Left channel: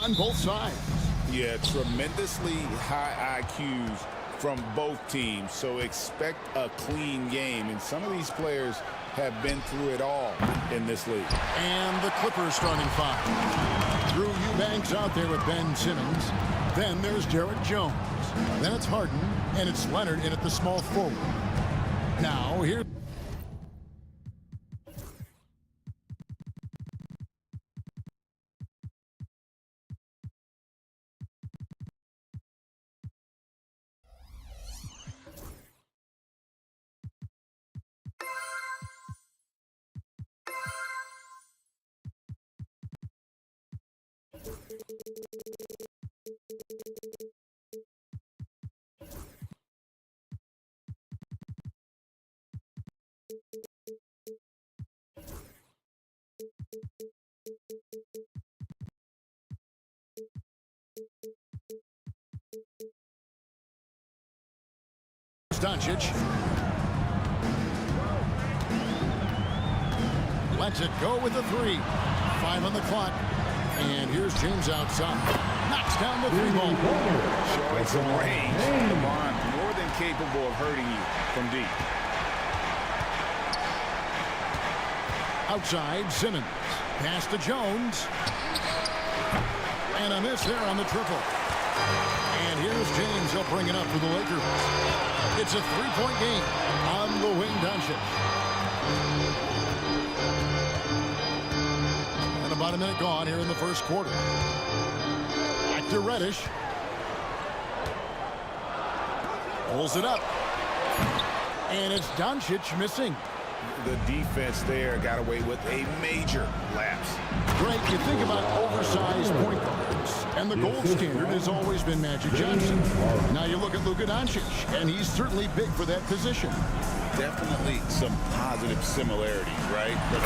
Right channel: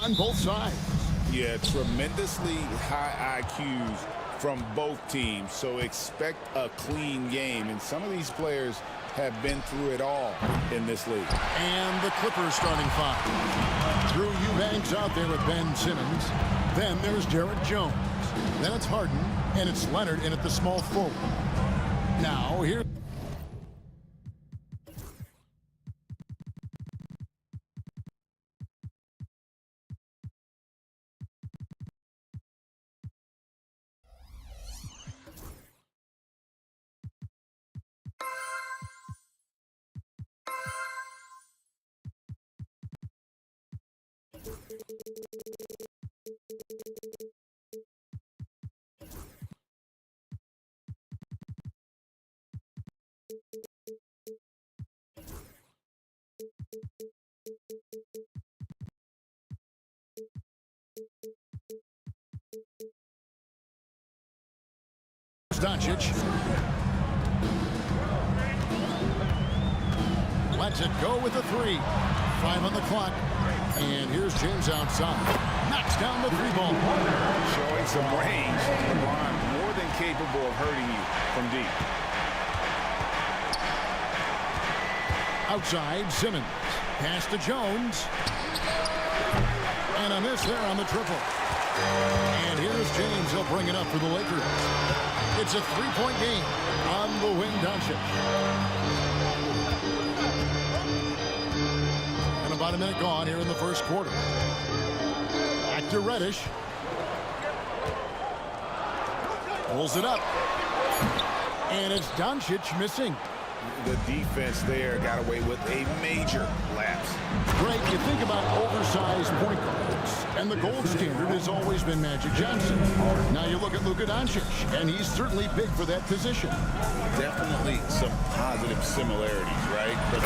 On both sides. Yeah, tremendously high IQs from both teams, so expect a clean game. And some of these players have been through it all in this league. And the Clippers starting five. Drew Eubanks out there with Ben Simmons. Then there's Jarrett Jones. Then it's Harden, and it's Leonard in at the small forward. Now here. Doncic lets it go with the three. 5 on the clock. And here's James outside. Knocks down the three ball. Showing some range. LeBron more than capable of hurting you from deep. Outside, Simmons. Pass to Jones. And a miss there on the triple. And here's James. He'll bring it up for the Lakers. It's a three-point game on the wing, Doncic. And about a minute gone here in the first quarter. Back to Reddish. Pulls it up. And it's Doncic missing. The defense there got away with a major lapse. Greg, you think about oversized point guards, and the gold standard has always been Magic Johnson. Now you look at Luka Doncic, and he's certainly big for that position. Definitely some positive similarities, right? But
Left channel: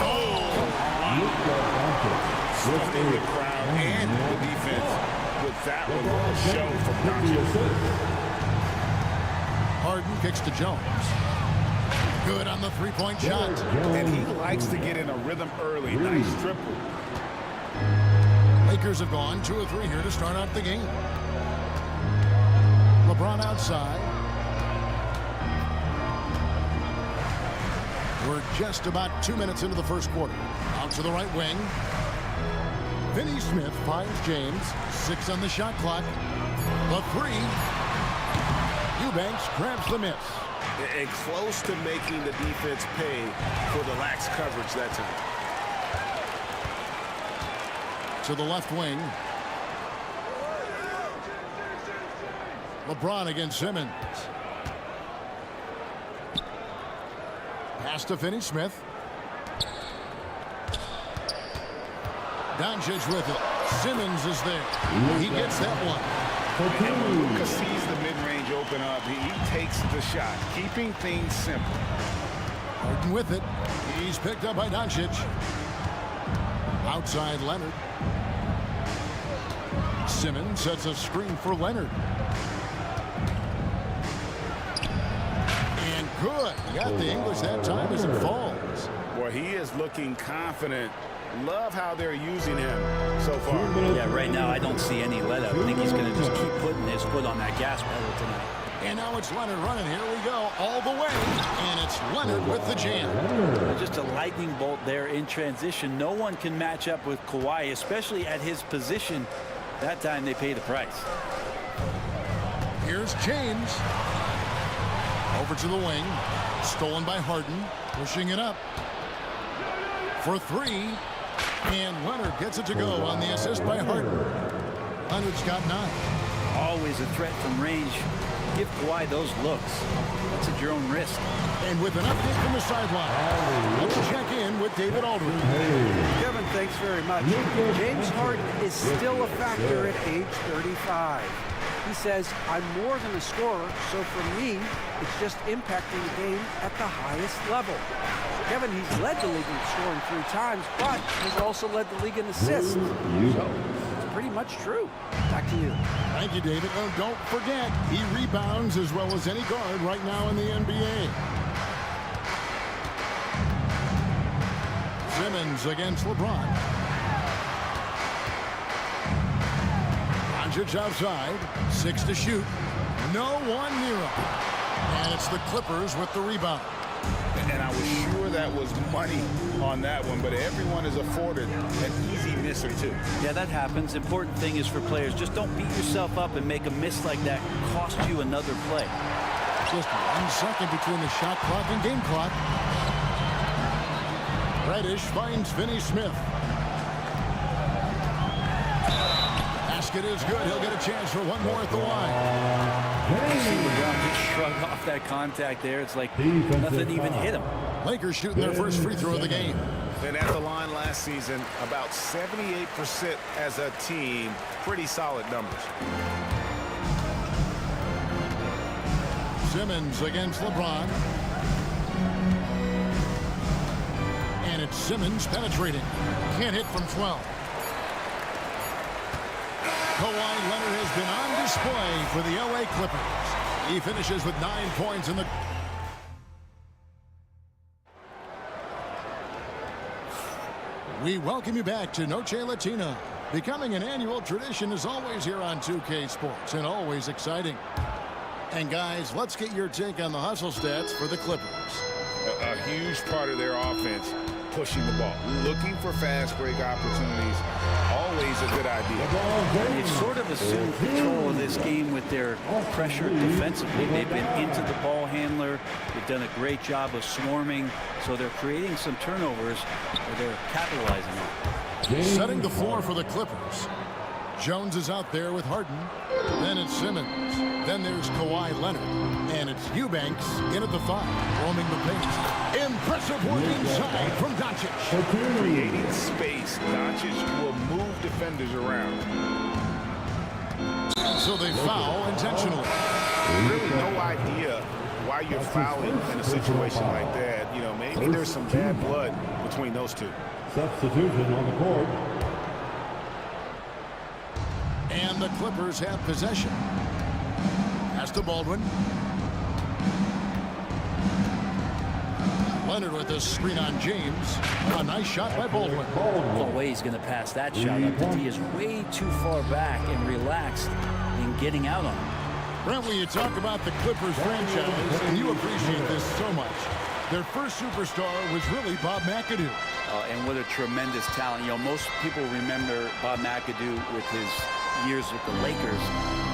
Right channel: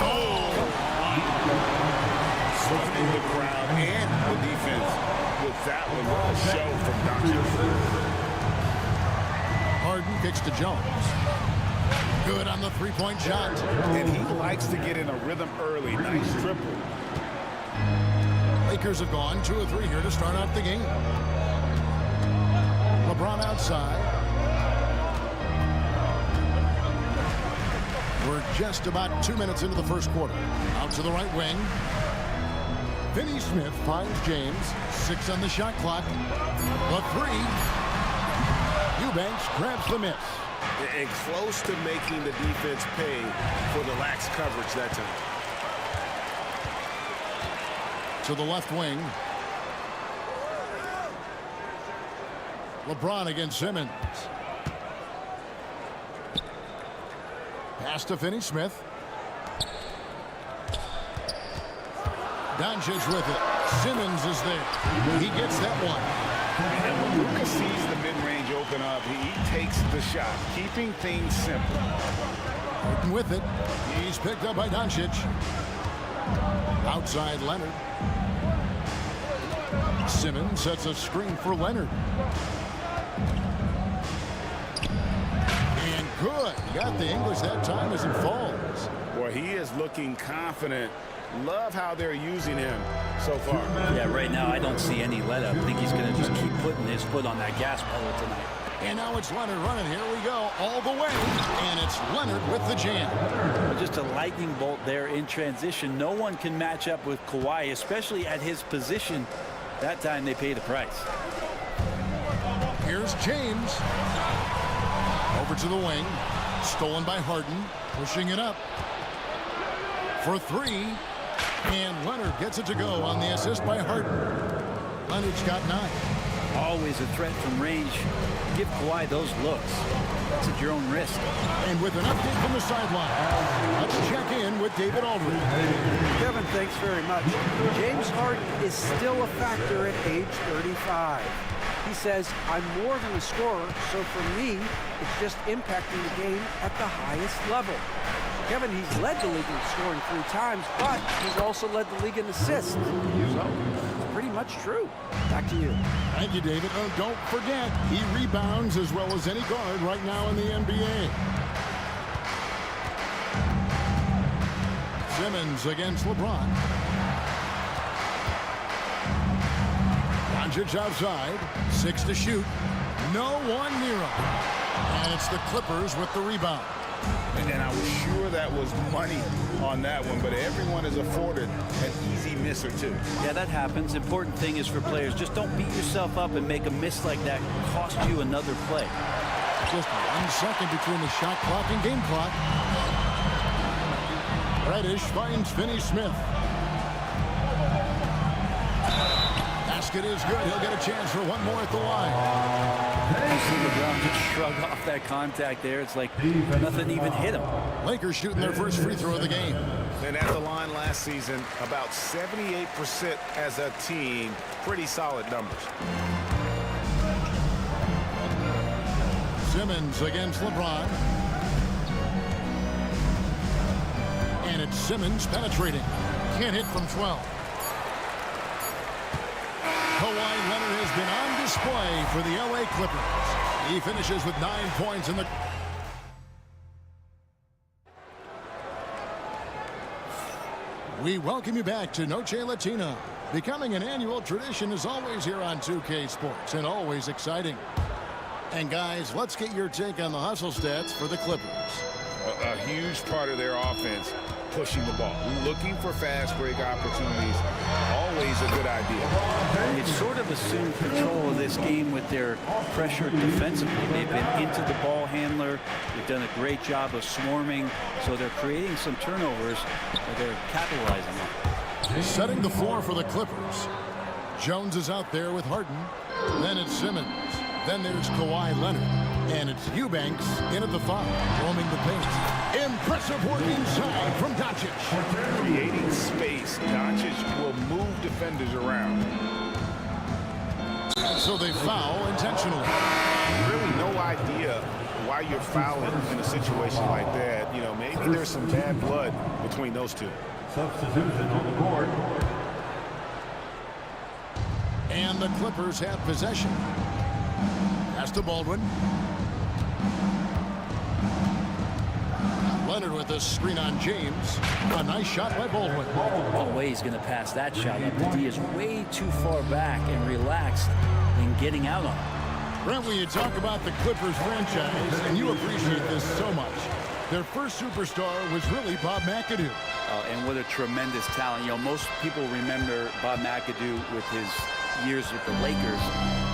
stunning the crowd and the defense with that one. What a show from Doncic. Harden kicks to Jones. Good on the three-point shot. And he likes to get in a rhythm early. Nice triple. Lakers have gone 2 of 3 here to start out the game. LeBron outside. We're just about 2 minutes into the first quarter. Out to the right wing. Finney Smith finds James. 6 on the shot clock. The three. Eubanks grabs the miss. And close to making the defense pay for the lax coverage that time. To the left wing. LeBron against Simmons. Pass to Finney Smith. Doncic with it. Simmons is there. He gets that one. And when Luka sees the mid-range open up, he takes the shot, keeping things simple. Harden with it. He's picked up by Doncic. Outside Leonard. Simmons sets a screen for Leonard. And good. Got the English that time as it falls. Boy, he is looking confident. Love how they're using him so far. Yeah, right now I don't see any let up. I think he's going to just keep putting his foot on that gas pedal tonight. And now it's Leonard running. Here we go all the way. And it's Leonard with the jam. Just a lightning bolt there in transition. No one can match up with Kawhi, especially at his position. That time they pay the price. Here's James. Over to the wing. Stolen by Harden. Pushing it up. For three. And Leonard gets it to go on the assist by Harden. Leonard's got 9. Always a threat from range. Give Kawhi those looks. That's at your own risk. And with an update from the sideline, let's check in with David Aldridge. Kevin, thanks very much. James Harden is still a factor at age 35. He says, I'm more than a scorer, so for me, it's just impacting the game at the highest level. Kevin, he's led the league in scoring 3 times, but he's also led the league in assists. So it's pretty much true. Back to you. Thank you, David. Oh, don't forget, he rebounds as well as any guard right now in the NBA. Simmons against LeBron. Doncic outside. 6 to shoot. No one near him. And it's the Clippers with the rebound. And I was sure that was money on that one, but everyone is afforded an easy miss or two. Yeah, that happens. Important thing is for players, just don't beat yourself up and make a miss like that cost you another play. Just 1 second between the shot clock and game clock. Reddish finds Finney-Smith. Basket is good. He'll get a chance for one more at the line. You see LeBron just shrug off that contact there. It's like nothing even hit him. Lakers shooting their first free throw of the game. And at the line last season, about 78% as a team. Pretty solid numbers. Simmons against LeBron. And it's Simmons penetrating. Can't hit from 12. Kawhi Leonard has been on display for the LA Clippers. He finishes with 9 points in the... We welcome you back to Noche Latina. Becoming an annual tradition is always here on 2K Sports and always exciting. And guys, let's get your take on the hustle stats for the Clippers. A huge part of their offense, pushing the ball, looking for fast break opportunities, always a good idea. They've sort of assumed control of this game with their pressure defensively. They've been into the ball handler. They've done a great job of swarming, so they're creating some turnovers that they're capitalizing on. Setting the floor for the Clippers. Jones is out there with Harden. Then it's Simmons. Then there's Kawhi Leonard. And it's Eubanks in at the 5, roaming the paint. Impressive work inside from Doncic. Creating space, Doncic will move defenders around. And so they foul intentionally. Really no idea why you're fouling in a situation like that. You know, maybe there's some bad blood between those two. Substitution on the court. And the Clippers have possession. Pass to Baldwin. Leonard with a screen on James. A nice shot by Baldwin. No way he's going to pass that shot up. The D is way too far back and relaxed in getting out on him. Brent, when you talk about the Clippers franchise, and you appreciate this so much, their first superstar was really Bob McAdoo. And what a tremendous talent. You know, most people remember Bob McAdoo with his years with the Lakers.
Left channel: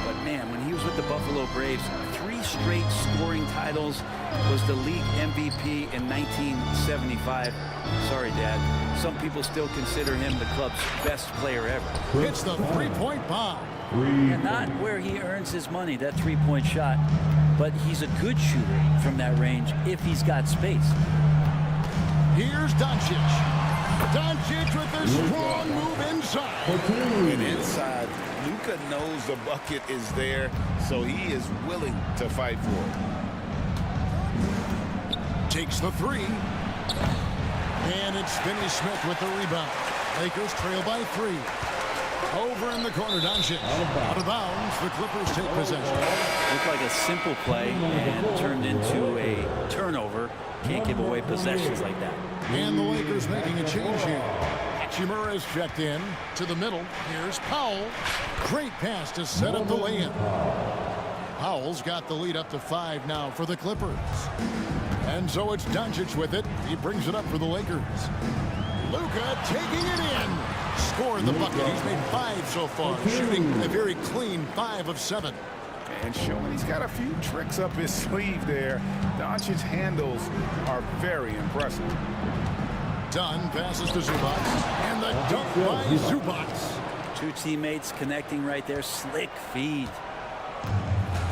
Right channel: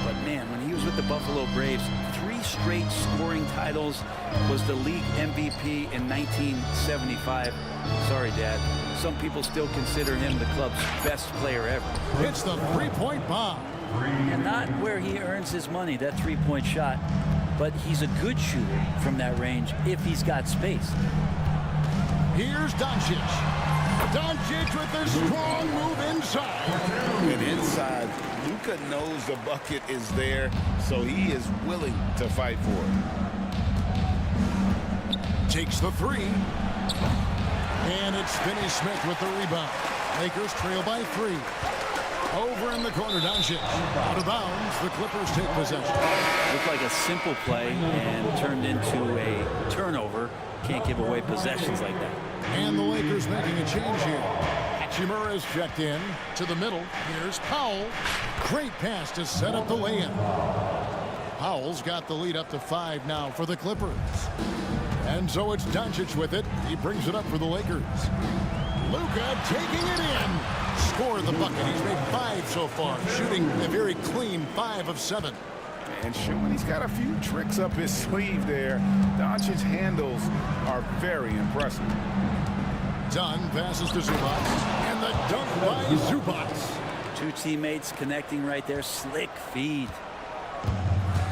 But man, when he was with the Buffalo Braves, 3 straight scoring titles, was the league MVP in 1975. Sorry, Dad. Some people still consider him the club's best player ever. Hits the three-point bomb. And not where he earns his money, that three-point shot, but he's a good shooter from that range if he's got space. Here's Doncic. Doncic with a strong move inside. And inside, Luka knows the bucket is there, so he is willing to fight for it. Takes the 3. And it's Finney-Smith with the rebound. Lakers trail by 3. Over in the corner, Doncic. Out of bounds, the Clippers take possession. Looked like a simple play and turned into a turnover. Can't give away possessions like that. And the Lakers making a change here. Hachimura's checked in to the middle. Here's Powell. Great pass to set up the lay-in. Powell's got the lead up to 5 now for the Clippers. And so it's Doncic with it. He brings it up for the Lakers. Luka taking it in. Scored the bucket. He's made 5 so far, shooting a very clean 5 of 7. And showing he's got a few tricks up his sleeve there. Doncic's handles are very impressive. Dunn passes to Zubac. And the dunk by Zubac. 2 teammates connecting right there. Slick feed.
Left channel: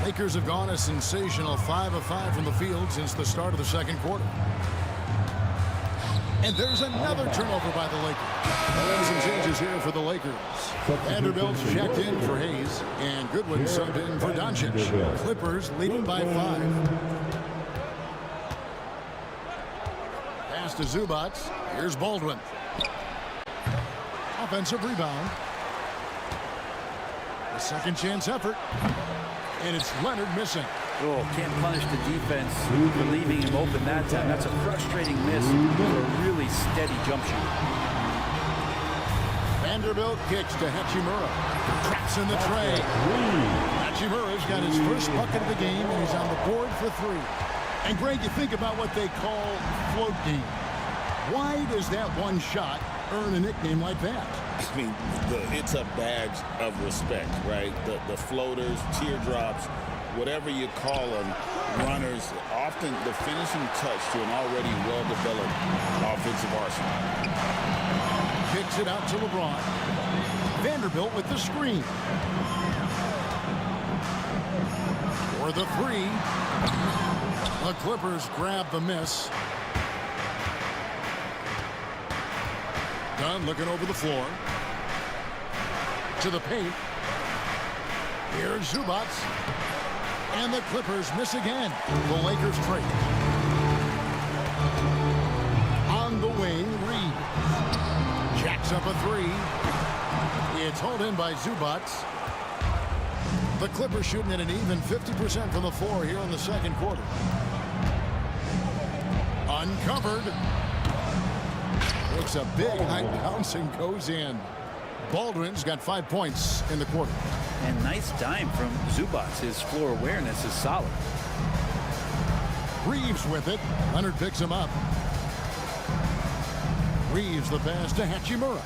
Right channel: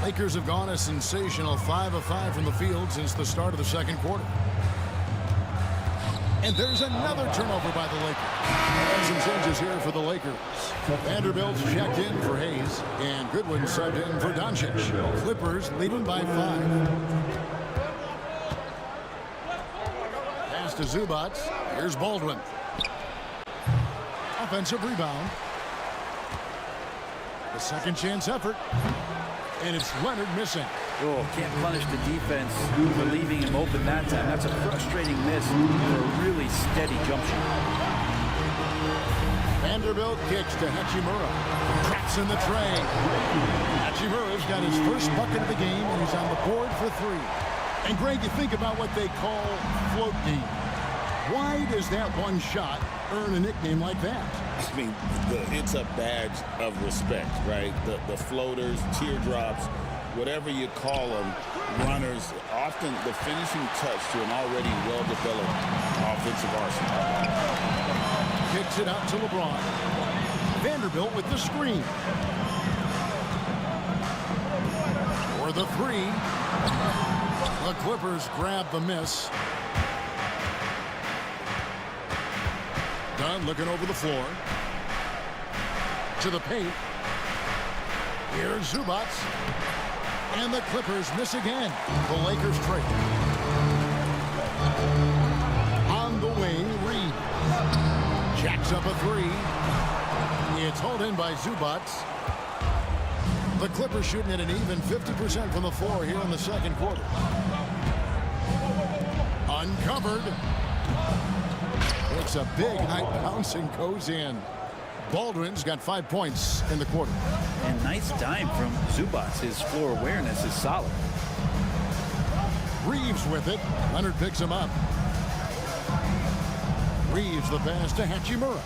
Lakers have gone a sensational 5 of 5 from the field since the start of the second quarter. And there's another turnover by the Lakers. And some changes here for the Lakers. Vanderbilt's checked in for Hayes, and Goodwin subbed in for Doncic. Clippers leading by 5. Pass to Zubac. Here's Baldwin. Offensive rebound. The second chance effort. And it's Leonard missing. Oh, can't punish the defense for leaving him open that time. That's a frustrating miss for a really steady jump shooter. Vanderbilt kicks to Hachimura. Traps in the tray. Hachimura's got his first bucket of the game, and he's on the board for 3. And Greg, you think about what they call float game. Why does that one shot earn a nickname like that? I mean, it's a badge of respect, right? The floaters, teardrops, whatever you call them, runners, often the finishing touch to an already well-developed offensive arsenal. Kicks it out to LeBron. Vanderbilt with the screen. For the 3. The Clippers grab the miss. Dunn looking over the floor. To the paint. Here's Zubac. And the Clippers miss again. The Lakers trade. On the wing, Reed. Jacks up a 3. It's hauled in by Zubac. The Clippers shooting at an even 50% from the floor here in the second quarter. Uncovered. Makes a big high bounce and goes in. Baldwin's got 5 points in the quarter. And nice dime from Zubac. His floor awareness is solid. Reeves with it. Leonard picks him up. Reeves the pass to Hachimura.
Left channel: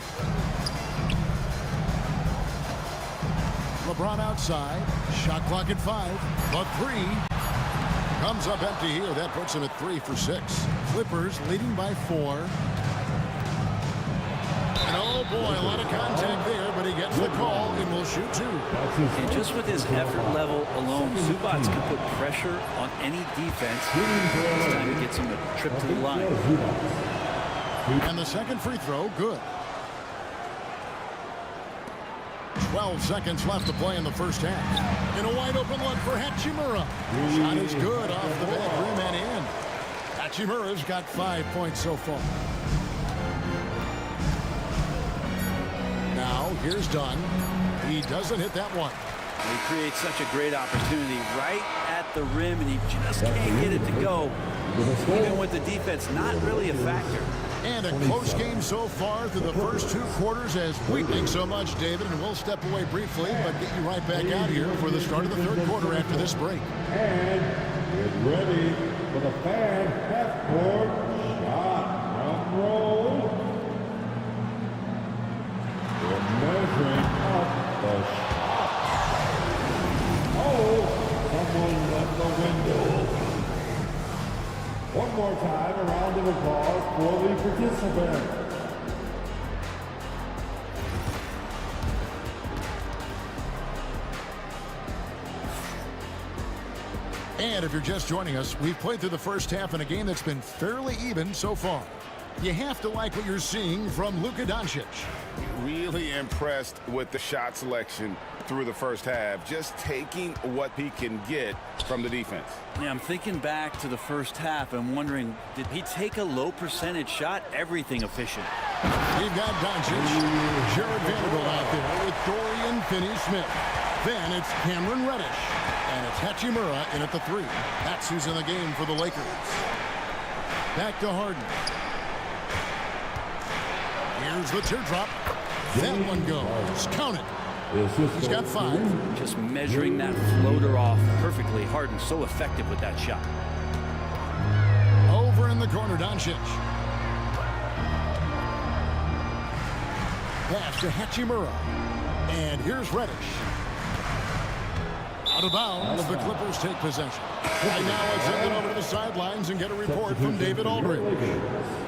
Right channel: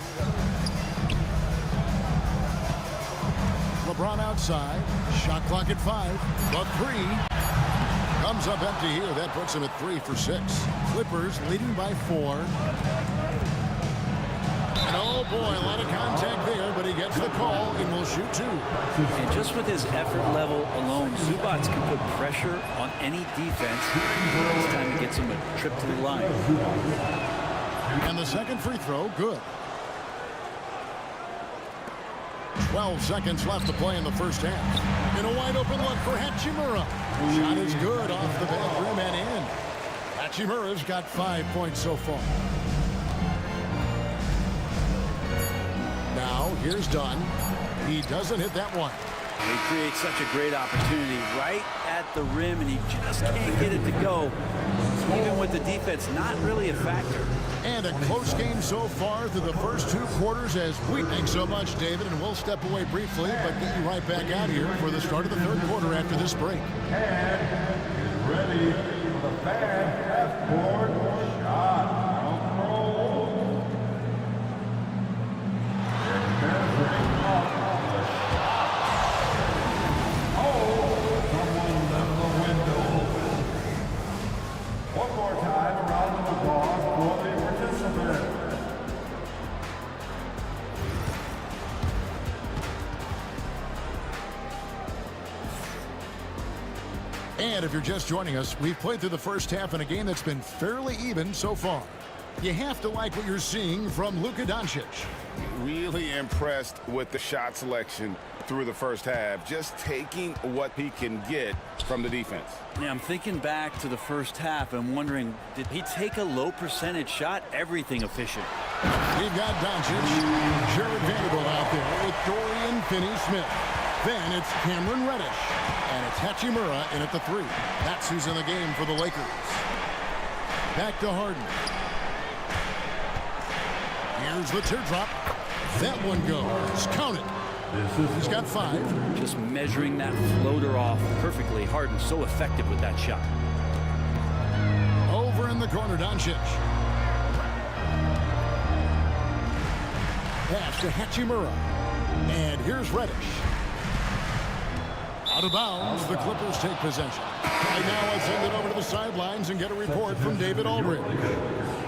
LeBron outside. Shot clock at 5. The 3 comes up empty here. That puts him at 3 for 6. Clippers leading by 4. And oh boy, a lot of contact there, but he gets the call and will shoot 2. And just with his effort level alone, Zubac can put pressure on any defense. This time he gets him a trip to the line. And the second free throw, good. 12 seconds left to play in the first half. And a wide open look for Hachimura. Shot is good off the back rim and in. Hachimura's got 5 points so far. Now, here's Dunn. He doesn't hit that one. He creates such a great opportunity right at the rim, and he just can't get it to go. Even with the defense not really a factor. And a close game so far through the first 2 quarters, as we think so much, David. And we'll step away briefly, but get you right back out here for the start of the third quarter after this break. And get ready for the fan half-court shot. Round roll. They're measuring up the shot. Oh, someone left the window. One more time, a round of applause for the participant. And if you're just joining us, we've played through the first half in a game that's been fairly even so far. You have to like what you're seeing from Luka Doncic. Really impressed with the shot selection through the first half, just taking what he can get from the defense. Yeah, I'm thinking back to the first half and wondering, did he take a low percentage shot? Everything efficient. We've got Doncic, Jared Vanderbilt out there with Dorian Finney-Smith. Then it's Cameron Reddish, and it's Hachimura in at the 3. That's who's in the game for the Lakers. Back to Harden. Here's the teardrop. That one goes. Count it. He's got 5. Just measuring that floater off perfectly. Harden so effective with that shot. Over in the corner, Doncic. Pass to Hachimura. And here's Reddish. Out of bounds, the Clippers take possession. Right now, let's send it over to the sidelines and get a report from David Aldridge.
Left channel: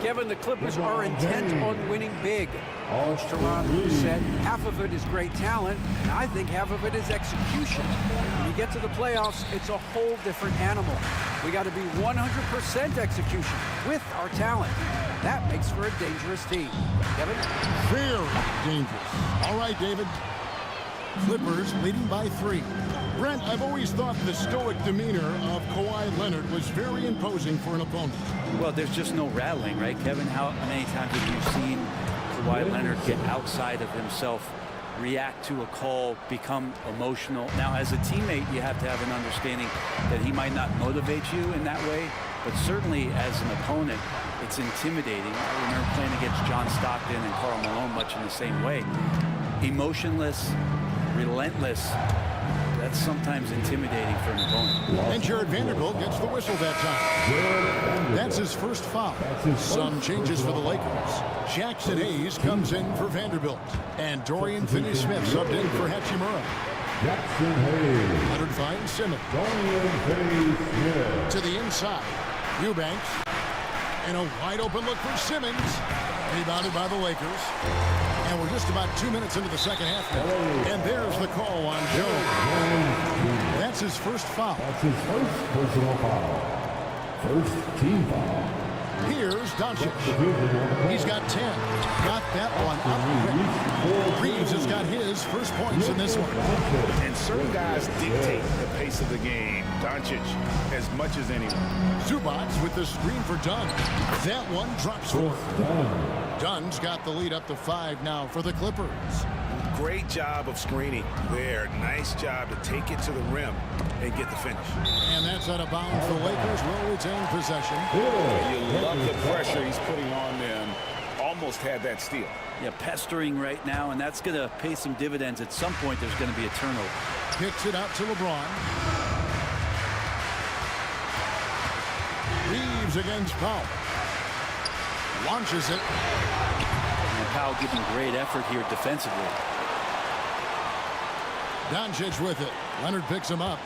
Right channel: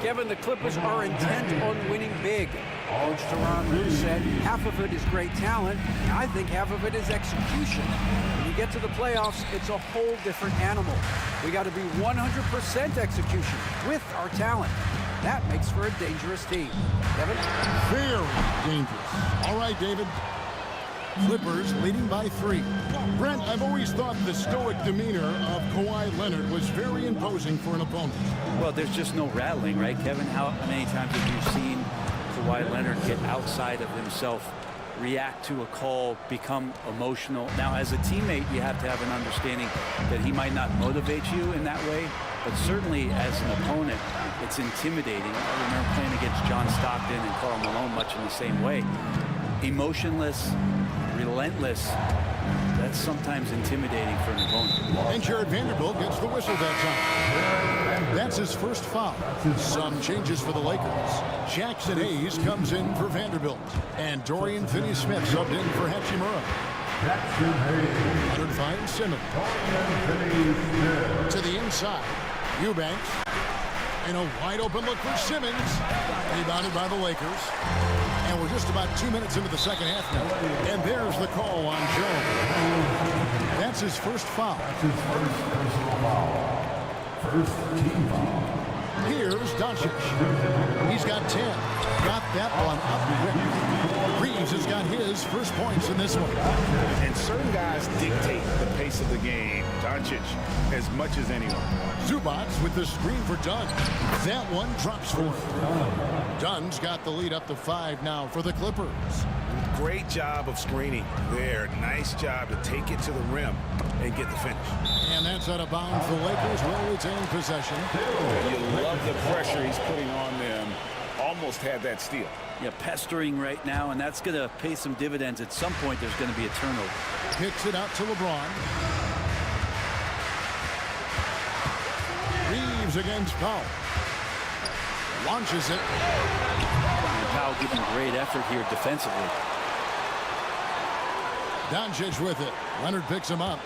Kevin, the Clippers are intent on winning big. Coach Tyronn said half of it is great talent, and I think half of it is execution. When you get to the playoffs, it's a whole different animal. We got to be 100% execution with our talent. That makes for a dangerous team. Kevin? Very dangerous. All right, David. Clippers leading by 3. Brent, I've always thought the stoic demeanor of Kawhi Leonard was very imposing for an opponent. Well, there's just no rattling, right, Kevin? How many times have you seen Kawhi Leonard get outside of himself, react to a call, become emotional? Now, as a teammate, you have to have an understanding that he might not motivate you in that way, but certainly as an opponent, It's intimidating. I remember playing against John Stockton and Karl Malone much in the same way. Emotionless, relentless. That's sometimes intimidating for an opponent. And Jared Vanderbilt gets the whistle that time. That's his first foul. Some changes for the Lakers. Jackson Hayes comes in for Vanderbilt. And Dorian Finney-Smith subbed in for Hachimura. Jackson Hayes. Leonard finds Simmons. Dorian Finney-Smith. To the inside. Eubanks. And a wide open look for Simmons. Rebounded by the Lakers. And we're just about 2 minutes into the second half now. And there's the call on Jones. That's his first foul. That's his first personal foul. First team foul. Here's Doncic. He's got 10. Got that one up quick. Reeves has got his first points in this one. And certain guys dictate the pace of the game. Doncic, as much as anyone. Zubac with the screen for Dunn. That one drops for him. Dunn's got the lead up to 5 now for the Clippers. Great job of screening there. Nice job to take it to the rim and get the finish. And that's out of bounds. The Lakers will retain possession. You love the pressure he's putting on them. Almost had that steal. Yeah, pestering right now, and that's going to pay some dividends. At some point, there's going to be a turnover. Kicks it out to LeBron. Reeves against Powell. Launches it. And Powell giving great effort here defensively. Doncic with it. Leonard picks him up.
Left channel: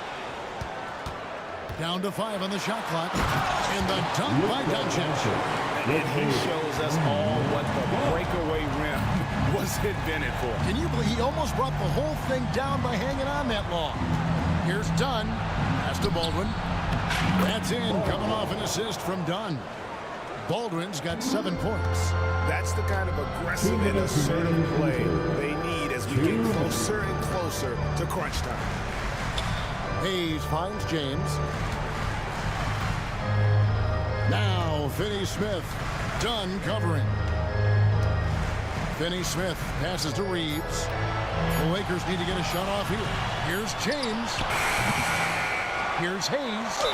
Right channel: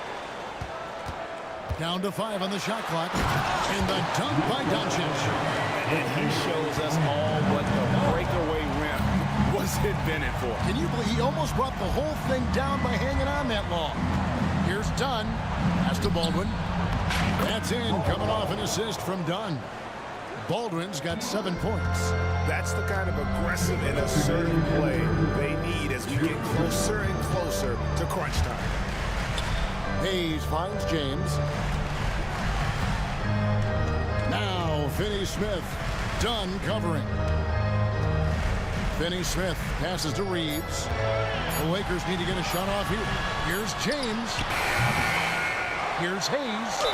Down to 5 on the shot clock. And the dunk by Doncic. And he shows us all what the breakaway rim was invented for. Can you believe he almost brought the whole thing down by hanging on that long? Here's Dunn. Pass to Baldwin. That's in. Coming off an assist from Dunn. Baldwin's got 7 points. That's the kind of aggressive and assertive play they need as we get closer and closer to crunch time. Hayes finds James. Now Finney-Smith. Dunn covering. Finney-Smith passes to Reeves. The Lakers need to get a shot off here. Here's James. Here's Hayes.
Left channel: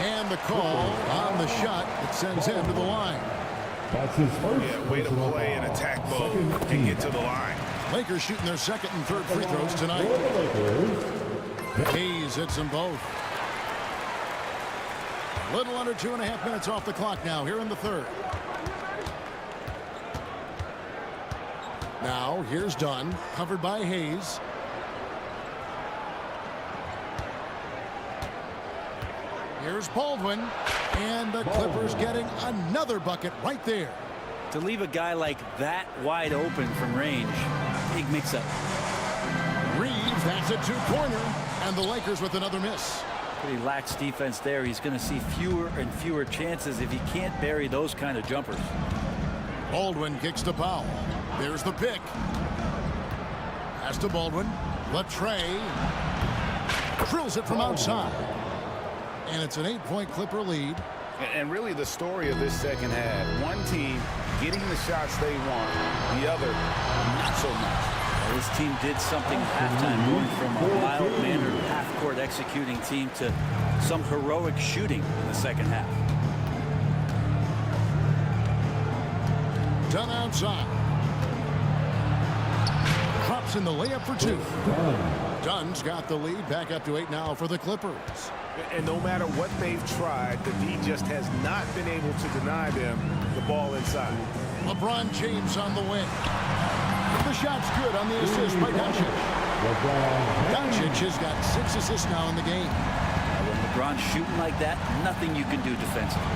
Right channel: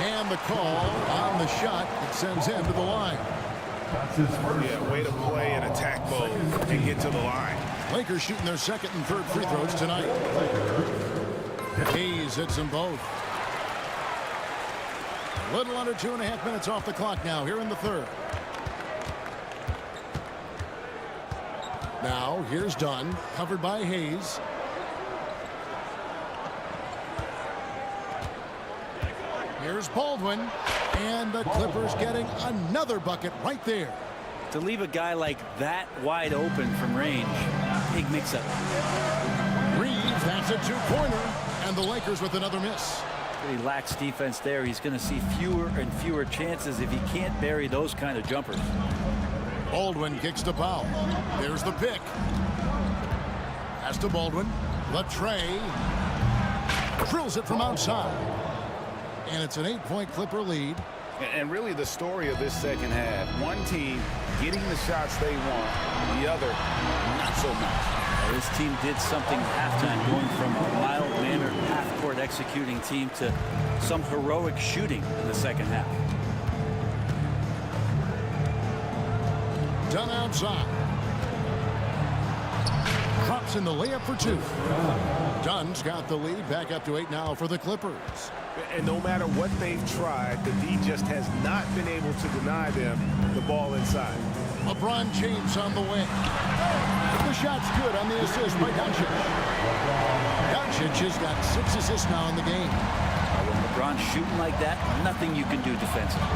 And the call on the shot that sends him to the line. That's his first. Yeah, way to play in attack mode and get to the line. Lakers shooting their second and third free throws tonight. Hayes hits them both. A little under 2.5 minutes off the clock now here in the third. Now here's Dunn, covered by Hayes. Here's Baldwin, and the Clippers getting another bucket right there. To leave a guy like that wide open from range, big mix-up. Reeves, that's a 2-pointer, and the Lakers with another miss. Pretty lax defense there. He's going to see fewer and fewer chances if he can't bury those kind of jumpers. Baldwin kicks to Powell. There's the pick. Pass to Baldwin. Latre drills it from outside. And it's an 8-point Clipper lead. And really the story of this second half, one team getting the shots they want, the other not so much. Well, this team did something at halftime, going from a mild-mannered half-court executing team to some heroic shooting in the second half. Dunn outside. Drops in the layup for 2. Dunn's got the lead, back up to 8 now for the Clippers. And no matter what they've tried, the D just has not been able to deny them the ball inside. LeBron James on the wing. The shot's good on the assist by Doncic. Doncic has got 6 assists now in the game. When LeBron's shooting like that, nothing you can do defensively.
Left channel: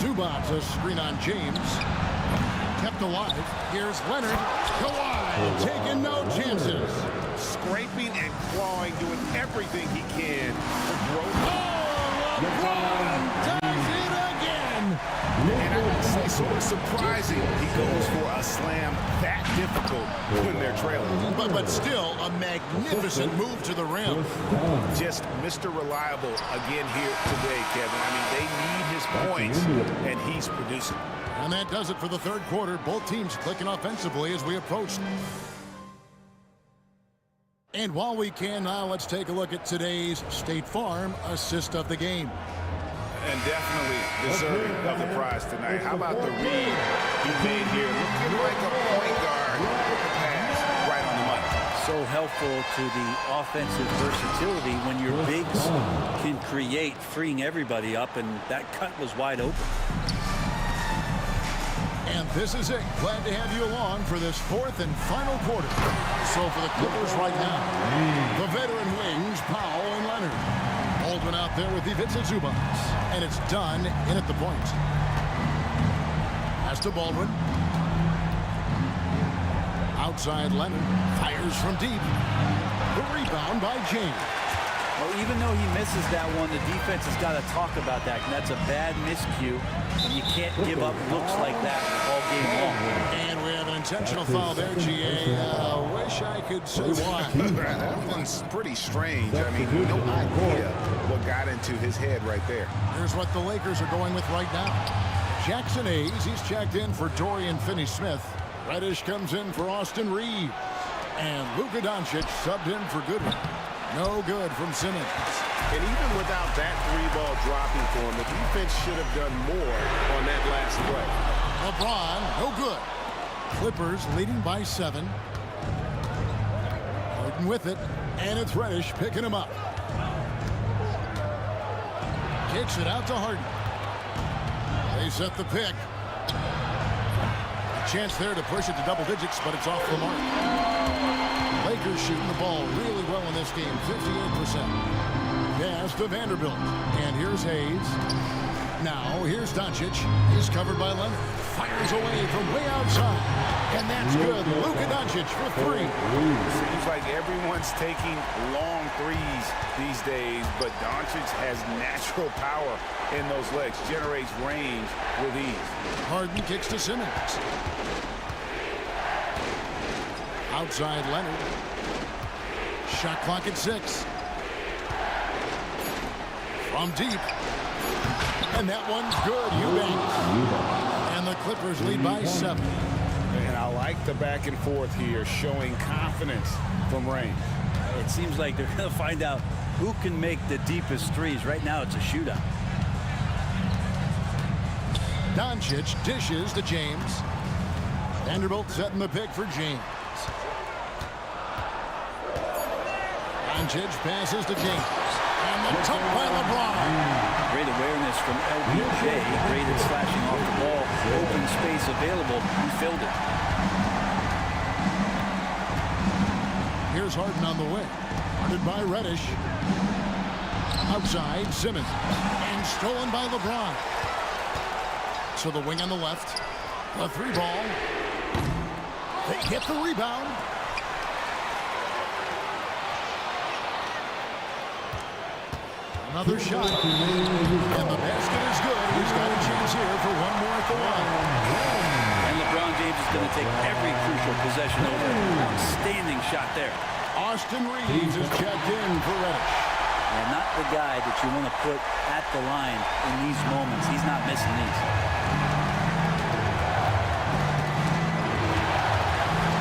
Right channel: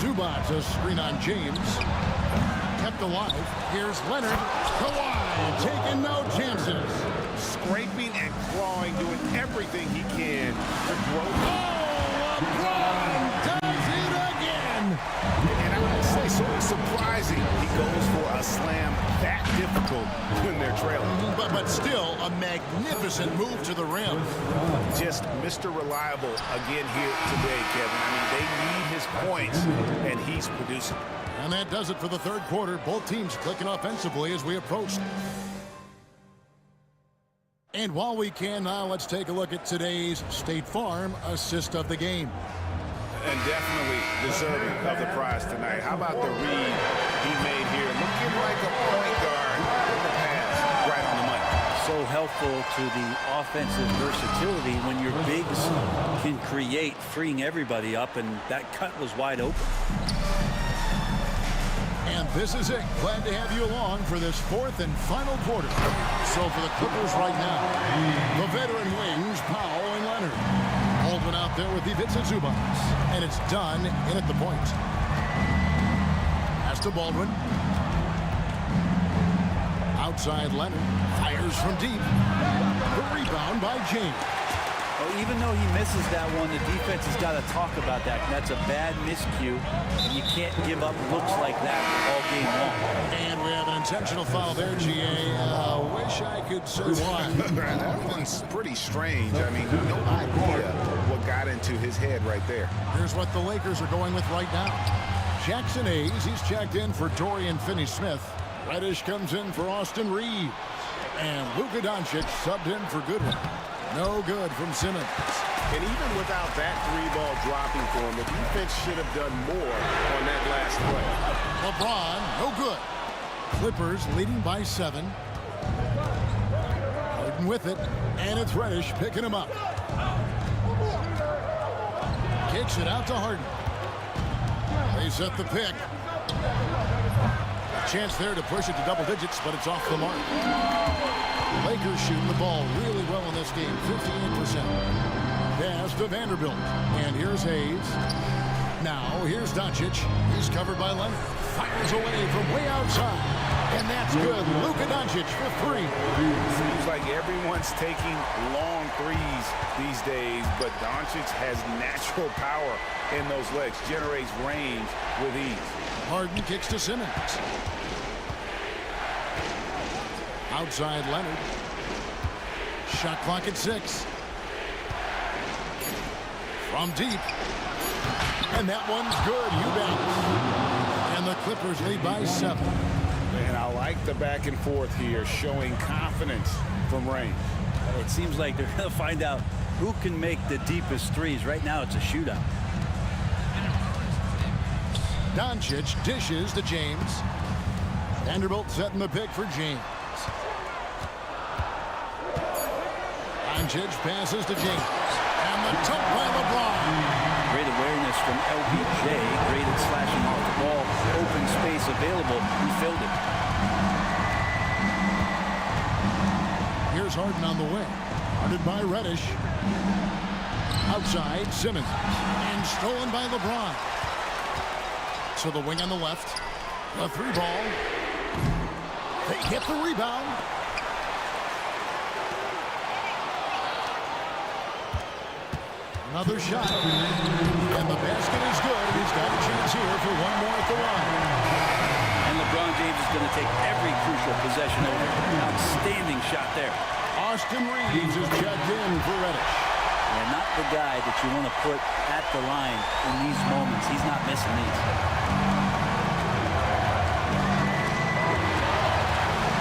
Zubac, a screen on James. Kept alive. Here's Leonard. Kawhi taking no chances. Scraping and clawing, doing everything he can to grow. Oh, LeBron does it again. And I gotta say, sort of surprising he goes for a slam that difficult when they're trailing. But still a magnificent move to the rim. Just Mr. Reliable again here today, Kevin. I mean, they need his points, and he's producing. And that does it for the third quarter. Both teams clicking offensively as we approach. And while we can now, let's take a look at today's State Farm assist of the game. And definitely deserving of the prize tonight. How about the read he made here? Looking like a point guard with the pass right on the money. So helpful to the offensive versatility when your bigs can create, freeing everybody up, and that cut was wide open. And this is it. Glad to have you along for this fourth and final quarter. So for the Clippers right now, the veteran wings, Powell and Leonard. Baldwin out there with Ivica Zubac. And it's done in at the point. Pass to Baldwin. Outside Leonard. Fires from deep. The rebound by James. Well, even though he misses that one, the defense has got to talk about that. And that's a bad miscue, and you can't give up looks like that all game long. And we have an intentional foul there, GA. Wish I could say why. That one's pretty strange. I mean, no idea what got into his head right there. Here's what the Lakers are going with right now. Jackson Hayes, he's checked in for Dorian Finney-Smith. Reddish comes in for Austin Reeves. And Luka Doncic subbed in for Goodwin. No good from Simmons. And even without that three-ball dropping for him, the defense should have done more on that last play. LeBron, no good. Clippers leading by 7. Harden with it, and it's Reddish picking him up. Kicks it out to Harden. They set the pick. A chance there to push it to double digits, but it's off the mark. Lakers shooting the ball really well in this game, 58%. Pass to Vanderbilt. And here's Hayes. Now, here's Doncic. He's covered by Leonard. Fires away from way outside. And that's good. Luka Doncic for 3. Seems like everyone's taking long threes these days, but Doncic has natural power in those legs, generates range with ease. Harden kicks to Simmons. Outside Leonard. Shot clock at 6. From deep. And that one's good. Eubanks. And the Clippers lead by 7. And I like the back and forth here, showing confidence from range. It seems like they're going to find out who can make the deepest threes. Right now, it's a shootout. Doncic dishes to James. Vanderbilt setting the pick for James. Doncic passes to James. And the dunk by LeBron. Great awareness from LBJ. Great at slashing off the ball. Open space available. He filled it. Here's Harden on the wing. Guarded by Reddish. Outside, Simmons. And stolen by LeBron. To the wing on the left. The 3-ball. They get the rebound. Another shot. And the basket is good. He's got a chance here for one more at the line. And LeBron James is going to take every crucial possession over. Outstanding shot there. Austin Reeves is checked in for Reddish. Yeah, not the guy that you want to put at the line in these moments. He's not missing these.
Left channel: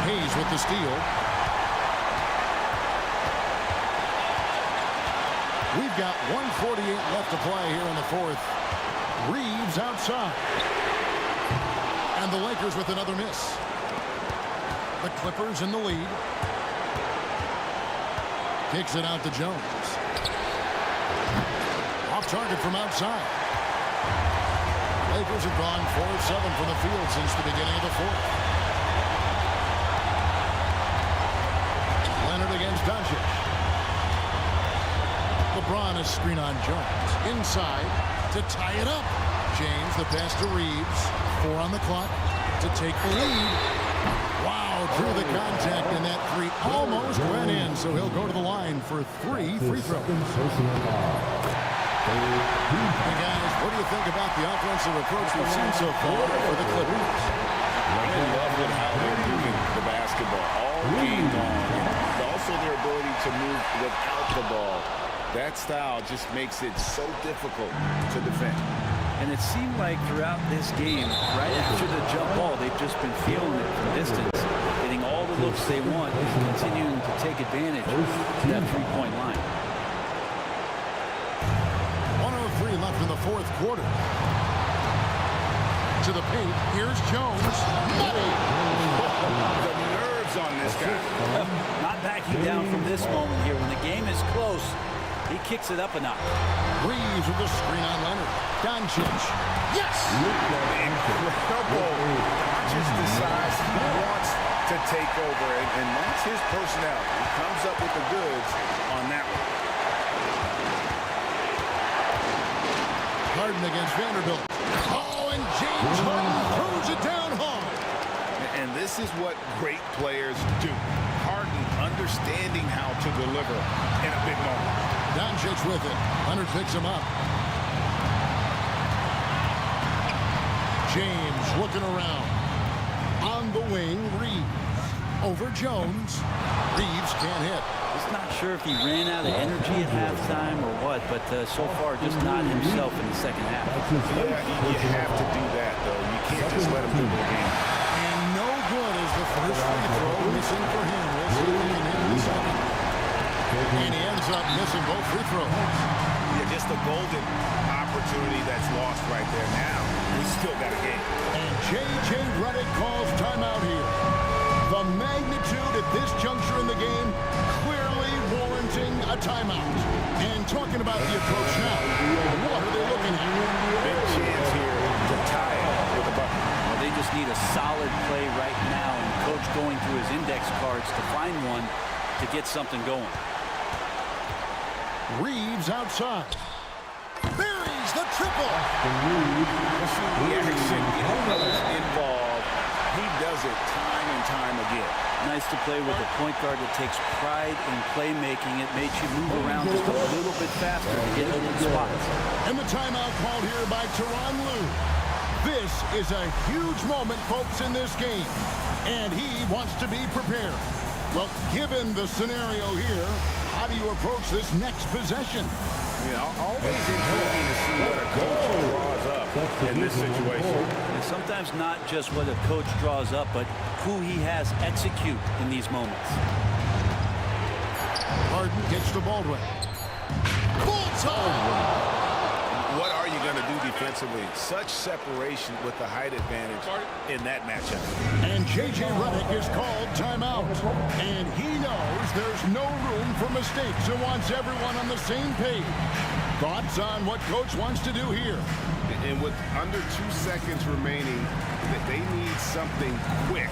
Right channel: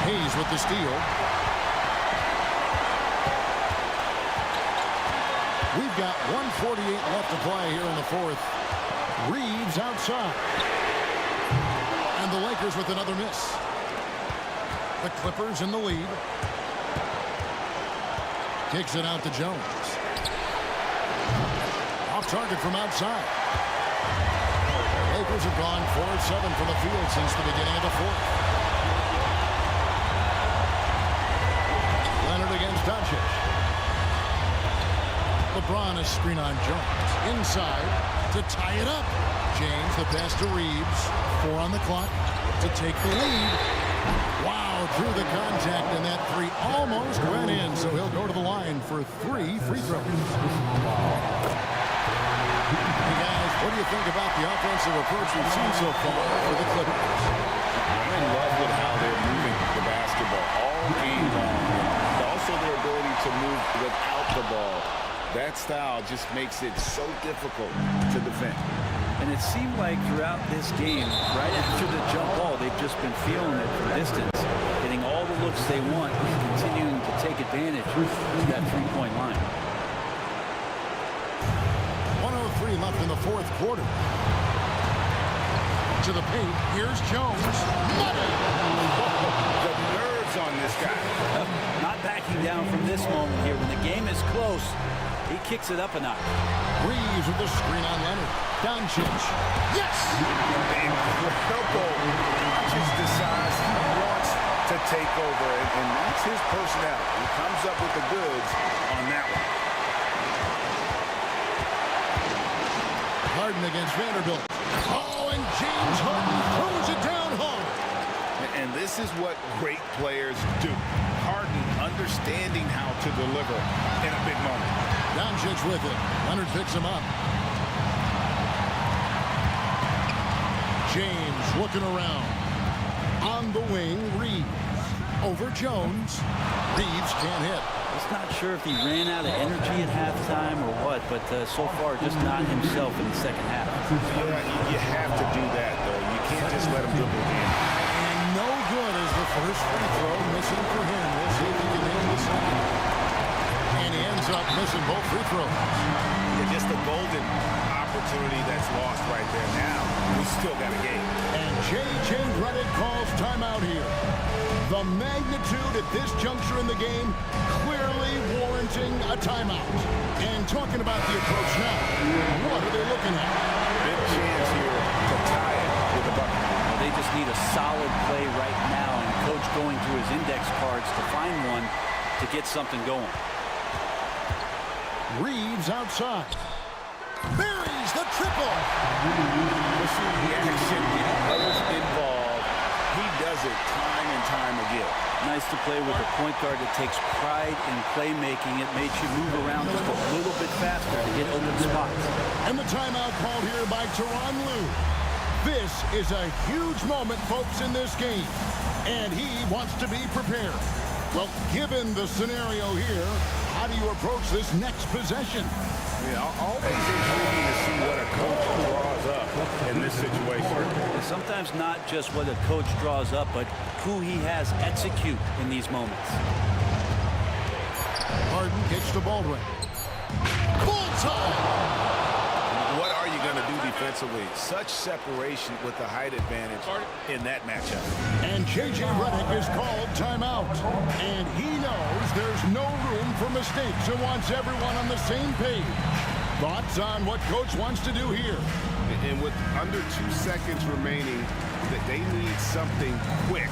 Hayes with the steal. We've got 1:48 left to play here in the fourth. Reeves outside. And the Lakers with another miss. The Clippers in the lead. Kicks it out to Jones. Off target from outside. The Lakers have gone 4 of 7 from the field since the beginning of the fourth. Leonard against Doncic. LeBron is screen on Jones. Inside to tie it up. James, the pass to Reeves. 4 on the clock to take the lead. Wow, drew the contact, and that 3 almost went in, so he'll go to the line for 3 free throws. Hey, guys, what do you think about the offensive approach we've seen so far for the Clippers? I'm in love with how they're moving the basketball all game long, and also their ability to move without the ball. That style just makes it so difficult to defend. And it seemed like throughout this game, right after the jump ball, they've just been feeling it from distance, getting all the looks they want, and continuing to take advantage of that three-point line. 1:03 left in the fourth quarter. To the paint, here's Jones. Money! The nerves on this guy. Not backing down from this moment here. When the game is close, he kicks it up a notch. Reeves with the screen on Leonard. Doncic. Yes! Incredible. Doncic decides he wants to take over, and that's his personality. He comes up with the goods on that one. Harden against Vanderbilt. Oh, and James Harden throws it down hard. And this is what great players do. Harden understanding how to deliver in a big moment. Doncic with it. Leonard picks him up. James looking around. On the wing, Reeves. Over Jones. Reeves can't hit. Just not sure if he ran out of energy at halftime or what, but so far just not himself in the second half. Yeah, you have to do that, though. You can't just let him dribble the game. And no good is the first free throw missing for him. We'll see if he can hit the second. And he ends up missing both free throws. Yeah, just a golden opportunity that's lost right there. Now, we still got a game. And J.J. Redick calls timeout here. The magnitude at this juncture in the game clearly warranting a timeout. And talking about the approach now, what are they looking at? Big chance here to tie it with a bucket. Well, they just need a solid play right now, and Coach going through his index cards to find one to get something going. Reeves outside. Buries the triple. The action, get others involved. He does it time and time again. Nice to play with a point guard that takes pride in playmaking. It makes you move around just a little bit faster to get open spots. And the timeout called here by Tyronn Lue. This is a huge moment, folks, in this game. And he wants to be prepared. Well, given the scenario here, how do you approach this next possession? Yeah, always intriguing to see what a coach draws up in this situation. And sometimes not just what a coach draws up, but who he has execute in these moments. Harden kicks to Baldwin. Bullseye! What are you going to do defensively? Such separation with the height advantage in that matchup. And J.J. Redick is called timeout. And he knows there's no room for mistakes and wants everyone on the same page. Thoughts on what Coach wants to do here? And with under 2 seconds remaining, they need something quick.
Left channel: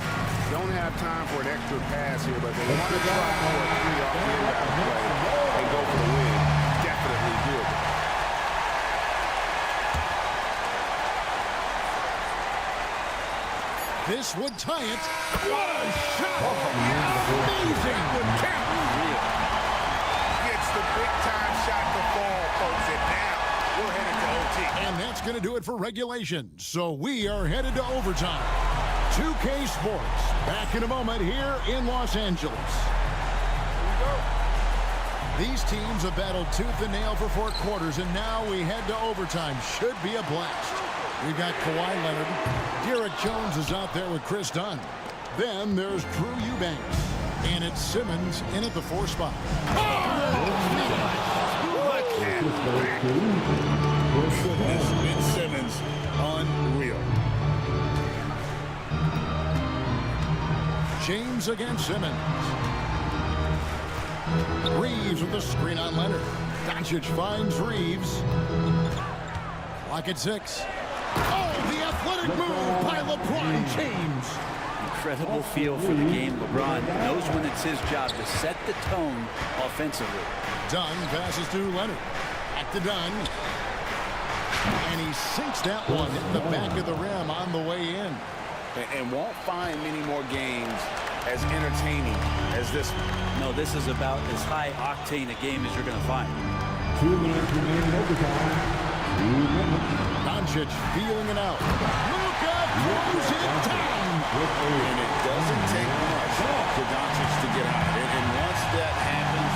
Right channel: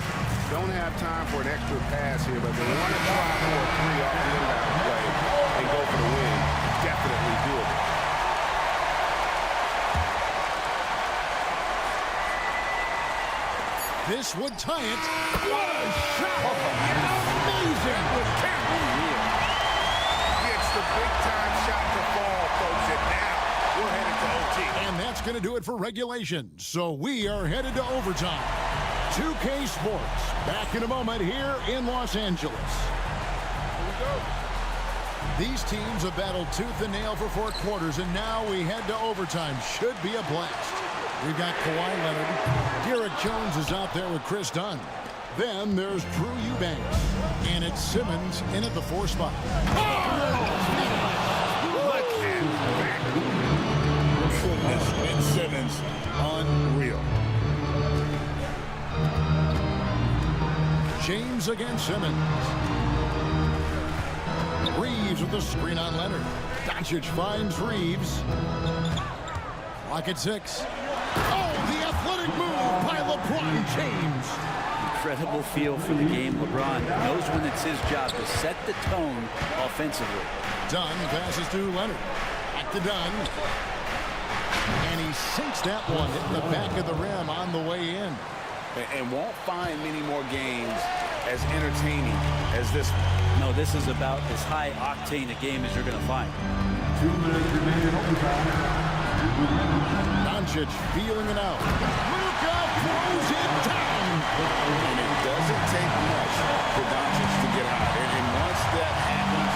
Don't have time for an extra pass here, but they want to try for a three off the inbound play and go for the win. Definitely doable. This would tie it. What a shot! Amazing! Unreal. Gets the big-time shot to fall, folks, and now we're headed to OT. And that's going to do it for regulation. So we are headed to overtime. 2K Sports, back in a moment here in Los Angeles. Here we go. These teams have battled tooth and nail for 4 quarters, and now we head to overtime. Should be a blast. We've got Kawhi Leonard. Derek Jones is out there with Chris Dunn. Then there's Drew Eubanks. And it's Simmons in at the 4 spot. Look at that. Goodness, Ben Simmons, unreal. James against Simmons. Reeves with the screen on Leonard. Doncic finds Reeves. Clock at 6. Oh, the athletic move by LeBron James. Incredible feel for the game. LeBron knows when it's his job to set the tone offensively. Dunn passes to Leonard. Back to Dunn. And he sinks that one, hitting the back of the rim on the way in. And won't find many more games as entertaining as this one. No, this is about as high octane a game as you're going to find. 2 minutes remaining in overtime. 2 minutes. Doncic feeling it out. Luka throws it down. And it doesn't take much for Doncic to get hot. And once that happens,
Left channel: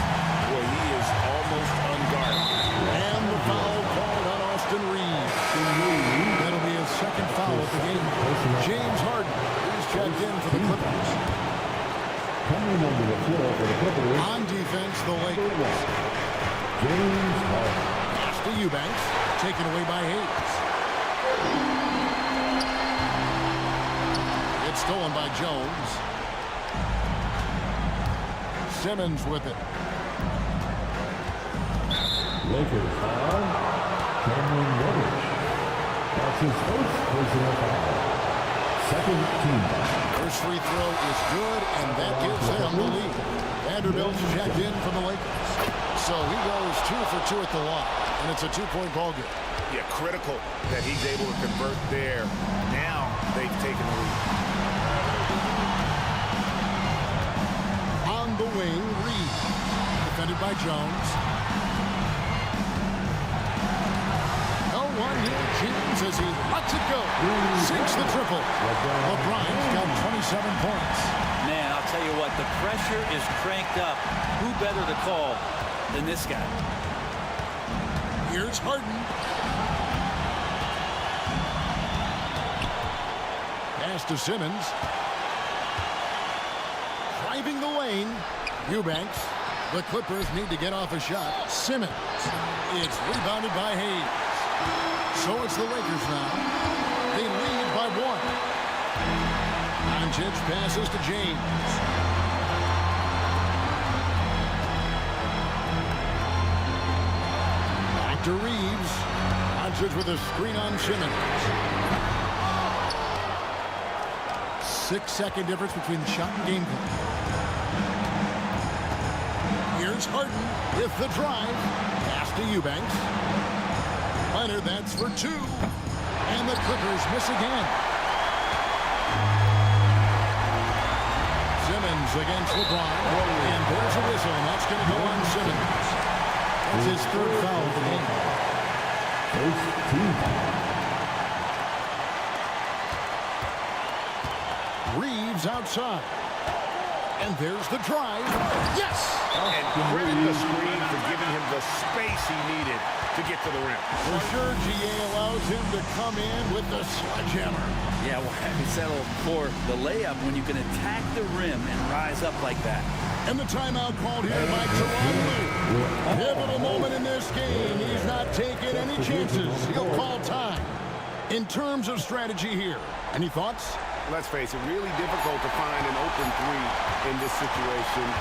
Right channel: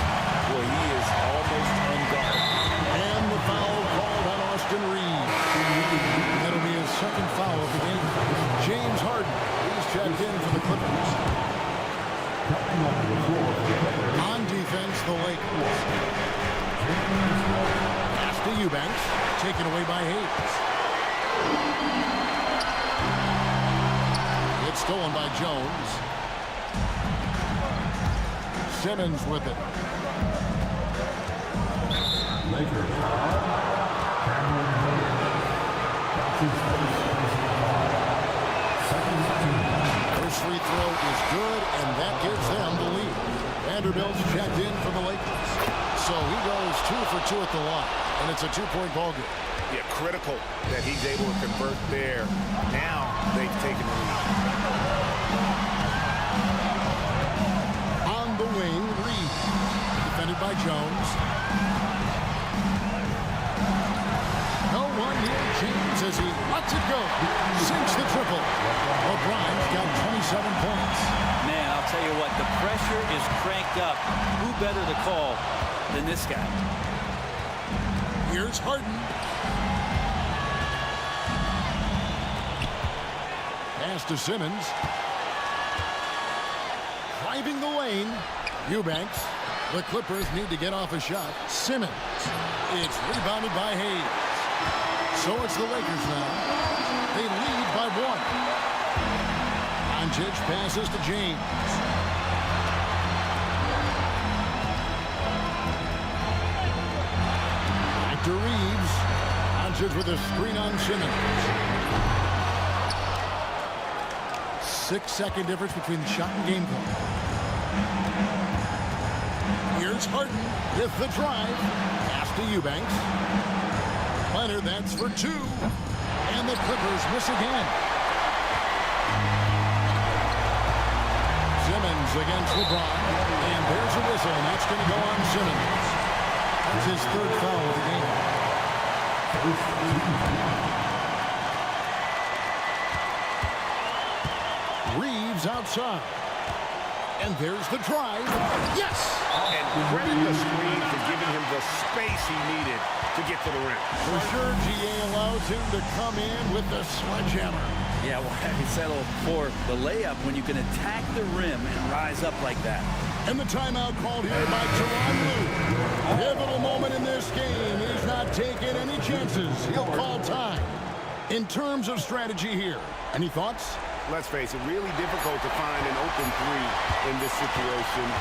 well, he is almost unguarded. And the foul called on Austin Reeves. That'll be his second foul of the game. James Harden, he's checked in for the Clippers. Coming onto the floor for the Clippers. On defense, the Lakers. James Harden. Pass to Eubanks. Taken away by Hayes. It's stolen by Jones. Simmons with it. Lakers foul. Cameron Reddish. That's his first personal foul. Second team. First free throw is good, and that gives them the lead. Vanderbilt's checked in for the Lakers. So he goes 2 for 2 at the line, and it's a 2-point ball game. Yeah, critical that he's able to convert there. Now they've taken the lead. On the wing, Reed. Defended by Jones. No one near James as he lets it go. Sinks the triple. LeBron's got 27 points. Man, I'll tell you what, the pressure is cranked up. Who better to call than this guy? Here's Harden. Pass to Simmons. Driving the lane. Eubanks. The Clippers need to get off a shot. Simmons. It's rebounded by Hayes. So it's the Lakers now. They lead by 1. Doncic passes to James. Back to Reeves. Doncic with a screen on Simmons. 6-second difference between the shot and game clock. Here's Harden with the drive. Pass to Eubanks. Leonard, that's for 2. And the Clippers miss again. Simmons against LeBron. And there's a whistle, and that's going to go on Simmons. That's his 3rd foul of the game. First team foul. Reeves outside. And there's the drive. Yes! And credit the screen for giving him the space he needed to get to the rim. For sure, GA allows him to come in with the sledgehammer. Yeah, why have you settled for the layup when you can attack the rim and rise up like that? And the timeout called here by Tyronn Lue. Pivotal moment in this game. He's not taking any chances. He'll call time. In terms of strategy here, any thoughts? Let's face it, really difficult to find an open 3 in this situation.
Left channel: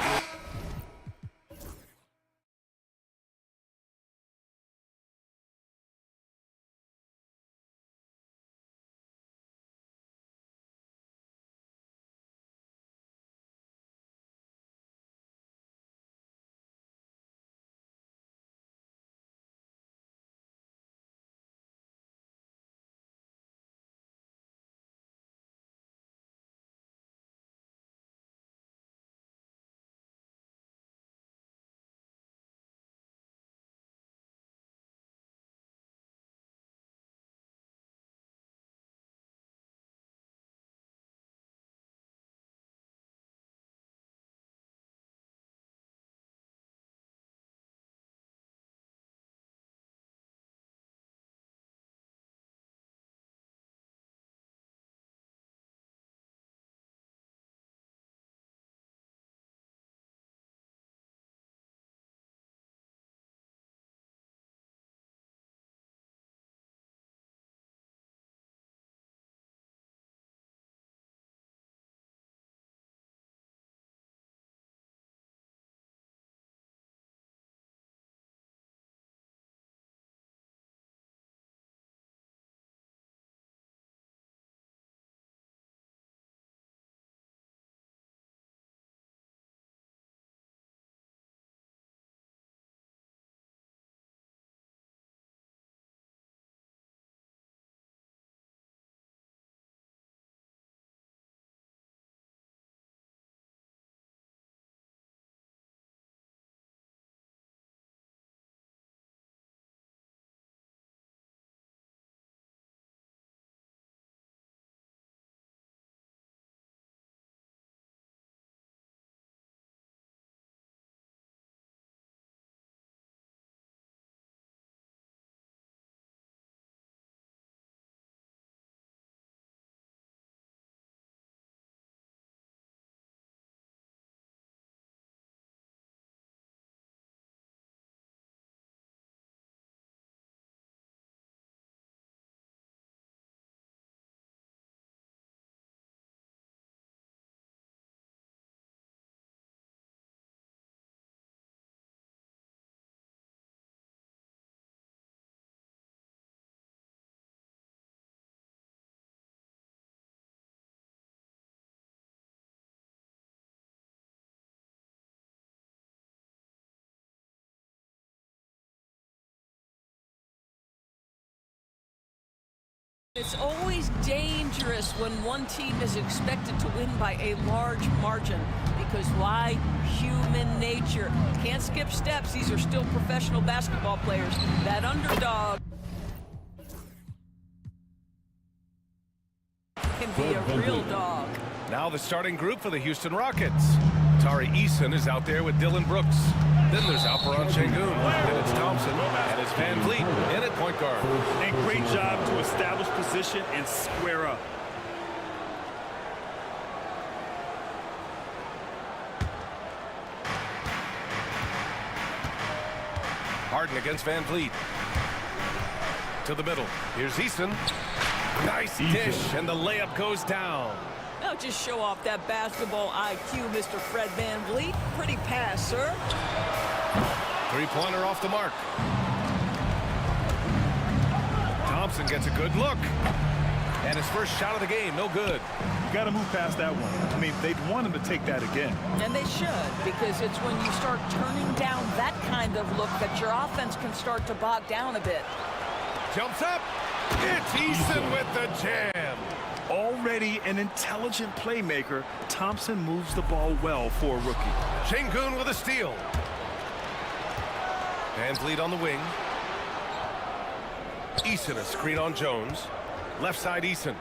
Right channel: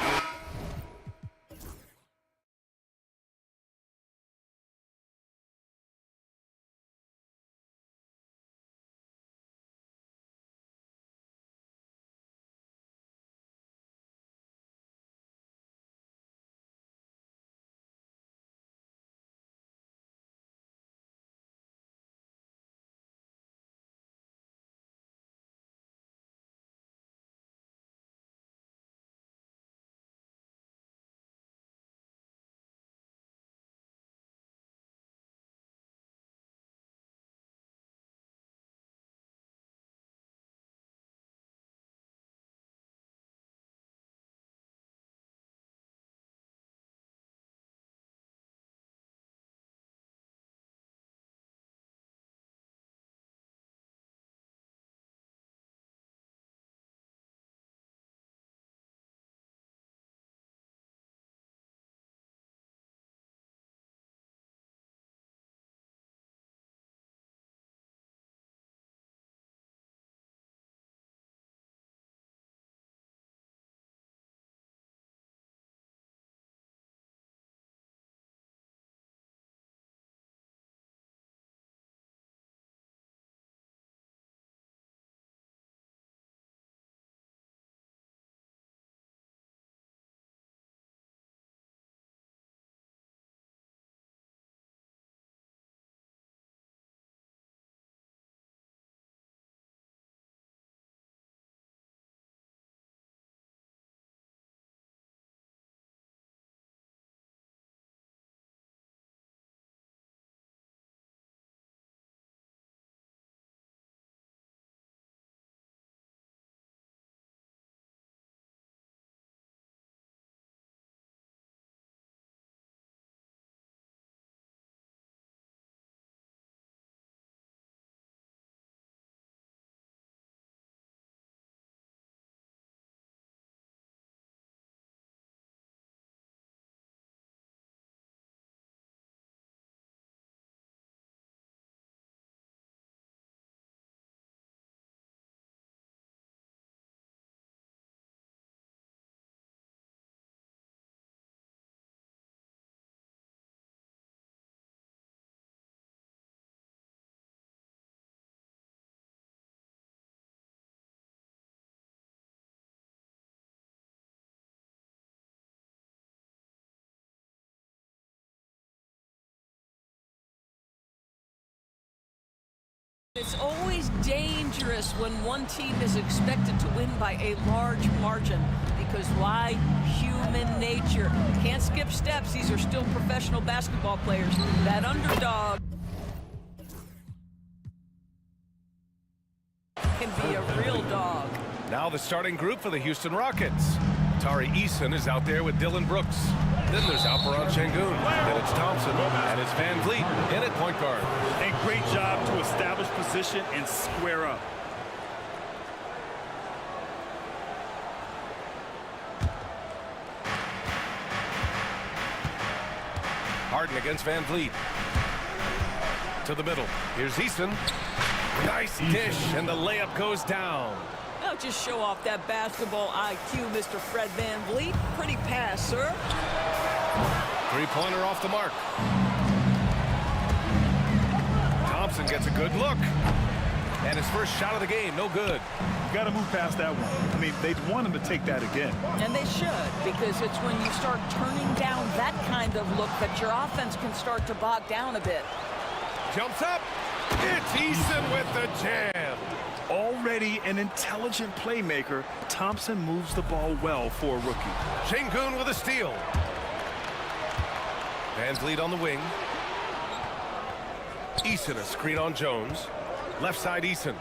It's always dangerous when one team is expected to win by a large margin. Because why? Human nature. Can't skip steps. These are still professional basketball players. That underdog can be a real dog. Now the starting group for the Houston Rockets. Tari Eason is out there with Dylan Brooks. Then there's Alperon Şengün. Then it's Thompson. And it's Van Vliet in at point guard. And great job to establish position and square up. Harden against Van Vliet. To the middle. Here's Eason. Nice dish, and the layup goes down. Now just show off that basketball IQ, Mr. Fred Van Vliet. Pretty pass, sir. Three-pointer off the mark. Thompson gets a good look. And his first shot of the game, no good. You got to move past that one. I mean, they'd want him to take that again. And they should, because it's when you start turning down that kind of look that your offense can start to bog down a bit. Jumps up. It's Eason with the jam. Already an intelligent playmaker, Thompson moves the ball well for a rookie. Şengün with a steal. Van Vliet on the wing. Eason a screen on Jones. Left side Eason.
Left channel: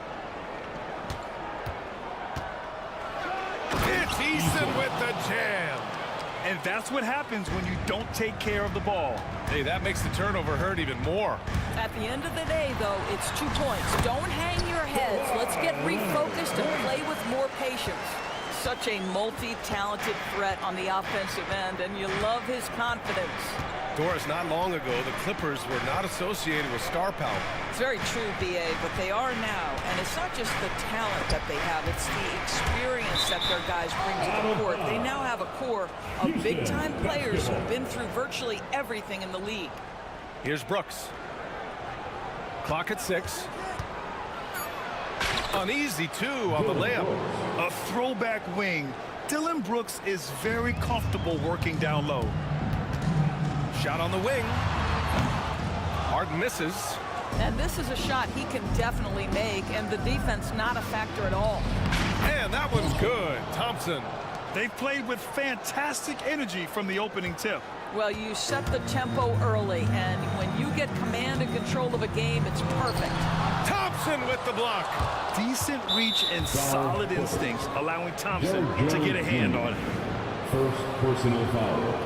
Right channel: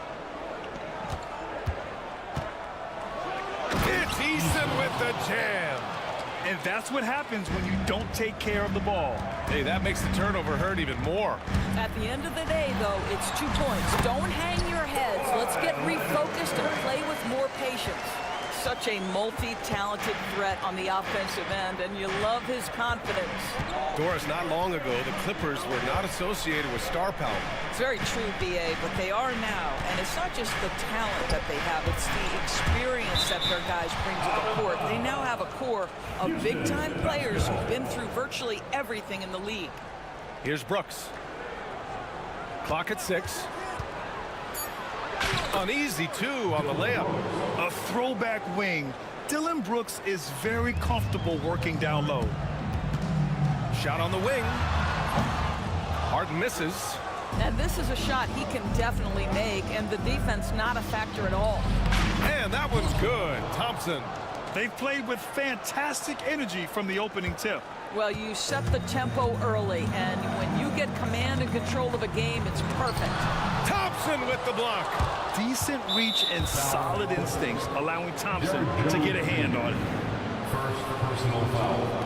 It's Eason with the jam. And that's what happens when you don't take care of the ball. Hey, that makes the turnover hurt even more. At the end of the day, though, it's 2 points. Don't hang your heads. Let's get refocused and play with more patience. Such a multi-talented threat on the offensive end, and you love his confidence. Doris, not long ago, the Clippers were not associated with star power. It's very true, B.A., but they are now. And it's not just the talent that they have, it's the experience that their guys bring to the court. They now have a core of big-time players who've been through virtually everything in the league. Here's Brooks. Clock at 6. An easy 2 on the layup. A throwback wing. Dylan Brooks is very comfortable working down low. Shot on the wing. Harden misses. And this is a shot he can definitely make, and the defense not a factor at all. And that one's good. Thompson. They've played with fantastic energy from the opening tip. Well, you set the tempo early, and when you get command and control of a game, it's perfect. Thompson with the block. Decent reach and solid instincts, allowing Thompson to get a hand on it. First personal foul.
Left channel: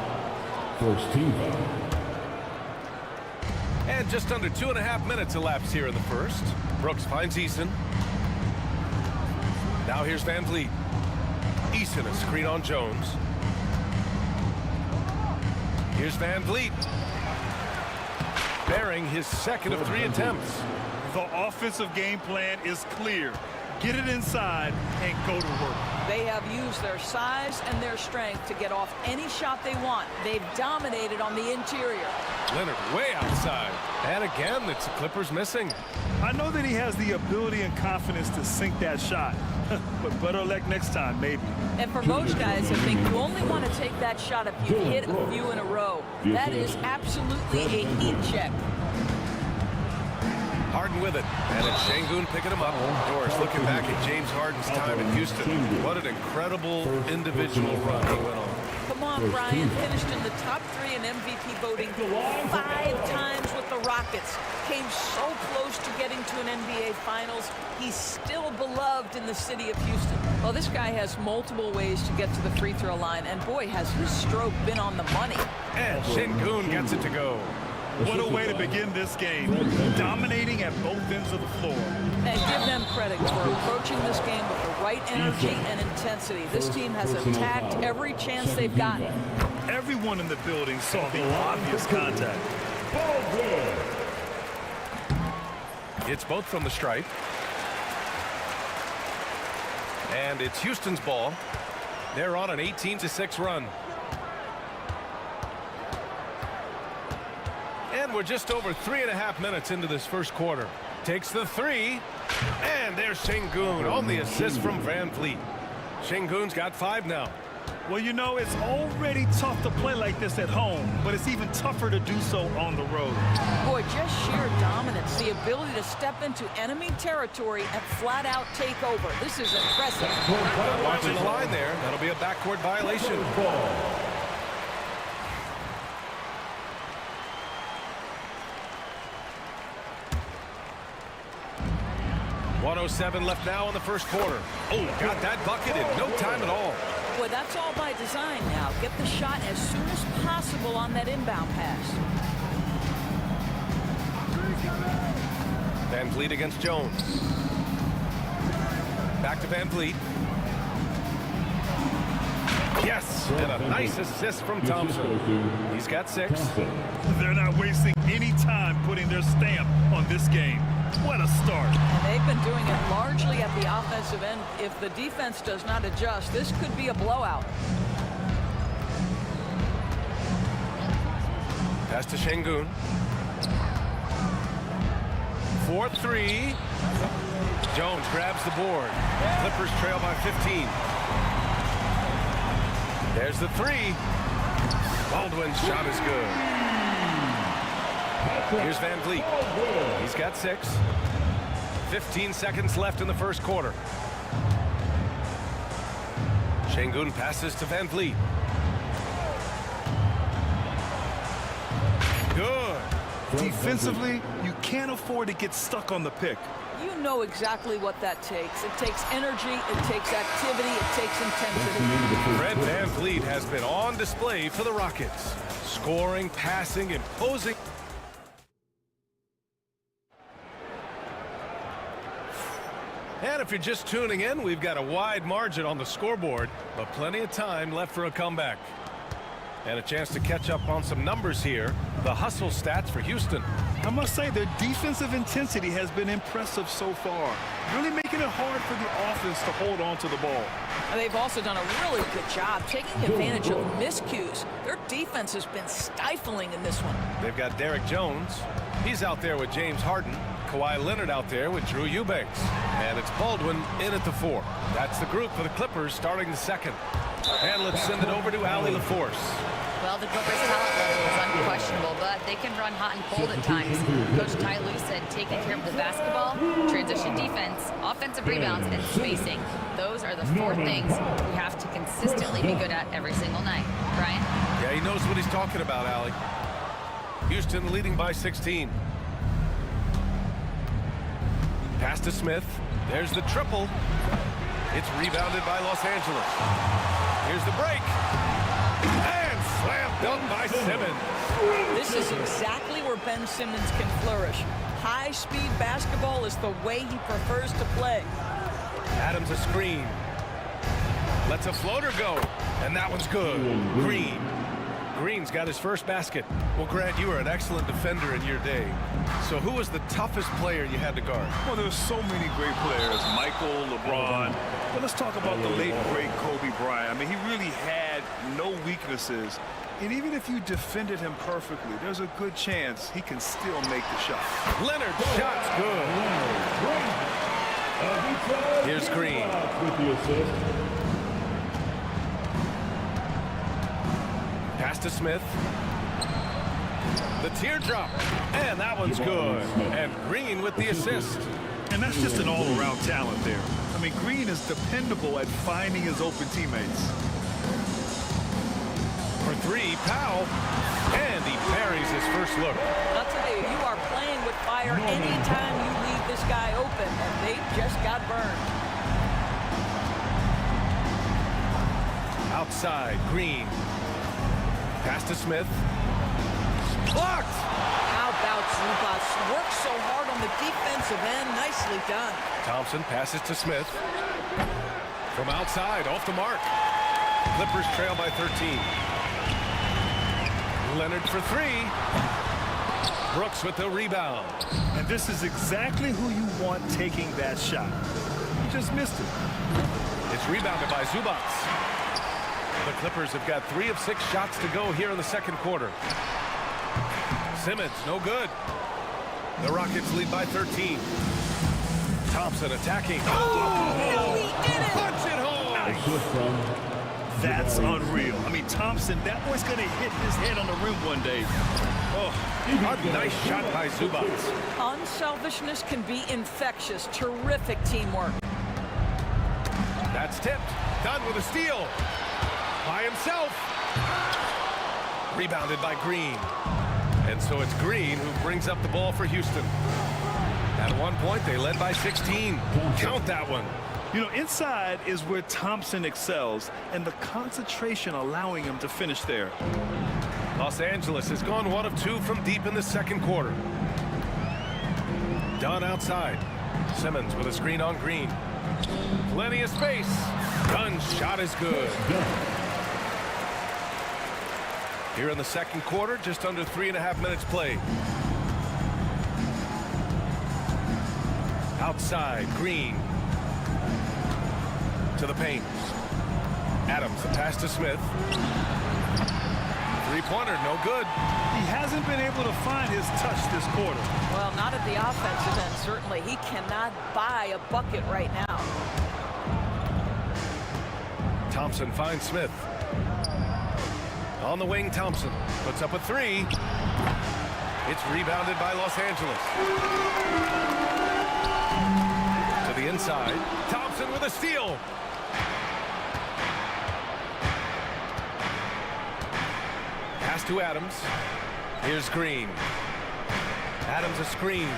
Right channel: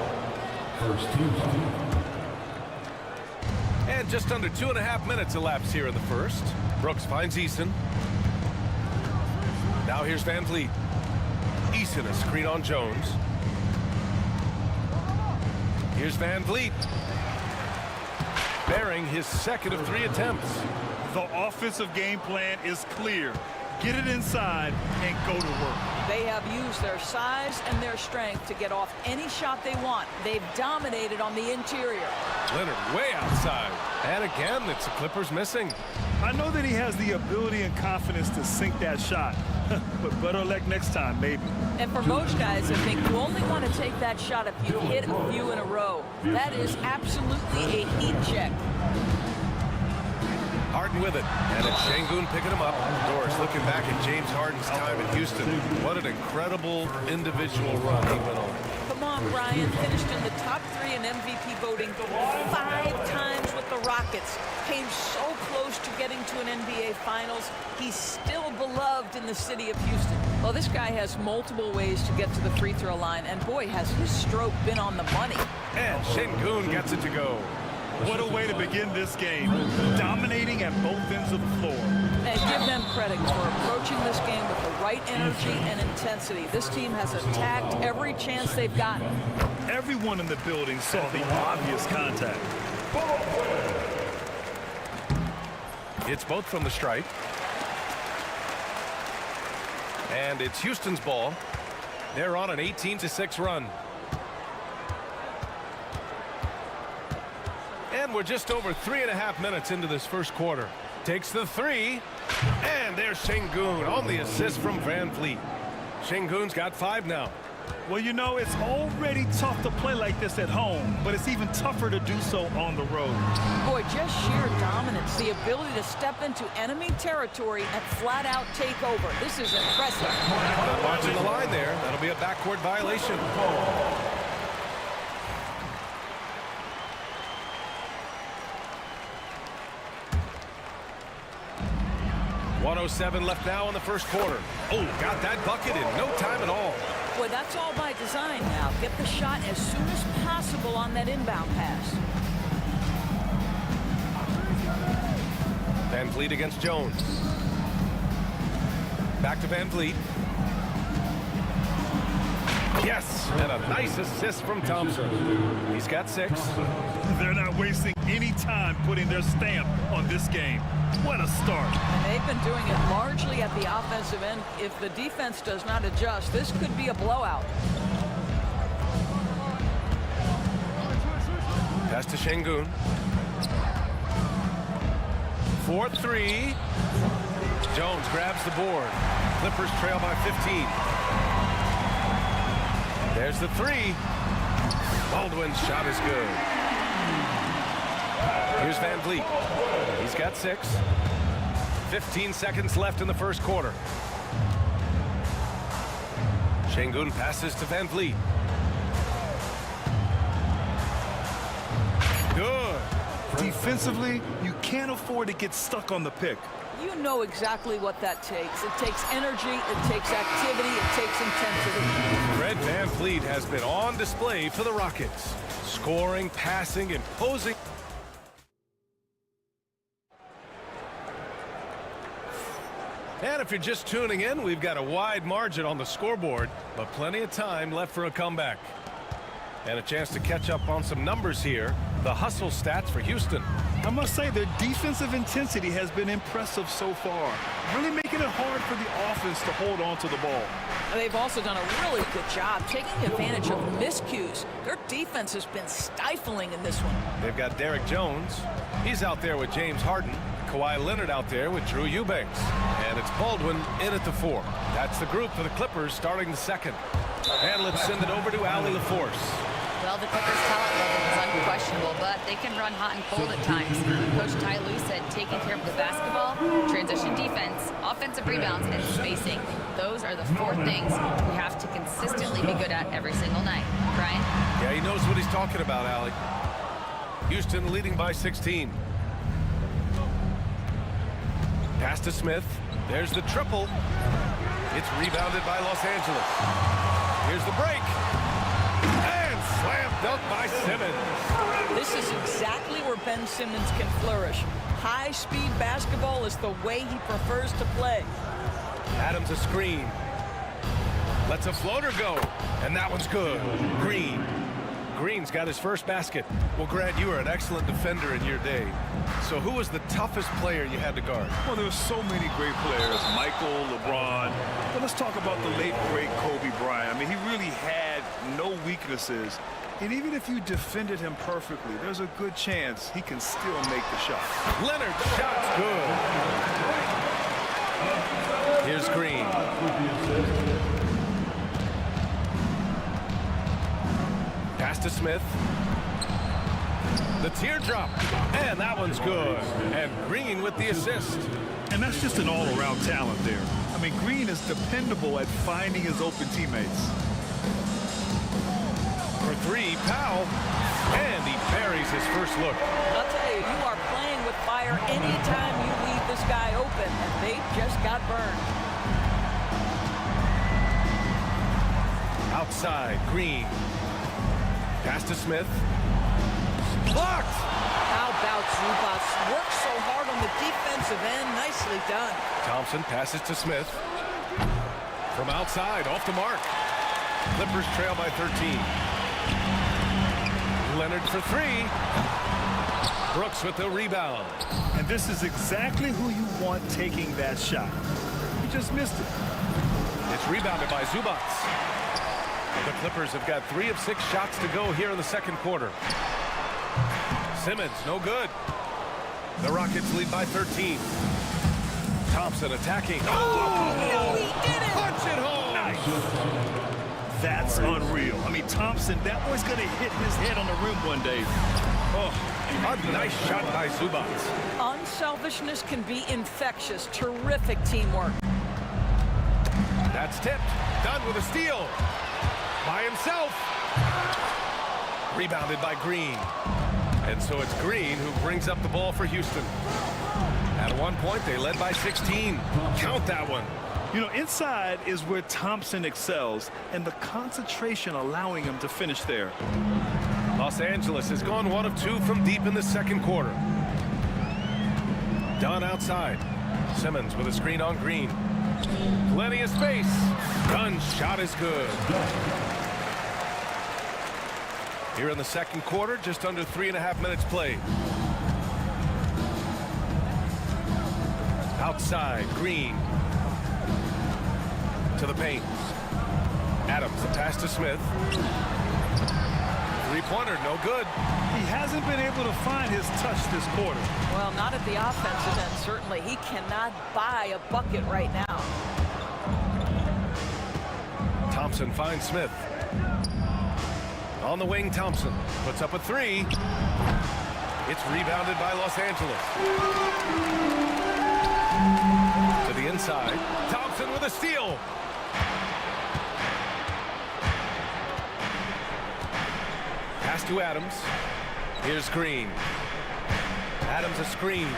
First team foul. And just under 2.5 minutes elapsed here in the first. Brooks finds Eason. Now here's Van Vliet. Eason a screen on Jones. Here's Van Vliet. Bearing his second of 3 attempts. The offensive game plan is clear. Get it inside and go to work. They have used their size and their strength to get off any shot they want. They've dominated on the interior. Leonard way outside. And again, it's the Clippers missing. I know that he has the ability and confidence to sink that shot. But better luck next time, maybe. And for most guys, I think you only want to take that shot if you've hit a few in a row. That is absolutely a heat check. Harden with it, and it's Şengün picking him up. Doris looking back at James Harden's time in Houston. What an incredible individual run he went on. Come on, Brian. Finished in the top 3 in MVP voting 5 times with the Rockets. Came so close to getting to an NBA Finals. He's still beloved in the city of Houston. Well, this guy has multiple ways to get to the free throw line, and boy, has his stroke been on the money. And Şengün gets it to go. What a way to begin this game. Dominating at both ends of the floor. And give them credit for approaching this game with the right energy and intensity. This team has attacked every chance they've gotten. Everyone in the building saw the obvious contact. It's both from the stripe. And it's Houston's ball. They're on an 18-6 run. And we're just over 3.5 minutes into this first quarter. Takes the 3. And there's Şengün on the assist from Van Vliet. Şengün's got 5 now. Well, you know, it's already tough to play like this at home, but it's even tougher to do so on the road. Boy, just sheer dominance, the ability to step into enemy territory and flat out take over. This is impressive. Not watching the line there. That'll be a backcourt violation. 1:07 left now in the first quarter. Oh, got that bucket in no time at all. Boy, that's all by design now. Get the shot as soon as possible on that inbound pass. Van Vliet against Jones. Back to Van Vliet. Yes, and a nice assist from Thompson. He's got 6. They're not wasting any time putting their stamp on this game. What a start. And they've been doing it largely at the offensive end. If the defense does not adjust, this could be a blowout. Pass to Şengün. 4-3. Jones grabs the board. Clippers trail by 15. There's the 3. Baldwin's shot is good. Here's Van Vliet. He's got 6. 15 seconds left in the first quarter. Şengün passes to Van Vliet. Good. Defensively, you can't afford to get stuck on the pick. You know exactly what that takes. It takes energy, it takes activity, it takes intensity. Fred Van Vliet has been on display for the Rockets. Scoring, passing, imposing. And if you're just tuning in, we've got a wide margin on the scoreboard, but plenty of time left for a comeback. And a chance to catch up on some numbers here. The hustle stats for Houston. I must say their defensive intensity has been impressive so far, really making it hard for the offense to hold on to the ball. They've also done a really good job taking advantage of miscues. Their defense has been stifling in this one. They've got Derek Jones. He's out there with James Harden. Kawhi Leonard out there with Drew Eubanks. And it's Baldwin in at the 4. That's the group for the Clippers starting the second. And let's send it over to Allie LaForce. Well, the Clippers' talent level is unquestionable, but they can run hot and cold at times. Coach Ty Lue said taking care of the basketball, transition defense, offensive rebounds, and spacing. Those are the 4 things we have to consistently be good at every single night. Brian? Yeah, he knows what he's talking about, Allie. Houston leading by 16. Pass to Smith. There's the triple. It's rebounded by Los Angeles. Here's the break. And slam dunk by Simmons. This is exactly where Ben Simmons can flourish. High-speed basketball is the way he prefers to play. Adams a screen. Lets a floater go. And that one's good. Green. Green's got his first basket. Well, Grant, you were an excellent defender in your day. So who was the toughest player you had to guard? Well, there were so many great players, Michael, LeBron. But let's talk about the late, great Kobe Bryant. I mean, he really had no weaknesses. And even if you defended him perfectly, there's a good chance he can still make the shot. Leonard's shot's good. Here's Green. Pass to Smith. The teardrop. And that one's good. And Green with the assist. And that's just an all-around talent there. I mean, Green is dependable at finding his open teammates. For 3, Powell. And he buries his first look. I'll tell you, you are playing with fire anytime you leave this guy open, and they just got burned. Outside, Green. Pass to Smith. Blocked! How about Zubac? Works so hard on the defensive end. Nicely done. Thompson passes to Smith. From outside, off the mark. Clippers trail by 13. Leonard for 3. Brooks with the rebound. And this is exactly who you want taking that shot. He just missed it. It's rebounded by Zubac. The Clippers have got 3 of 6 shots to go here in the second quarter. Simmons, no good. The Rockets lead by 13. Thompson attacking. Oh, no, he did it! Punch it home! Nice. That's unreal. I mean, Thompson, that boy's going to hit his head on the rim one day. Oh, a nice shot by Zubats. Unselfishness can be infectious. Terrific teamwork. That's tipped. Done with a steal. By himself. Rebounded by Green. And so it's Green who brings up the ball for Houston. At one point, they led by 16. Count that one. You know, inside is where Thompson excels, and the concentration allowing him to finish there. Los Angeles has gone 1 of 2 from deep in the second quarter. Dunn outside. Simmons with a screen on Green. Plenty of space. Dunn's shot is good. Here in the second quarter, just under 3.5 minutes played. Outside, Green. To the paint. Adams, the pass to Smith. Three-pointer, no good. He hasn't been able to find his touch this quarter. Well, not at the offensive end, certainly. He cannot buy a bucket right now. Thompson finds Smith. On the wing, Thompson puts up a three. It's rebounded by Los Angeles. To the inside. Thompson with a steal. Pass to Adams. Here's Green. Adams a screen.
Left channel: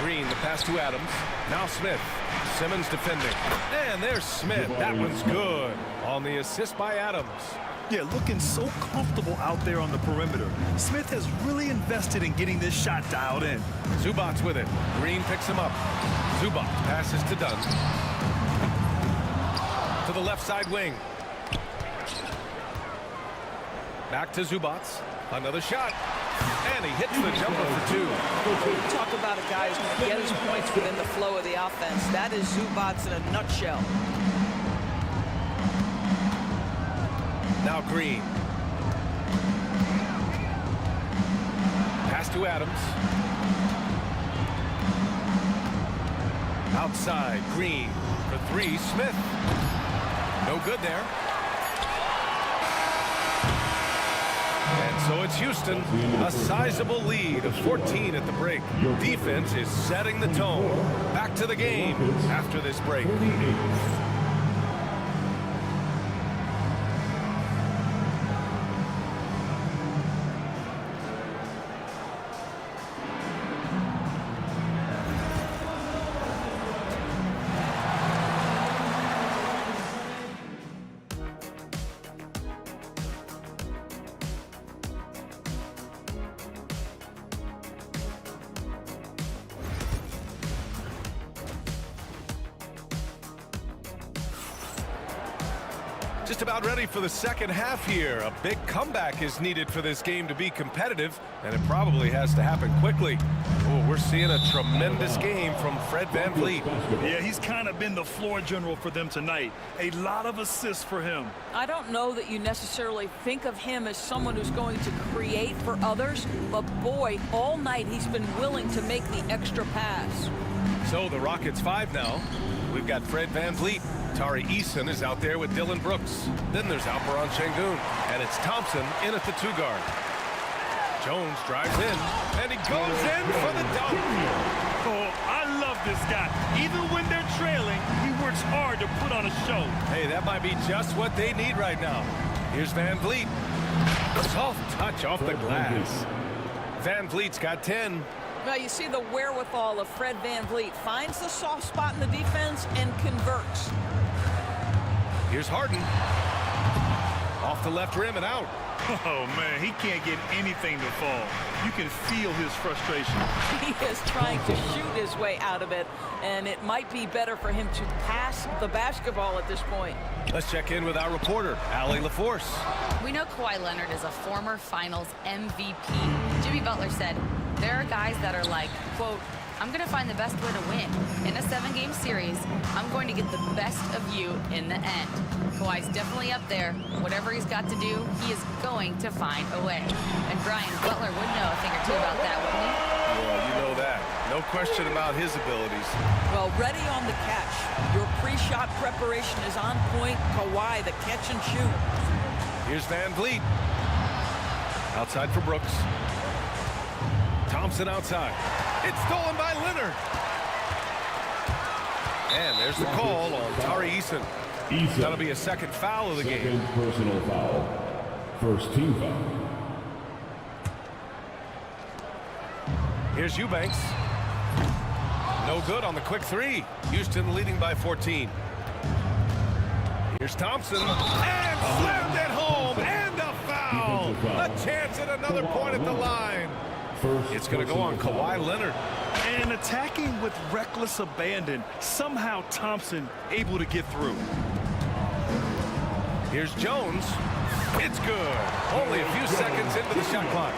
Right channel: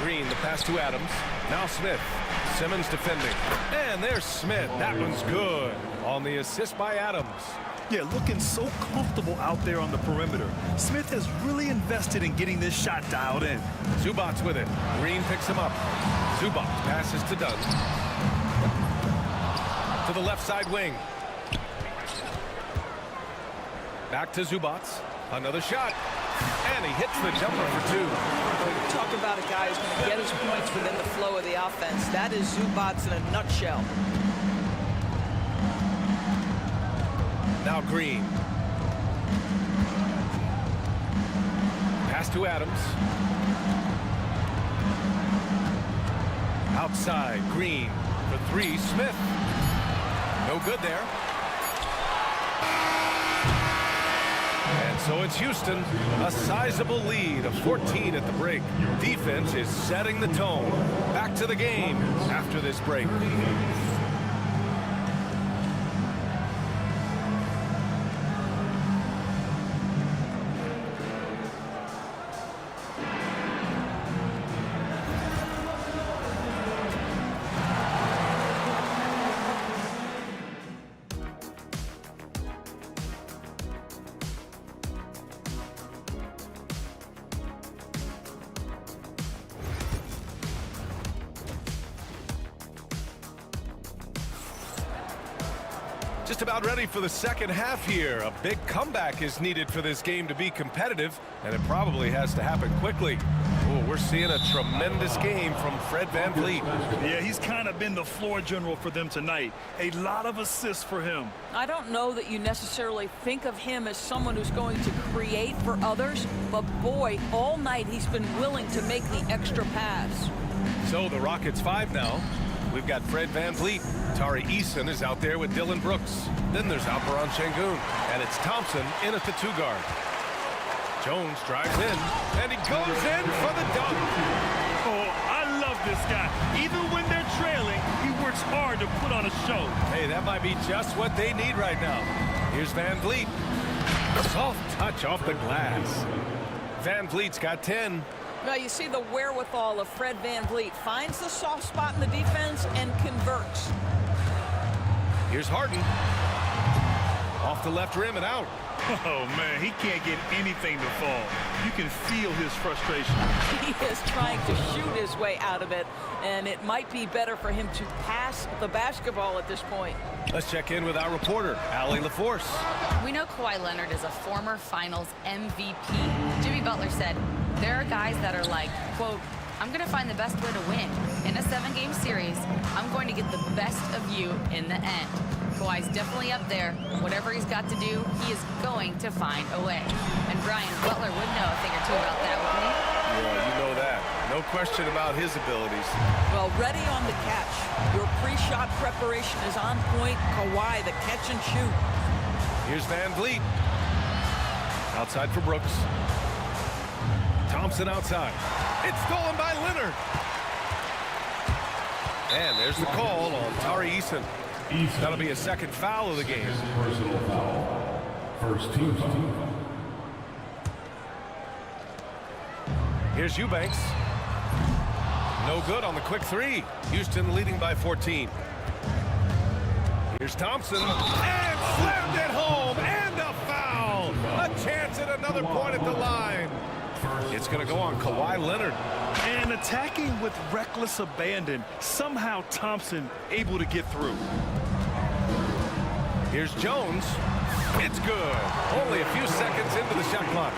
Green, the pass to Adams. Now Smith. Simmons defending. And there's Smith. That one's good. On the assist by Adams. Yeah, looking so comfortable out there on the perimeter. Smith has really invested in getting this shot dialed in. Zubats with it. Green picks him up. Zubats passes to Dunn. To the left side wing. Back to Zubats. Another shot. And he hits the jumper for two. You talk about a guy who's going to get his points within the flow of the offense. That is Zubats in a nutshell. Now Green. Pass to Adams. Outside, Green for three. Smith. No good there. And so it's Houston, a sizable lead of 14 at the break. Defense is setting the tone. Back to the game after this break. Just about ready for the second half here. A big comeback is needed for this game to be competitive, and it probably has to happen quickly. Oh, we're seeing a tremendous game from Fred VanVleet. Yeah, he's kind of been the floor general for them tonight. A lot of assists for him. I don't know that you necessarily think of him as someone who's going to create for others, but boy, all night he's been willing to make the extra pass. So the Rockets 5 now. We've got Fred VanVleet. Tari Eason is out there with Dylan Brooks. Then there's Alperon Şengün. And it's Thompson in at the 2 guard. Jones drives in, and he goes in for the dunk. Oh, I love this guy. Even when they're trailing, he works hard to put on a show. Hey, that might be just what they need right now. Here's VanVleet. A soft touch off the glass. VanVleet's got 10. Now you see the wherewithal of Fred VanVleet. Finds the soft spot in the defense and converts. Here's Harden. Off the left rim and out. Oh, man, he can't get anything to fall. You can feel his frustration. He is trying to shoot his way out of it, and it might be better for him to pass the basketball at this point. Let's check in with our reporter, Allie LaForce. We know Kawhi Leonard is a former Finals MVP. Jimmy Butler said, there are guys that are like, quote, I'm going to find the best way to win. In a 7-game series, I'm going to get the best of you in the end. Kawhi's definitely up there. Whatever he's got to do, he is going to find a way. And Brian Butler would know a thing or two about that, wouldn't he? Yeah, you know that. No question about his abilities. Well, ready on the catch. Your pre-shot preparation is on point. Kawhi, the catch and shoot. Here's Van Vliet. Outside for Brooks. Thompson outside. It's stolen by Leonard. And there's the call on Tari Eason. That'll be a second foul of the game. Personal foul. First team foul. Here's Eubanks. No good on the quick three. Houston leading by 14. Here's Thompson. And slammed it home. And a foul. A chance at another point at the line. It's going to go on Kawhi Leonard. And attacking with reckless abandon. Somehow Thompson able to get through. Here's Jones. It's good. Only a few seconds into the shot clock.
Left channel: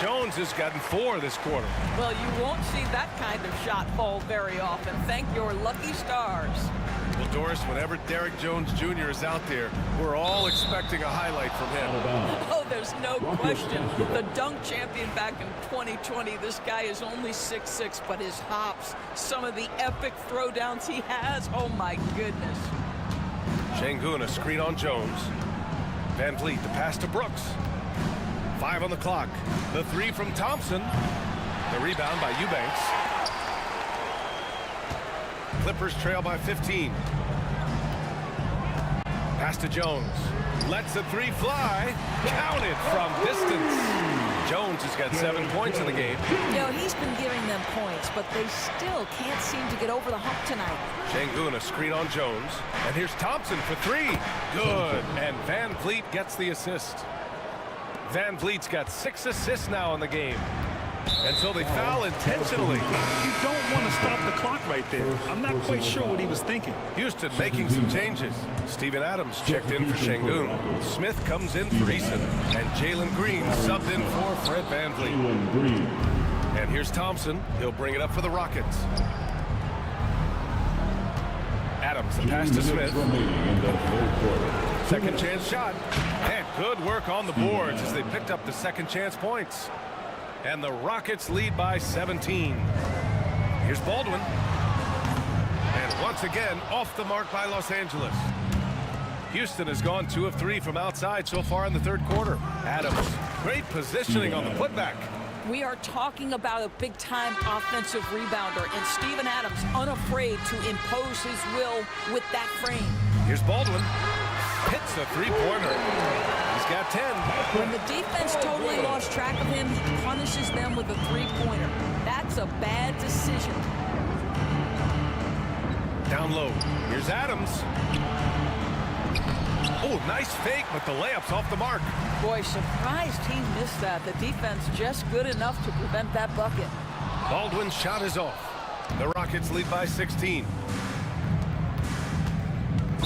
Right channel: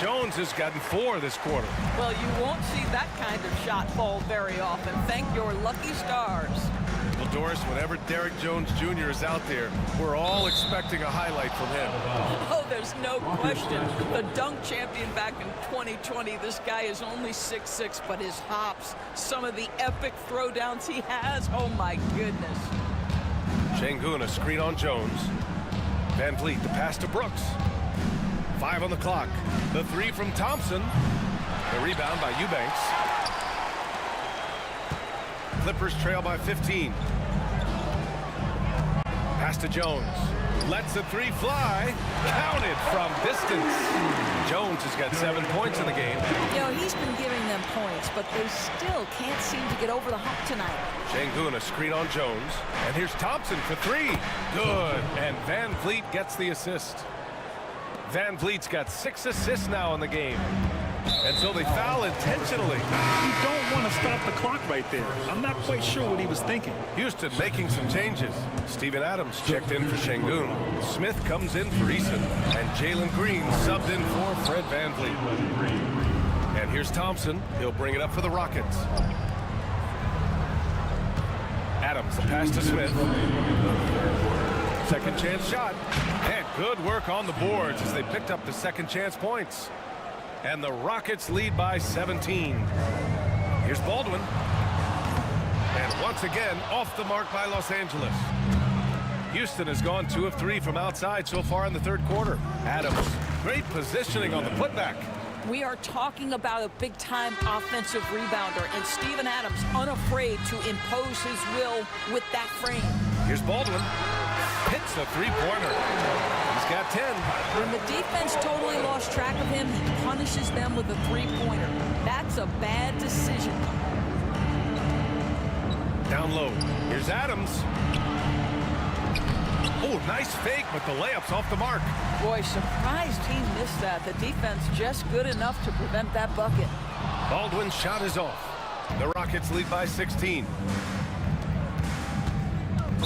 Jones has gotten 4 this quarter. Well, you won't see that kind of shot fall very often. Thank your lucky stars. Well, Doris, whenever Derek Jones Jr. is out there, we're all expecting a highlight from him. Oh, there's no question. The dunk champion back in 2020, this guy is only 6'6", but his hops, some of the epic throwdowns he has, oh my goodness. Şengün, a screen on Jones. Van Vliet, the pass to Brooks. 5 on the clock. The 3 from Thompson. The rebound by Eubanks. Clippers trail by 15. Pass to Jones. Lets the 3 fly. Counted from distance. Jones has got 7 points in the game. You know, he's been giving them points, but they still can't seem to get over the hump tonight. Şengün, a screen on Jones. And here's Thompson for 3. Good. And Van Vliet gets the assist. Van Vliet's got 6 assists now in the game. And so they foul intentionally. You don't want to stop the clock right there. I'm not quite sure what he was thinking. Houston making some changes. Steven Adams checked in for Şengün. Smith comes in for Eason. And Jalen Green subbed in for Fred Van Vliet. And here's Thompson. He'll bring it up for the Rockets. Adams, the pass to Smith. Second chance shot. And good work on the boards as they picked up the second chance points. And the Rockets lead by 17. Here's Baldwin. And once again, off the mark by Los Angeles. Houston has gone 2 of 3 from outside so far in the third quarter. Adams, great positioning on the putback. We are talking about a big-time offensive rebounder, and Steven Adams unafraid to impose his will with that frame. Here's Baldwin. Hits a three-pointer. He's got 10. When the defense totally lost track of him, he punishes them with a three-pointer. That's a bad decision. Down low. Here's Adams. Oh, nice fake, but the layup's off the mark. Boy, surprised he missed that. The defense just good enough to prevent that bucket. Baldwin's shot is off. The Rockets lead by 16.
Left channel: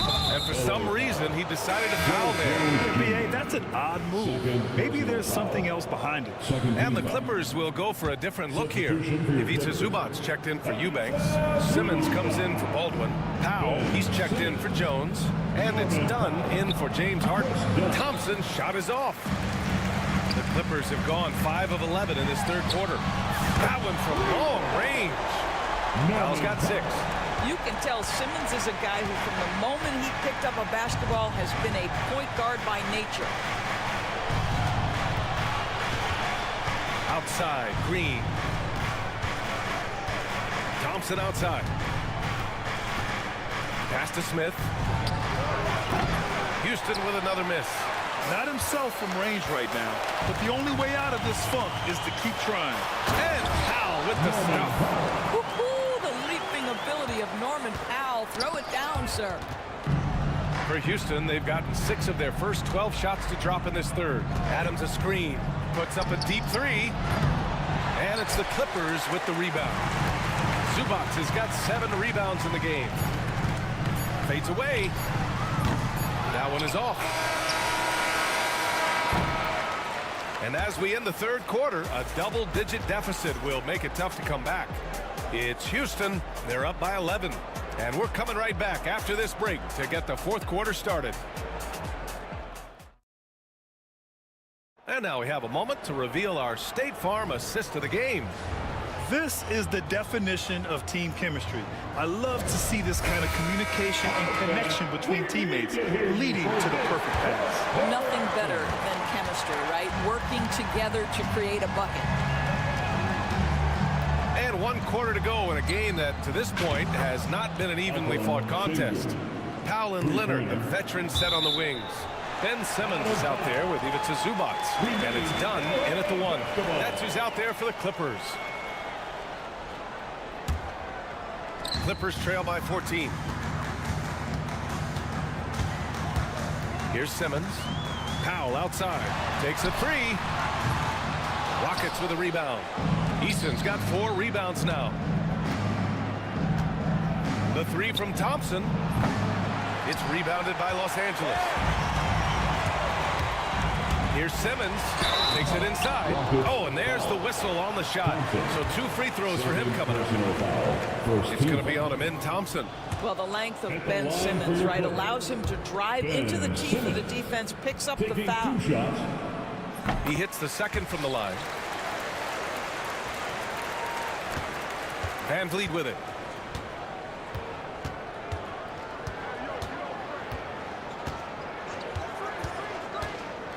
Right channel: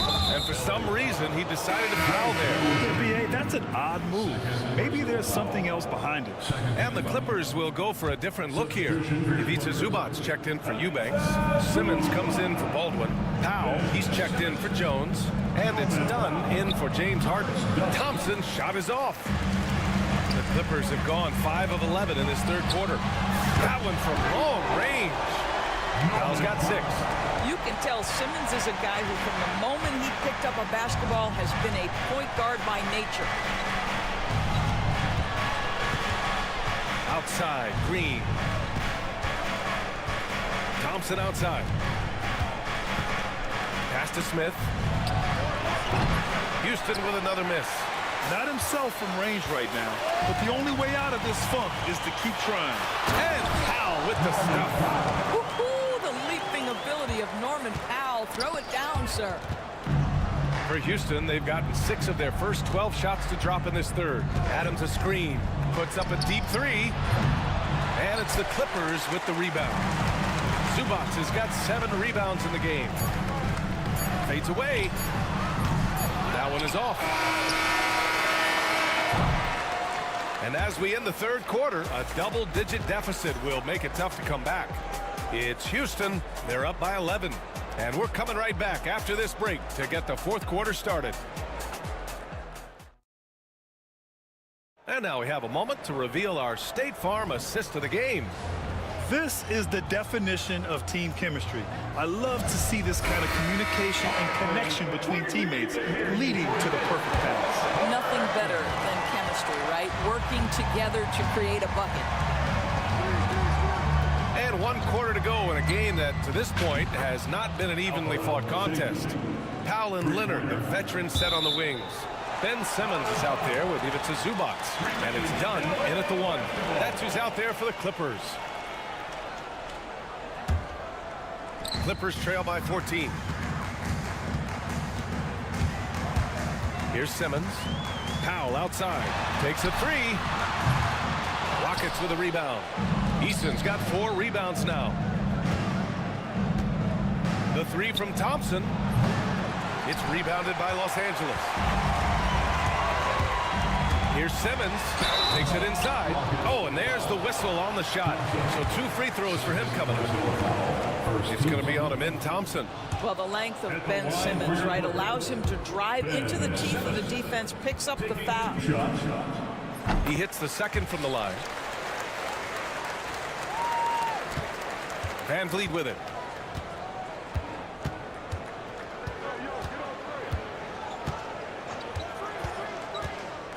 And for some reason, he decided to foul there. Yeah, B.A., that's an odd move. Maybe there's something else behind it. And the Clippers will go for a different look here. Ivica Zubac's checked in for Eubanks. Simmons comes in for Baldwin. Powell, he's checked in for Jones. And it's Dunn in for James Harden. Thompson's shot is off. The Clippers have gone 5 of 11 in this third quarter. That one from long range. Powell's got 6. You can tell Simmons is a guy who, from the moment he picked up a basketball, has been a point guard by nature. Outside, Green. Thompson outside. Pass to Smith. Houston with another miss. Not himself from range right now, but the only way out of this funk is to keep trying. And Powell with the stuff. Woohoo! The leaping ability of Norman Powell. Throw it down, sir. For Houston, they've gotten 6 of their first 12 shots to drop in this third. Adams a screen. Puts up a deep 3. And it's the Clippers with the rebound. Zubac has got 7 rebounds in the game. Fades away. That one is off. And as we end the third quarter, a double-digit deficit will make it tough to come back. It's Houston. They're up by 11. And we're coming right back after this break to get the fourth quarter started. And now we have a moment to reveal our State Farm assist of the game. This is the definition of team chemistry. I love to see this kind of communication and connection between teammates leading to the perfect pass. Nothing better than chemistry, right? Working together to create a bucket. And 1 quarter to go in a game that, to this point, has not been an evenly fought contest. Powell and Leonard, the veterans, set on the wings. Ben Simmons is out there with Ivica Zubac, and it's done in at the 1. That's who's out there for the Clippers. Clippers trail by 14. Here's Simmons. Powell outside. Takes a 3. Rockets with a rebound. Easton's got 4 rebounds now. The 3 from Thompson. It's rebounded by Los Angeles. Here's Simmons. Takes it inside. Oh, and there's the whistle on the shot. So 2 free throws for him coming up. It's going to be on him in Thompson. Well, the length of Ben Simmons, right, allows him to drive into the teeth of the defense, picks up the foul. He hits the second from the line. Van Vliet with it.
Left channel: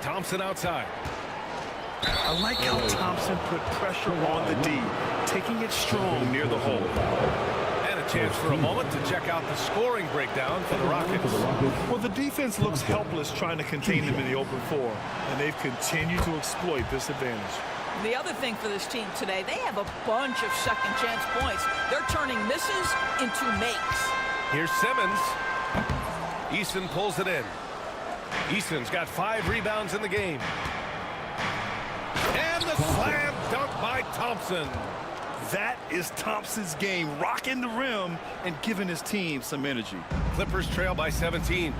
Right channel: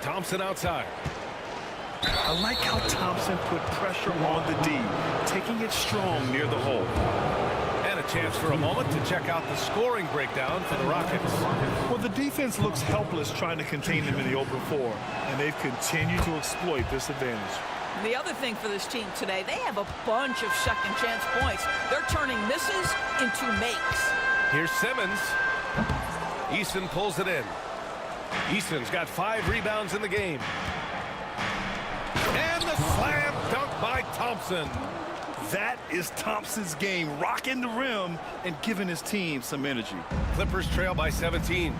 Thompson outside. I like how Thompson put pressure on the D, taking it strong near the hole. And a chance for a moment to check out the scoring breakdown for the Rockets. Well, the defense looks helpless trying to contain them in the open floor, and they've continued to exploit this advantage. The other thing for this team today, they have a bunch of second chance points. They're turning misses into makes. Here's Simmons. Easton pulls it in. Easton's got 5 rebounds in the game. And the slam dunk by Thompson. That is Thompson's game, rocking the rim and giving his team some energy. Clippers trail by 17.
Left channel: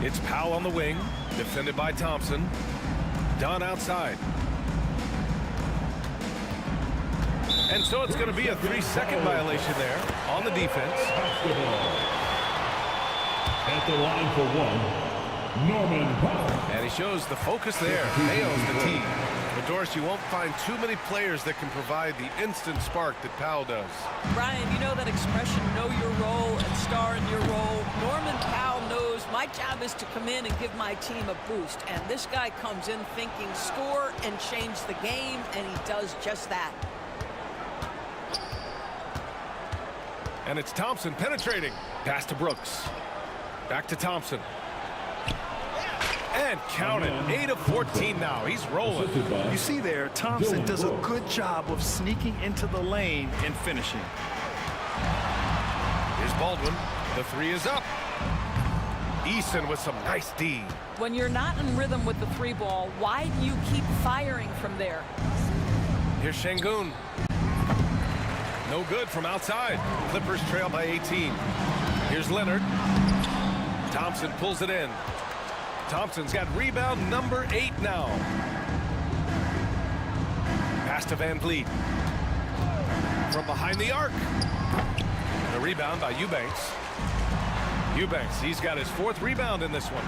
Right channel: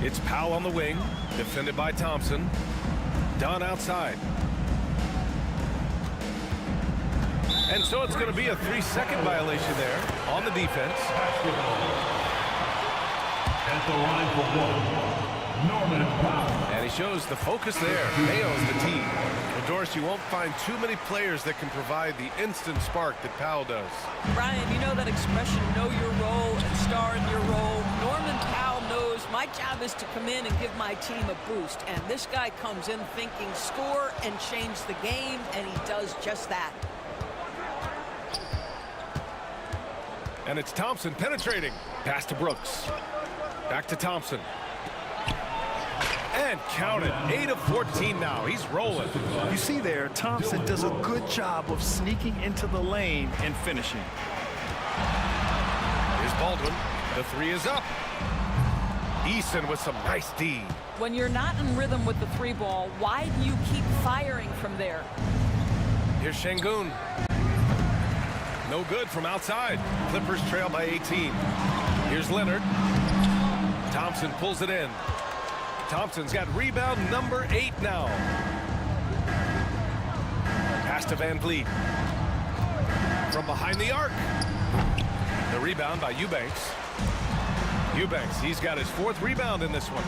It's Powell on the wing, defended by Thompson. Dunn outside. And so it's going to be a 3-second violation there on the defense. At the line for 1, Norman Powell. And he shows the focus there, nails the tee. But Doris, you won't find too many players that can provide the instant spark that Powell does. Brian, you know that expression, know your role and star in your role. Norman Powell knows my job is to come in and give my team a boost. And this guy comes in thinking score and change the game, and he does just that. And it's Thompson penetrating. Pass to Brooks. Back to Thompson. And count it. 8 of 14 now. He's rolling. You see there, Thompson does a good job of sneaking into the lane and finishing. Here's Baldwin. The 3 is up. Easton with some nice D. When you're not in rhythm with the 3 ball, why do you keep firing from there? Here's Şengün. No good from outside. Clippers trail by 18. Here's Leonard. Thompson pulls it in. Thompson's got rebound number 8 now. Pass to Van Vliet. From behind the arc. The rebound by Eubanks. Eubanks, he's got his 4th rebound in this one.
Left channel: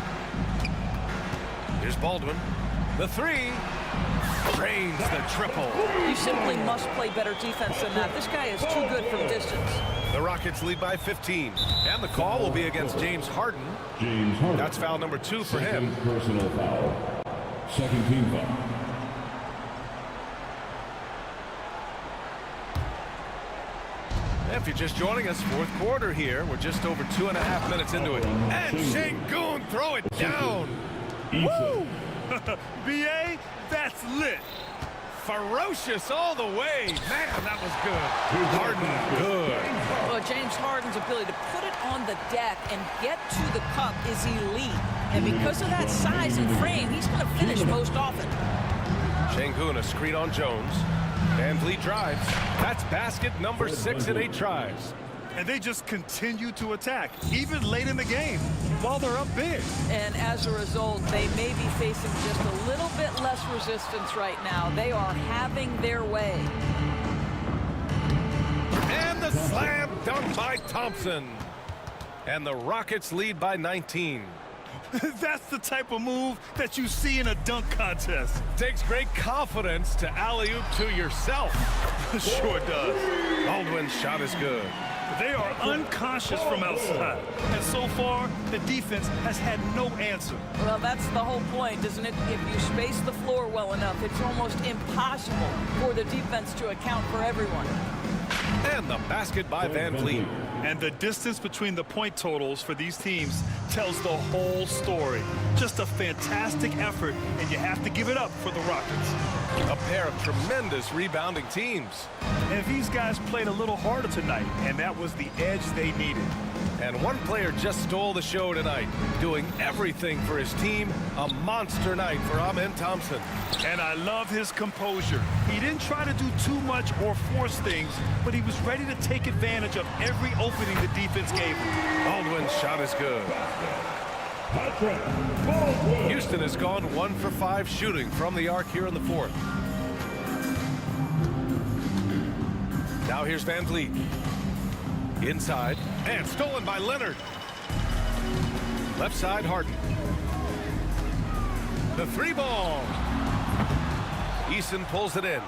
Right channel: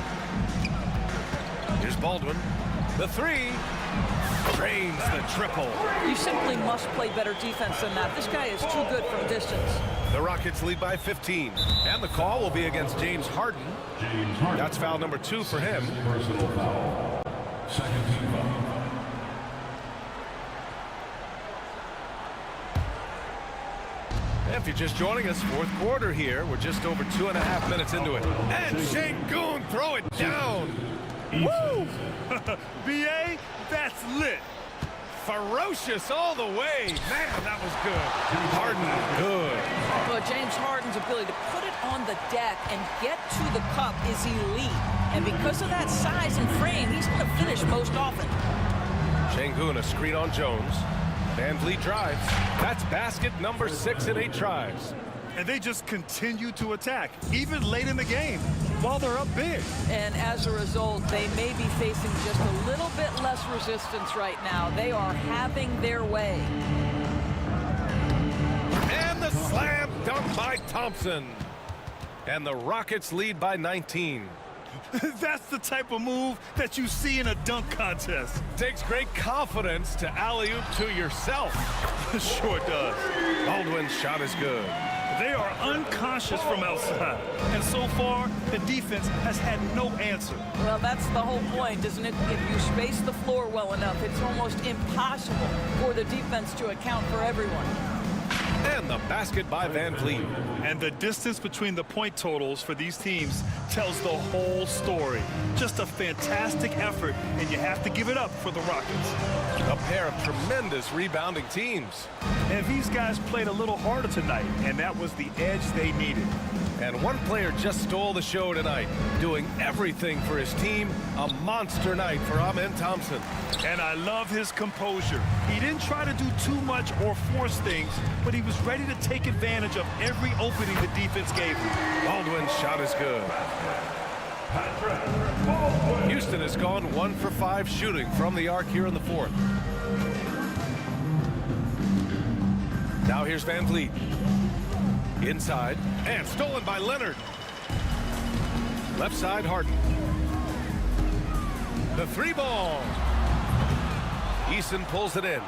Here's Baldwin. The 3. Drains the triple. You simply must play better defense than that. This guy is too good from distance. The Rockets lead by 15. And the call will be against James Harden. That's foul number 2 for him. Personal foul. Second team foul. If you're just joining us, 4th quarter here. We're just over 2.5 minutes into it. And Şengün throw it down. Woo! BA, that's lit. Ferocious all the way. Man, that was good. Harden, good. Well, James Harden's ability to put it on the deck and get to the cup is elite. And because of that size and frame, he's going to finish most often. Şengün, a screen on Jones. Van Vliet drives. That's basket number 6 in 8 tries. And they just continue to attack, even late in the game, while they're up big. And as a result, they may be facing just a little bit less resistance right now. They are having their way. Slam dunk by Thompson. And the Rockets lead by 19. That's the type of move that you see in a dunk contest. Takes great confidence to alley-oop to yourself. Sure does. Baldwin's shot is good. They are unconscious from outside. And so far, the defense has had no answer. Well, that's the whole point, isn't it? If you space the floor well enough, it's almost impossible for the defense to account for everyone. And the basket by Van Vliet. And the distance between the point totals for these teams tells the whole story. Just a fantastic effort, and you have to give it up for the Rockets. A pair of tremendous rebounding teams. And these guys played a little harder tonight, and that was the edge they needed. And one player just stole the show tonight, doing everything for his team. A monster night for Amen Thompson. And I love his composure. He didn't try to do too much or force things, but he was ready to take advantage of every opening the defense gave him. Baldwin's shot is good. Houston has gone 1 for 5 shooting from the arc here in the fourth. Now here's Van Vliet. Inside, and stolen by Leonard. Left side, Harden. The 3 ball. Eason pulls it in.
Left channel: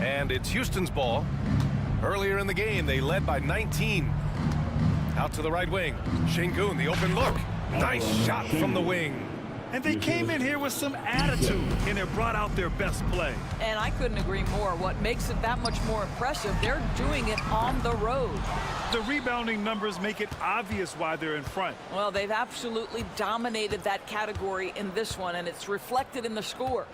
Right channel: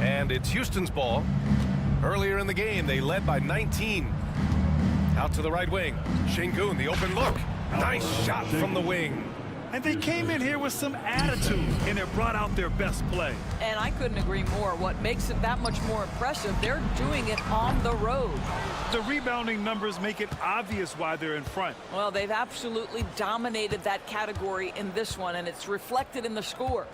And it's Houston's ball. Earlier in the game, they led by 19. Out to the right wing. Şengün, the open look. Nice shot from the wing. And they came in here with some attitude, and it brought out their best play. And I couldn't agree more. What makes it that much more impressive, they're doing it on the road. The rebounding numbers make it obvious why they're in front. Well, they've absolutely dominated that category in this one, and it's reflected in the score.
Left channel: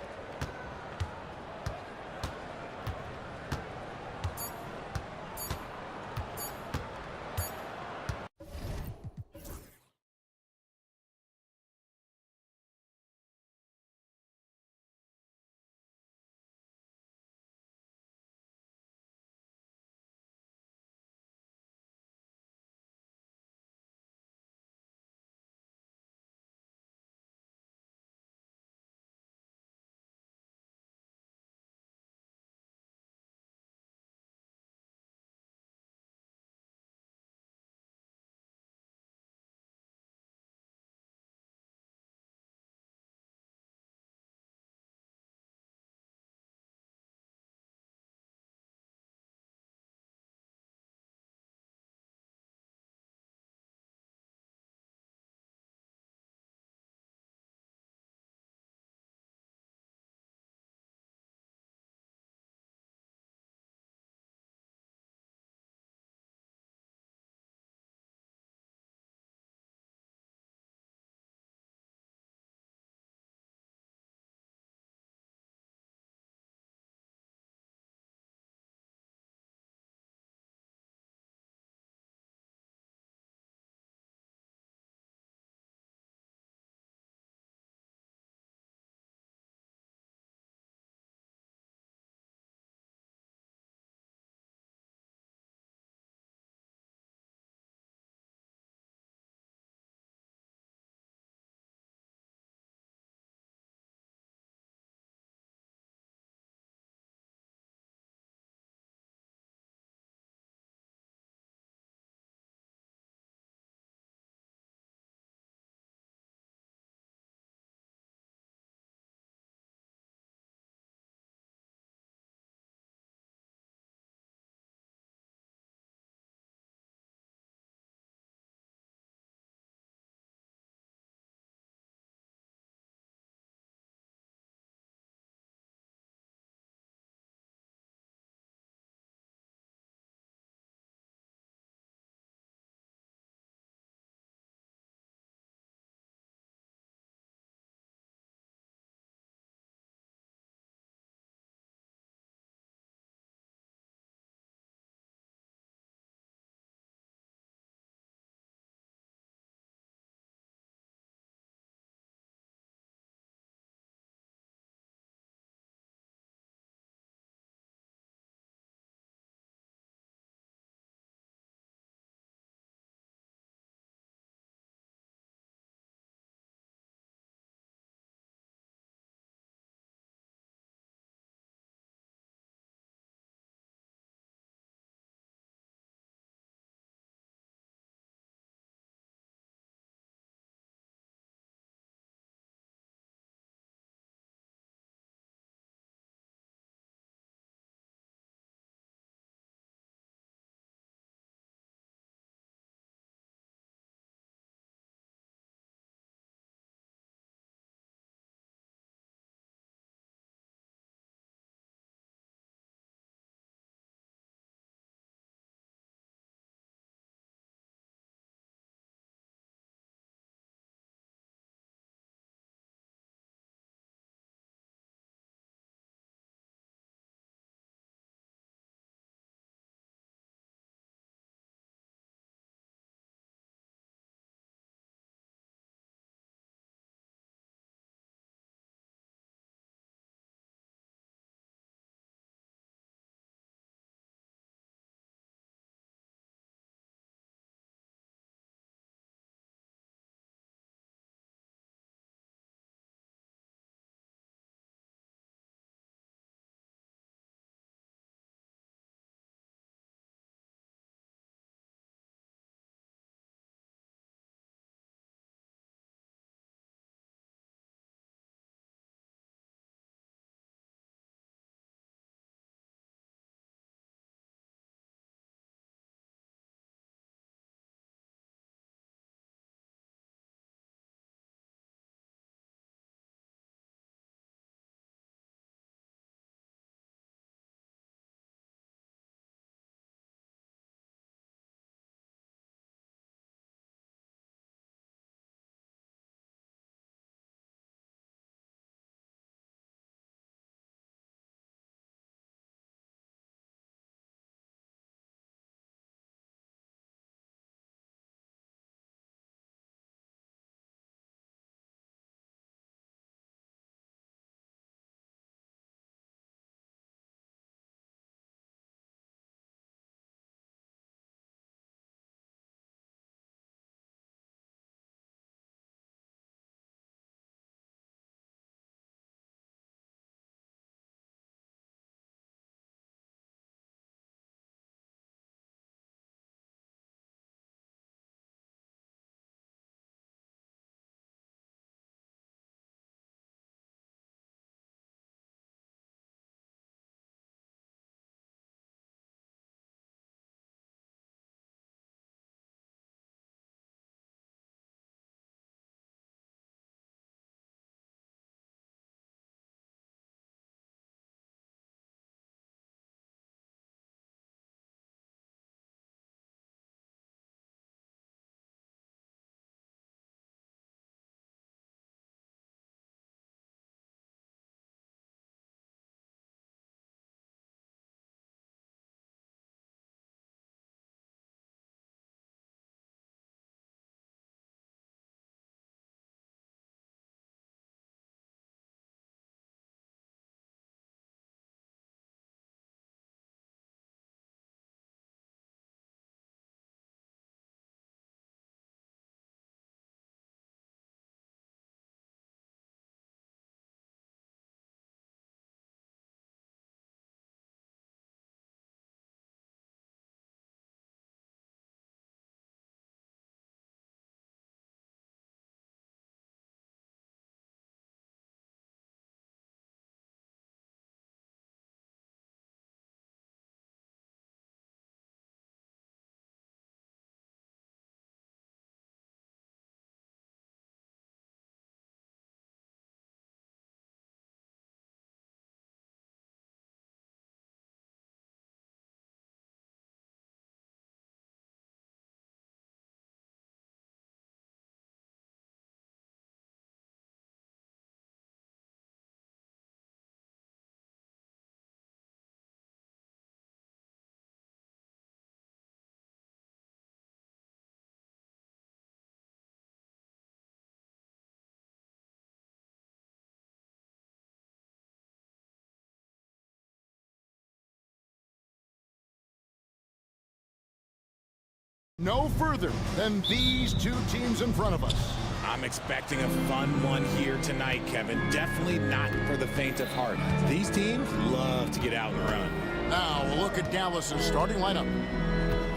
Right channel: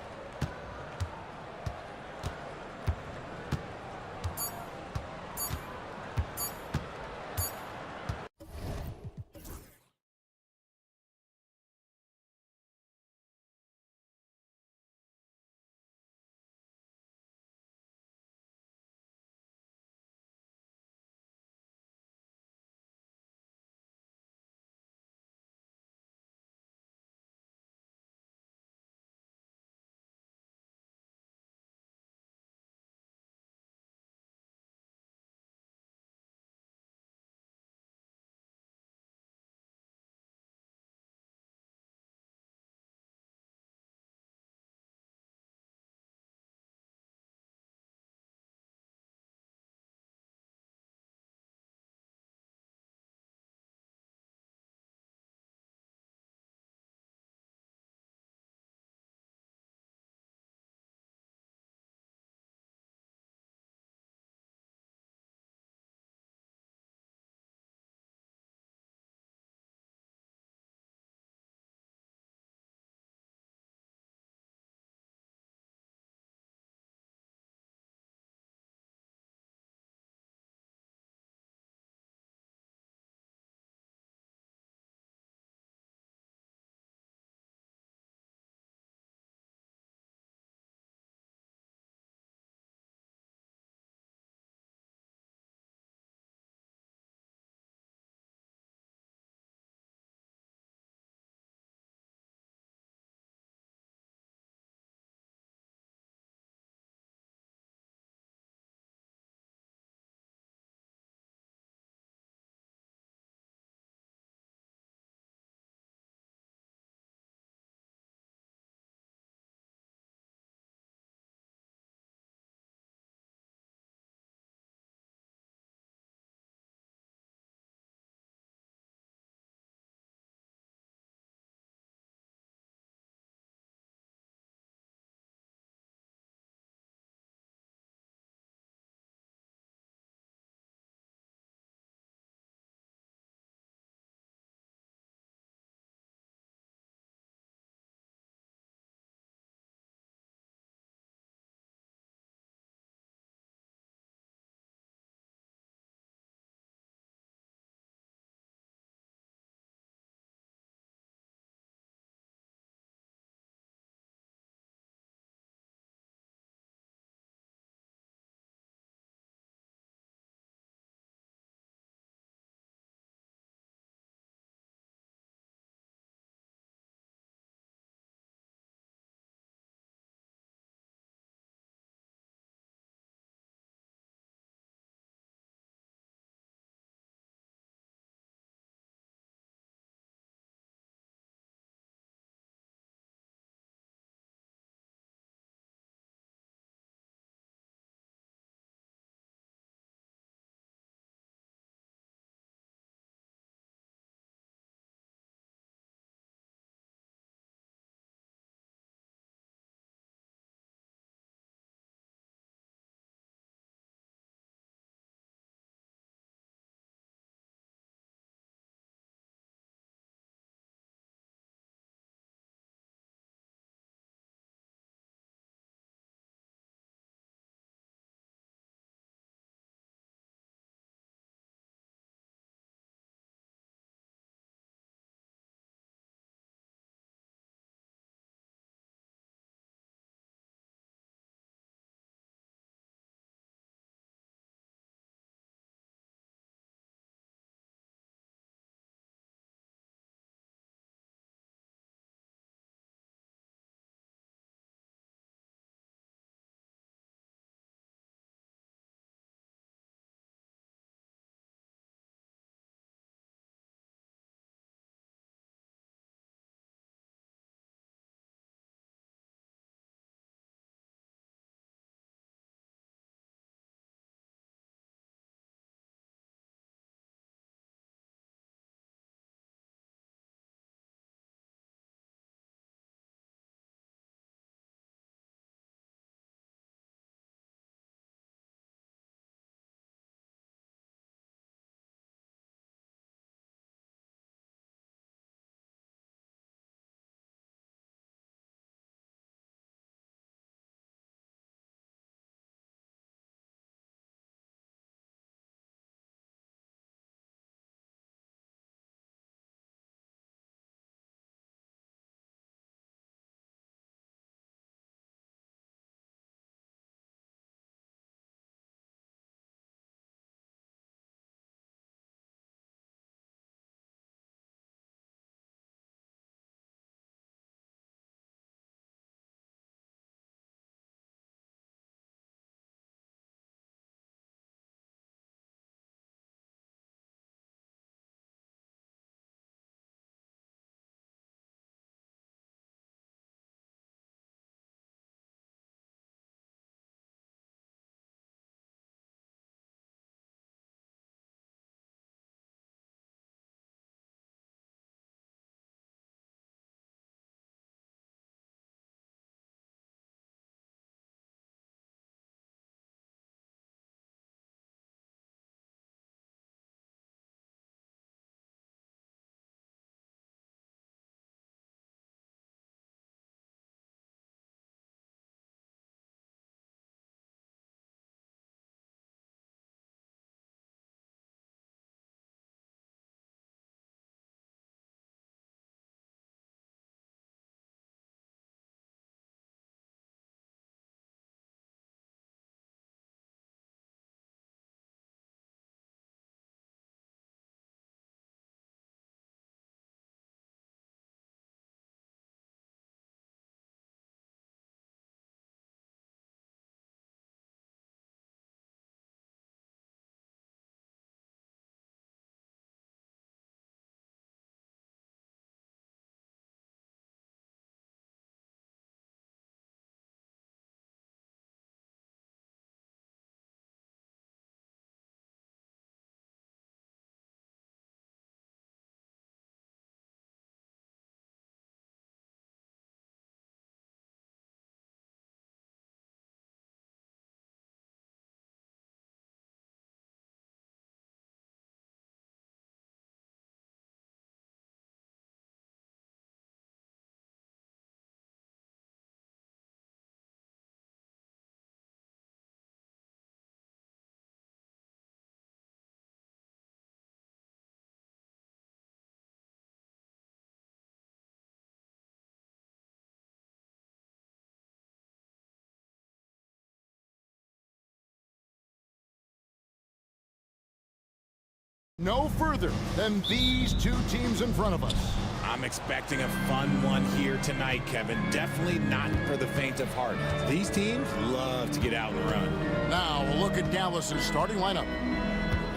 no further than these two teams in front of us. I'm expecting a fun one here tonight, Kevin. Definitely not for the faint of heart. These teams love to get out and run. Now we'll look at Dallas's starting lineup.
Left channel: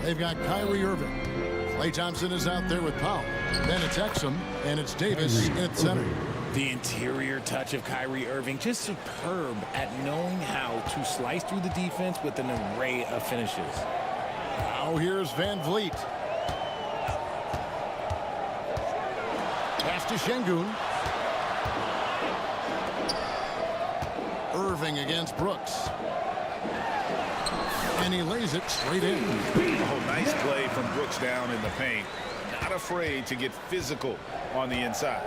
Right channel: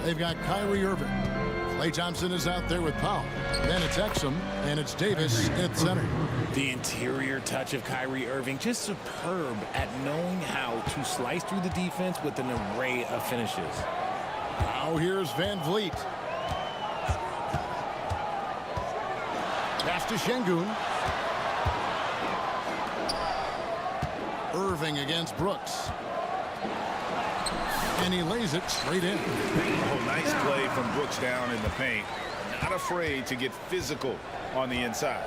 They've got Kyrie Irving. Klay Thompson is out there with Powell. Then it's Exum, and it's Davis at center. The interior touch of Kyrie Irving, just superb at knowing how to slice through the defense with an array of finishes. Now here's Van Vliet. Pass to Şengün. Irving against Brooks. And he lays it straight in. Oh, nice play from Brooks down in the paint. Not afraid to get physical on the inside.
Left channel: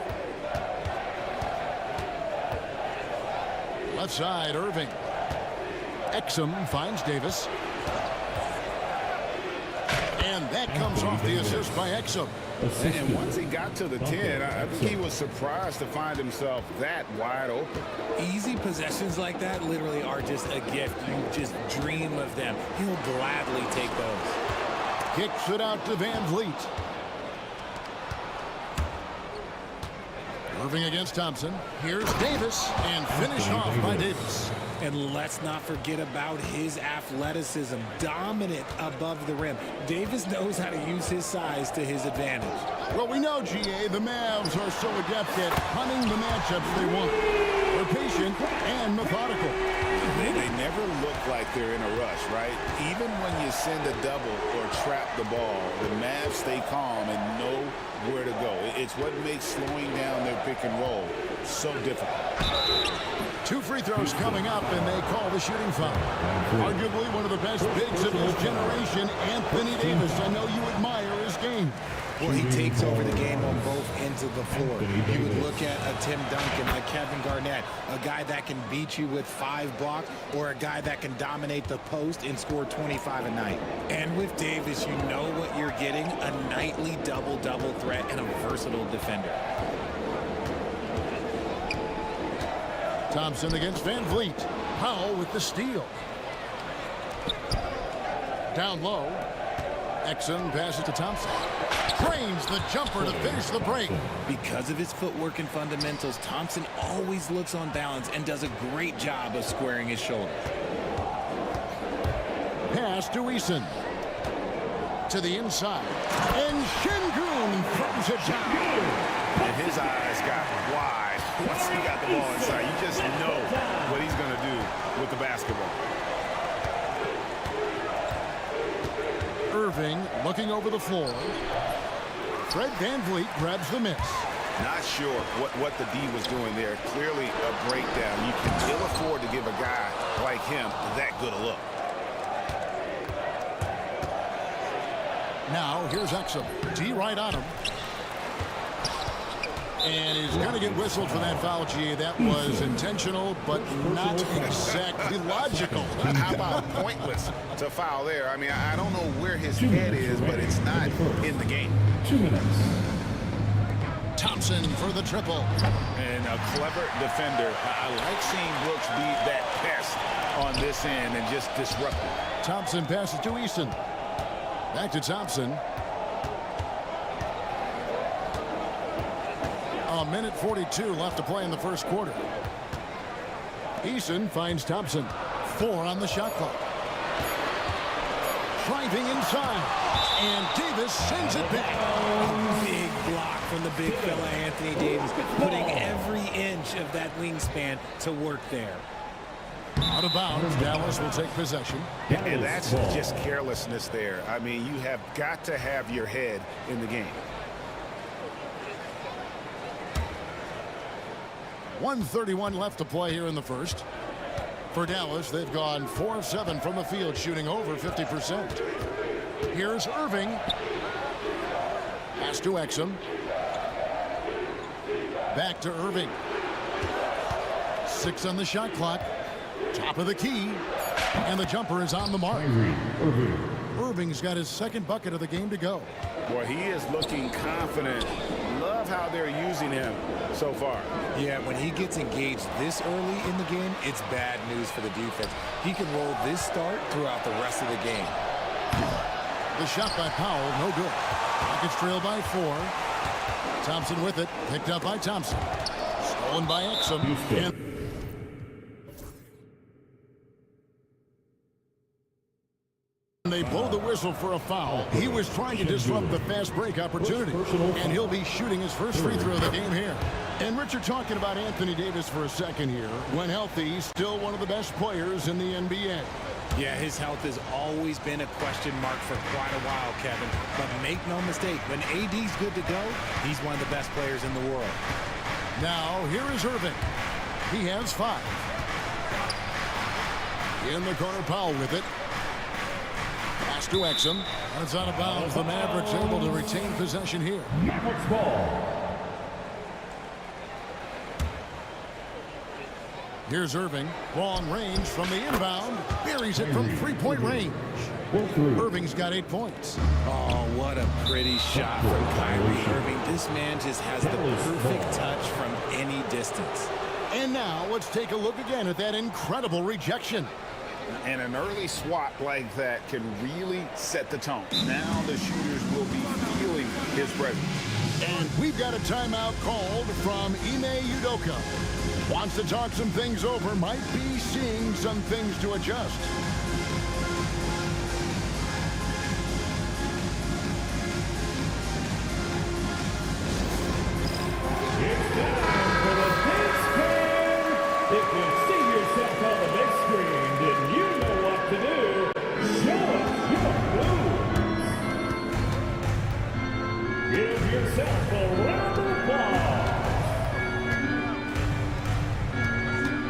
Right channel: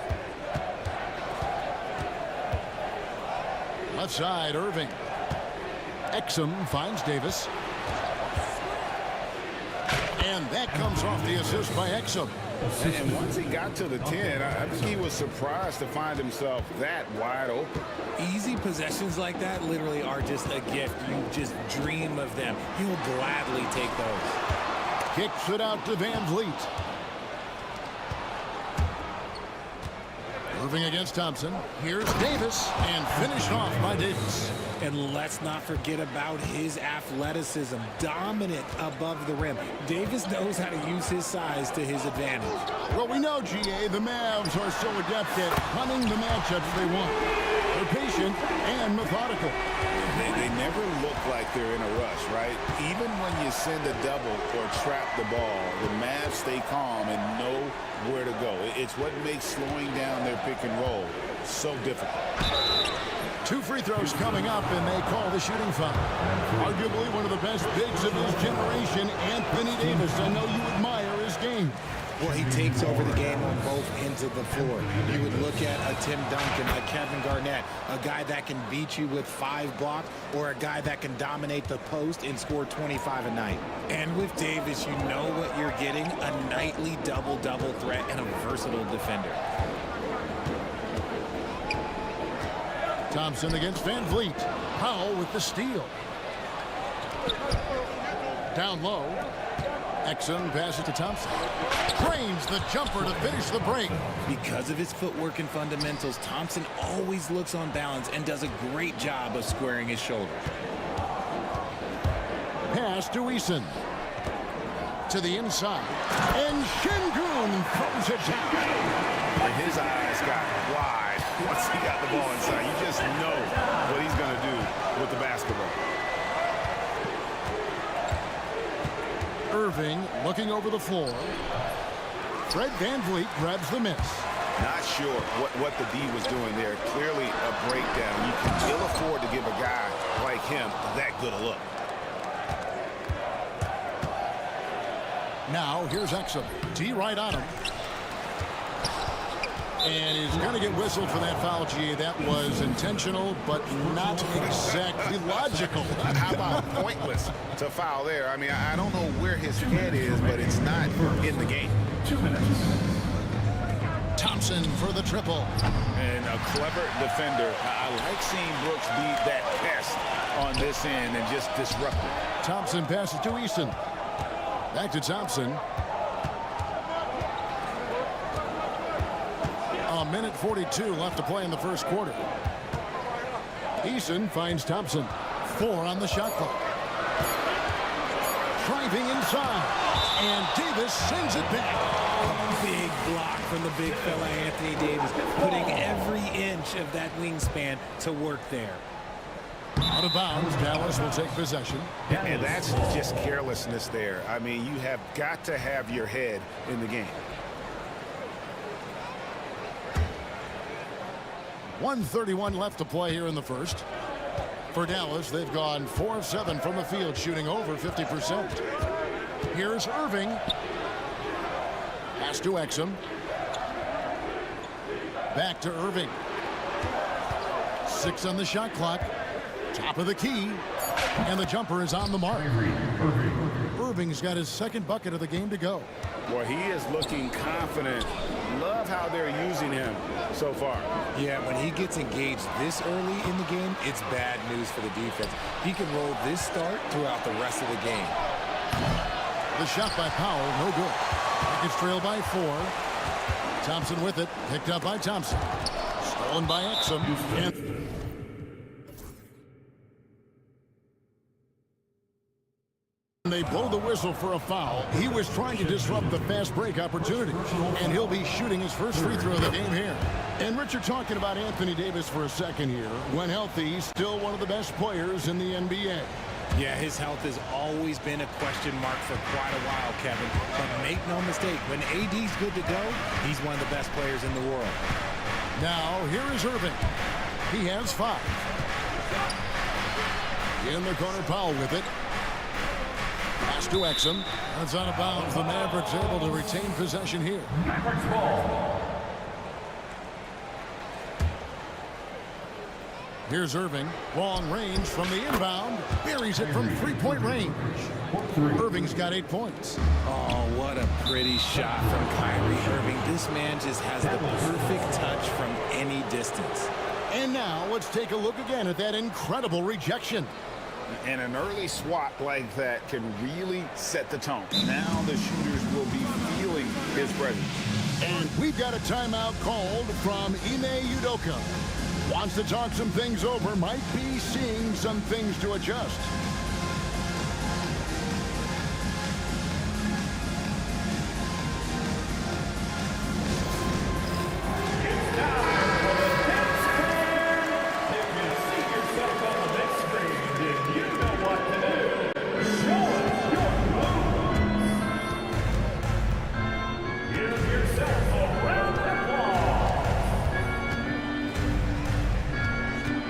Left side, Irving. Exum finds Davis. And that comes off the assist by Exum. And once he got to the 10, I think he was surprised to find himself that wide open. Easy possessions like that literally are just a gift. You just dream of them. He'll gladly take those. Kicks it out to Van Vliet. Irving against Thompson. Here's Davis, and finished off by Davis. And let's not forget about his athleticism. Dominant above the rim. Davis knows how to use his size to his advantage. Well, we know, GA, the Mavs are so adept at hunting the matchups they want. They're patient and methodical. They never look like they're in a rush, right? Even when you send a double or trap the ball, the Mavs stay calm and know where to go. It's what makes slowing down their pick and roll so difficult. 2 free throws coming up, and they call the shooting foul. Arguably one of the best bigs of his generation, Anthony Davis. I know you admire his game. Well, he takes over the game on both ends of the floor. You would look at a Tim Duncan, a Kevin Garnett, a guy that can beat you with 5 blocks, or a guy that can dominate the post and score 25 a night. And with Davis, you know what you're getting, a nightly double-double threat and a versatile defender. Thompson against Van Vliet. Powell with the steal. Down low. Exum passes to Thompson. Drains the jumper to finish the break. Because of his footwork and fundamentals, Thompson always looks on balance and does a great job of squaring his shoulders. Pass to Eason. To the inside. And Şengün throws it down. And his eyes got wide once he got the ball inside. You just know what he's going to do with the basketball. Irving looking over the floor. Fred Van Vliet grabs the miss. Not sure what the D was doing there. Clearly a breakdown. You can ill afford to give a guy like him that good a look. Now here's Exum. D right on him. And he's going to get whistled for that foul, GA. That was intentional, but not exactly logical. How about pointless to foul there? I mean, I don't know where his head is, but it's not in the game. 2 minutes. Thompson for the triple. And a clever defender. I like seeing Brooks be that pest on this end and just disrupt it. Thompson passes to Eason. Back to Thompson. A minute 42 left to play in the first quarter. Eason finds Thompson. 4 on the shot clock. Driving inside. And Davis sends it back. A big block from the big fella Anthony Davis, putting every inch of that wingspan to work there. Out of bounds, Dallas will take possession. And that's just carelessness there. I mean, you have got to have your head in the game. 1:31 left to play here in the first. For Dallas, they've gone 4 of 7 from the field, shooting over 50%. Here's Irving. Pass to Exum. Back to Irving. 6 on the shot clock. Top of the key. And the jumper is on the mark. Irving's got his second bucket of the game to go. Boy, he is looking confident. Love how they're using him so far. Yeah, when he gets engaged this early in the game, it's bad news for the defense. He can roll this start throughout the rest of the game. The shot by Powell, no good. Rockets trail by 4. Thompson with it, picked up by Thompson. Stolen by Exum. And they blow the whistle for a foul. He was trying to disrupt the fast break opportunity, and he'll be shooting his first free throw of the game here. And Richard, talking about Anthony Davis for a second here. When healthy, he's still one of the best players in the NBA. Yeah, his health has always been a question mark for quite a while, Kevin. But make no mistake, when AD's good to go, he's one of the best players in the world. Now, here is Irving. He has 5. In the corner, Powell with it. Pass to Exum, and it's out of bounds. The Mavericks able to retain possession here. Mavericks ball. Here's Irving. Long range from the inbound. Buries it from three-point range. Irving's got 8 points. Oh, what a pretty shot from Kyrie Irving. This man just has the perfect touch from any distance. And now let's take a look again at that incredible rejection. And an early swat like that can really set the tone. Now the shooters will be feeling his presence. And we've got a timeout called from Ime Udoka. Wants to talk some things over, might be seeing some things to adjust. It's time for the big screen. If you see yourself on the big screen, then you know what to do. Show us your moves. Give yourself a round of applause.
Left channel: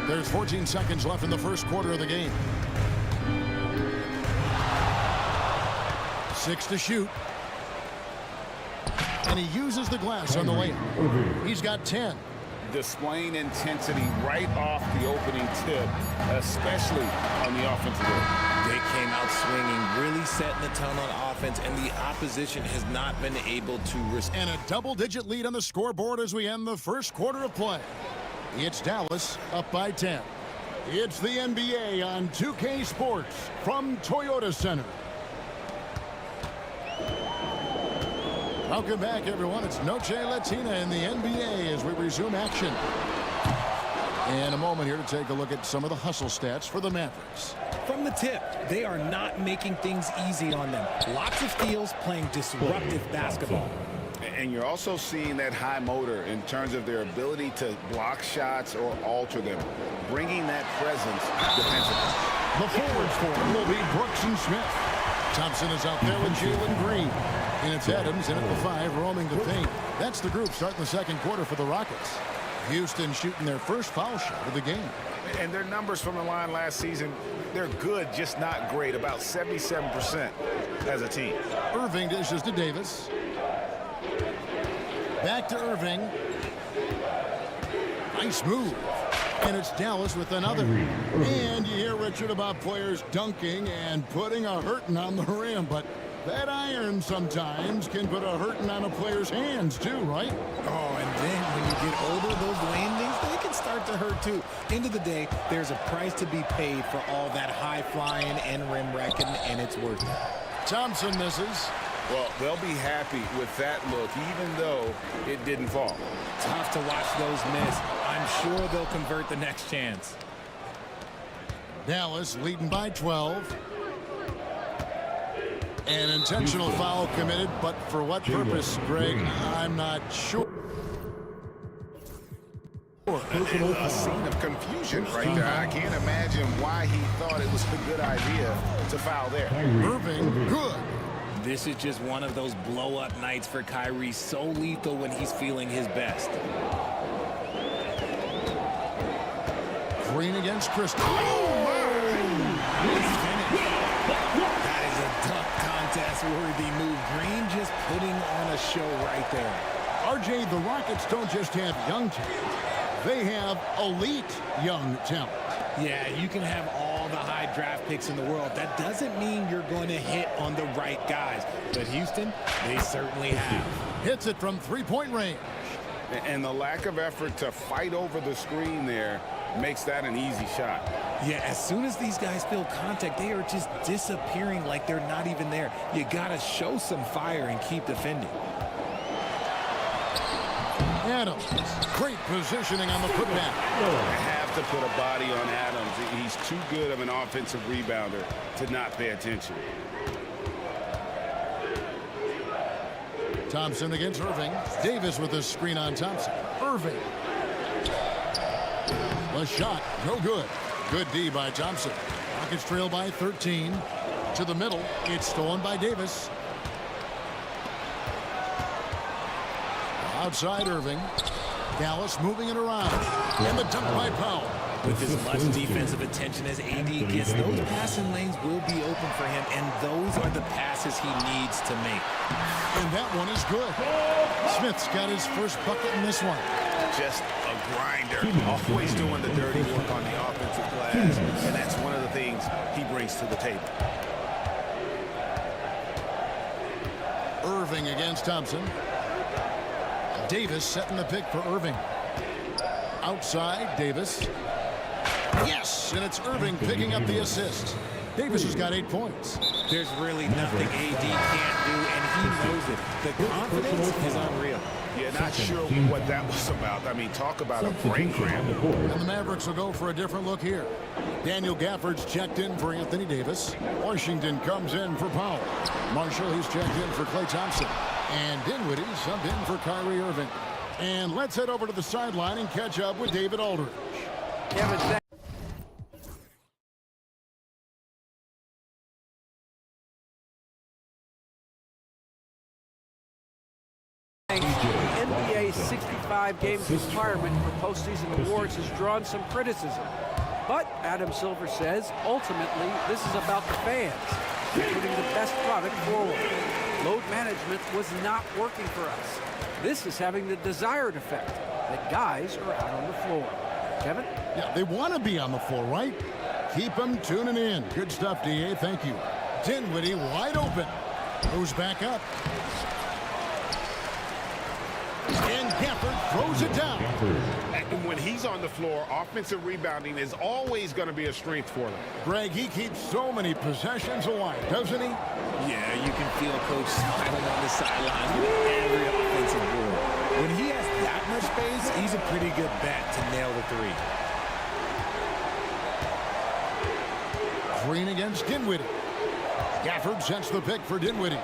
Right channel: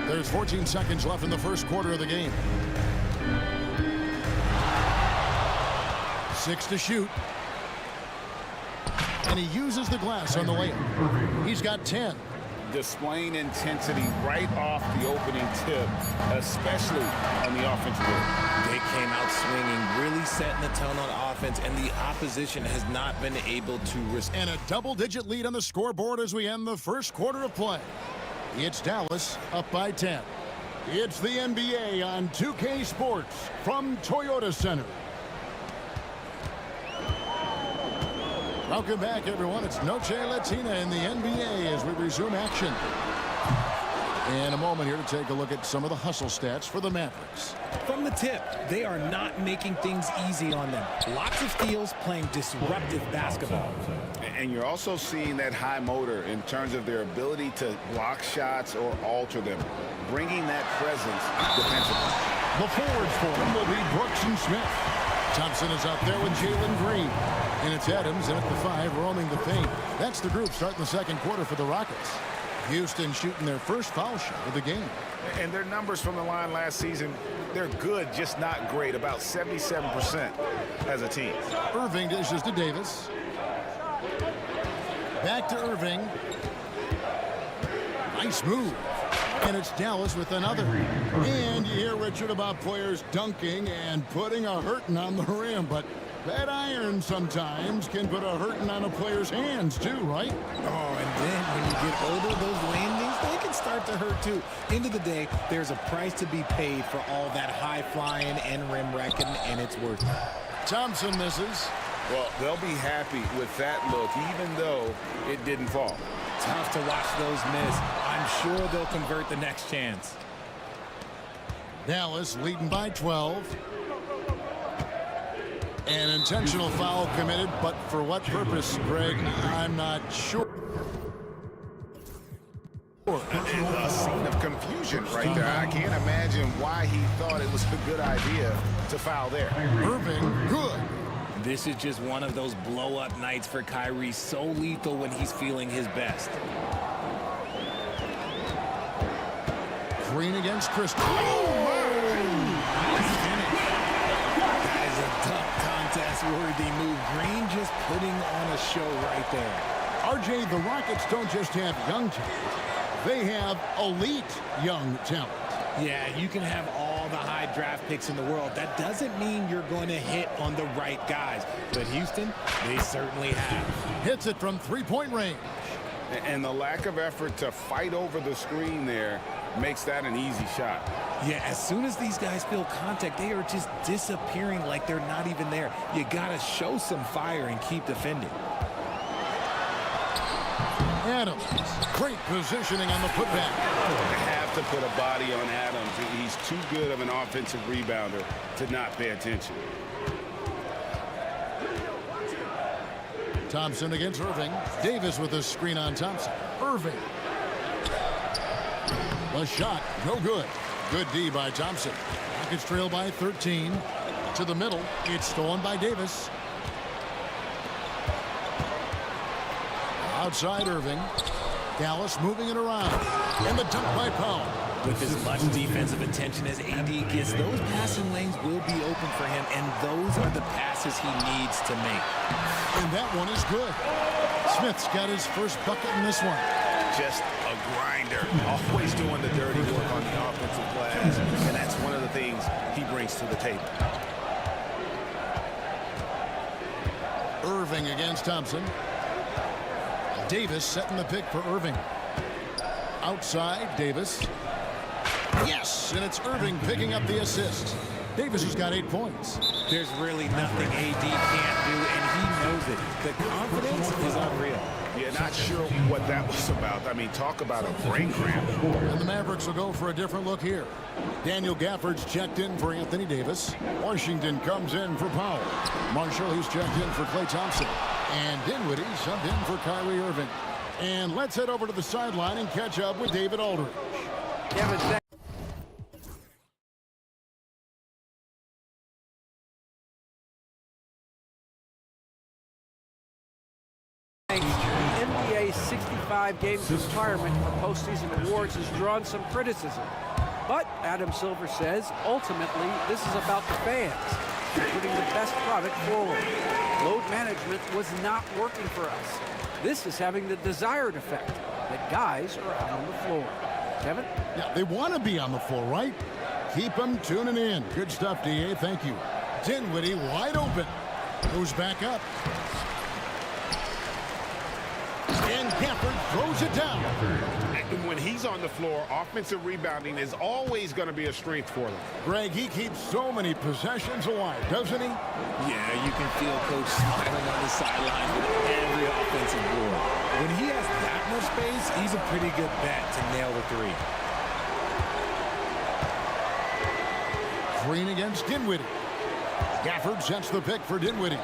There's 14 seconds left in the first quarter of the game. 6 to shoot. And he uses the glass on the layup. He's got 10. Displaying intensity right off the opening tip, especially on the offensive end. They came out swinging, really setting the tone on offense, and the opposition has not been able to respond. And a double-digit lead on the scoreboard as we end the first quarter of play. It's Dallas up by 10. It's the NBA on 2K Sports from Toyota Center. Welcome back, everyone. It's Noche Latina in the NBA as we resume action. In a moment here to take a look at some of the hustle stats for the Mavericks. From the tip, they are not making things easy on them. Lots of steals, playing disruptive basketball. And you're also seeing that high motor in terms of their ability to block shots or alter them, bringing that presence defensively. The forwards for him will be Brooks and Smith. Thompson is out there with Jalen Green. And it's Adams in at the 5, roaming the paint. That's the group starting the second quarter for the Rockets. Houston shooting their first foul shot of the game. And their numbers from the line last season, they're good, just not great, about 77% as a team. Irving dishes to Davis. Back to Irving. Nice move. And it's Dallas with another. And you hear, Richard, about players dunking and putting a hurting on the rim, but that iron sometimes can put a hurting on a player's hands too, right? Oh, and then when you get older, those landings, they can start to hurt too. End of the day, there's a price to be paid for all that high flying and rim wrecking, and it's worth it. Thompson misses. Well, they'll be happy with that look, even though it didn't fall. Tough to watch those miss. I'm sure they'll convert the next chance. Dallas leading by 12. An intentional foul committed, but for what purpose, Greg, I'm not sure. A scene of confusion right there. I can't imagine why he thought it was a good idea to foul there. Irving, good. This is just one of those blow-up nights for Kyrie, so lethal when he's feeling his best. Green against Crystal. Oh, nice finish. That is a tough contest-worthy move. Green just putting on a show right there. RJ, the Rockets don't just have young talent. They have elite young talent. Yeah, you can have all the high draft picks in the world. That doesn't mean you're going to hit on the right guys. But Houston, they certainly have. Hits it from three-point range. And the lack of effort to fight over the screen there makes that an easy shot. Yeah, as soon as these guys feel contact, they are just disappearing like they're not even there. You got to show some fire and keep defending. Adams, great positioning on the putback. You have to put a body on Adams. He's too good of an offensive rebounder to not pay attention. Thompson against Irving. Davis with a screen on Thompson. Irving. The shot, no good. Good D by Thompson. Rockets trail by 13. To the middle, it's stolen by Davis. Outside Irving. Dallas moving it around. And the dunk by Powell. With as much defensive attention as AD gets, those passing lanes will be open for him, and those are the passes he needs to make. And that one is good. Smith's got his first bucket in this one. Just a grinder, always doing the dirty work on the offensive glass, and that's one of the things he brings to the table. Irving against Thompson. Davis setting the pick for Irving. Outside, Davis. Yes, and it's Irving picking up the assist. Davis has got 8 points. There's really nothing AD can't do, and he knows it. The confidence is unreal. Yeah, not sure what that was about. I mean, talk about a brain cramp. And the Mavericks will go for a different look here. Daniel Gafford's checked in for Anthony Davis. Washington comes in for Powell. Marshall, he's checked in for Klay Thompson. And Dinwiddie subbed in for Kyrie Irving. And let's head over to the sideline and catch up with David Aldridge. Kevin, the NBA 65 games requirement for postseason awards has drawn some criticism. But Adam Silver says, ultimately, this is about the fans and putting the best product forward. Load management was not working for us. This is having the desired effect, that guys are out on the floor. Kevin? Yeah, they want to be on the floor, right? Keep them tuning in. Good stuff, DA. Thank you. Dinwiddie wide open. Goes back up. And Gafford throws it down. And when he's on the floor, offensive rebounding is always going to be a strength for them. Greg, he keeps so many possessions alive, doesn't he? Yeah, you can feel Coach smiling on the sidelines with every offensive board. When he has that much space, he's a pretty good bet to nail the three. Green against Dinwiddie. Gafford sets the pick for Dinwiddie.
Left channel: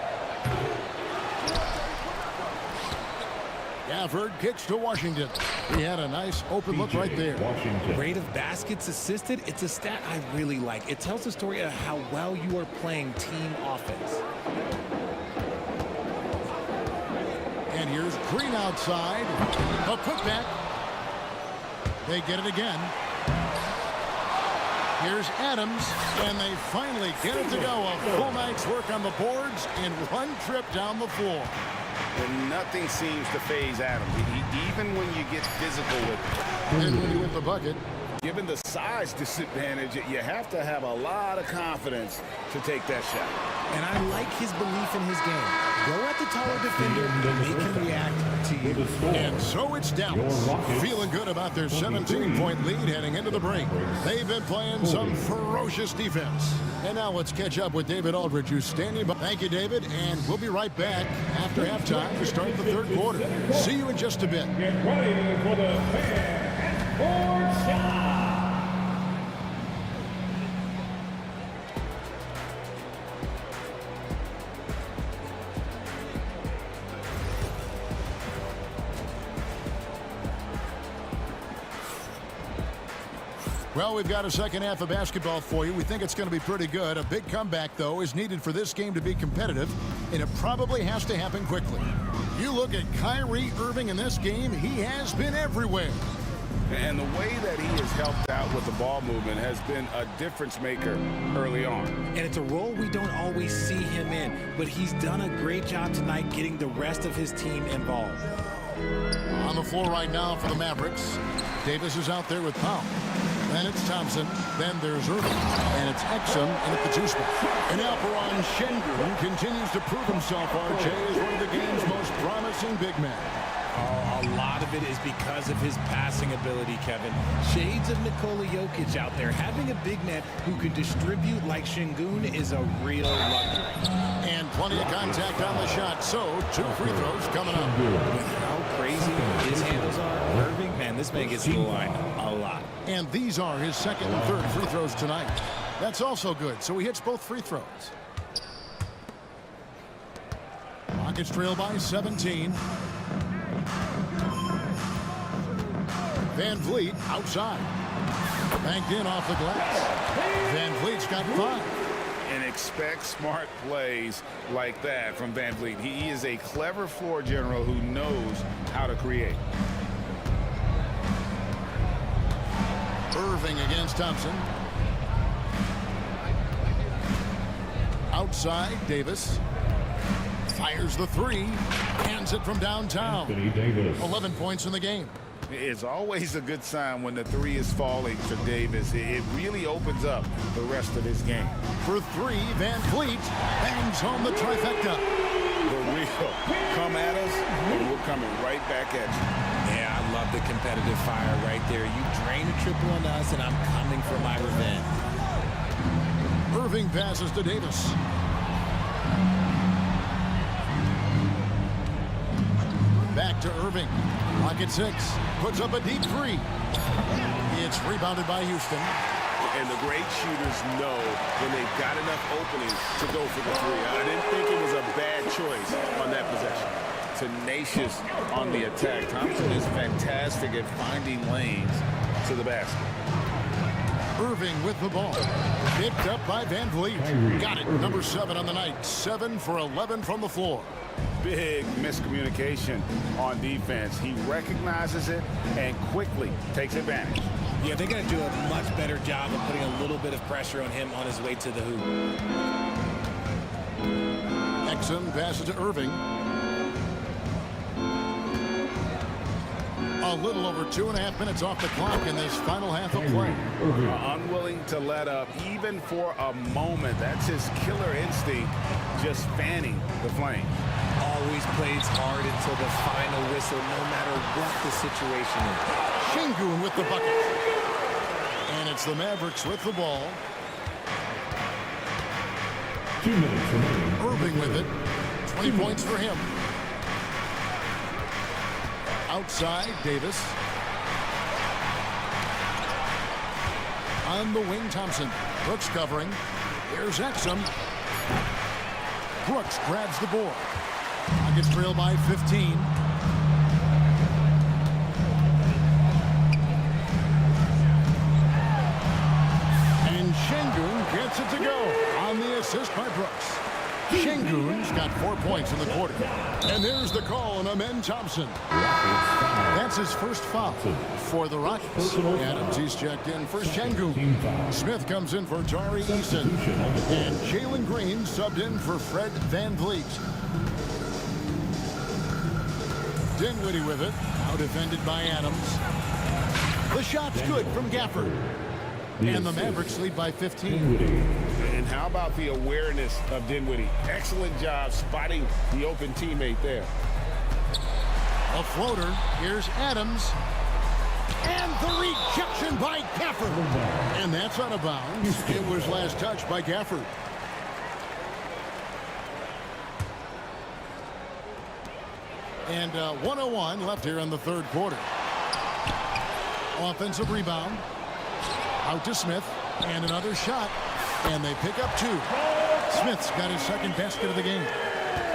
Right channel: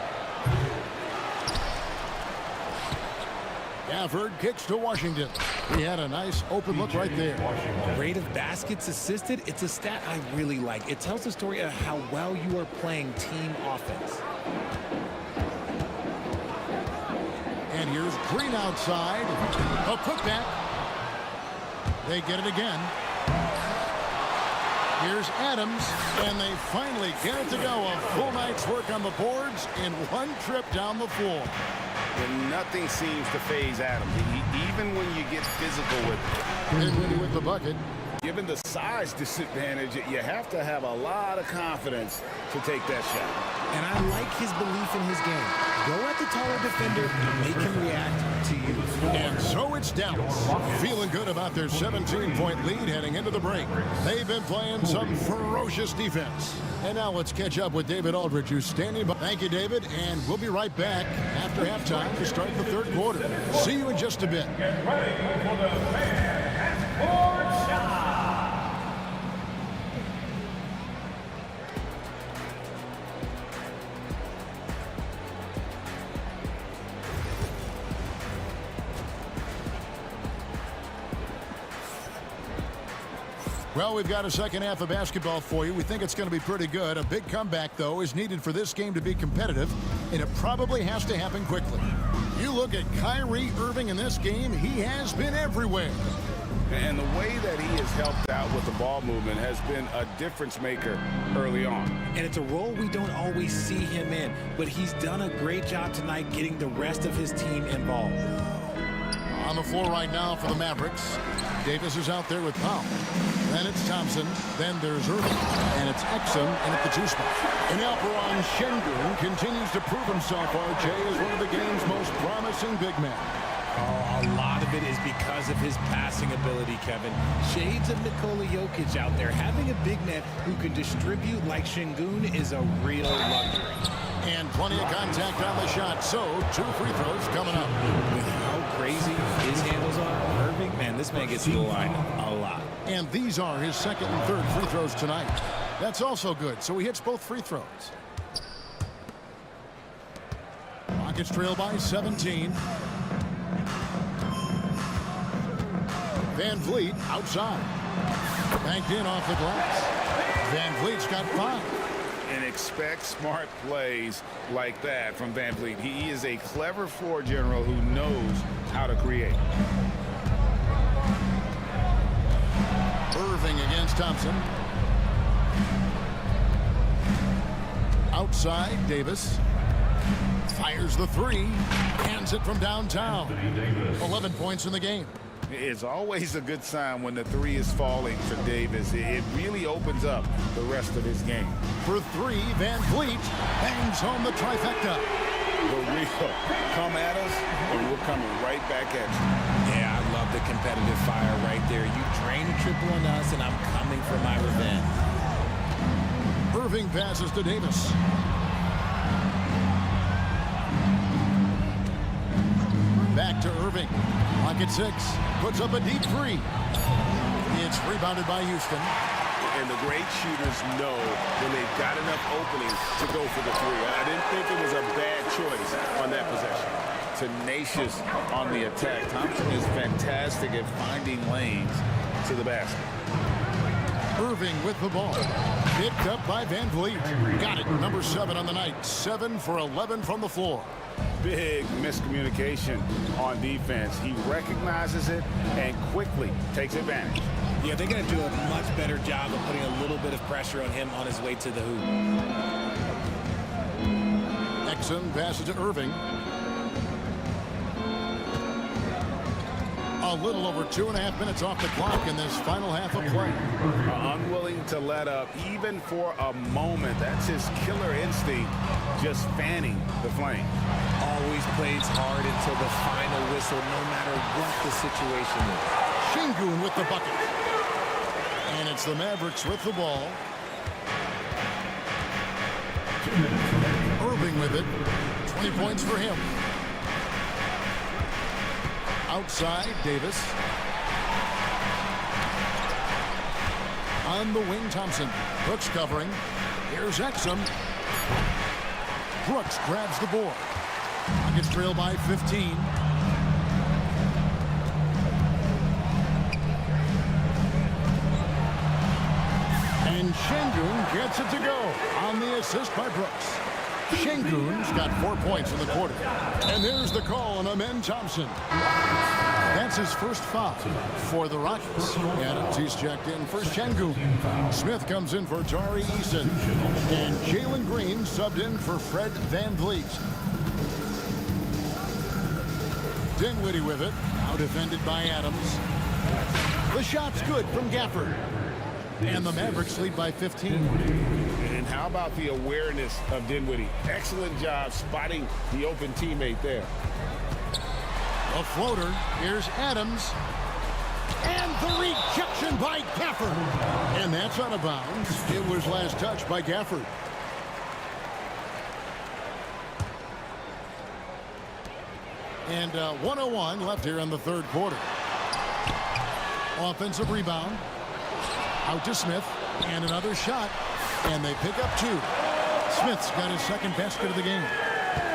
Gafford kicks to Washington. He had a nice open look right there. Rate of baskets assisted, it's a stat I really like. It tells the story of how well you are playing team offense. And here's Green outside. A putback. They get it again. Here's Adams, and they finally get it to go. A full night's work on the boards in one trip down the floor. And nothing seems to phase Adams. Even when you get physical with him. Dinwiddie with the bucket. Given the size disadvantage, you have to have a lot of confidence to take that shot. And I like his belief in his game. Go at the taller defender, make him react to you. And so it's Dallas, feeling good about their 17-point lead heading into the break. They've been playing some ferocious defense. And now let's catch up with David Aldridge, who's standing by. Thank you, David, and we'll be right back after halftime to start the third quarter. See you in just a bit. Get ready for the fan and sports shot. Well, we've got a second half of basketball for you. We think it's going to be pretty good. A big comeback, though, is needed for this game to be competitive, and it probably has to happen quickly. You look at Kyrie Irving in this game, he has been everywhere. And the way that he has helped out with the ball movement has been a difference maker early on. And it's a role we don't always see him in, but he's done a great job tonight getting the rest of his team involved. On the floor right now for the Mavericks, Davis is out there with Powell. Then it's Thompson, then there's Irving, and it's Exum in at the 2 spot. And Alperon Şengün continues to prove himself, RJ, as one of the game's most promising big men. Oh, a lot of it is because of his passing ability, Kevin. Shades of Nikola Jokic out there. Having a big man who can distribute like Şengün is a real luxury. And plenty of contact on the shot, so 2 free throws coming up. With how crazy his handles are, Irving, man, this man gets to the line a lot. And these are his second and third free throws tonight. That's also good, so he hits both free throws. Rockets trail by 17. Van Vliet outside. Banked in off the glass. Van Vliet's got 5. And expect smart plays like that from Van Vliet. He is a clever floor general who knows how to create. Irving against Thompson. Outside, Davis. Fires the 3. Hands it from downtown. 11 points in the game. It's always a good sign when the 3 is falling for Davis. It really opens up the rest of his game. For 3, Van Vliet bangs home the trifecta. The real come at us, and we're coming right back at you. Yeah, I love the competitive fire right there. You drain a triple on us, and I'm coming for my revenge. Irving passes to Davis. Back to Irving. Rocket 6 puts up a deep 3. It's rebounded by Houston. And the great shooters know when they've got enough opening to go for the 3. I didn't think it was a bad choice on that possession. Tenacious on the attack. Thompson is fantastic at finding lanes to the basket. Irving with the ball. Picked up by Van Vliet. Got it. Number 7 on the night. 7 for 11 from the floor. Big miscommunication on defense. He recognizes it and quickly takes advantage. Yeah, they're going to do a much better job of putting a little bit of pressure on him on his way to the hoop. Exum passes to Irving. A little over 2.5 minutes off the clock in this final half of play. Unwilling to let up even for a moment. That's his killer instinct, just fanning the flame. Always plays hard until the final whistle, no matter what the situation is. Şengün with the bucket. And it's the Mavericks with the ball. 2 minutes remaining. Irving with it. 20 points for him. Outside, Davis. On the wing, Thompson. Brooks covering. Here's Exum. Brooks grabs the board. Rockets trail by 15. And Şengün gets it to go on the assist by Brooks. Şengün's got 4 points in the quarter. And there's the call on Amen Thompson. That's his first foul for the Rockets. Adams, he's checked in for Şengün. Smith comes in for Tari Eason. And Jalen Green subbed in for Fred Van Vliet. Dinwiddie with it. Now defended by Adams. The shot's good from Gafford. And the Mavericks lead by 15. And how about the awareness of Dinwiddie? Excellent job spotting the open teammate there. A floater. Here's Adams. And the rejection by Gafford. And that's out of bounds. It was last touched by Gafford. And 1:01 left here in the third quarter. Offensive rebound. Out to Smith. And another shot. And they pick up 2. Smith's got his second basket of the game.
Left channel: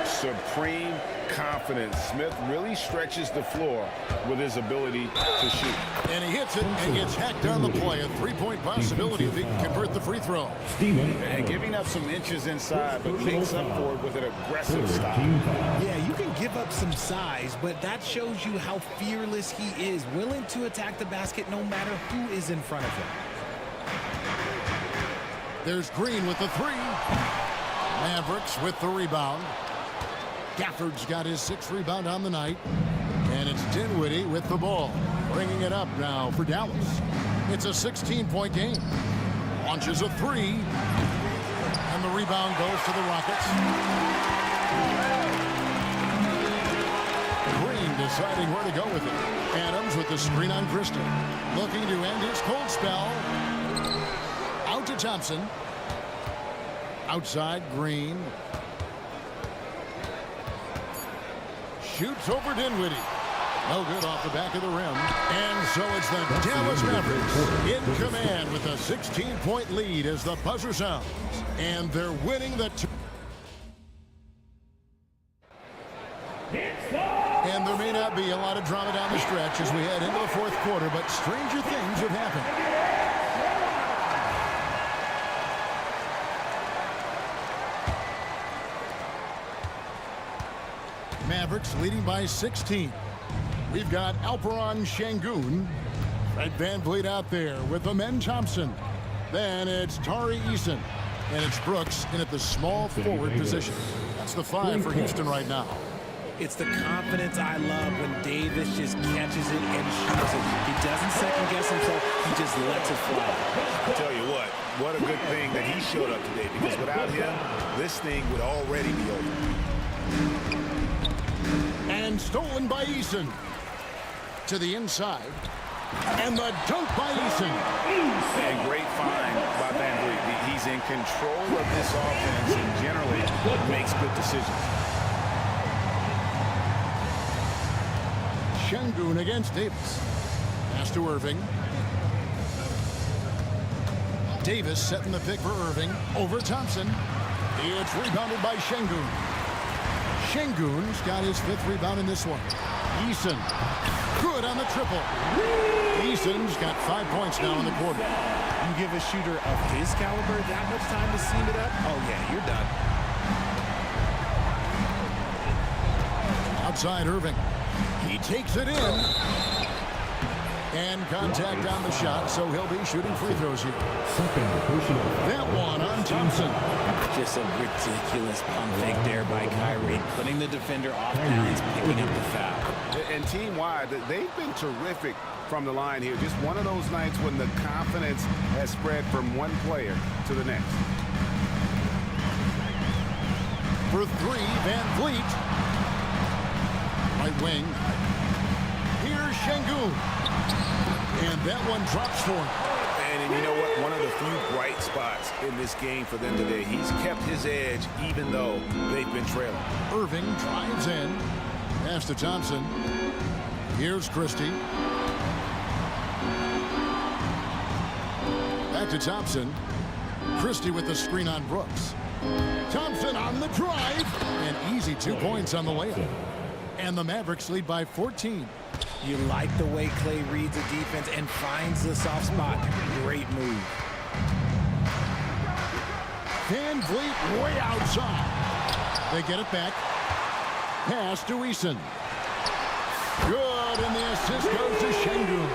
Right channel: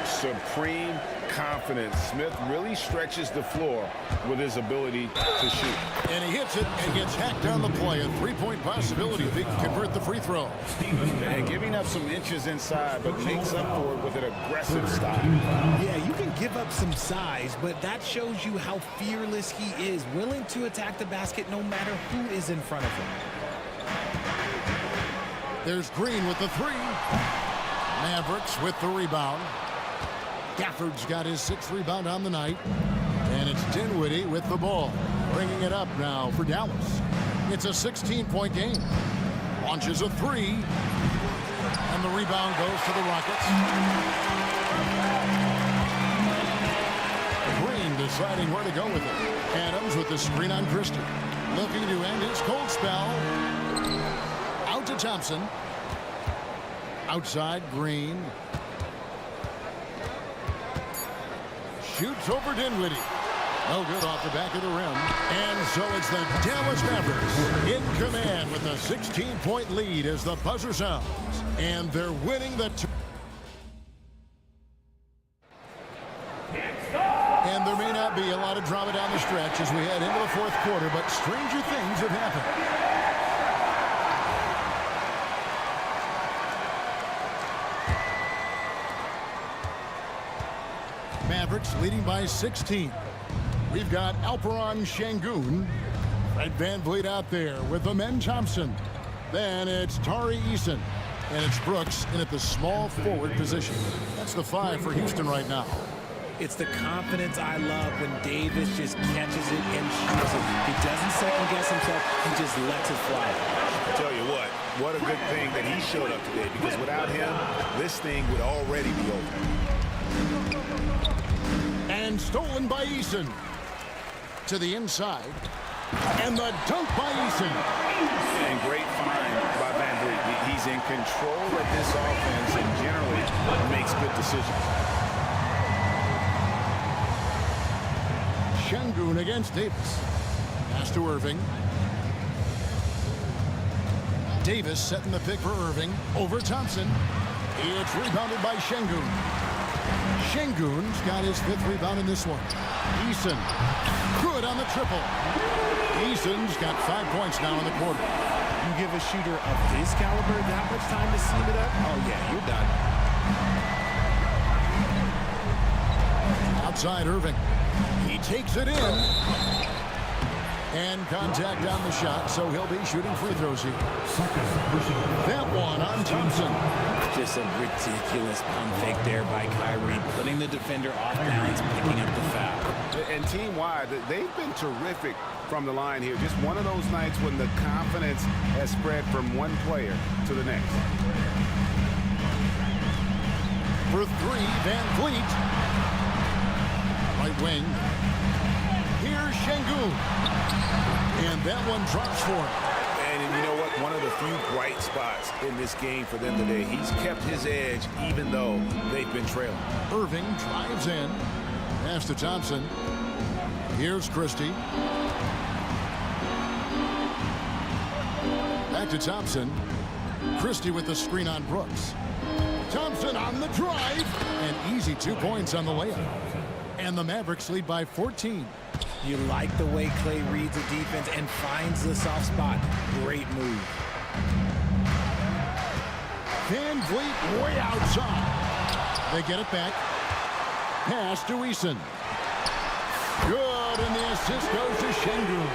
Supreme confidence. Smith really stretches the floor with his ability to shoot. And he hits it and gets hacked on the play. A 3-point possibility if he can convert the free throw. And giving up some inches inside, but makes up for it with an aggressive style. Yeah, you can give up some size, but that shows you how fearless he is, willing to attack the basket no matter who is in front of him. There's Green with the 3. Mavericks with the rebound. Gafford's got his 6th rebound on the night. And it's Dinwiddie with the ball. Bringing it up now for Dallas. It's a 16-point game. Launches a 3. And the rebound goes to the Rockets. Green Wing deciding where to go with it. Adams with the screen on Christie. Looking to end his cold spell. Out to Thompson. Outside, Green. Shoots over Dinwiddie. No good off the back of the rim. And so it's the Dallas Mavericks in command with a 16-point lead as the buzzer sounds. And they're winning the... And there may not be a lot of drama down the stretch as we head into the fourth quarter, but stranger things have happened. Mavericks leading by 16. We've got Alperon Şengün. Fred VanVleet out there with Amen Thompson. Then it's Tari Eason. And it's Brooks in at the small forward position. That's the 5 for Houston right now. It's the confidence I love when Davis just catches it and shoots it. He doesn't second guess himself. He just lets it fly. I tell you what a good thing that he showed up today, because without him, this thing would already be over. And stolen by Eason. To the inside. And the dunk by Eason. And great find by VanVleet. He's in control of this offense and generally makes good decisions. Şengün against Davis. Pass to Irving. Davis setting the pick for Irving. Over Thompson. It's rebounded by Şengün. Şengün's got his 5th rebound in this one. Eason. Good on the triple. Eason's got 5 points now in the quarter. You give a shooter of his caliber that much time to seam it up? Oh, yeah, you're done. Outside Irving. He takes it in. And contact on the shot, so he'll be shooting free throws here. That one on Thompson. Just a ridiculous pump fake there by Kyrie, putting the defender off balance, picking up the foul. And team-wide, they've been terrific from the line here. Just one of those nights when the confidence has spread from one player to the next. For 3, VanVleet. Right wing. Here's Şengün. And that one drops for him. And you know what? One of the few bright spots in this game for them today. He's kept his edge even though they've been trailing. Irving drives in. Pass to Thompson. Here's Christie. Back to Thompson. Christie with the screen on Brooks. Thompson on the drive. And easy 2 points on the layup. And the Mavericks lead by 14. You like the way Clay reads a defense and finds the soft spot. Great move. VanVleet way outside. They get it back. Pass to Eason. Good, and the assist goes to Şengün.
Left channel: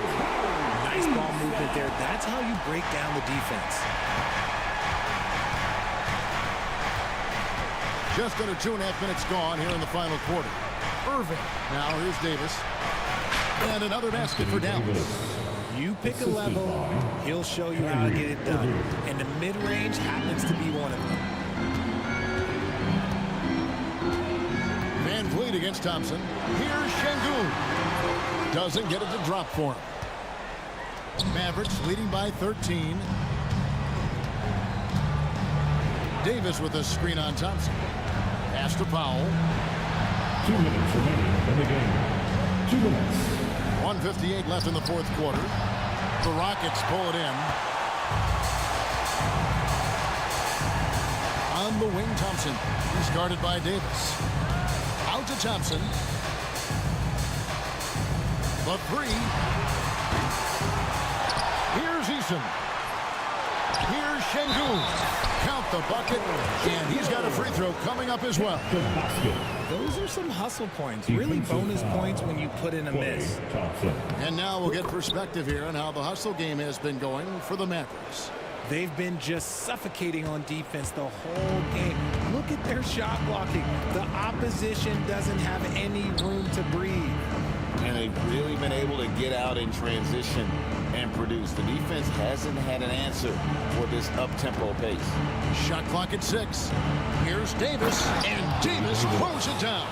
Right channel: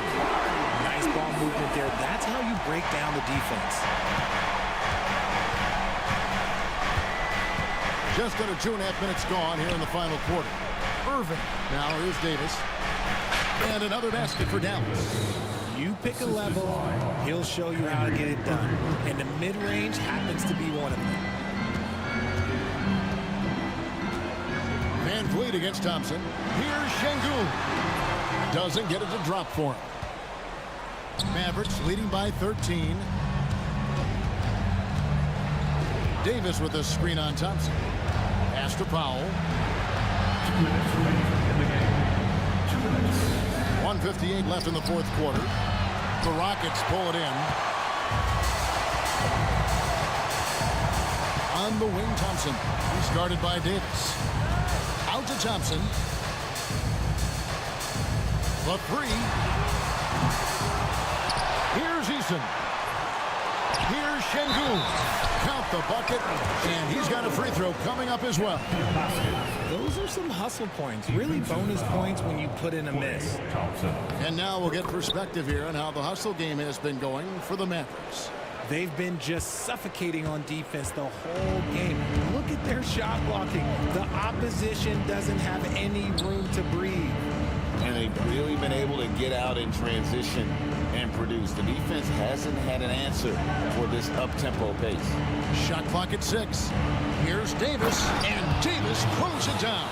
Nice ball movement there. That's how you break down the defense. Just under 2.5 minutes gone here in the final quarter. Irving. Now here's Davis. And another basket for Dallas. You pick a level, he'll show you how to get it done. And the mid-range happens to be one of them. VanVleet against Thompson. Here's Şengün. Doesn't get it to drop for him. Mavericks leading by 13. Davis with a screen on Thompson. Pass to Powell. 2 minutes remaining in the game. 2 minutes. 1:58 left in the fourth quarter. The Rockets pull it in. On the wing, Thompson. He's guarded by Davis. Out to Thompson. The 3. Here's Eason. Here's Şengün. Count the bucket, and he's got a free throw coming up as well. Those are some hustle points, really bonus points when you put in a miss. And now we'll get perspective here on how the hustle game has been going for the Mavericks. They've been just suffocating on defense the whole game. Look at their shot blocking. The opposition doesn't have any room to breathe. And they've really been able to get out in transition and produce. The defense hasn't had an answer for this up-tempo pace. Shot clock at 6. Here's Davis, and Davis throws it down.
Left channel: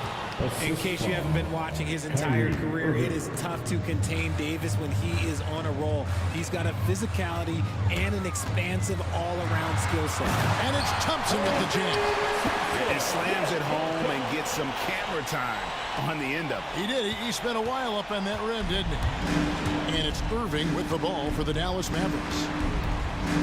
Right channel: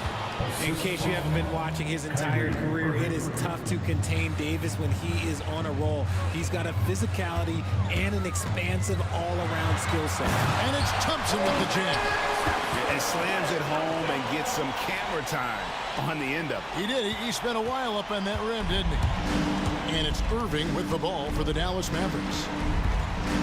In case you haven't been watching his entire career, it is tough to contain Davis when he is on a roll. He's got a physicality and an expansive all-around skill set. And it's Thompson with the jam. And slams it home and gets some camera time on the end of it. He did. He spent a while up on that rim, didn't he? And it's Irving with the ball for the Dallas Mavericks.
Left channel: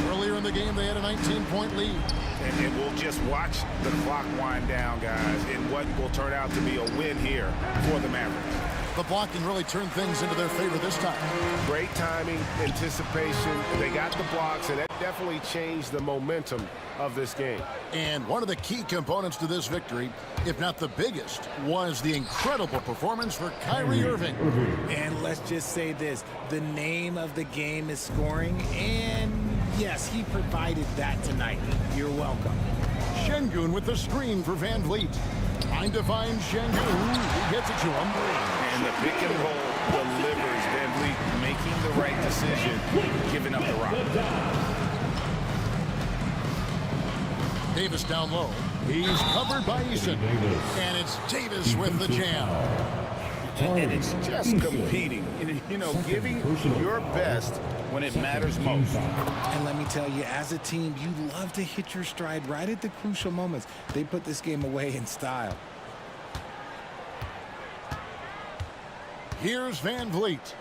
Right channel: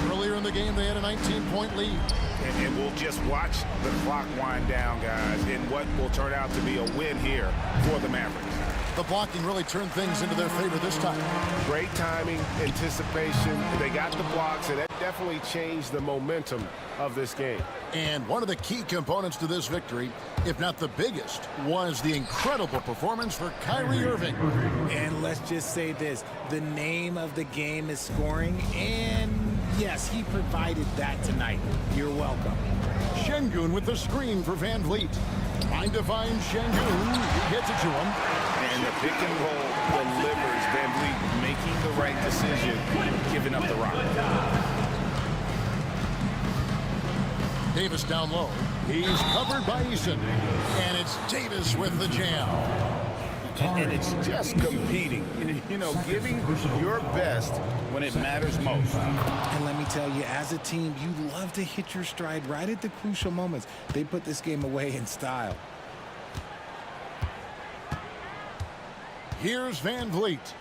Earlier in the game, they had a 19-point lead. And we'll just watch the clock wind down, guys, in what will turn out to be a win here for the Mavericks. The blocking really turned things into their favor this time. Great timing, anticipation. They got the blocks, and that definitely changed the momentum of this game. And one of the key components to this victory, if not the biggest, was the incredible performance for Kyrie Irving. And let's just say this, the name of the game is scoring, and yes, he provided that tonight. You're welcome. Şengün with the screen for Van Vliet. Trying to find Şengün. He gets it to him. And the pick and roll delivers. Van Vliet making the right decision, giving up the rock. Davis down low. He's covered by Eason. And it's Davis with the jam. And it's just competing, you know, giving your best when it matters most. And let me tell you, as a team, you love to hit your stride right at the crucial moments. They put this game away in style. Here's Van Vliet.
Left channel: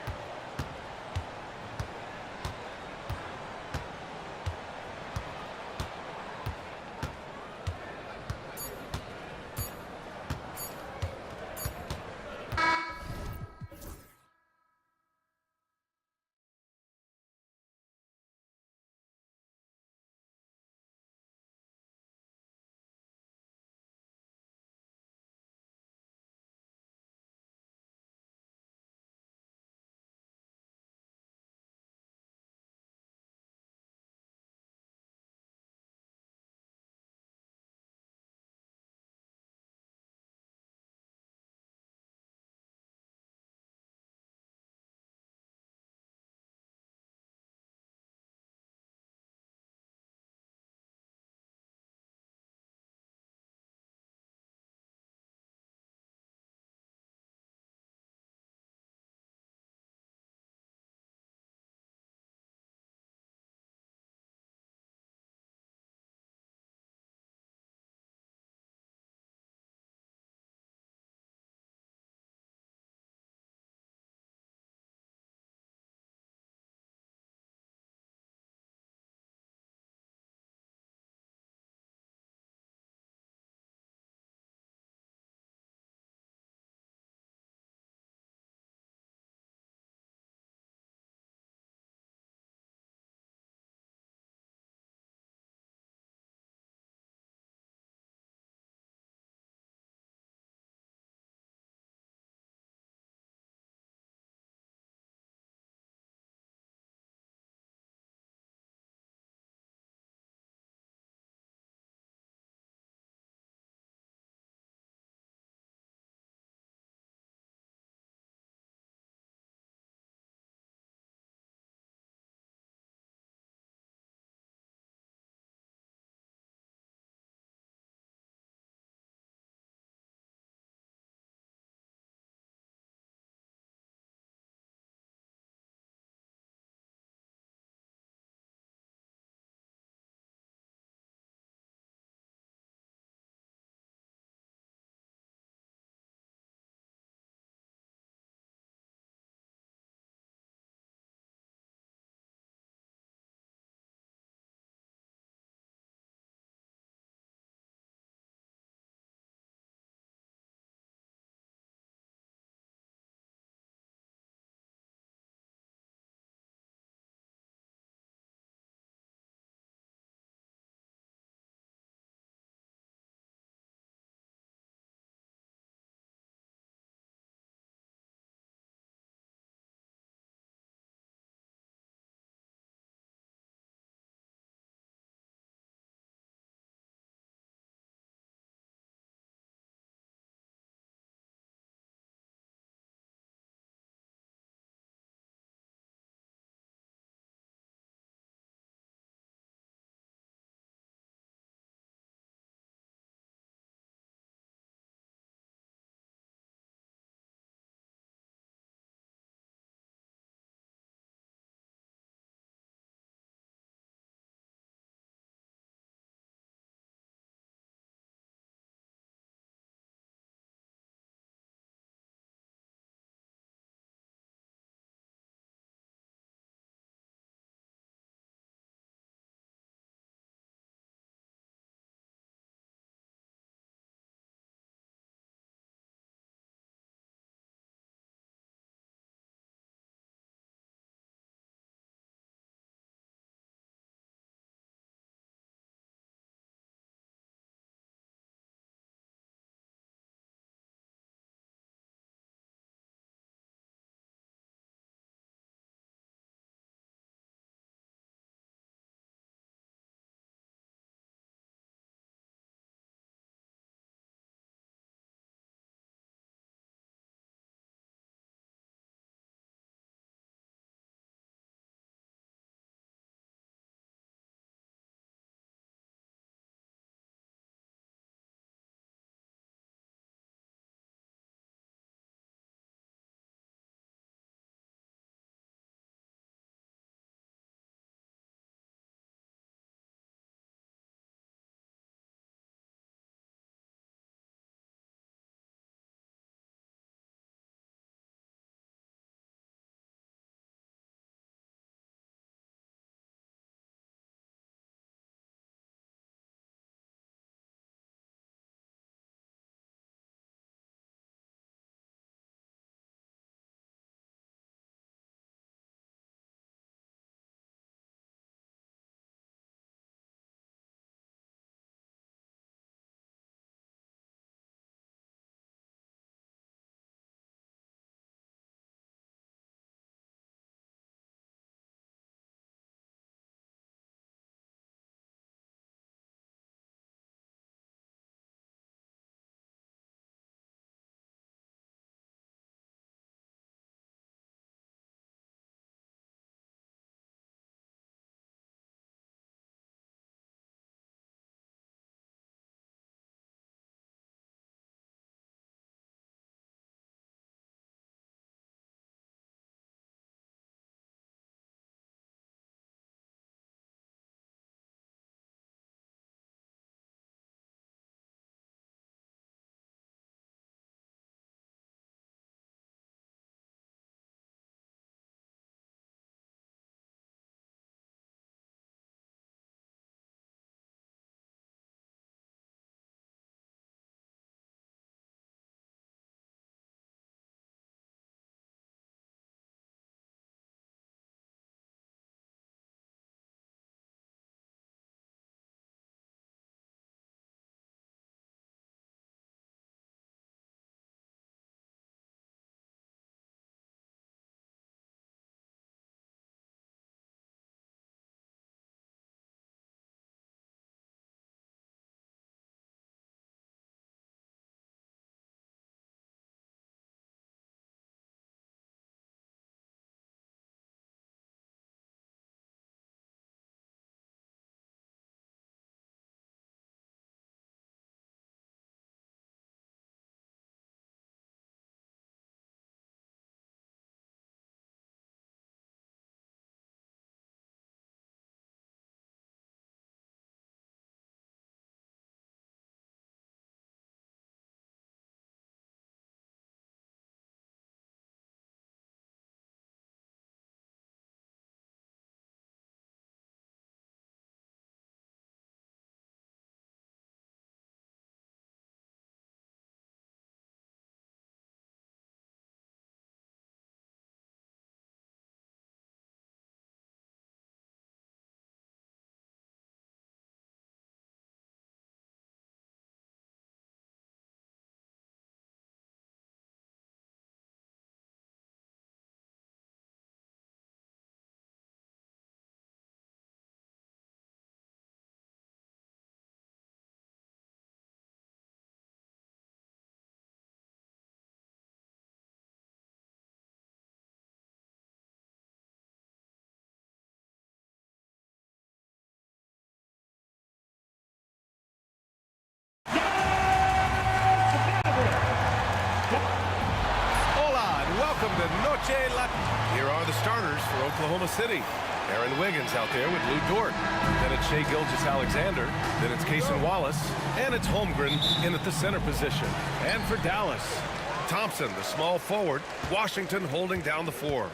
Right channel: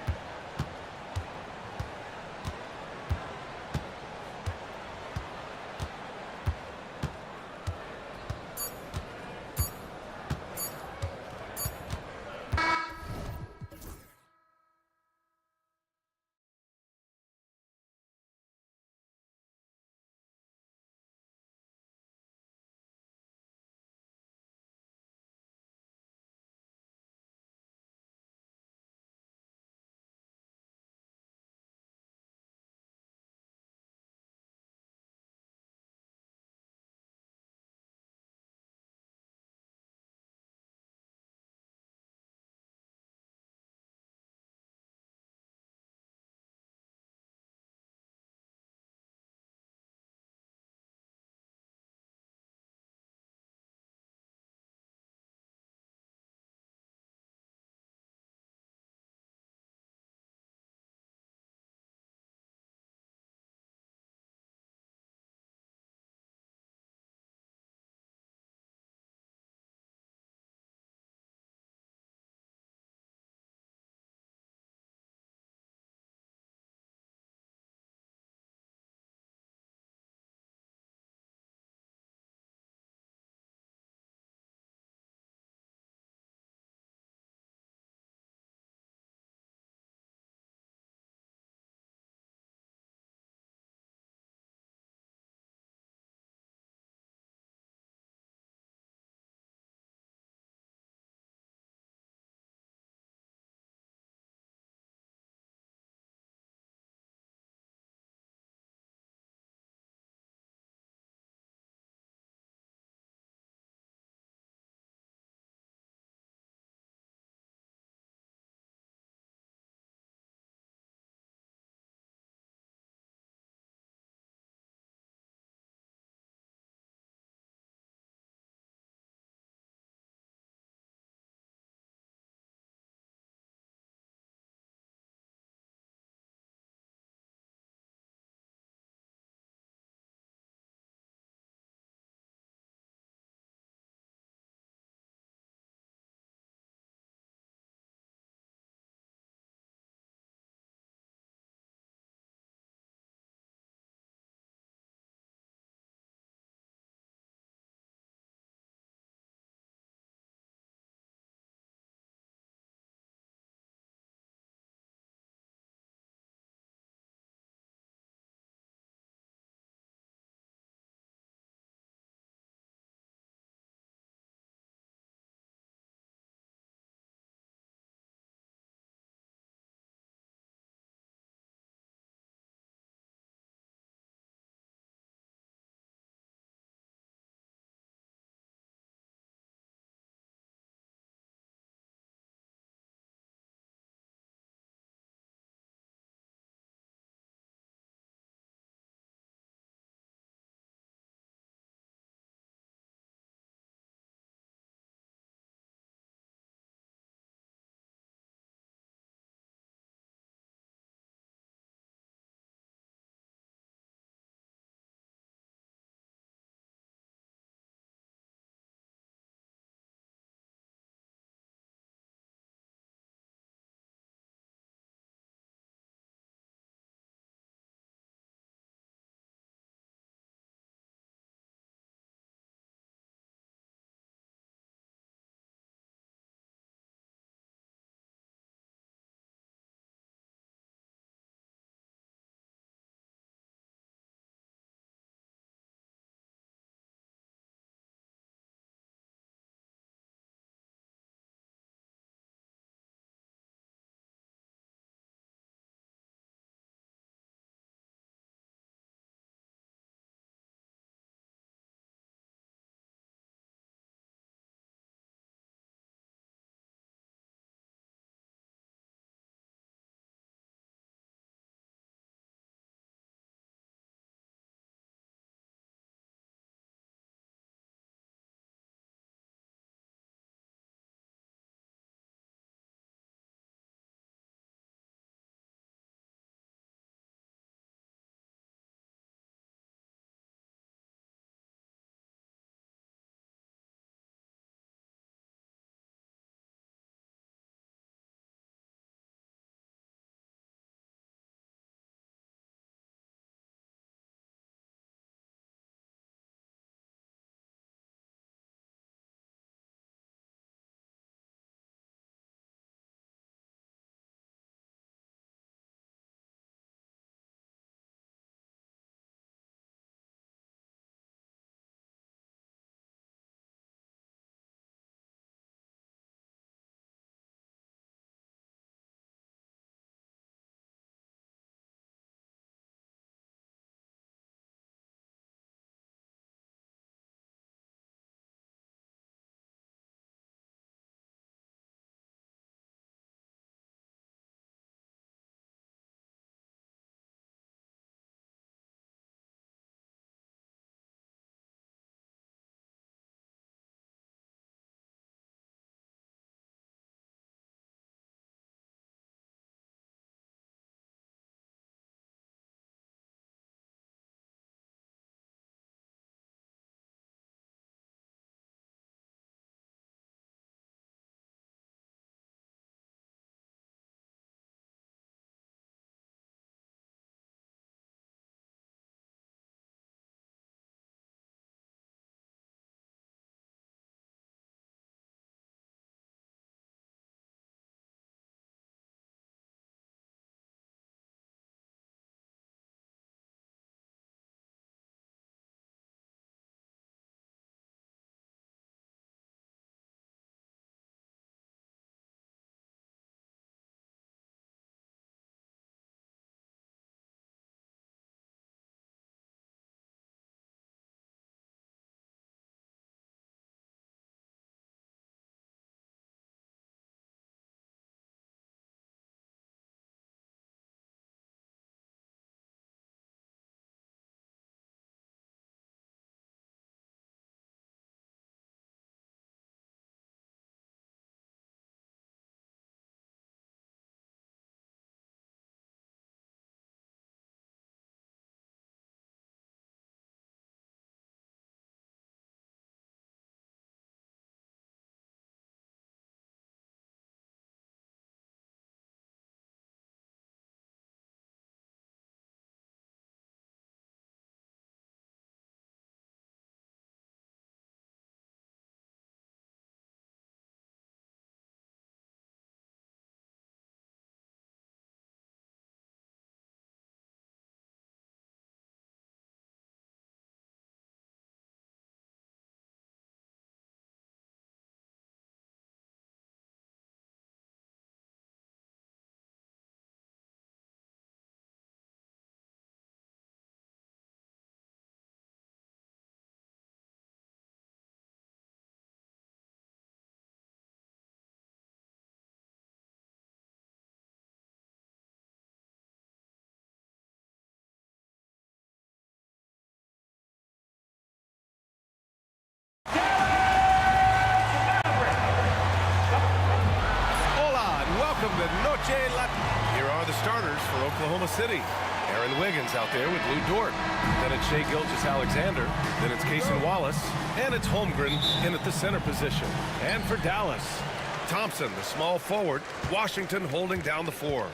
Hola and welcome to Noche La... Here are the starters for Oklahoma City. Aaron Wiggins out there with Lou Dort. Then it's Shai Gilgeous-Alexander. Then it's Cason Wallace. And it's Holmgren in at the center position. And for Dallas, Thompson, the small forward. Washington holding down the 4.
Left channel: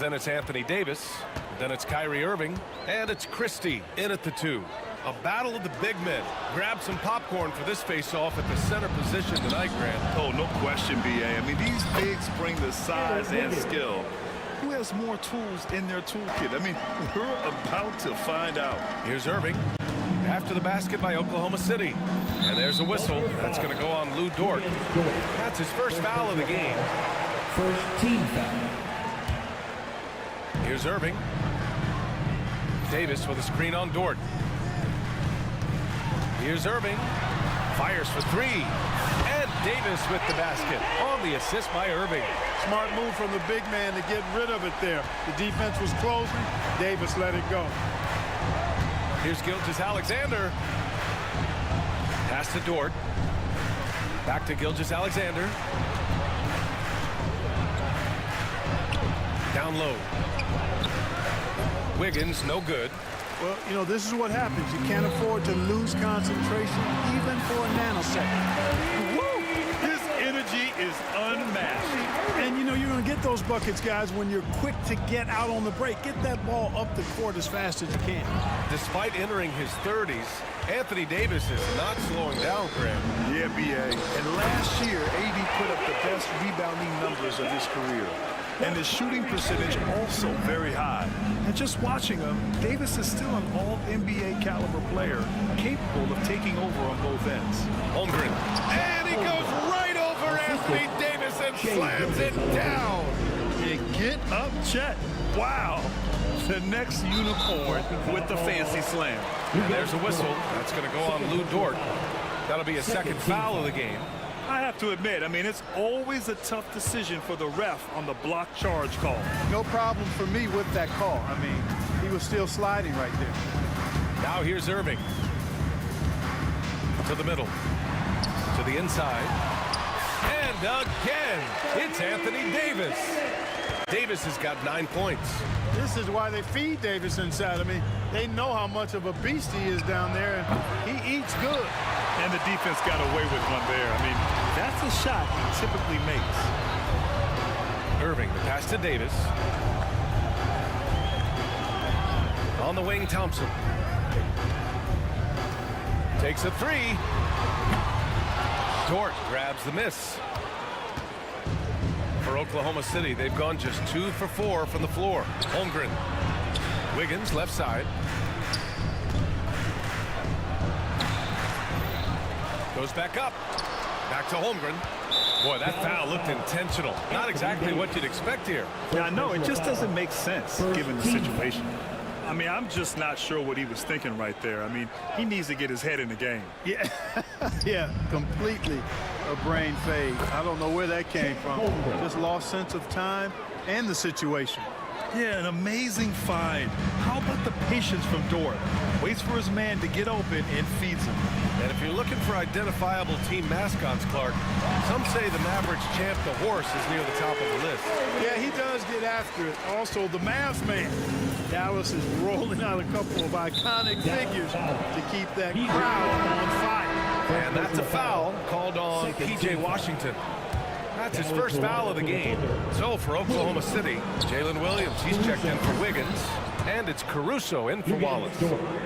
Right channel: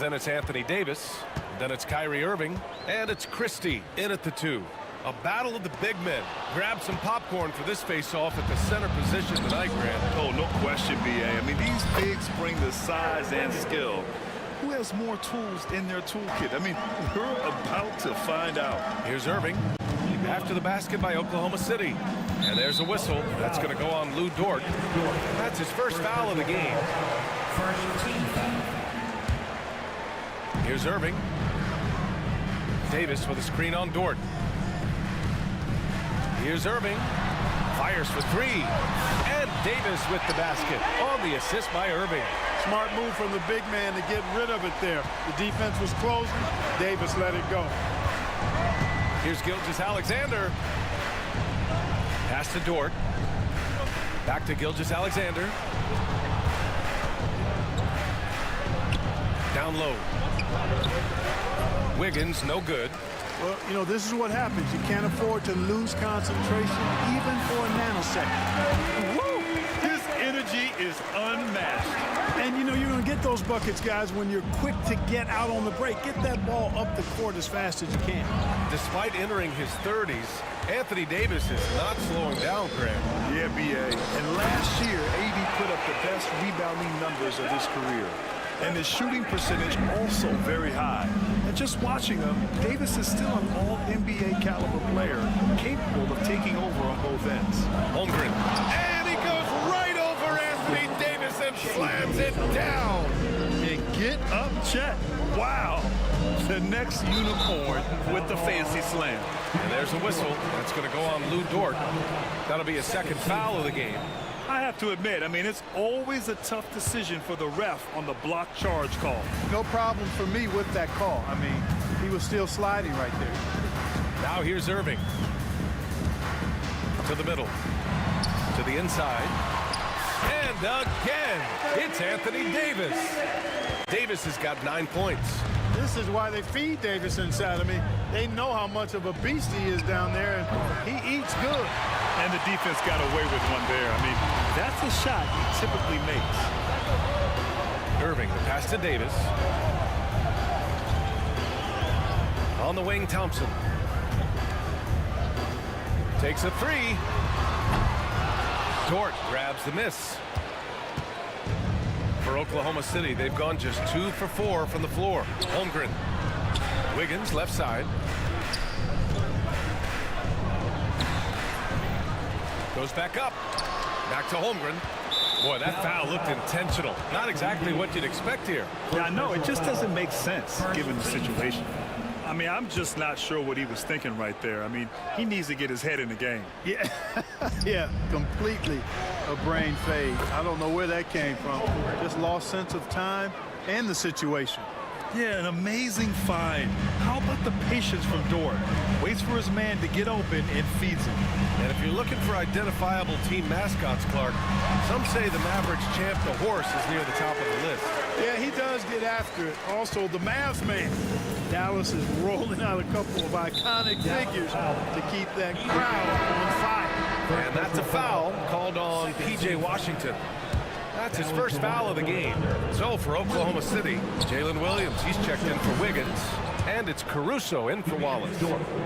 Then it's Anthony Davis. Then it's Kyrie Irving. And it's Christie in at the 2. A battle of the big men. Grab some popcorn for this face-off at the center position tonight, Grant. Oh, no question, B.A. I mean, these bigs bring the size and skill. Who has more tools in their toolkit? I mean, we're about to find out. Here's Irving. After the basket by Oklahoma City. And there's a whistle. That's going to go on Lou Dort. That's his first foul of the game. First team foul. Here's Irving. Davis with a screen on Dort. Here's Irving. Fires for 3. And Davis with the basket on the assist by Irving. Smart move from the big man to get rid of it there. The defense was closing. Davis let it go. Here's Gilgeous-Alexander. Pass to Dort. Back to Gilgeous-Alexander. Down low. Wiggins, no good. Well, you know, this is what happens. You can't afford to lose concentration even for a nanosecond. Woo! His energy is unmatched. And, you know, you're going to get those buckets, guys, when you're quick to get out on the break. Get that ball up the court as fast as you can. Despite entering his 30s, Anthony Davis is not slowing down, Graham. Yeah, B.A. And last year, AD put up the best rebounding numbers of his career. And his shooting percentage also very high. And just watching him, Davis is still an all-NBA caliber player, capable of taking over on both ends. Holmgren. And he goes right over Anthony Davis and slams it down. And get up, Chet. Wow. The next unicorn with the fancy slam. And there's a whistle. That's going to go on Lou Dort. That'll be a second foul of the game. I have to admit, I mean, it's always a tough decision for the ref on the block charge call. No problem for me with that call. I mean, he was still sliding right there. Now here's Irving. To the middle. To the inside. And again, it's Anthony Davis. Davis has got 9 points. This is why they feed Davis inside. I mean, they know how much of a beast he is down there, and he eats good. And the defense got away with one there. I mean, that's a shot he typically makes. Irving, the pass to Davis. On the wing, Thompson. Takes a 3. Dort grabs the miss. For Oklahoma City, they've gone just 2 for 4 from the floor. Holmgren. Wiggins, left side. Goes back up. Back to Holmgren. Boy, that foul looked intentional. Not exactly what you'd expect here. Yeah, no, it just doesn't make sense given the situation. I mean, I'm just not sure what he was thinking right there. I mean, he needs to get his head in the game. Yeah, yeah, completely a brain fade. I don't know where that came from. Just lost sense of time and the situation. Yeah, an amazing find. How about the patience from Dort? Waits for his man to get open and feeds him. And if you're looking for identifiable team mascots, Clark, some say the Mavericks champ, the horse, is near the top of the list. Yeah, he does get after it. Also, the Mavs man. Dallas is rolling out a couple of iconic figures to keep that crowd on fire. And that's a foul called on P.J. Washington. That's his first foul of the game. So for Oklahoma City, Jalen Williams, he's checked in for Wiggins. And it's Caruso in for Wallace.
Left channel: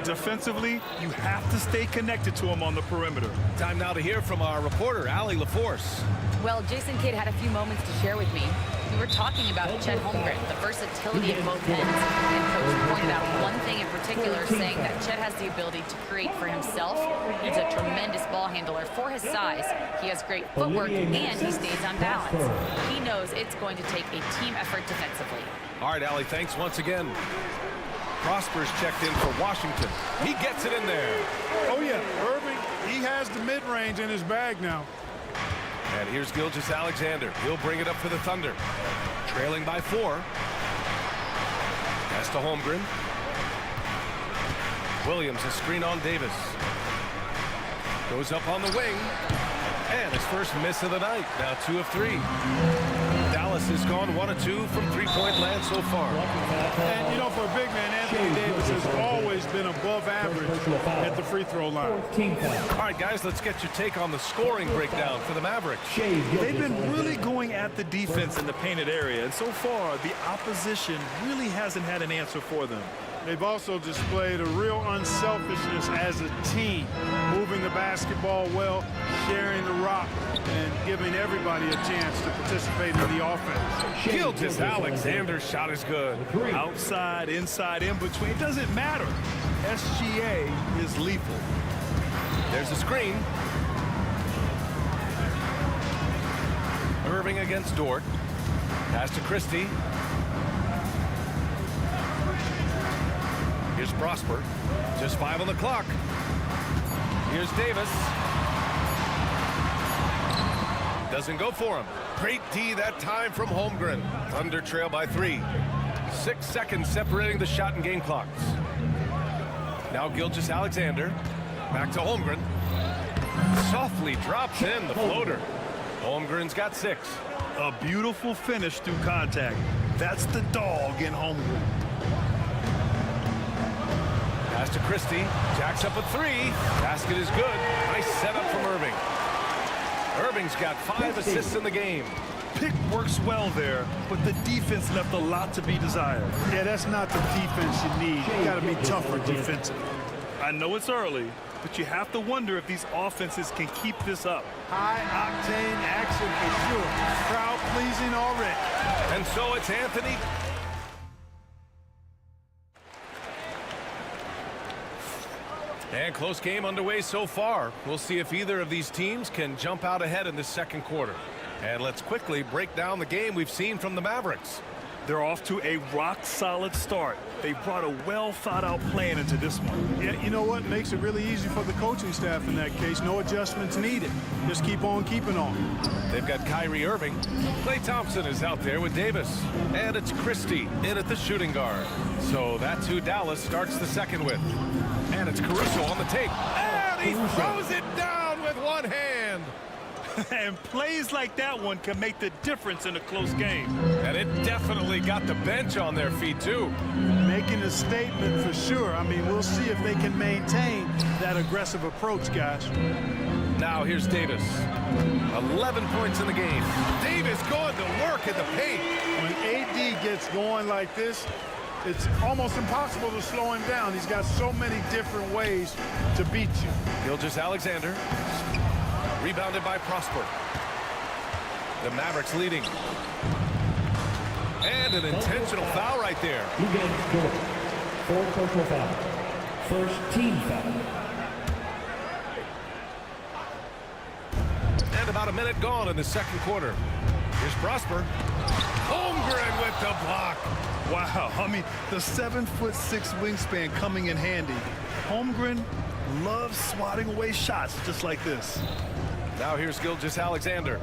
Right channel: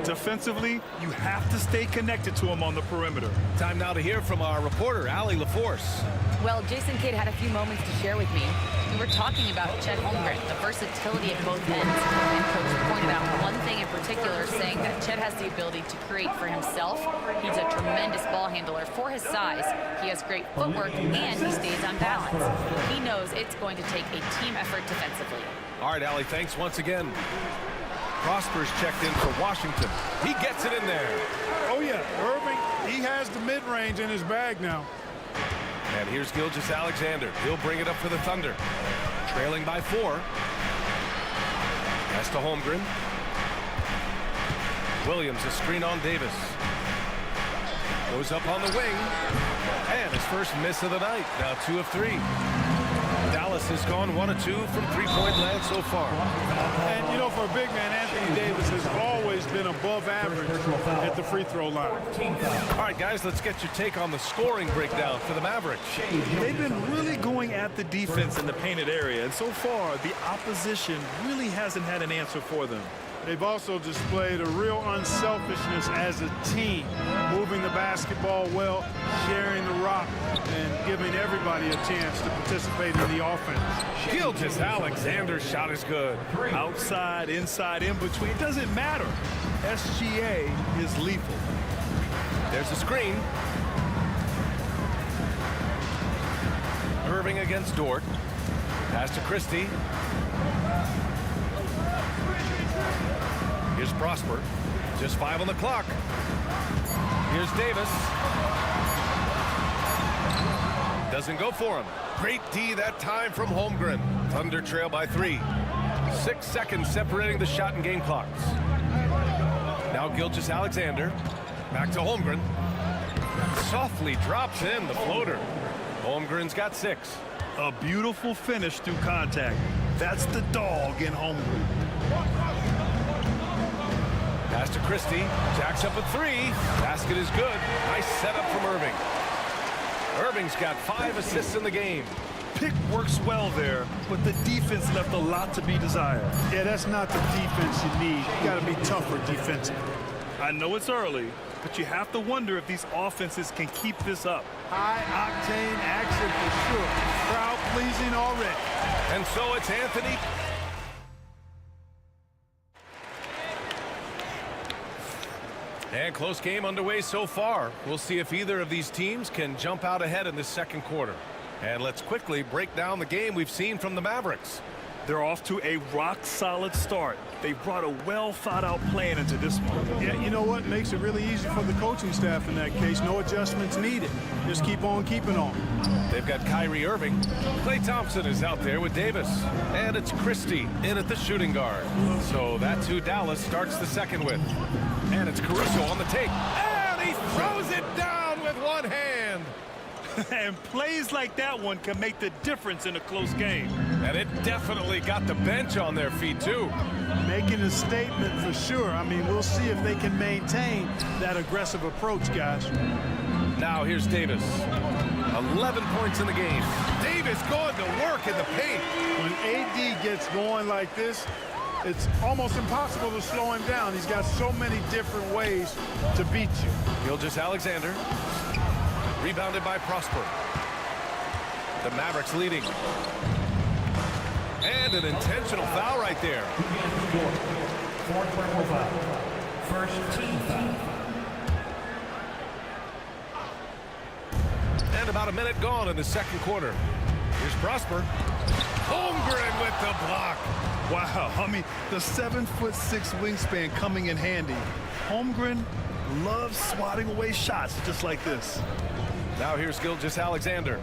Defensively, you have to stay connected to him on the perimeter. Time now to hear from our reporter, Allie LaForce. Well, Jason Kidd had a few moments to share with me. We were talking about Chet Holmgren, the versatility at both ends. And Coach pointed out one thing in particular, saying that Chet has the ability to create for himself. He's a tremendous ball handler for his size. He has great footwork, and he stays on balance. He knows it's going to take a team effort defensively. All right, Allie, thanks once again. Prosper's checked in for Washington. He gets it in there. Oh, yeah, Irving, he has the mid-range in his bag now. And here's Gilgeous-Alexander. He'll bring it up for the Thunder. Trailing by 4. Pass to Holmgren. Williams, a screen on Davis. Goes up on the wing. And his first miss of the night. Now 2 of 3. Dallas Dallas has gone 1 of 2 from three-point land so far. And, you know, for a big man, Anthony Davis has always been above average at the free throw line. All right, guys, let's get your take on the scoring breakdown for the Mavericks. They've been really going at the defense in the painted area, and so far, the opposition really hasn't had an answer for them. They've also displayed a real unselfishness as a team, moving the basketball well, sharing the rock, and giving everybody a chance to participate in the offense. Gilgeous-Alexander's shot is good. Outside, inside, in between, it doesn't matter. SGA is lethal. There's a screen. Irving against Dort. Pass to Christie. Here's Prosper. Just 5 on the clock. Here's Davis. Doesn't go for him. Great D that time from Holmgren. Thunder trail by 3. 6 seconds separating the shot and game clocks. Now Gilgeous-Alexander. Back to Holmgren. Softly drops in the floater. Holmgren's got 6. A beautiful finish through contact. That's the dog in Holmgren. Pass to Christie. Jacks up a 3. Basket is good. Nice setup from Irving. Irving's got 5 assists in the game. Pick works well there, but the defense left a lot to be desired. Yeah, that's not the defense you need. You got to be tougher defensively. I know it's early, but you have to wonder if these offenses can keep this up. High-octane action for sure. Crowd-pleasing already. And so it's Anthony. And close game underway so far. We'll see if either of these teams can jump out ahead in this second quarter. And let's quickly break down the game we've seen from the Mavericks. They're off to a rock-solid start. They brought a well-thought-out plan into this one. Yeah, you know what? Makes it really easy for the coaching staff in that case. No adjustments needed. Just keep on keeping on. They've got Kyrie Irving. Klay Thompson is out there with Davis. And it's Christie in at the shooting guard. So that's who Dallas starts the second with. And it's Caruso on the take. And he throws it down with one hand. And plays like that one can make the difference in a close game. And it definitely got the bench on their feet, too. Making a statement for sure. I mean, we'll see if they can maintain that aggressive approach, guys. Now here's Davis. 11 points in the game. Davis going to work in the paint. When AD gets going like this, it's almost impossible to slow him down. He's got so many different ways to beat you. Gilgeous-Alexander. Rebounded by Prosper. The Mavericks leading. And an intentional foul right there. Fourth personal foul. First team foul. And about a minute gone in the second quarter. Here's Prosper. Holmgren with the block. Wow, I mean, the 7'6" wingspan coming in handy. Holmgren loves swatting away shots just like this. Now here's Gilgeous-Alexander.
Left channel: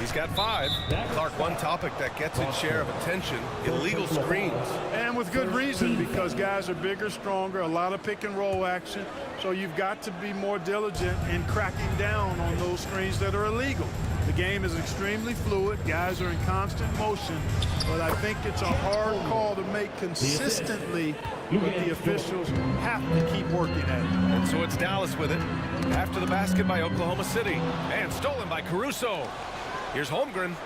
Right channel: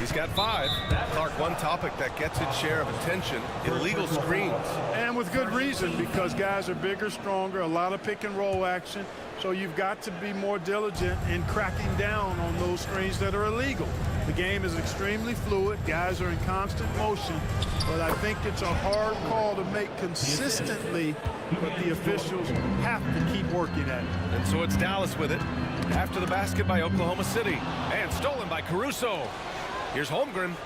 He's got 5. Clark, one topic that gets its share of attention, illegal screens. And with good reason, because guys are bigger, stronger, a lot of pick and roll action. So you've got to be more diligent in cracking down on those screens that are illegal. The game is extremely fluid. Guys are in constant motion. But I think it's a hard call to make consistently, but the officials have to keep working at it. And so it's Dallas with it. After the basket by Oklahoma City. And stolen by Caruso. Here's Holmgren.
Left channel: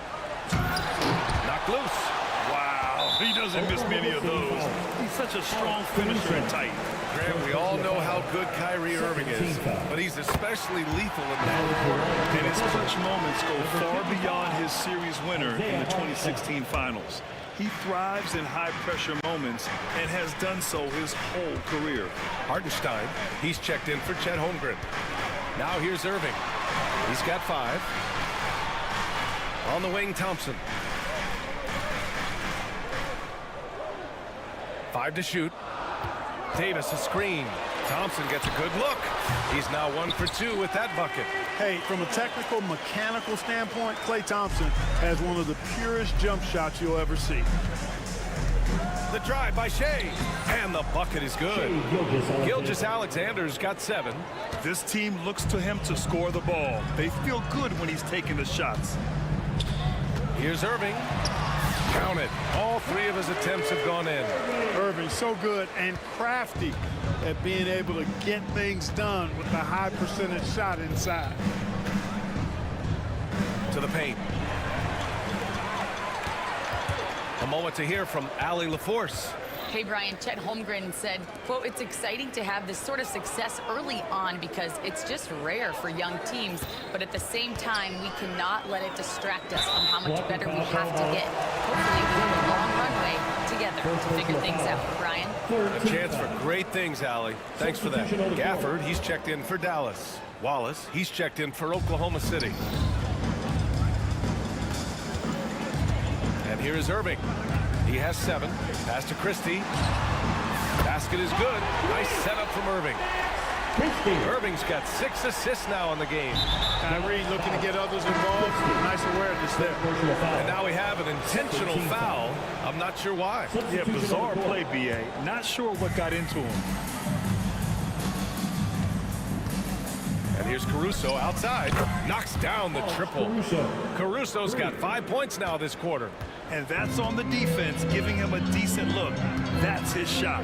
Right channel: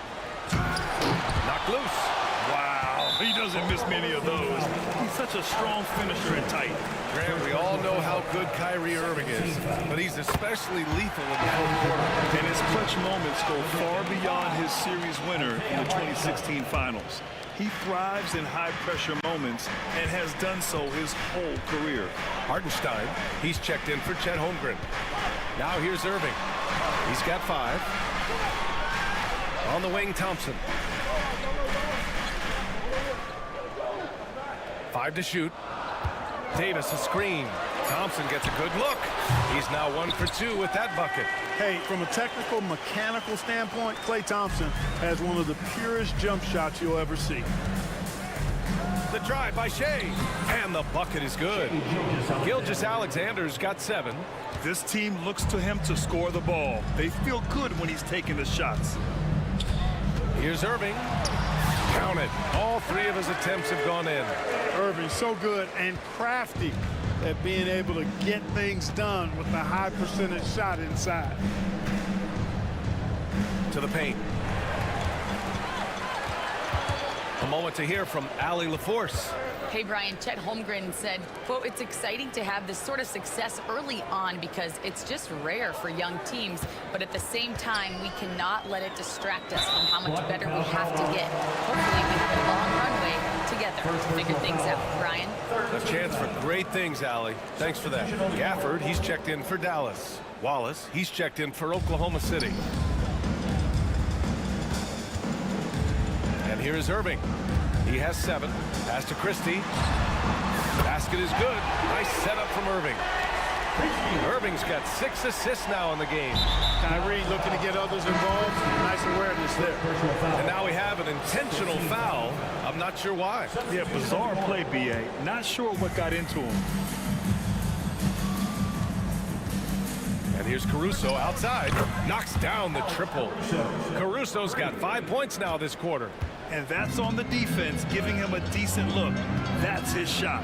Knocked loose. Wow, he doesn't miss many of those. He's such a strong finisher and tight. Grant, we all know how good Kyrie Irving is, but he's especially lethal in the fourth quarter. And his clutch moments go far beyond his series winner in the 2016 finals. He thrives in high-pressure moments and has done so his whole career. Hartenstein, he's checked in for Chet Holmgren. Now here's Irving. He's got 5. On the wing, Thompson. 5 to shoot. Davis a screen. Thompson gets a good look. He's now 1 for 2 with that bucket. Hey, from a technical, mechanical standpoint, Klay Thompson has one of the purest jump shots you'll ever see. The drive by Shea. And the bucket is good. Gilgeous-Alexander's got 7. This team looks to him to score the ball. They feel good when he's taking the shots. Here's Irving. Count it. All three of his attempts have gone in. Irving, so good and crafty at being able to get things done with the high percentage shot inside. To the paint. A moment to hear from Allie LaForce. Hey, Brian, Chet Holmgren said, quote, "It's exciting to have this sort of success early on because it's just rare for young teams. But at the same time, we cannot let it distract us from how much better we have to get. Hopefully, we have a long runway together to figure things out." Brian? A chance for great things, Allie. Thanks for that. Gafford, he's checked in for Dallas. Wallace, he's checked in for Oklahoma City. And here is Irving. He has 7. Pass to Christie. Basket is good. Nice setup from Irving. Irving's got 6 assists now in the game. Kyrie looking to get others involved. Nice awareness there. And now we have an intentional foul. I'm not sure why. Yeah, bizarre play, B.A. Not sure what got into him. And here's Caruso outside. Knocks down the triple. Caruso's got 5 points now this quarter. And that's on the defense, giving him a decent look. That's his shot.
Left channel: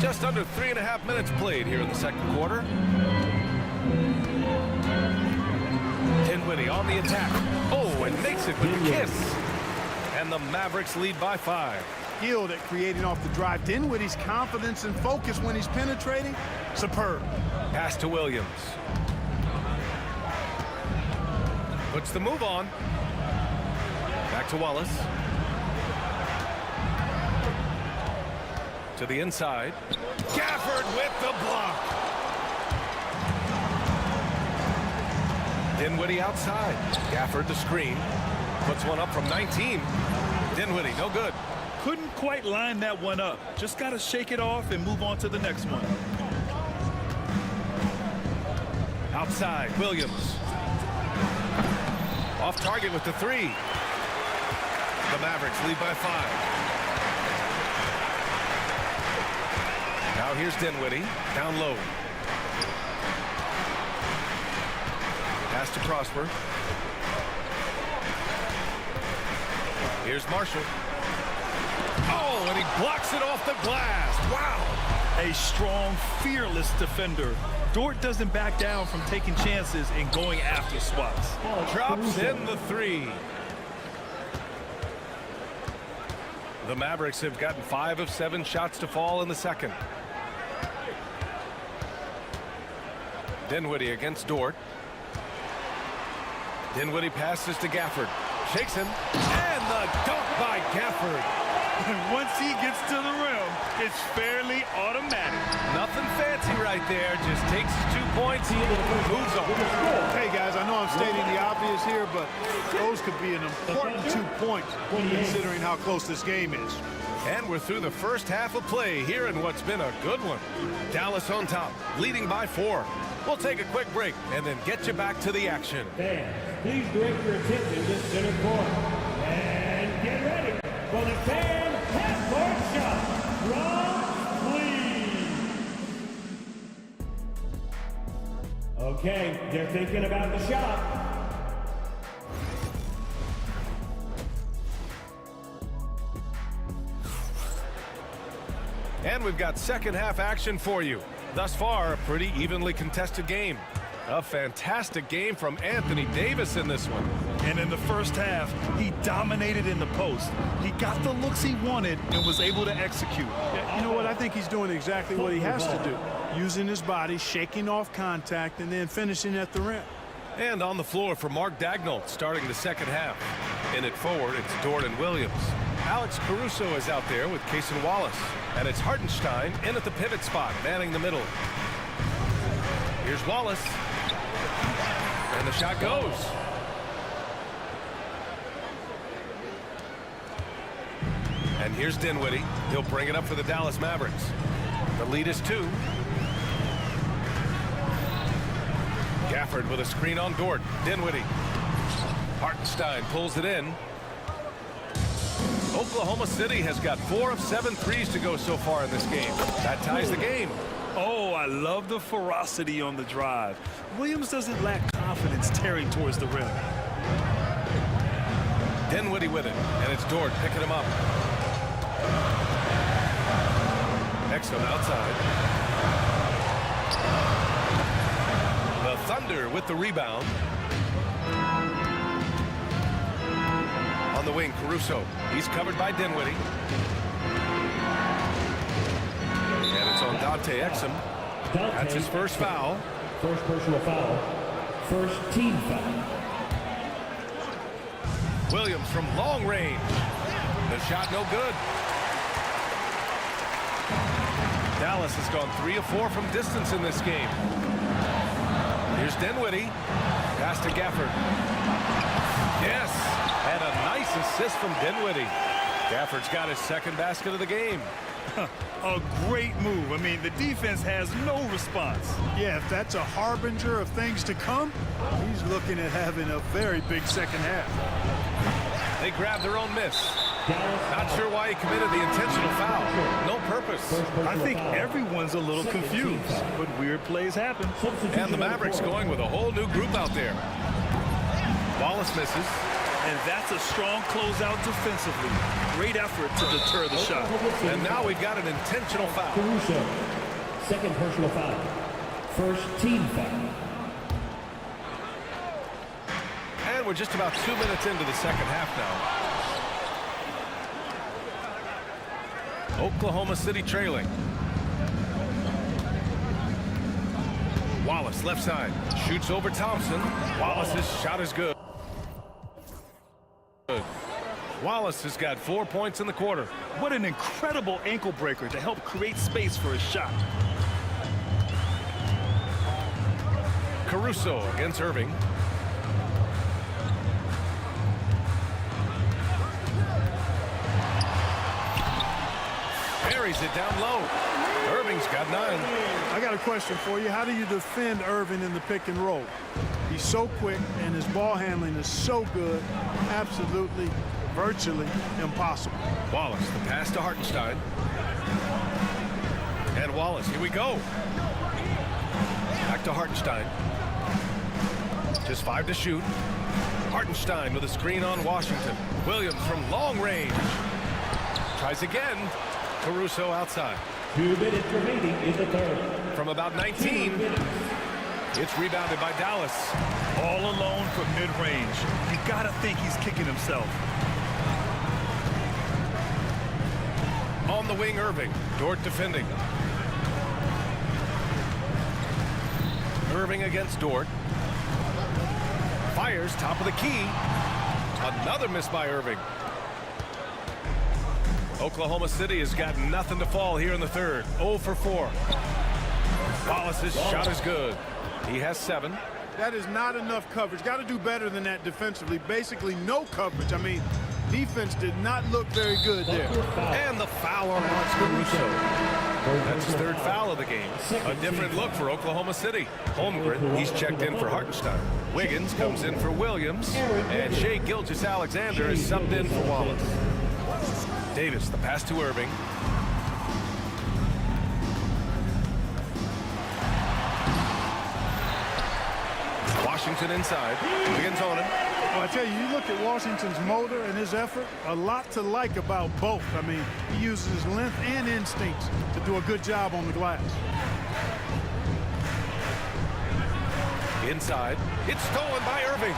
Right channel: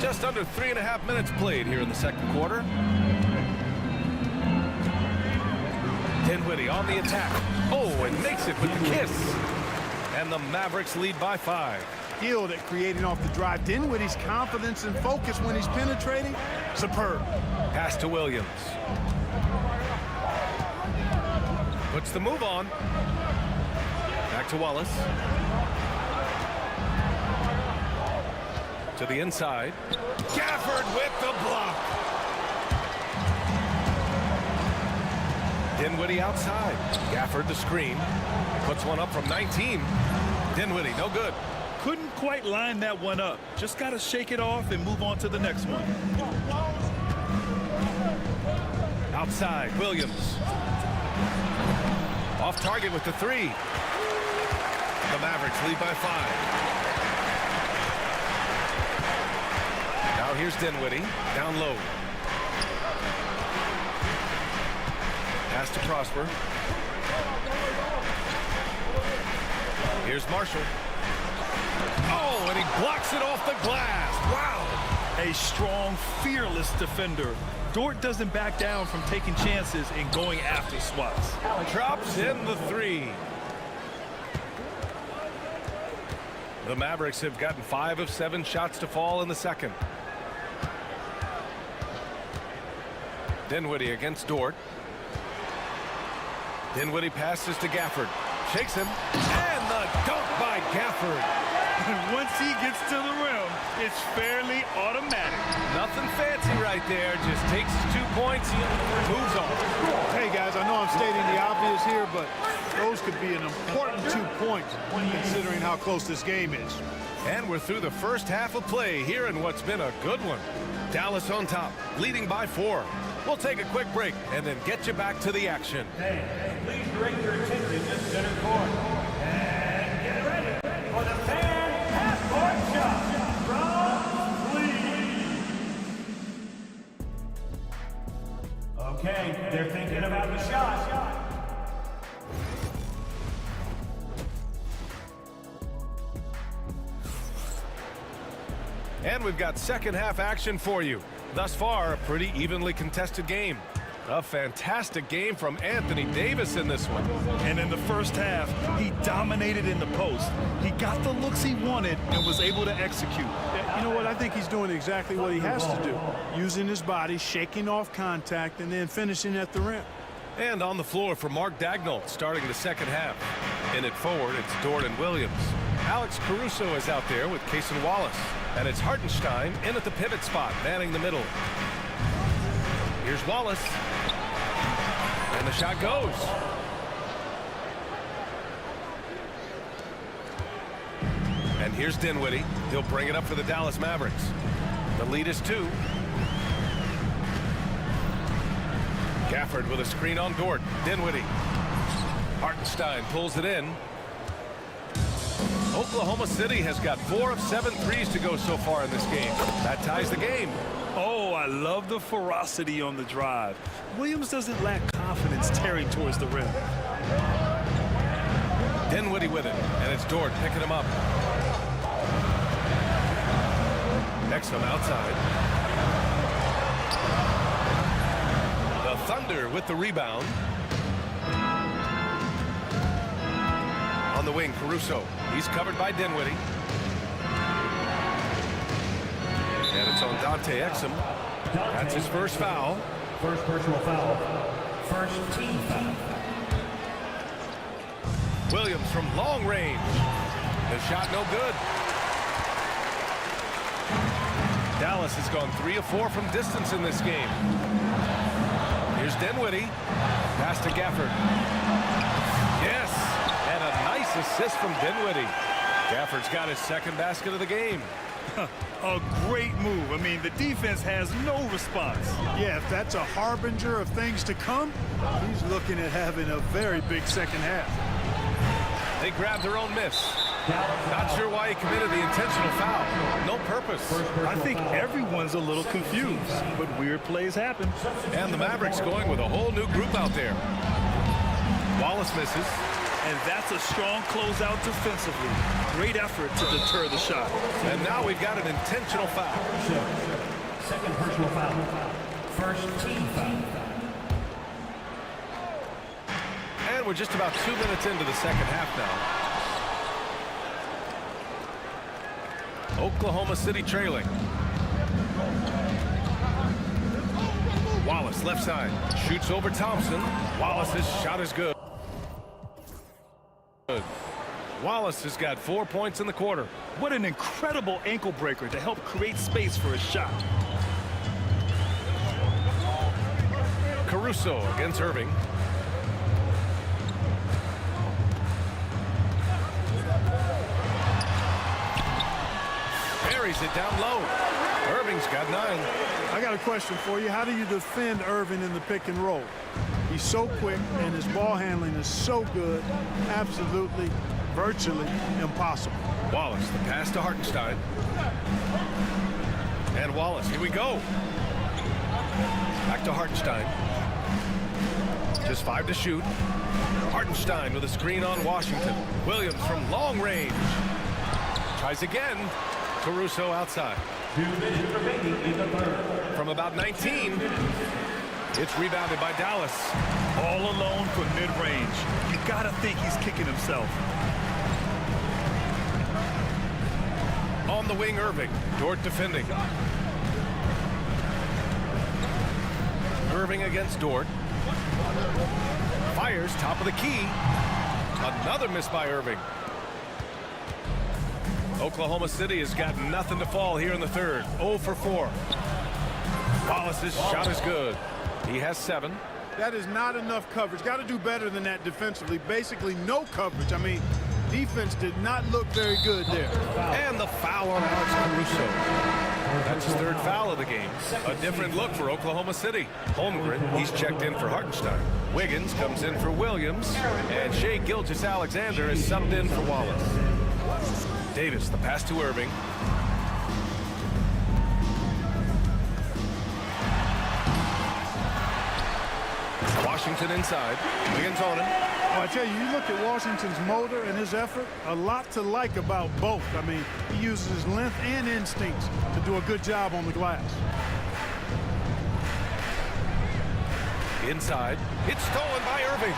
Just under 3.5 minutes played here in the second quarter. Dinwiddie on the attack. Oh, and makes it with the kiss. And the Mavericks lead by 5. Skilled at creating off the drive. Dinwiddie's confidence and focus when he's penetrating, superb. Pass to Williams. Puts the move on. Back to Wallace. To the inside. Gafford with the block. Dinwiddie outside. Gafford the screen. Puts one up from 19. Dinwiddie, no good. Couldn't quite line that one up. Just got to shake it off and move on to the next one. Outside, Williams. Off target with the 3. The Mavericks lead by 5. Now here's Dinwiddie, down low. Pass to Prosper. Here's Marshall. Oh, and he blocks it off the glass. Wow. A strong, fearless defender. Dort doesn't back down from taking chances and going after swats. Drops in the 3. The Mavericks have gotten 5 of 7 shots to fall in the second. Dinwiddie against Dort. Dinwiddie passes to Gafford. Shakes him. And the dunk by Gafford. And once he gets to the rim, it's fairly automatic. Nothing fancy right there. Just takes his 2 points, moves on. Hey, guys, I know I'm stating the obvious here, but those could be an important 2 points considering how close this game is. And we're through the first half of play here in what's been a good one. Dallas on top, leading by 4. We'll take a quick break and then get you back to the action. Fans, please direct your attention to center court. And get ready for the fan half-court shot from Lee. Okay, they're thinking about the shot. And we've got second half action for you. Thus far, a pretty evenly contested game. A fantastic game from Anthony Davis in this one. And in the first half, he dominated in the post. He got the looks he wanted and was able to execute. Yeah, you know what? I think he's doing exactly what he has to do. Using his body, shaking off contact, and then finishing at the rim. And on the floor for Mark Dagnall, starting the second half. In it forward, it's Dort and Williams. Alex Caruso is out there with Cason Wallace. And it's Hartenstein in at the pivot spot, manning the middle. Here's Wallace. And the shot goes. And here's Dinwiddie. He'll bring it up for the Dallas Mavericks. The lead is 2. Gafford with a screen on Dort. Dinwiddie. Hartenstein pulls it in. Oklahoma City has got 4 of 7 threes to go so far in this game. That ties the game. Oh, I love the ferocity on the drive. Williams doesn't lack confidence tearing towards the rim. Dinwiddie with it, and it's Dort picking him up. Exum outside. The Thunder with the rebound. On the wing, Caruso. He's covered by Dinwiddie. And it's on Dante Exum. That's his first foul. First personal foul. First team foul. Williams from long range. The shot no good. Dallas has gone 3 of 4 from distance in this game. Here's Dinwiddie. Pass to Gafford. Yes, and a nice assist from Dinwiddie. Gafford's got his second basket of the game. A great move. I mean, the defense has no response. Yeah, if that's a harbinger of things to come, he's looking at having a very big second half. They grabbed their own miss. Not sure why he committed the intentional foul. No purpose. I think everyone's a little confused, but weird plays happen. And the Mavericks going with a whole new group out there. Wallace misses. And that's a strong closeout defensively. Great effort to deter the shot. And now we've got an intentional foul. Caruso. Second personal foul. First team foul. And we're just about 2 minutes into the second half now. Oklahoma City trailing. Wallace left side. Shoots over Thompson. Wallace's shot is good. Wallace has got 4 points in the quarter. What an incredible ankle breaker to help create space for a shot. Caruso against Irving. Buries it down low. Irving's got 9. I got a question for you. How do you defend Irving in the pick and roll? He's so quick, and his ball handling is so good, absolutely, virtually impossible. Wallace, the pass to Hartenstein. And Wallace, here we go. Back to Hartenstein. Just 5 to shoot. Hartenstein with a screen on Washington. Williams from long range. Tries again. Caruso outside. 2 minutes remaining in the third. From about 19. It's rebounded by Dallas. All alone from mid-range. You gotta think he's kicking himself. On the wing, Irving. Dort defending. Irving against Dort. Fires top of the key. Another miss by Irving. Oklahoma City has got nothing to fall here in the third. 0 for 4. Wallace's shot is good. He has 7. That is not enough coverage. Got to do better than that defensively. Basically no coverage. I mean, defense did not look very good there. And the foul on Alex Caruso. That's his 3rd foul of the game. A different look for Oklahoma City. Holmgren, he's checked in for Hartenstein. Wiggins comes in for Williams. And Shai Gilgeous-Alexander is subbed in for Wallace. Davis, the pass to Irving. Washington inside. Wiggins on him. Well, I tell you, you look at Washington's motor and his effort, a lot to like about both. I mean, he uses his length and instincts to do a good job on the glass. Inside. It's stolen by Irving.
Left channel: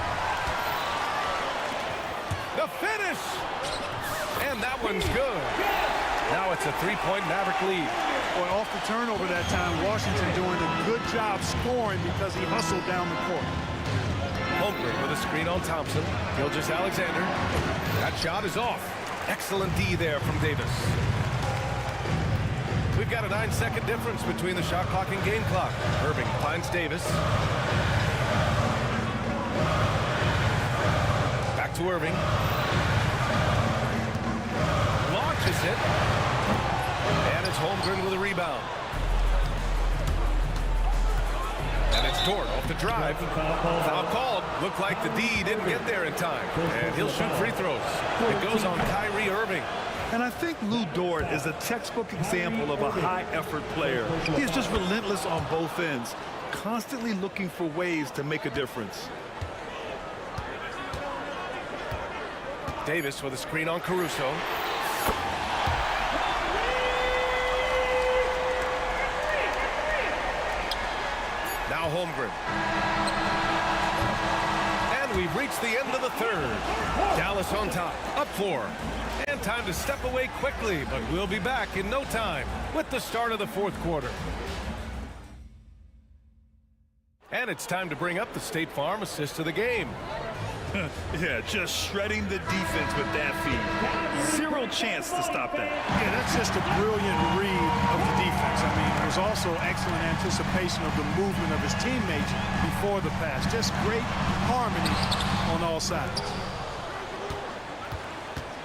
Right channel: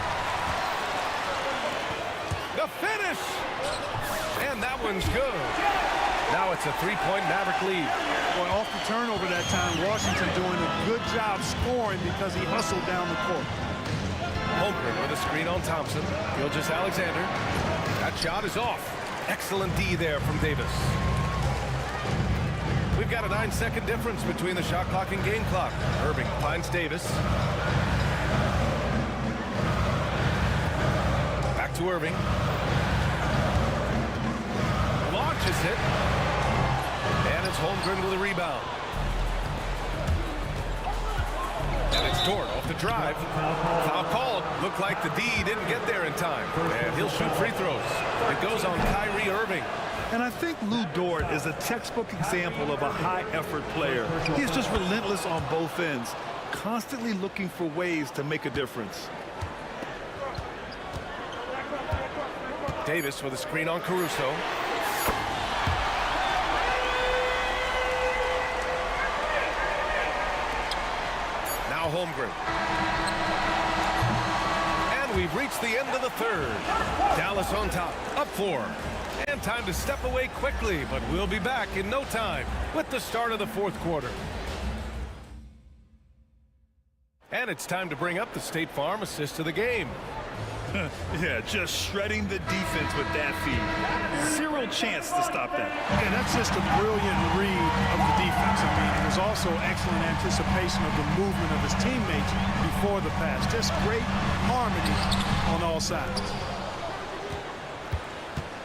The finish! And that one's good. Now it's a 3-point Maverick lead. Boy, off the turnover that time, Washington doing a good job scoring because he hustled down the court. Holmgren with a screen on Thompson. Gilgeous-Alexander. That shot is off. Excellent D there from Davis. We've got a 9-second difference between the shot clock and game clock. Irving finds Davis. Back to Irving. Launches it. And it's Holmgren with a rebound. And it's Dort off the drive. Foul called. Looked like the D didn't get there in time. And he'll shoot free throws. It goes on Kyrie Irving. And I think Lou Dort is a textbook example of a high-effort player. He's just relentless on both ends, constantly looking for ways to make a difference. Davis with a screen on Caruso. Now Holmgren. And we've reached the end of the third. Dallas on top, up 4. And time to step away quickly, but we'll be back in no time with the start of the fourth quarter. And it's time to bring up the State Farm assist of the game. Yeah, just shredding the defense with that feed. Zero chance to stop that. Yeah, that's just a brilliant read of the defense. I mean, it was also excellent anticipation of the movement of his teammates before the pass. Just great harmony on all sides.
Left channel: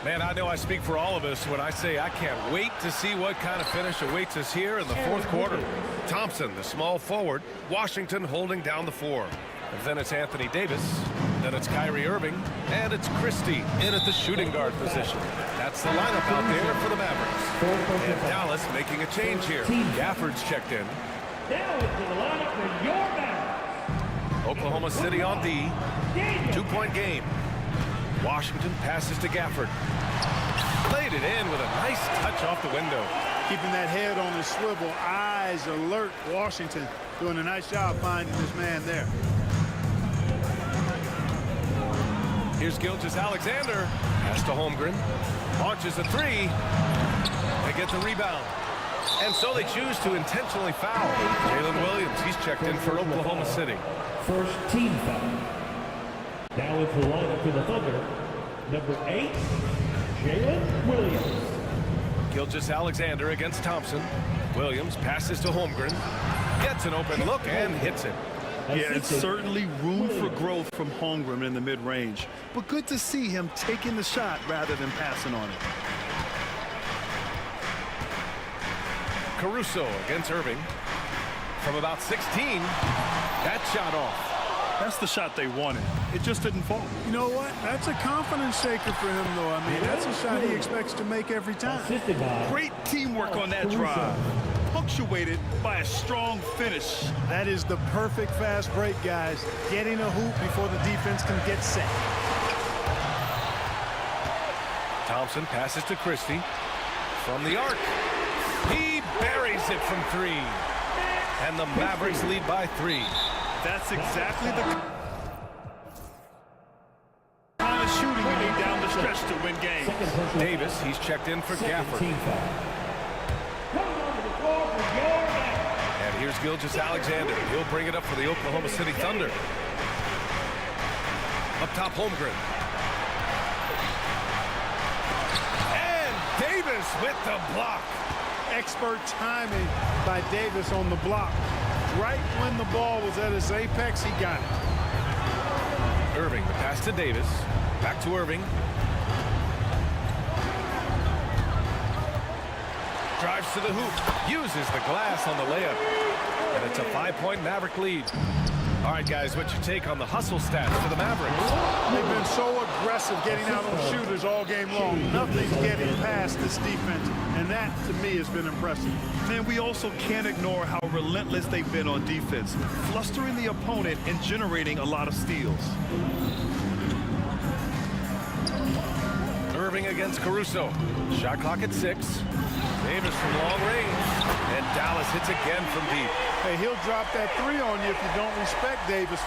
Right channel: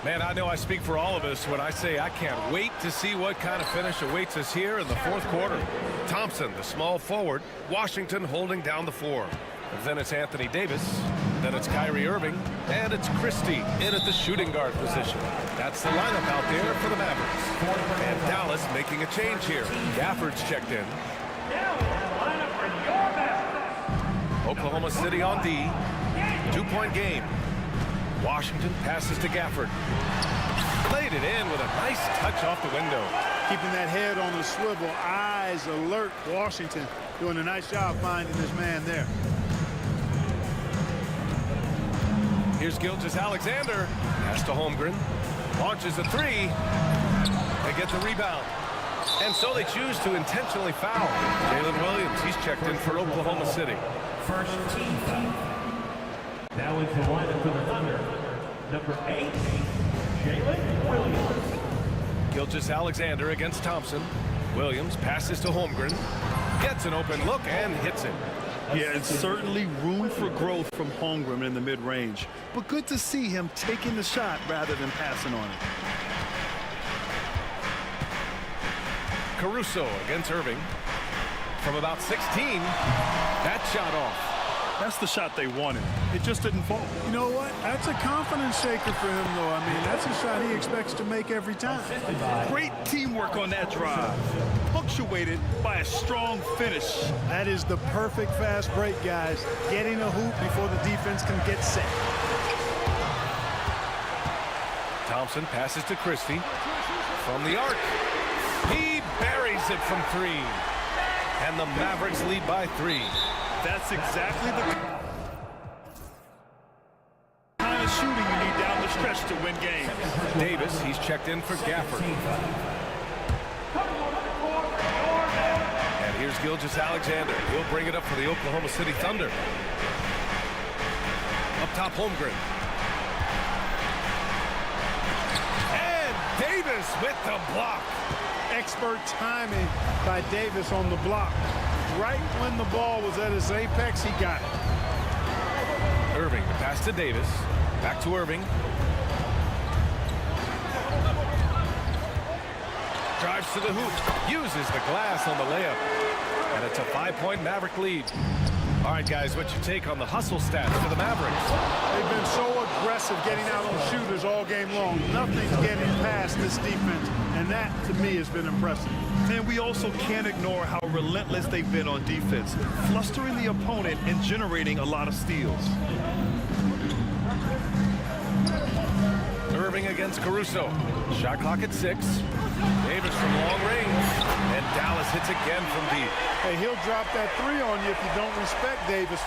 Man, I know I speak for all of us when I say I can't wait to see what kind of finish awaits us here in the fourth quarter. Thompson, the small forward. Washington holding down the 4. And then it's Anthony Davis. Then it's Kyrie Irving. And it's Christie in at the shooting guard position. That's the lineup out there for the Mavericks. And Dallas making a change here. Gafford's checked in. Now into the lineup for your Mavericks. Oklahoma City on D. 2-point game. Washington passes to Gafford. Laid it in with a nice touch off the window. Keeping that head on the swivel, eyes alert. Washington doing a nice job finding this man there. Here's Gilgeous-Alexander. Pass to Holmgren. Launches a 3. They get the rebound. And so they choose to intentionally foul. Jalen Williams, he's checked in for Oklahoma City. First team foul. Now into the lineup for the Thunder. Number 8, Jalen Williams. Gilgeous-Alexander against Thompson. Williams passes to Holmgren. Gets an open look and hits it. Yeah, it's certainly room for growth from Holmgren in the mid-range. But good to see him taking the shot rather than passing on it. Caruso against Irving. From about 16, that shot off. That's the shot they wanted. It just didn't fall. You know what? That's a confidence shaker for him, though. I mean, that's a shot he expects to make every time. Great teamwork on that drive. Punctuated by a strong finish. That is the perfect fast break, guys. Getting a hoop before the defense can get set. Thompson passes to Christie. From the arc. He buries it from 3. And the Mavericks lead by 3. That's exactly the kind of shooting you need down the stretch to win games. Davis, he's checked in for Gafford. And here's Gilgeous-Alexander. He'll bring it up for the Oklahoma City Thunder. Up top, Holmgren. And Davis with the block. Expert timing by Davis on the block. Right when the ball was at its apex, he got it. Irving, the pass to Davis. Back to Irving. Drives to the hoop. Uses the glass on the layup. And it's a 5-point Maverick lead. All right, guys, what's your take on the hustle stats for the Mavericks? They've been so aggressive getting out on shooters all game long. Nothing's getting past this defense, and that, to me, has been impressive. And we also can't ignore how relentless they've been on defense, flustering the opponent and generating a lot of steals. Irving against Caruso. Shot clock at 6. Davis from long range. And Dallas hits again from deep. Hey, he'll drop that 3 on you if you don't respect Davis.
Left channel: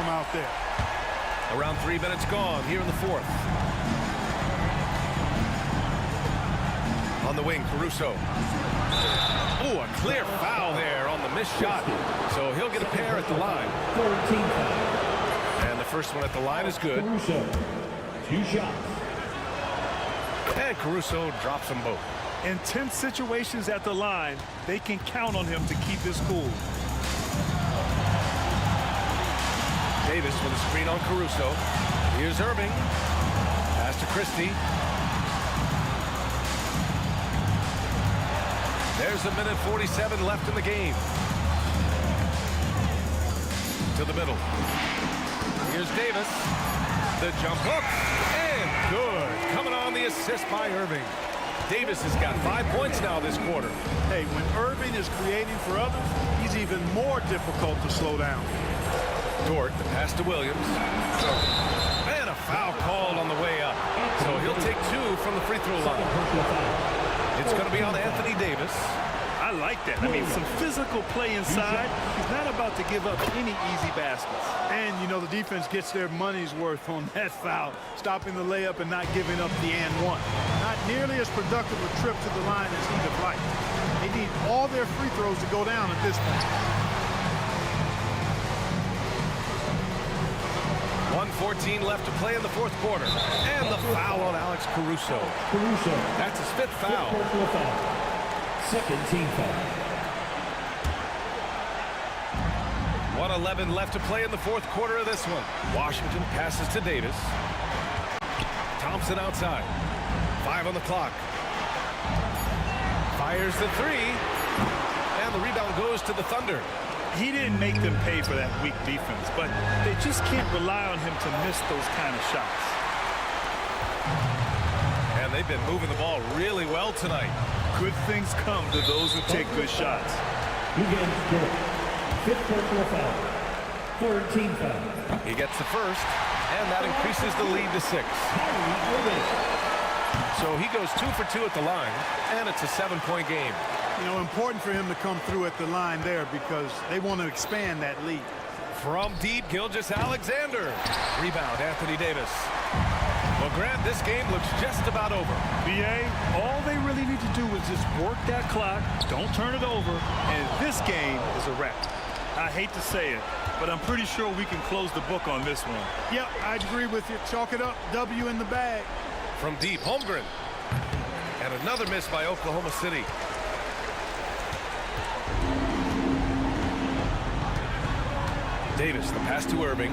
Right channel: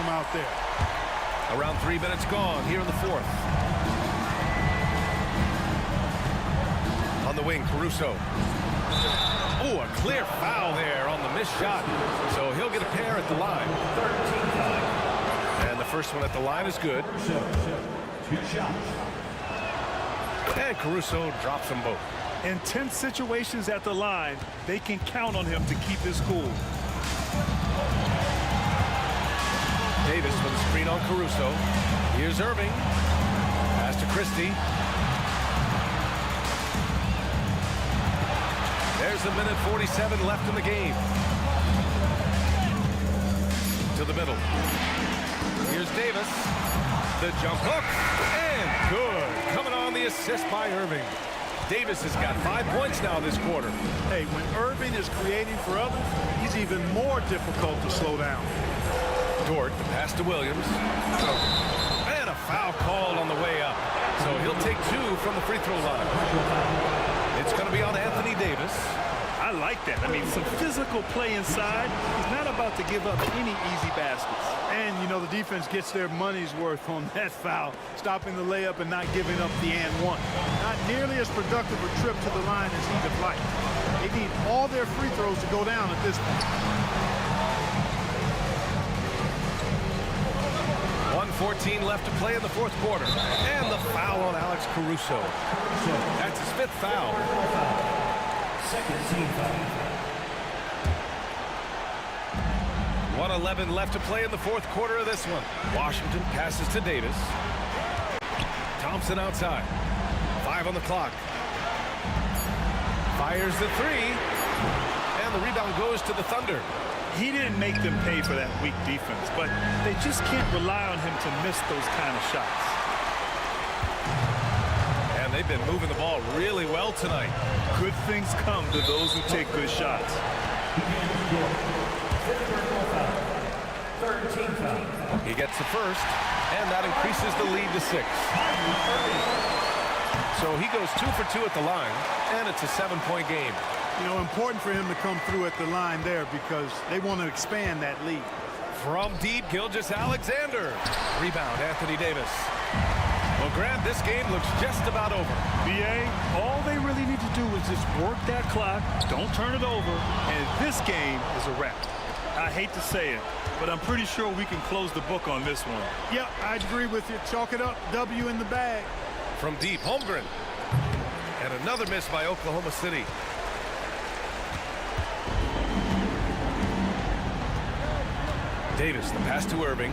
Out there. Around 3 minutes gone here in the fourth. On the wing, Caruso. Oh, a clear foul there on the missed shot. So he'll get a pair at the line. And the first one at the line is good. 2 shots. And Caruso drops them both. In tense situations at the line, they can count on him to keep his cool. Davis with a screen on Caruso. Here's Irving. Pass to Christie. There's a minute 47 left in the game. To the middle. Here's Davis. The jump hook. And good. Coming on the assist by Irving. Davis has got 5 points now this quarter. Hey, when Irving is creating for others, he's even more difficult to slow down. Dort, the pass to Williams. And a foul called on the way up. So he'll take 2 from the free throw line. It's going to be on Anthony Davis. I like that. I mean, some physical play inside. He's not about to give up any easy baskets. And, you know, the defense gets their money's worth on that foul, stopping the layup and not giving up the and one. Not nearly as productive a trip to the line as he'd have liked. They need all their free throws to go down at this point. 1:14 left to play in the fourth quarter. And the foul on Alex Caruso. That's his 5th foul. Second team foul. 1:11 left to play in the fourth quarter of this one. Washington passes to Davis. Thompson outside. 5 on the clock. Fires the 3. And the rebound goes to the Thunder. He didn't make them pay for that weak defense, but they just can't rely on him to miss those kind of shots. And they've been moving the ball really well tonight. Good things come to those who take good shots. Begins Dort. 5th personal foul. 3rd team foul. He gets the first, and that increases the lead to 6. So he goes 2 for 2 at the line, and it's a 7-point game. You know, important for him to come through at the line there because they want to expand that lead. From deep, Gilgeous-Alexander. Rebound, Anthony Davis. Well, Grant, this game looks just about over. BA, all they really need to do is just work that clock, don't turn it over, and this game is a wrap. I hate to say it, but I'm pretty sure we can close the book on this one. Yep, I'd agree with you. Chalk it up. W in the bag. From deep, Holmgren. And another miss by Oklahoma City. Davis, the pass to Irving.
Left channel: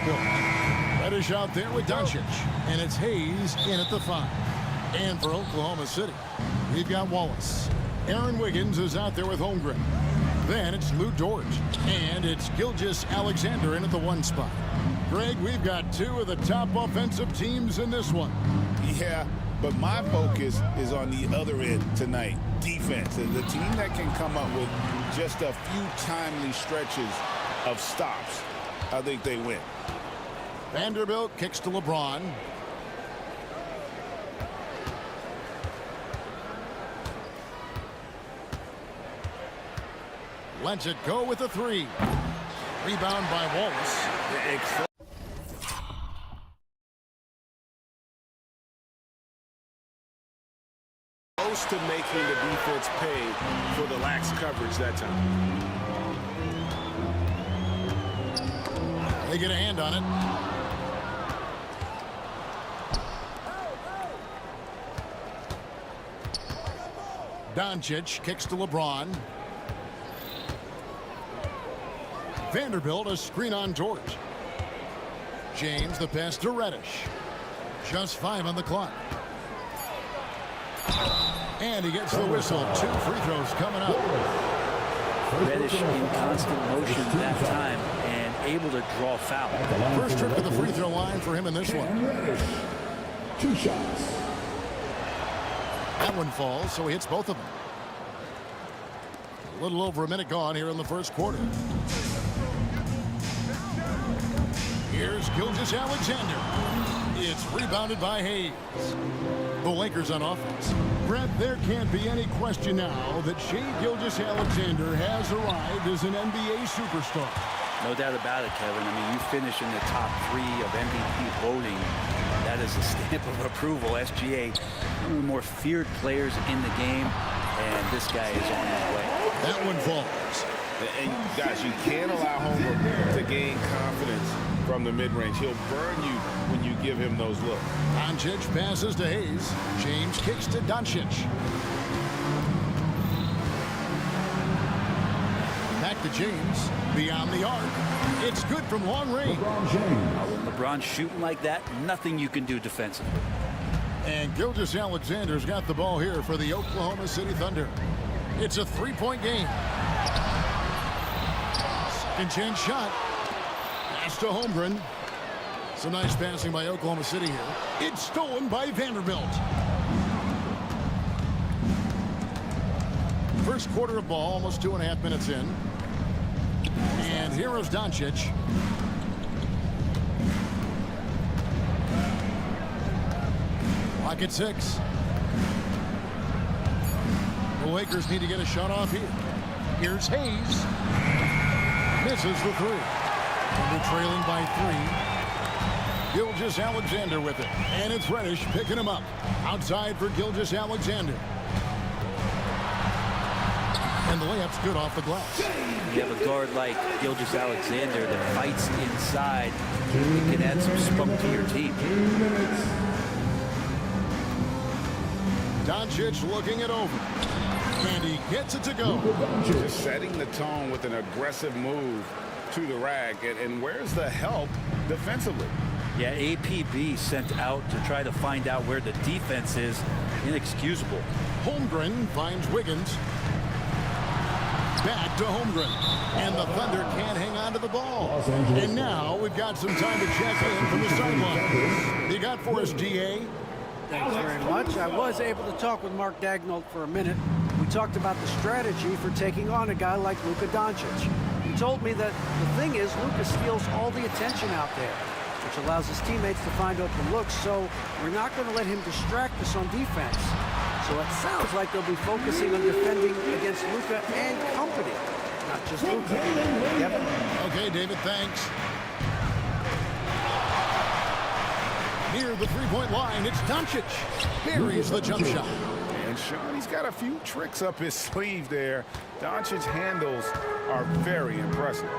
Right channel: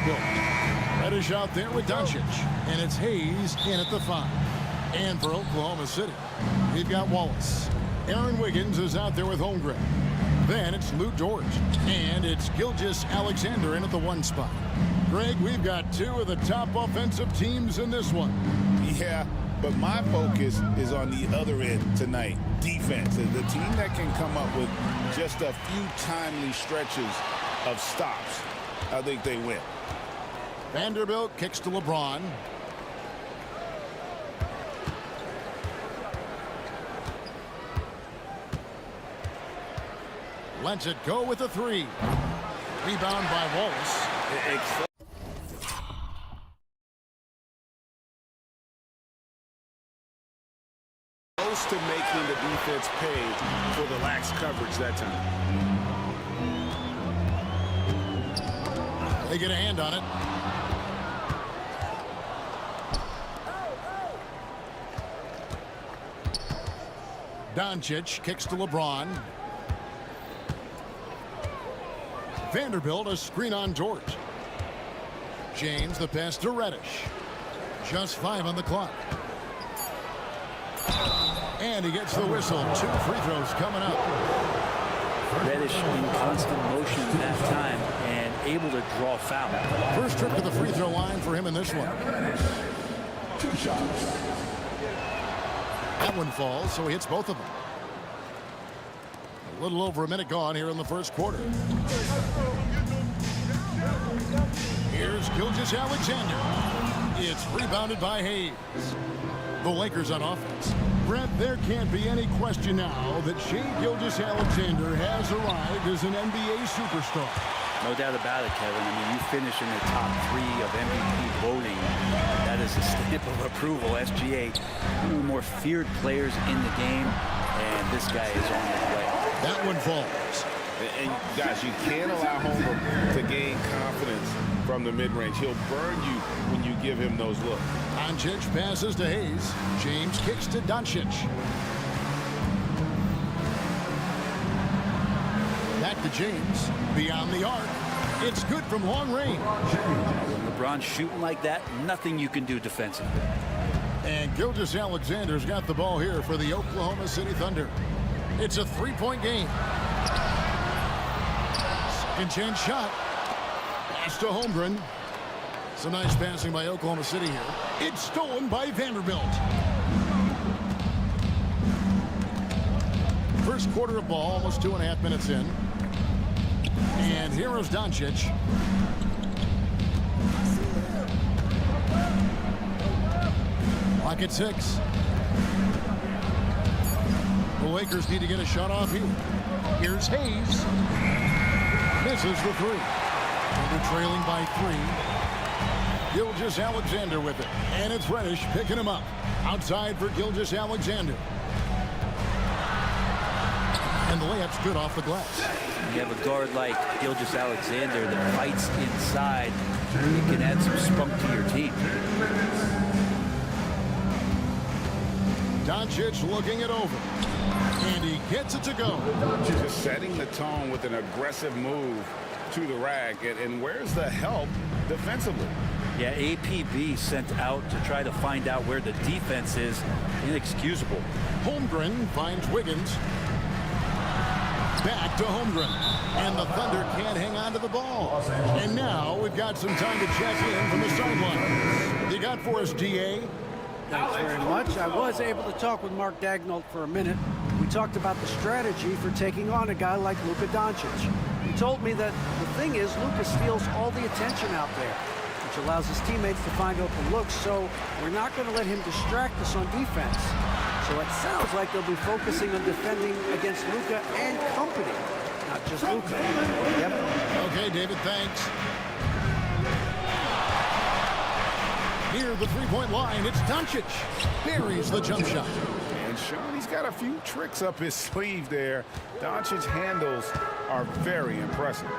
Vanderbilt. Reddish out there with Doncic. And it's Hayes in at the 5. And for Oklahoma City, we've got Wallace. Aaron Wiggins is out there with Holmgren. Then it's Lou Dort. And it's Gilgeous-Alexander in at the 1 spot. Greg, we've got 2 of the top offensive teams in this one. Yeah, but my focus is on the other end tonight, defense. The team that can come up with just a few timely stretches of stops, I think they win. Vanderbilt kicks to LeBron. Lets it go with a 3. Rebound by Wallace. Close to making the defense pay for the lax coverage that time. They get a hand on it. Doncic kicks to LeBron. Vanderbilt a screen on Dort. James the pass to Reddish. Just 5 on the clock. And he gets the whistle. 2 free throws coming up. Reddish in constant motion that time and able to draw foul. First trip to the free throw line for him in this one. 2 shots. That one falls, so he hits both of them. A little over a minute gone here in the first quarter. Here's Gilgeous-Alexander. It's rebounded by Hayes. The Lakers on offense. Brett, there can't be any question now that Shai Gilgeous-Alexander has arrived as an NBA superstar. No doubt about it, Kevin. I mean, you finish in the top 3 of MVP voting. That is a stamp of approval. SGA, one of the more feared players in the game, and this guy is on his way. That one falls. And guys, you can't allow Homer to gain confidence from the mid-range. He'll burn you when you give him those looks. Doncic passes to Hayes. James kicks to Doncic. Back to James. Beyond the arc. It's good from long range. When LeBron's shooting like that, nothing you can do defensively. And Gilgeous-Alexander's got the ball here for the Oklahoma City Thunder. It's a 3-point game. Second chance shot. Pass to Holmgren. Some nice passing by Oklahoma City here. It's stolen by Vanderbilt. First quarter of ball, almost 2.5 minutes in. And here is Doncic. Clock at 6. The Lakers need to get a shot off here. Here's Hayes. Misses the 3. Thunder trailing by 3. Gilgeous-Alexander with it. And it's Reddish picking him up. Outside for Gilgeous-Alexander. And the layup's good off the glass. You have a guard like Gilgeous-Alexander that fights inside. It can add some spunk to your team. Doncic looking it over. And he gets it to go. Just setting the tone with an aggressive move to the rack. And where's the help defensively? Yeah, APB sent out to try to find out where the defense is. Inexcusable. Holmgren finds Wiggins. Back to Holmgren. And the Thunder can't hang on to the ball. And now we've got some time to check in from the sideline. You got for us, DA? Thanks very much. I was able to talk with Mark Daigneault for a minute. We talked about the strategy for taking on a guy like Luka Doncic. He told me that the thing is Luka steals all the attention out there, which allows his teammates to find open looks, so we're not going to let him distract us on defense. So it sounds like they'll be focusing on defending against Luka and company, not just Luka. Kevin? Okay, David, thanks. Near the three-point line, it's Doncic. Buries the jump shot. And Sean, he's got a few tricks up his sleeve there. Doncic's handles are very impressive.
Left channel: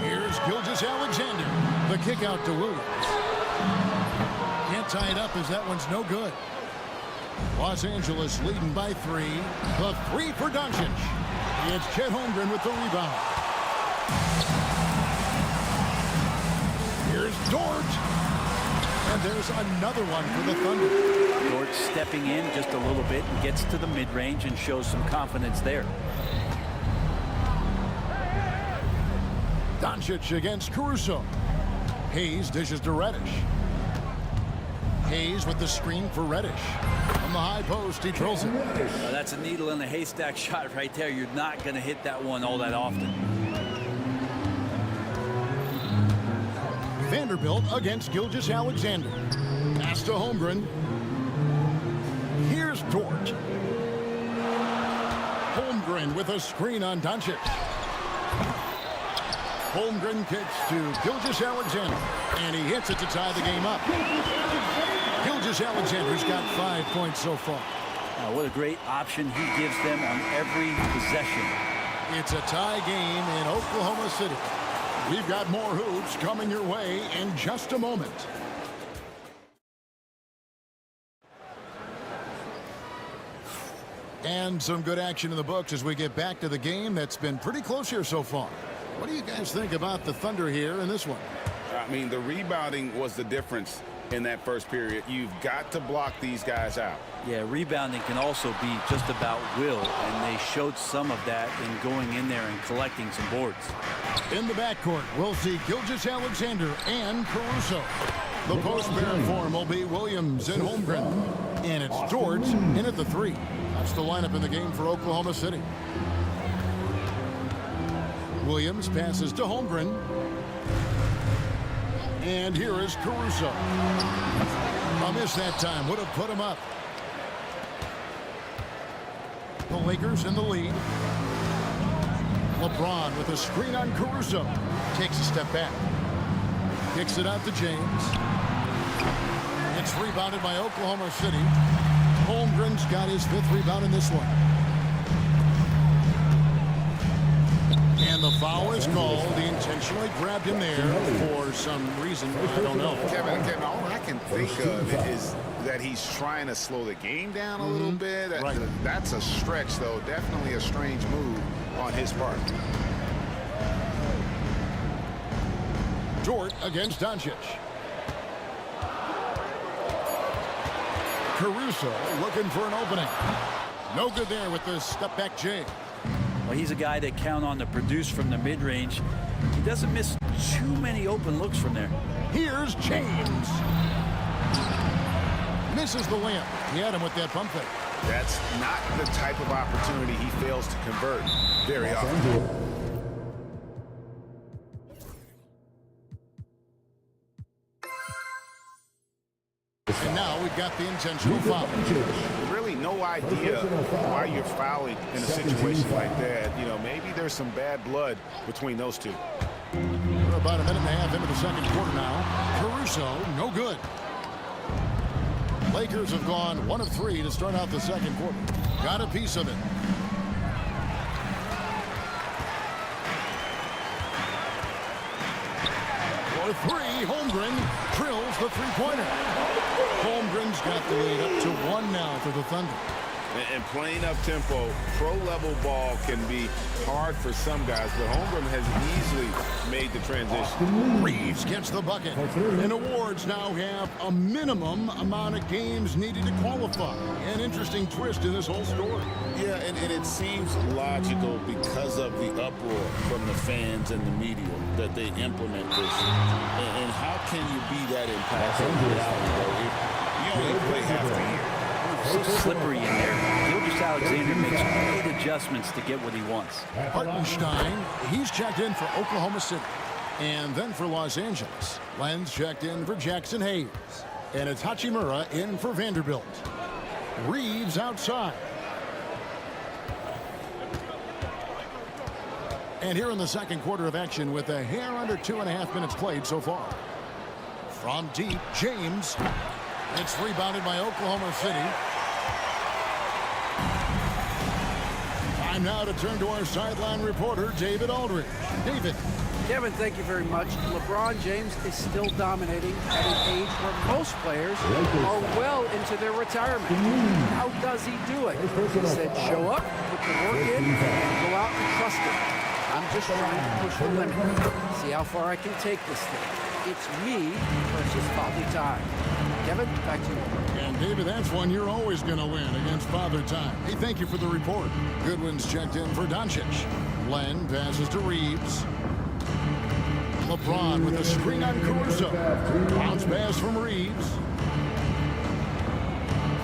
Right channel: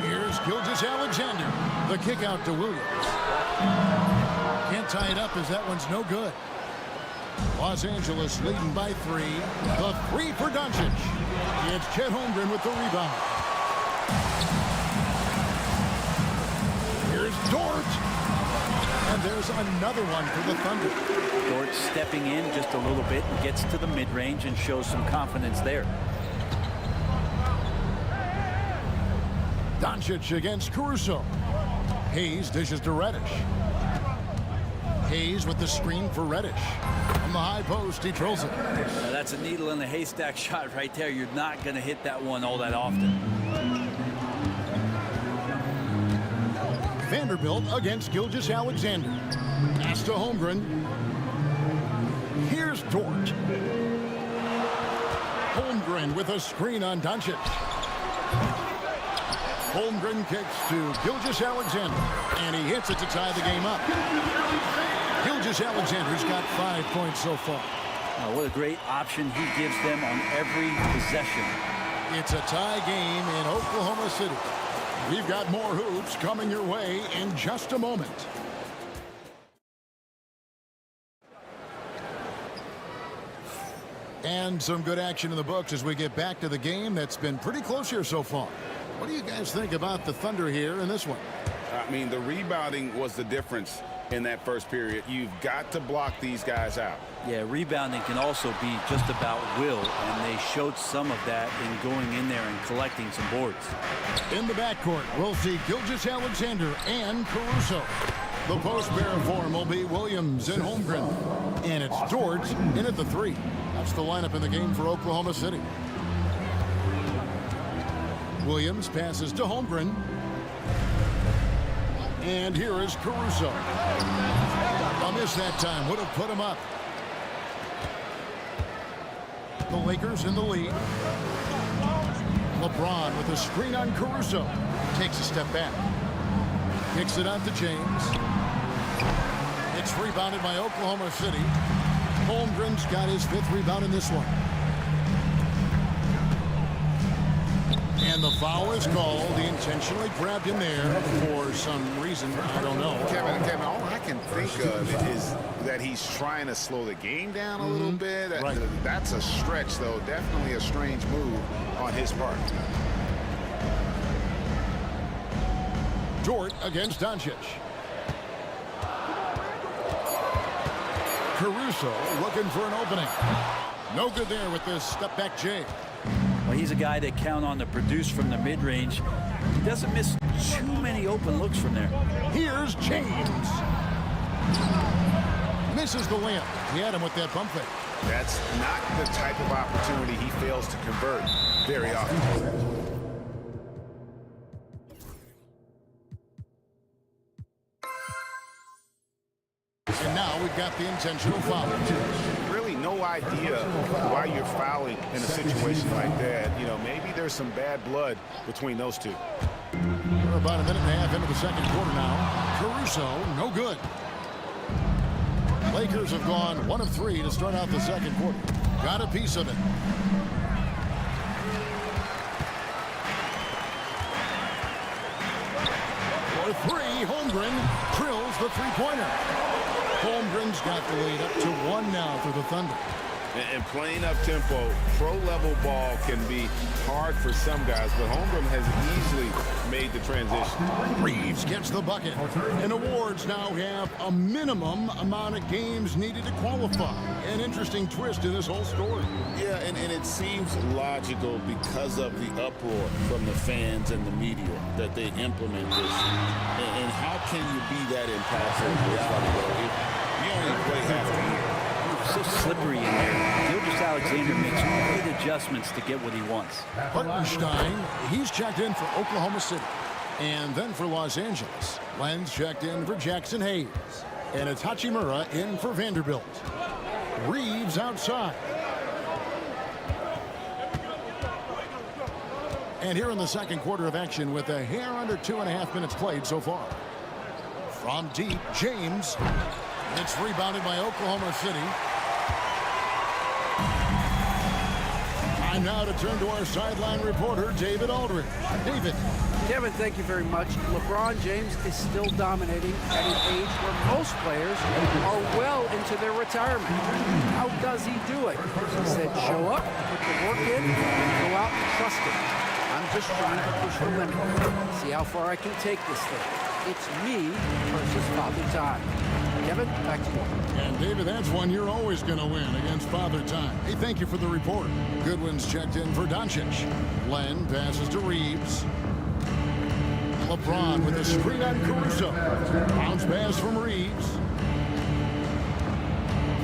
Here's Gilgeous-Alexander. The kick out to Williams. Can't tie it up as that one's no good. Los Angeles leading by 3. The 3 for Here's Dort. And there's another one for the Thunder. Dort stepping in just a little bit and gets to the mid-range and shows some confidence there. Doncic against Caruso. Hayes dishes to Reddish. Hayes with the screen for Reddish. On the high post, he drills it. That's a needle in the haystack shot right there. You're not going to hit that one all that often. Vanderbilt against Gilgeous-Alexander. Pass to Holmgren. Here's Dort. Holmgren with a screen on Doncic. Holmgren kicks to Gilgeous-Alexander, and he hits it to tie the game up. Gilgeous-Alexander's got 5 points so far. What a great option he gives them on every possession. It's a tie game in Oklahoma City. We've got more hoops coming your way in just a moment. And some good action in the books as we get back to the game that's been pretty close here so far. What do you guys think about the Thunder here in this one? I mean, the rebounding was the difference in that first period. You've got to block these guys out. Yeah, rebounding can also be just about will, and they showed some of that in going in there and collecting some boards. In the backcourt, we'll see Gilgeous-Alexander and Caruso. The post pair form will be Williams and Holmgren. And it's Dort in at the 3. That's the lineup in the game for Oklahoma City. Williams passes to Holmgren. And here is Caruso. A miss that time would have put him up. The Lakers in the lead. LeBron with a screen on Caruso. Takes a step back. Kicks it out to James. It's rebounded by Oklahoma City. Holmgren's got his 5th rebound in this one. And the foul is called. He intentionally grabbed him there for some reason. I don't know. Kevin, all I can think of is that he's trying to slow the game down a little bit. Right. That's a stretch, though. Definitely a strange move on his part. Dort against Doncic. Caruso looking for an opening. No good there with the step-back J. Well, he's a guy that count on to produce from the mid-range. He doesn't miss too many open looks from there. Here's James. Misses the layup. He had him with that pump fake. That's not the type of opportunity he fails to convert very often. And now we've got the intentional foul. Really no idea why you're fouling in a situation like that. You know, maybe there's some bad blood between those two. We're about a minute and a half into the second quarter now. Caruso, no good. Lakers have gone 1 of 3 to start out the second quarter. Got a piece of it. For 3, Holmgren drills the three-pointer. Holmgren's got the lead up to 1 now for the Thunder. And playing up tempo, pro-level ball can be hard for some guys, but Holmgren has easily made the transition. Reeves gets the bucket. And awards now have a minimum amount of games needed to qualify. An interesting twist in this whole story. Yeah, and it seems logical because of the uproar from the fans and the media that they implement this. And how can you be that impactful in reality, though, if you only play half the year? So slippery in there. Gilgeous-Alexander makes great adjustments to get what he wants. Hartenstein, he's checked in for Oklahoma City. And then for Los Angeles. Lenz checked in for Jackson Hayes. And it's Hachimura in for Vanderbilt. Reeves outside. And here in the second quarter of action with a hair under 2.5 minutes played so far. From deep, James. It's rebounded by Oklahoma City. Time now to turn to our sideline reporter, David Aldridge. David. Kevin, thank you very much. LeBron James is still dominating at an age where most players are well into their retirement. How does he do it? He said, show up, put the work in, and go out and trust it. I'm just trying to push the limit. See how far I can take this thing. it's me versus Father Time. Kevin, back to you. And David, that's one you're always going to win against Father Time. Hey, thank you for the report. Goodwin's checked in for Doncic. Len passes to Reeves. LeBron with a screen on Caruso. Bounce pass from Reeves.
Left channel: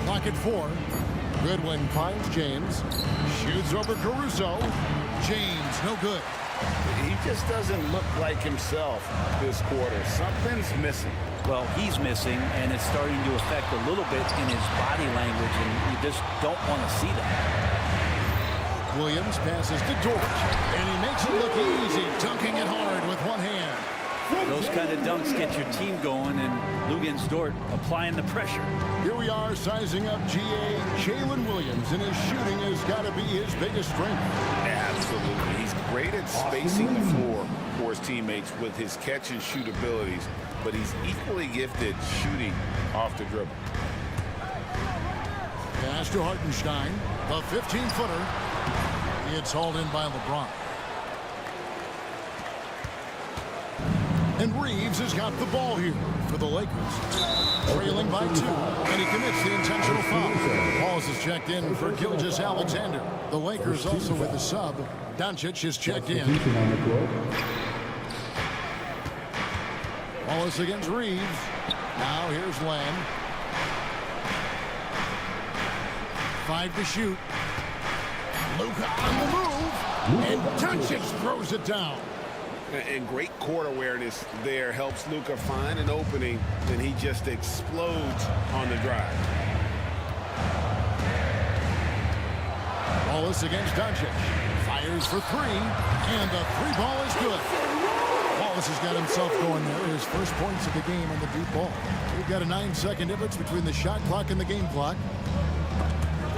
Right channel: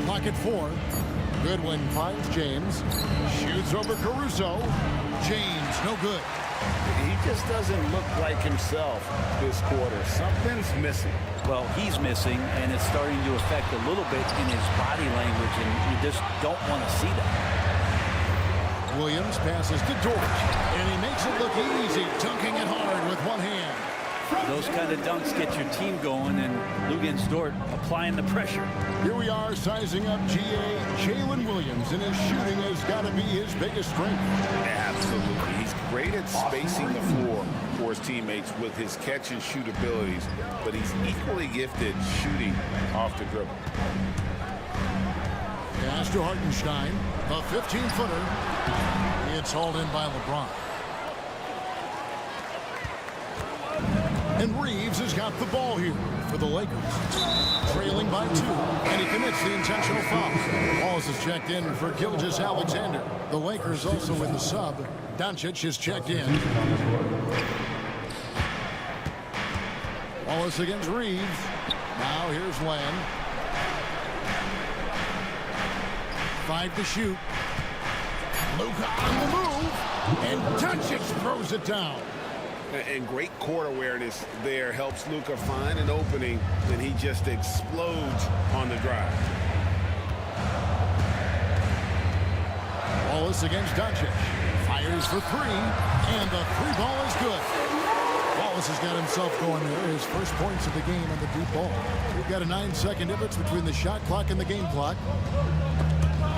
Clock at 4. Goodwin finds James. Shoots over Caruso. James, no good. He just doesn't look like himself this quarter. Something's missing. Well, he's missing, and it's starting to affect a little bit in his body language, and you just don't want to see that. Williams passes to Dort, and he makes it look easy, dunking it hard with one hand. Those kind of dunks get your team going, and Lugens Dort applying the pressure. Here we are sizing up GA Jalen Williams, and his shooting has got to be his biggest strength. Absolutely. He's great at spacing the floor for his teammates with his catch and shoot abilities, but he's equally gifted shooting off the dribble. Pass to Hartenstein, the 15-footer. It's hauled in by LeBron. And Reeves has got the ball here for the Lakers. Trailing by 2, and he commits the intentional foul. Wallace is checked in for Gilgeous-Alexander. The Lakers also with a sub. Doncic is checked in. Wallace against Reeves. Now here's Len. 5 to shoot. Luka on the move, and Doncic throws it down. And great court awareness there helps Luka find an opening, and he just explodes on the drive. Wallace against Doncic. Fires for 3, and the 3-ball is good. Wallace has got himself going there. His first points of the game on the deep ball. We've got a 9-second difference between the shot clock and the game clock.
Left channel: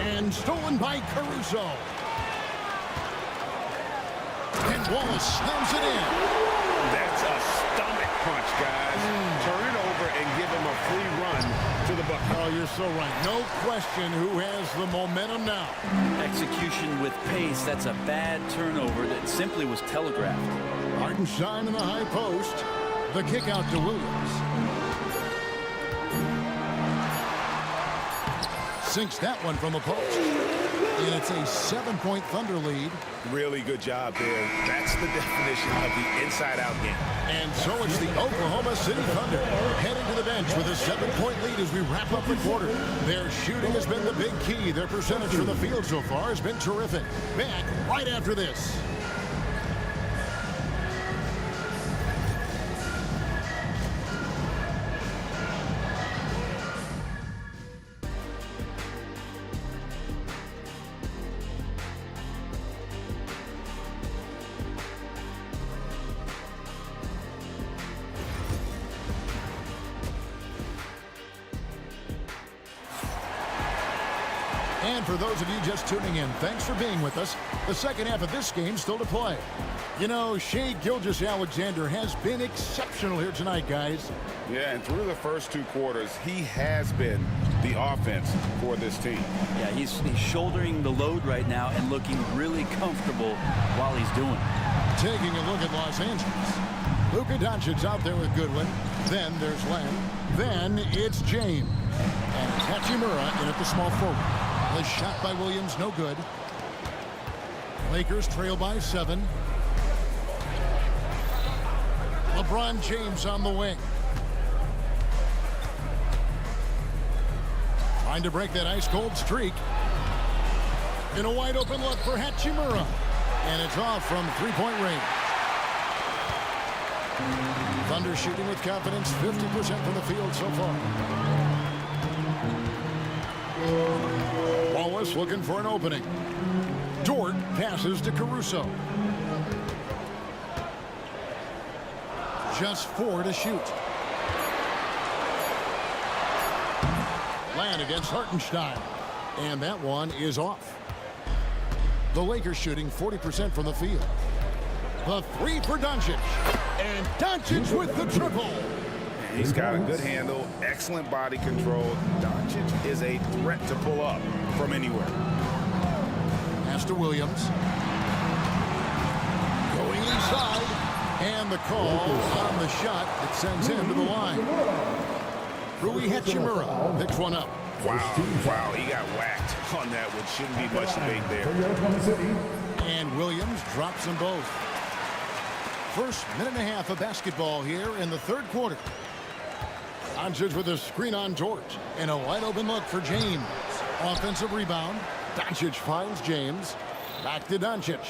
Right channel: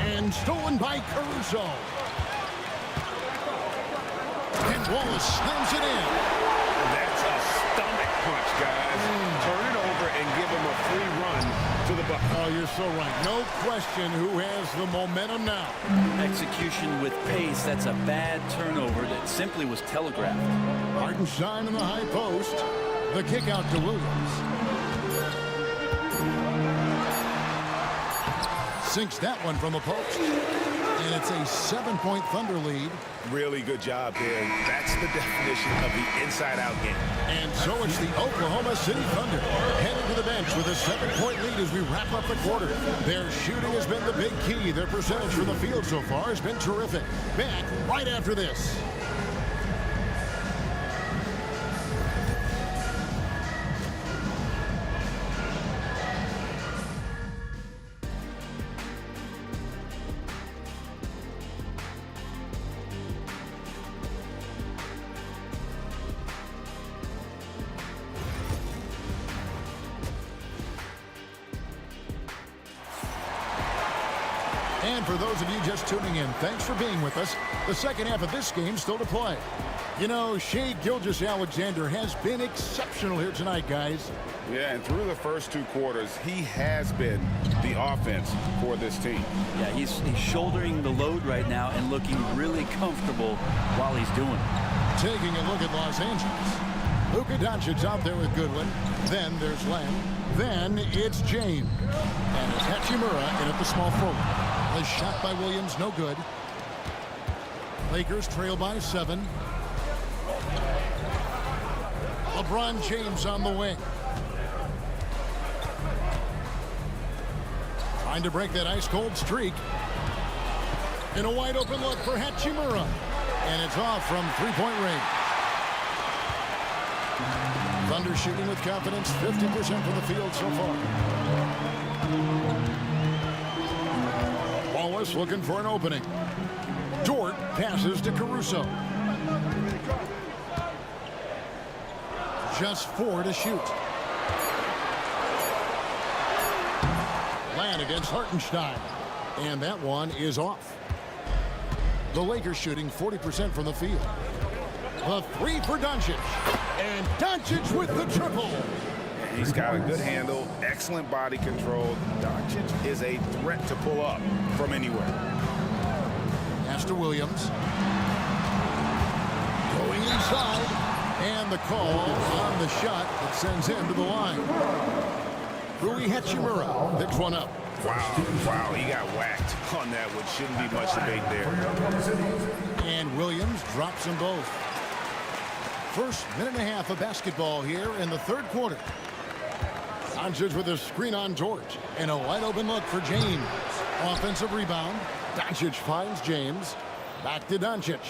And stolen by Caruso. And Wallace slams it in. That's a stomach punch, guys. Turn it over and give him a free run to the bucket. Oh, you're so right. No question who has the momentum now. Execution with pace, that's a bad turnover that simply was telegraphed. Hartenstein in the high post. The kick out to Williams. Sinks that one from the post. And it's a 7-point Thunder lead. Really good job there. That's the definition of the inside-out game. And so it's the Oklahoma City Thunder heading to the bench with a 7-point lead as we wrap up the quarter. Their shooting has been the big key. Their percentage from the field so far has been terrific. Back right after this. And for those of you just tuning in, thanks for being with us. The second half of this game still to play. You know, Shai Gilgeous-Alexander has been exceptional here tonight, guys. Yeah, and through the first 2 quarters, he has been the offense for this team. Yeah, he's shouldering the load right now and looking really comfortable while he's doing it. Taking a look at Los Angeles. Luka Doncic's out there with Goodwin. Then there's Len. Then it's James. And it's Hachimura in at the small forward. The shot by Williams, no good. Lakers trail by 7. LeBron James on the wing. Trying to break that ice-cold streak. In a wide-open look for Hachimura. And it's off from 3-point range. Thunder shooting with confidence, 50% from the field so far. Wallace looking for an opening. Dort passes to Caruso. Just 4 to shoot. Land against Hartenstein. And that one is off. The Lakers shooting 40% from the field. The 3 for Doncic. And Doncic with the triple. He's got a good handle, excellent body control. Doncic is a threat to pull up from anywhere. Pass to Williams. Going inside. And the call on the shot that sends him to the line. Rui Hachimura picks one up. Wow, he got whacked on that one. Shouldn't be much debate there. And Williams drops them both. First minute and a half of basketball here in the third quarter. Doncic with a screen on George. And a wide open look for James. Offensive rebound. Doncic finds James. Back to Doncic.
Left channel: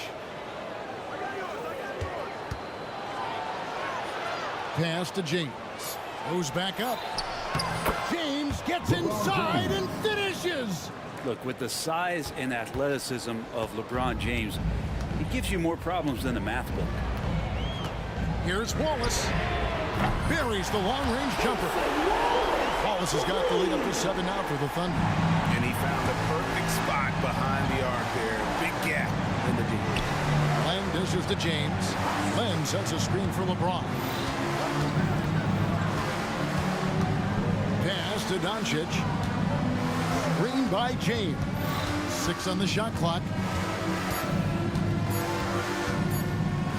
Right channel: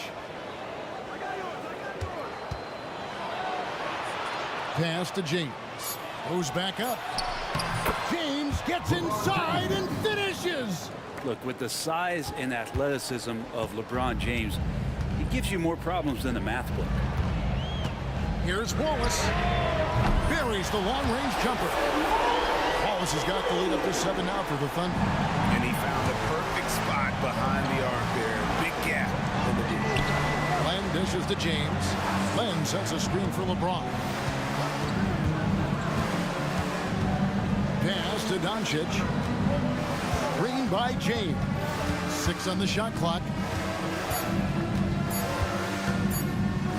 Pass to James. Moves back up. James gets inside and finishes. Look, with the size and athleticism of LeBron James, he gives you more problems than the math book. Here's Wallace. Buries the long-range jumper. Wallace has got the lead up to 7 now for the Thunder. And he found the perfect spot behind the arc there. Big gap in the D. Len dishes to James. Len sets a screen for LeBron. Pass to Doncic. Screen by James. 6 on the shot clock.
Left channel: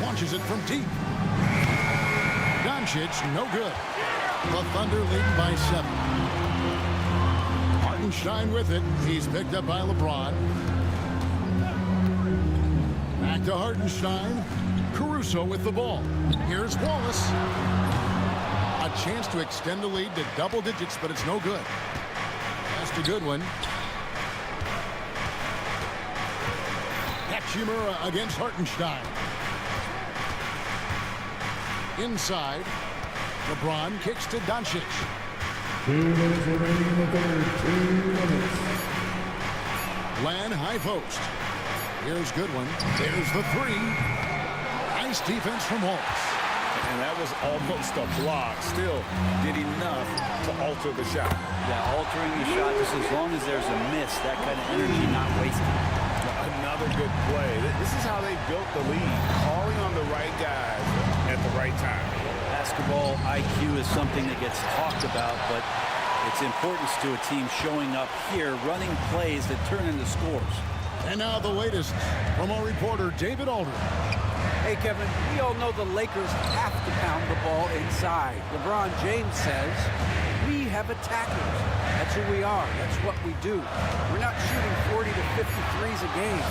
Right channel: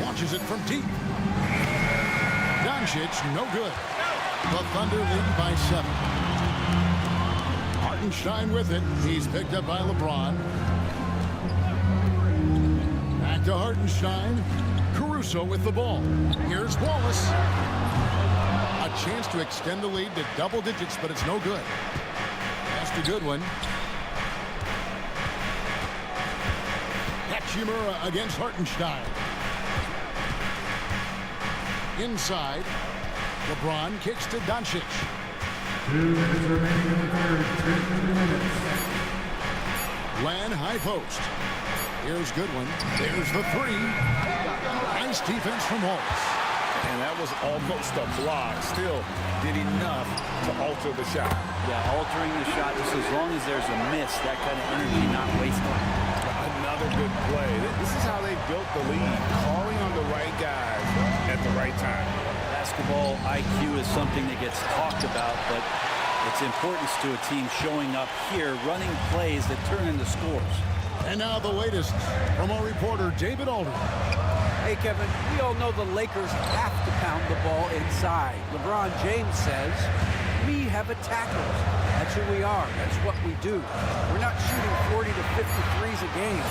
Launches it from deep. Doncic, no good. The Thunder lead by 7. Hartenstein with it. He's picked up by LeBron. Back to Hartenstein. Caruso with the ball. Here's Wallace. A chance to extend the lead to double digits, but it's no good. That's a good one. Hachimura against Hartenstein. Inside. LeBron kicks to Doncic. 2 minutes remaining in the third. 2 minutes. Lan high post. Here's good one. There's the 3. Nice defense from Wallace. And that was almost a block. Still did enough to alter the shot. Yeah, altering the shot just as long as there's a miss. That kind of energy not wasted. Another good play. This is how they built the lead. Calling on the right guys at the right time. Basketball IQ is something that gets talked about, but its importance to a team showing up here, running plays that turn into scores. And now the latest from our reporter, David Aldridge. Hey, Kevin, we all know the Lakers have to pound the ball inside. LeBron James says, we have attackers. That's who we are. That's what we do. We're not shooting 40 to 50 threes a game.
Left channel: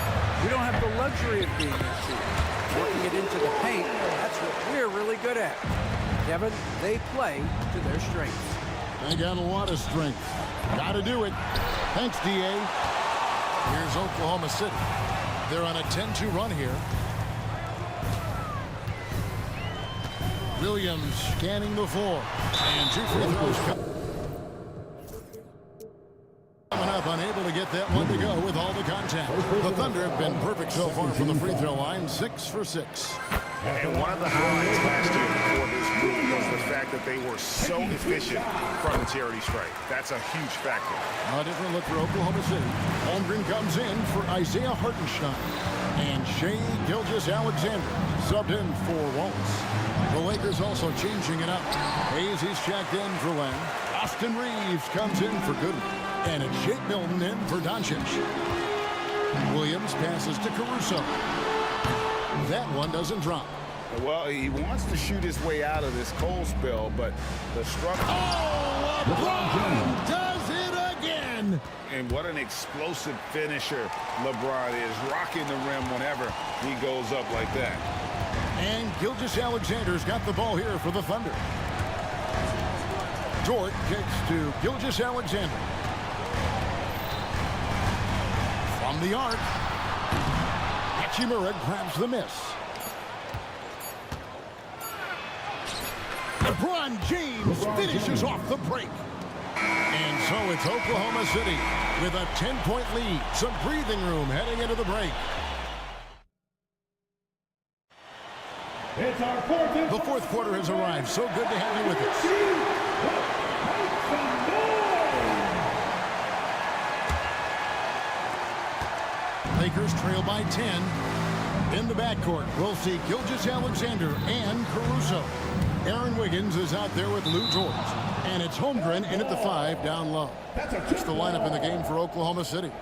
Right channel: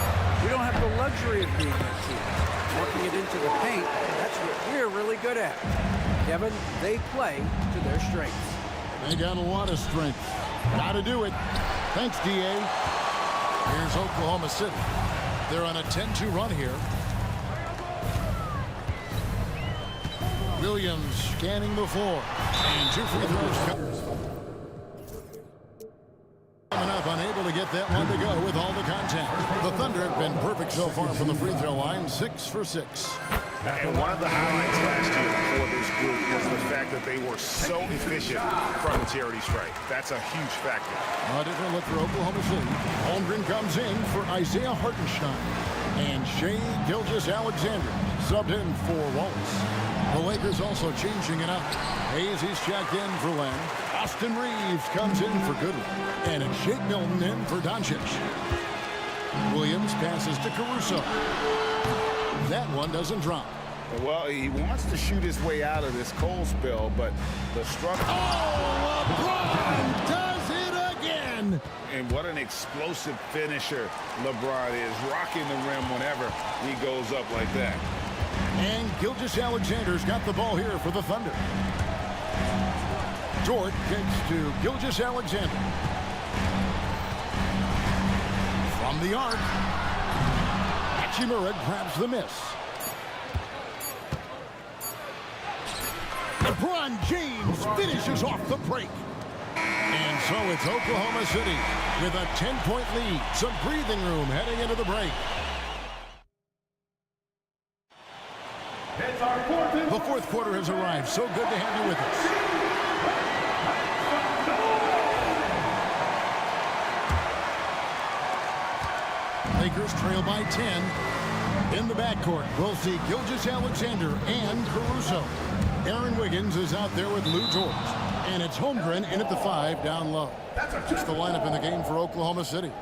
We don't have the luxury of being that team. Working it into the paint, that's what we're really good at. Kevin, they play to their strengths. They got a lot of strength. Got to do it. Thanks, D.A. Here's Oklahoma City. They're on a 10-2 run here. Williams scanning the floor. And 2 free throws coming up, unable to get that one to go with all the contact. The Thunder have been perfect so far from the free throw line, 6 for 6. And one of the highlights last year for this group was the fact that they were so efficient from the charity stripe. That's a huge factor. A different look for Oklahoma City. Holmgren comes in for Isaiah Hartenstein. And Shai Gilgeous-Alexander subbed in for Wallace. The Lakers also changing it up. Hayes, he's checked in for Len. Austin Reeves comes in for Goodwin. And it's Shake Milton in for Doncic. Williams passes to Caruso. That one doesn't drop. Well, he wants to shoot his way out of this cold spell, but the struggle. Oh, LeBron does it again. And what an explosive finisher LeBron is, rocking the rim whenever he goes up like that. And Gilgeous-Alexander's got the ball here for the Thunder. Dort kicks to Gilgeous-Alexander. From the arc. Hachimura grabs the miss. LeBron James finishes off the break. And so it's Oklahoma City with a 10-point lead. Some breathing room heading into the break. The fourth quarter has arrived. So good to have you with us. Lakers trail by 10. In the backcourt, we'll see Gilgeous-Alexander and Caruso. Aaron Wiggins is out there with Lou George. And it's Holmgren in at the 5 down low. It's the lineup in the game for Oklahoma City.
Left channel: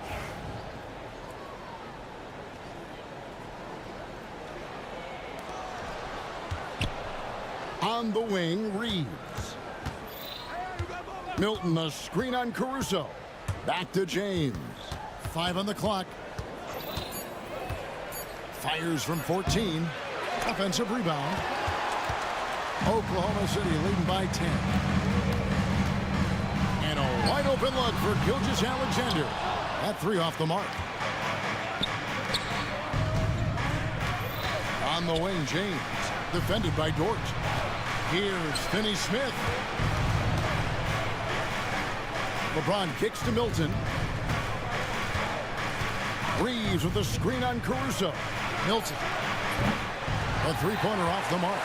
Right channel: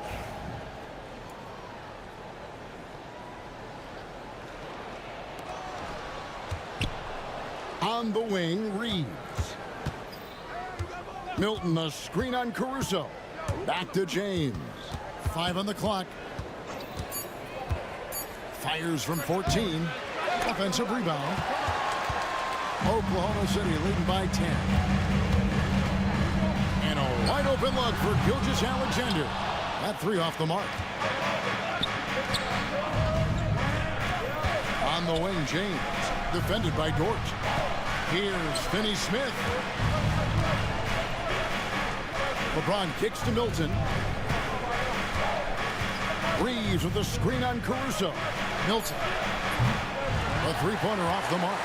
On the wing, Reeves. Milton, a screen on Caruso. Back to James. 5 on the clock. Fires from 14. Offensive rebound. Oklahoma City leading by 10. And a wide open look for Gilgeous-Alexander. That 3 off the mark. On the wing, James. Defended by Dort. Here's Finney-Smith. LeBron kicks to Milton. Reeves with the screen on Caruso. Milton. A three-pointer off the mark.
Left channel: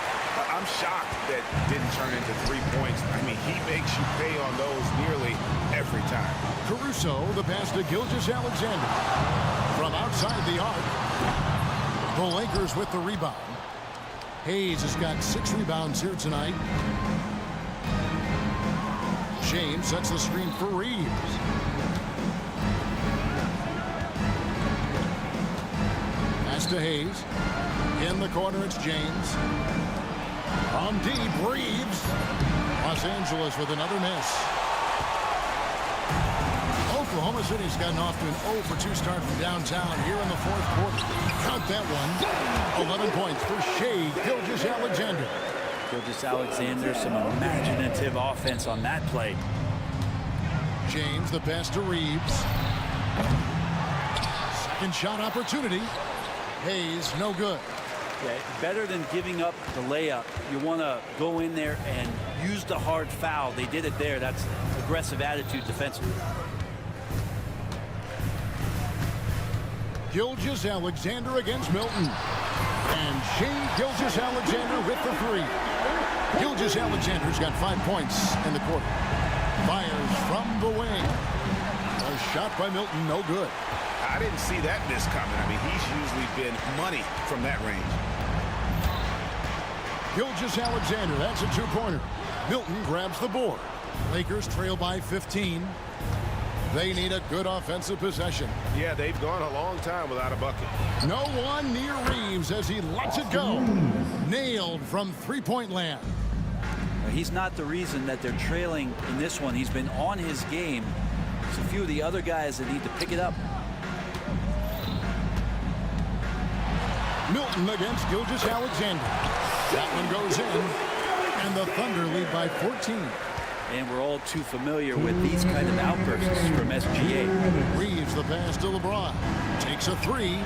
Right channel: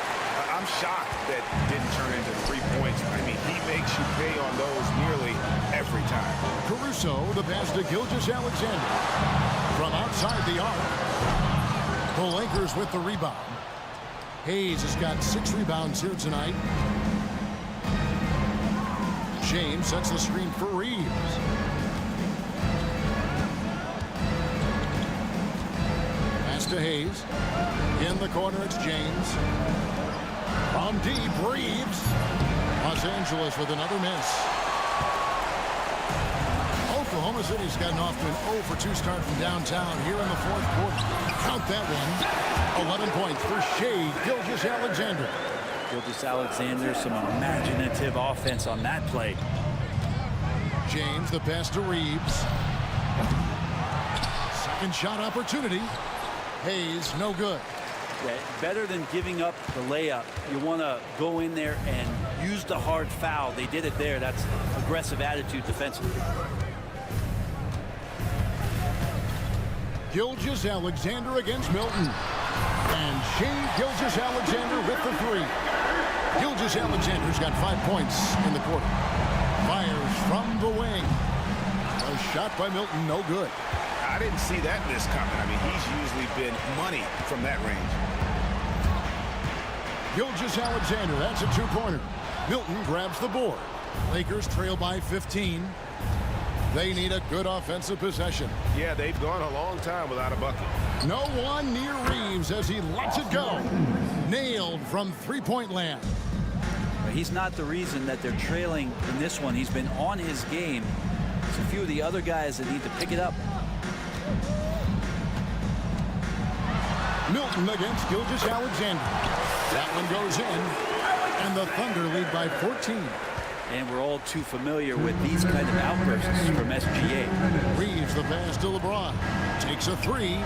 I'm shocked that didn't turn into 3 points. I mean, he makes you pay on those nearly every time. Caruso, the pass to Gilgeous-Alexander. From outside the arc. The Lakers with the rebound. Hayes has got 6 rebounds here tonight. James sets the screen for Reeves. Pass to Hayes. In the corner, it's James. From deep, Reeves. Los Angeles with another miss. Oklahoma City's gotten off to an 0-for-2 start from downtown here in the fourth quarter. Count that one. 11 points for Shai Gilgeous-Alexander. Gilgeous-Alexander, some imaginative offense on that play. James, the pass to Reeves. Second shot opportunity. Hayes, no good. Yeah, better than giving up the layup. You want to go in there and use the hard foul. They did it there. That's aggressive attitude defensively. Gilgeous-Alexander against Milton. And Shai Gilgeous-Alexander with the 3. Gilgeous-Alexander's got 5 points in the quarter. Fires from the wing. A shot by Milton, no good. I didn't see that miss coming. I mean, he's usually been money from that range. Gilgeous-Alexander, that's a 2-pointer. Milton grabs the board. Lakers trail by 15. They need a good offensive possession. Yeah, they've gone a long time without a bucket. No one near Reeves as he lets it go. Nailed from three-point land. He's not the reason that they're trailing in this one. He's been on his game. It's a few of the other guys that need to pick it up. Milton against Gilgeous-Alexander. That one goes in, and the Thunder lead by 14. And we're all too familiar with these kind of outbursts from SGA. Reeves the pass to LeBron. Takes a 3.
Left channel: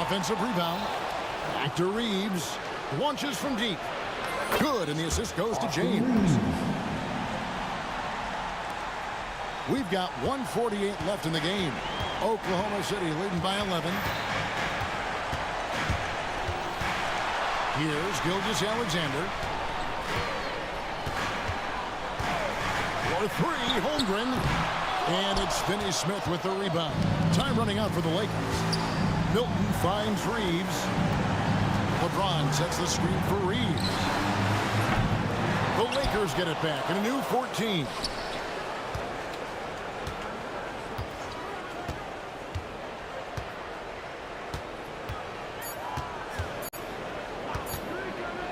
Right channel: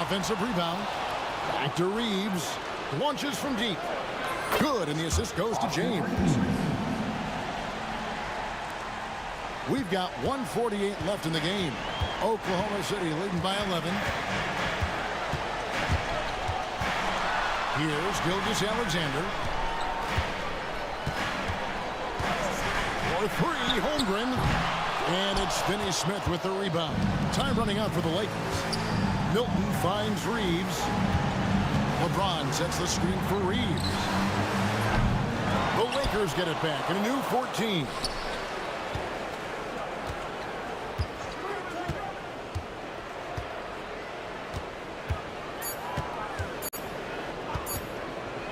Offensive rebound. Back to Reeves. Launches from deep. Good, and the assist goes to James. We've got 1:48 left in the game. Oklahoma City leading by 11. Here's Gilgeous-Alexander. For 3, Holmgren. And it's Finney-Smith with the rebound. Time running out for the Lakers. Milton finds Reeves. LeBron sets the screen for Reeves. The Lakers get it back in a new 14.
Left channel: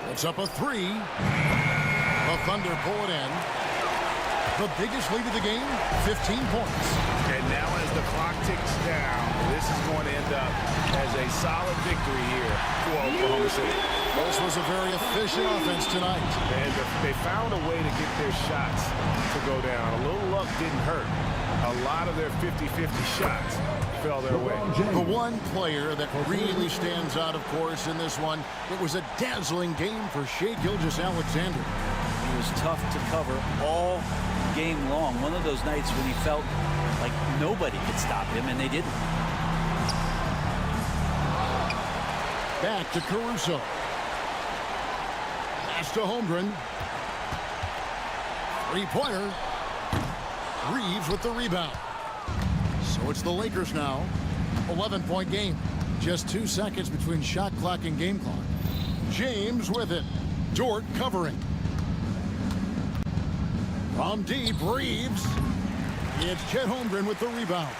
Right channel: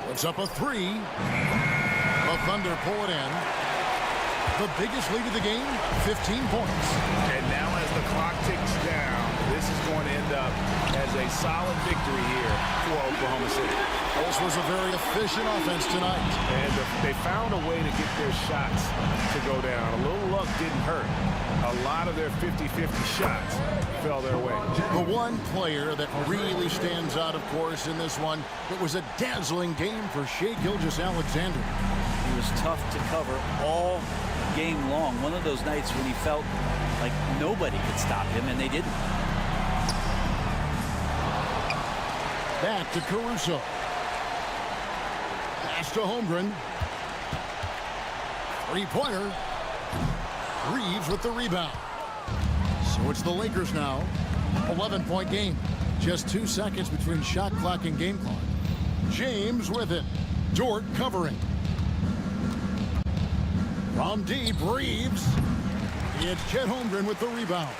Puts up a 3. The Thunder pull it in. The biggest lead of the game, 15 points. And now as the clock ticks down, this is going to end up as a solid victory here for Oklahoma City. This was a very efficient offense tonight. And they found a way to get their shots to go down. A little luck didn't hurt. A lot of their 50-50 shots fell their way. The one player that really stands out, of course, in this one, it was a dazzling game for Shai Gilgeous-Alexander. He was tough to cover all game long. One of those nights when he felt like nobody could stop him, and they didn't. Back to Caruso. Pass to Holmgren. Three-pointer. Reeves with the rebound. So it's the Lakers now. 11-point game. Just 2 seconds between shot clock and game clock. James with it. Dort covering. From deep, Reeves. It's Chet Holmgren with the rebound.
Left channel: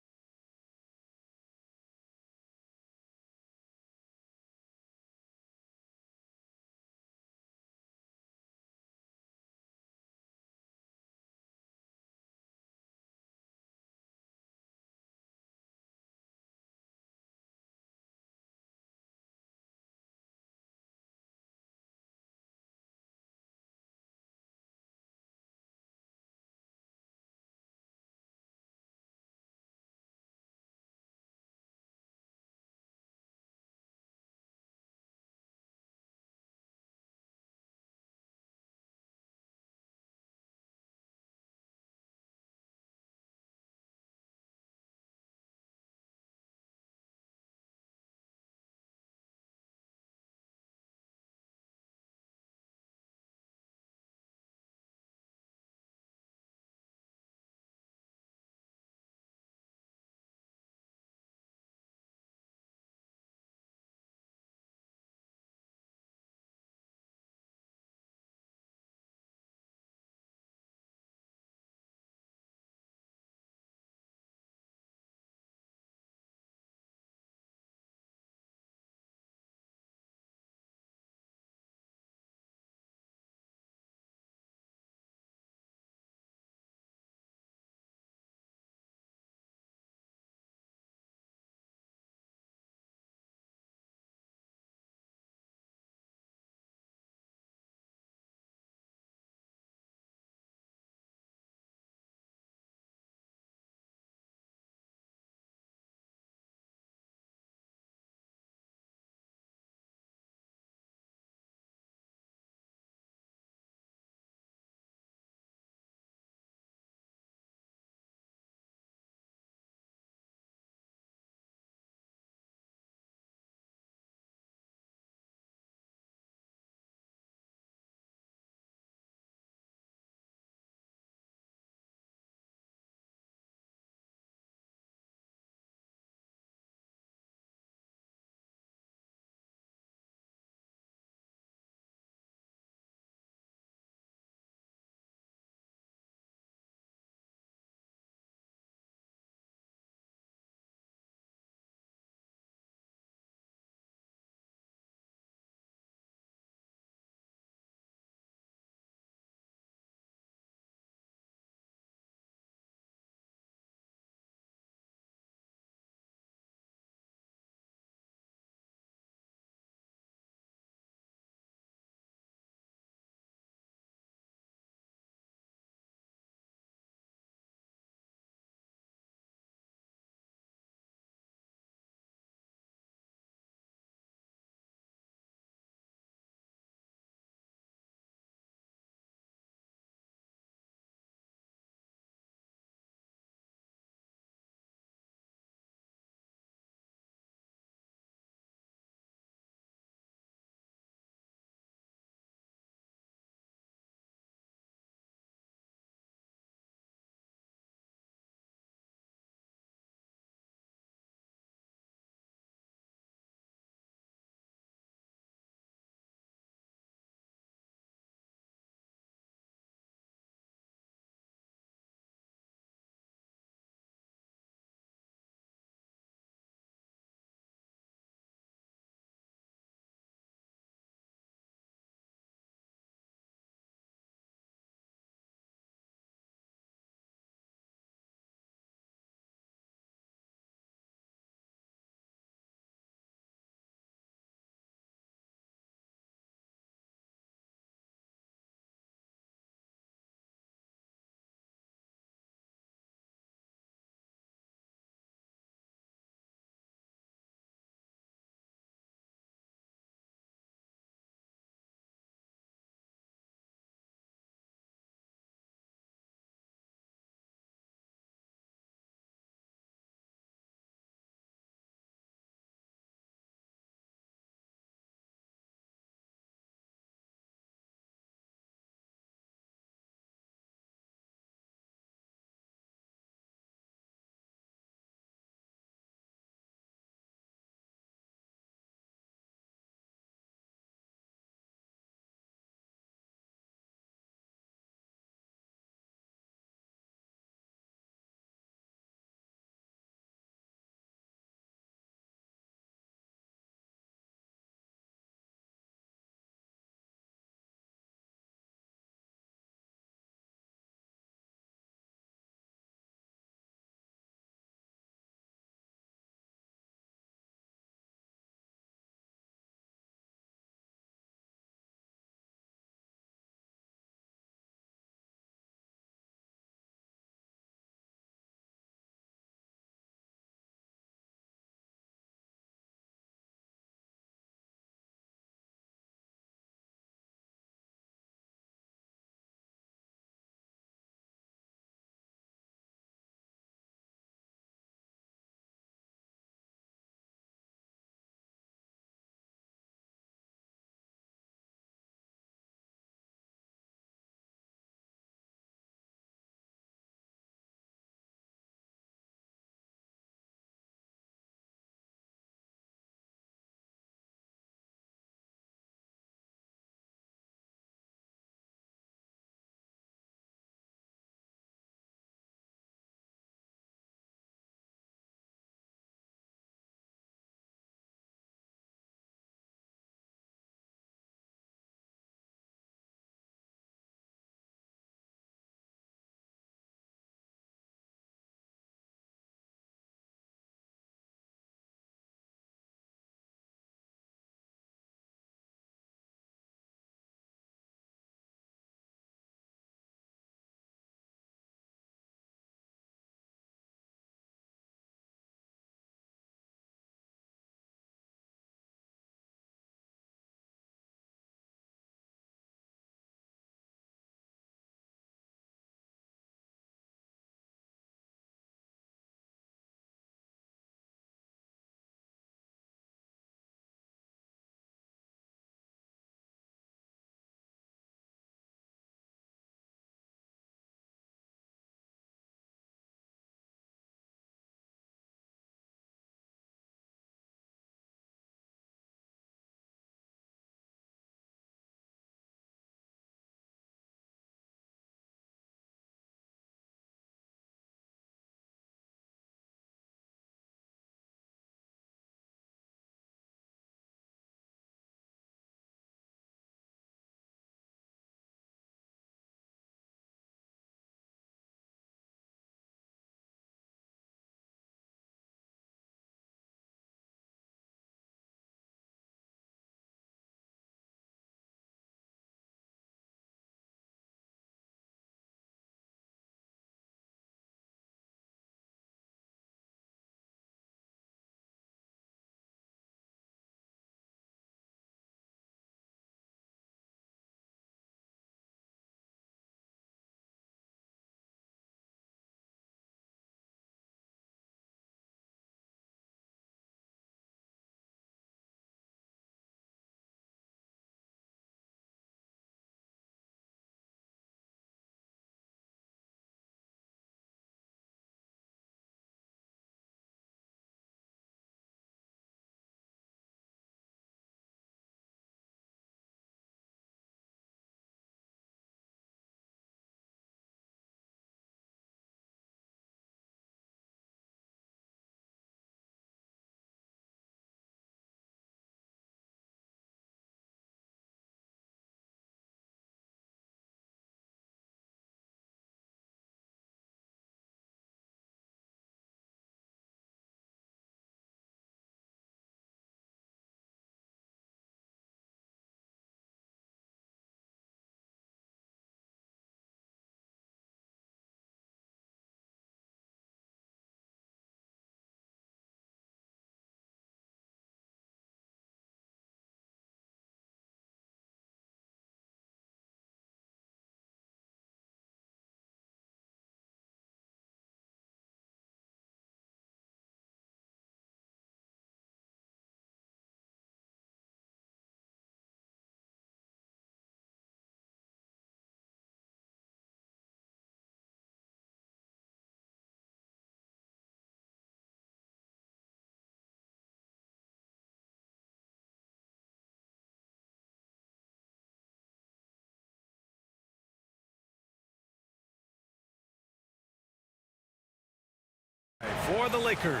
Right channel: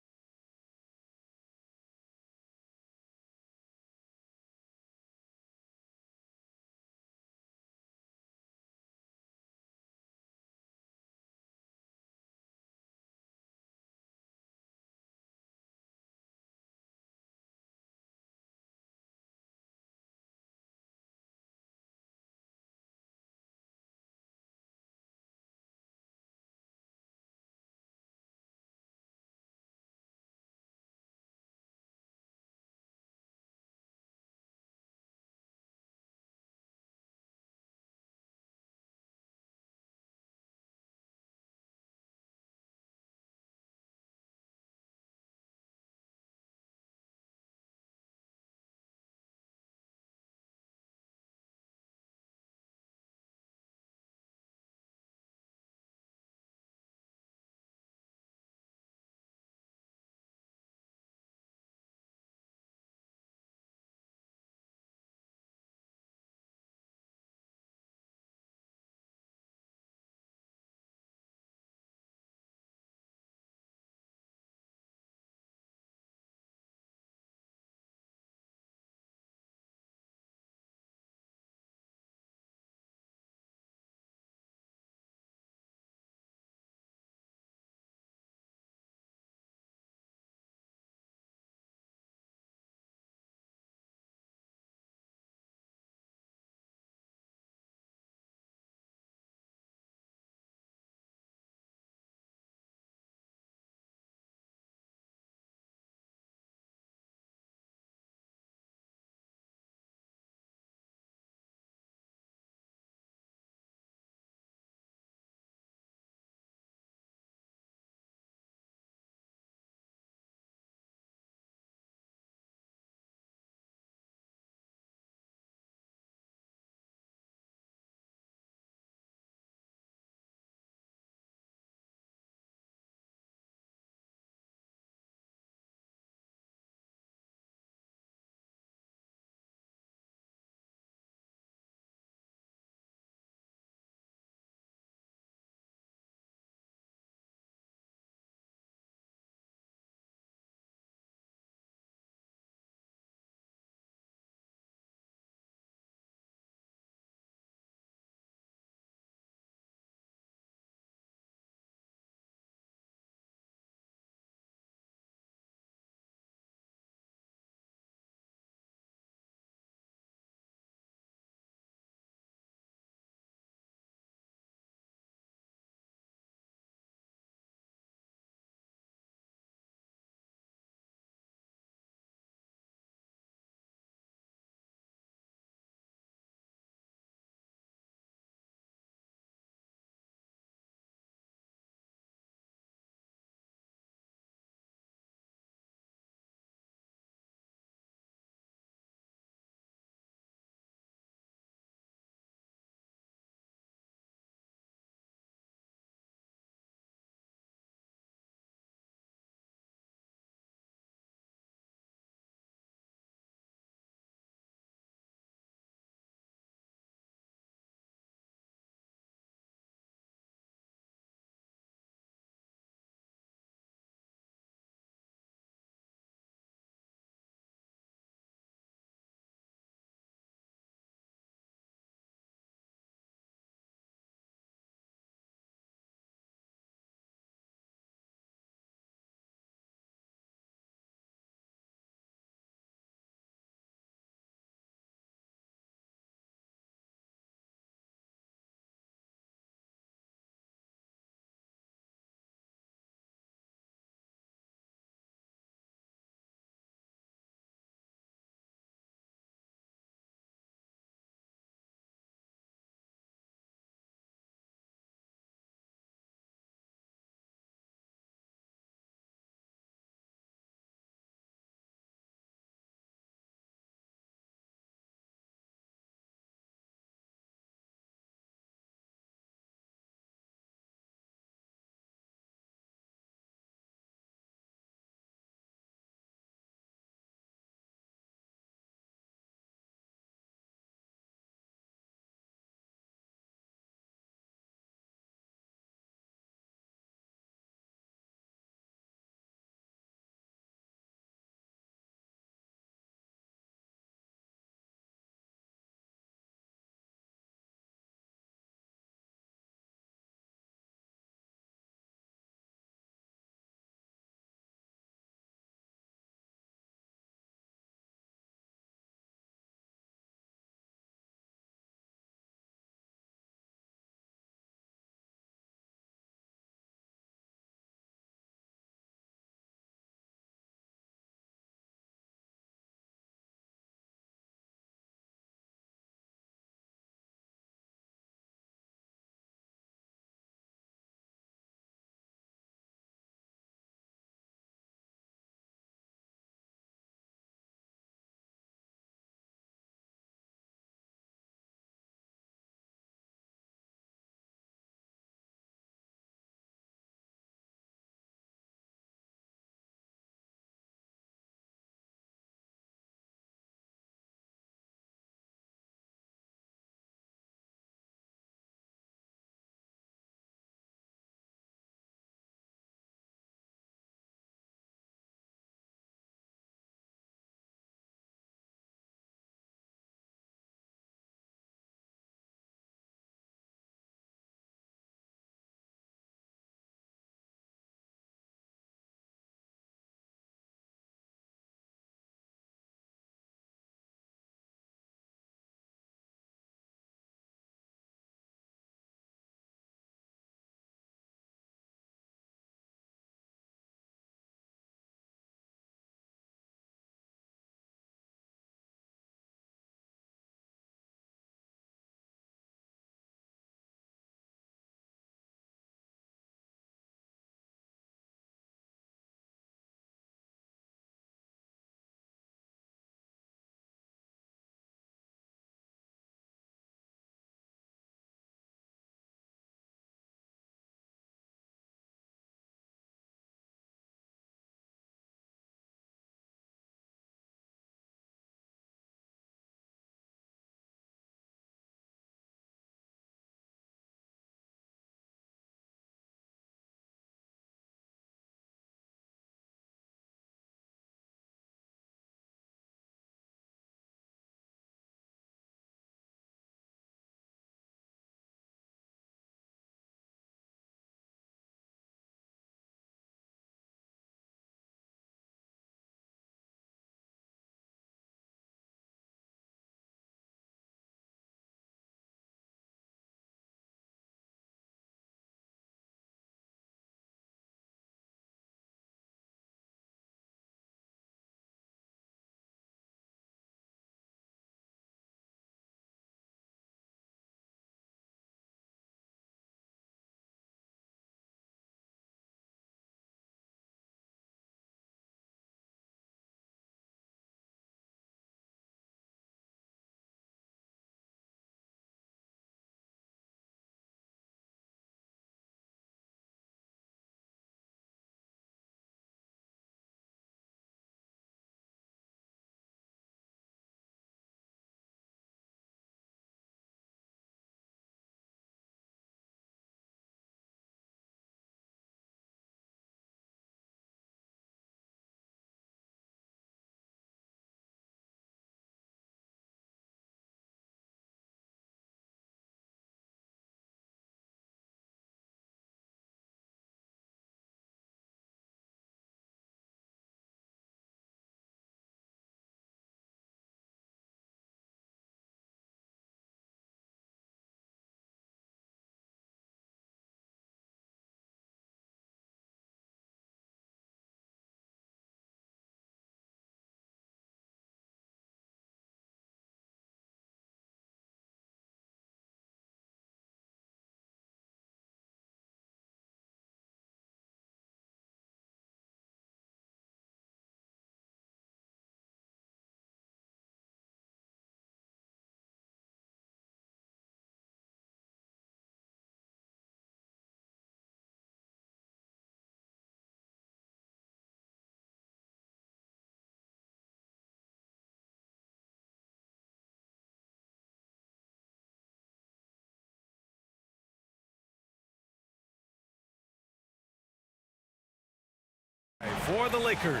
For the Lakers,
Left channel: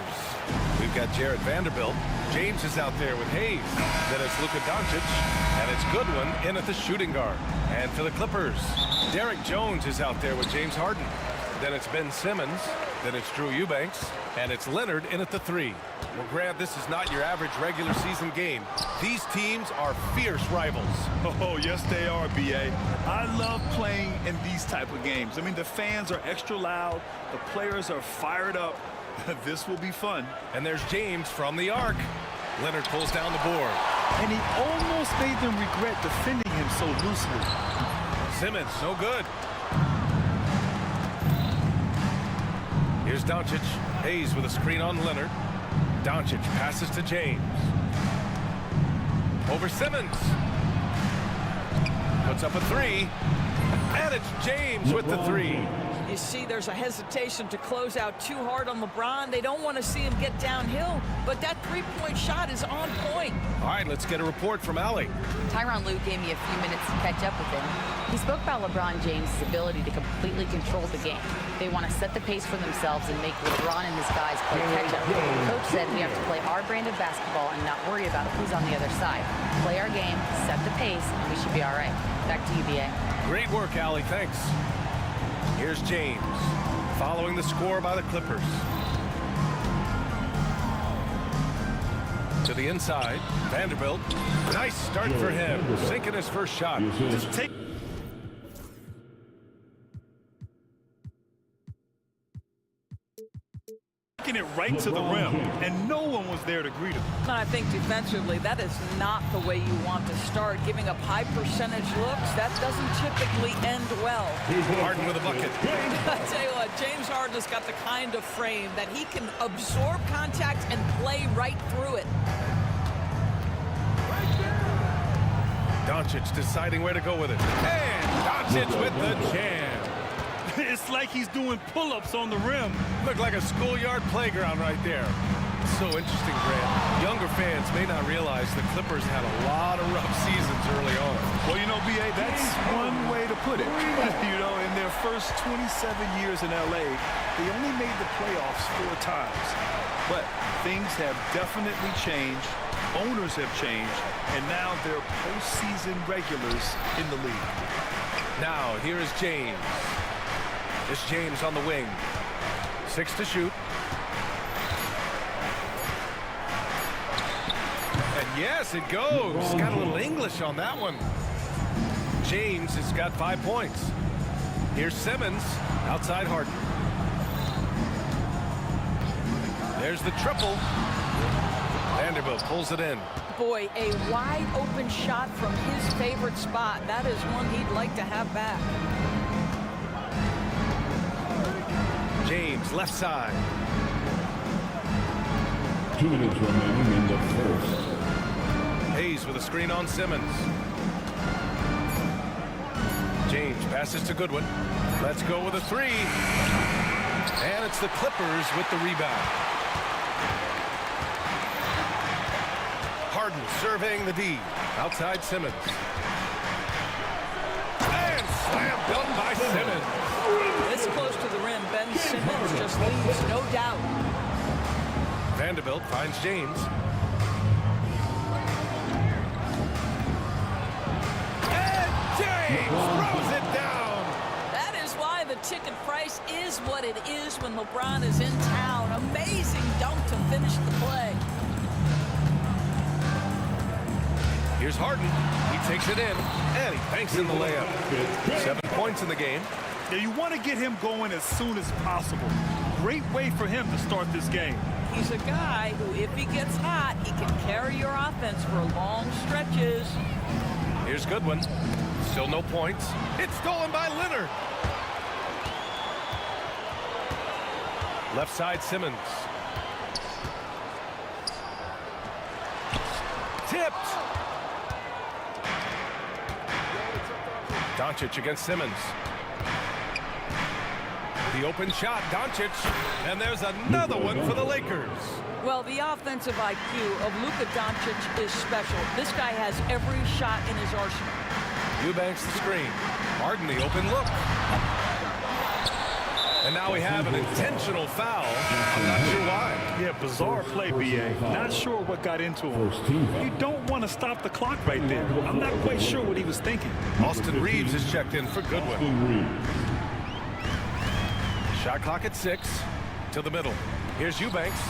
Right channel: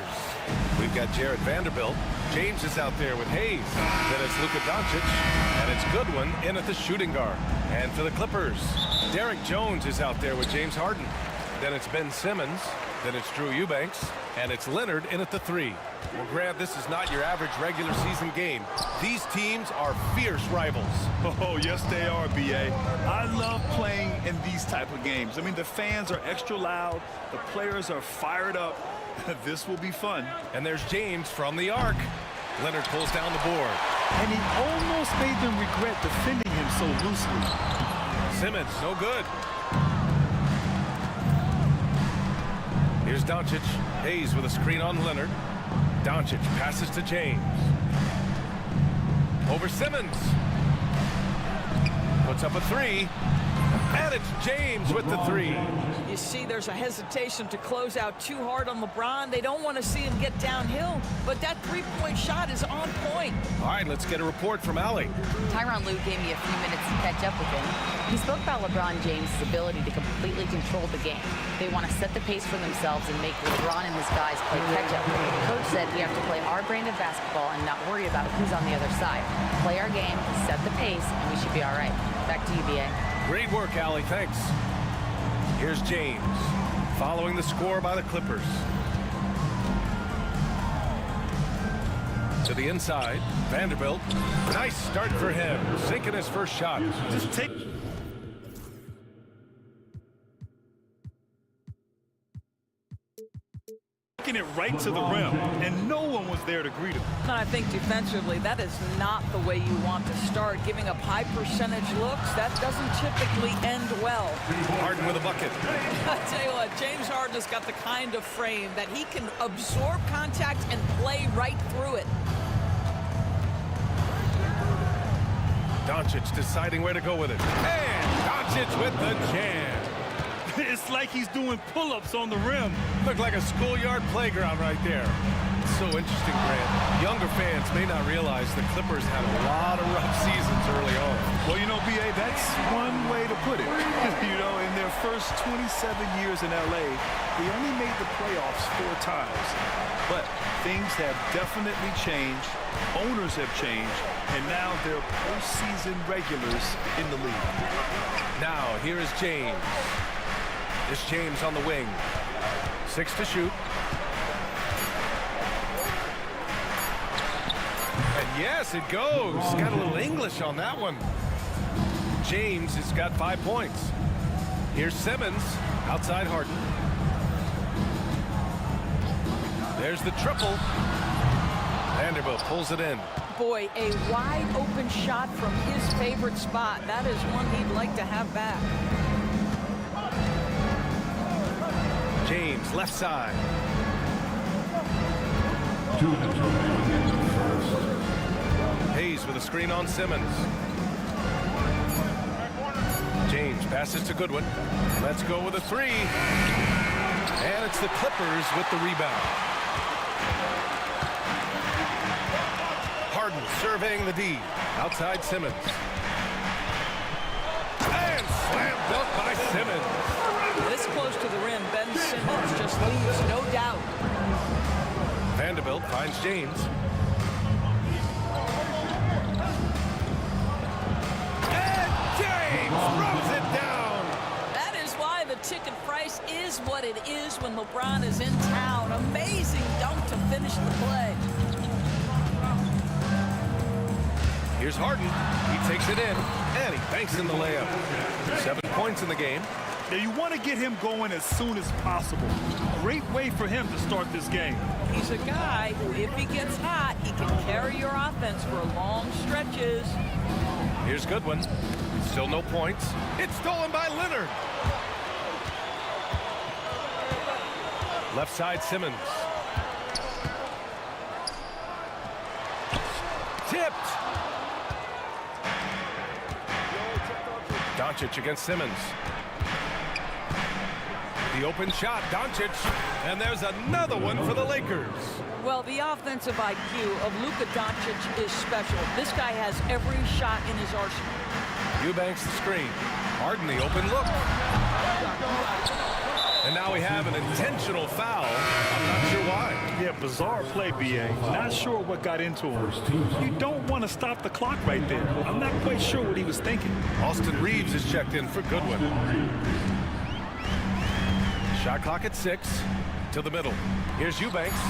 we've got Jared Vanderbilt. James is out there with Hayes. Then it's Luka Doncic, and it's Goodwin in at the shooting guard. And for the Clippers, Derek Jones is out there with James Harden. Then it's Ben Simmons. Then it's Drew Eubanks, and it's Leonard in at the 3. Well, Grant, this is not your average regular season game. These teams are fierce rivals. Oh, yes, they are, B.A. I love playing in these type of games. I mean, the fans are extra loud. The players are fired up. This will be fun. And there's James from the arc. Leonard pulls down the board. And he almost made them regret defending him so loosely. Simmons, no good. Here's Doncic. Hayes with a screen on Leonard. Doncic passes to James. Over Simmons. Puts up a 3. And it's James with the 3. You see, there's a hesitation to close out too hard on LeBron. They don't want to see him get downhill, but that three-point shot is on point. All right, let's get a report from Allie. Tyronn Lue gave me a few minutes to catch up with him. He spoke about LeBron James' ability to completely control the game. They want to set the pace for themselves and make LeBron and his guys play catch-up. Coach said we have to play our brand of basketball and not worry about who's on the other side. Play our game, set the pace, and we should be all right. Back to you, B.A. Great work, Allie. Thanks. Here's James, following the score by the Clippers. To the inside, Vanderbilt. Nice start for him, sinking his first shot. Just take... Taking it right to the rim, and no one was there to greet him. And I think defensively, that is not the way you want to start. Giving up high percentage looks, that doesn't typically end well. Harden with a bucket. I'll tell you what, James Harden has got the kind of frame that he can absorb contact and play right through it. Doncic deciding where to go with it. And Doncic with the jam. It's like he's doing pull-ups on the rim. Looked like a schoolyard playground right there. So interesting, Grant. Younger fans may not realize the Clippers had a lot of rough seasons early on. Well, you know, B.A., that's one way to put it. You know, in their first 27 years in L.A., they only made the playoffs 4 times. But things have definitely changed. Owners have changed. And now they're postseason regulars in the league. Now, here is James. It's James on the wing. 6 to shoot. And yes, it goes. Got a little English on that one. James has got 5 points. Here's Simmons, outside Harden. There's the triple. Vanderbilt pulls it in. Boy, a wide open shot from his favorite spot. That is one he'd like to have back. James, left side. 2 minutes remaining in the first. Hayes with a screen on Simmons. James passes to Goodwin. Let's go with a 3. And it's the Clippers with the rebound. Harden surveying the D. Outside Simmons. And slam dunk by Simmons. This close to the rim, Ben Simmons just leaves no doubt. Vanderbilt finds James. And James throws it down. That is why the ticket price is what it is when LeBron is in town. Amazing dunk to finish the play. Here's Harden. He takes it in, and he banks in the layup. 7 points in the game. Now, you want to get him going as soon as possible. Great way for him to start this game. He's a guy who, if he gets hot, he can carry your offense for long stretches. Here's Goodwin. Still no points. It's stolen by Leonard. Left side Simmons. Tipped. Doncic against Simmons. The open shot, Doncic, and there's another one for the Lakers. Well, the offensive IQ of Luka Doncic is special. This guy has every shot in his arsenal. Eubanks the screen. Harden the open look. And now we have an intentional foul. I'm not sure why. Yeah, bizarre play, B.A. Not sure what got into him. You don't want to stop the clock right there. I'm not quite sure what he was thinking. Austin Reeves is checked in for Goodwin. Shot clock at 6. To the middle. Here's Eubanks.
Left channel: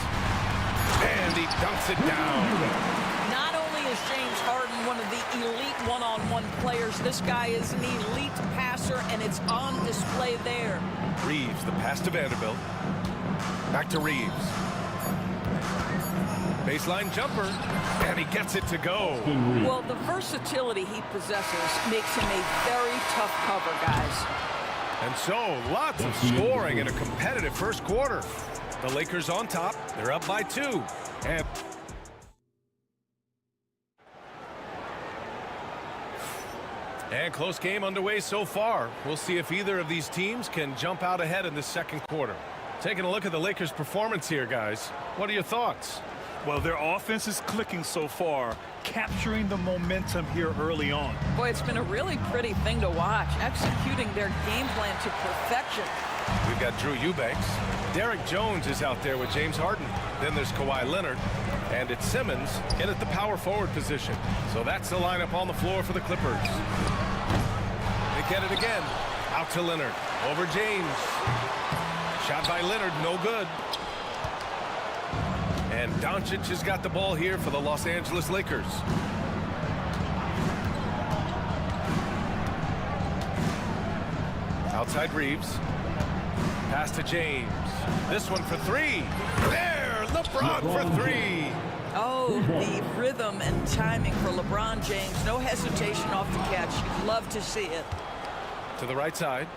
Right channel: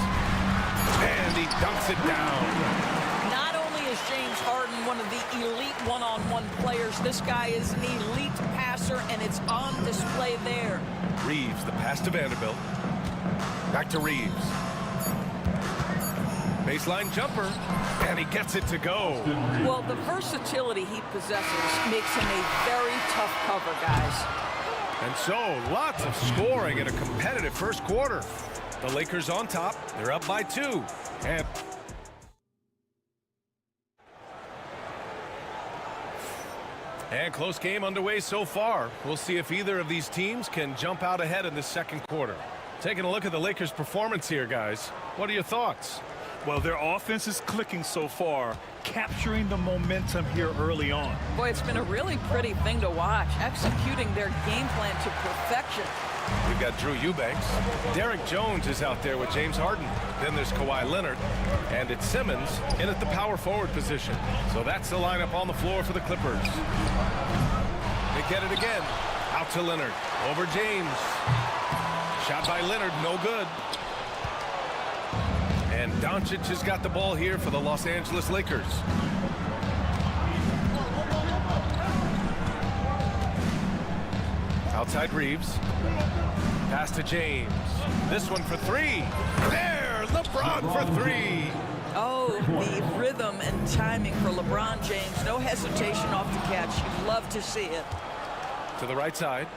And he dunks it down. Not only is James Harden one of the elite one-on-one players, this guy is an elite passer, and it's on display there. Reeves, the pass to Vanderbilt. Back to Reeves. Baseline jumper, and he gets it to go. Well, the versatility he possesses makes him a very tough cover, guys. And so, lots of scoring in a competitive first quarter. The Lakers on top. They're up by 2. And close game underway so far. We'll see if either of these teams can jump out ahead in the second quarter. Taking a look at the Lakers' performance here, guys. What are your thoughts? Well, their offense is clicking so far, capturing the momentum here early on. Boy, it's been a really pretty thing to watch, executing their game plan to perfection. We've got Drew Eubanks. Derek Jones is out there with James Harden. Then there's Kawhi Leonard. And it's Simmons in at the power forward position. So that's the lineup on the floor for the Clippers. They get it again. Out to Leonard. Over James. Shot by Leonard, no good. And Doncic has got the ball here for the Los Angeles Lakers. Outside Reeves. Pass to James. This one for 3. There, LeBron for 3. Oh, the rhythm and timing for LeBron James. No hesitation off the catch. You'd love to see it. To the right side.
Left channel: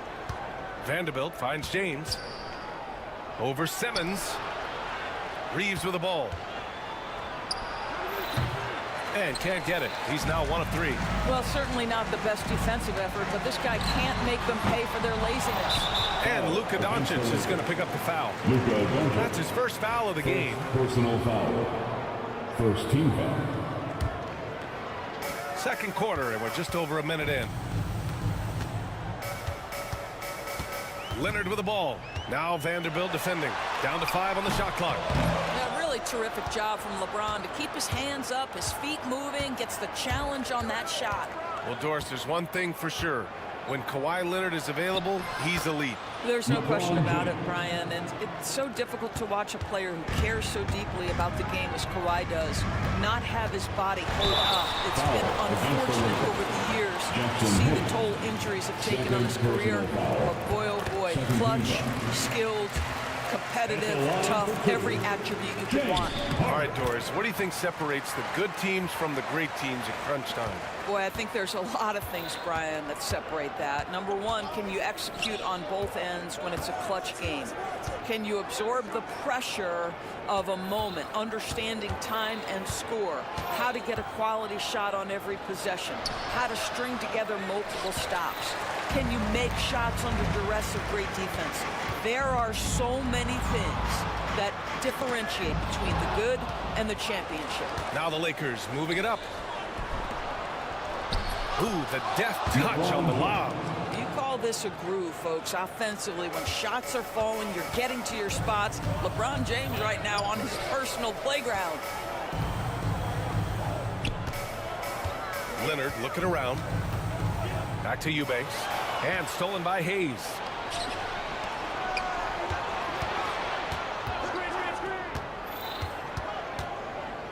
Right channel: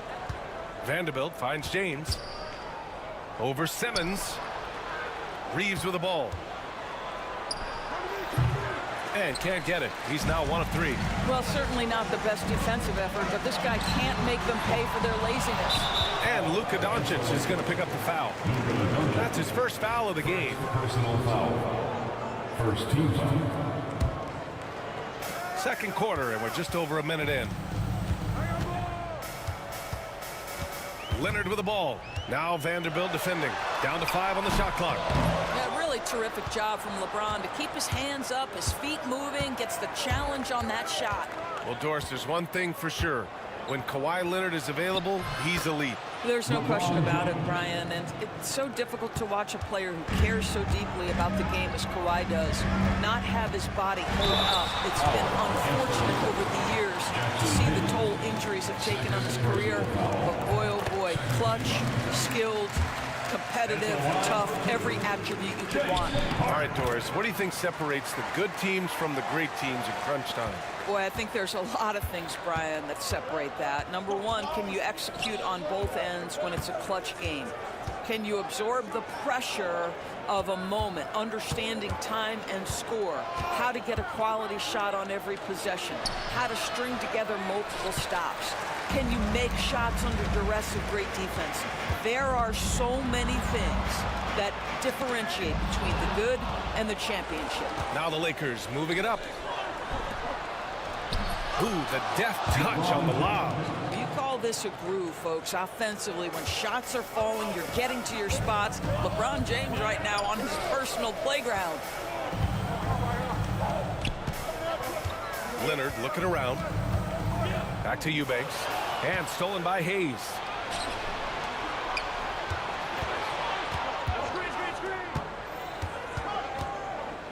Vanderbilt finds James. Over Simmons. Reeves with the ball. And can't get it. He's now 1 of 3. Well, certainly not the best defensive effort, but this guy can't make them pay for their laziness. And Luka Doncic is going to pick up the foul. That's his first foul of the game. Personal foul. First team foul. Second quarter, and we're just over a minute in. Leonard with the ball. Now Vanderbilt defending. Down to 5 on the shot clock. Yeah, really terrific job from LeBron to keep his hands up, his feet moving, gets the challenge on that shot. Well, Doris, there's one thing for sure. When Kawhi Leonard is available, he's elite. There's no question about it, Brian, and it's so difficult to watch a player who cares so deeply about the game as Kawhi does not have his body hold up. It's been unfortunate over the years to see the toll injuries have taken on his career, but boy, oh boy, clutch, skilled, competitive, tough, every attribute you could want. All right, Doris, what do you think separates the good teams from the great teams in crunch time? Boy, I think there's a lot of things, Brian, that separate that. Number one, can you execute on both ends when it's a clutch game? Can you absorb the pressure of a moment, understanding time and score, how to get a quality shot on every possession, how to string together multiple stops? Can you make shots under duress of great defense? There are so many things that differentiate between the good and the championship. Now the Lakers moving it up. Ooh, the deft touch on the lob. You call this a groove, folks. Offensively, when shots are falling, you're getting to your spots. LeBron James right now on his personal playground. Leonard looking around. Back to Eubanks. And stolen by Hayes.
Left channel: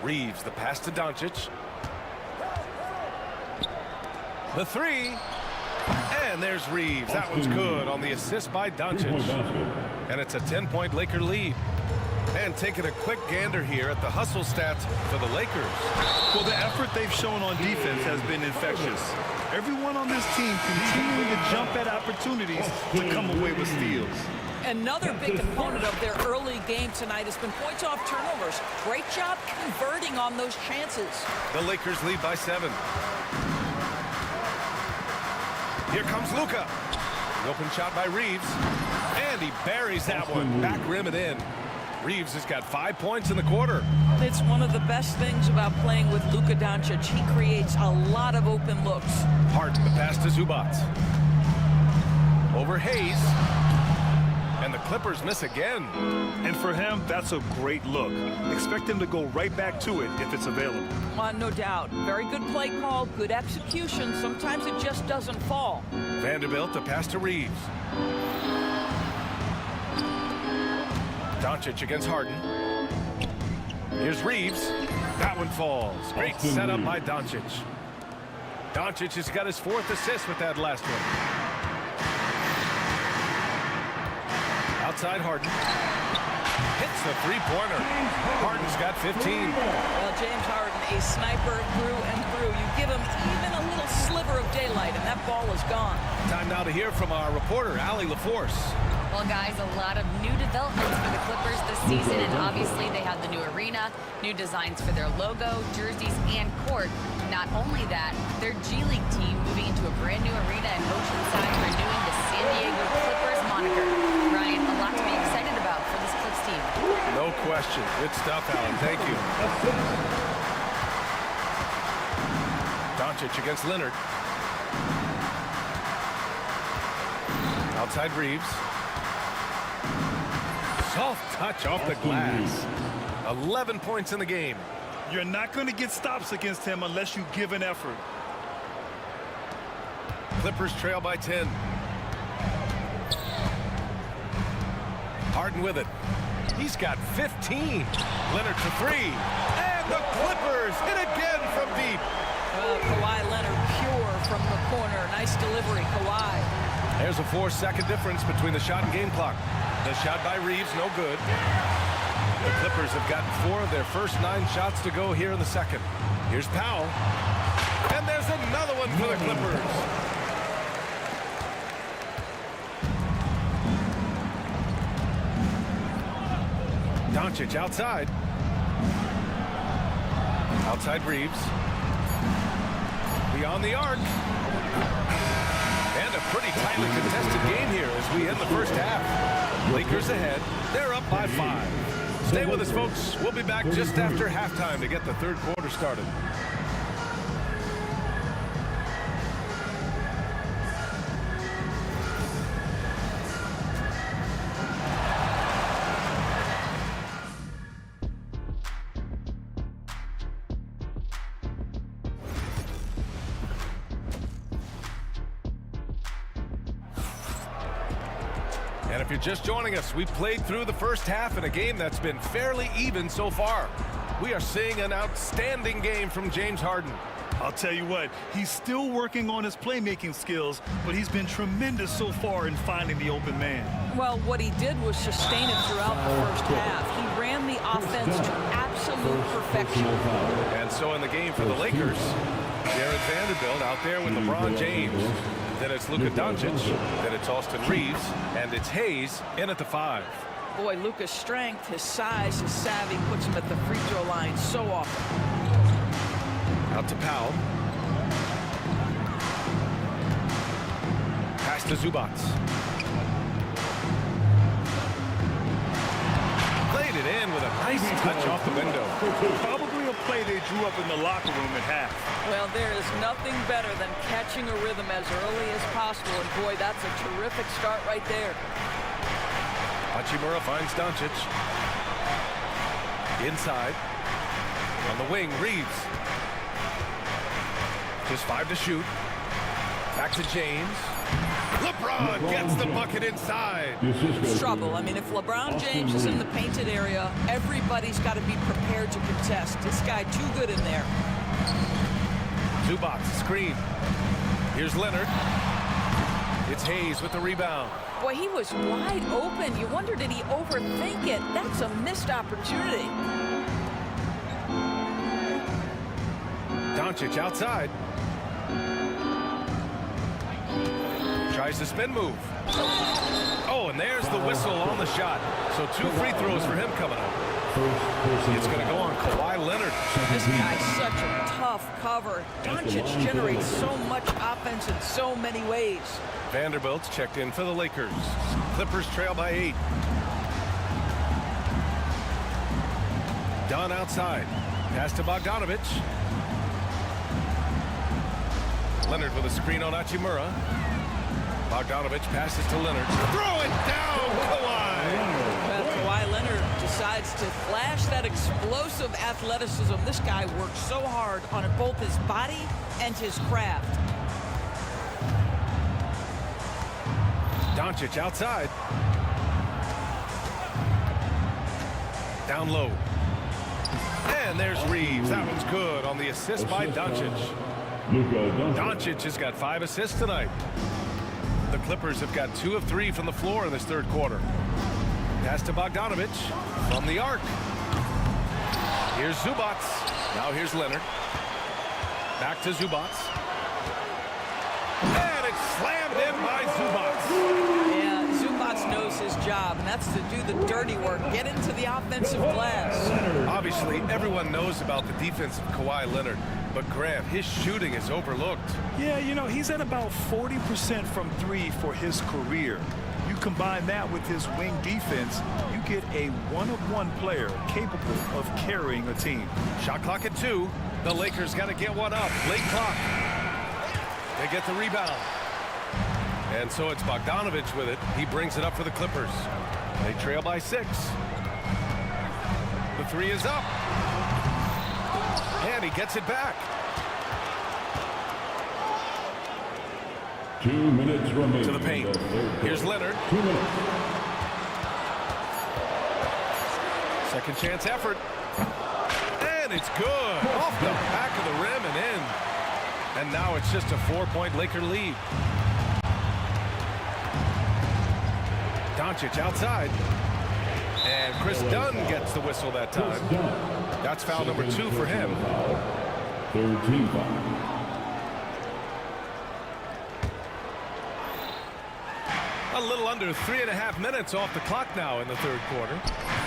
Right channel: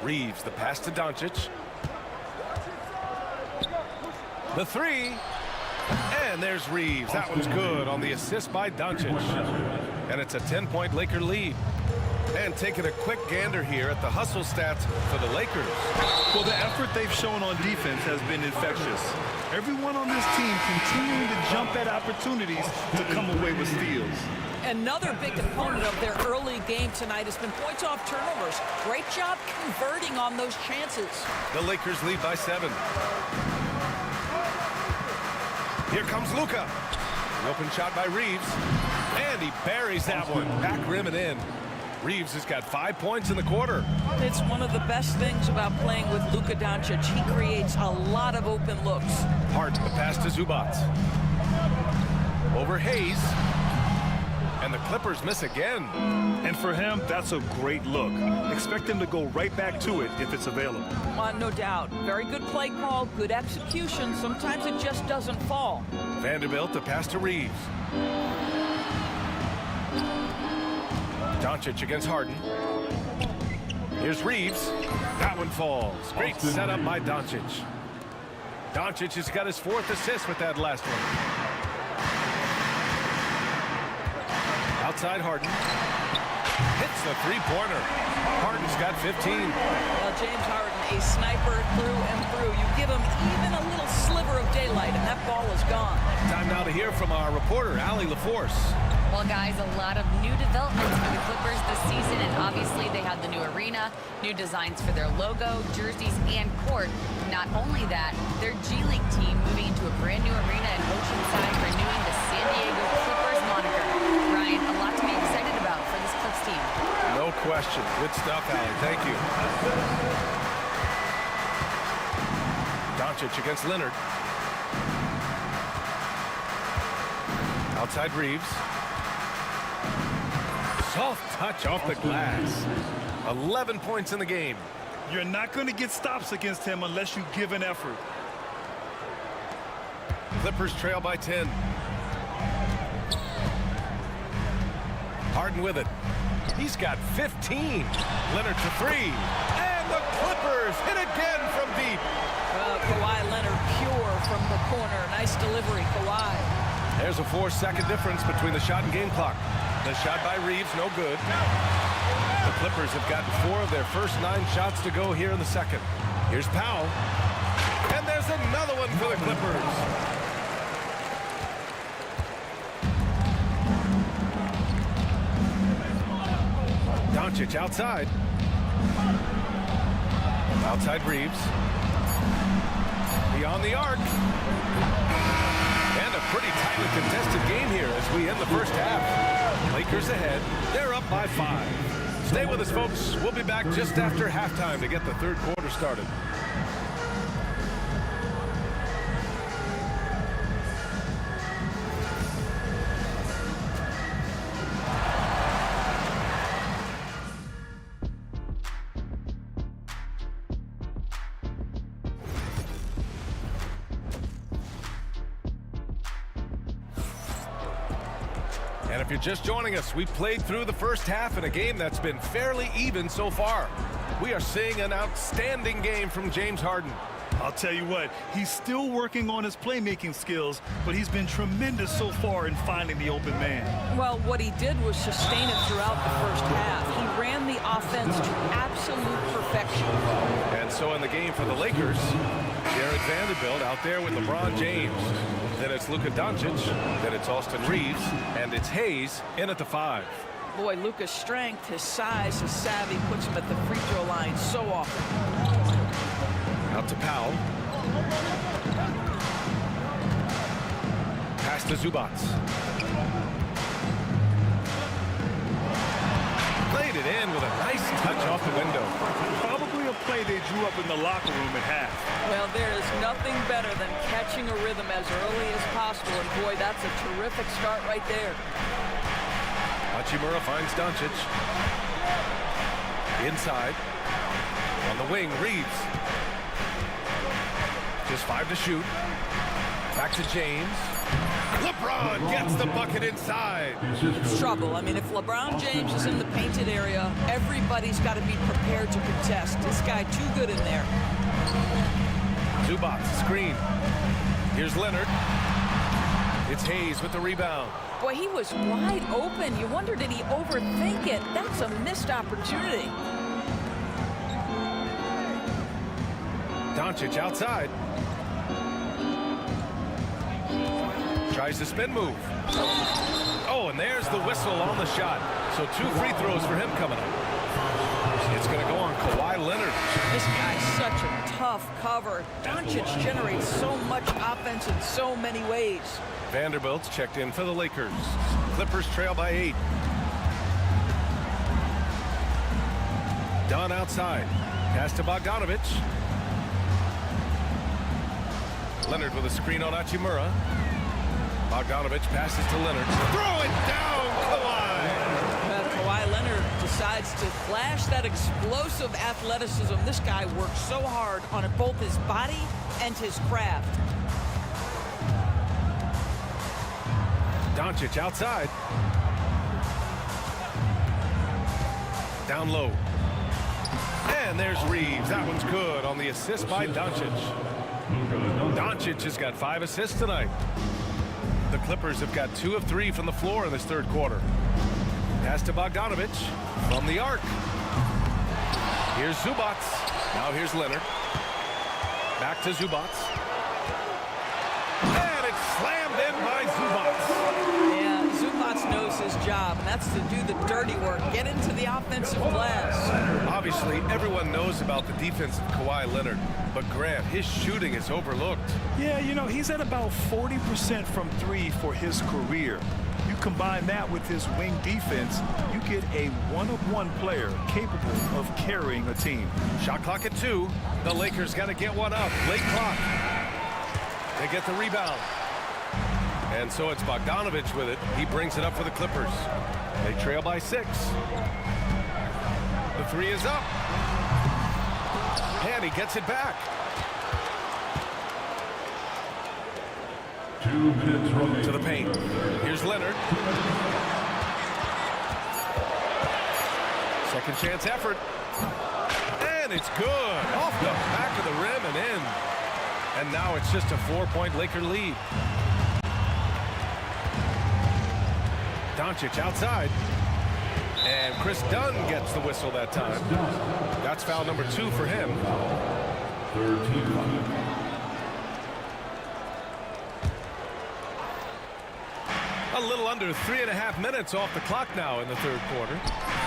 Reeves, the pass to Doncic. The 3. And there's Reeves. That one's good on the assist by Doncic. And it's a 10-point Laker lead. And taking a quick gander here at the hustle stats for the Lakers. Well, the effort they've shown on defense has been infectious. Everyone on this team continuing to jump at opportunities to come away with steals. Another big component of their early game tonight has been points off turnovers. Great job converting on those chances. The Lakers lead by 7. Here comes Luka. The open shot by Reeves. And he buries that one. Back rim and in. Reeves has got 5 points in the quarter. It's one of the best things about playing with Luka Doncic. He creates a lot of open looks. Harden, the pass to Zubac. Over Hayes. And the Clippers miss again. And for him, that's a great look. Expect him to go right back to it if it's available. No doubt. Very good play call, good execution. Sometimes it just doesn't fall. Vanderbilt to pass to Reeves. Doncic against Harden. Here's Reeves. That one falls. Great setup by Doncic. Doncic has got his 4th assist with that last one. Outside Harden. Hits the three-pointer. Harden's got 15. Well, James Harden, a sniper through and through. You give him even a little sliver of daylight, and that ball is gone. Time now to hear from our reporter, Allie LaForce. Well, guys, a lot of new developments for the Clippers this season, and obviously they have the new arena, new designs for their logo, jerseys, and court. Not only that, their G League team moving into a brand new arena in Oceanside, renewing the San Diego Clippers moniker. Ryan, a lot to be excited about for this Clips team. No question. Good stuff, Allen. Thank you. Doncic against Leonard. Outside Reeves. Soft touch off the glass. 11 points in the game. You're not going to get stops against him unless you give an effort. Clippers trail by 10. Harden with it. He's got 15. Leonard for 3. And the Clippers hit again from deep. Kawhi Leonard pure from the corner. Nice delivery, Kawhi. There's a 4-second difference between the shot and game clock. The shot by Reeves, no good. The Clippers have gotten 4 of their first 9 shots to go here in the second. Here's Powell. And there's another one for the Clippers. Doncic outside. Outside Reeves. Beyond the arc. And a pretty tightly contested game here as we end the first half. Lakers ahead. They're up by 5. Stay with us, folks. We'll be back just after halftime to get the third quarter started. And if you're just joining us, we played through the first half in a game that's been fairly even so far. We are seeing an outstanding game from James Harden. I'll tell you what, he's still working on his playmaking skills, but he's been tremendous so far in finding the open man. Well, what he did was sustain it throughout the first half. He ran the offense to absolute perfection. And so in the game for the Lakers, Jared Vanderbilt out there with LeBron James. Then it's Luka Doncic, then it's Austin Reeves, and it's Hayes in at the 5. Boy, Luka's strength, his size, his savvy puts him at the free throw line so often. Out to Powell. Pass to Zubats. Played it in with a nice touch off the window. Probably a play they drew up in the locker room at half. Well, there is nothing better than catching a rhythm as early as possible, and boy, that's a terrific start right there. Hachimura finds Doncic. Inside. On the wing, Reeves. Just 5 to shoot. Back to James. LeBron gets the bucket inside. It's trouble. I mean, if LeBron James is in the painted area, everybody's got to be prepared to contest. This guy too good in there. Zubats, screen. Here's Leonard. It's Hayes with the rebound. Boy, he was wide open. You wonder, did he overthink it? That's a missed opportunity. Doncic outside. Tries the spin move. Oh, and there's the whistle on the shot. So 2 free throws for him coming up. It's going to go on Kawhi Leonard. This guy's such a tough cover. Doncic generates so much offense in so many ways. Vanderbilt's checked in for the Lakers. Clippers trail by 8. Dunn outside. Pass to Bogdanovich. Leonard with a screen on Hachimura. Bogdanovich passes to Leonard. Throw it down, Kawhi. Kawhi Leonard decides to flash that explosive athleticism. This guy works so hard on both his body and his craft. Doncic outside. Down low. And there's Reeves. That one's good on the assist by Doncic. Doncic has got 5 assists tonight. The Clippers have got 2 of 3 from the floor in this third quarter. Pass to Bogdanovich from the arc. Here's Zubac. Now here's Leonard. Back to Zubac. And it's slammed in by Zubac. Yeah, Zubac knows his job, and that's to do the dirty work, get into the offensive glass. Obviously, everyone knows about the defense of Kawhi Leonard, but Grant, his shooting is overlooked. Yeah, you know, he's at about 40% from 3 for his career. You combine that with his wing defense, you get a one-of-one player capable of carrying a team. Shot clock at 2. The Lakers got to get one up. Late clock. They get the rebound. And so it's Bogdanovich with it. He brings it up for the Clippers. They trail by 6. The 3 is up. And he gets it back. 2 minutes remaining. To the paint. Here's Leonard. 2 minutes. Second chance effort. And it's good. Off the back of the rim and in. And now it's just a 4-point Laker lead. Doncic outside. And Chris Dunn gets the whistle that time. That's foul number 2 for him. Third team foul. A little under 3.5 minutes off the clock now in the third quarter.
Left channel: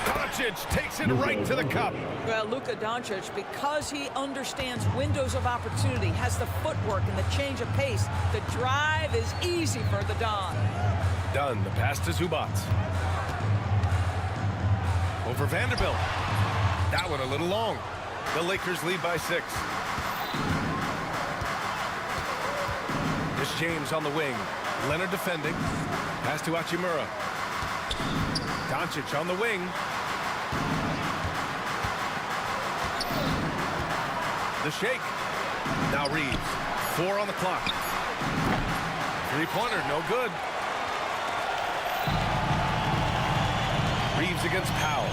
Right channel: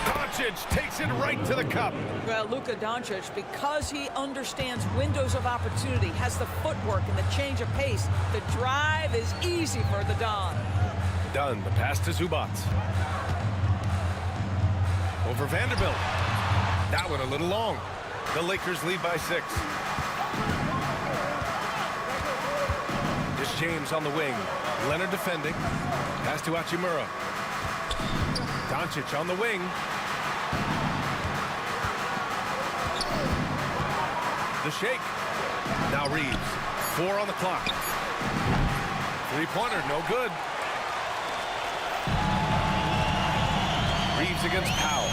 Doncic takes it right to the cup. Well, Luka Doncic, because he understands windows of opportunity, has the footwork and the change of pace, the drive is easy for the Don. Dunn, the pass to Zubac. Over Vanderbilt. That one a little long. The Lakers lead by 6. It's James on the wing. Leonard defending. Pass to Hachimura. Doncic on the wing. The shake. Now Reeves. 4 on the clock. 3-pointer, no good. Reeves against Powell.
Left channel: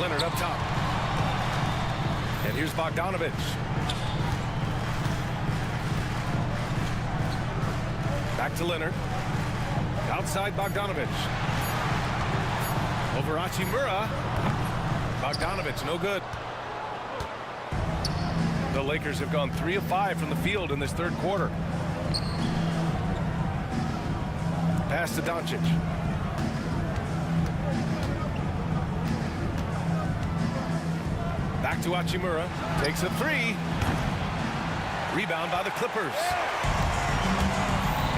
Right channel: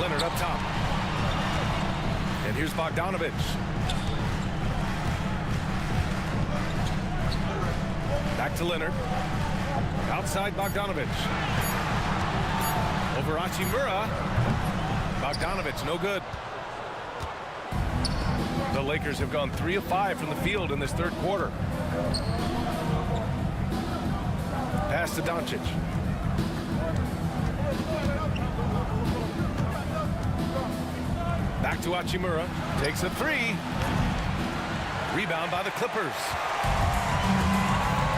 Leonard up top. And here's Bogdanovich. Back to Leonard. Outside Bogdanovich. Over Hachimura. Bogdanovich, no good. The Lakers have gone 3 of 5 from the field in this third quarter. Pass to Doncic. Back to Hachimura. Takes a 3. Rebound by the Clippers.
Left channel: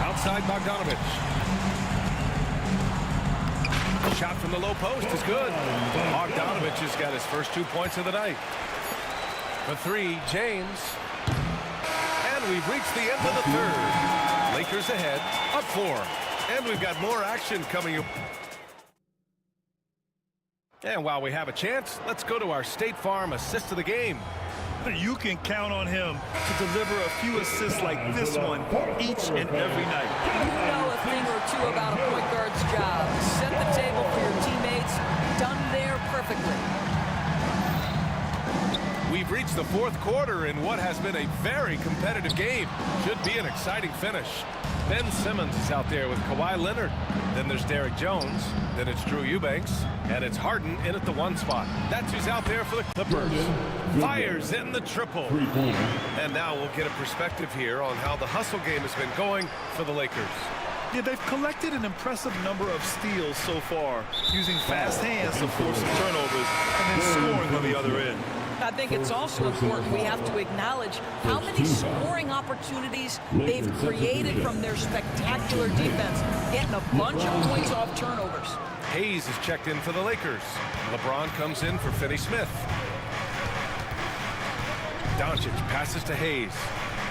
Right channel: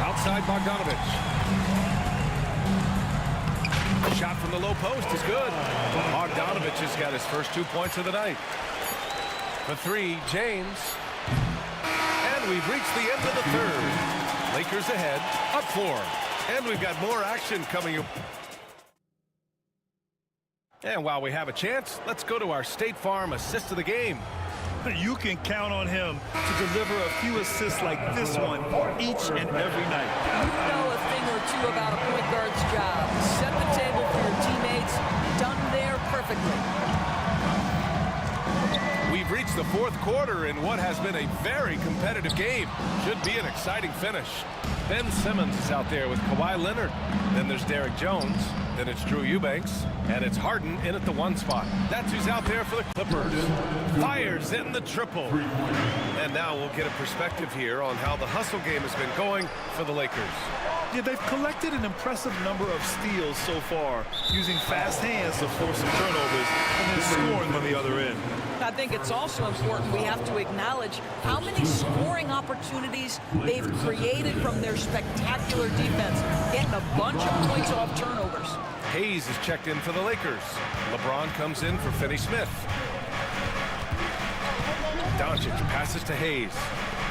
Outside Bogdanovich. Shot from the low post is good. Bogdanovich has got his first 2 points of the night. For 3, James. And we've reached the end of the third. Lakers ahead, up 4. And we've got more action coming up. And while we have a chance, let's go to our State Farm assist of the game. You can count on him to deliver a few assists like this one each and every night. You know a thing or two about a point guard's job. Set the table for your teammates. Done there perfectly. We've reached the fourth quarter in what has been a very competitive game. Should be an exciting finish. Ben Simmons is out there with Kawhi Leonard. Then there's Derek Jones. Then it's Drew Eubanks. And it's Harden in at the 1 spot. That's who's out there for the Clippers. Fires in the triple. And now we'll get a perspective here on how the hustle game has been going for the Lakers. Yeah, they've collected an impressive number of steals so far, using fast hands to force some turnovers and then scoring on the other end. I think it's also important we have to acknowledge how many scoring opportunities they've created from their spectacular defense, getting a bunch of points off turnovers. Hayes is checked in for the Lakers. LeBron comes in for Finney-Smith. Doncic passes to Hayes.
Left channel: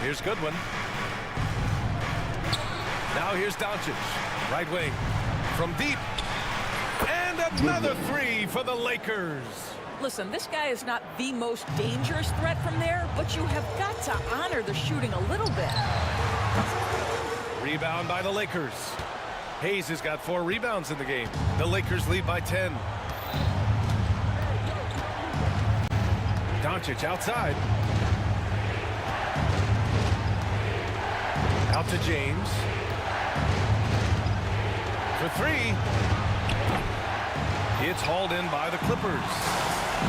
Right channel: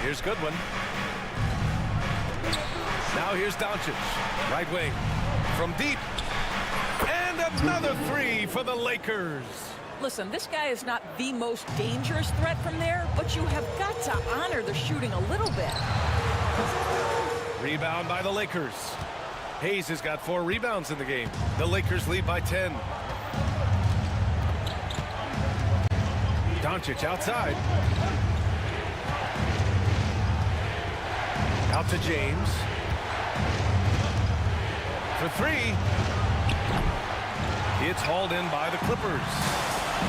Here's Goodwin. Now here's Doncic, right wing, from deep. And another three for the Lakers. Listen, this guy is not the most dangerous threat from there, but you have got to honor the shooting a little bit. Rebound by the Lakers. Hayes has got 4 rebounds in the game. The Lakers lead by 10. Doncic outside. Out to James. For 3. It's hauled in by the Clippers.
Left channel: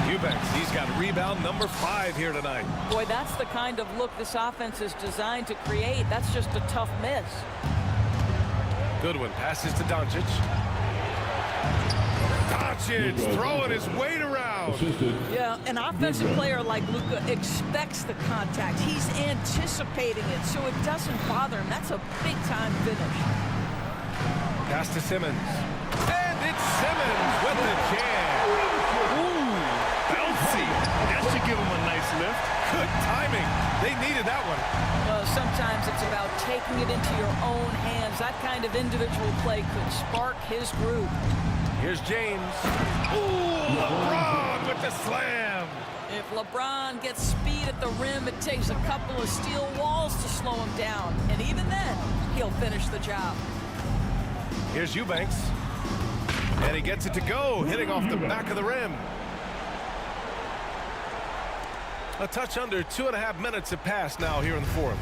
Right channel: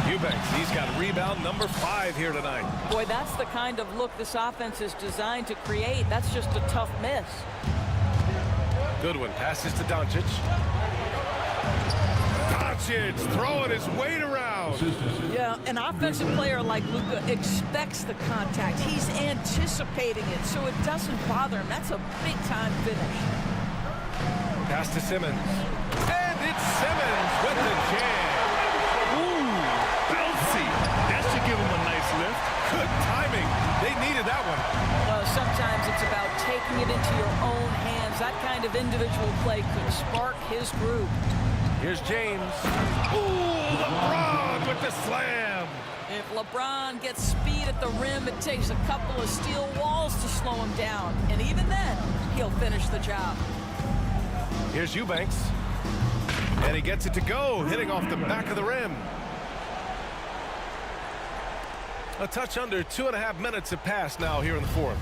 Eubanks, he's got rebound number 5 here tonight. Boy, that's the kind of look this offense is designed to create. That's just a tough miss. Goodwin passes to Doncic. Doncic throwing his weight around. Yeah, an offensive player like Luka expects the contact. He's anticipating it, so it doesn't bother him. That's a big-time finish. Pass to Simmons. And it's Simmons with the jam. Ooh, bouncy. That should give him a nice lift. Good timing. They needed that one. Well, sometimes it's about taking it into your own hands. That kind of individual play could spark his group. Here's James. Ooh, LeBron with the slam. If LeBron gets speed at the rim, it takes a couple of steel walls to slow him down. And even then, he'll finish the job. Here's Eubanks. And he gets it to go, hitting off the back of the rim. A touch under 2.5 minutes have passed now here in the 4th.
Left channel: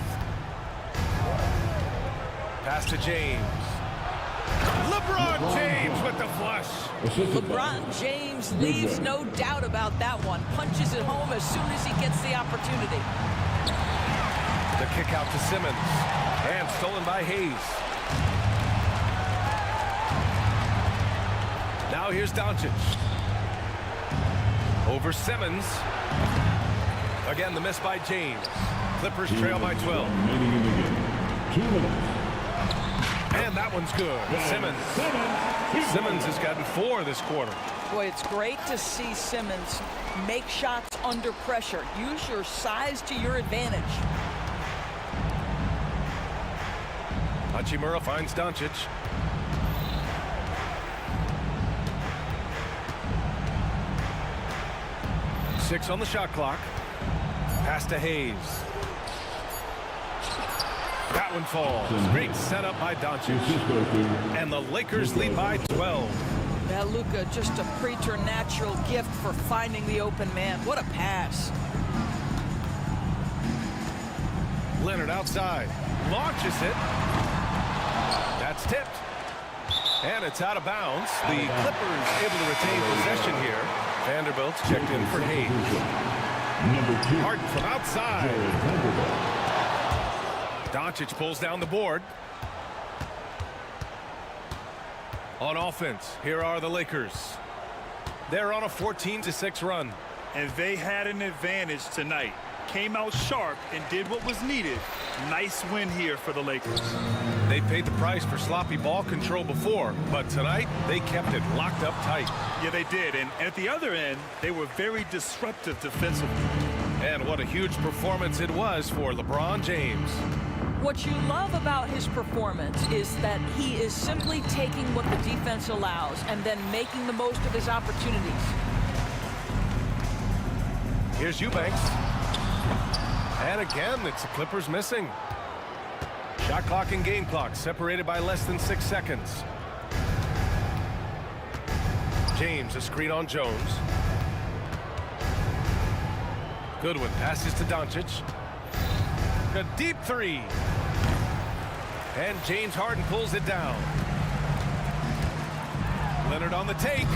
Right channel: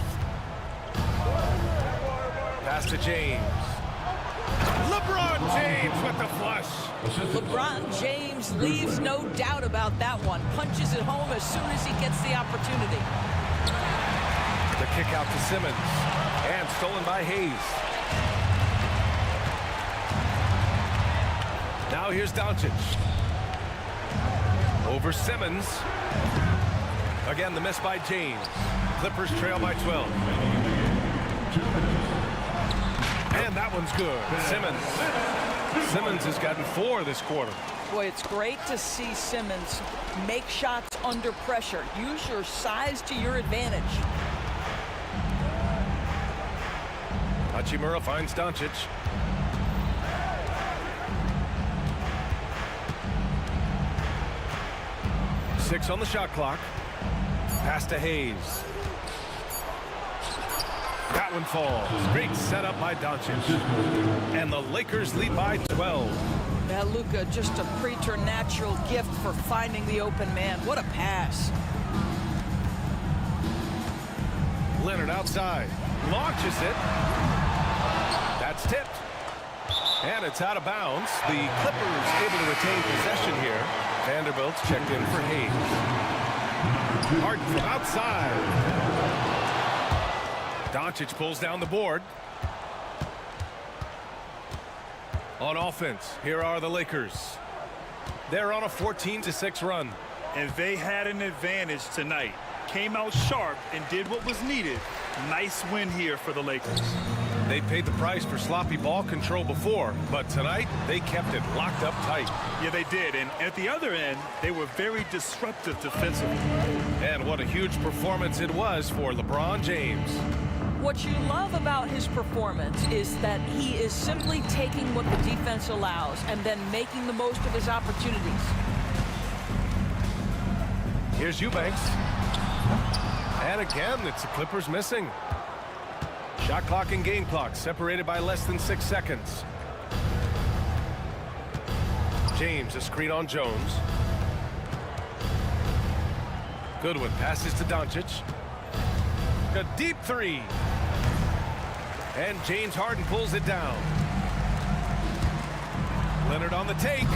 Pass to James. LeBron James with the flush. LeBron James leaves no doubt about that one. Punches it home as soon as he gets the opportunity. The kick out to Simmons. And stolen by Hayes. Now here's Doncic. Over Simmons. Again, the miss by James. Clippers trail by 12. And that one's good. Simmons has gotten 4 this quarter. Boy, it's great to see Simmons make shots under pressure. Use your size to your advantage. Hachimura finds Doncic. Six on the shot clock. Pass to Hayes. That one falls. Great setup by Doncic. And the Lakers lead by 12. Yeah, Luka, just a preternatural gift for finding the open man. What a pass. Leonard outside. Launches it. That's tipped. And it's out of bounds. The Clippers able to retain possession here. Vanderbilt's checked in for Hayes. Harden from outside. Doncic pulls down the board. On offense, here are the Lakers. They're on a 14-6 run. And they had an advantage tonight. Came out sharp and did what was needed. Nice win here for the Lakers. They paid the price for sloppy ball control before, but tonight they kept it locked up tight. Yeah, they did. And at the other end, they were very disruptive defensively. And what a huge performance it was for LeBron James. What you love about his performance is that he is simply taking what the defense allows and then making the most of his opportunities. Here's Eubanks. And again, it's the Clippers missing. Shot clock and game clock separated by less than 6 seconds. James, a screen on Jones. Goodwin passes to Doncic. A deep 3. And James Harden pulls it down. Leonard on the take.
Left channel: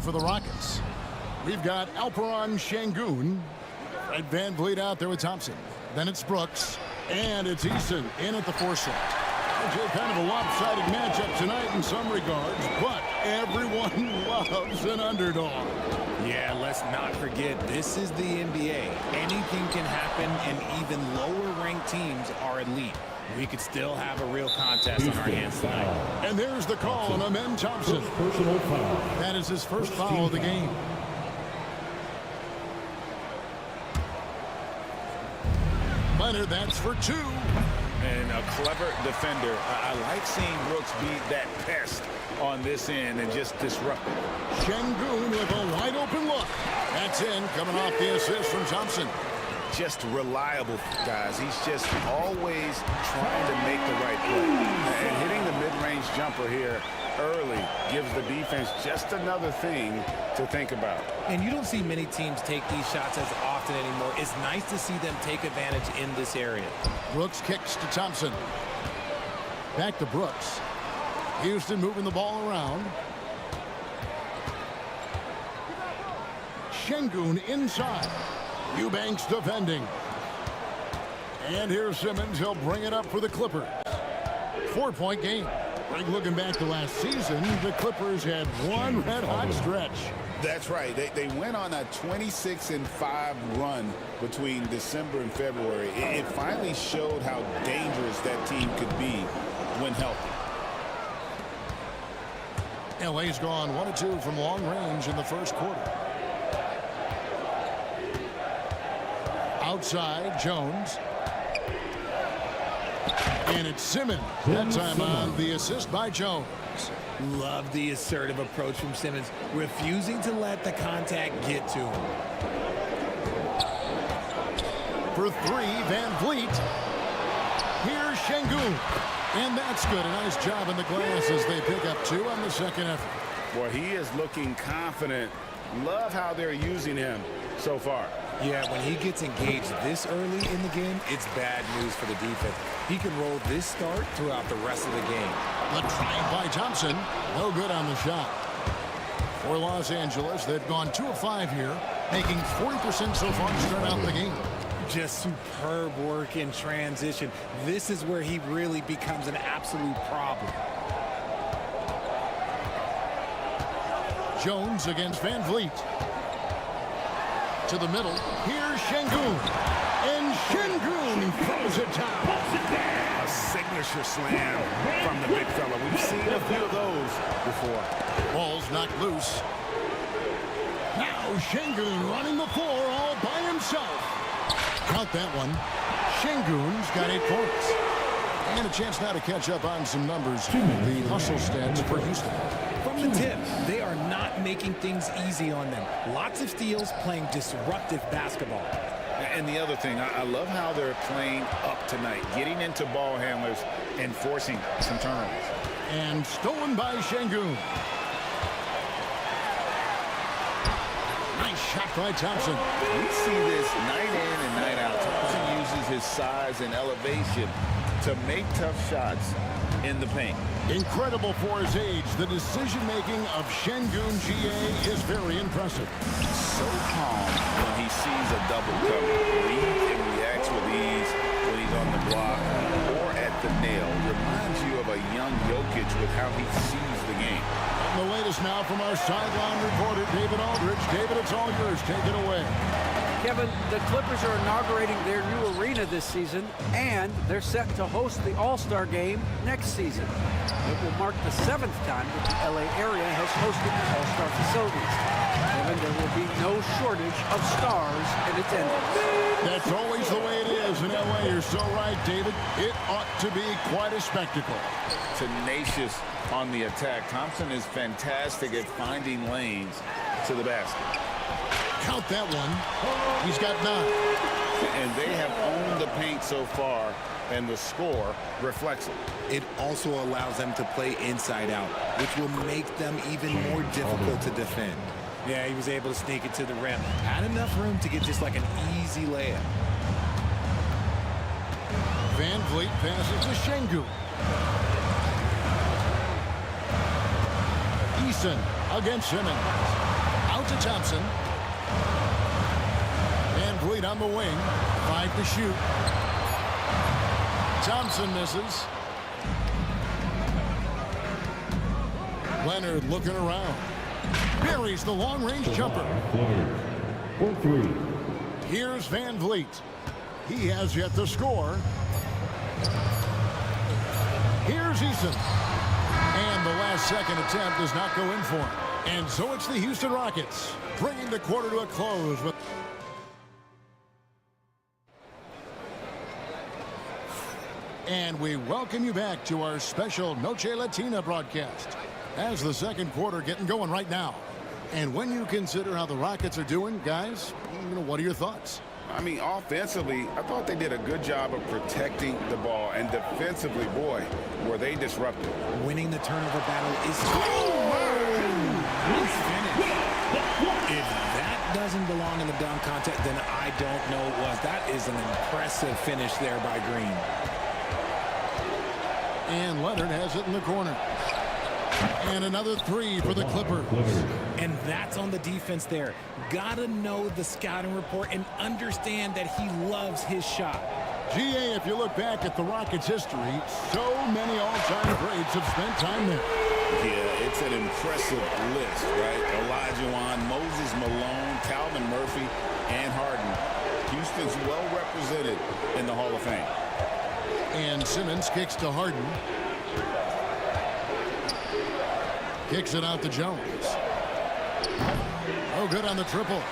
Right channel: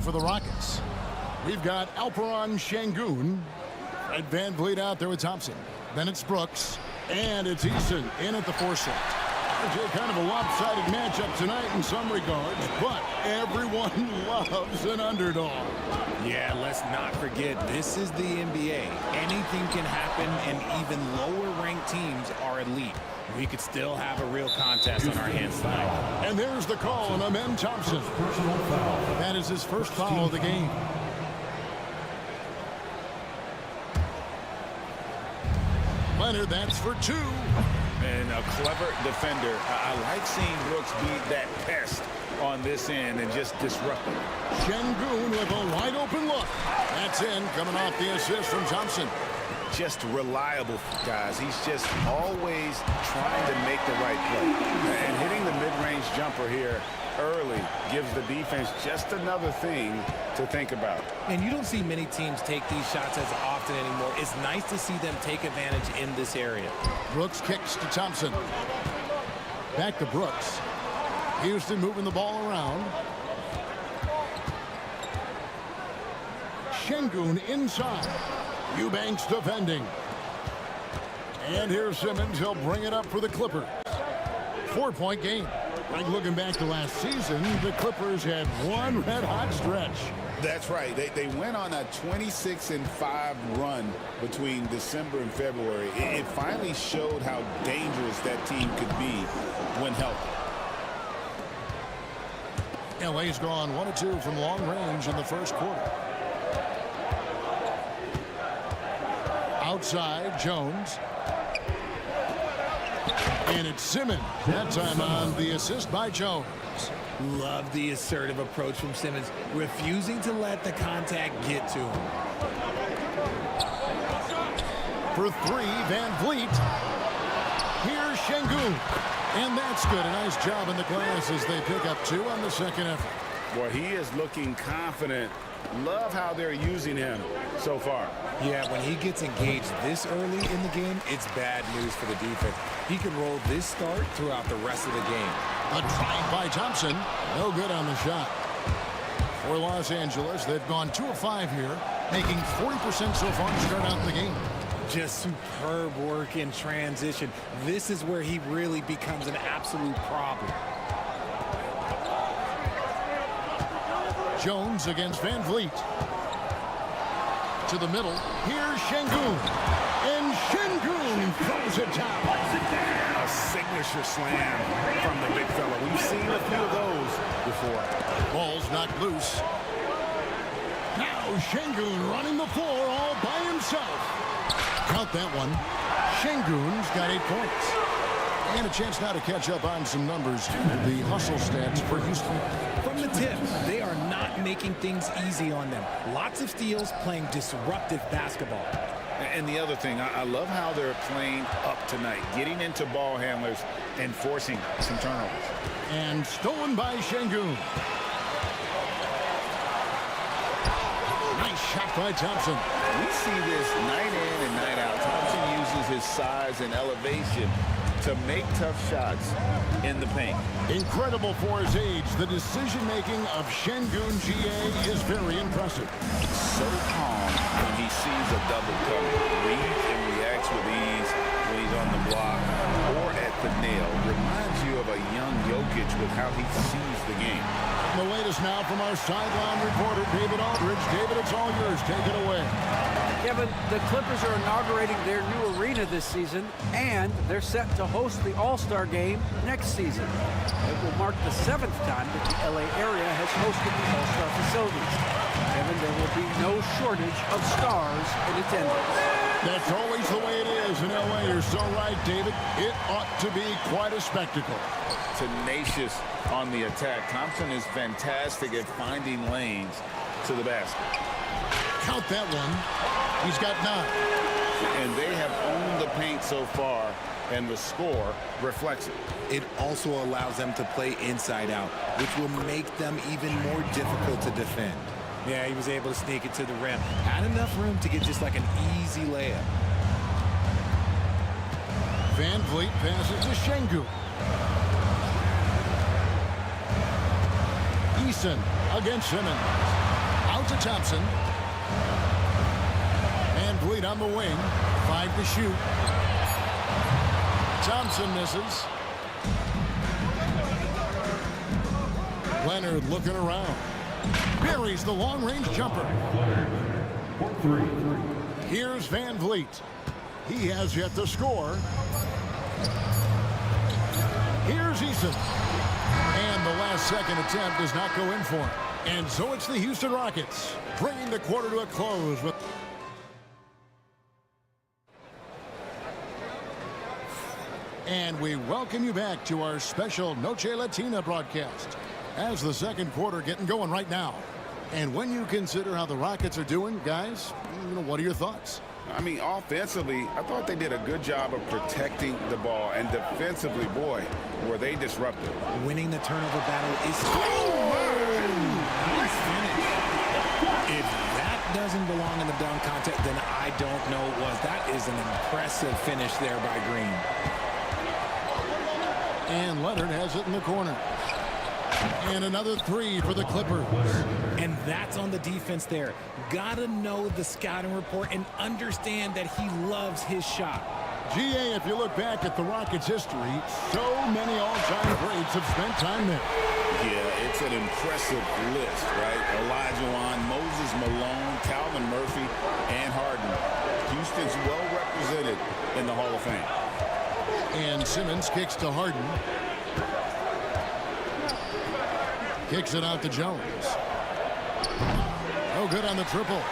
in for the Rockets. We've got Alperon Şengün. Fred VanVleet out there with Thompson. Then it's Brooks. And it's Eason in at the 4 slot. Kind of a lopsided matchup tonight in some regards, but everyone loves an underdog. Yeah, let's not forget, this is the NBA. Anything can happen, and even lower-ranked teams are elite. We could still have a real contest on our hands tonight. And there's the call on Amen Thompson. Personal foul. That is his first foul of the game. Leonard, that's for 2. And a clever defender. I like seeing Brooks be that pest on this end and just disrupt it. Şengün with a wide open look. That's in, coming off the assist from Thompson. Just reliable, guys. He's just always trying to make the right play. And hitting the mid-range jumper here early gives the defense just another thing to think about. And you don't see many teams take these shots as often anymore. It's nice to see them take advantage in this area. Brooks kicks to Thompson. Back to Brooks. Houston moving the ball around. Şengün inside. Eubanks defending. And here's Simmons. He'll bring it up for the Clippers. 4-point game. Greg, looking back to last season, the Clippers had one red-hot stretch. That's right. They went on a 26-5 run between December and February. It finally showed how dangerous that team could be when healthy. LA's gone 1 of 2 from long range in the first quarter. Outside, Jones. And it's Simmons. That time on the assist by Jones. Love the assertive approach from Simmons, refusing to let the contact get to him. For 3, VanVleet. Here's Şengün. And that's good. A nice job in the glass as they pick up 2 on the second effort. Boy, he is looking confident. Love how they're using him so far. Yeah, when he gets engaged this early in the game, it's bad news for the defense. He can roll this start throughout the rest of the game. The try by Thompson. No good on the shot. For Los Angeles, they've gone 2 of 5 here, making 40% so far to start out the game. Just superb work in transition. This is where he really becomes an absolute problem. Jones against VanVleet. To the middle. Here's Şengün. And Şengün throws it down. A signature slam from the big fella. We've seen a few of those before. Ball's knocked loose. Now Şengün running the floor all by himself. Count that one. Şengün's got 8 points. And a chance now to catch up on some numbers. The hustle stats for Houston. From the tip, they are not making things easy on them. Lots of steals, playing disruptive basketball. And the other thing, I love how they're playing up tonight, getting into ball handlers and forcing some turnovers. And stolen by Şengün. Nice shot by Thompson. We see this night in and night out. Thompson uses his size and elevation to make tough shots in the paint. Incredible for his age. The decision-making of Şengün GA is very impressive. So calm when he sees a double coming. Reads and reacts with ease when he's on the block or at the nail. Reminds you of a young Jokic with how he sees the game. And the latest now from our sideline reporter, David Aldridge. David, it's all yours. Take it away. Kevin, the Clippers are inaugurating their new arena this season, and they're set to host the All-Star Game next season. It will mark the 7th time that the LA area has hosted the All-Star facilities. Kevin, there will be no shortage of stars in attendance. That's always the way it is in LA. You're so right, David. It ought to be quite a spectacle. Tenacious on the attack. Thompson is fantastic at finding lanes to the basket. Count that one. He's got 9. And they have owned the paint so far, and the score reflects it. It also allows them to play inside out, which will make them even more difficult to defend. Yeah, he was able to sneak it to the rim. Had enough room to get just like an easy layup. VanVleet passes to Şengün. Eason against Simmons. Out to Thompson. Van Vliet on the wing. 5 to shoot. Thompson misses. Leonard looking around. Buries the long-range jumper. Here's Van Vliet. He has yet to score. Here's Eason. And the last-second attempt does not go in for him. And so it's the Houston Rockets, bringing the quarter to a close with... And we welcome you back to our special Noche Latina broadcast. As the second quarter getting going right now. And when you consider how the Rockets are doing, guys, what are your thoughts? I mean, offensively, I thought they did a good job of protecting the ball. And defensively, boy, were they disruptive. Winning the turnover battle is... Oh, my! Nice finish. If that doesn't belong in the dunk contest, then I don't know what was. That is an impressive finish there by Green. And Leonard has it in the corner. And another 3 for the Clippers. And that's on the defense there. Gotta know the scouting report and understand that he loves his shot. GA, if you look back at the Rockets' history, so many all-time greats have spent time there. Yeah, it's an impressive list, right? Olajuwon, Moses Malone, Calvin Murphy, and Harden. Houston's well represented in the Hall of Fame. And Simmons kicks to Harden. Kicks it out to Jones. Oh, good on the triple.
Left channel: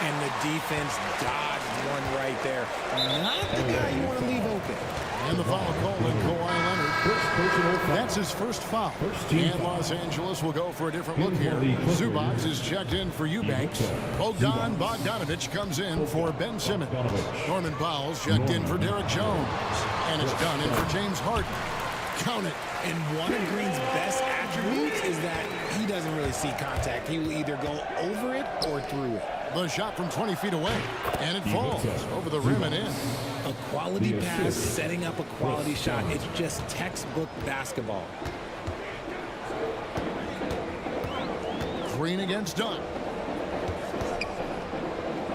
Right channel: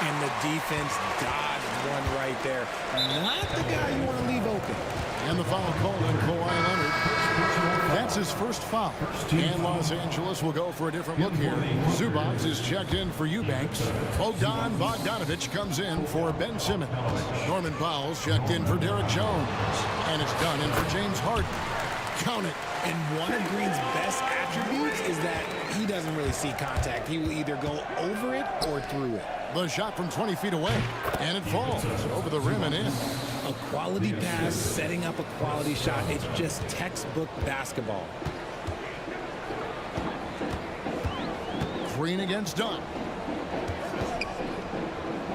And the defense dodged one right there. Not the guy you want to leave open. And the foul called on Kawhi Leonard. That's his first foul. And Los Angeles will go for a different look here. Zubac is checked in for Eubanks. Bogdan Bogdanovic comes in for Ben Simmons. Norman Powell's checked in for Derek Jones. And it's done in for James Harden. Count it. And one of Green's best attributes is that he doesn't really see contact. He will either go over it or through it. The shot from 20 feet away, and it falls over the rim and in. A quality pass, setting up a quality shot. It's just textbook basketball. Green against Dunn.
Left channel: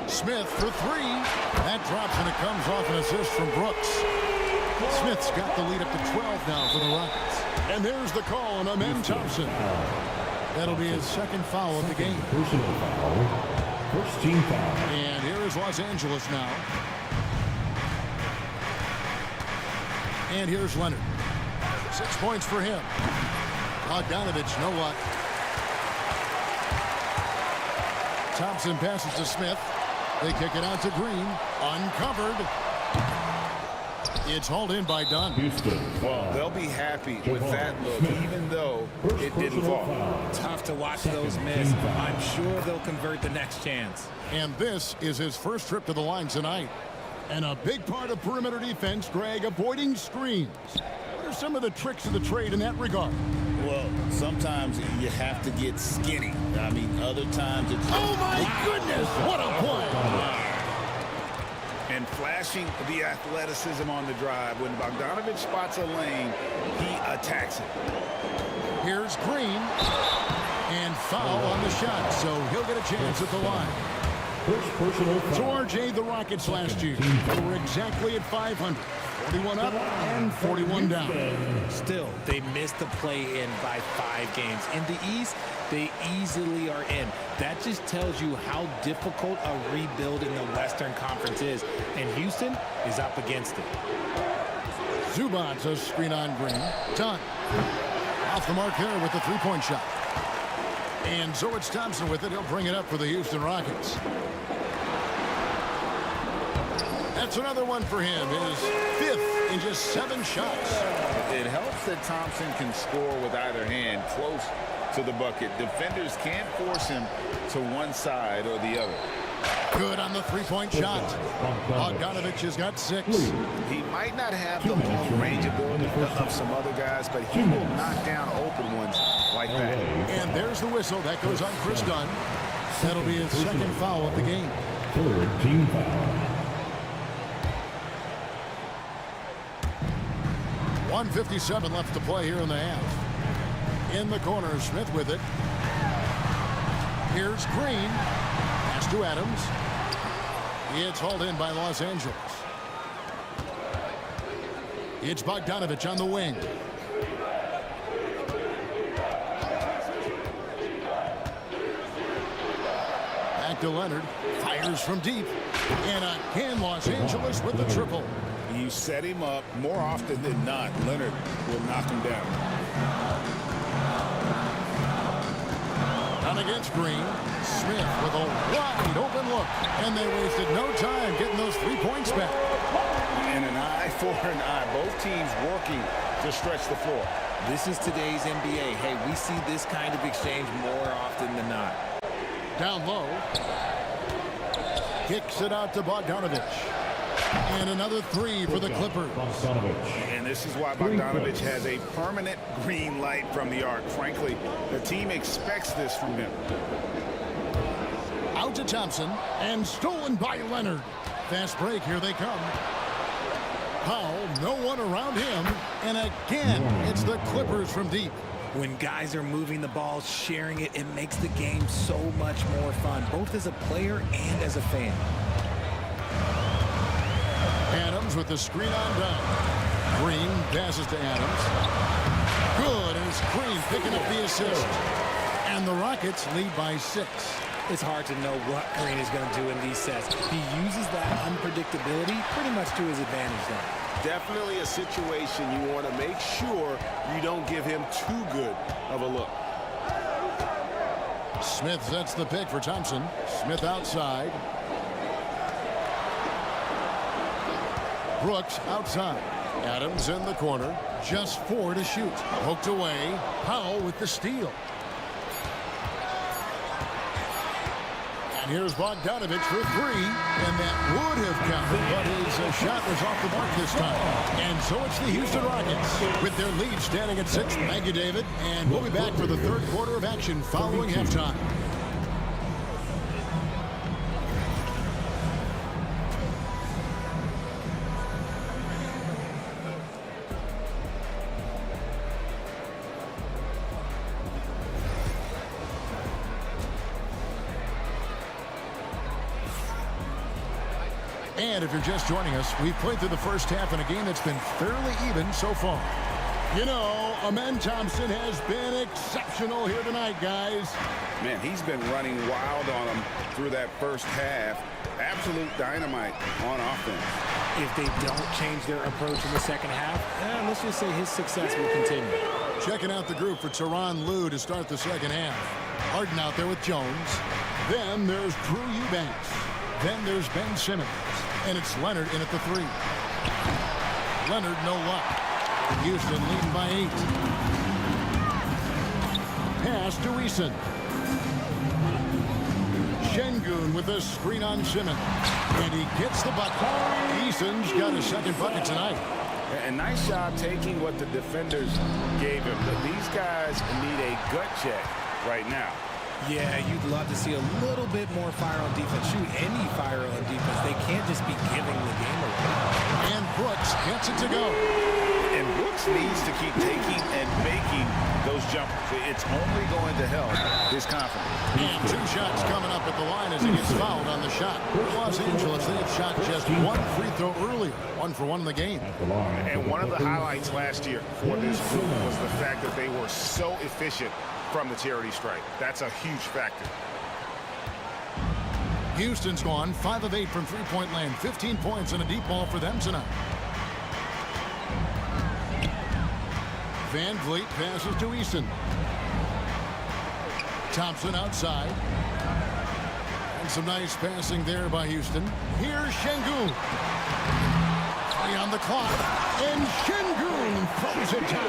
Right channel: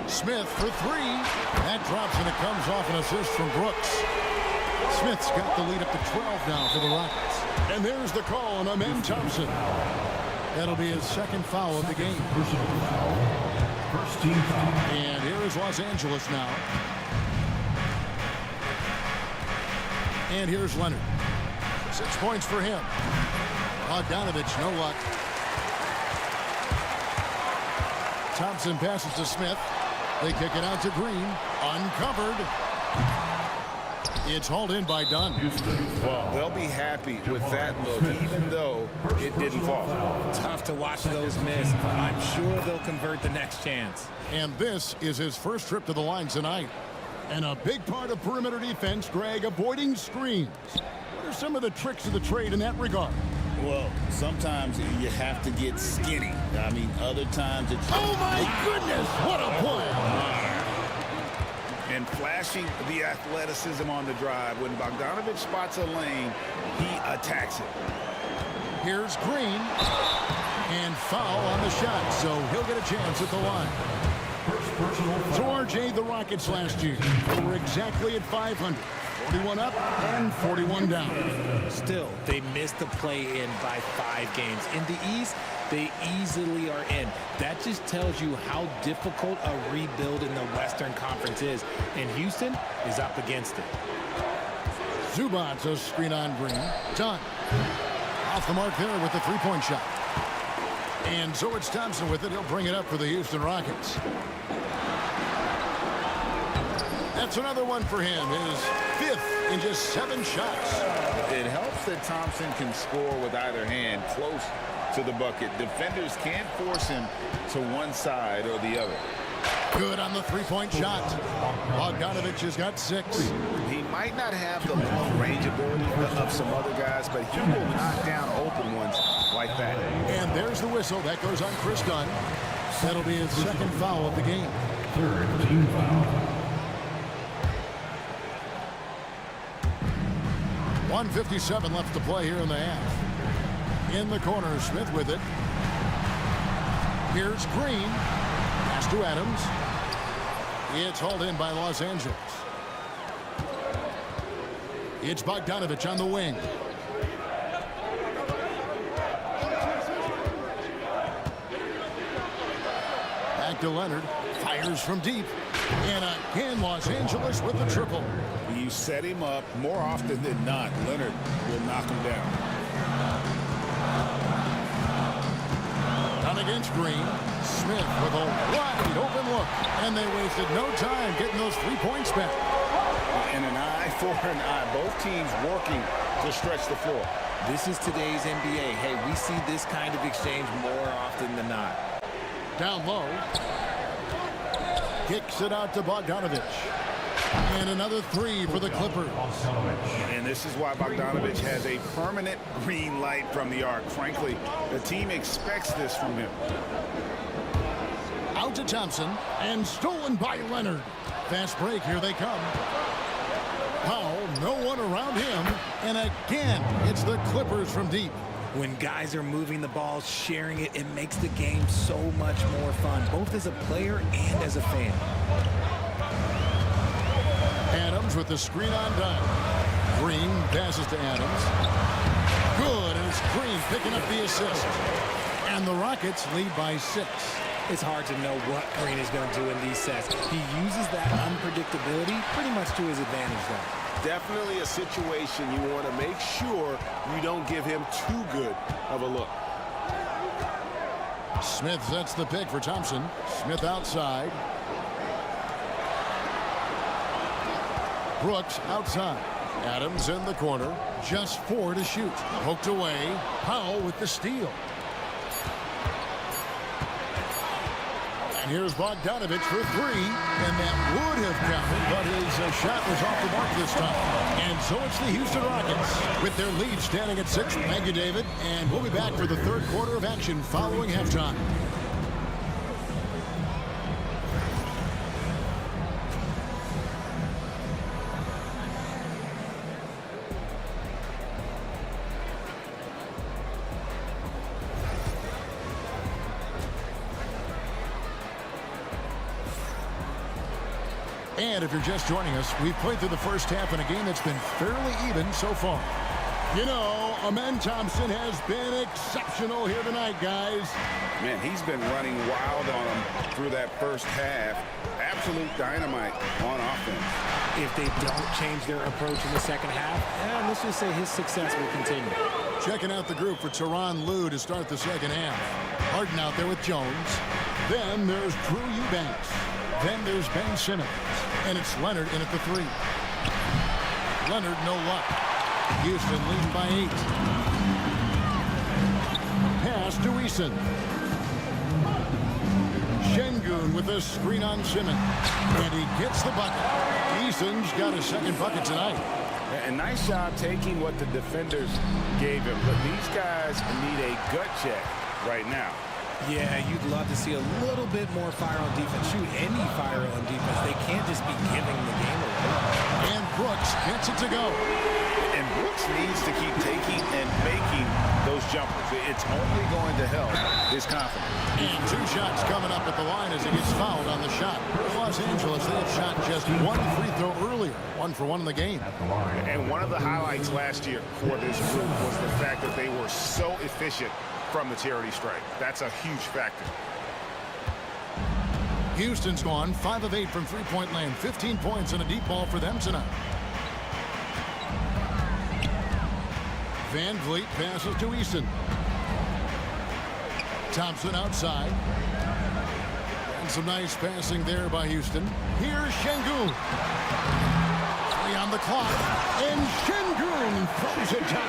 Smith for 3. That drops, and it comes off an assist from Brooks. Smith's got the lead up to 12 now for the Rockets. And there's the call on Amen Thompson. That'll be his second foul of the game. Personal foul. First team foul. And here is Los Angeles now. And here's Leonard. 6 points for him. Bogdanovic, no luck. Thompson passes to Smith. They kick it out to Green. Uncovered. It's hauled in by Dunn. Houston, foul. They'll be happy with that look, even though it didn't fall. Tough to watch those miss. I'm sure they'll convert the next chance. And this is his first trip to the line tonight. And a big part of perimeter defense, Greg, avoiding screens. What are some of the tricks of the trade in that regard? Well, sometimes you have to get skinny. I mean, other times it's... Oh, my goodness! What a play! And flashing the athleticism on the drive. When Bogdanovic spots a lane, he attacks it. Here's Green. And foul on the shot, so he'll get a chance at the line. First personal foul. So, RJ, the Rockets last year, they were exactly at 500. 41 up and 41 down. Still, they missed the play-in by 5 games. In the East, they easily are in. That just tells you how difficult a rebuild in the Western Conference is. And Houston is up against it. Zubac, a screen on Green. Dunn. Off the mark there with the three-point shot. And so it's Thompson with it. He'll bring it up for the Houston Rockets. That's another one for him. His 5th in just 7 shots. It helps that Thompson can score with either hand close to the bucket. Defenders can't force him to one side or the other. Good on the three-point shot. Bogdanovic has got 6. He might not have the long range ability of some other guys, but he will knock down open ones like that. And there's the whistle. That goes on Chris Dunn. That'll be his second foul of the game. Third team foul. 1:57 left to play here in the half. In the corner, Smith with it. Here's Green. Pass to Adams. It's hauled in by Los Angeles. It's Bogdanovich on the wing. Back to Leonard. Fires from deep. And again, Los Angeles with the triple. You set him up more often than not. Leonard will knock him down. Down against Green. Smith with a wide open look. And they wasted no time getting those 3 points back. And an eye for an eye. Both teams working to stretch the floor. This is today's NBA. Hey, we see this kind of exchange more often than not. Down low. Kicks it out to Bogdanovich. And another 3 for the Clippers. And this is why Bogdanovich has a permanent green light from the arc. Frankly, the team expects this from him. Out to Thompson. And stolen by Leonard. Fast break. Here they come. Powell, no one around him. And again, it's the Clippers from deep. When guys are moving the ball, sharing it, it makes the game so much more fun, both as a player and as a fan. Adams with the screen on down. Green passes to Adams. Good, and it's Green picking up the assist. And the Rockets lead by 6. It's hard to know what Green is going to do in these sets. He uses that unpredictability pretty much to his advantage though. Definitely a situation you want to make sure you don't give him too good of a look. Smith sets the pick for Thompson. Smith outside. Brooks outside. Adams in the corner. Just 4 to shoot. Poked away. Powell with the steal. And here's Bogdanovich for 3, and that would have counted, but his shot was off the mark this time. And so it's the Houston Rockets with their lead standing at 6. Thank you, David, and we'll be back for the third quarter of action following halftime. And if you're just joining us, we've played through the first half in a game that's been fairly even so far. You know, Amen Thompson has been exceptional here tonight, guys. Man, he's been running wild on them through that first half. Absolute dynamite on offense. If they don't change their approach in the second half, let's just say his success will continue. Checking out the group for Tyronn Lue to start the second half. Harden out there with Jones. Then there's Drew Eubanks. Then there's Ben Simmons. And it's Leonard in at the 3. Leonard, no luck. Houston leading by 8. Pass to Eason. Şengün with a screen on Simmons. And he gets the bucket. Eason's got a second bucket tonight. And nice job taking what the defenders gave him. But these guys need a gut check right now. Yeah, you'd love to see a little bit more fire on defense. Shoot, any fire on defense. They can't just be giving the game away. And Brooks gets it to go. And Brooks needs to keep taking and making those jumpers. It's only going to help his confidence. And 2 shots coming up at the line as he gets fouled on the shot. For Los Angeles, they have shot just 1 free throw earlier. 1 for 1 in the game. And one of the highlights last year for this group was the fact that they were so efficient from the charity stripe. That's a huge factor. Houston's gone 5 of 8 from three-point land. 15 points and a deep ball for them tonight. Van Vliet passes to Eason. Thompson outside. And some nice passing there by Houston. Here's Şengün. 3 on the clock. And Şengün throws it down.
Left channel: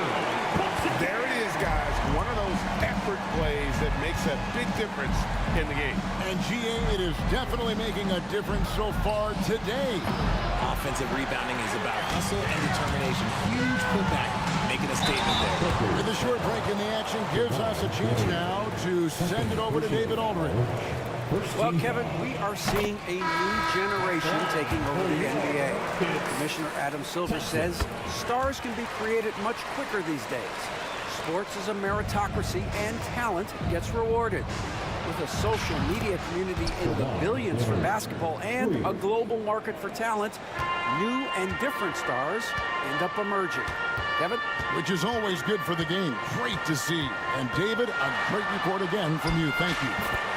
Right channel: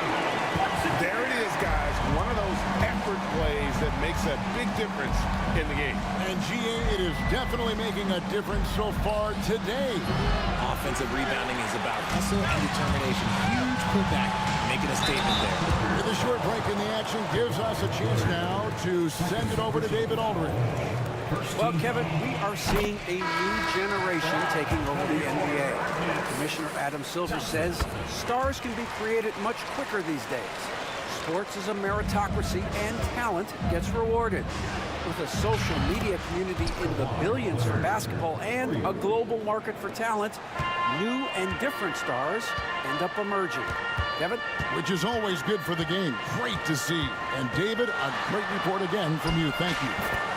There it is, guys. One of those effort plays that makes a big difference in the game. And GA, it is definitely making a difference so far today. Offensive rebounding is about hustle and determination. Huge putback, making a statement there. With a short break in the action, gives us a chance now to send it over to David Aldridge. Well, Kevin, we are seeing a new generation taking over the NBA. Commissioner Adam Silver says stars can be created much quicker these days. Sports is a meritocracy and talent gets rewarded. With a social media community in the billions for basketball and a global market for talent, new and different stars end up emerging. Kevin? Which is always good for the game. Great to see. And David, a great report again from you. Thank you.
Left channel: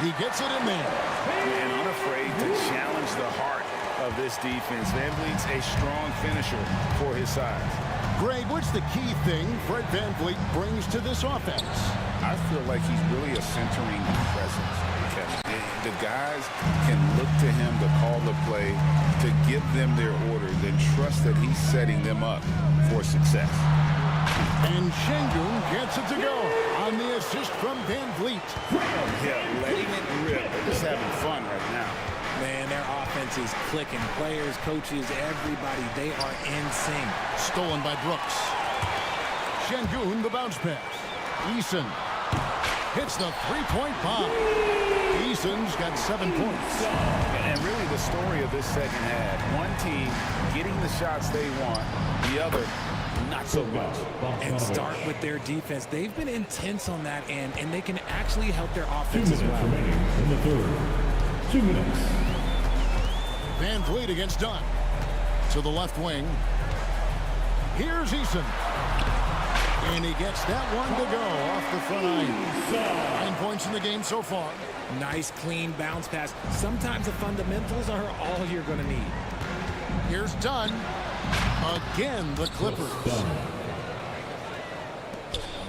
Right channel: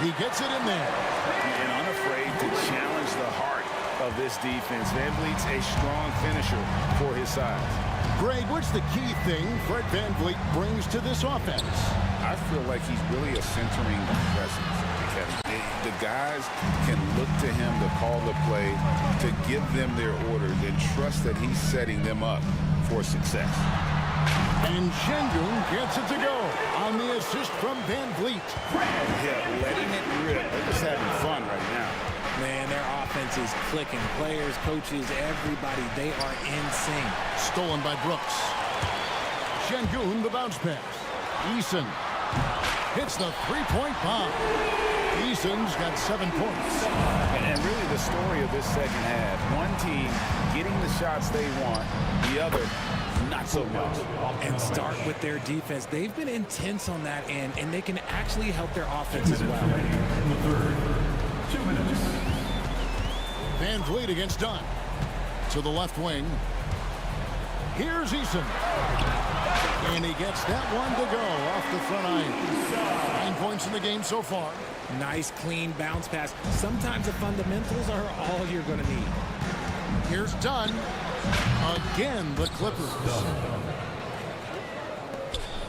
He gets it in there. And unafraid to challenge the heart of this defense. Van Vliet's a strong finisher for his size. Greg, what's the key thing Fred Van Vliet brings to this offense? I feel like he's really a centering presence, Kevin. The guys can look to him to call the play, to give them their orders, and trust that he's setting them up for success. And Şengün gets it to go on the assist from Van Vliet. Yeah, letting it rip. They're just having fun right now. Man, their offense is clicking. Players, coaches, everybody, they are in sync. Stolen by Brooks. Şengün, the bounce pass. Eason hits the three-point bomb. Eason's got 7 points. And really the story of this second half, one team getting the shots they want, the other not so much. And start with their defense. They've been intense on that end, and they can actually help their offense as well. In the third, 2 minutes. Van Vliet against Dunn. To the left wing. Here's Eason. And he gets that one to go off the front iron. 9 points in the game so far. Nice, clean bounce pass. Sometimes the fundamentals are all you're going to need. Here's Dunn. Again, the Clippers.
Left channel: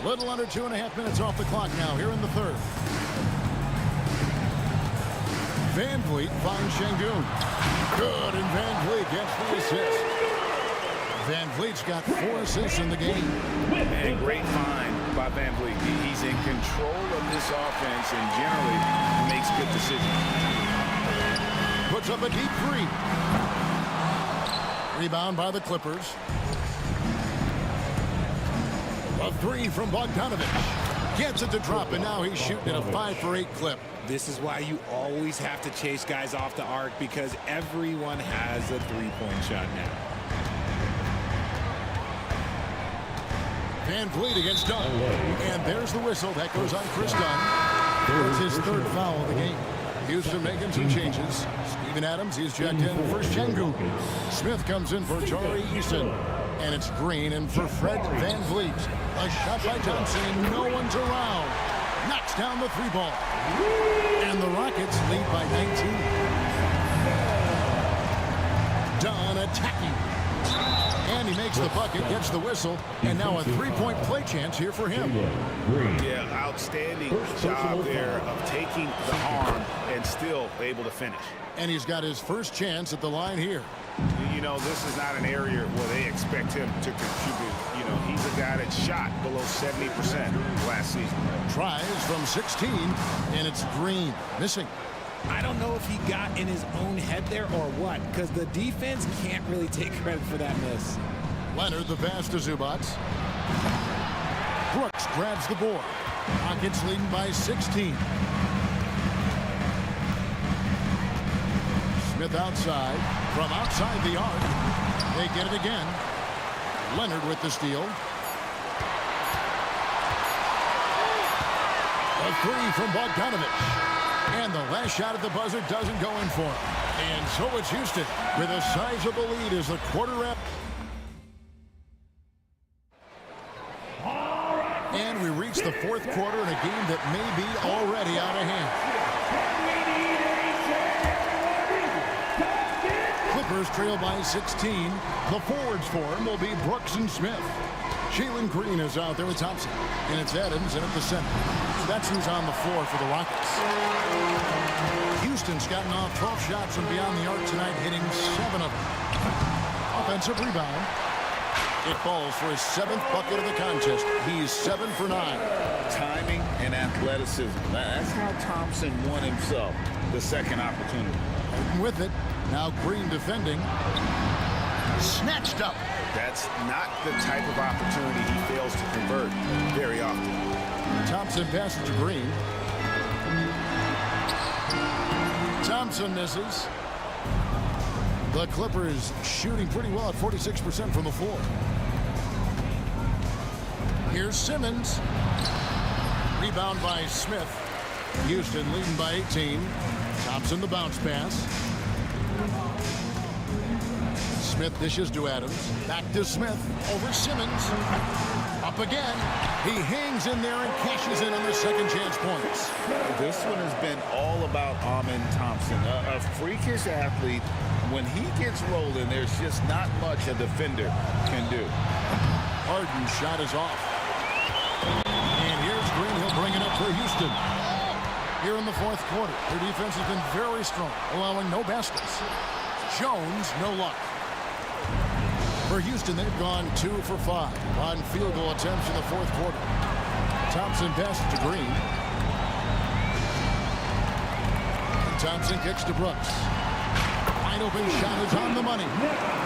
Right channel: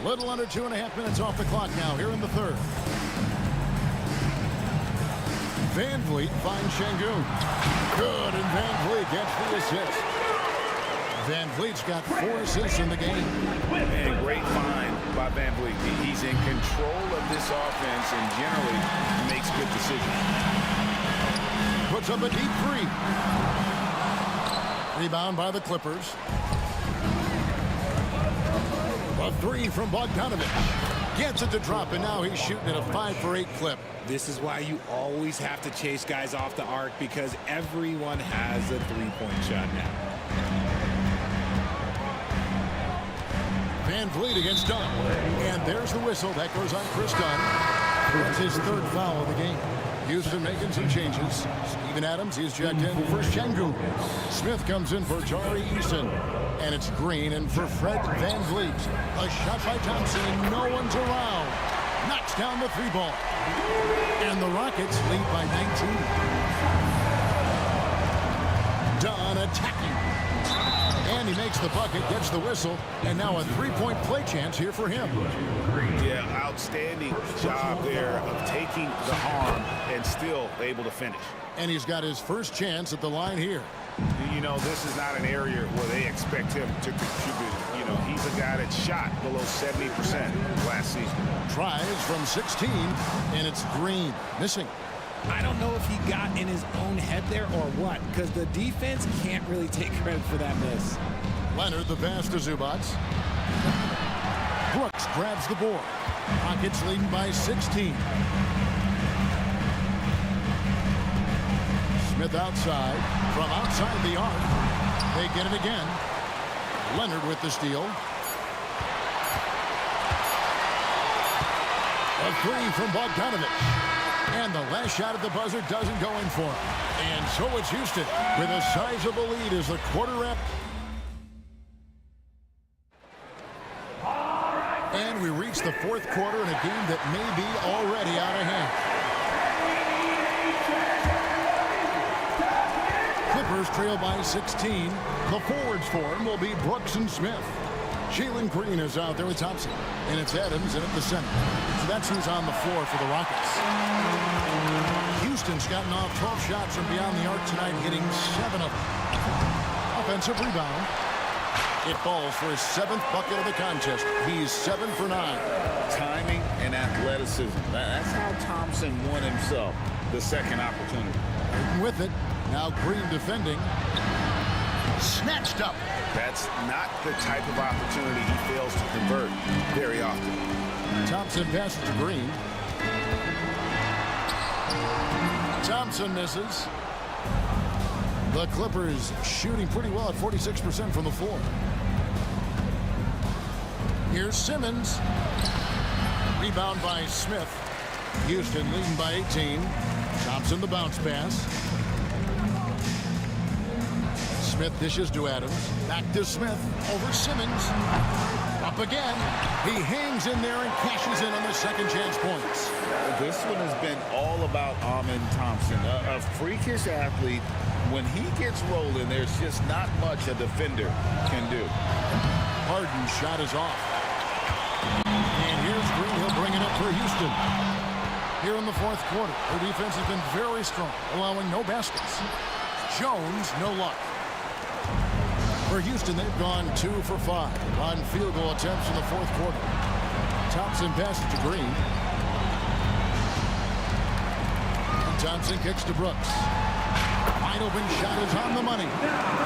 A little under 2.5 minutes off the clock now here in the third. Van Vliet finds Şengün. Good, and Van Vliet gets the assist. Van Vliet's got 4 assists in the game. And great find by Van Vliet. He's in control of this offense and generally makes good decisions. Puts up a deep three. Rebound by the Clippers. A three from Bogdanović. Gets it to drop, and now he's shooting at a 5-for-8 clip. This is why you always have to chase guys off the arc, because everyone has a three-point shot now. Van Vliet against Dunn. And there's the whistle. That goes on Chris Dunn. That's his 3rd foul of the game. Houston making some changes. Steven Adams, he's checked in for Şengün. Smith comes in for Tari Eason. And it's Green in for Fred Van Vliet. A shot by Thompson, and no one's around. Knocks down the 3-ball. And the Rockets lead by 19. Dunn attacking. And he makes the bucket, gets the whistle, and now a 3-point play chance here for him. Yeah, outstanding job there of taking the harm and still able to finish. And he's got his first chance at the line here. You know, this is not an area where they expect him to contribute. You know, he's a guy that shot below 70% last season. Tries from 16, and it's Green. Missing. I don't know if he got in his own head there or what, because the defense can't really take credit for that miss. Leonard, the pass to Zubac. Brooks grabs the board. Rockets leading by 16. Smith outside. From outside the arc. They get it again. Leonard with the steal. A three from Bogdanović. And the last shot at the buzzer doesn't go in for him. And so it's Houston with a sizable lead as the quarter wrap. And we reach the 4th quarter in a game that may be already out of hand. Clippers trail by 16. The forwards for him will be Brooks and Smith. Jalen Green is out there with Thompson. And it's Adams in at the center. So that's who's on the floor for the Rockets. Houston's gotten off 12 shots from beyond the arc tonight, hitting 7 of them. Offensive rebound. It falls for his 7th bucket of the contest. He's 7 for 9. Timing and athleticism. That's how Thompson won himself the second opportunity. And with it, now Green defending. Snatched up. That's not the type of opportunity he fails to convert very often. Thompson passes to Green. Thompson misses. The Clippers shooting pretty well at 46% from the floor. Here's Simmons. Rebound by Smith. Houston leading by 18. Thompson the bounce pass. Smith dishes to Adams. Back to Smith. Over Simmons. Up again. He hangs in there and cashes in on the second chance points. This one has been all about Amin Thompson, a freakish athlete. When he gets rolling, there's just not much a defender can do. Harden's shot is off. And here's Green. He'll bring it up for Houston. Here in the fourth quarter, their defense has been very strong, allowing no baskets. Jones, no luck. For Houston, they've gone 2 for 5 on field goal attempts in the fourth quarter. Thompson passes to Green. And Thompson kicks to Brooks. Wide open shot is on the money.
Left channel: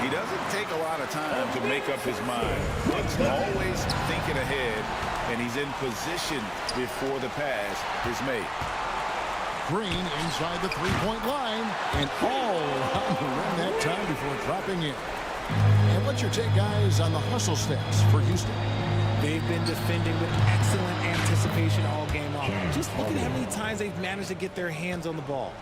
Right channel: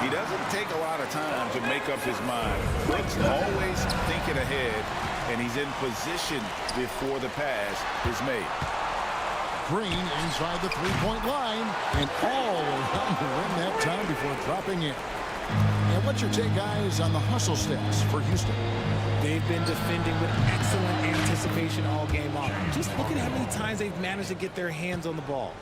He doesn't take a lot of time to make up his mind. Brooks always thinking ahead, and he's in position before the pass is made. Green inside the three-point line and all around the rim that time before dropping in. And what's your take, guys, on the hustle stats for Houston? They've been defending with excellent anticipation all game long. Just look at how many times they've managed to get their hands on the ball.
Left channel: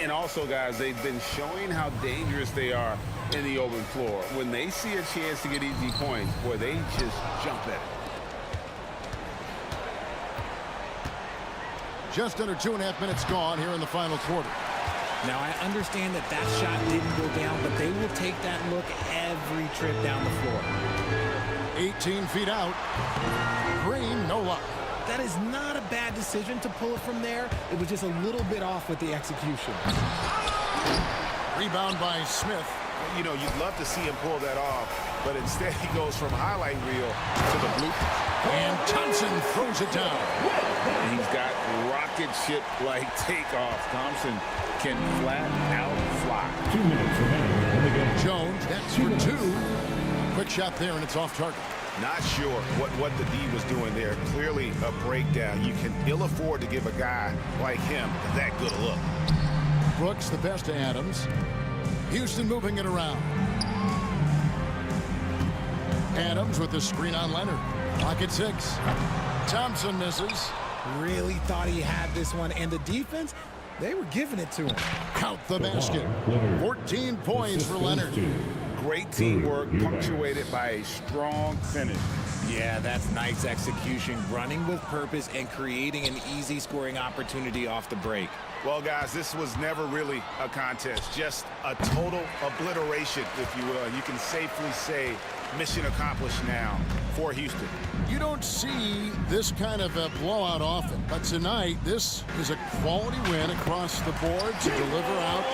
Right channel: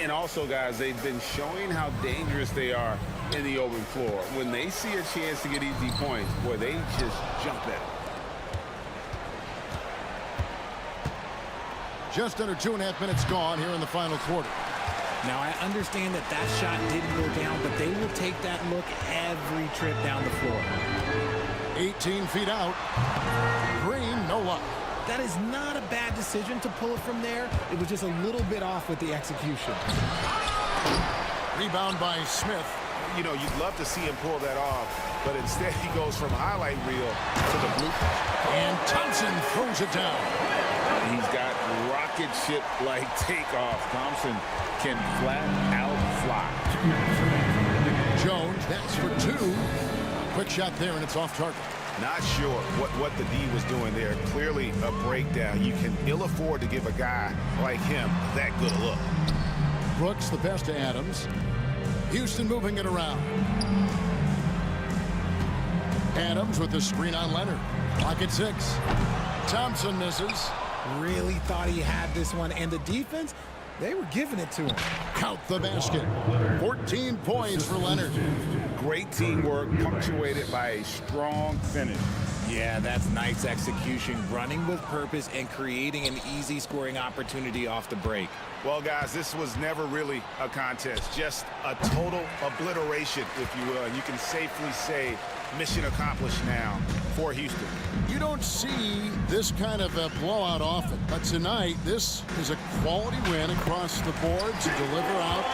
And also, guys, they've been showing how dangerous they are in the open floor. When they see a chance to get easy points, boy, they just jump at it. Just under 2.5 minutes gone here in the final quarter. Now, I understand that that shot didn't go down, but they will take that look every trip down the floor. 18 feet out. Green, no luck. That is not a bad decision to pull it from there. It was just a little bit off with the execution. Rebound by Smith. You know, you'd love to see him pull that off, but instead he goes from highlight reel to the bloopers. And Thompson throws it down. He's got rocket ship-like takeoff. Thompson can flat out fly. 2 minutes remaining in the game. Jones, that's for 2. A quick shot there, and it's off target. Not sure what the D was doing there. Clearly a breakdown. You can ill afford to give a guy like him that good a look. Brooks, the best to Adams. Houston moving it around. Adams with the screen on Leonard. Clock at 6. Thompson misses. Really thought he had this one, and the defense, they were giving it to him. Count the basket. 14 points for Leonard. Great teamwork punctuated by a strong finish. Yeah, that's nice execution, running with purpose and creating an easy scoring opportunity off the break. Well, guys, this was never really a contest, just a total obliteration, if you will. And you can safely say mission accomplished now for Houston. You don't see this kind of a blowout often, but tonight this is a quality win across the board to deliver out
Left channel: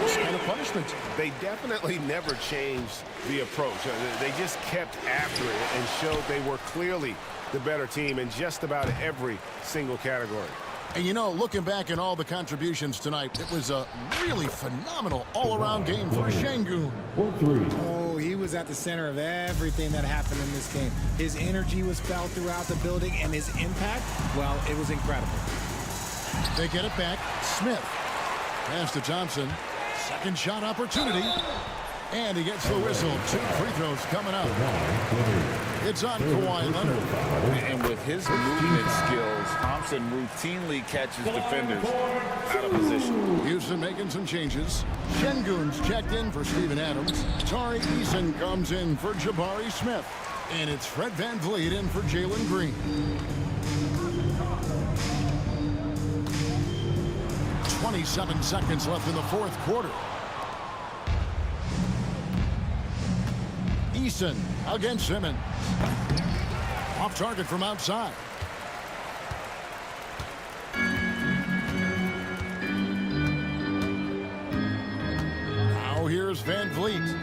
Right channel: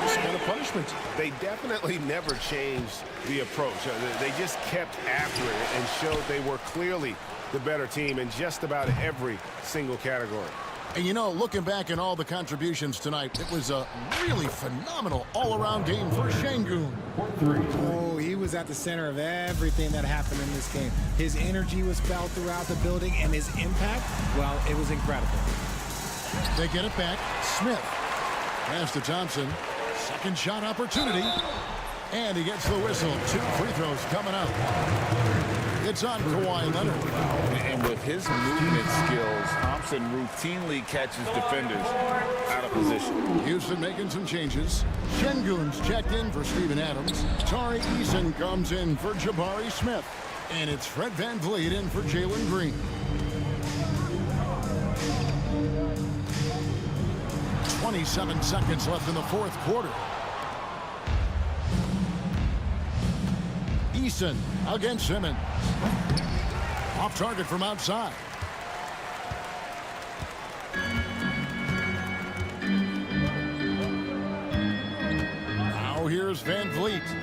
this kind of punishment. They definitely never changed the approach. They just kept after it and showed they were clearly the better team in just about every single category. And, you know, looking back at all the contributions tonight, it was a really phenomenal all-around game for Şengün. Oh, he was at the center of everything that happened in this game. His energy was felt throughout the building, and his impact, well, it was incredible. They get it back. Smith. Pass to Thompson. Second shot opportunity. And he gets the whistle. 2 free throws coming up. It's on Kawhi Leonard. And with his movement skills, Thompson routinely catches defenders out of position. Houston making some changes. Şengün's checked in for Steven Adams. Tari Eason comes in for Jabari Smith. And it's Fred VanVleet in for Jalen Green. 27 seconds left in the fourth quarter. Eason against Simmons. Off target from outside. Now here's VanVleet.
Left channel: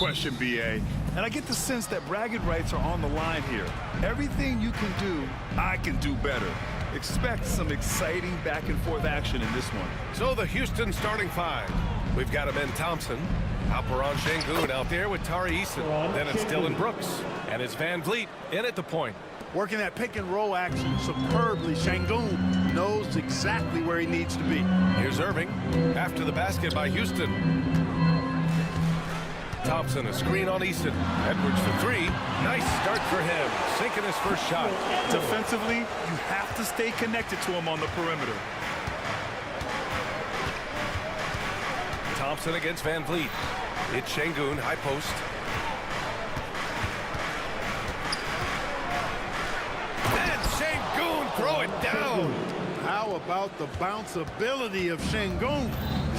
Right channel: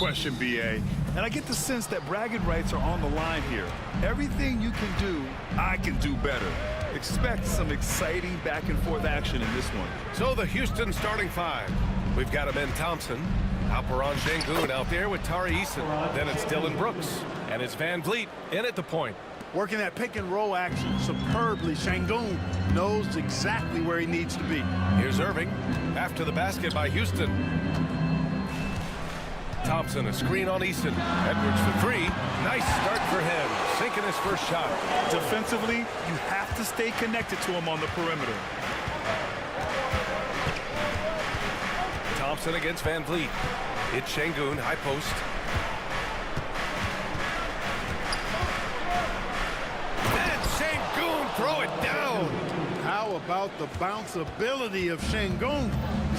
question, B.A. And I get the sense that bragging rights are on the line here. Everything you can do, I can do better. Expect some exciting back-and-forth action in this one. So the Houston starting five. We've got Ben Thompson, Alperon Şengün out there with Tari Eason. Then it's Dylan Brooks, and it's Van Vliet in at the point. Working that pick and roll action superbly. Şengün knows exactly where he needs to be. Here's Irving after the basket by Houston. Thompson, a screen on Easton. Edwards for three. Nice start for him, sinking his first shot. Defensively, you have to stay connected to him on the perimeter. Thompson against Van Vliet. It's Şengün, high post. And Şengün, throw it down. How about the bounceability of Şengün?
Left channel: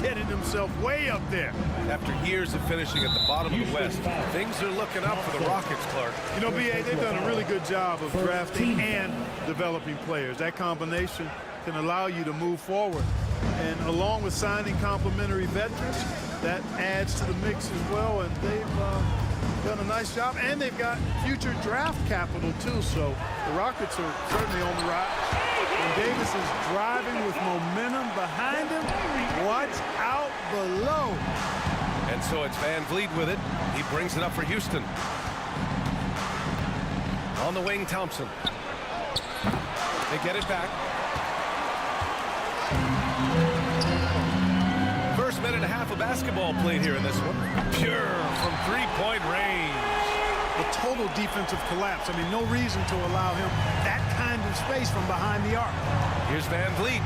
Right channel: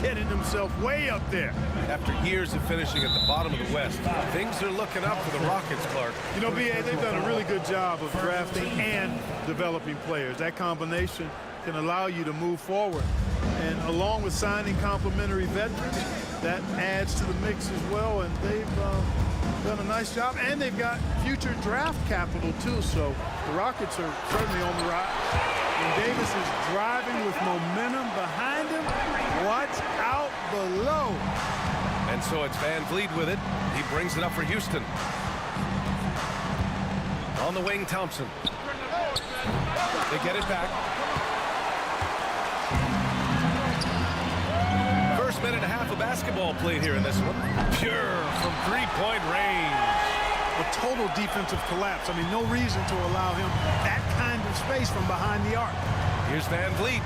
Getting himself way up there. After years of finishing at the bottom of the West, things are looking up for the Rockets, Clark. You know, B.A., they've done a really good job of drafting and developing players. That combination can allow you to move forward. And along with signing complementary veterans, that adds to the mix as well. And they've done a nice job. And they've got future draft capital, too. So the Rockets are certainly on the rise. When Davis is driving with momentum behind him, watch out below. And so it's Van Vliet with it. He brings it up for Houston. On the wing, Thompson. They get it back. First minute and a half of basketball played here in this one. Pure from three-point range. A total defensive collapse. I mean, no reason to allow him that kind of space from behind the arc. Here's Van Vliet.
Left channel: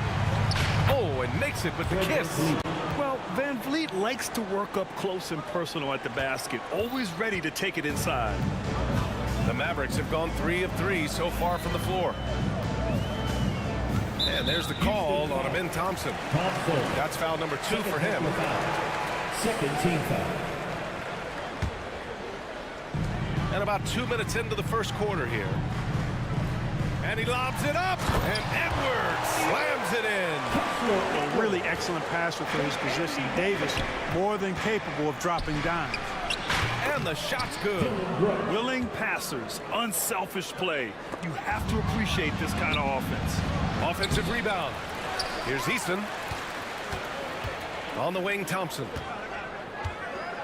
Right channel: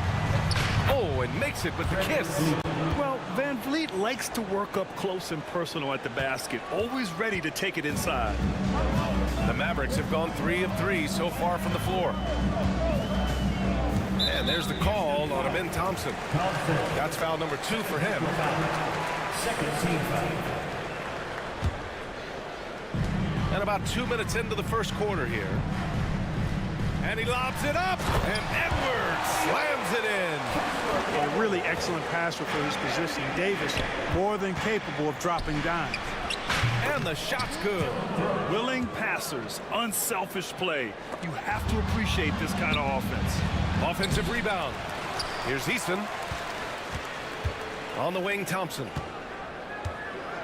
Oh, and makes it with the kiss. Well, Van Vliet likes to work up close and personal at the basket, always ready to take it inside. The Mavericks have gone 3 of 3 so far from the floor. And there's the call on Ben Thompson. That's foul number 2 for him. Second team foul. And about 2 minutes into the first quarter here. And he lobs it up, and Edwards slams it in. A really excellent passer for his position. Davis, more than capable of dropping dimes. And the shot's good. Willing passers, unselfish play. You have to appreciate this kind of offense. Offensive rebound. Here's Easton. On the wing, Thompson.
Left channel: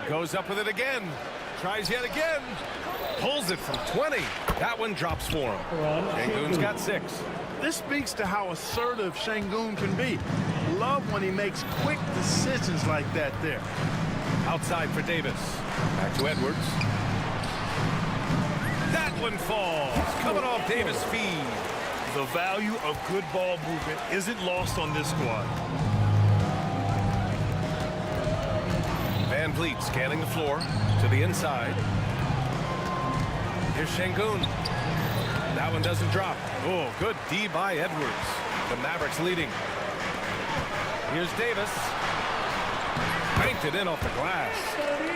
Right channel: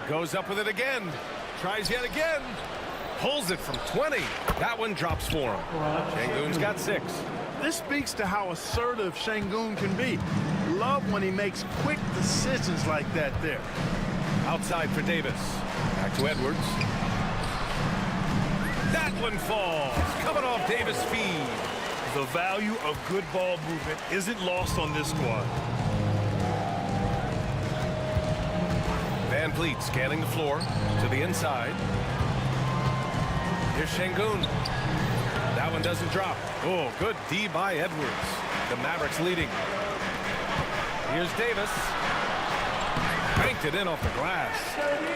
Goes up with it again. Tries yet again. Pulls it from 20. That one drops for him. Şengün's got 6. This speaks to how assertive Şengün can be. Love when he makes quick decisions like that there. Outside for Davis. Back to Edwards. That one falls. Coming off Davis' feed. The value of good ball movement isn't lost on this squad. Van Vliet scanning the floor to the inside. Here's Şengün. That one doesn't drop. Oh, good D by Edwards. The Mavericks leading. Here's Davis. Banked it in off the glass.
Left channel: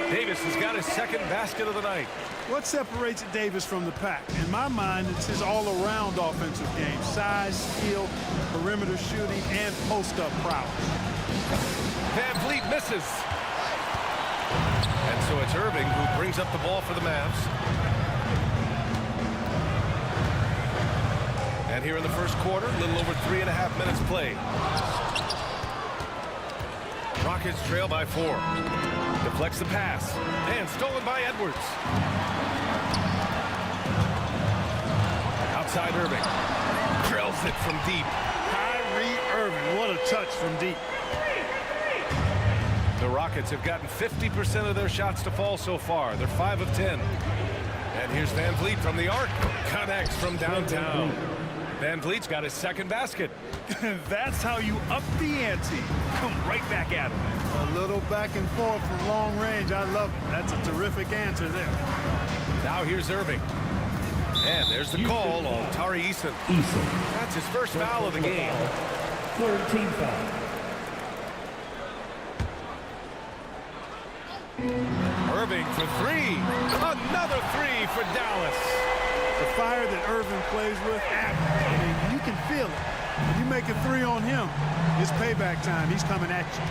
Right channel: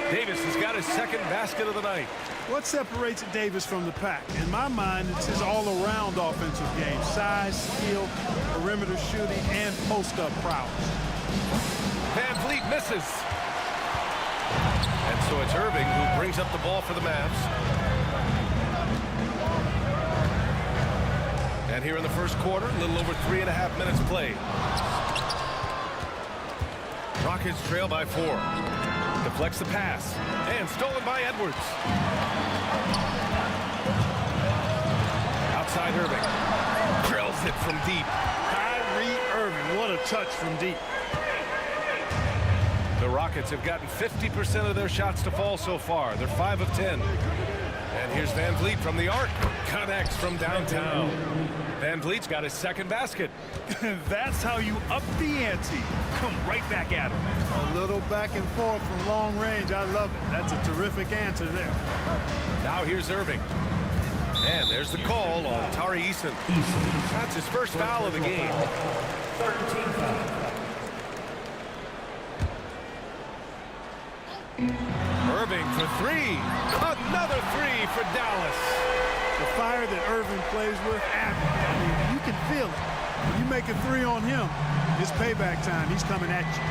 Davis has got his second basket of the night. What separates Davis from the pack? In my mind, it's his all-around offensive game. Size, skill, perimeter shooting, and post-up prowess. Van Vliet misses. And so it's Irving who brings up the ball for the Mavs. And here in the first quarter, a little over 3.5 minutes played. Rockets trail by 4. Deflects the pass. And stolen by Edwards. Outside Irving. Drills it from deep. Kyrie Irving, what a touch from deep. The Rockets have gotten 50% of their shots to fall so far. They're 5 of 10. And here's Van Vliet from the arc. Connects from downtown. Van Vliet's got his second basket. That's how you up the ante. Come right back at him. A little back and forth from long range. I love it. That's a terrific answer there. Now here's Irving. And there's the call on Tari Eason. That's his first foul of the game. Third team foul. Irving for 3. Another 3 for Dallas. The fire that Irving plays with, admirable. I mean, you can feel it. When you make a 3 on him, it's payback time. He's coming at you.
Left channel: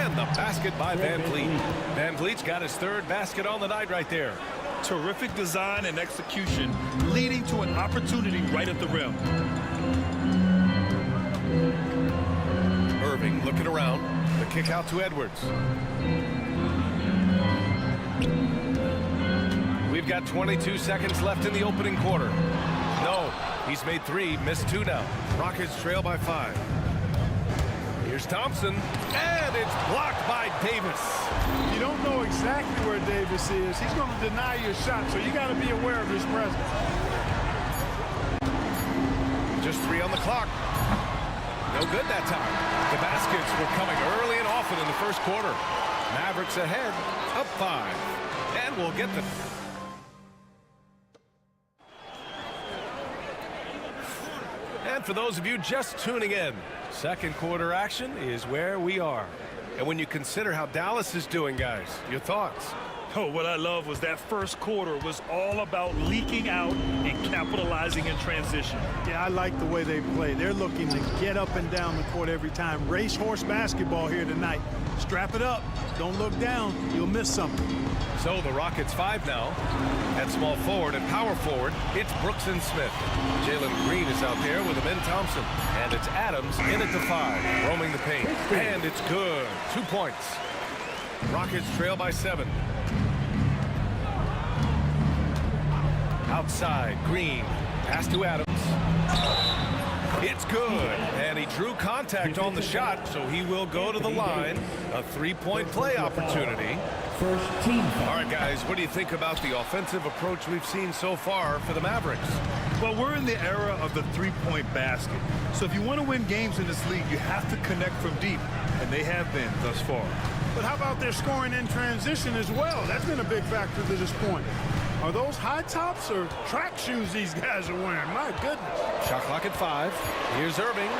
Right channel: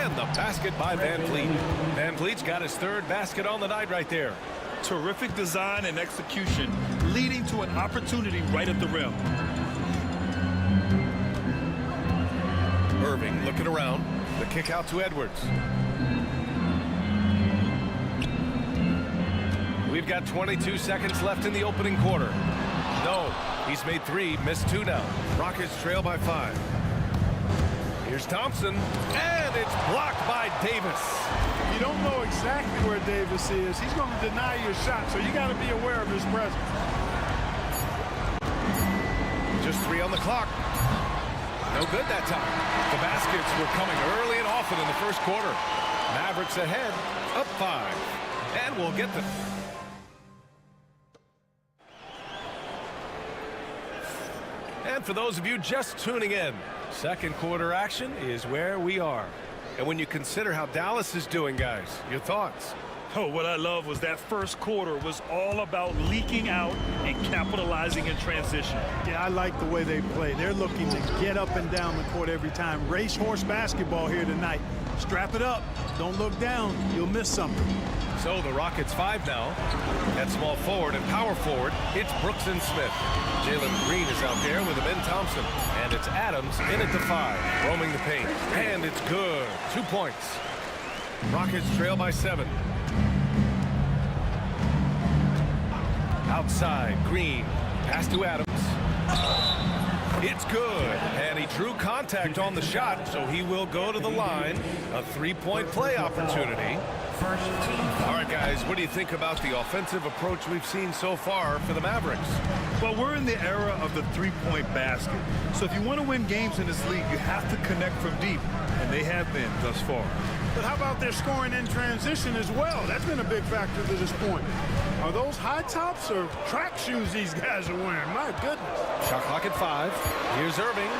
And the basket by Van Vliet. Van Vliet's got his third basket on the night right there. Terrific design and execution, leading to an opportunity right at the rim. Irving looking around. The kick out to Edwards. We've got 22 seconds left in the opening quarter. No, he's made 3, missed 2 now. Rockets trail by 5. Here's Thompson, and it's blocked by Davis. You don't know exactly where Davis is. He's going to deny your shot, so you got to be aware of his presence. Just 3 on the clock. No good that time. The baskets were coming early and often in the first quarter. Mavericks ahead, up 5. And we'll get the... And for those of you just tuning in, second quarter action is where we are. And when you consider how Dallas is doing, guys, your thoughts? Oh, what I love was that first quarter was all about leaking out and capitalizing in transition. Yeah, I like the way they play. They're looking to get up and down the court every time. Racehorse basketball here tonight. Strap it up. Don't look down. You'll miss something. So the Rockets 5 now. At small forward and power forward, it's Brooks and Smith. Jalen Green is out there with Amin Thompson. And it's Adams in at the 5, roaming the paint. And it's good. 2 points. Rockets trail by 7. Outside, Green. Pass to Adams. It's good. And he drew contact on the shot, so he will go to the line. A 3-point play opportunity. First team. All right, guys, what do you think about the offensive approach we've seen so far for the Mavericks? Well, we're in the era of the three-point basket. So if you want to win games in this league, you have to connect from deep, and they have been thus far. But how about their scoring in transition as well? That's been a big factor to this point. Are those high tops or track shoes these guys are wearing? My goodness. Shot clock at 5. Here's Irving.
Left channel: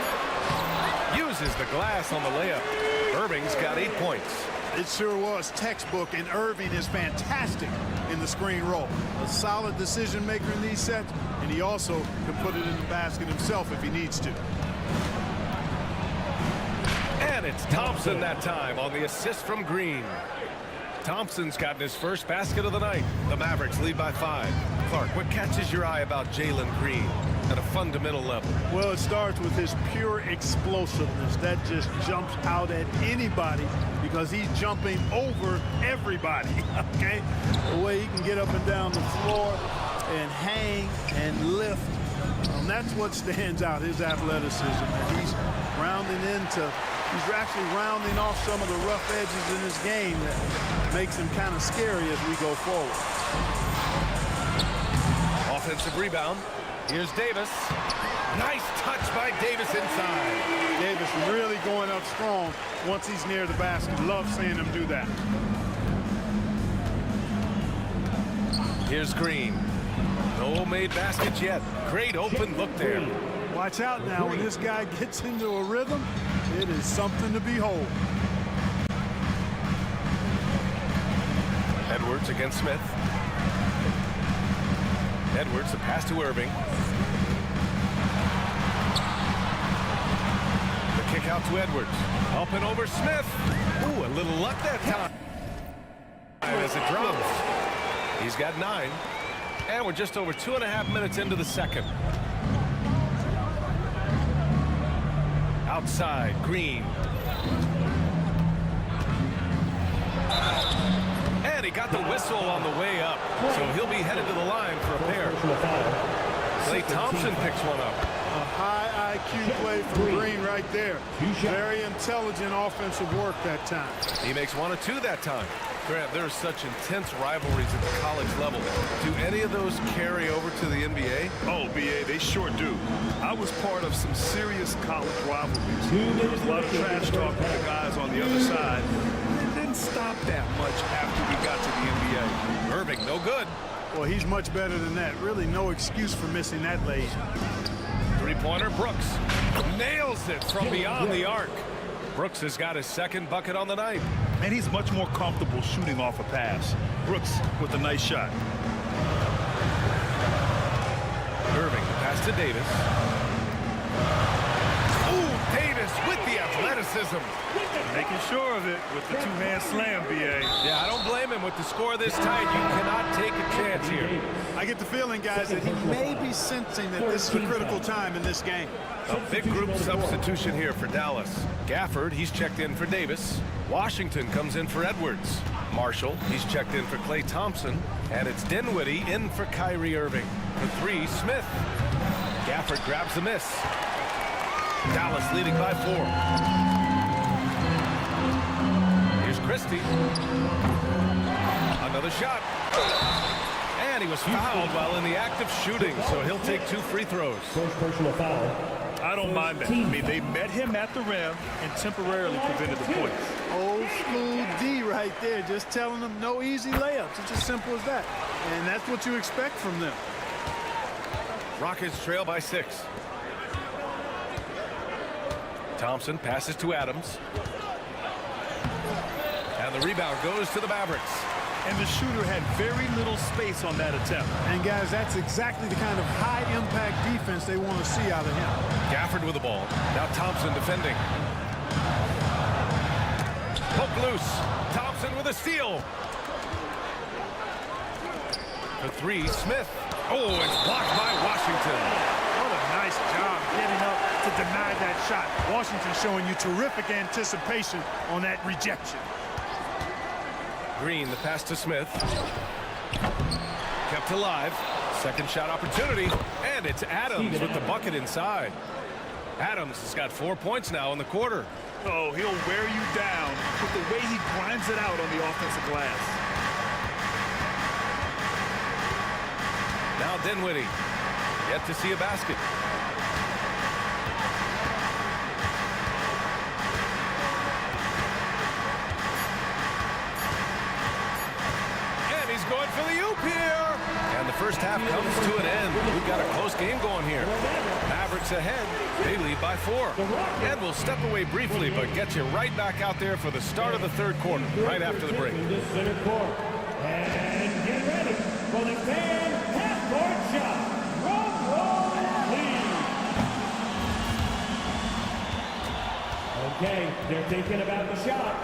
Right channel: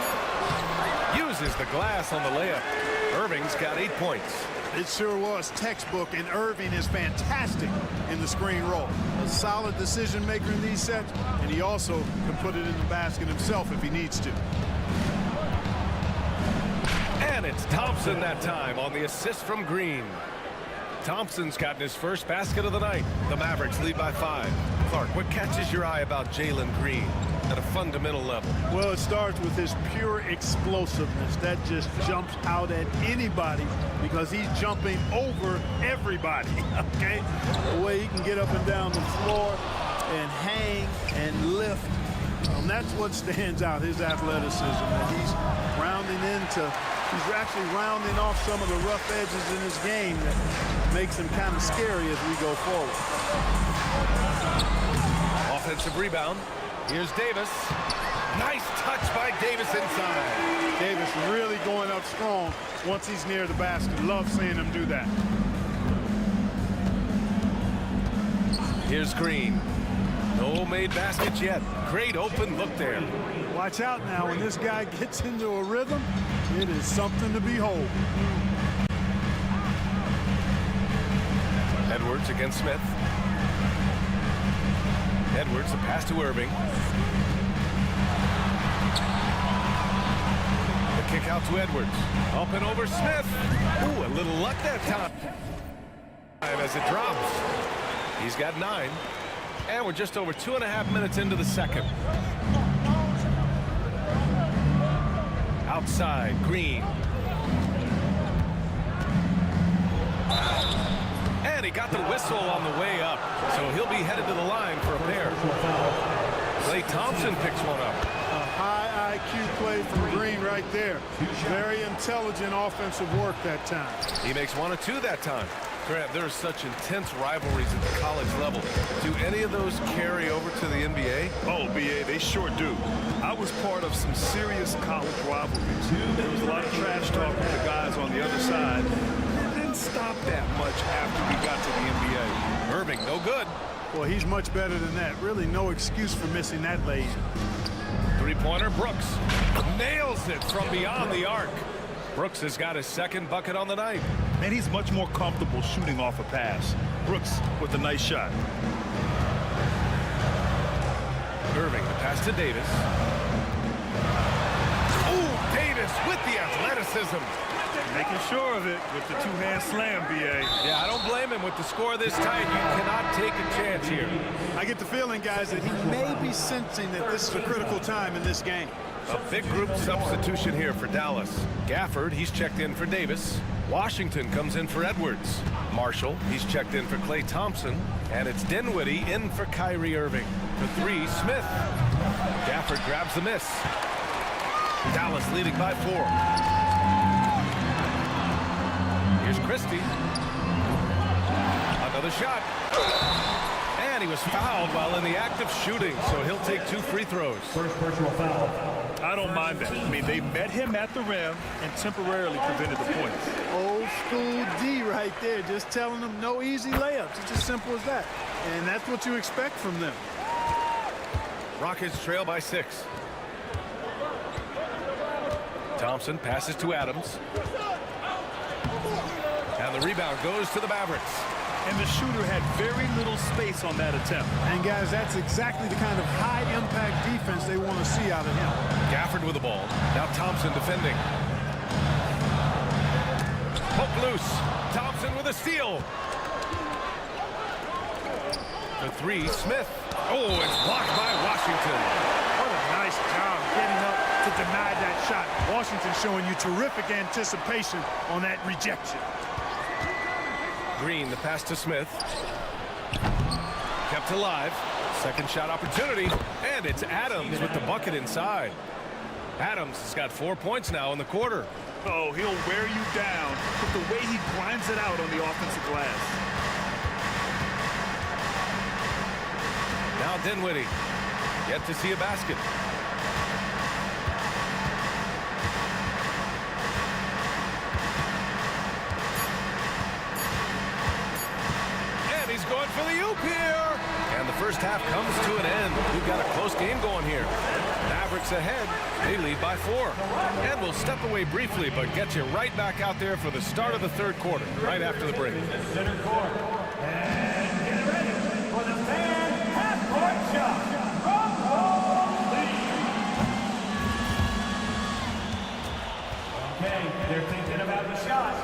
Uses the glass on the layup. Irving's got 8 points. It sure was textbook, and Irving is fantastic in the screen roll. A solid decision maker in these sets, and he also can put it in the basket himself if he needs to. And it's Thompson that time on the assist from Green. Thompson's gotten his first basket of the night. The Mavericks lead by 5. Clark, what catches your eye about Jalen Green at a fundamental level? Well, it starts with his pure explosiveness. That just jumps out at anybody because he's jumping over everybody, okay? The way he can get up and down the floor and hang and lift. That's what stands out, his athleticism. And he's he's actually rounding off some of the rough edges in his game that makes him kind of scary as we go forward. Offensive rebound. Here's Davis. Nice touch by Davis inside. Davis really going up strong once he's near the basket. Love seeing him do that. Here's Green. No made baskets yet. Great open look there. Watch out now. When this guy gets into a rhythm, it is something to behold. Edwards against Smith. Edwards, the pass to Irving. The kick out to Edwards. Up and over Smith. Ooh, a little luck that time as it drops. He's got 9. And we're just over 2.5 minutes into the second. Outside, Green. And he got the whistle on the way up. So he'll be headed to the line for a pair. Klay Thompson picks one up. A high IQ play from Green right there. Very intelligent offensive work that time. He makes 1 or 2 that time. Grant, there are such intense rivalries at the college level. Do any of those carry over to the NBA? Oh, BA, they sure do. I was part of some serious college rivalries. There was a lot of trash talk with the guys on the other side. It didn't stop that much after we got to the NBA. Irving, no good. Well, he's much better than that. Really no excuse for missing that lane. Three-pointer, Brooks. Nails it from beyond the arc. Brooks has got his second bucket on the night. And he's much more comfortable shooting off a pass. Brooks with a nice shot. Irving, the pass to Davis. Ooh, Davis Davis with the athleticism. Making sure of it with the two-hand slam, B.A. Yeah, I don't blame him. With the score this tight, you cannot take a chance here. I get the feeling, guys, that he may be sensing that this is a critical time in this game. A big group substitution here for Dallas. Gafford, he's checked in for Davis. Washington comes in for Edwards. Marshall, he's checked in for Klay Thompson. And it's Dinwiddie in for Kyrie Irving. For three, Smith. Gafford grabs the miss. Dallas leading by 4. Here's Christie. Another shot. And he was fouled while in the act of shooting, so he'll take 2 free throws. First personal foul. I don't mind that. I mean, they met him at the rim and temporarily prevented the points. Old school D right there, just telling them no easy layups. It's as simple as that. And that's what you expect from them. Rockets trail by 6. Thompson passes to Adams. And the rebound goes to the Mavericks. And the shooter had very little space on that attempt. And guys, that's exactly the kind of high-impact defense they want to see out of him. Gafford with the ball. Now Thompson defending. Poke loose. Thompson with a steal. For 3, Smith. Oh, it's blocked by Washington. What a nice job getting up to deny that shot. Washington showing you terrific anticipation on that rejection. Green, the pass to Smith. Kept alive. Second shot opportunity. And it's Adams with the bucket inside. Adams has got 4 points now in the quarter. Oh, he'll wear you down with the way he grinds it out on the offensive glass. Now Dinwiddie. Yet to see a basket. He's going for the oop here. And the first half comes to an end. We've got a close game going here. Mavericks ahead. They lead by 4. And we'll step away briefly, but get you right back out there for the start of the third quarter, right after the break. Center court. And get ready for the fan half-court shot. Drum roll, please. Okay, they're thinking about the shot.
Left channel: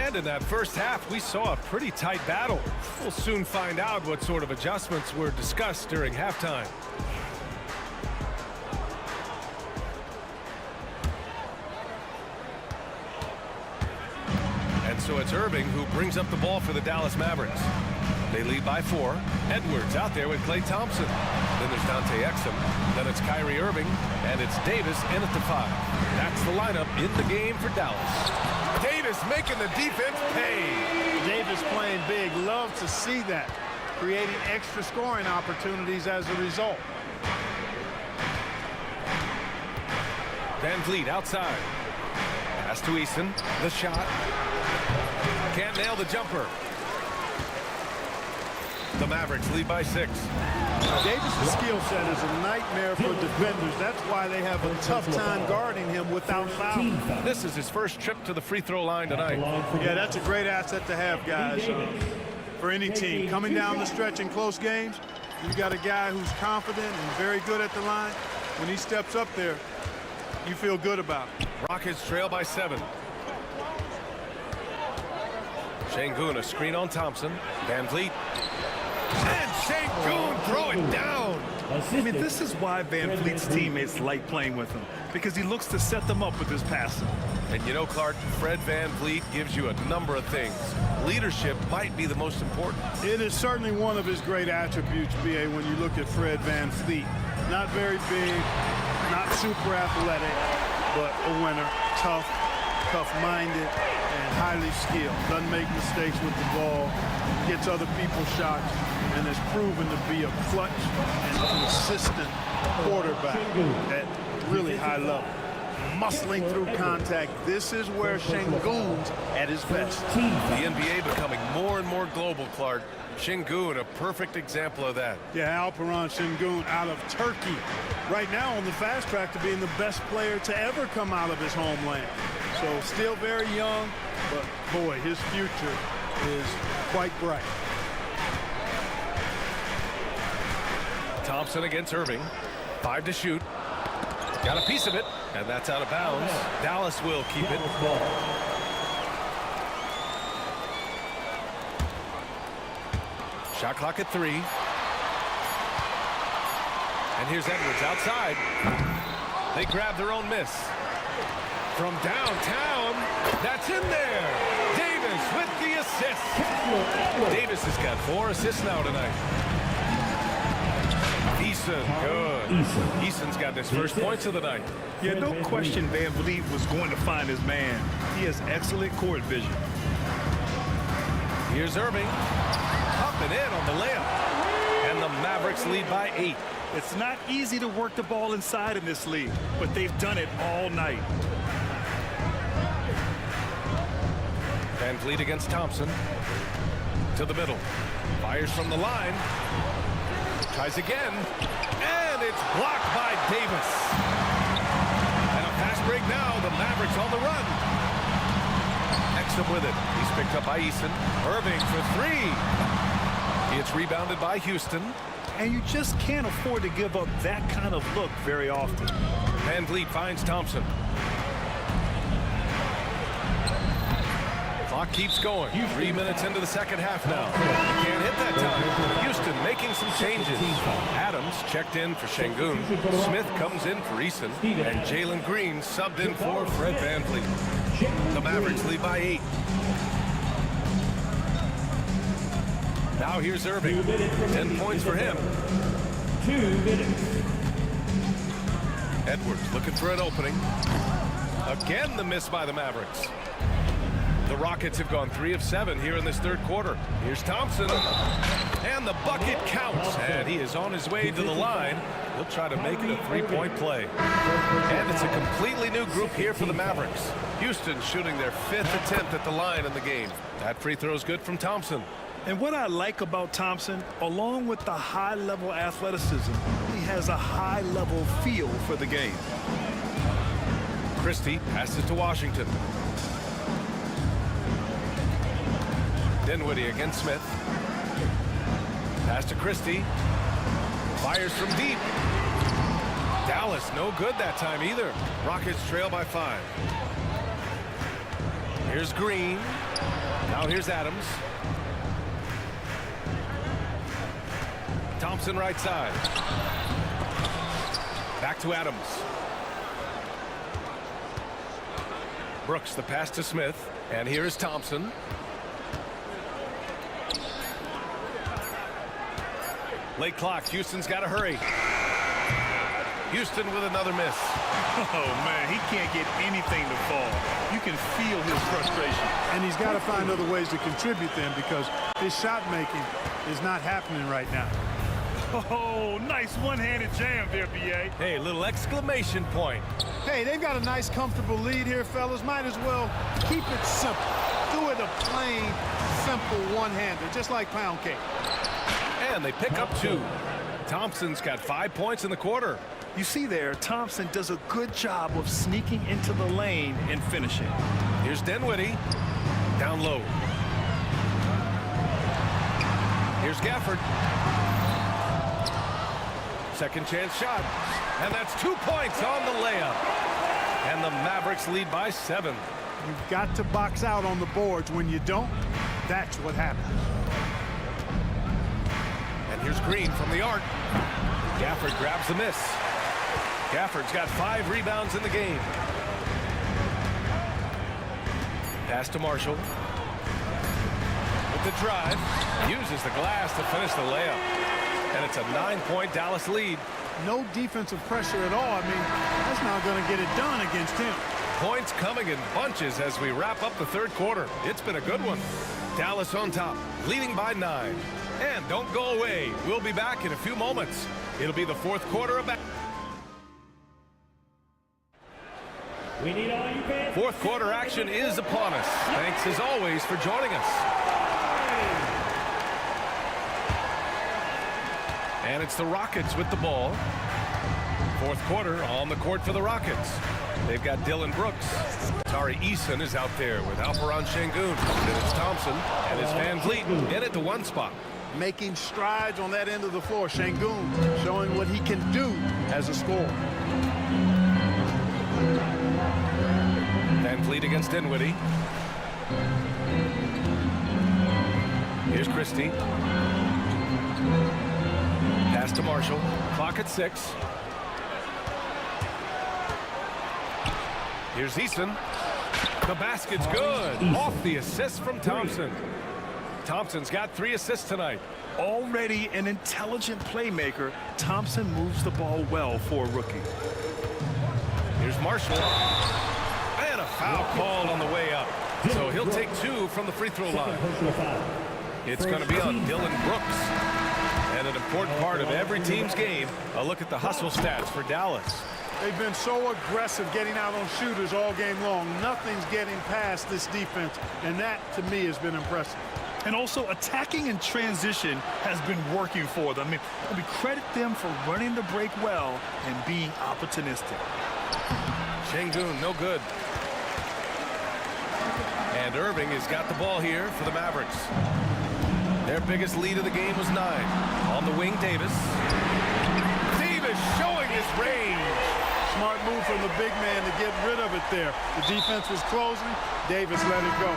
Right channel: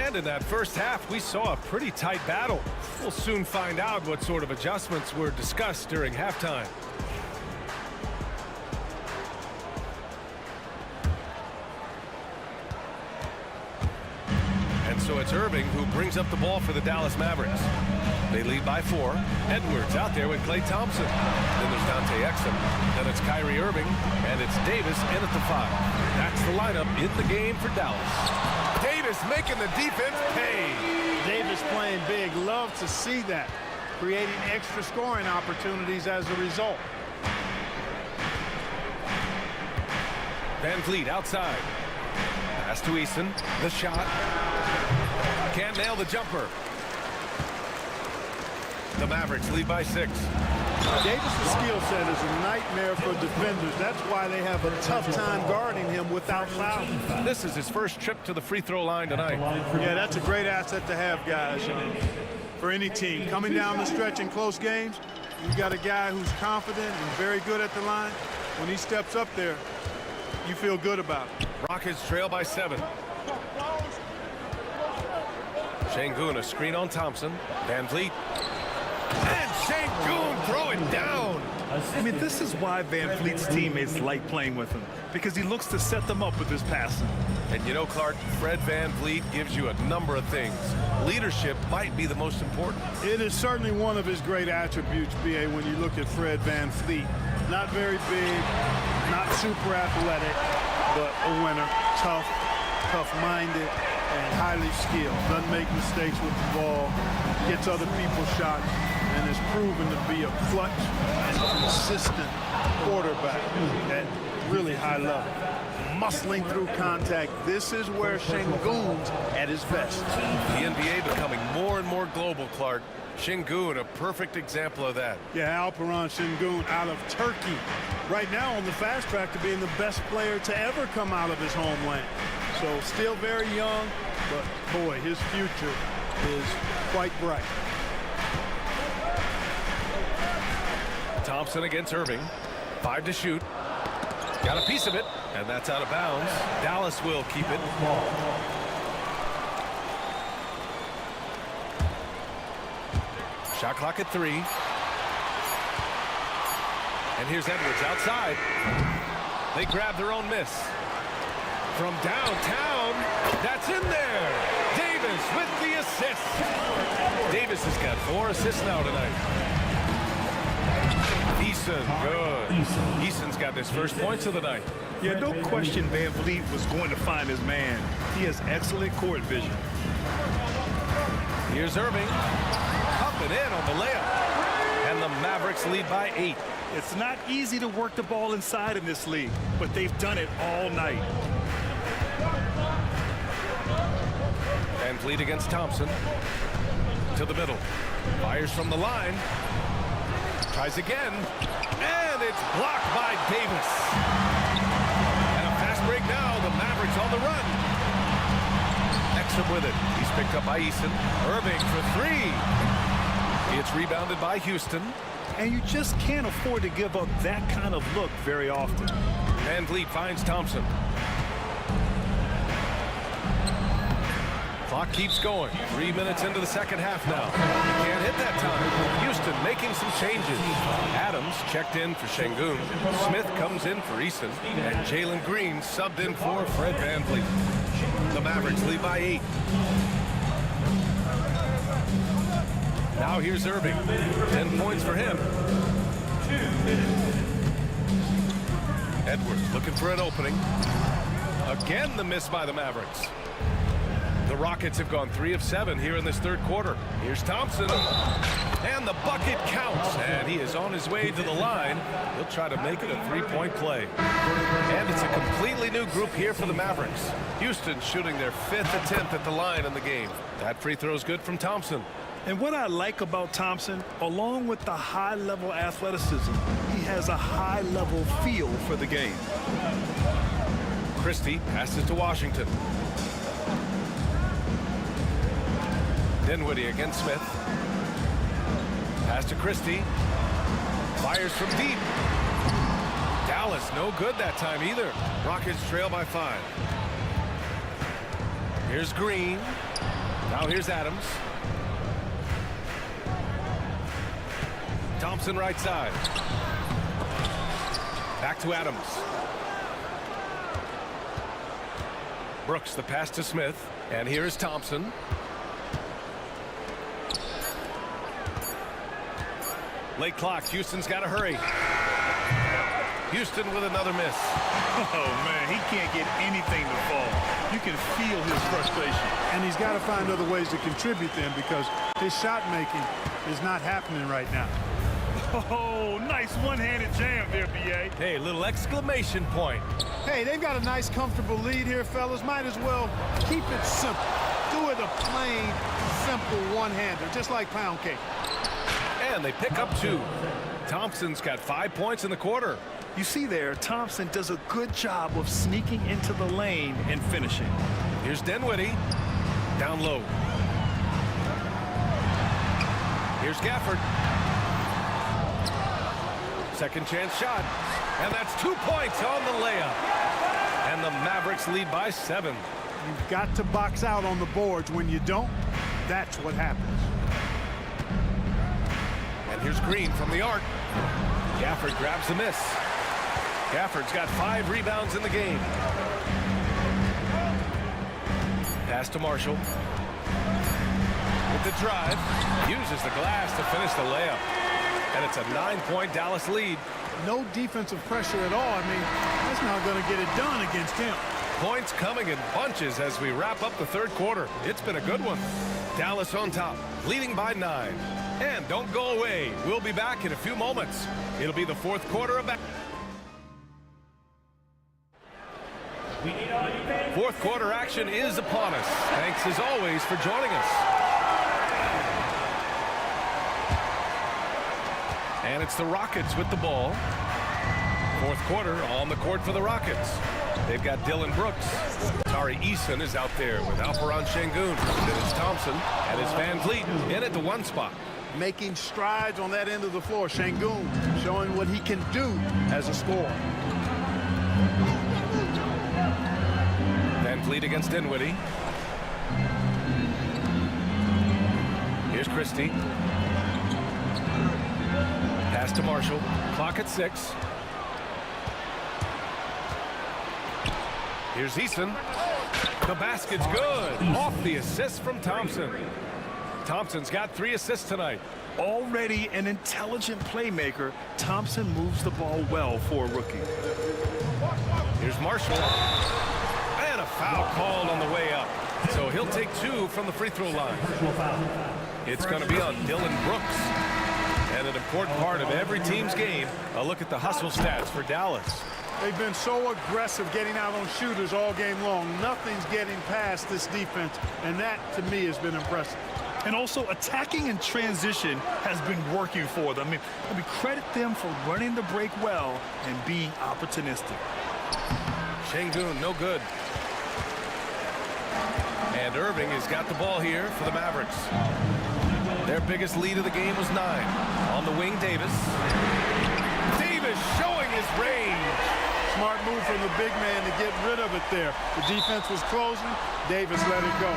And in that first half, we saw a pretty tight battle. We'll soon find out what sort of adjustments were discussed during halftime. And so it's Irving who brings up the ball for the Dallas Mavericks. They lead by 4. Edwards out there with Klay Thompson. Then there's Dante Exum. Then it's Kyrie Irving. And it's Davis in at the 5. That's the lineup in the game for Dallas. Davis making the defense pay. Davis playing big. Love to see that. Creating extra scoring opportunities as a result. Van Vliet outside. Pass to Eason. The shot. Can't nail the jumper. The Mavericks lead by 6. Davis' skill set is a nightmare for defenders. That's why they have a tough time guarding him without fouling. This is his first trip to the free throw line tonight. Yeah, that's a great asset to have, guys, for any team. Coming down the stretch in close games, you got a guy who's confident and very good at the line. When he steps up there, you feel good about it. Rockets trail by 7. Şengün, a screen on Thompson. Van Vliet. And Şengün throw it down. I mean, this is why Van Vliet's teammates like playing with him, because he looks to set them up with his passing. And you know, Clark, Fred Van Vliet gives you a number of things. Leadership might be the most important. It is certainly one of his great attributes, B.A., when you look at Fred Van Vliet. Not very big, not super athletic, but a winner, tough-minded, and highly skilled. Doesn't make mistakes with the ball, gets other people's shots, and has proven to be a clutch and consistent quarterback at really high level. Muscling through contact, this is where Şengün's at his best. The NBA becoming more and more global, Clark. Şengün, a perfect example of that. Yeah, Alperen Şengün out of Turkey. Right now on the fast track to being the best player to ever come out of his homeland. So still very young, but boy, his future is quite bright. Thompson against Irving. 5 to shoot. Got a piece of it, and that's out of bounds. Dallas will keep it. Shot clock at 3. And here's Edwards outside. They grab their own miss. From downtown, that's in there. Davis with the assist. Davis has got 4 assists now tonight. Eason, good. Eason's got his first points of the night. Yeah, no question Van Vliet was going to find his man. He has excellent court vision. Here's Irving. Up and in on the layup. And the Mavericks lead by 8. It's not easy to work the ball inside in this league, but they've done it all night. Van Vliet against Thompson. To the middle. Fires from the line. Tries again. And it's blocked by Davis. And a fast break now. The Mavericks on the run. Exum with it. He's picked up by Eason. Irving for 3. It's rebounded by Houston. And you just can't afford to give up that kind of look very often. Van Vliet finds Thompson. Clock keeps going. 3 minutes into the second half now. He can't hit that time. Houston making some changes. Adams checked in for Şengün. Smith comes in for Eason. And Jalen Green subbed in for Fred VanVleet. The Mavericks lead by 8. Now here's Irving. 10 points for him. Edwards looking for an opening. Again, the miss by the Mavericks. The Rockets have gone 3 of 7 here in this third quarter. Here's Thompson. And the bucket counts. And he is on his way to the line. He'll try to make it a 3-point play. And it's a completely new group here for the Mavericks. Houston shooting their 5th attempt at the line in the game. That free throw is good from Thompson. And what I like about Thompson, along with the high-level athleticism, he has a high-level feel for the game. Christie passes to Washington. Dinwiddie against Smith. Pass to Christie. Fires from deep. Dallas no good that time either. Rockets trail by 5. Here's Green. Now here's Adams. Thompson right side. Back to Adams. Brooks the pass to Smith. And here is Thompson. Late clock. Houston's got to hurry. Houston with another miss. Oh, man, he can't get anything to fall. You can feel his frustration. And he's got to find other ways to contribute then because his shot making is not happening right now. Oh, nice one-handed jam there, B.A. Hey, little exclamation point. Hey, they've got a nice, comfortable lead here, fellas. Might as well keep it simple. Do it a plain, simple one-hander, just like pound cake. And they pick up 2. Thompson's got 5 points in the quarter. You see there, Thompson does a good job of sneaking into the lane and finishing. Here's Dinwiddie. Down low. Here's Gafford. Second chance shot. And that's 2 points on the layup. And the Mavericks lead by 7. You've got to box out on the boards. When you don't, that's what happens. And here's Green from the arc. Gafford grabs the miss. Gafford's got 5 rebounds in the game. Pass to Marshall. With the drive. Uses the glass to finish the layup. And it's a 9-point Dallas lead. No defensive pressure at all. I mean, that's not going to get it done against him. Points coming in bunches as we wrap up the third quarter. It's been a good one. Dallas on top, leading by 9. And don't go away. We'll be back in a few moments. It'll be the fourth quarter of basketball. Fourth quarter action is upon us. Thanks as always for joining us. And it's the Rockets with the ball. Fourth quarter on the court for the Rockets. They've got Dylan Brooks. Tari Eason is out there with Alperon Şengün. Then it's Thompson, and it's Van Vliet in at the one spot. Making strides on that end of the floor. Şengün showing what he can do as a scorer. Van Vliet against Dinwiddie. Here's Christie. Pass to Marshall. Clock at 6. Here's Eason. The basket's good. Off the assist from Thompson. Thompson's got 3 assists tonight. Already an intelligent playmaker, Thompson moves the ball well for a rookie. Here's Marshall. And a foul called on the way up. So he'll take 2 from the free throw line. It's going to be on Dylan Brooks. And an important part of every team's game, a look at the hustle stats for Dallas. They've been so aggressive getting out on shooters all game long. Nothing's getting past this defense, and that, to me, has been impressive. And also, attacking in transition has been working for them. I mean, credit them for running the break well and being opportunistic. Şengün, no good. And Irving has got the ball here for the Mavericks. Their biggest lead of the game was 9. On the wing, Davis. Davis showing his range. Smart move from the big man to get rid of it there. The defense was closing. Davis let it go.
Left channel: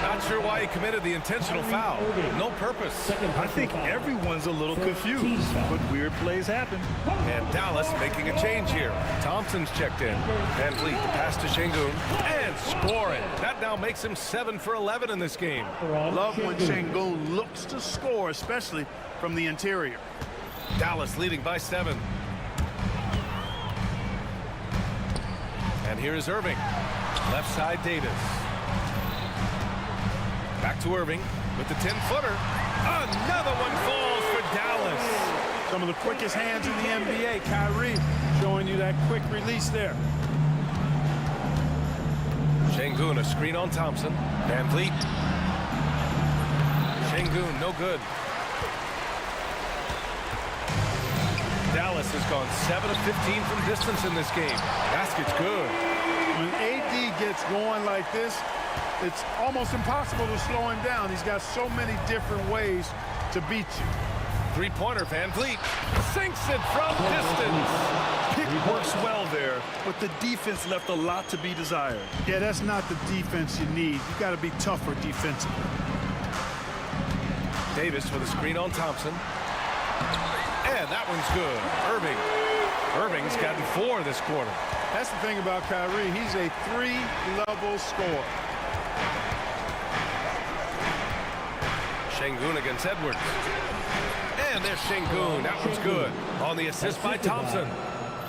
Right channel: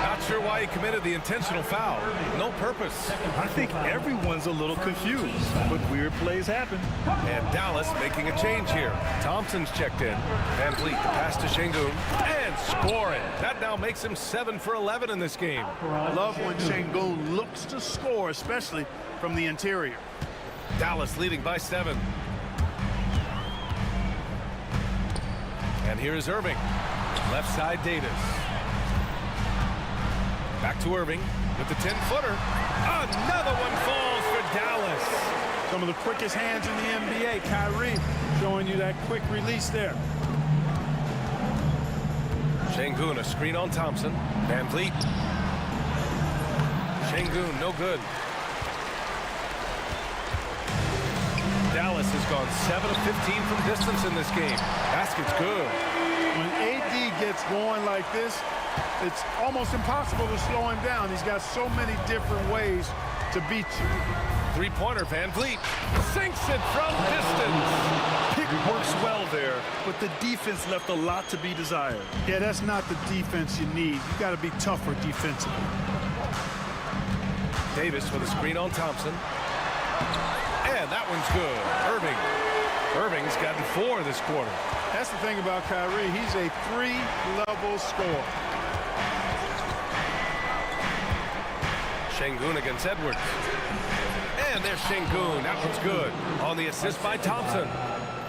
Not sure why he committed the intentional foul. No purpose. I think everyone's a little confused, but weird plays happen. And Dallas making a change here. Thompson's checked in. Van Vliet, the pass to Şengün, and score it. That now makes him 7 for 11 in this game. Love when Şengün looks to score, especially from the interior. Dallas leading by 7. And here's Irving. Left side, Davis. Back to Irving with the 10-footer. Another one falls for Dallas. Some of the quickest hands in the NBA. Kyrie showing you that quick release there. Şengün, a screen on Thompson. Van Vliet. Şengün, no good. Dallas has gone 7 of 15 from distance in this game. Basket's good. When AD gets going like this, it's almost impossible to slow him down. He's got so many different ways to beat you. Three-pointer, Van Vliet sinks it from distance. Pick works well there, but the defense left a lot to be desired. Yeah, that's not the defense you need. You got to be tougher defensively. Davis with a screen on Thompson. And that one's good. Irving's gotten 4 this quarter. That's the thing about Kyrie. He's a 3-level scorer. Şengün against Edwards. And there's Şengün. That one's good. On the assist by Thompson.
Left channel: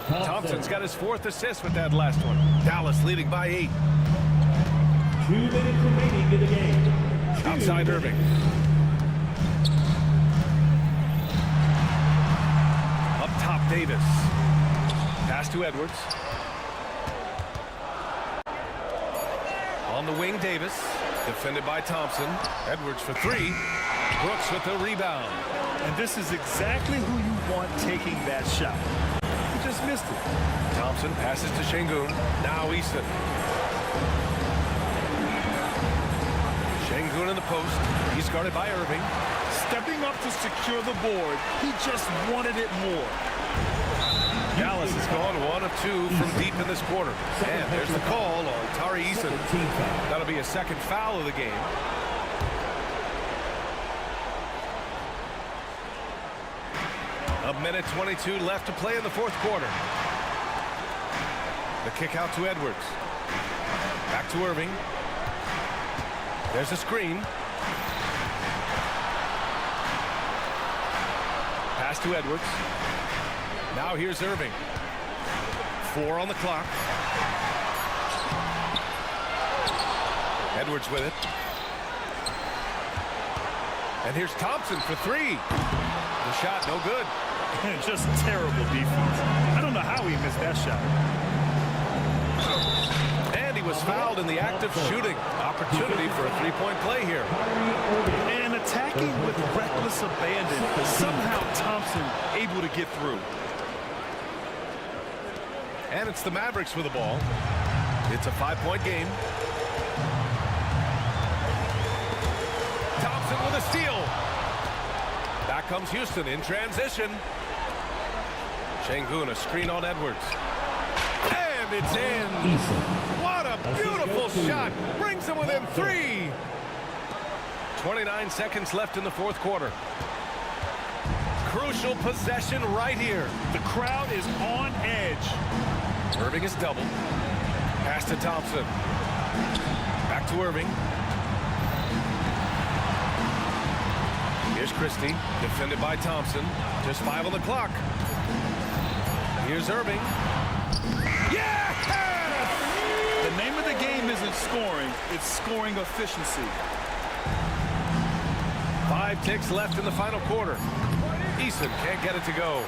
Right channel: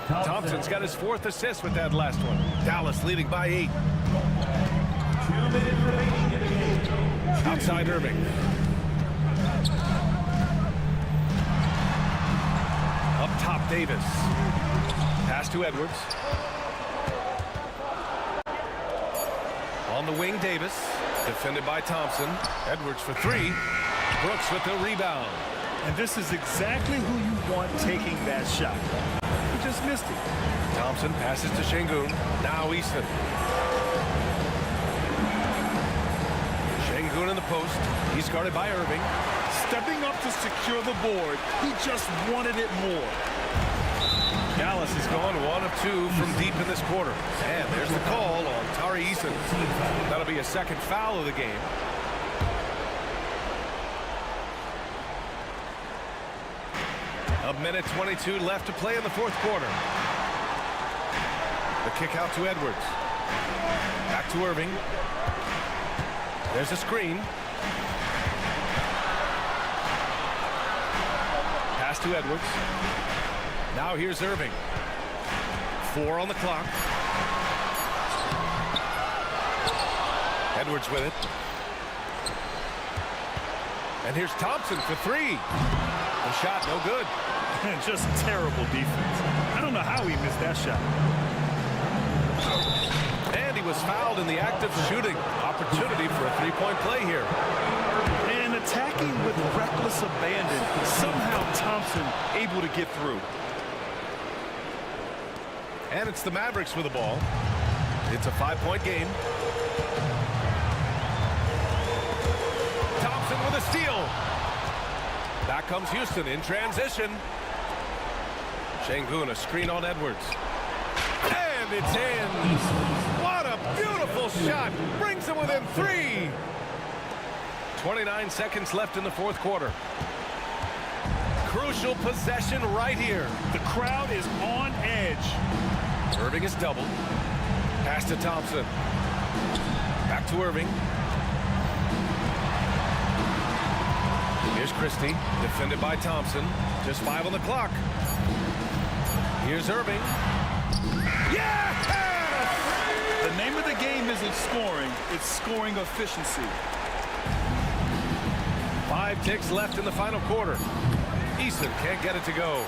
Thompson's got his 4th assist with that last one. Dallas leading by 8. 2 minutes remaining in the game. Outside Irving. Up top, Davis. Pass to Edwards. On the wing, Davis. Defended by Thompson. Edwards for 3. Brooks with the rebound. And this is exactly who you want taking that shot. He just missed it. Thompson passes to Şengün. Now Eason. Şengün in the post. He's guarded by Irving. Stepping up to secure the board, he just wanted it more. Dallas has gone 1 of 2 from deep in this quarter. And there's the call on Tari Eason. That'll be a 2nd foul of the game. A minute 22 left to play in the 4th quarter. The kick out to Edwards. Back to Irving. There's a screen. Pass to Edwards. Now here's Irving. 4 on the clock. Edwards with it. And here's Thompson for 3. The shot no good. Just terrible defense. I don't know how he missed that shot. And he was fouled in the act of shooting. Opportunity for a 3-point play here. And a attacking with reckless abandon. Somehow Thompson able to get through. And it's the Mavericks with the ball. It's a 5-point game. Thompson with a steal. Back comes Houston in transition. Şengün, a screen on Edwards. And it's in. What a beautiful shot. Brings them within 3. 29 seconds left in the fourth quarter. Crucial possession right here. The crowd is on edge. Irving is doubled. Pass to Thompson. Back to Irving. Here's Christie, defended by Thompson. Just 5 on the clock. Here's Irving. Yes! The name of the game isn't scoring, it's scoring efficiency. 5 ticks left in the final quarter. Eason can't get it to go.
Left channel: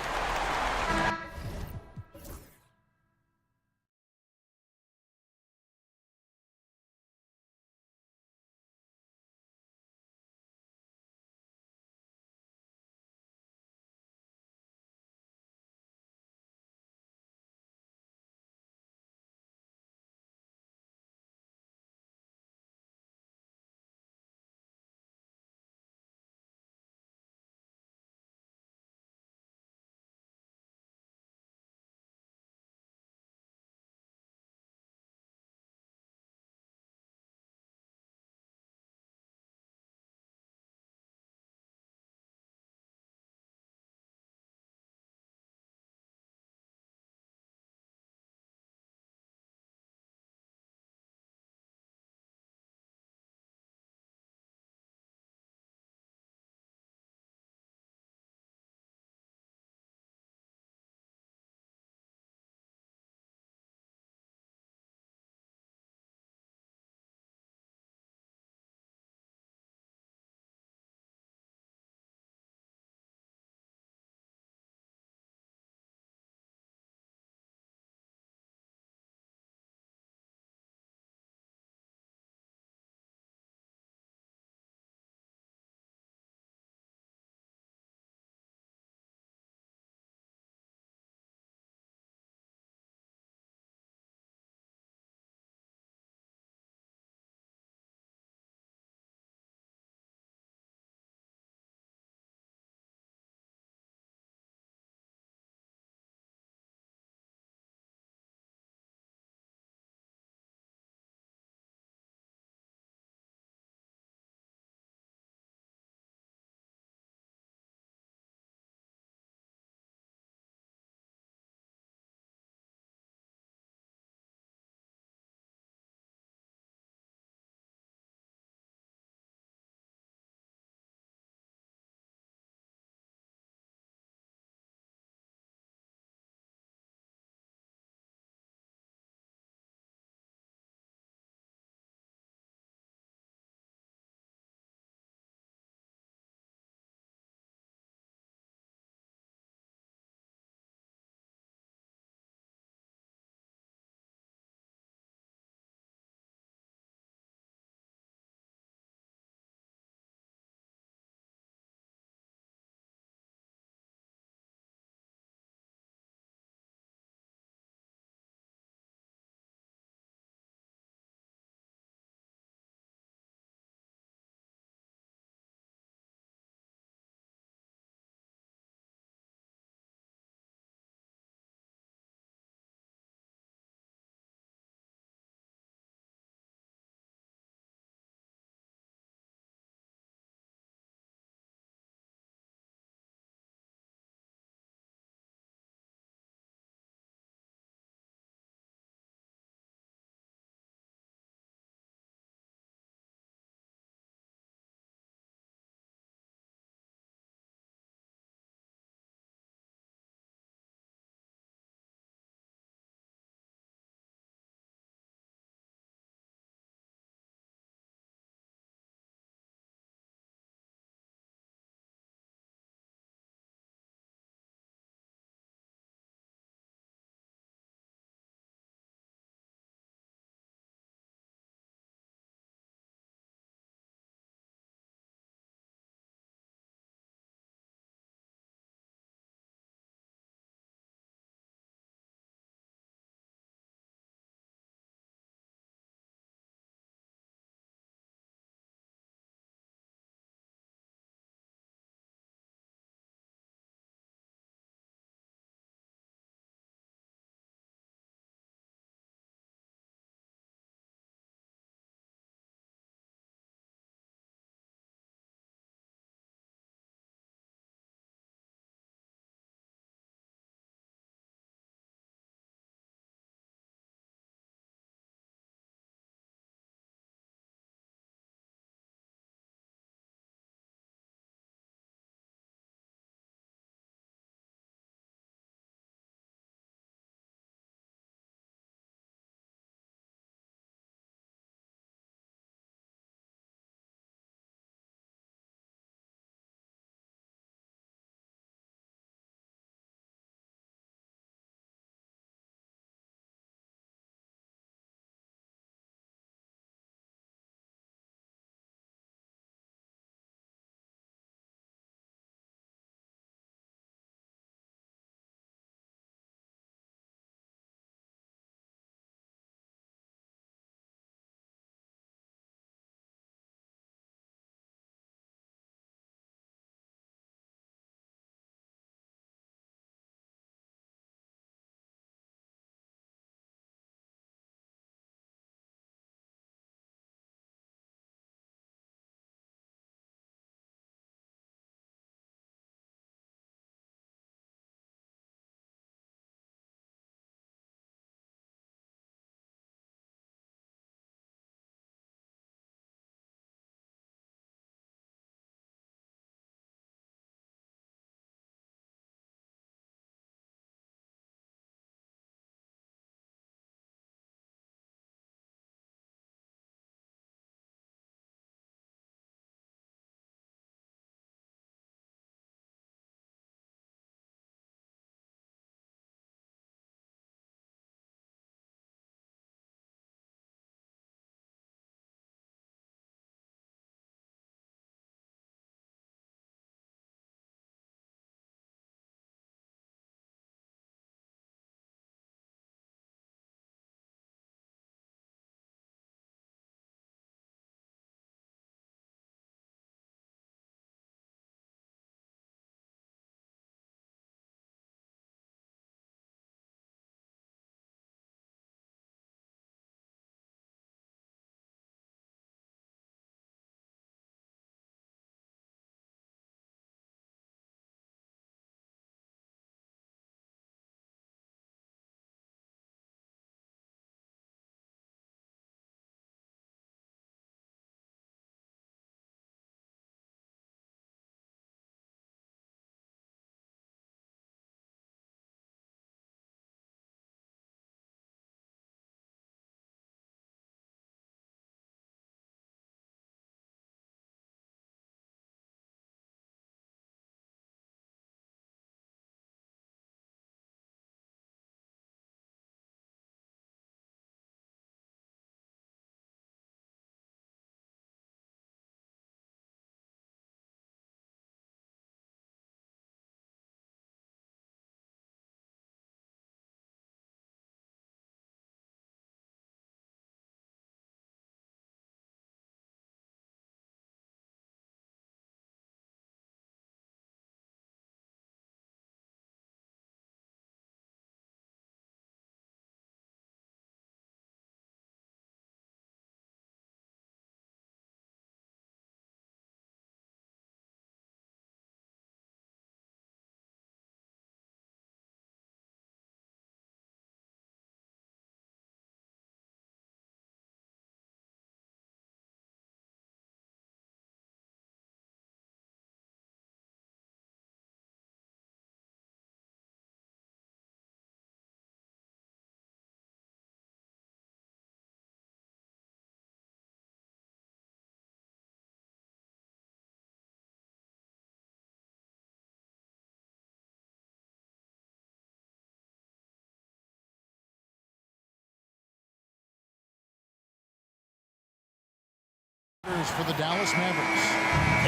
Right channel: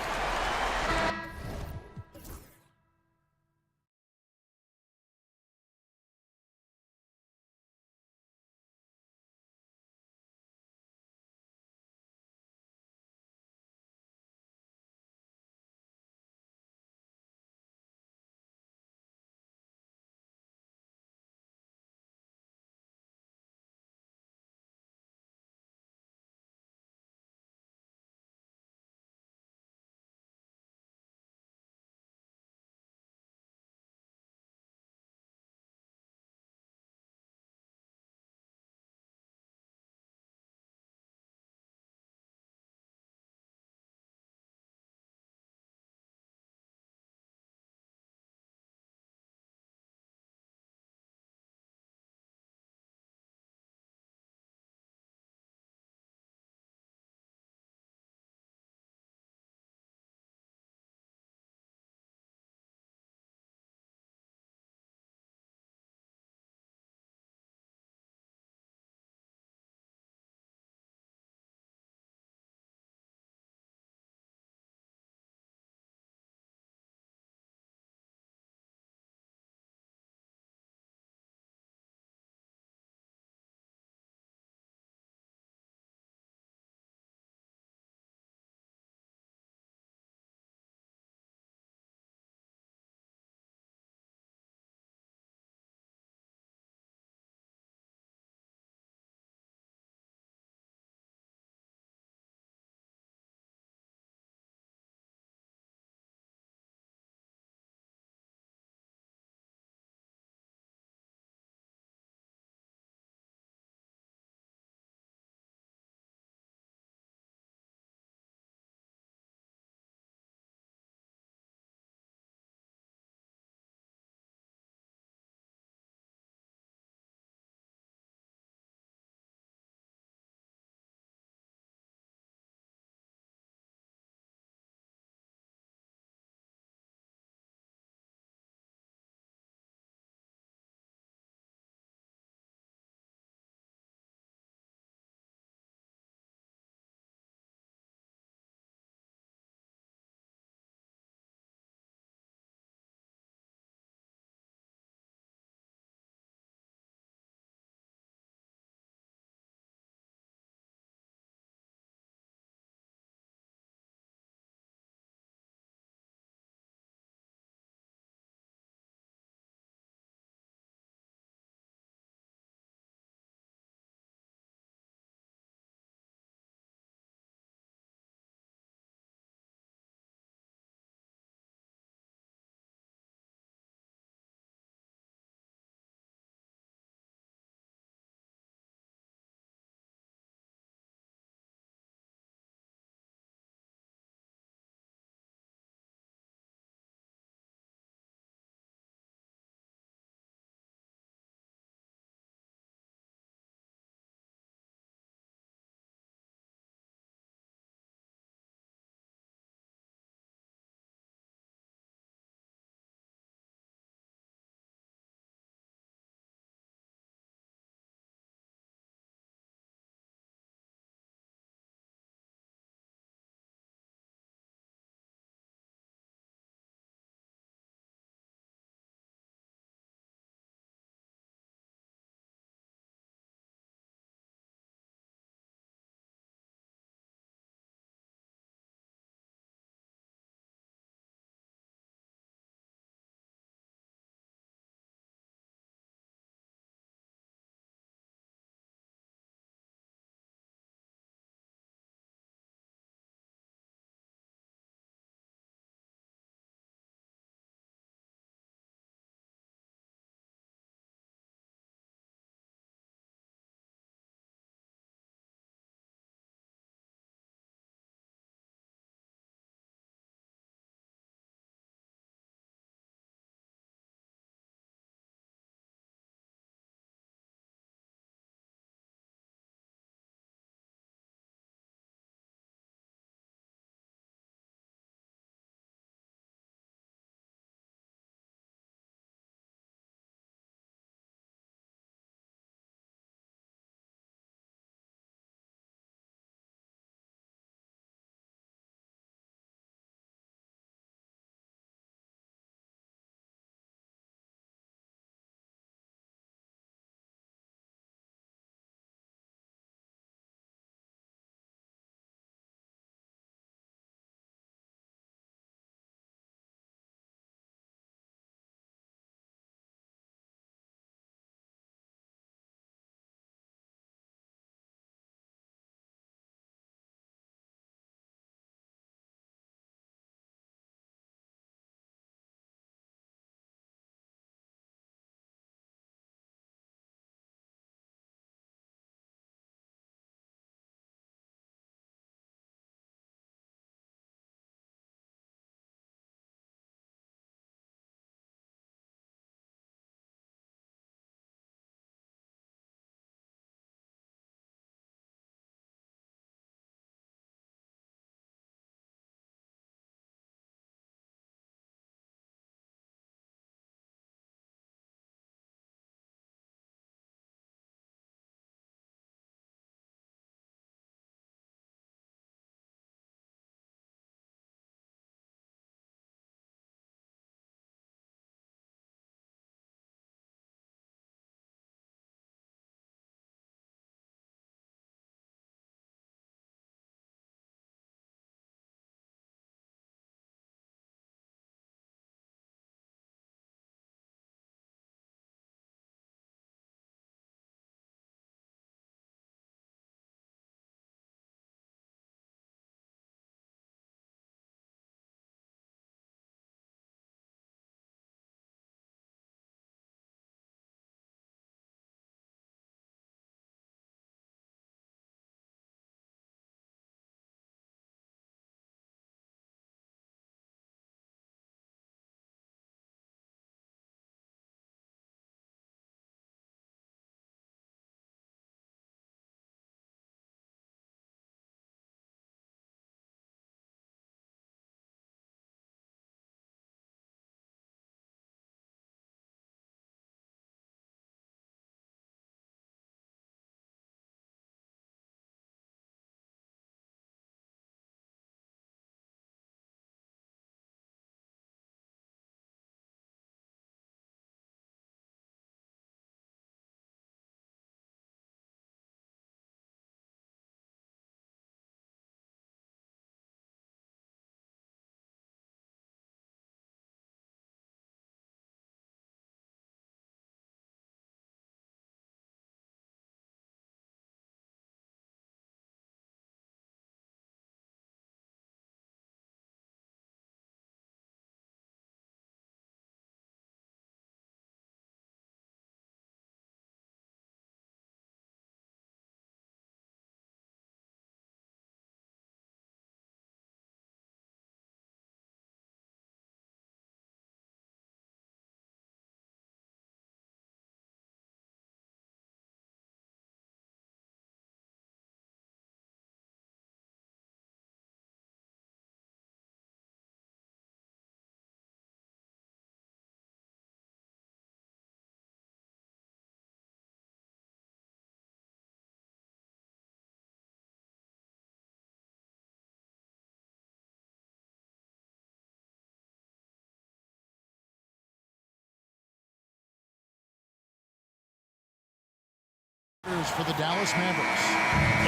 For the Dallas Mavericks.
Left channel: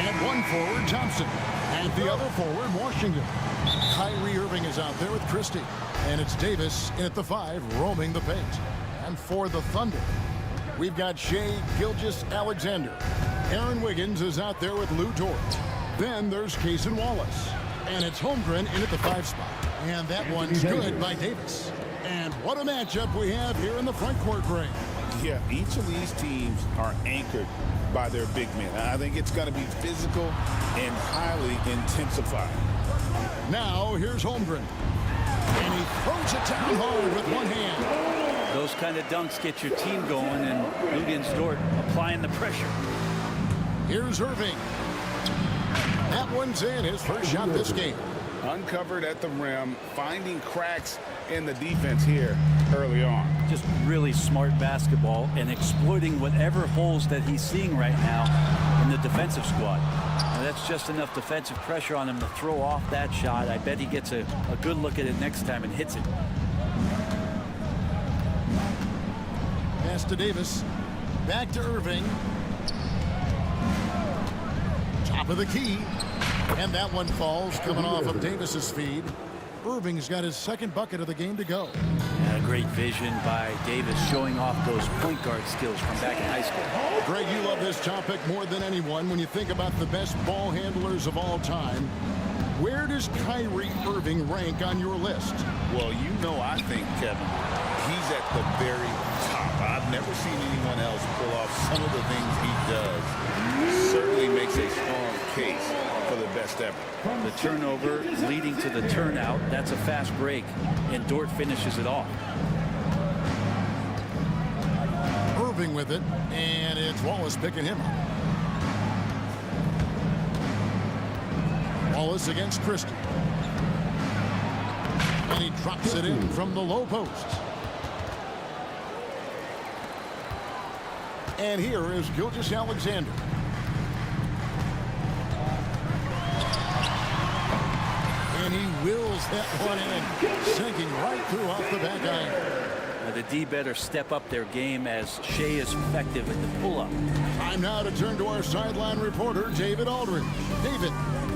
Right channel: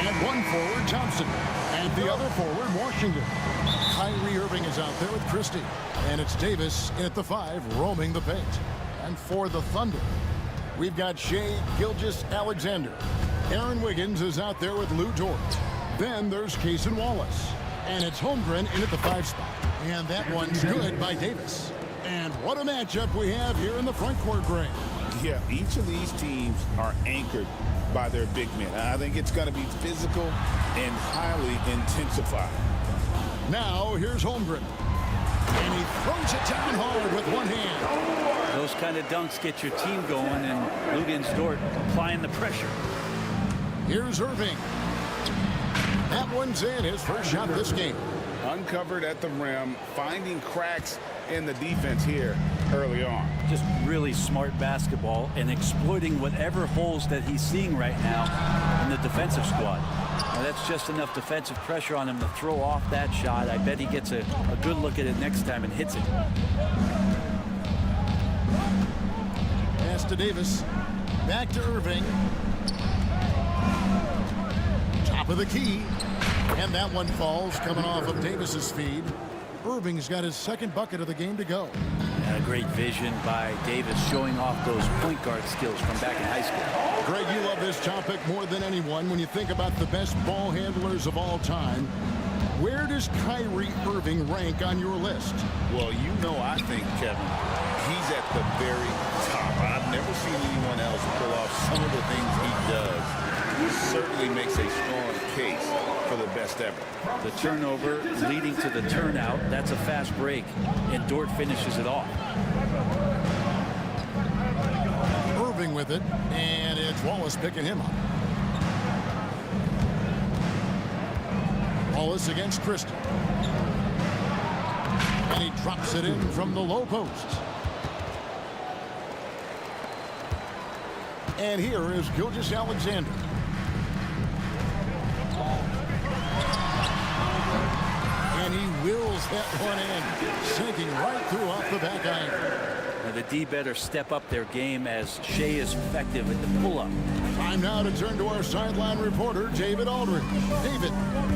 And one forward, Thompson. And the other forward, Washington. Kyrie Irving is out there with Christie. And it's Davis in at the 5, roaming the paint. And for the Thunder, we've got Shai Gilgeous-Alexander. Aaron Wiggins is out there with Lou Dort. Then there's Cason Wallace. And it's Holmgren in at the 5 spot. And that one's good by Davis. And what a matchup we have here in the front court, Gray. Yeah, each of these teams are anchored by their big men. I think it's going to be physical and highly intensified. Now, here's Holmgren. And he throws it down hard with one hand. Those kind of dunks get your team going, and Luguentz Dort applying the pressure. Here's Irving. That one's in, his first shot this game. Uncovered at the rim, finding cracks in the defense here early on. Just really smart basketball and exploiting whatever holes that he's seeing right now in the defensive squad. Now, that's just enough defensive pressure on him to throw off that shot. I bet he gets a good look at it next time and hits it. Pass to Davis. Back to Irving. Top of the key. And that one falls, coming off of Davis's feed. Irving's got his second bucket of the game to go. Yeah, great vision by Davis, showing off those point guard skills from back in high school. Greg, you love this topic more than anyone. When you think about the best ball handlers of all time, where does Kyrie Irving rank on your list? Well, you know, I think, Kevin, he's at the very top. I've never seen anyone else pull off some of the things he does. Certainly makes a strong case for the best ever. The turnover leading to the turnout, that's a fast break, and Dort finishes it off. Irving with it, and it's Wallace picking him up. Wallace against Christie. And he drops it in from the low post. And here is Gilgeous-Alexander. And he wills that one in, sinking right through off the back iron. Now the D better step up their game as Shai is effective at the pull-up. Time now to turn to our sideline reporter, David Aldridge. David.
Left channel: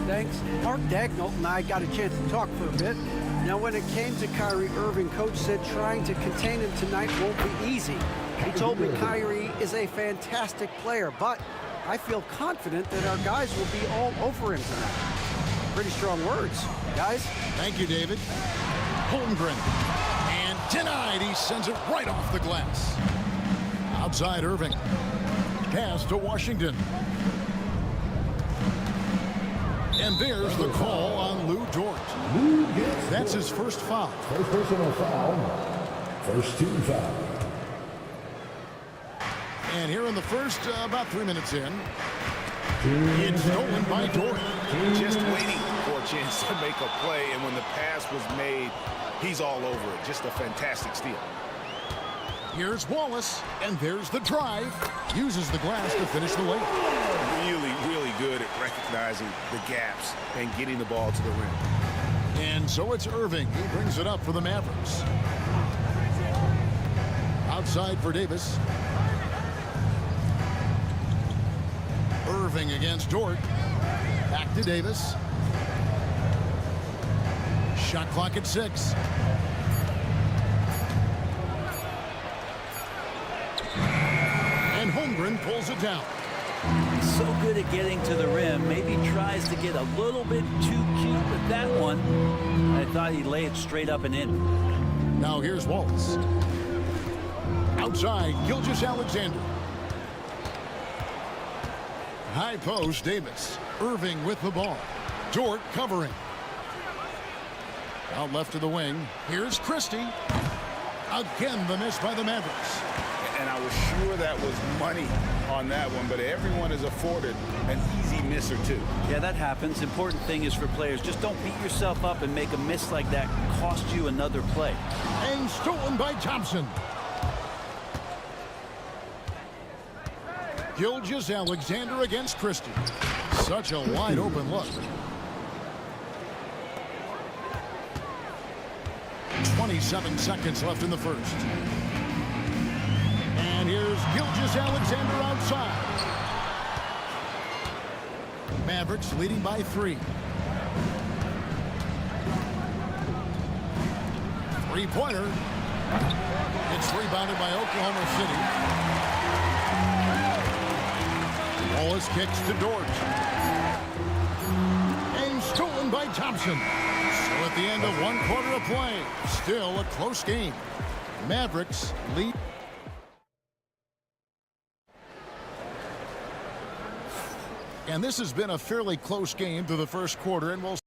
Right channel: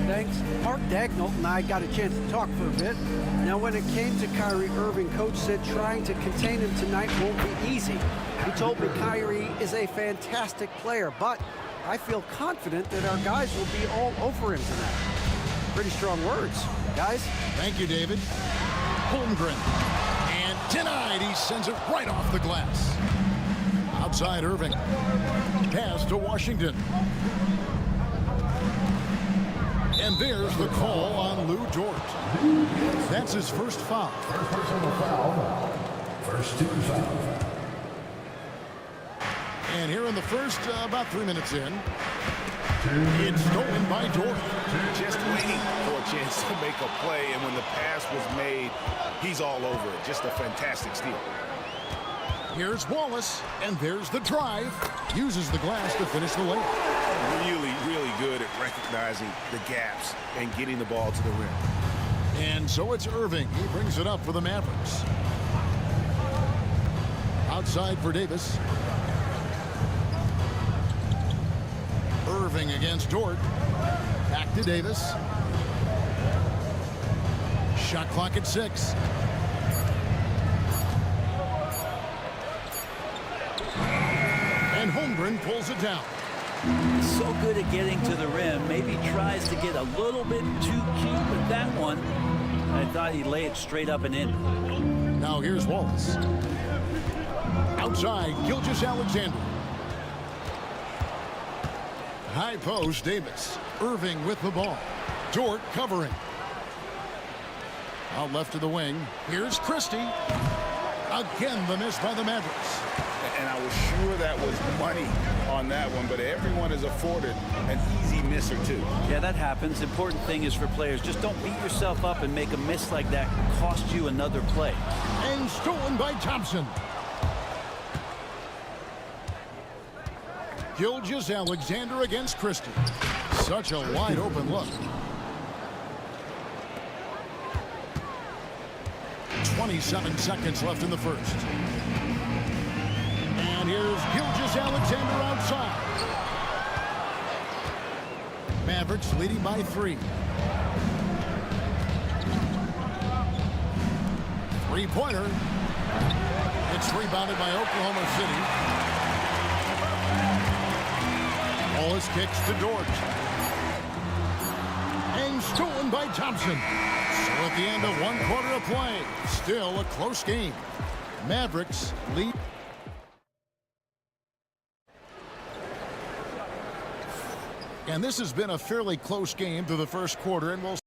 Thanks. Mark Dagnall and I got a chance to talk for a bit. Now, when it came to Kyrie Irving, Coach said trying to contain him tonight won't be easy. He told me Kyrie is a fantastic player, but I feel confident that our guys will be all over him tonight. Pretty strong words, guys. Thank you, David. Holmgren. And denied. He sends it right off the glass. Outside Irving. Pass to Washington. And there's the call on Lou Dort. That's his first foul. First personal foul. First team foul. And here in the first, about 3 minutes in, it's stolen by Dort. Just waiting for a chance to make a play, and when the pass was made, he's all over it. Just a fantastic steal. Here's Wallace, and there's the drive. Uses the glass to finish the layup. Really, really good at recognizing the gaps and getting the ball to the rim. And so it's Irving. He brings it up for the Mavericks. Outside for Davis. Irving against Dort. Back to Davis. Shot clock at 6. And Holmgren pulls it down. So good at getting to the rim. Maybe tries to get a little bit too cute with that one. I thought he'd lay it straight up and in. Now here's Wallace. Outside, Gilgeous-Alexander. High post, Davis. Irving with the ball. Dort covering. Out left to the wing. Here's Christie. Again, the miss by the Mavericks. And I was sure that was money on that one, but everyone is afforded an easy miss or two. Yeah, that happens. Important thing is for players, just don't beat yourself up and make a miss like that cost you another play. And stolen by Thompson. Gilgeous-Alexander against Christie. Such a wide open look. 27 seconds left in the first. And here's Gilgeous-Alexander outside. Mavericks leading by 3. Three-pointer. It's rebounded by Oklahoma City. Wallace kicks to Dort. And stolen by Thompson. So at the end of 1 quarter of play, still a close game. Mavericks lead. And this has been a fairly close game through the first quarter, and we'll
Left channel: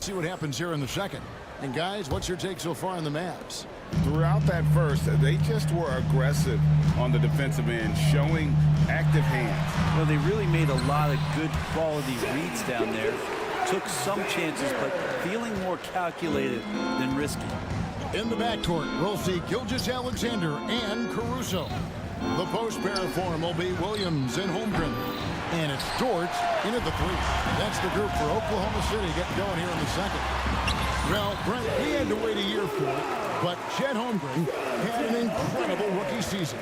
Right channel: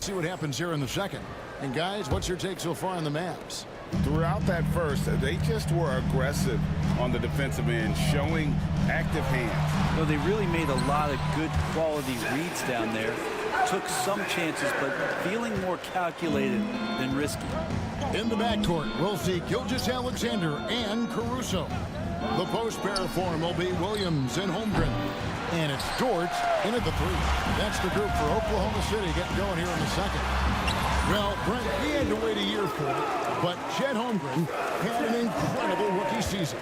see what happens here in the second. And guys, what's your take so far on the Mavs? Throughout that first, they just were aggressive on the defensive end, showing active hands. You know, they really made a lot of good quality reads down there. Took some chances, but feeling more calculated than risky. In the backcourt, we'll see Gilgeous-Alexander and Caruso. The post pair form will be Williams and Holmgren. And it's Dort in at the 3. That's the group for Oklahoma City getting going here in the second. Well, Brent, we had to wait a year for it, but Chet Holmgren had an incredible rookie season.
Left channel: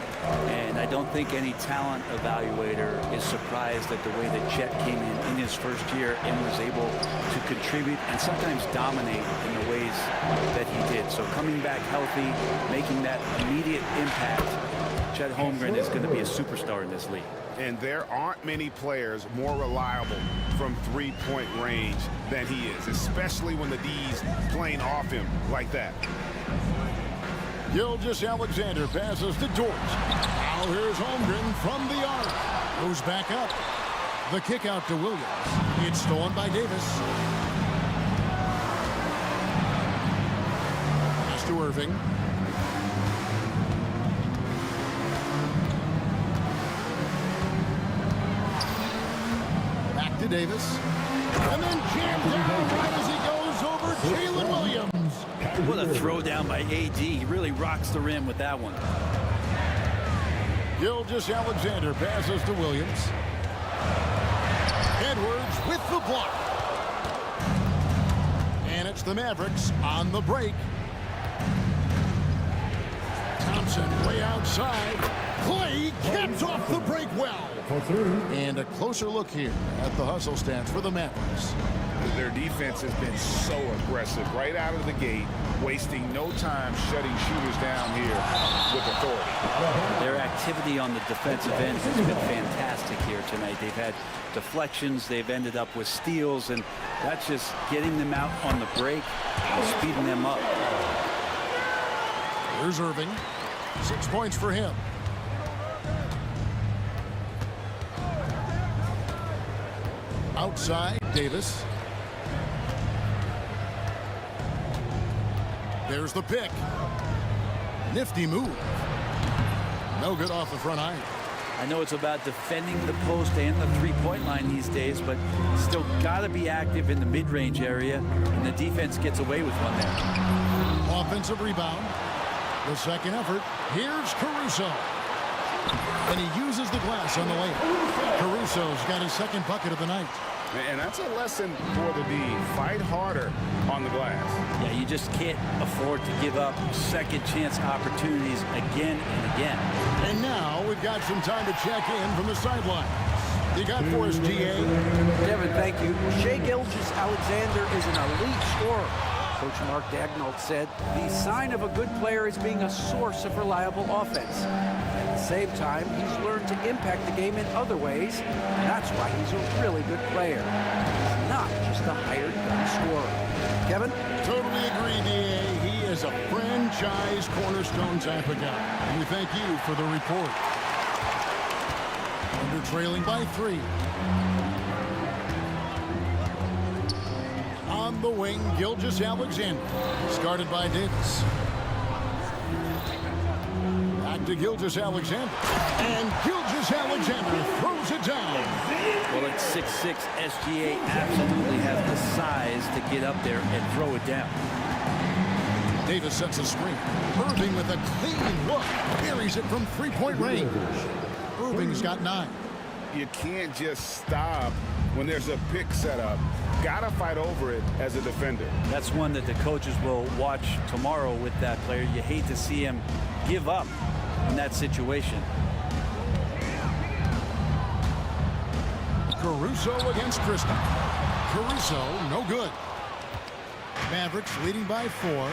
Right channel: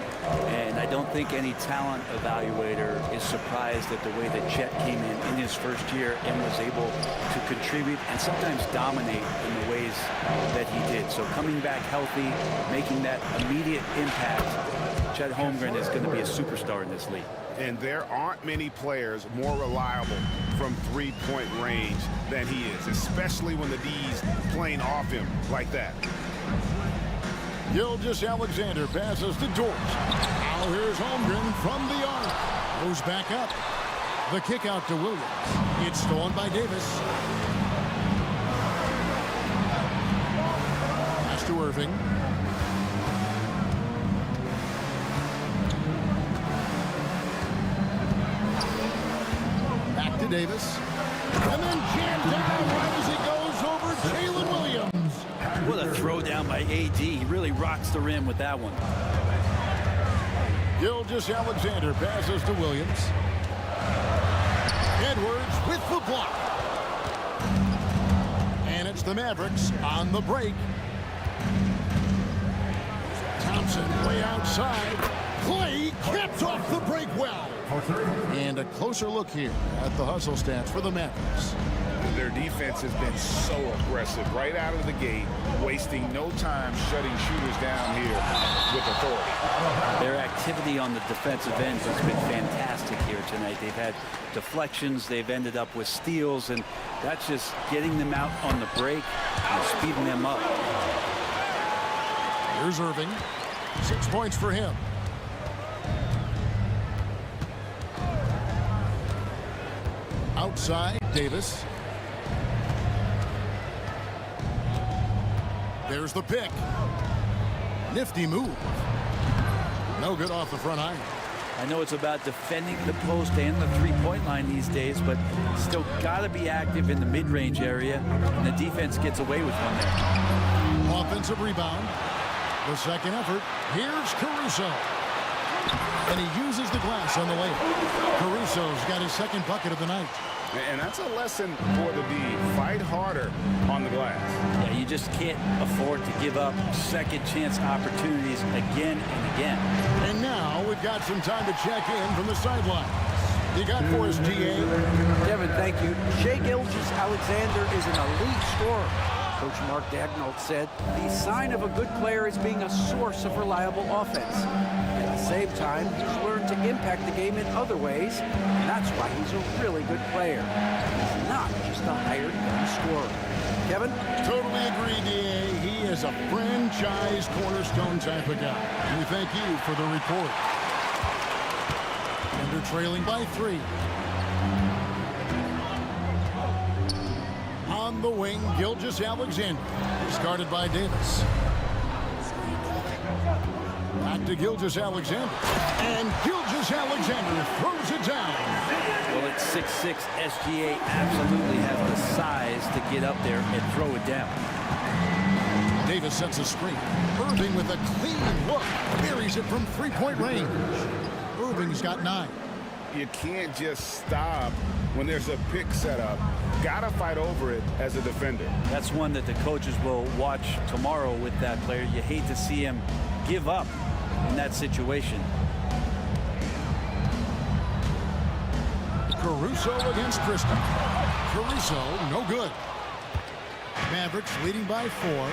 And I don't think any talent evaluator is surprised at the way that Chet came in his first year and was able to contribute and sometimes dominate in the ways that he did. So coming back healthy, making that immediate impact, Chet Holmgren is going to be a superstar in this league. And there aren't many players more reliable from three-point range than he is, especially when the D's playing off him like that. Gilgeous-Alexander passes to Dort. Now here's Holmgren from the arc. Goes back up. The kick out to Williams. It's stolen by Davis. Pass to Irving. Back to Davis. And then jammed down right as he goes over Jalen Williams. What a throw down by AD. He really rocks the rim with that one. Gilgeous-Alexander passes to Williams. Edwards with the block. And it's the Mavericks on the break. Thompson way outside. Clay caps off the break well. And a closer look here at the hustle stats for the Mavericks. Their defense has been so aggressive right out of the gate, wasting no time shutting shooters down here with authority. Their activity on the defensive end has been fantastic here tonight. They've had deflections, they've ended up with steals, and that's just getting them out on the break and speeding them up. Here's Irving. 6 points for him. Outside, Davis. There's the pick. Nifty move. No good off the front iron. I know it's about defending the post and the three-point line these days, but still got to be active in the mid-range area, and the defense gets away with one there. Offensive rebound. The second effort. Here's Caruso. And he uses the glass on the layup. Caruso's got his second bucket of the night. And that's a lesson for the D. Fight harder on the glass. Yeah, you just can't afford to give up second chance opportunities again and again. And now we've got some time to check in from the sidelines. You got for us, GA? Kevin, thank you. Shai Gilgeous-Alexander is an elite scorer. Coach Mark Daigneault said the sign of a good player is being a source of reliable offense. At the same time, he's learned to impact the game in other ways, and that's why he's a really good player. He's not just a hired gun scorer. Kevin? Totally agree, DA. He is a franchise cornerstone type of guy. And we thank you for the report. Under trailing by 3. On the wing, Gilgeous-Alexander. Discarded by Davis. Back to Gilgeous-Alexander. And Gilgeous-Alexander throws it down. Well, at 6'6", SGA absolutely has the size to get up there and throw it down. Davis sets a screen. Irving with a clean look. Buries it from three-point range. Irving's got 9. You can't just stop when there's a pick set up. Gotta fight over it as a defender. That's one that the coaches will watch tomorrow with that player. You hate to see him give up in that situation. Caruso against Christie. Caruso, no good. Mavericks leading by 4.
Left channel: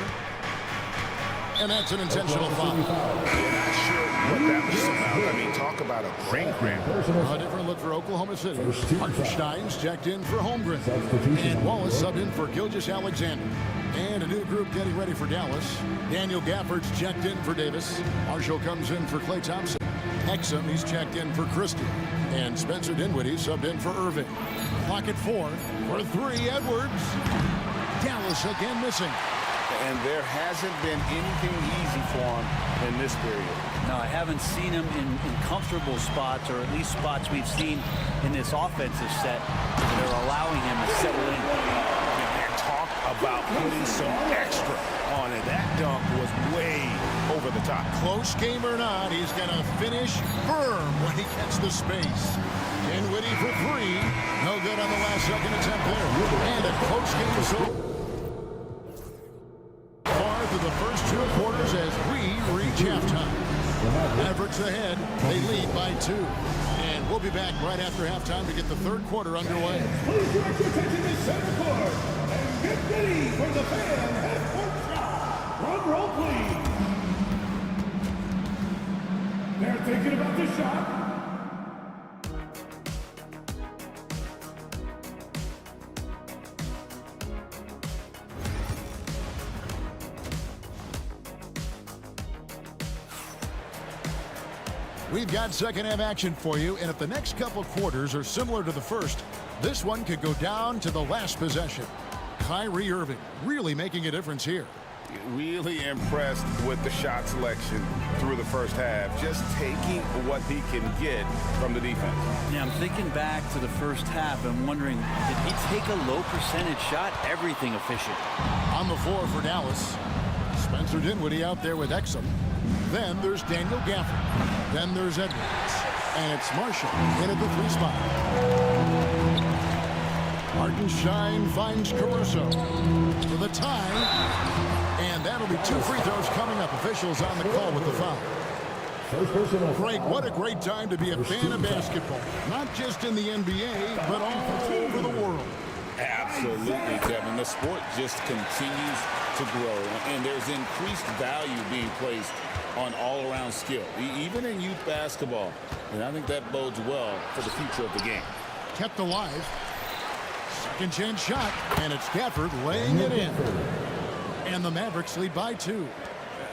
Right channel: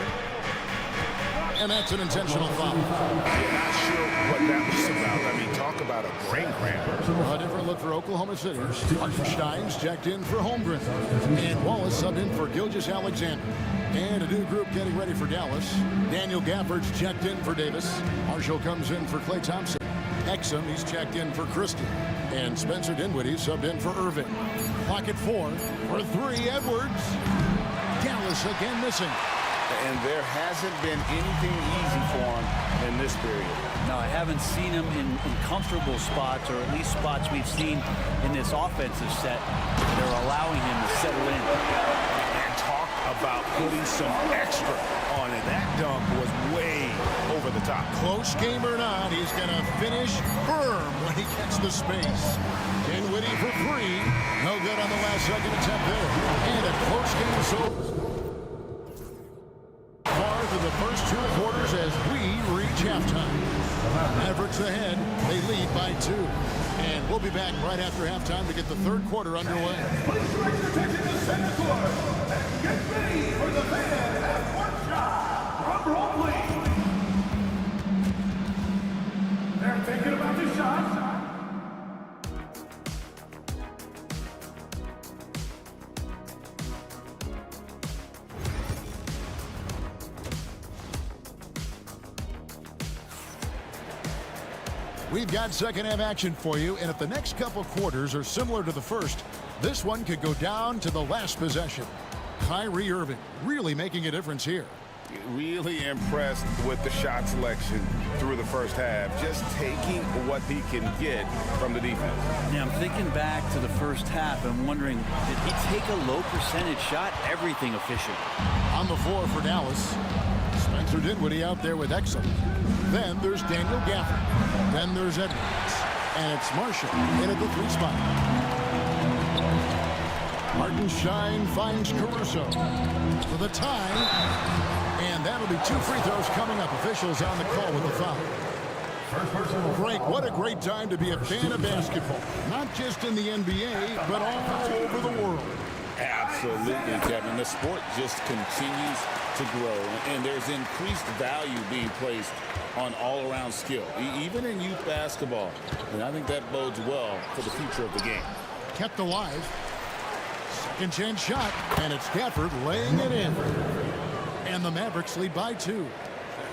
And that's an intentional foul. You're not sure what that was about. I mean, talk about a brain cramp. A different look for Oklahoma City. Hartenstein's checked in for Holmgren. And Wallace subbed in for Gilgeous-Alexander. And a new group getting ready for Dallas. Daniel Gafford's checked in for Davis. Marshall comes in for Klay Thompson. Exum, he's checked in for Christie. And Spencer Dinwiddie subbed in for Irving. Clock at 4. For 3, Edwards. Dallas again missing. And there hasn't been anything easy for him in this period. No, I haven't seen him in comfortable spots, or at least spots we've seen in this offensive set that are allowing him to settle in. And talk about putting some extra on it. That dunk was way over the top. Close game or not, he's going to finish firm when he gets the space. Dinwiddie for 3. No good on the last second attempt there. And a close game so far through the first 2 quarters as we reach halftime. Mavericks ahead. They lead by 2. And we'll be back right after halftime to get the 3rd quarter underway. Please direct your attention to center court and get ready for the fan half-court shot. Drum roll, please. They're thinking about this shot. We've got second half action for you, and if the next couple quarters are similar to the first, this one could go down to the last possession. Kyrie Irving really making a difference here. Really impressed with the shot selection through the first half, just taking what he can get from the defense. Yeah, I'm thinking back to the first half and wondering, did he take a low percentage shot? Everything efficient. On the floor for Dallas, Spencer Dinwiddie out there with Exum. Then there's Daniel Gafford. Then there's Edwards. And it's Marshall in at the 3 spot. Hartenstein finds Caruso for the tie. And that'll be 2 free throws coming up. Officials on the call with the foul. Frank, what a great time to be a fan of basketball. Not just in the NBA, but all over the world. Absolutely, Kevin. The sport just continues to grow, and there's increased value being placed on all-around skill, even in youth basketball. And I think that bodes well for the future of the game. Kept alive. Second chance shot, and it's Gafford laying it in. And the Mavericks lead by 2.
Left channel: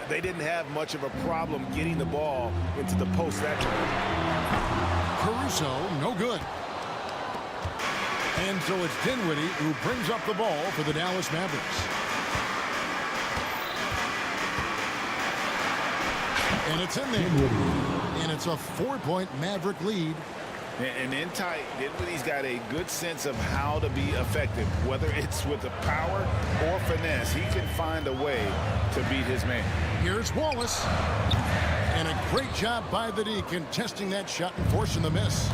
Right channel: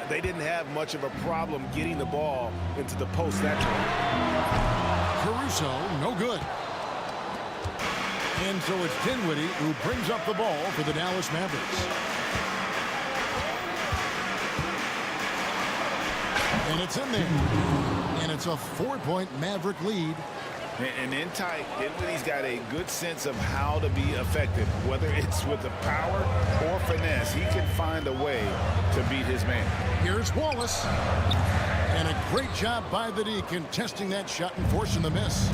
They didn't have much of a problem getting the ball into the post that time. Caruso, no good. And so it's Dinwiddie who brings up the ball for the Dallas Mavericks. And it's in there. And it's a 4-point Maverick lead. And in tight, Dinwiddie's got a good sense of how to be effective. Whether it's with the power or finesse, he can find a way to beat his man. Here's Wallace. And a great job by the D contesting that shot and forcing the miss.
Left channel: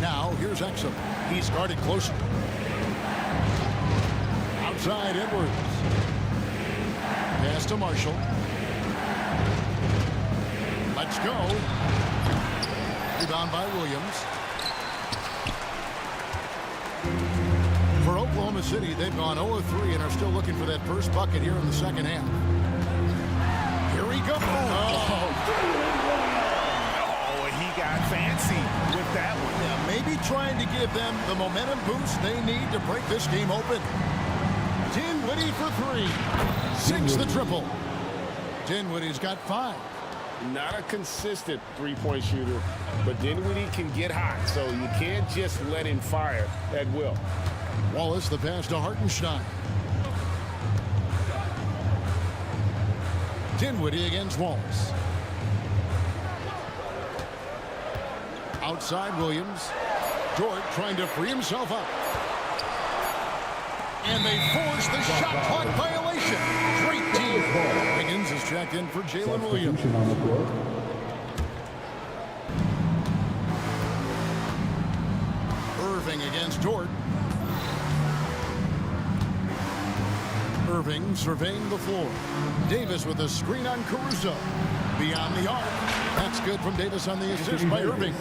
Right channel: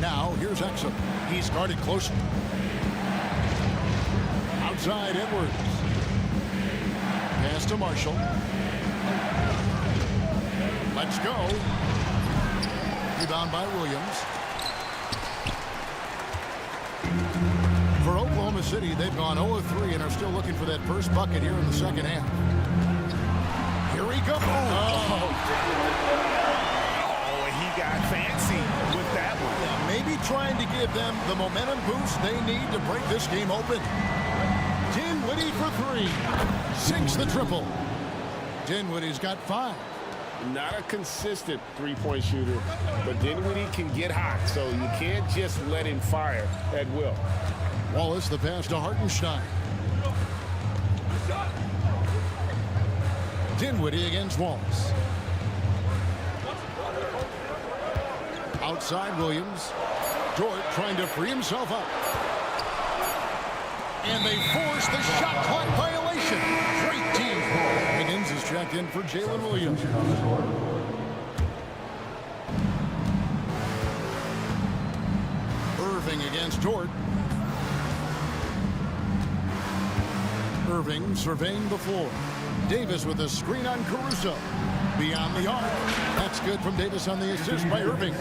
Now, here's Exum. He's guarded closely. Outside, Edwards. Pass to Marshall. Let's go. Rebound by Williams. For Oklahoma City, they've gone 0-3 and are still looking for that first bucket here in the second half. Here he goes. Oh, he got fancy with that one. Yeah, maybe trying to give them the momentum boost they need to break this game open. Dinwiddie for 3. Sinks the triple. Dinwiddie's got 5. Not a consistent three-point shooter, but Dinwiddie can get hot, so you can't just let him fire at will. Wallace, the pass to Hartenstein. Dinwiddie against Wallace. Outside Williams. Dort trying to free himself up. And they force the shot clock violation. Great team. Higgins is checked in for Jalen Williams. Irving against Dort. Irving surveying the floor. Davis with a screen on Caruso. Beyond the arc. That's good from Davis on the assist by Irving.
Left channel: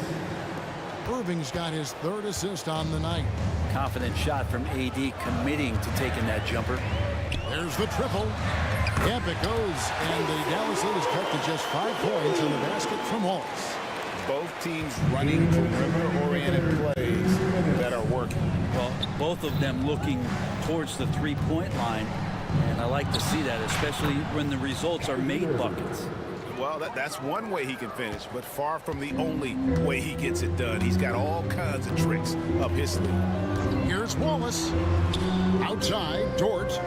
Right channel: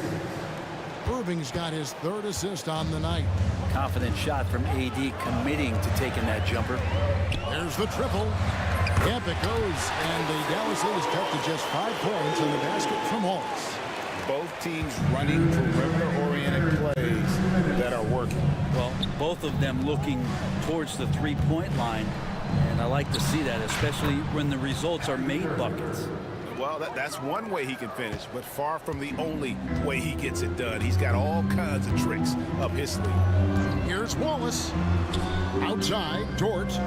Irving's got his third assist on the night. Confident shot from AD, committing to taking that jumper. There's the triple. Yep, it goes. And the Dallas lead is cut to just 5 points on the basket from Wallace. Both teams running perimeter-oriented plays that are working. Well, both of them looking towards the three-point line. And I like to see that, especially when the results are made buckets. Well, that's one way he can finish, but far from the only way he gets it done. He's got all kinds of tricks up his sleeve. Here's Wallace. Outside, Dort.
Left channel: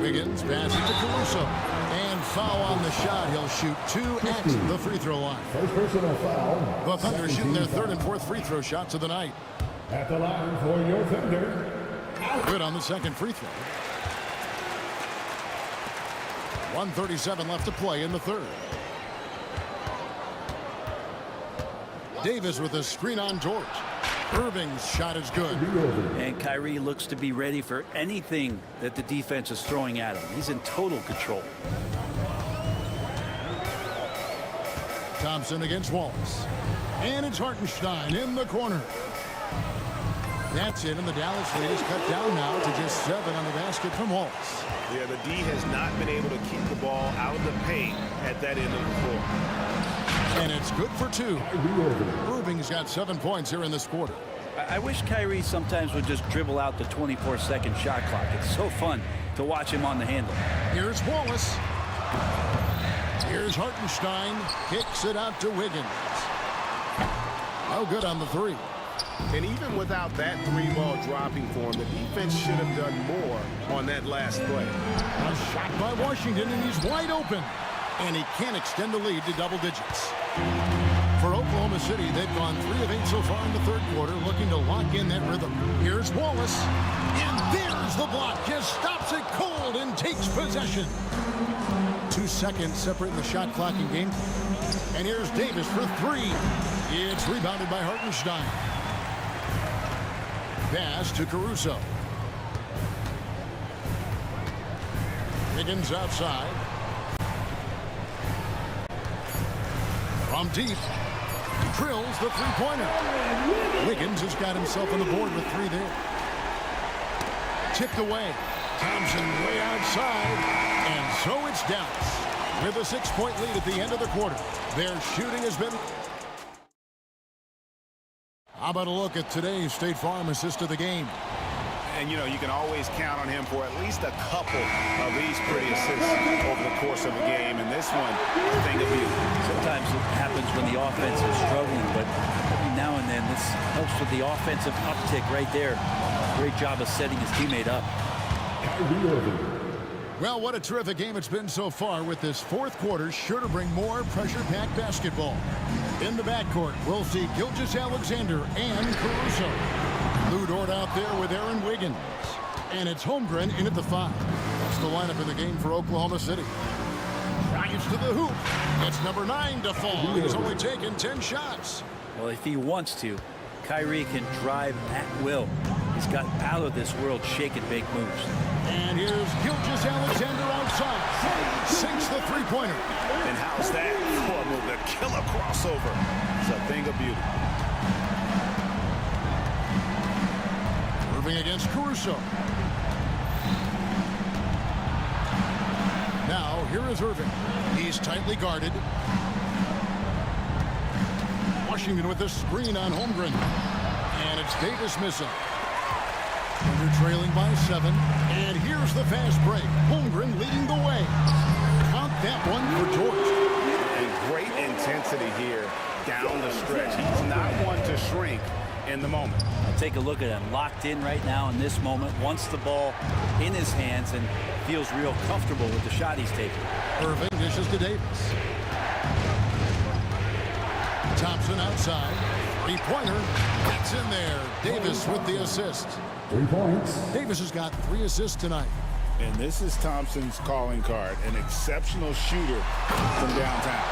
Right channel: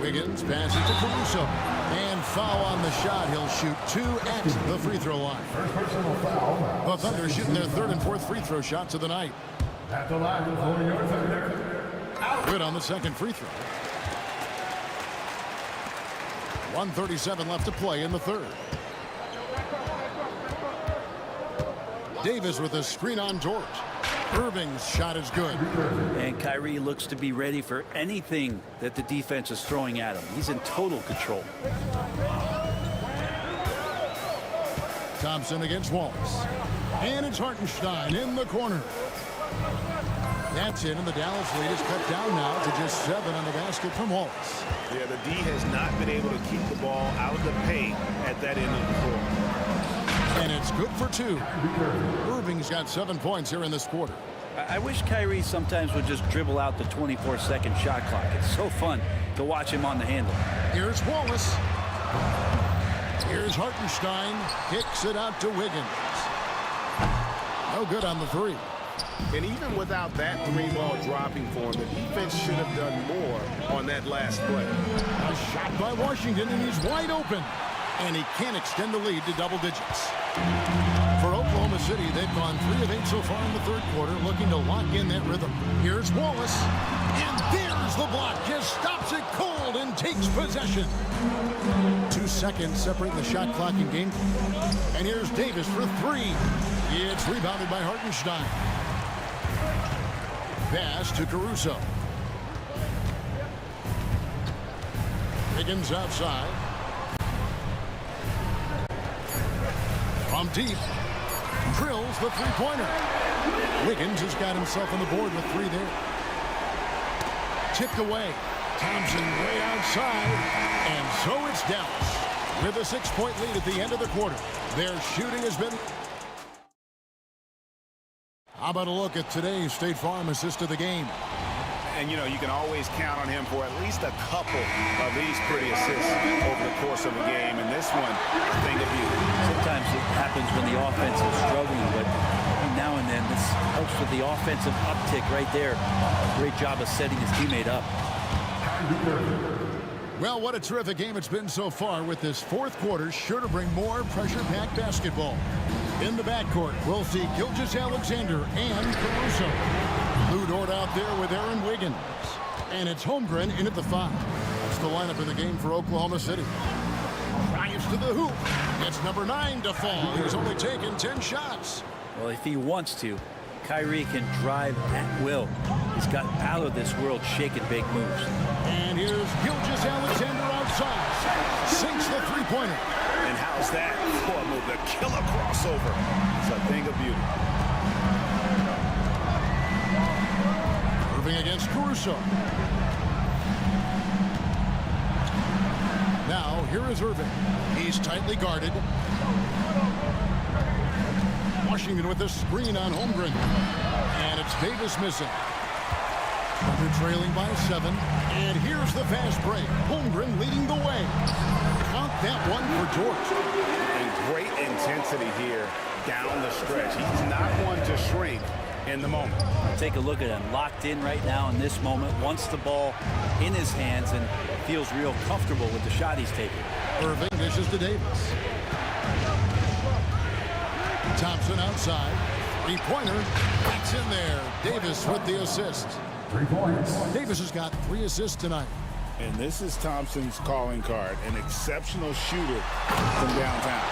Wiggins passes to Caruso. And foul on the shot. He'll shoot 2 at the free throw line. First personal foul. The Thunder shooting their third and fourth free throw shots of the night. At the line for your Thunder. Good on the second free throw. 1:37 left to play in the third. Davis with a screen on George. Irving's shot is good. And Kyrie looks to be ready for anything that the defense is throwing at him. He's in total control. Thompson against Wallace. And it's Hartenstein in the corner. That's it, and the Dallas lead is cut down now to just 7 on the basket from Wallace. Yeah, the D has not been able to keep the ball out of the paint at that end of the floor. And it's good for 2. Irving's got 7 points here in this quarter. I wish Kyrie sometimes would just dribble out the 24-second shot clock. It's so fun to watch him on the handle. Here's Wallace. Here's Hartenstein. Kicks it out to Wiggins. No good on the 3. And even without that 3-ball dropping for him, the defense should have done more on that last play. A shot by Washington, and he's wide open. And he can't extend the lead to double digits. For Oklahoma City, they've gone 3 of 8 so far in the third quarter, looking to lock in that rhythm. Here's Wallace. And there's the block. Just stops it cold and takes possession. 2 seconds separating the shot clock and game clock. And here's Davis for 3. It's rebounded by Hartenstein. Pass to Caruso. Wiggins outside. From deep. Drills the three-pointer. Wiggins has got himself on the board with 3 there. Tipped away. Thompson way outside. And so it's Dallas with a 6-point lead at the end of the quarter. Their shooting has been... How about a look at today's State Farm assist of the game? And, you know, you can always count on him for at least a couple of these pretty assists over the course of a game. And this one, a thing of beauty. Sometimes it happens when the offense is struggling, but every now and then this helps with the offensive uptick right there. Great job of setting his teammate up. Well, what a terrific game it's been so far, with this fourth quarter sure to bring more pressure-packed basketball. In the backcourt, we'll see Gilgeous-Alexander and Caruso. Lou Dort out there with Aaron Wiggins. And it's Holmgren in at the 5. That's the lineup in the game for Oklahoma City. Drives to the hoop. It's number 9 to fall. He's only taken 10 shots. Well, if he wants to, Kyrie can drive at will. He's got out-of-this-world shake-and-bake moves. And here's Gilgeous-Alexander outside. Sinks the three-pointer. And how's that for a move? The killer crossover. It's a thing of beauty. Irving against Caruso. Now, here is Irving. He's tightly guarded. Washington with a screen on Holmgren. And it's Davis missing. Thunder trailing by 7. And here's the fast break. Holmgren leading the way. Count that one for George. And great intensity here down the stretch. He's not one to shrink in the moment. Take a look at him. Locked in right now in this moment. Wants the ball in his hands and feels real comfortable with the shot he's taking. Irving dishes to Davis. Thompson outside. Three-pointer. That's in there. Davis with the assist. 3 points. Davis has got 3 assists tonight. And this is Thompson's calling card, an exceptional shooter from downtown.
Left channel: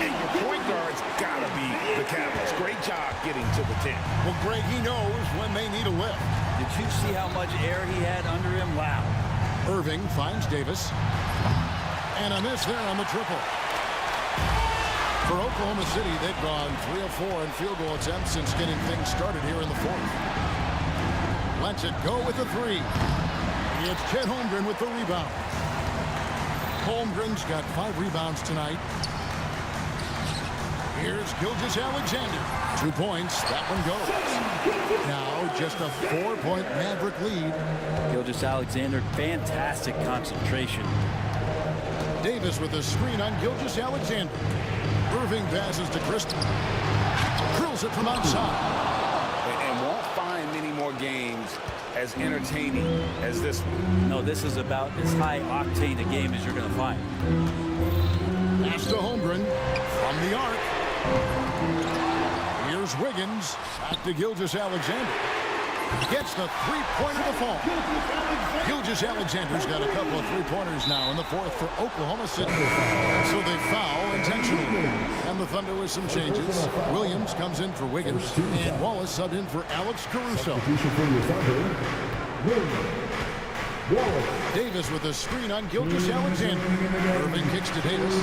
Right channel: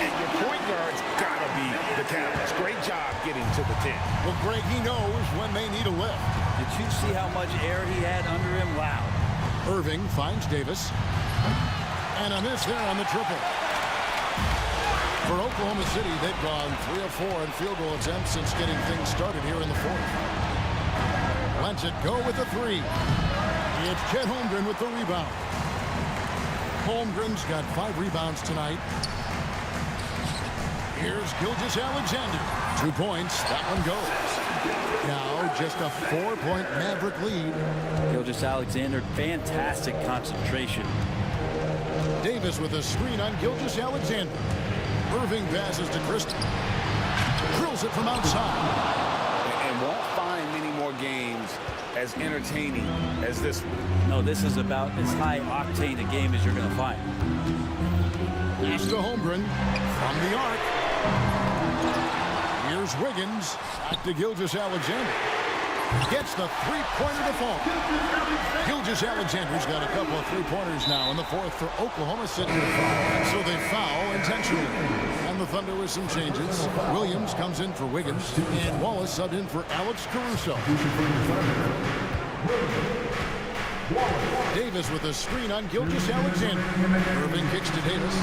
And your point guard's got to be the catalyst. Great job getting to the 10. Well, Greg, he knows when they need a lift. Did you see how much air he had under him? Wow. Irving finds Davis. And a miss there on the triple. For Oklahoma City, they've gone 3 of 4 in field goal attempts since getting things started here in the fourth. Lets it go with a 3. It's Chet Holmgren with the rebound. Holmgren's got 5 rebounds tonight. Here's Gilgeous-Alexander. 2 points. That one goes. Now just a 4-point Maverick lead. Gilgeous-Alexander, fantastic concentration. Davis with a screen on Gilgeous-Alexander. Irving passes to Christie. Drills it from outside. And won't find many more games as entertaining as this one. No, this is about as high octane a game as you're going to find. Pass to Holmgren from the arc. Here's Wiggins. Back to Gilgeous-Alexander. Gets the three-pointer to fall. Gilgeous-Alexander's got a couple of three-pointers now in the fourth for Oklahoma City. So they foul intentionally. And the Thunder with some changes. Williams comes in for Wiggins. And Wallace subbed in for Alex Caruso. Davis with a screen on Gilgeous-Alexander. Irving kicks to Davis.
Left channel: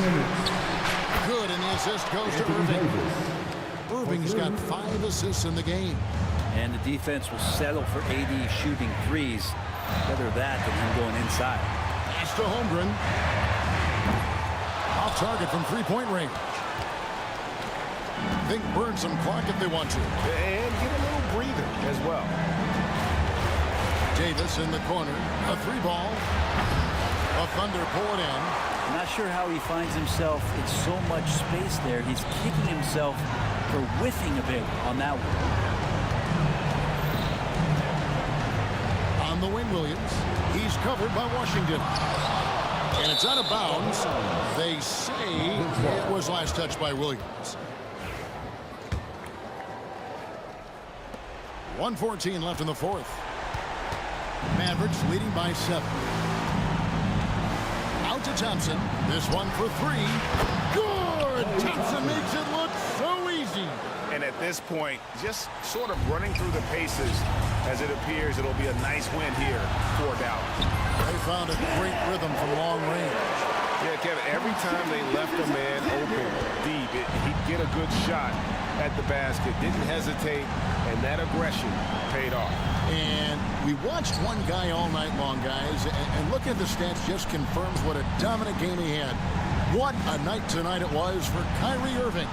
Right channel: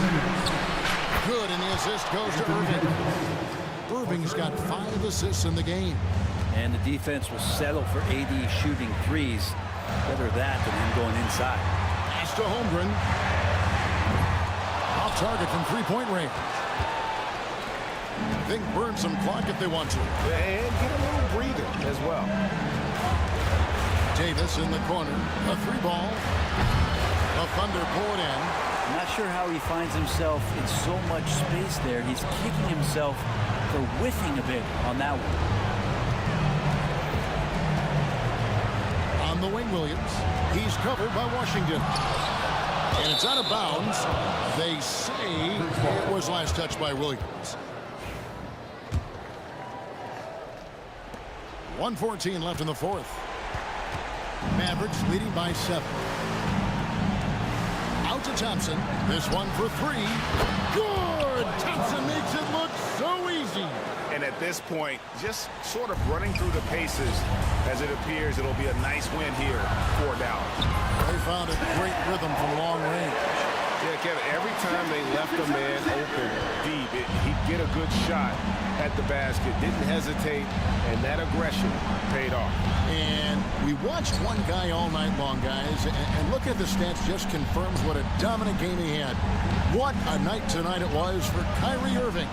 Good, and the assist goes to Irving. Irving's got 5 assists in the game. And the defense will settle for AD shooting threes. Better that than him going inside. Pass to Holmgren. Off target from three-point range. They can burn some clock if they want to. And get a little breather as well. Davis in the corner. A 3-ball. A Thunder pull it in. I'm not sure how he finds himself in so much space there. He's kicking himself for whiffing a bit on that one. On the wing, Williams. He's covered by Washington. And it's out of bounds. They say it was last touched by Williams. 1:14 left in the fourth. Mavericks leading by 7. Out to Thompson. This one for 3. Good! Thompson makes it look so easy. And at this point, just sort of running through the paces as it appears it'll be a nice win here for Dallas. They found a great rhythm from long range. Yeah, Kevin, every time they left a man open deep, he'd get a good shot at the basket. Didn't hesitate, and that aggression paid off. And we watched one guy all night long, guys, and look at the stats, just confirms what a dominant game he had. What a night tonight it was for Kyrie Irving.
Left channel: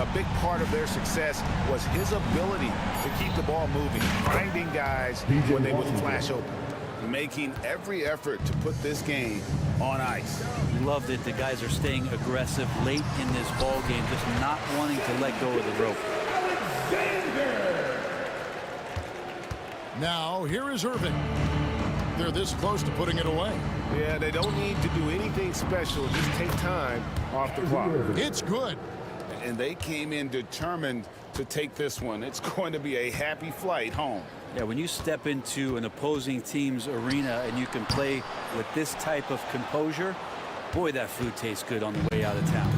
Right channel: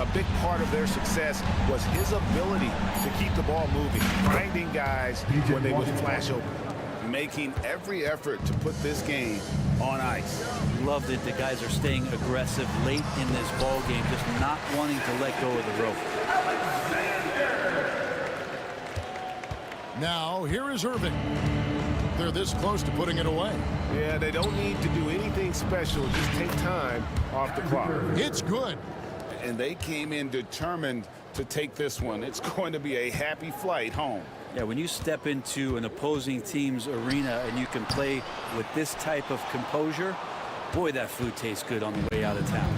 A big part of their success was his ability to keep the ball moving, finding guys when they would flash open. Making every effort to put this game on ice. Loved it. The guys are staying aggressive late in this ball game, just not wanting to let go of the rope. Now, here is Irving. They're this close to putting it away. Yeah, they don't need to do anything special. Just take time off the clock. It's good. And they came in determined to take this one. It's going to be a happy flight home. Yeah, when you step into an opposing team's arena and you can play with this type of composure, boy, that food tastes good on the way out of town.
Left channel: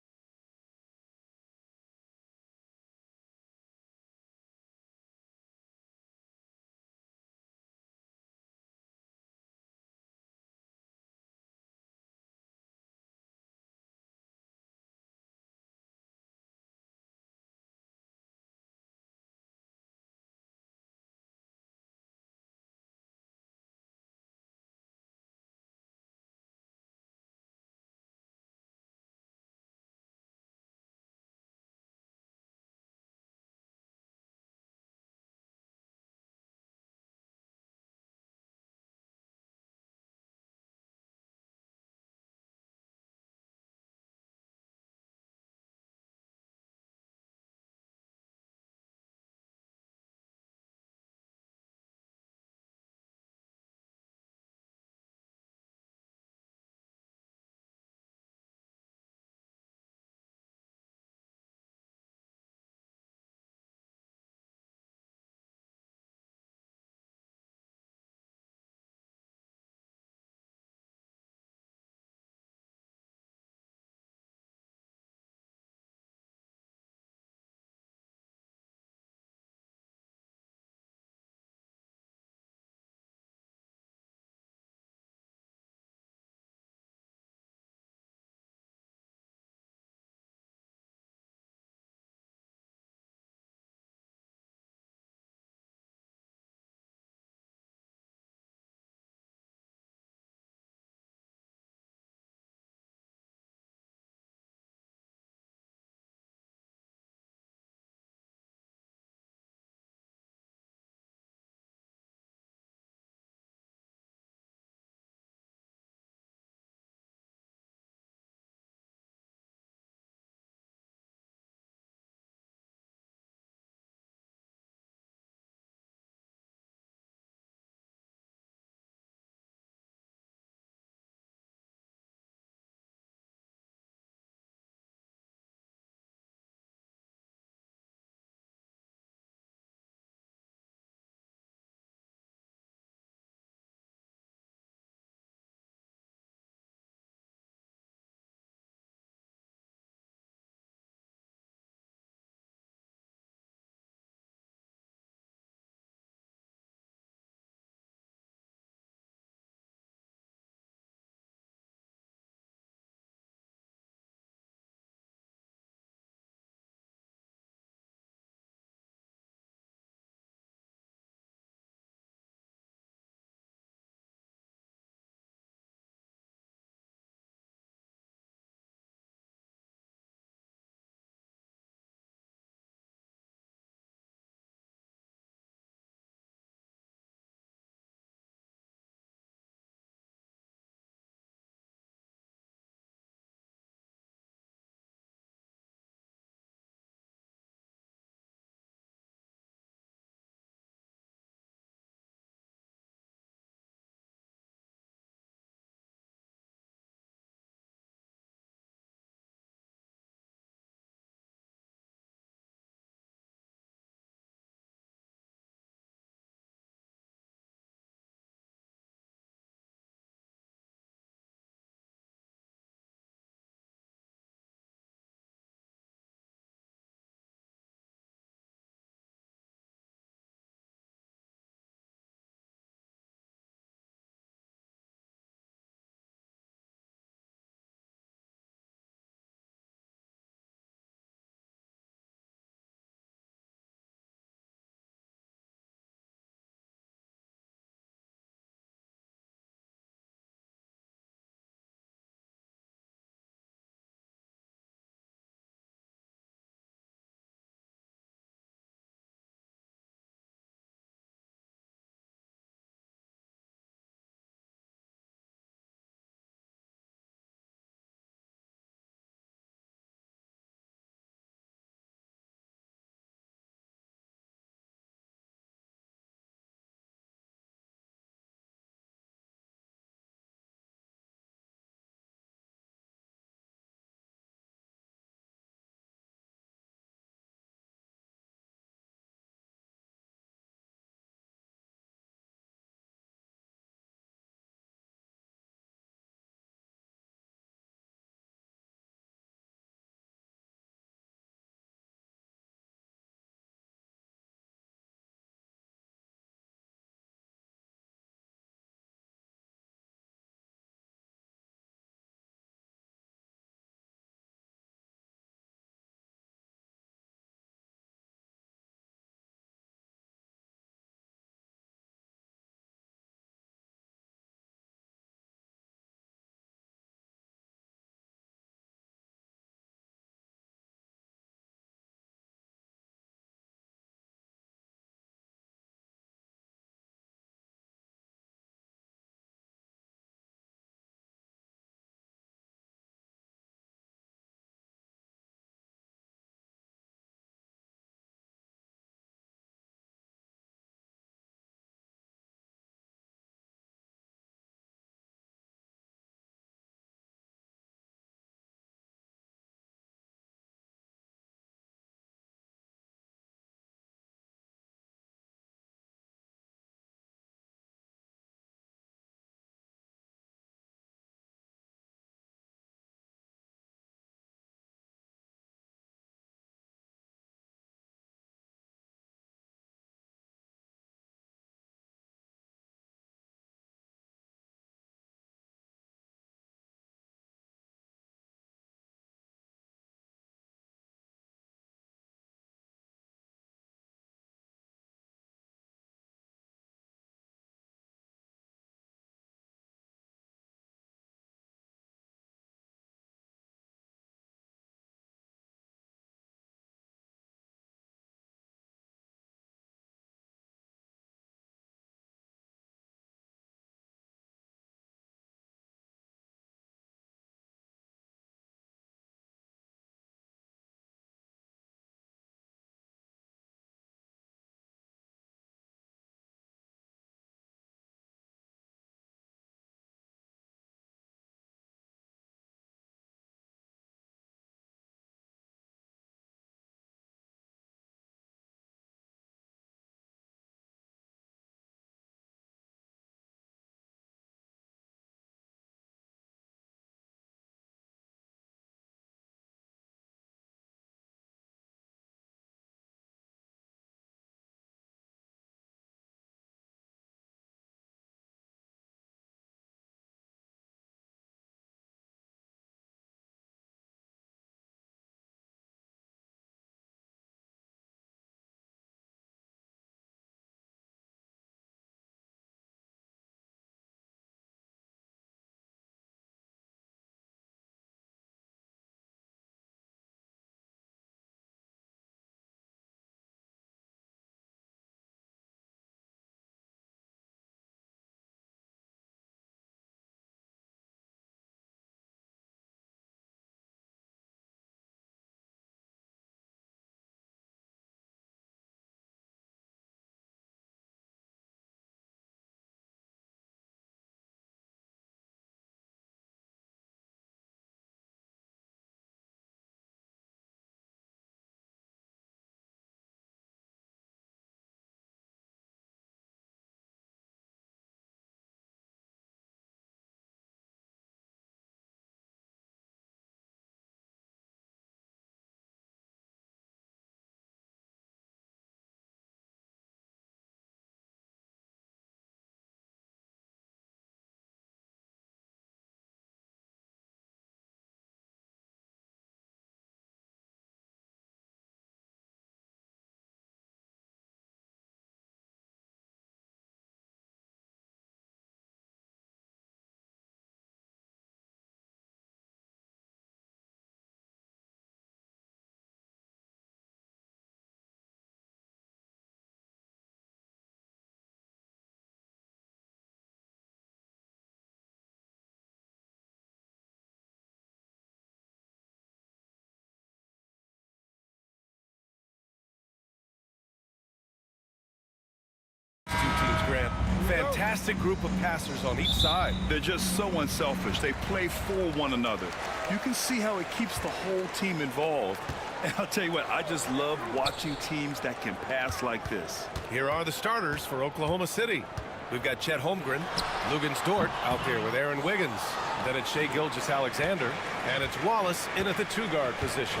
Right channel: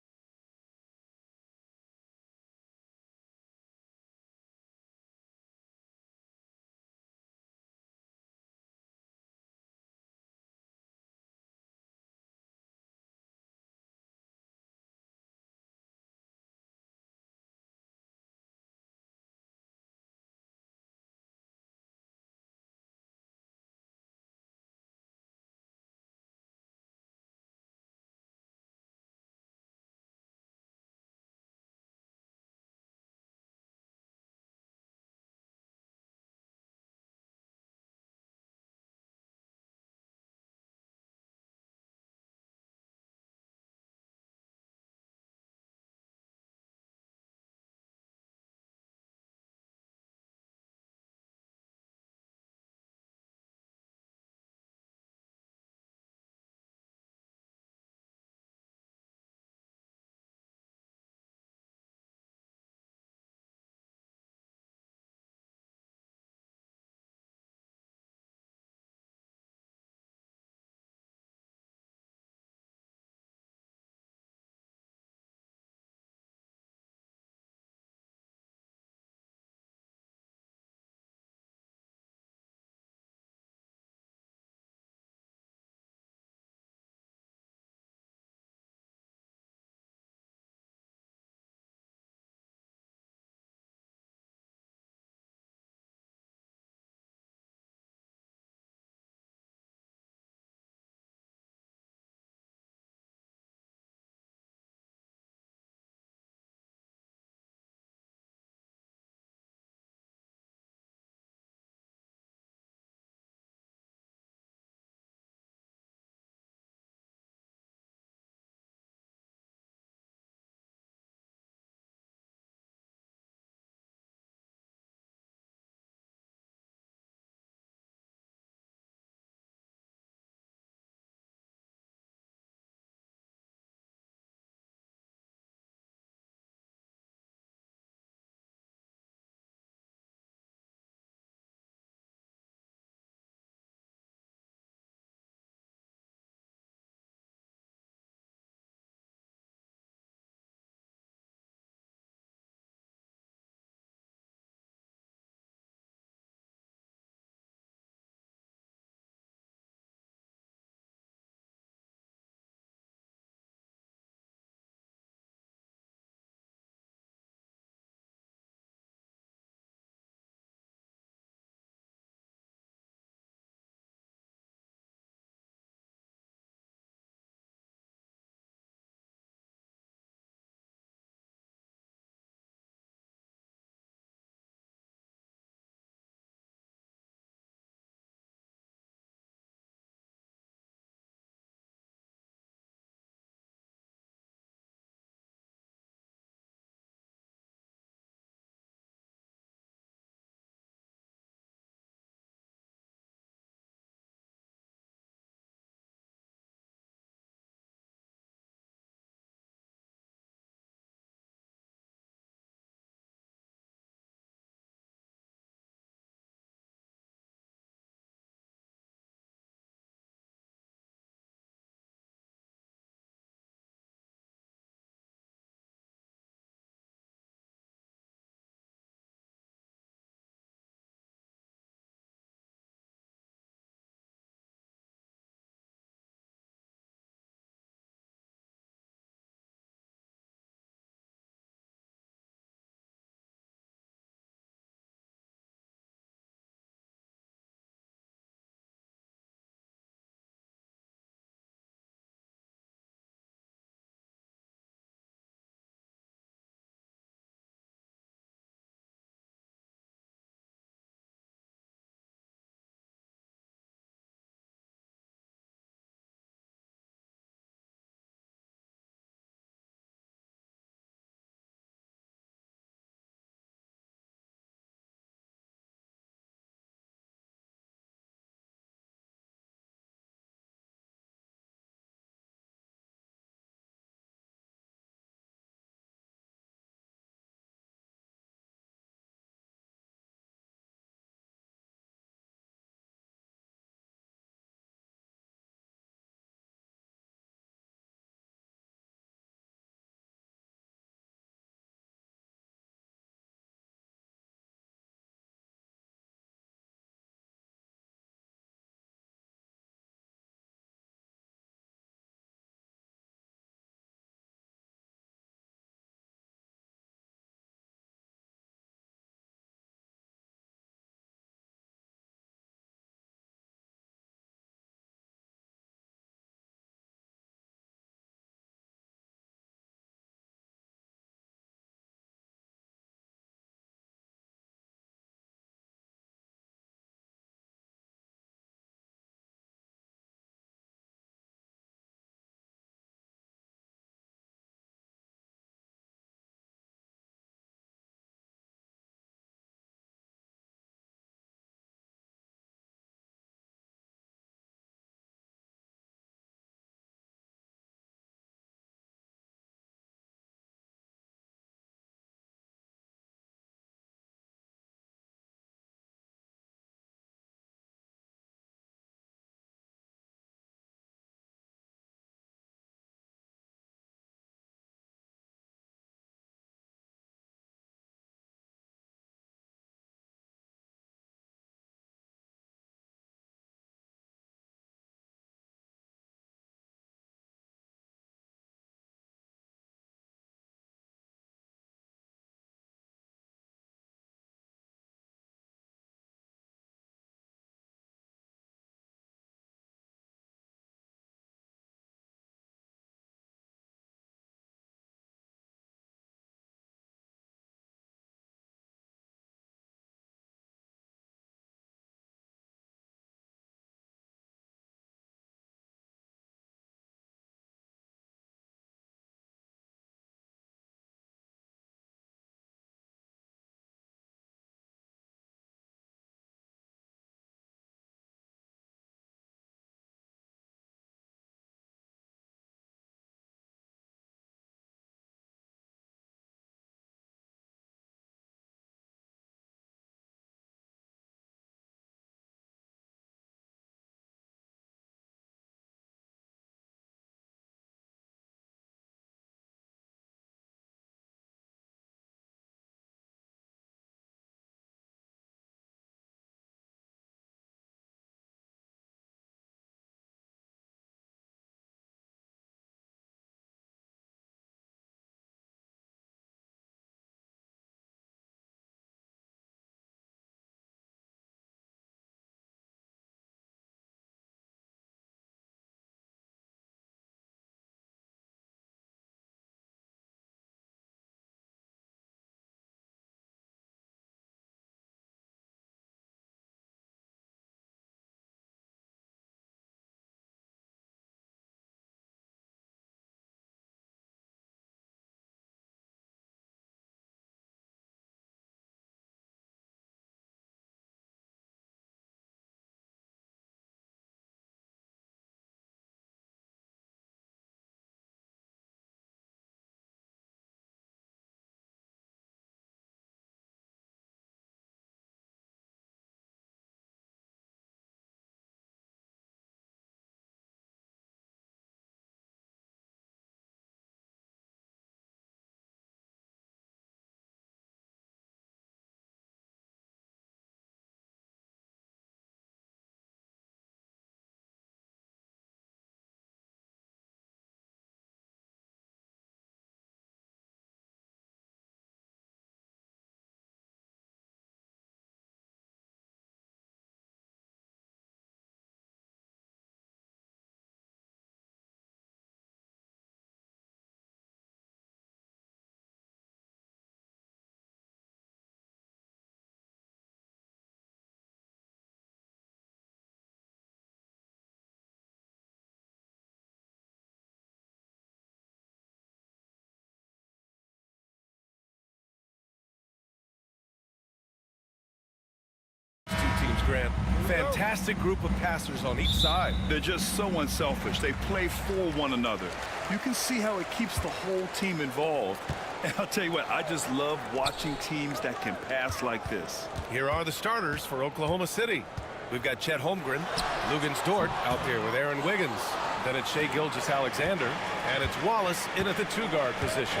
teams, Grant. Fantastic group of passers on each side. They're just so unselfish. They play for one another. You can see how it keeps the whole team involved. And I'll tell you what, I just love watching teams that can pass like this. Here are the starters for Oklahoma City. We've got Chet Holmgren, Lugans Dort out there with Aaron Wiggins. Then it's Shai Gilgeous-Alexander, and it's Wallace in at the two-guard position.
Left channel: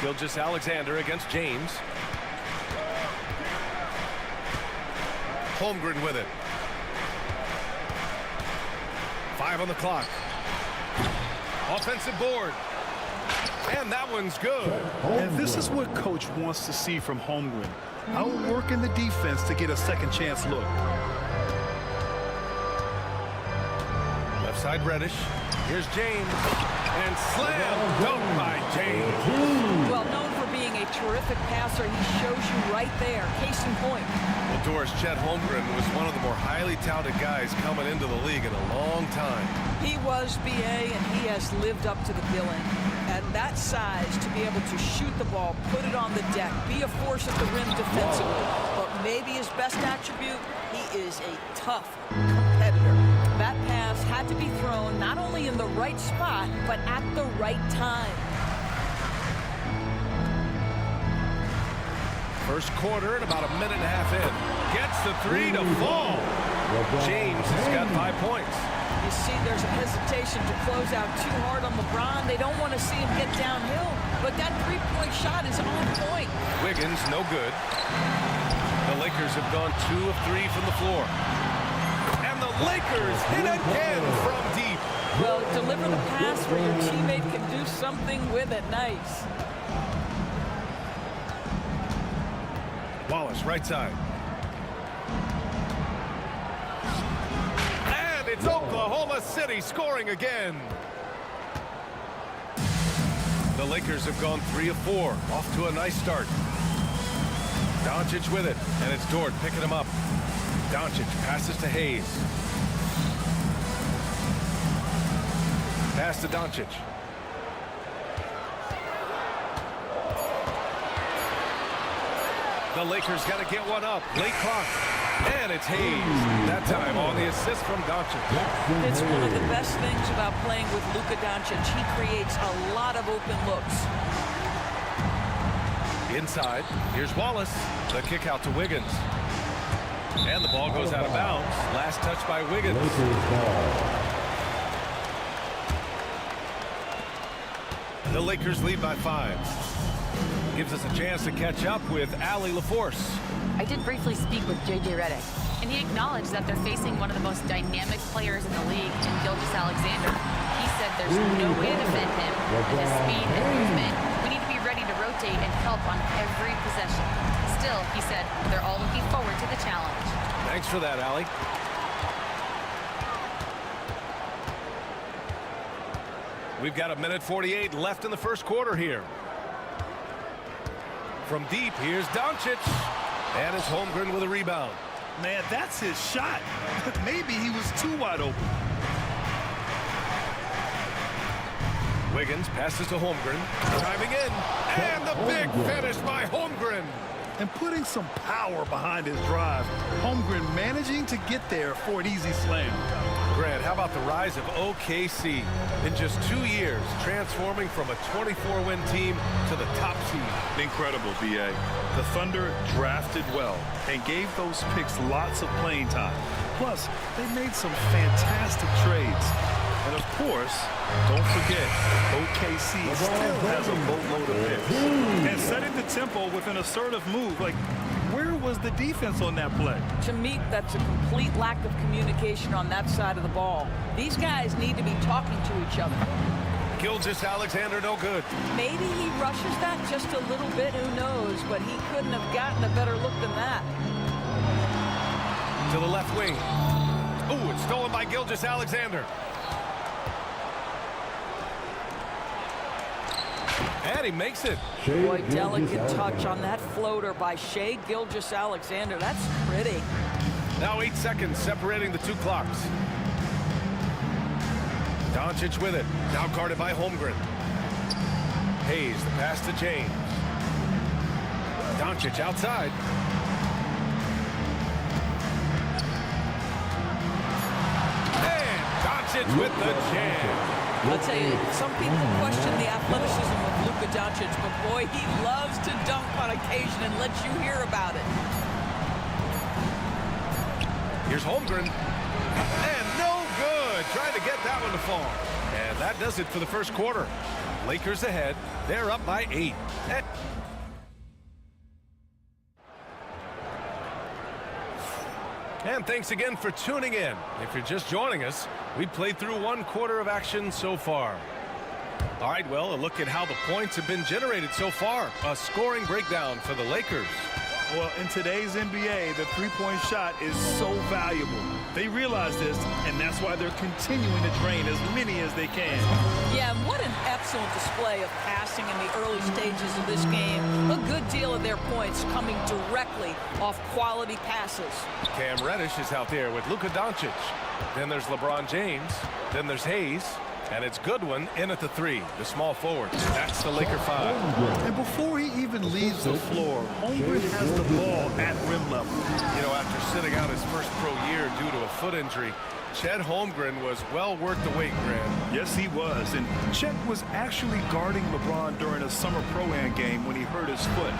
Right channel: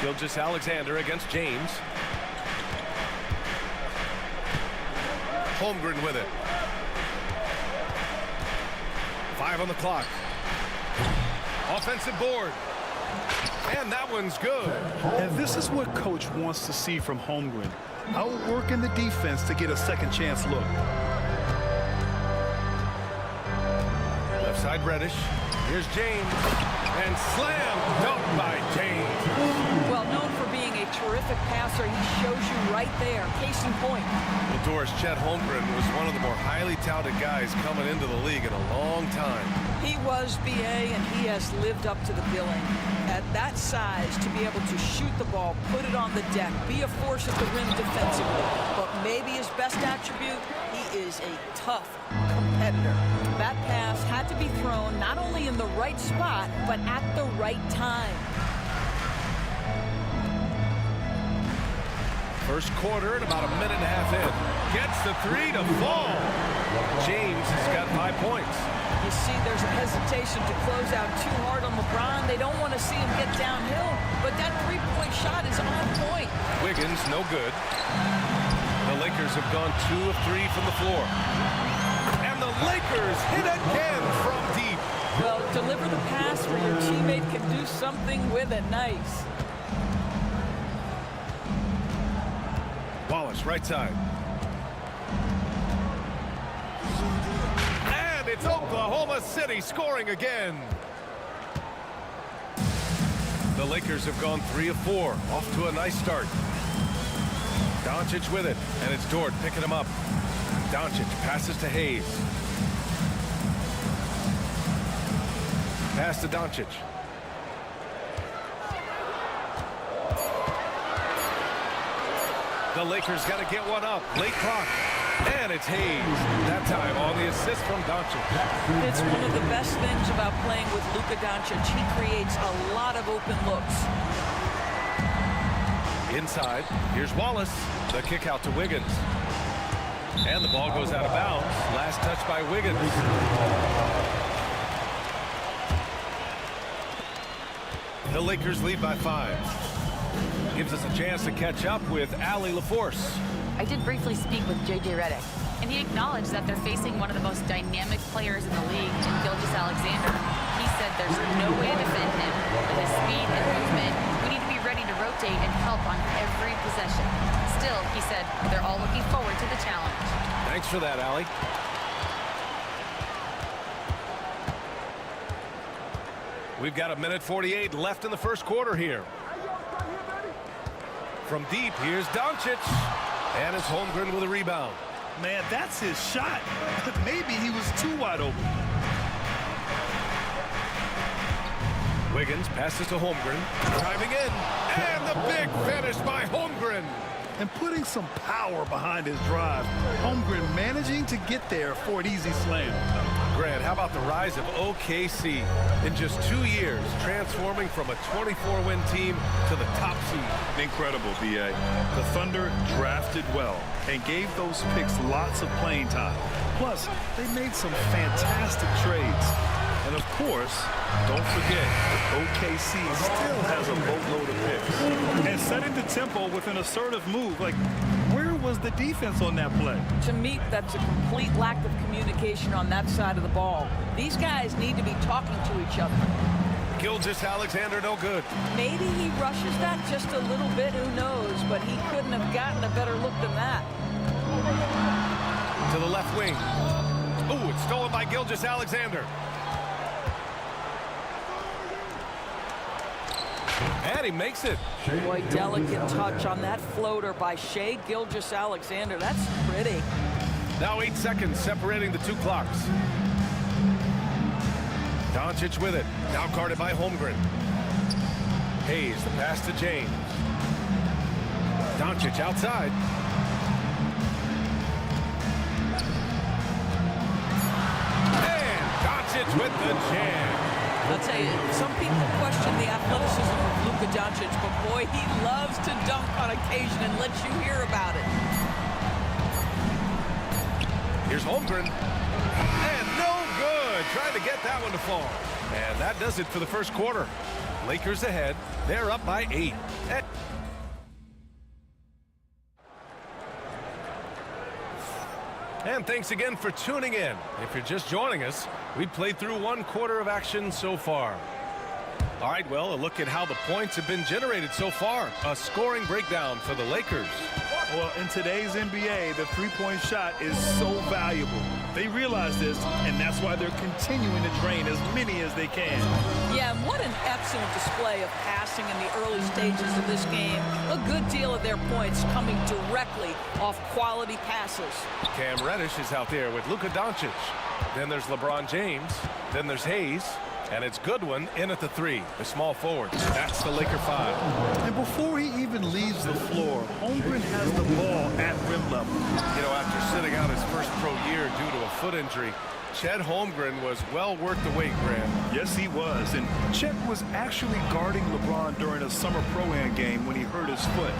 Gilgeous-Alexander against James. Holmgren with it. 5 on the clock. Offensive board. And that one's good. And this is what coach wants to see from Holmgren. Outworking the defense to get a second chance look. Left side Reddish. Here's James. And slam dunk by James. Well, known for being a terrific passer, he shows you right there. Case in point. Well, Doris, Chet Holmgren was one of the more highly touted guys coming into the league in a long time. He was BA, and he has lived up to the billing. At that size, to be able to shoot the ball, put it on the deck, be a force at the rim defensively. But maybe his best attribute, he is a tough competitor. That pass had to be thrown not only in the right spot, but at the right time. First quarter and about a minute and a half in. Gets the three to fall. James has got 5 points. You see there's a hesitation to close out too hard on LeBron. They don't want to see him get downhill, but that three-point shot is on point. Wiggins, no good. The Lakers have gone 2 of 3 from the floor. And the Lakers hit again from deep. Well, deliver the pass where your teammate can do something with it. Nice. Wallace, right side. And it's Oklahoma City scoring again. The Lakers have gone 3 of 4. Off to a nice start. Doncic with it, and it's Dort picking him up. Doncic passes to Hayes. Pass to Doncic. The Lakers got to get one up. Late clock. And it's Hayes. That time on the assist from Doncic. It's one of the best things about playing with Luka Doncic. He creates a lot of open looks. Inside, here's Wallace. The kick out to Wiggins. And the ball goes out of bounds. Last touch by Wiggins. The Lakers lead by 5. Gives us a chance to catch up with Allie LaForce. I did briefly speak with J.J. Redick, and he acknowledged that they're facing one of the most dynamic players in the league in Gilgeous-Alexander. He said there's no way to defend him, that his speed and movement, we need to be ready to rotate and help on every possession. Still, he said, they're all looking forward to the challenge. Thanks for that, Allie. We've got a minute 48 left in the first quarter here. From deep, here's Doncic. And it's Holmgren with a rebound. Man, that's his shot. Maybe he was too wide open. Wiggins passes to Holmgren. Driving in. And the big finish by Holmgren. And putting some power behind his drive. Holmgren managing to get there for an easy slam. Grant, how about the rise of OKC in just 2 years, transforming from a 24-win team to the top seed? Incredible, B.A. The Thunder drafted well and gave those picks lots of playing time. Plus, they made some fantastic trades. And of course, don't forget, OKC still has a boatload of picks. And setting the tempo with an assertive move, like, where was the defense on that play? To me, that's a complete lack of communication on that side of the ball. These guys need to be talking to each other. Gilgeous-Alexander, no good. Maybe he rushes that just a little bit, who knows, but he couldn't have gotten a better look than that. To the left wing. Ooh, it's stolen by Gilgeous-Alexander. And he makes it. Boy, delicate touch on that floater by Shai Gilgeous-Alexander. That's pretty. Now 8 seconds separating the two clocks. Doncic with it. Now guarded by Holmgren. Hayes, the pass to James. Doncic outside. And Doncic with the jam. I'll tell you, some people question the athleticism of Luka Doncic, but boy, he loves to dunk on occasion and lets you hear about it. Here's Holmgren. And no good. Trying to get that one to fall. And that does it for the first quarter. Lakers ahead. They're up by 8. And thanks again for tuning in. If you're just joining us, we played through 1 quarter of action so far. All right, well, a look at how the points have been generated so far. A scoring breakdown for the Lakers. Well, in today's NBA, the three-point shot is so valuable. They realize this, and that's why they're continuing to drain as many as they can. Yeah, and what an excellent display of passing in the early stages of this game. A good deal of their points coming directly off quality passes. Cam Reddish is out there with Luka Doncic. Then there's LeBron James. Then there's Hayes. And it's Goodwin in at the 3, the small forward. That's the Laker 5. And before he even leaves the floor, Holmgren has the ball at rim level. You know, after sitting out his first pro year due to a foot injury, Chet Holmgren was well worth the wait, Grant. Yes, he was. And Chet was actually guarding LeBron during a summer pro-am game when he hurt his foot.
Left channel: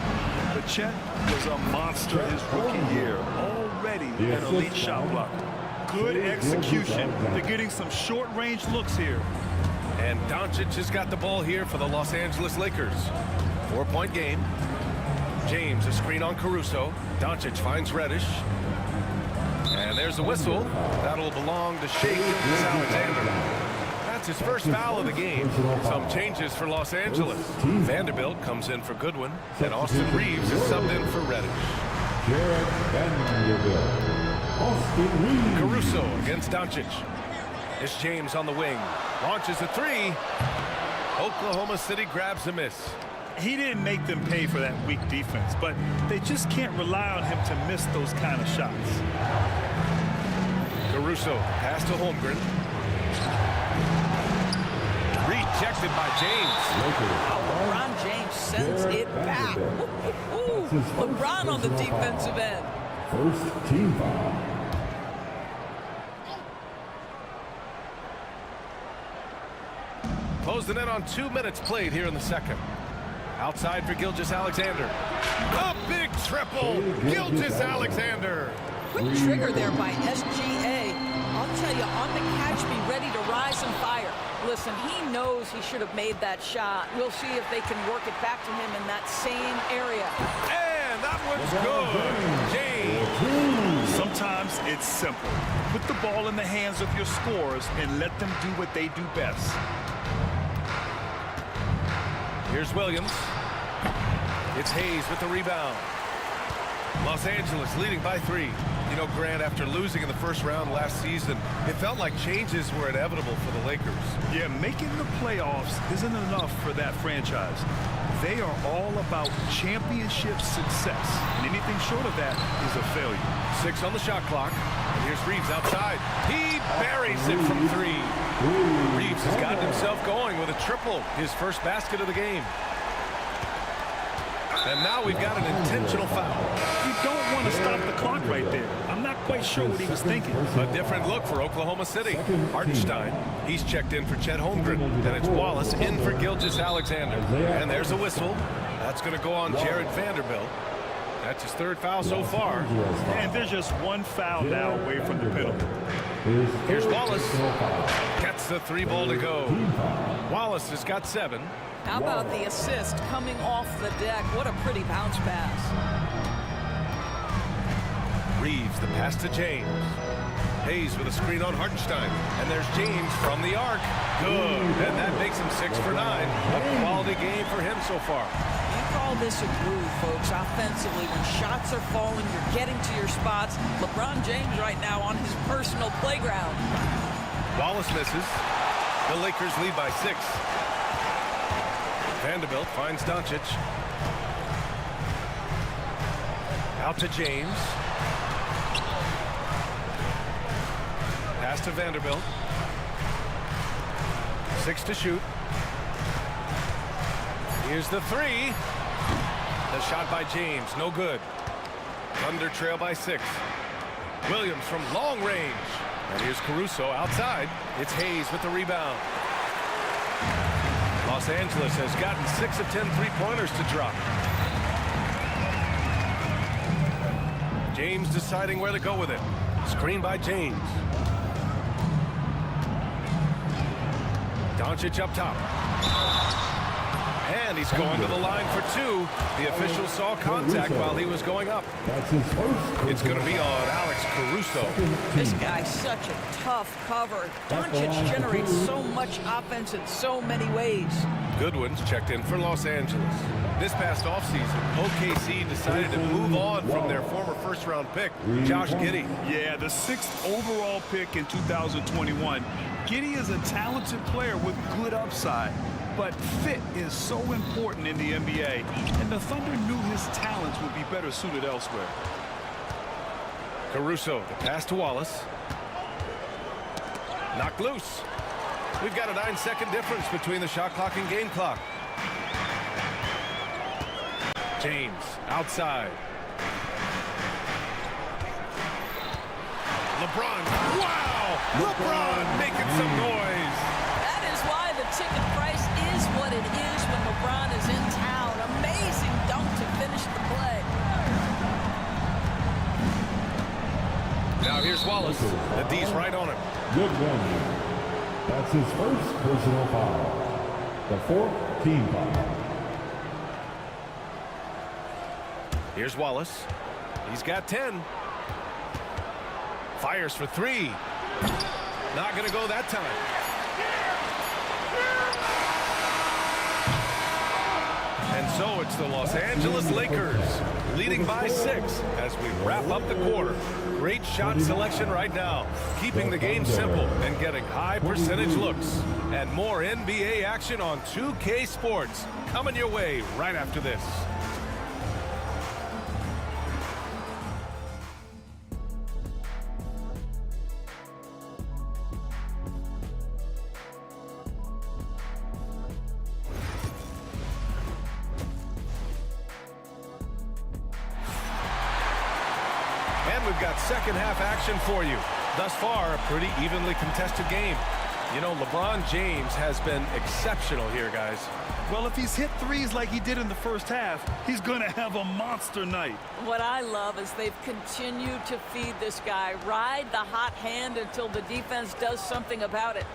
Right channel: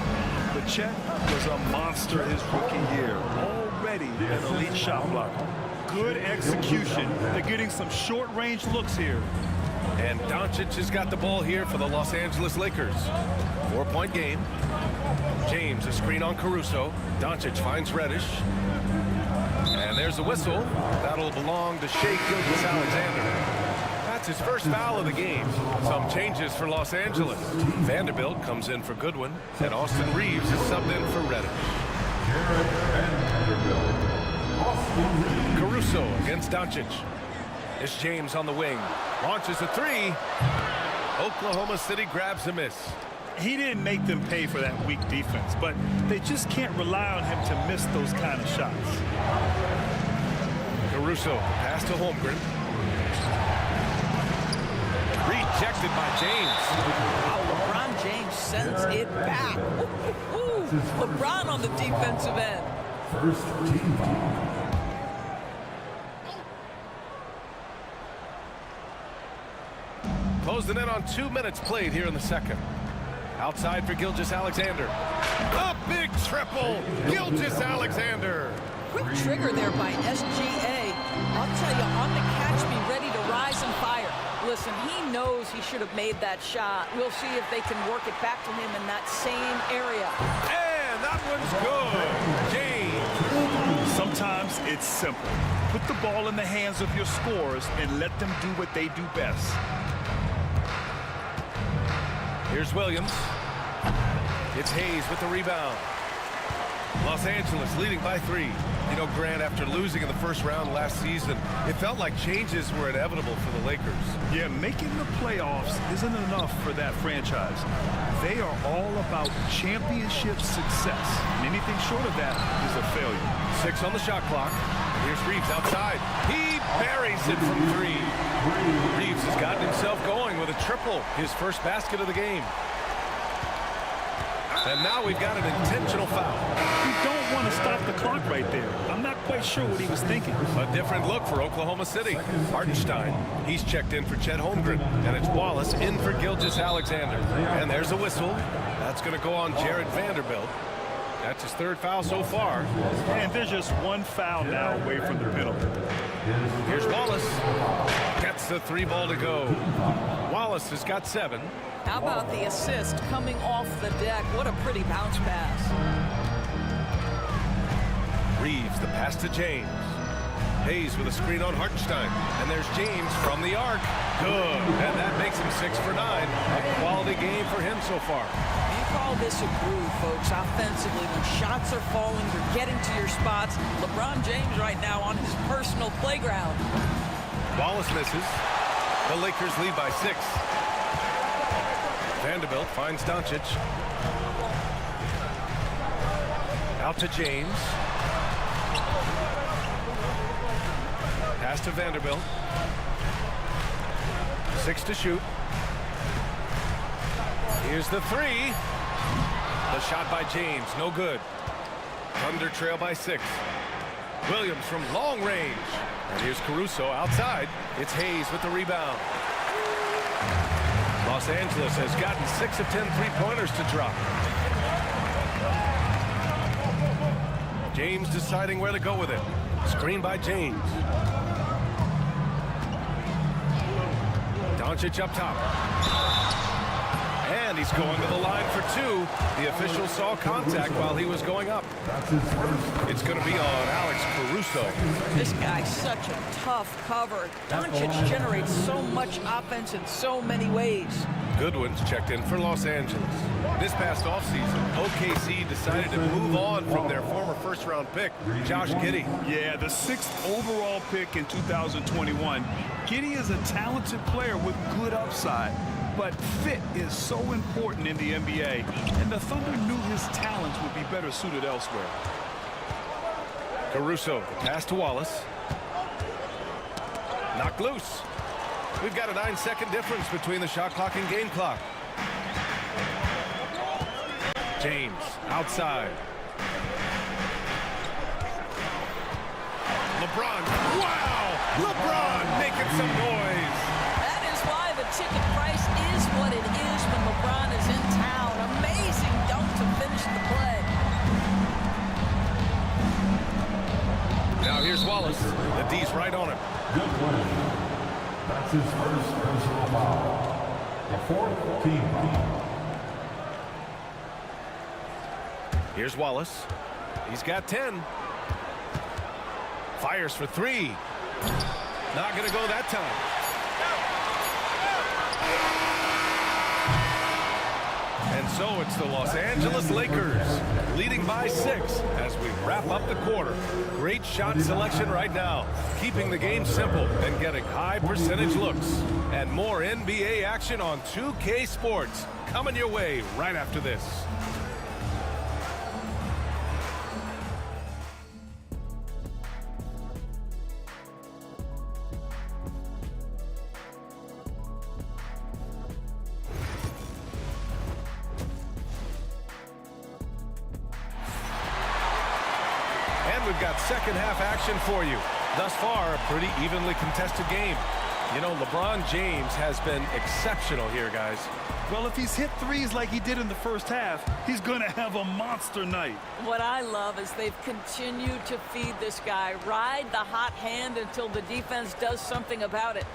But Chet was a monster his rookie year, already an elite shot blocker. Good execution. They're getting some short-range looks here. And Doncic has got the ball here for the Los Angeles Lakers. 4-point game. James, a screen on Caruso. Doncic finds Reddish. And there's a whistle. That'll belong to Shai Gilgeous-Alexander. That's his first foul of the game. Some changes for Los Angeles. Vanderbilt comes in for Goodwin. And Austin Reeves is subbed in for Reddish. Jared Vanderbilt. Caruso against Doncic. It's James on the wing. Launches a 3. Oklahoma City grabs a miss. He didn't make them pay for that weak defense, but they just can't rely on him to miss those kind of shots. Caruso, pass to Holmgren. Rejected by James. Wow, LeBron James sends it back. Ooh, LeBron on the defensive end. First team foul. Closing in on 2 minutes played here in the second. Outside for Gilgeous-Alexander. A big triple. Gilgeous-Alexander. Quick trigger there by SGA. I'll tell you, on the catch, be ready to rise and fire. Listen, he knows he should have made that shot. We'll see if they can work it back to him in that same area. And that one's good. James. Sometimes it's simple. Put the ball in the hands of your scorers and let them do what they do best. Here's Williams. It's Hayes with the rebound. Los Angeles leading by 3. You know, Grant, after losing in the first round last season, it felt like changes were inevitable for the Lakers. Yeah, making the playoffs isn't enough for that franchise. They are all about championship success, and anything short of that is a failure. 6 on the shot clock, and here's Reeves outside. He buries it from 3. Reeves has gotten himself going with a triple, his first basket of the game. And now we've got an intentional foul. You don't want to stop the clock right there. I'm not quite sure what he was thinking. A different look for Oklahoma City. Hartenstein, he's checked in for Chet Holmgren. And it's Wallace in for Gilgeous-Alexander. And there's a whistle. That's going to go on Jared Vanderbilt. That's his 3rd foul so far. And there's just 1 foul now away from the penalty. Here's Wallace. Gets the 3 ball to go. Wallace has got 7. How about the assist coming off the deck? What a pretty bounce pass. Reeves, the pass to James. Hayes with a screen on Hartenstein. And there's James from the arc. Good. And that makes him 6 for 9. A quality game for him so far. You call this a groove, folks, offensively. When shots are falling, you're getting to your spots. LeBron James right now on his personal playground. Wallace misses. The Lakers lead by 6. Vanderbilt finds Doncic. Out to James. Pass to Vanderbilt. 6 to shoot. Here's the 3. The shot by James, no good. Thunder trail by 6. Williams from long range. And here's Caruso outside. It's Hayes with the rebound. Los Angeles has gotten 6 of 10 three-pointers to drop. James deciding where to go with it. Screen by James. Doncic up top. And he's going to the line for 2. The official saw contact while he was going up. It's going to be on Alex Caruso. This guy's such a tough cover. Doncic generates so much offense in so many ways. Goodwin's checked in for Los Angeles. This past offseason, OKC decided to move on from their former first-round pick, Josh Giddey. Yeah, the 6th overall pick in 2021. Giddey is a talented player with good upside. But fit is so important in the NBA, and the Thunder knew his talents would be better suited elsewhere. Caruso, the pass to Wallace. Knocked loose. We've got a 9-second difference between the shot clock and game clock. James, outside. LeBron, wow! LeBron making some noise. That is why the ticket price is what it is when LeBron is in town. Amazing dunk to finish the play. Now here's Wallace. The D's right on him. Good play. That's his first personal foul. The 4th team foul. Here's Wallace. He's got 10. Fires for 3. Not going to go that time. And so it's the Los Angeles Lakers leading by 6 as we wrap up the quarter. Great shot selection right now, keeping the game simple and getting high percentage looks. And more NBA action on 2K Sports coming your way right after this. And we've got second half action for you. Thus far, a pretty evenly contested game. You know, LeBron James has been exceptional here, guys. Well, if he's hit threes like he did in the first half, he's going to have a monster night. What I love is they've continued to feed this guy, ride the hot hand until the defense does something about it.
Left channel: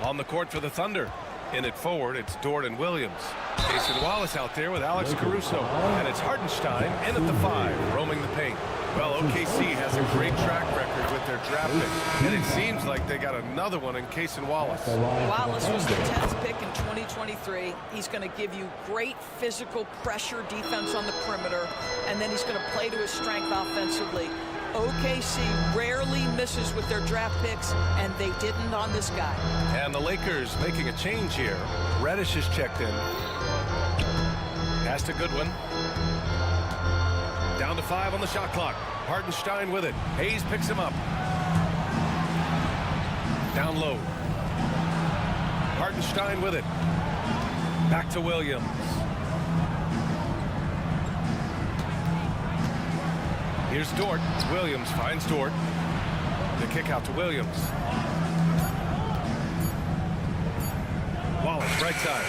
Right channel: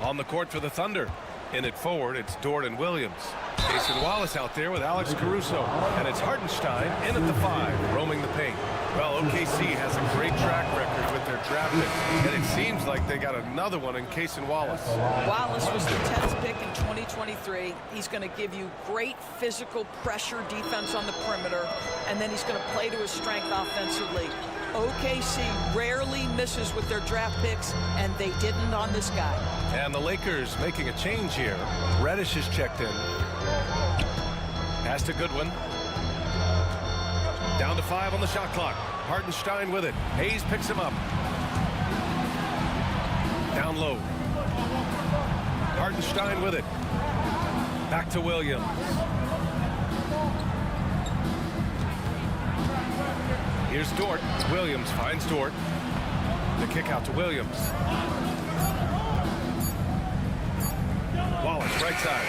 On the court for the Thunder. In it forward, it's Dort and Williams. Jason Wallace out there with Alex Caruso. And it's Hartenstein in at the 5, roaming the paint. Well, OKC has a great track record with their draft picks. And it seems like they got another one in Jason Wallace. Wallace was the 10th pick in 2023. He's going to give you great physical pressure defense on the perimeter. And then he's going to play to his strength offensively. OKC rarely misses with their draft picks, and they didn't on this guy. And the Lakers making a change here. Reddish is checked in. Pass to Goodwin. Down to 5 on the shot clock. Hartenstein with it. Hayes picks him up. Down low. Hartenstein with it. Back to Williams. Here's Dort. Williams finds Dort. The kick out to Williams. Wallace, right side.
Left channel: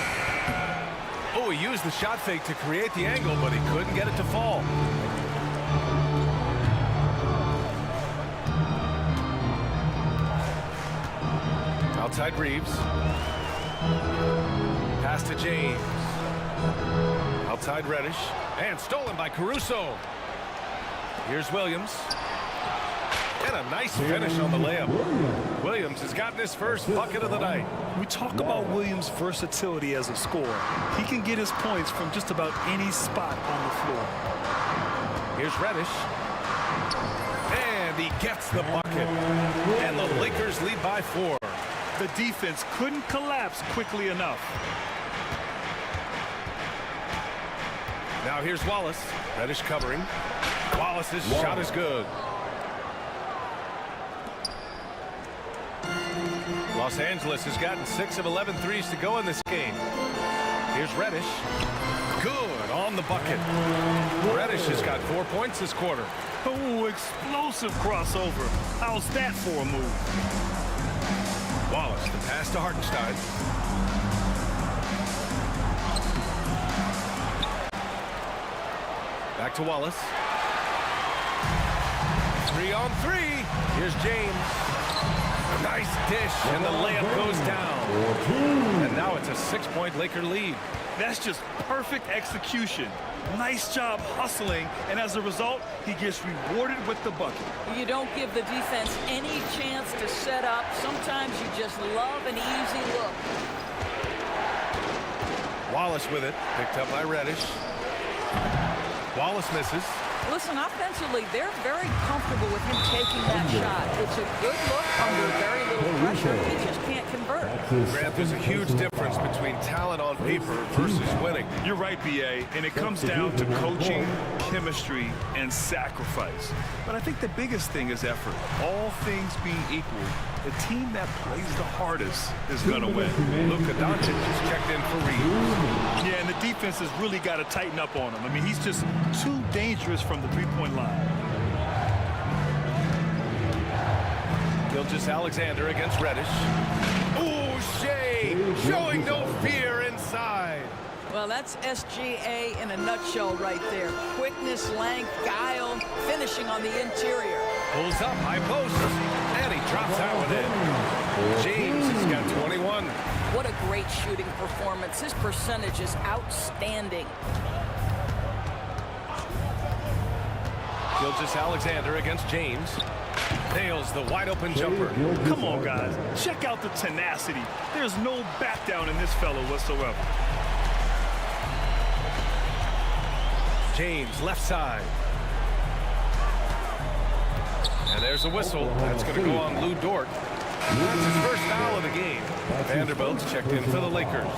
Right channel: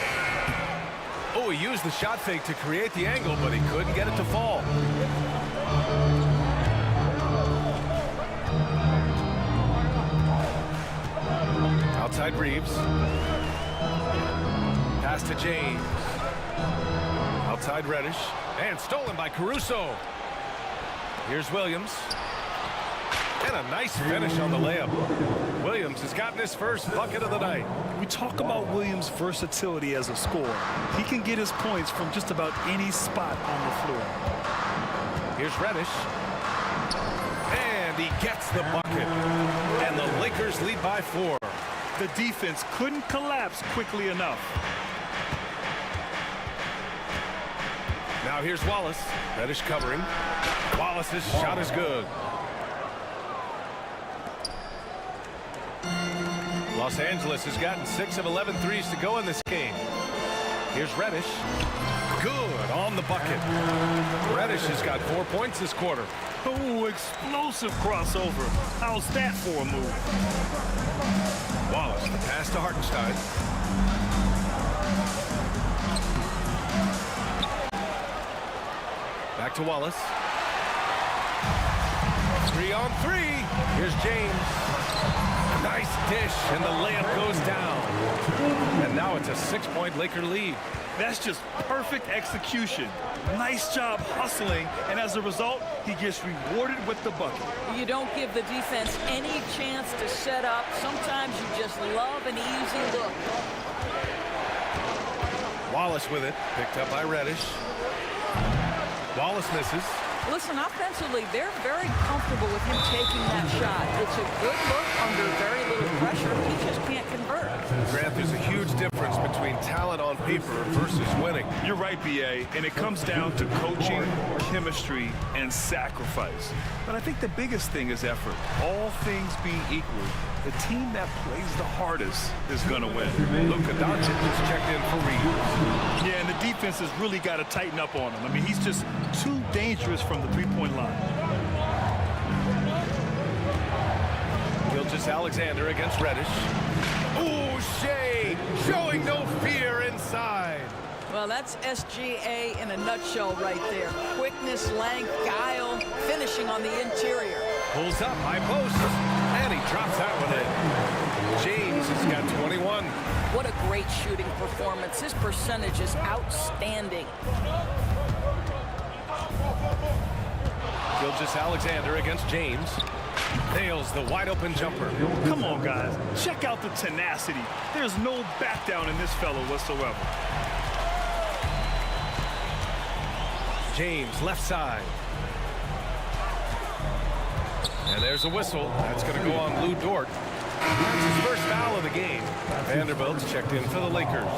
Oh, he used the shot fake to create the angle, but he couldn't get it to fall. Outside Reeves. Pass to James. Outside Reddish. And stolen by Caruso. Here's Williams. And a nice finish on the layup. Williams has gotten his first bucket of the night. We talk about Williams' versatility as a scorer. He can get his points from just about any spot on the floor. Here's Reddish. And he gets the bucket. And the Lakers lead by 4. The defense couldn't collapse quickly enough. Now here's Wallace. Reddish covering. Wallace's shot is good. Los Angeles has gotten 6 of 11 threes to go in this game. Here's Reddish. Good on the bucket. Reddish has got 4 points this quarter. Oh, explosive crossover. How's that for a move? Wallace, the pass to Hartenstein. Back to Wallace. 3 on 3. Here's James. Nice dish, and the layup goes down. And now it's a 6-point Laker lead. That's just perfect execution. Nice job hustling, and as a result, he gets rewarded with the bucket. You don't give the defense any chance to set up. Sometimes you just love an easy look. Wallace with it, picked up by Reddish. Wallace misses. Listen, offensively, they're very comfortable with him taking that shot. It's a good look under very little pressure. He just can't convert. Grant, there's a huge difference between talent on paper versus winning. You're right, B.A., and it comes down to coaching, chemistry, and sacrifice. But I think the biggest thing is effort. All things being equal, the team that plays the hardest is going to win. Luka Doncic just checked in for Reeves. Yeah, and the defense has really got to tighten up on him. I mean, he's just too dangerous from the three-point line. Gilgeous-Alexander against Reddish. Ooh, Shea showing no fear inside. Well, that's SGA in a nutshell right there. Quickness, length, guile, finishing on the interior. Pulls up, high post, and he drops that one in. James has got 21. What a great shooting performance. His percentage is outstanding. Gilgeous-Alexander against James. Nails the wide-open jumper. Come on, guys. Check out the tenacity. There's no back down in this fellow whatsoever. James, left side. And there's a whistle. That's going to go on Lou Dort. That's his first foul of the game. Vanderbilt's checked in for the Lakers.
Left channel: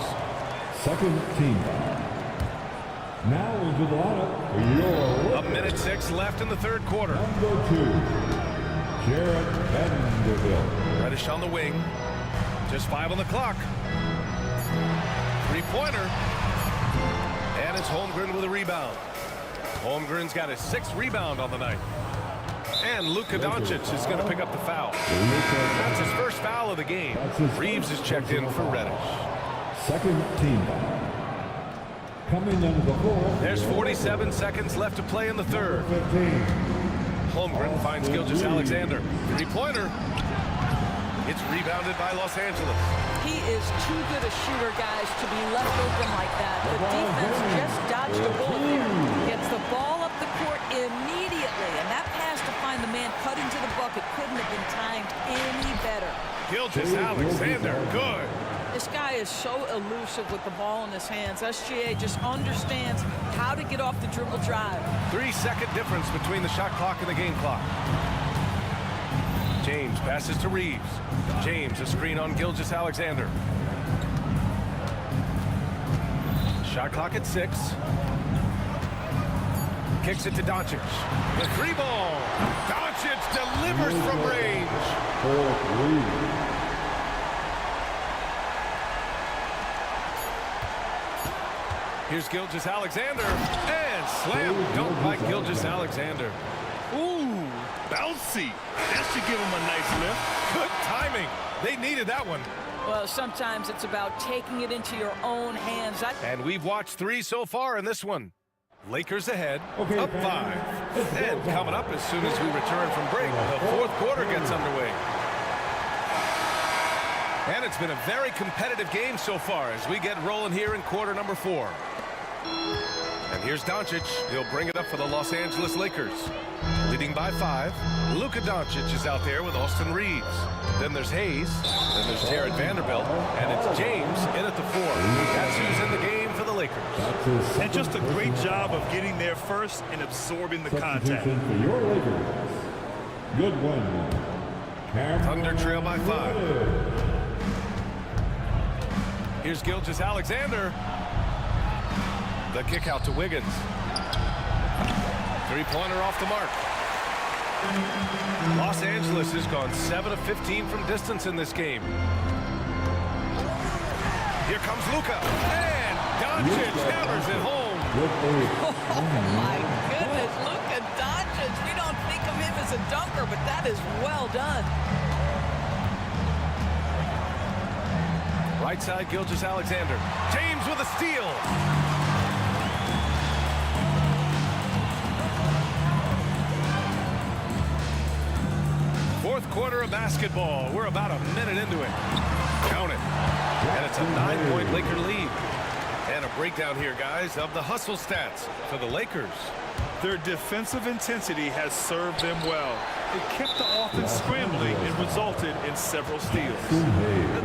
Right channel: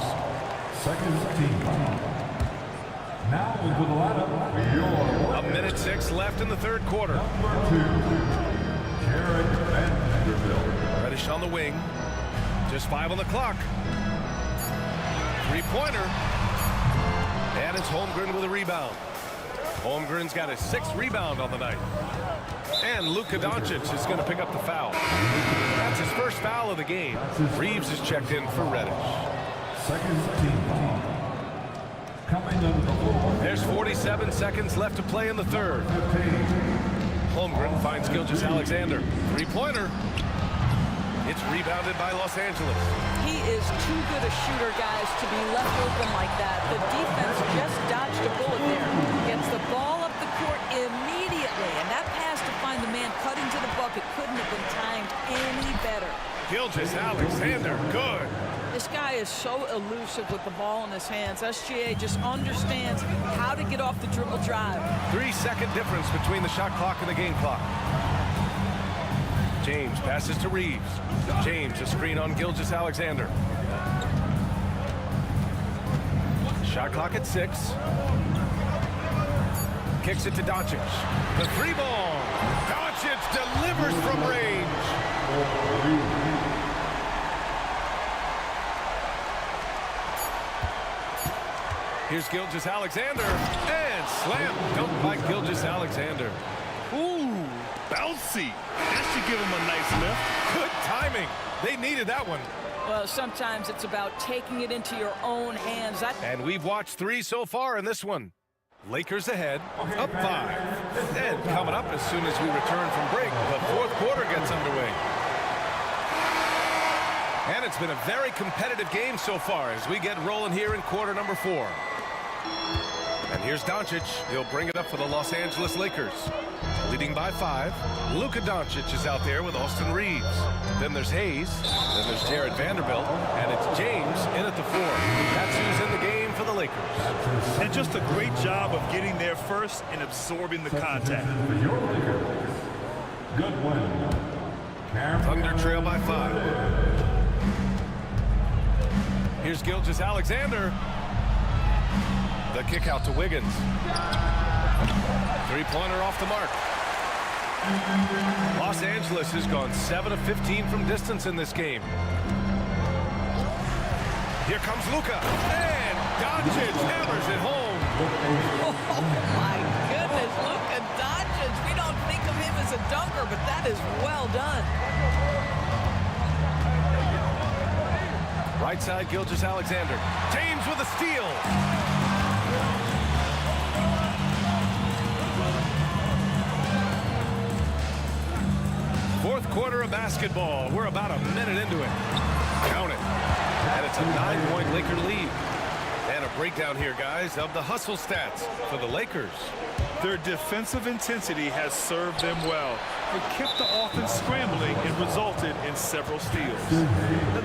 Second team foul. Now into the lineup. A minute 6 left in the third quarter. Number 2, Jared Vanderbilt. Reddish on the wing. Just 5 on the clock. Three-pointer. And it's Holmgren with a rebound. Holmgren's got his 6th rebound on the night. And Luka Doncic is going to pick up the foul. That's his first foul of the game. Reeves is checked in for Reddish. Second team foul. Coming into the floor. There's 47 seconds left to play in the third. Holmgren finds Gilgeous-Alexander. Three-pointer. It's rebounded by Los Angeles. He is too good a shooter, guys, to be left open like that. The defense just dodged a bullet there. Gets the ball up the court immediately, and that pass to find the man cutting to the bucket couldn't have been timed any better. Gilgeous-Alexander, good. This guy is so elusive with the ball in his hands. SGA just understands how to get off the dribble drive. 3-second difference between the shot clock and the game clock. James passes to Reeves. James, a screen on Gilgeous-Alexander. Shot clock at 6. Kicks it to Doncic. The 3-ball. Doncic delivers from range. Here's Gilgeous-Alexander. And slam dunk by Gilgeous-Alexander. Ooh, bouncy. That should give him a nice lift. Good timing. They needed that one. Well, sometimes it's about taking it into your own hands. And we've watched 3 so far in this one. Lakers ahead, up 5. And coming up as soon as we return from break, the fourth quarter gets underway. And it's been a very competitive game so far as we get rolling here in quarter number 4. And here's Doncic. He'll bring it up for the Los Angeles Lakers. Leading by 5. Luka Doncic is out there with Austin Reeves. Then there's Hayes. Then there's Jared Vanderbilt. And it's James in at the 4. That's who's in the game for the Lakers. And just a great job of getting there first and absorbing the contact. For your Lakers. Good win. Thunder trail by 5. Here's Gilgeous-Alexander. The kick out to Wiggins. Three-pointer off the mark. Los Angeles has gone 7 of 15 from distance in this game. Here comes Luka. And Doncic hammers it home. Oh, my goodness. Luka Doncic. We don't think of him as a dunker, but that is well done. Right side, Gilgeous-Alexander. James with a steal. Fourth quarter of basketball. We're about a minute into it. Count it. And it's a 9-point Laker lead. And a breakdown here, guys, of the hustle stats for the Lakers. Their defensive intensity has served them well. It kept the offense scrambling and resulted in several steals.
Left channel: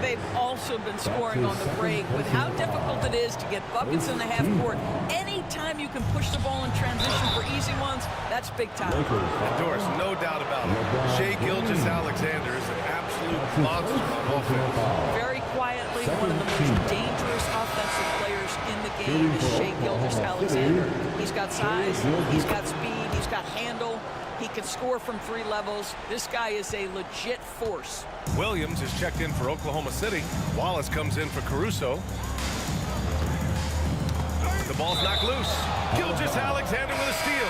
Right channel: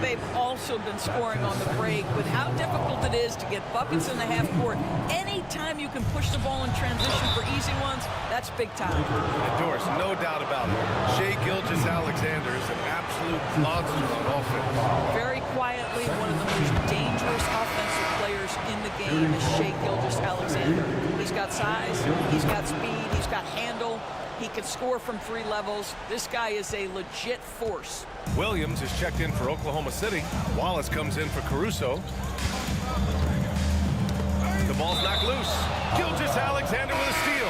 They've also been scoring on the break with how difficult it is to get buckets in the half court. Anytime you can push the ball in transition for easy ones, that's big time. And Doris, no doubt about it. Shai Gilgeous-Alexander is an absolute monster on offense. Very quietly, one of the most dangerous offensive players in the game is Shai Gilgeous-Alexander. He's got size, he's got speed, he's got handle. He can score from 3 levels. This guy is a legit force. Williams is checked in for Oklahoma City. Wallace comes in for Caruso. The ball's knocked loose. Gilgeous-Alexander with a steal.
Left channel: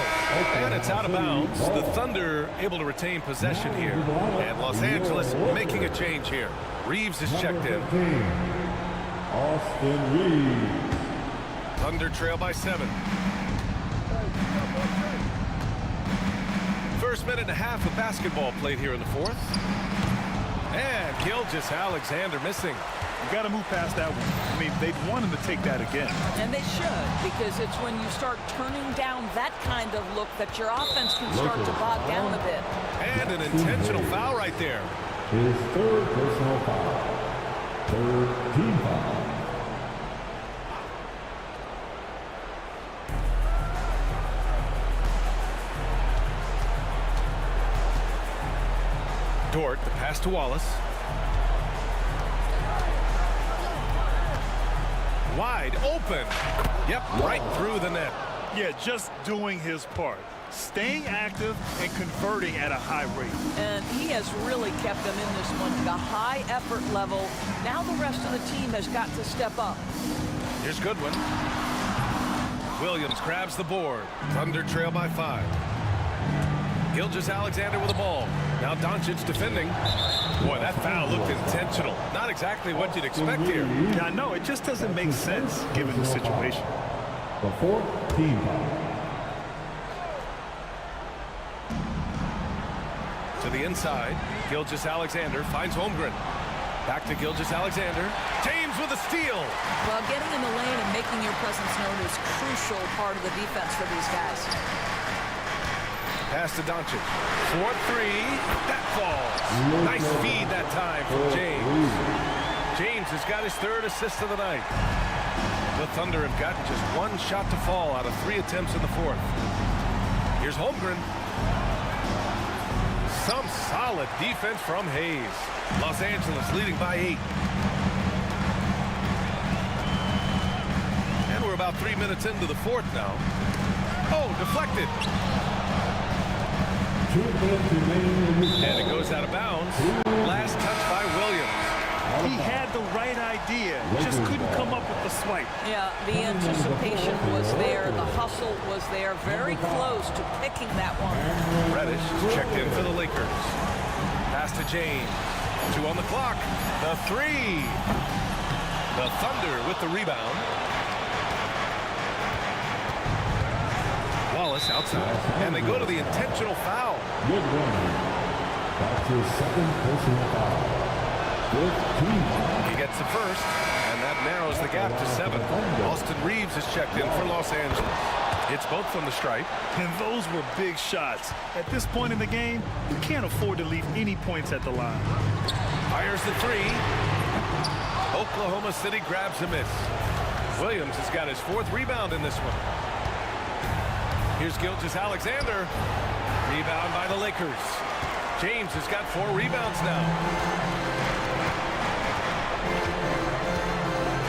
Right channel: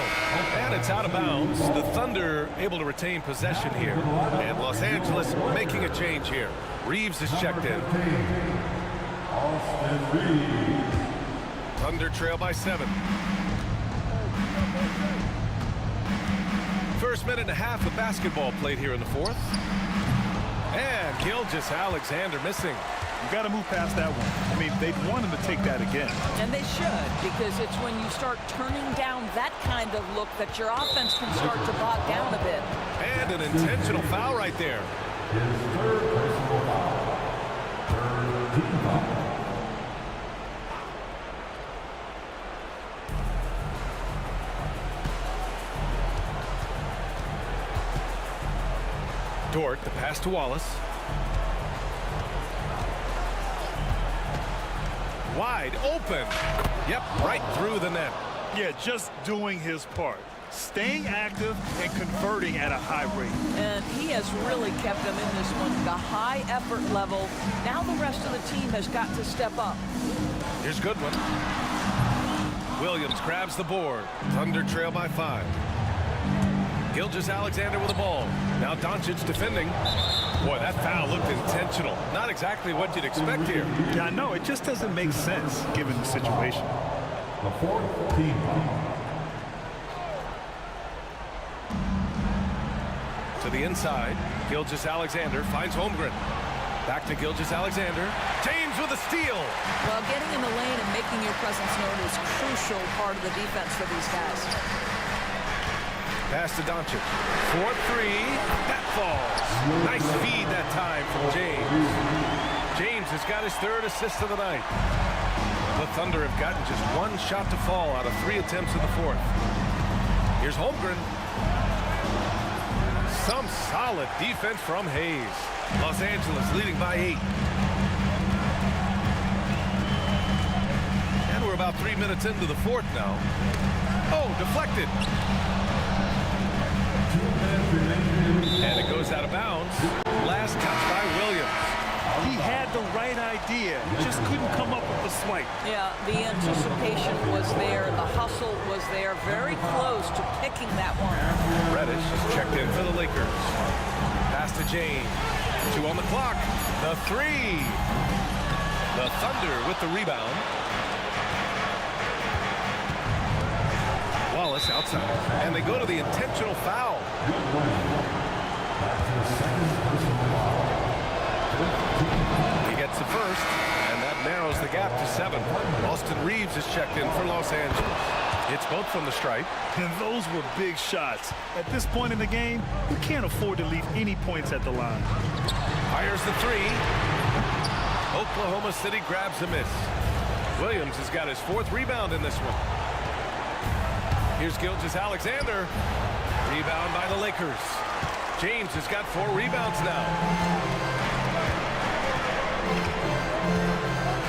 And it's out of bounds. The Thunder able to retain possession here. And Los Angeles making a change here. Reeves is checked in. Austin Reeves. Thunder trail by 7. First minute and a half of basketball played here in the fourth. And Gilgeous-Alexander missing. You got to move past that one. I mean, they'd want him to take that again. And they should, because it's when you start turning down that kind of look that your offense can start to bog down a bit. And an intentional foul right there. His third personal foul. Third team foul. Dort, the pass to Wallace. Wide open. Yep, right through the net. Yeah, just doing his part. Staying active and converting at a high rate. And he has really kept them in this one. The high effort level. Now the rest of the team has got to step up. Here's Goodwin. Williams grabs the board. Thunder trail by 5. Gilgeous-Alexander with the ball. Now Doncic defending. Boy, that foul looked intentional. Not exactly what you'd expect here. Yeah, I know. It just doesn't make sense given the situation. The fourth team foul. To the inside. Gilgeous-Alexander finds Holmgren. Back to Gilgeous-Alexander. James with a steal. Well, getting in the lane and making your presence known is a crucial part of the defense for these guys. Pass to Doncic. 4-3. That falls. Nice feed that time from James. James has got his 3rd assist of the night. The Thunder have gotten just 1 shot to fall out of 3 attempts in the 4th. Here's Holmgren. Some solid defense from Hayes. Los Angeles leading by 8. And we're about 3 minutes into the 4th now. Oh, deflected. And it goes out of bounds. Last touch by Williams. He had the right idea, just couldn't come up with the swipe. Yeah, the anticipation was there. The hustle was there. Very close to picking that one. Reddish is checked in for the Lakers. Pass to James. 2 on the clock. The 3. The Thunder with the rebound. Wallace outside, and they go to the intentional foul. Good one. That's his 2nd personal foul. 15. He gets the 1st, and that narrows the gap to 7. Austin Reeves is checked in for Los Angeles. Hits both from the stripe. And those were big shots. At this point in the game, you can't afford to leave any points at the line. Fires the 3. Oklahoma City grabs a miss. Williams has got his 4th rebound in this one. Here's Gilgeous-Alexander. Rebound by the Lakers. James has got 4 rebounds now.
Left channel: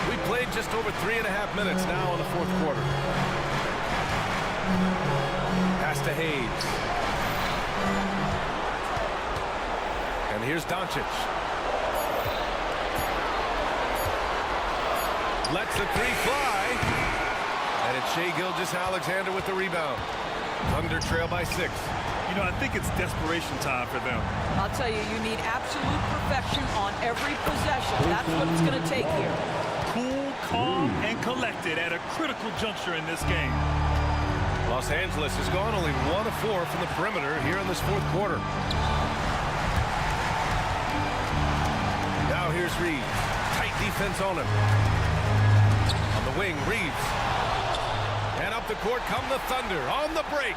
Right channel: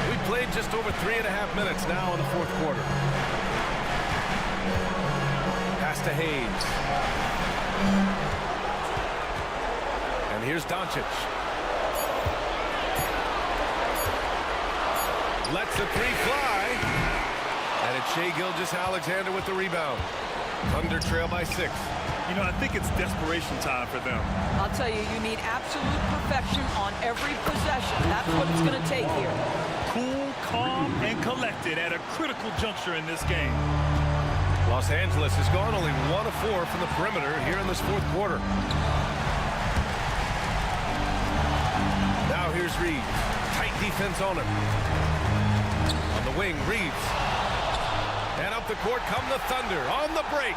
We played just over 3.5 minutes now in the 4th quarter. Pass to Hayes. And here's Doncic. Lets the 3 fly. And it's Shai Gilgeous-Alexander with the rebound. Thunder trail by 6. You know, I think it's desperation time for them. I'll tell you, you need absolute perfection on every possession. That's what it's going to take here. Cool, calm, and collected at a critical juncture in this game. Los Angeles has gone only 1 of 4 from the perimeter here in this fourth quarter. Now here's Reeves. Tight defense on him. On the wing, Reeves. And up the court come the Thunder on the break.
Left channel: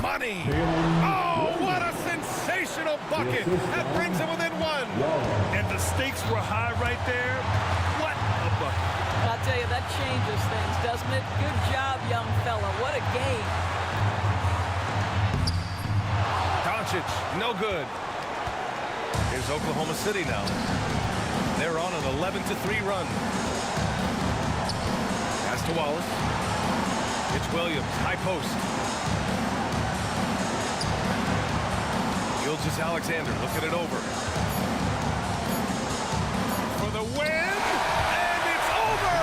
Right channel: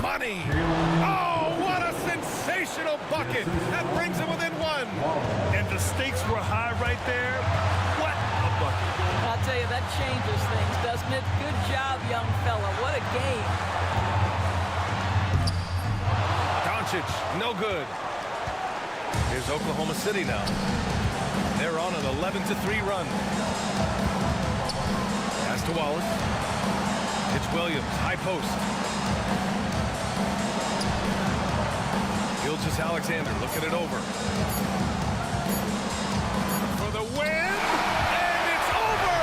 Money. Oh, what a sensational bucket. That brings him within 1. And the stakes were high right there. What a bucket. I'll tell you, that changes things, doesn't it? Good job, young fella. What a game. Doncic, no good. Here's Oklahoma City now. They're on an 11-3 run. Pass to Wallace. It's Williams, high post. Gilgeous-Alexander looking it over. For the win, and it's over!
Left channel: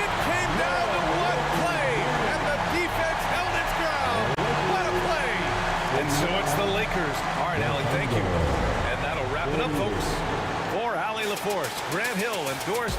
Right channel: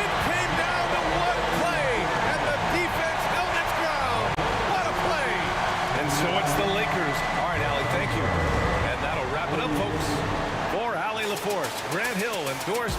It came down to one play, and the defense held its ground. What a play! And so it's the Lakers. All right, Allie, thank you. And that'll wrap it up, folks. For Allie LaForce, Grant Hill, and Doris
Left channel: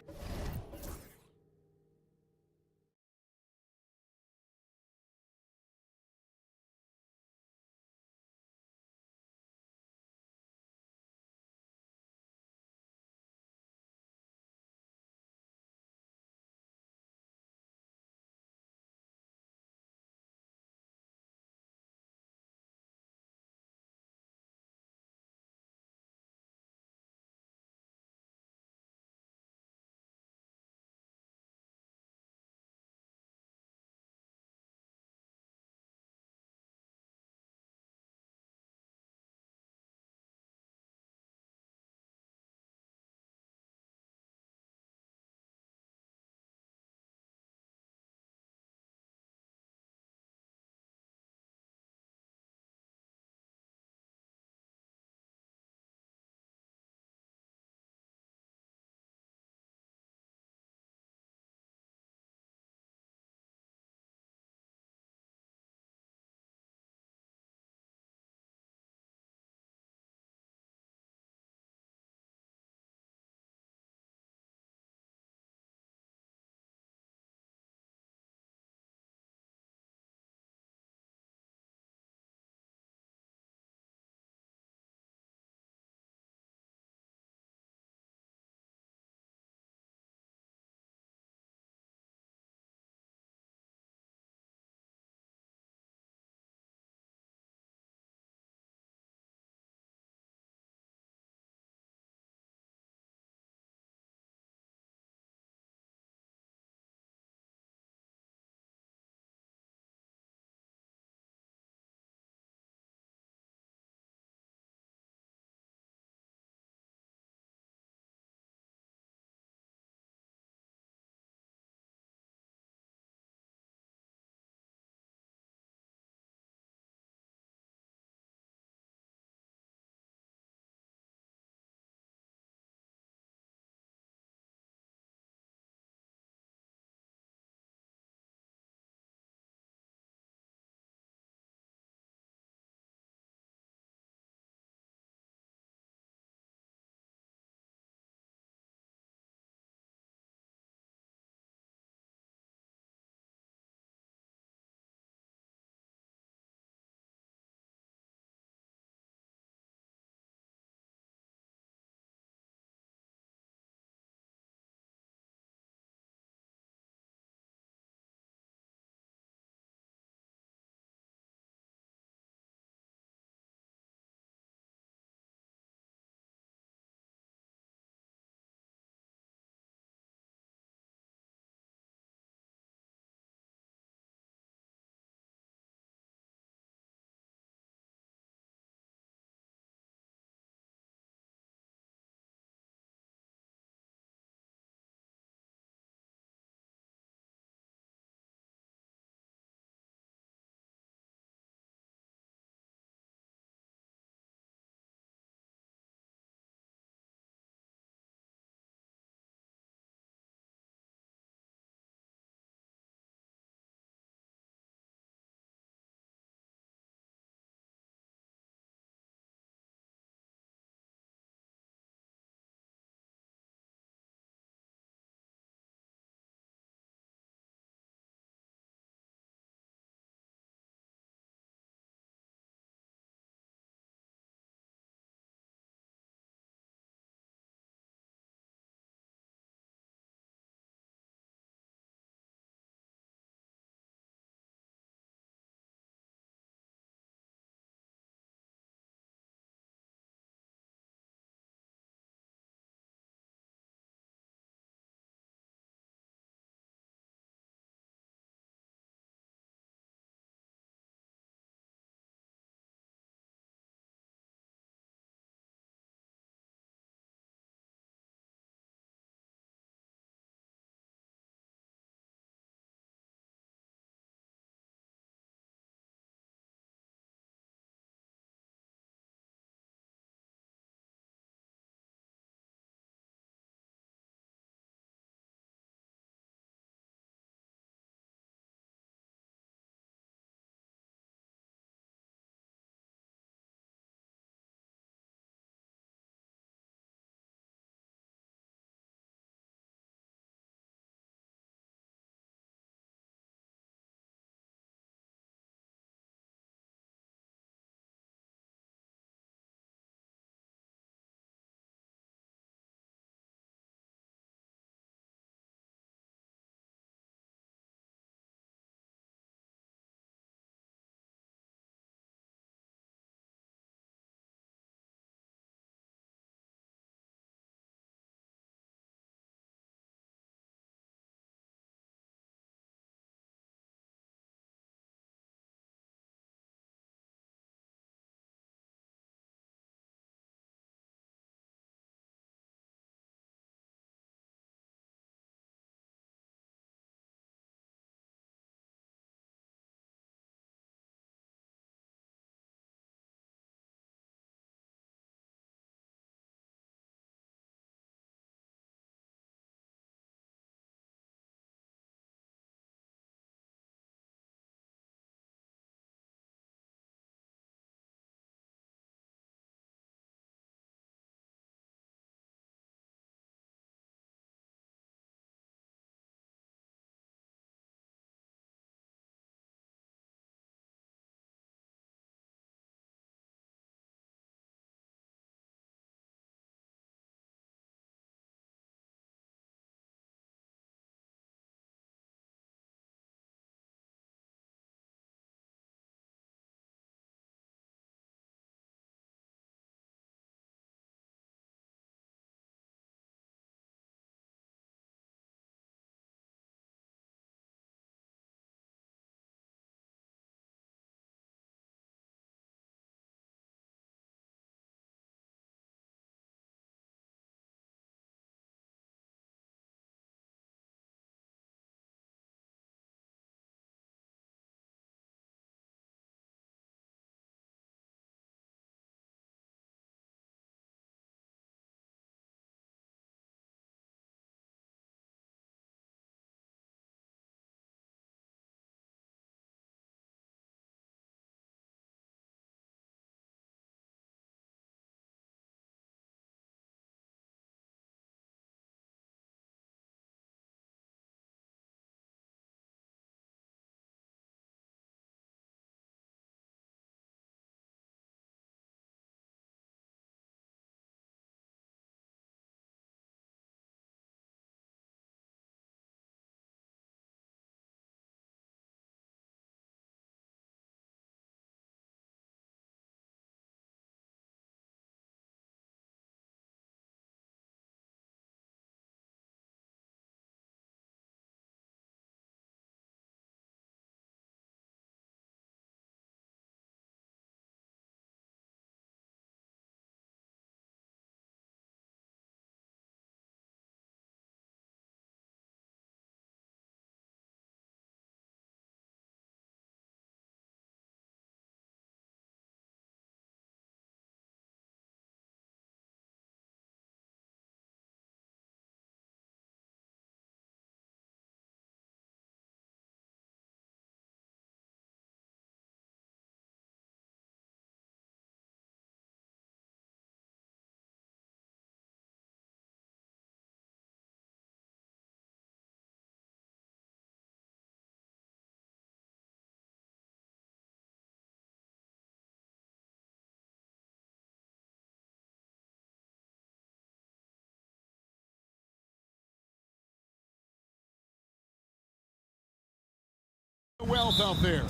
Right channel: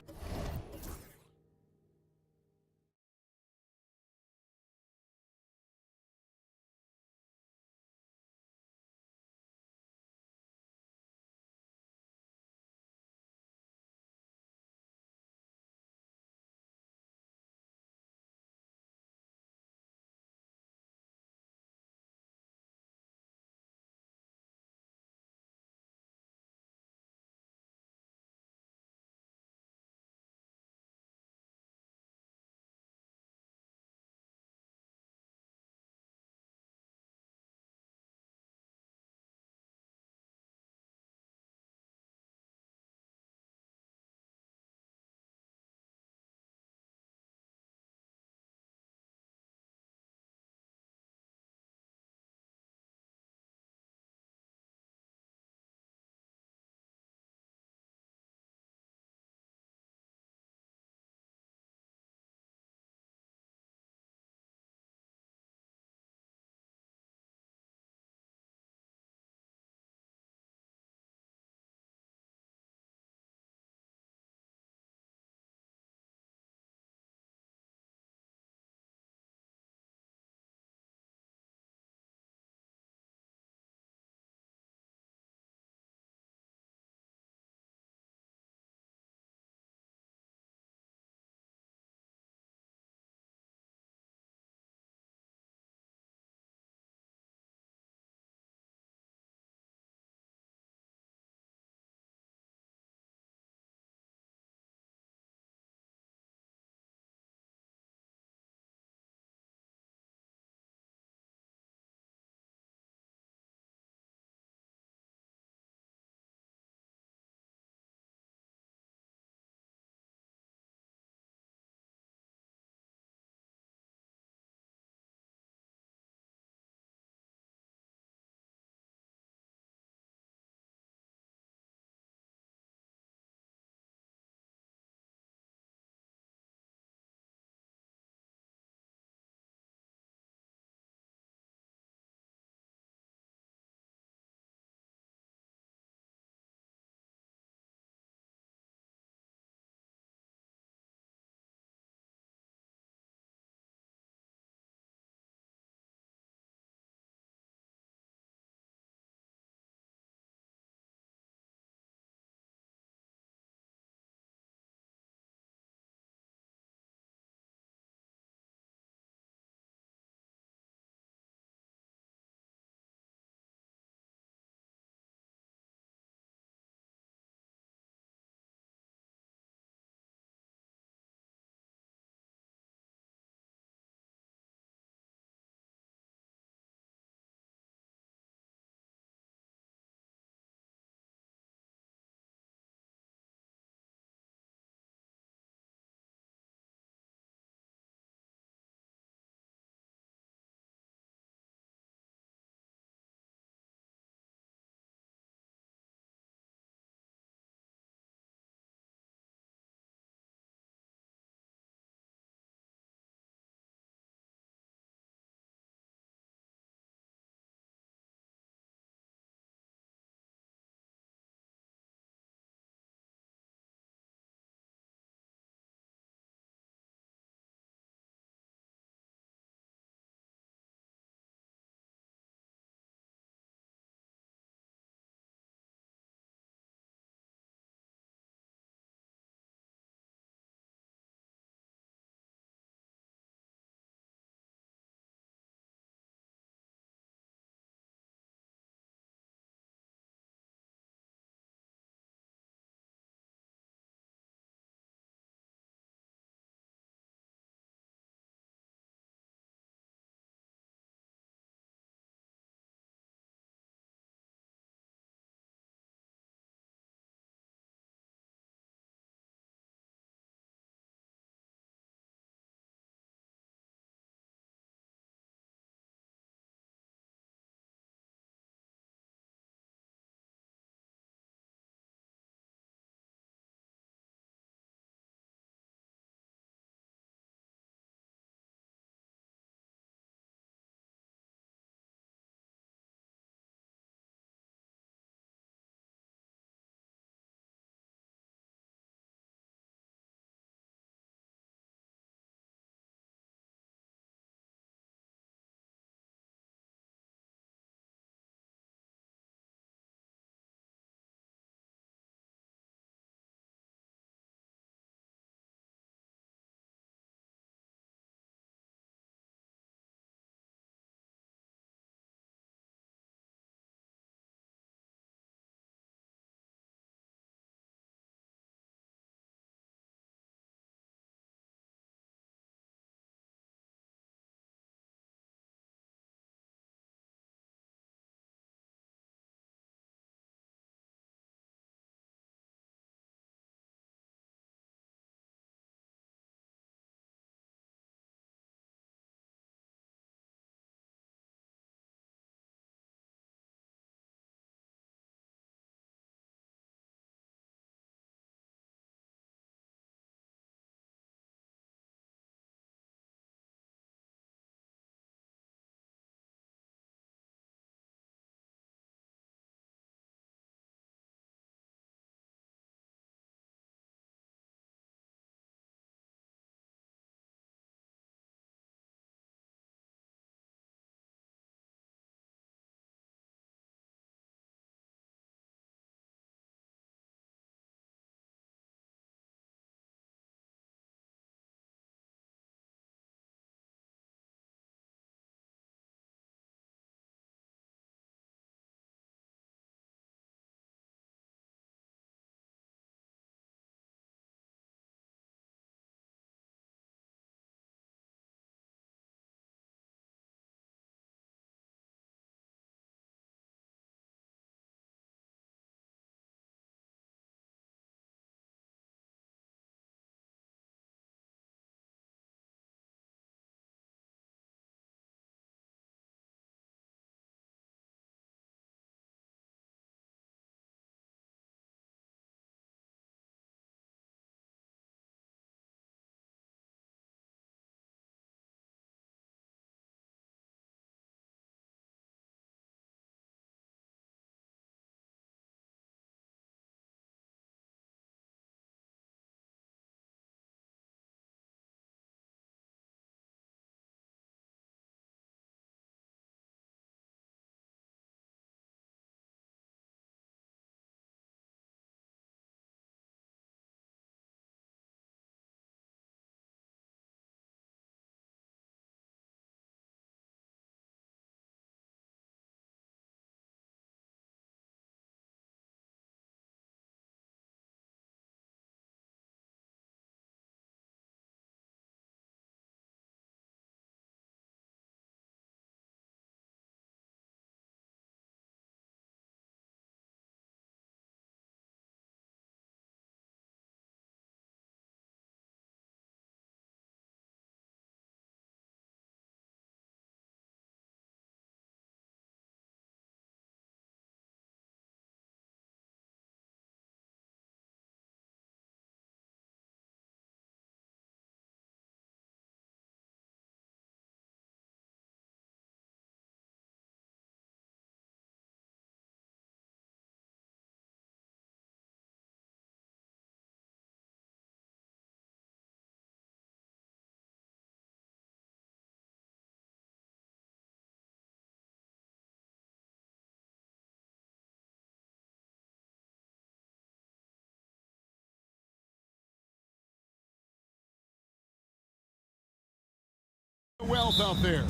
wealth out there.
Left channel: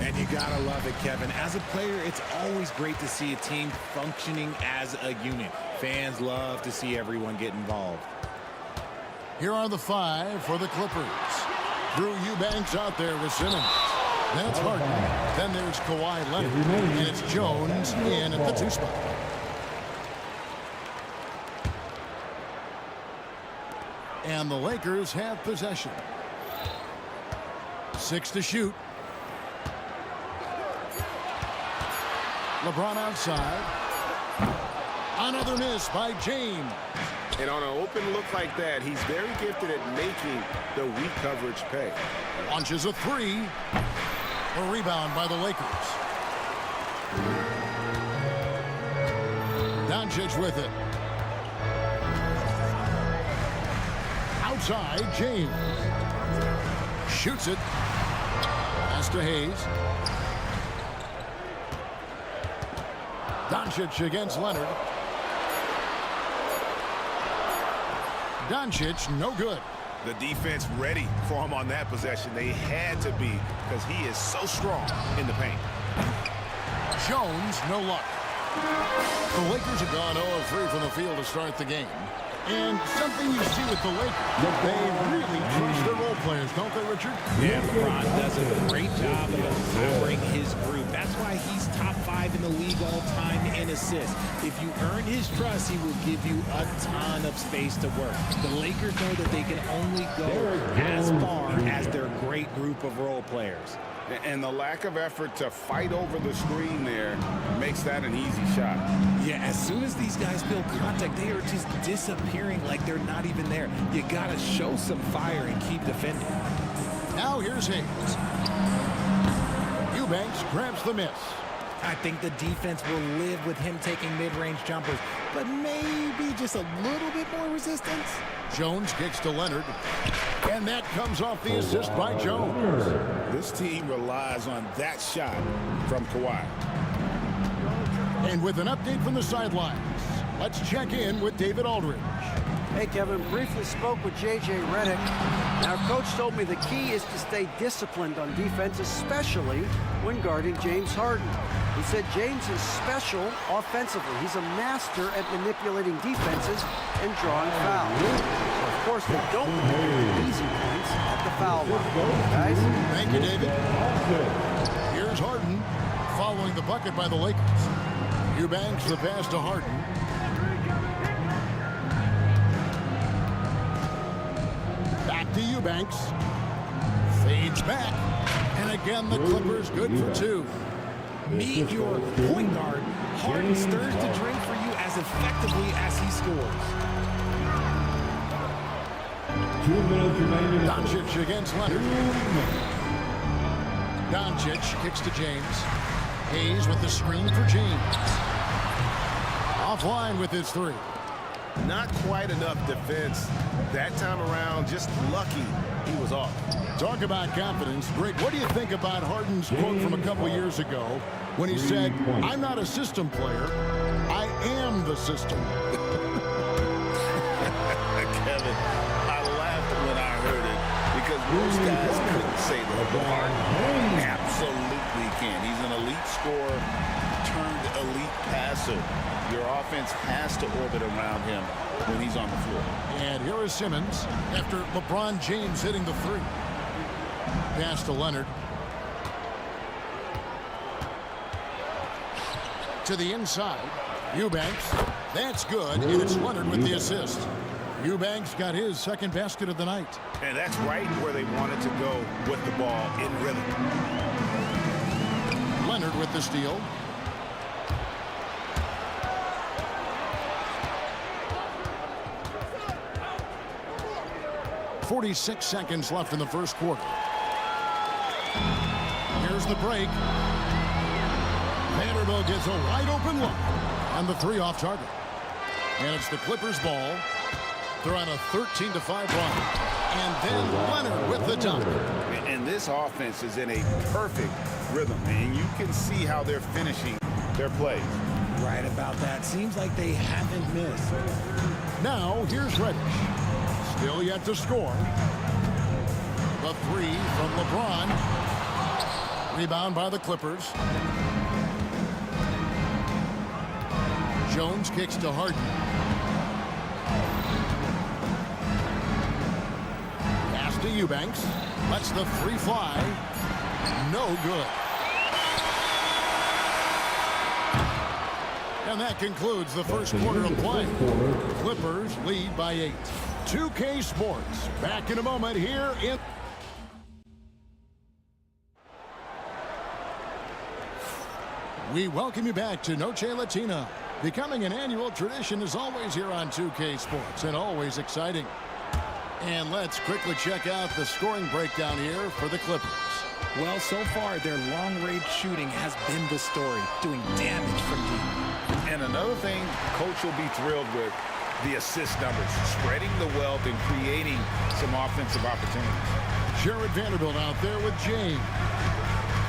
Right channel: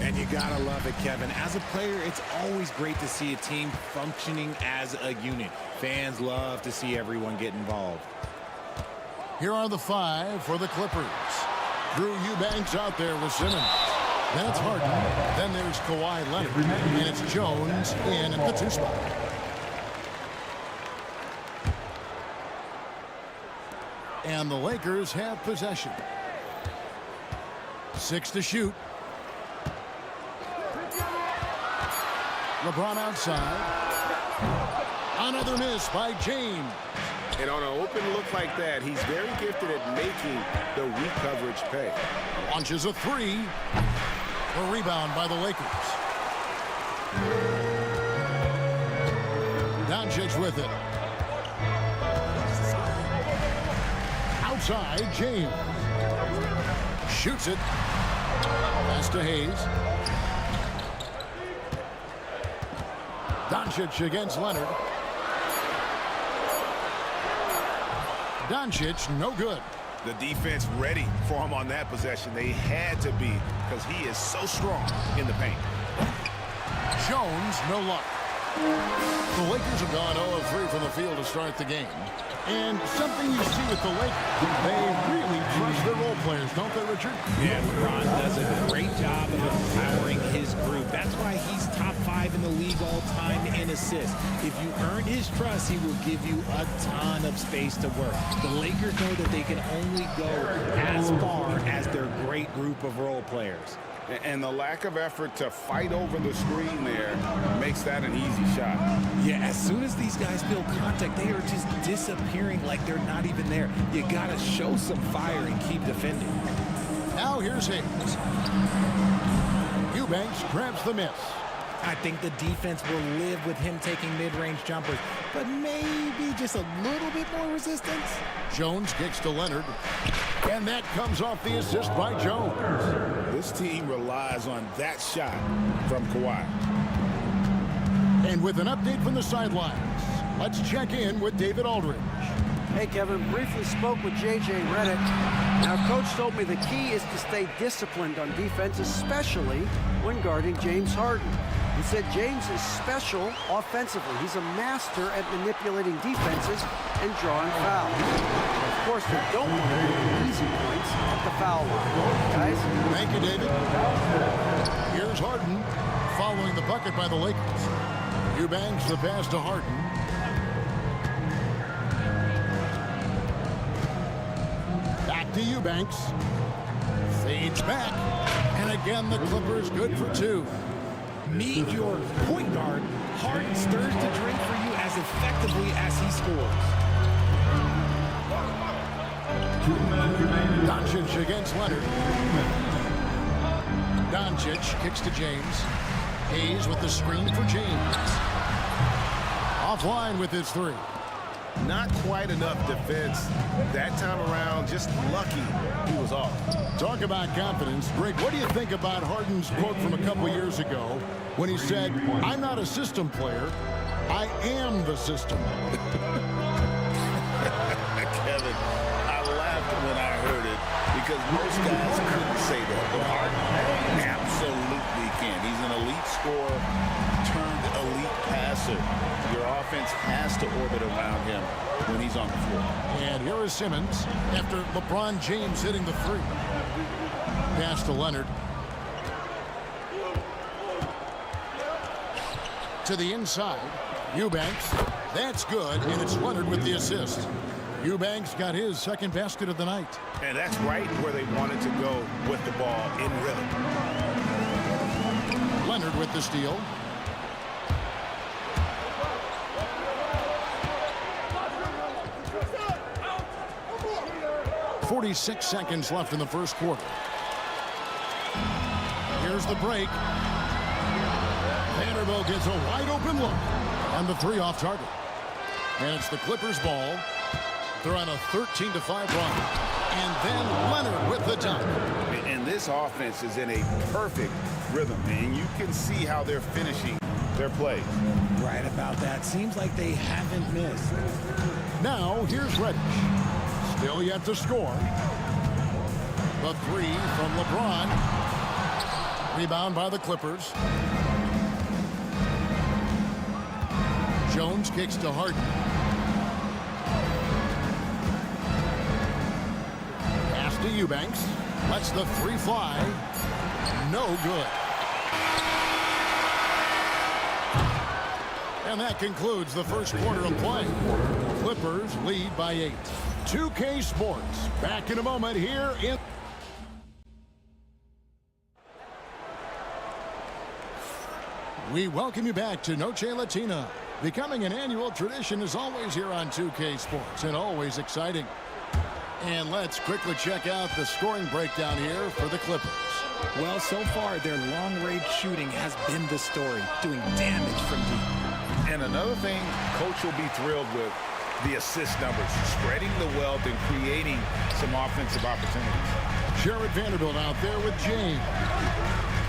And you gotta love it, Kevin. As a player, it's always great to see a team functioning as a unit. Fans love to see everyone get involved. Here are the 5 for the Clippers. Drew Eubanks out there with Simmons. Then it's Harden. Then there's Kawhi Leonard. And it's Jones in at the 2 spot. And the Lakers have possession. 6 to shoot. LeBron outside. Another miss by James. And on an open look like that, he's very gifted at making the weak coverage pay. Launches a 3. A rebound by the Lakers. Doncic with it. Outside, James. Shoots it. Pass to Hayes. Doncic against Leonard. Doncic, no good. The defense ready for him on that possession. They had to be, because he is so strong in the paint. Jones, no luck. The Lakers have gone 0 of 3 from the field to start the game. And something you see with the Lakers, they really trust their role players, don't they, Richard? Yeah, LeBron does a great job of empowering his group. That's why he's top 5 in the league all time in assists. If you earn his trust, he will give you a ton of space to work. The Lakers know that they can only go as far as their great group of role players. And the lack of effort to fight over the screen there makes that an easy shot. Yeah, as soon as these guys feel contact, they are just disappearing like they're not even there. You got to show some fire and keep defending. Now here's Hayes. Eubanks grabs the miss. I think the defense will live with him taking mid-range jumpers, but maybe just a little bit more resistance. Jones kicks to Leonard, and that comes off the assist by Jones. This team relies on that shot from Kawhi. And with an update from the sidelines, let's check in with David Aldridge. Hey, Kevin, briefly spoke with J.J. Redick. Now, Coach told me the key is to stay disciplined on defense, especially when guarding James Harden. He said James is special offensively. He's a master at manipulating defenses and drawing fouls. So, of course, they don't want to give him easy points at the foul line. Guys? Thank you, David. Here's Harden following the bucket by the Lakers. Eubanks the pass to Harden. Back to Eubanks. Fades back. And again, the Clippers good for 2. Meet your point guard. Harden stirs the drink for you as effectively as he scores. 2 minutes remaining. Doncic against Leonard. Doncic kicks to James. Hayes with the screen for James. Offline with his 3. Not quite enough defense that time around. Just lucky he was off. Talk about confidence. Greg, what do you think about Harden's quote from a couple years ago when he said, "I'm not a system player, I am the system"? Kevin, I laughed when I heard it because most guys couldn't say that, but Harden absolutely can. He's an elite scorer turned elite passer. Your offense has to orbit around him when he's on the floor. And here is Simmons after LeBron James hitting the 3. Pass to Leonard. To the inside. Eubanks. That's good, and it's Leonard with the assist. Eubanks got his second basket of the night. And that's right where they wanted to go with the ball, in rhythm. Leonard with the steal. .46 seconds left in the first quarter. Here's the break. Vanderbilt gets a wide open look. And the 3 off target. And it's the Clippers ball. They're on a 13-5 run. And then Leonard with the dunk. And this offense is in a perfect rhythm. And you can see how they're finishing their plays. Right about that. Seems like they haven't missed. Now, here's Reddish. Still yet to score. The 3 from LeBron. Rebound by the Clippers. Jones kicks to Harden. Pass to Eubanks. Lets the three fly. No good. And that concludes the first quarter of play. Clippers lead by 8. 2K Sports. Back in a moment here in... We welcome you back to Noche Latina. Becoming an annual tradition is always here on 2K Sports and always exciting. And let's quickly check out the scoring breakdown here for the Clippers. Well, so far, their long-range shooting has been the story, doing damage from deep. And another thing, Coach will be thrilled with the assist numbers, spreading the wealth and creating some offensive opportunities. Jared Vanderbilt out there with James.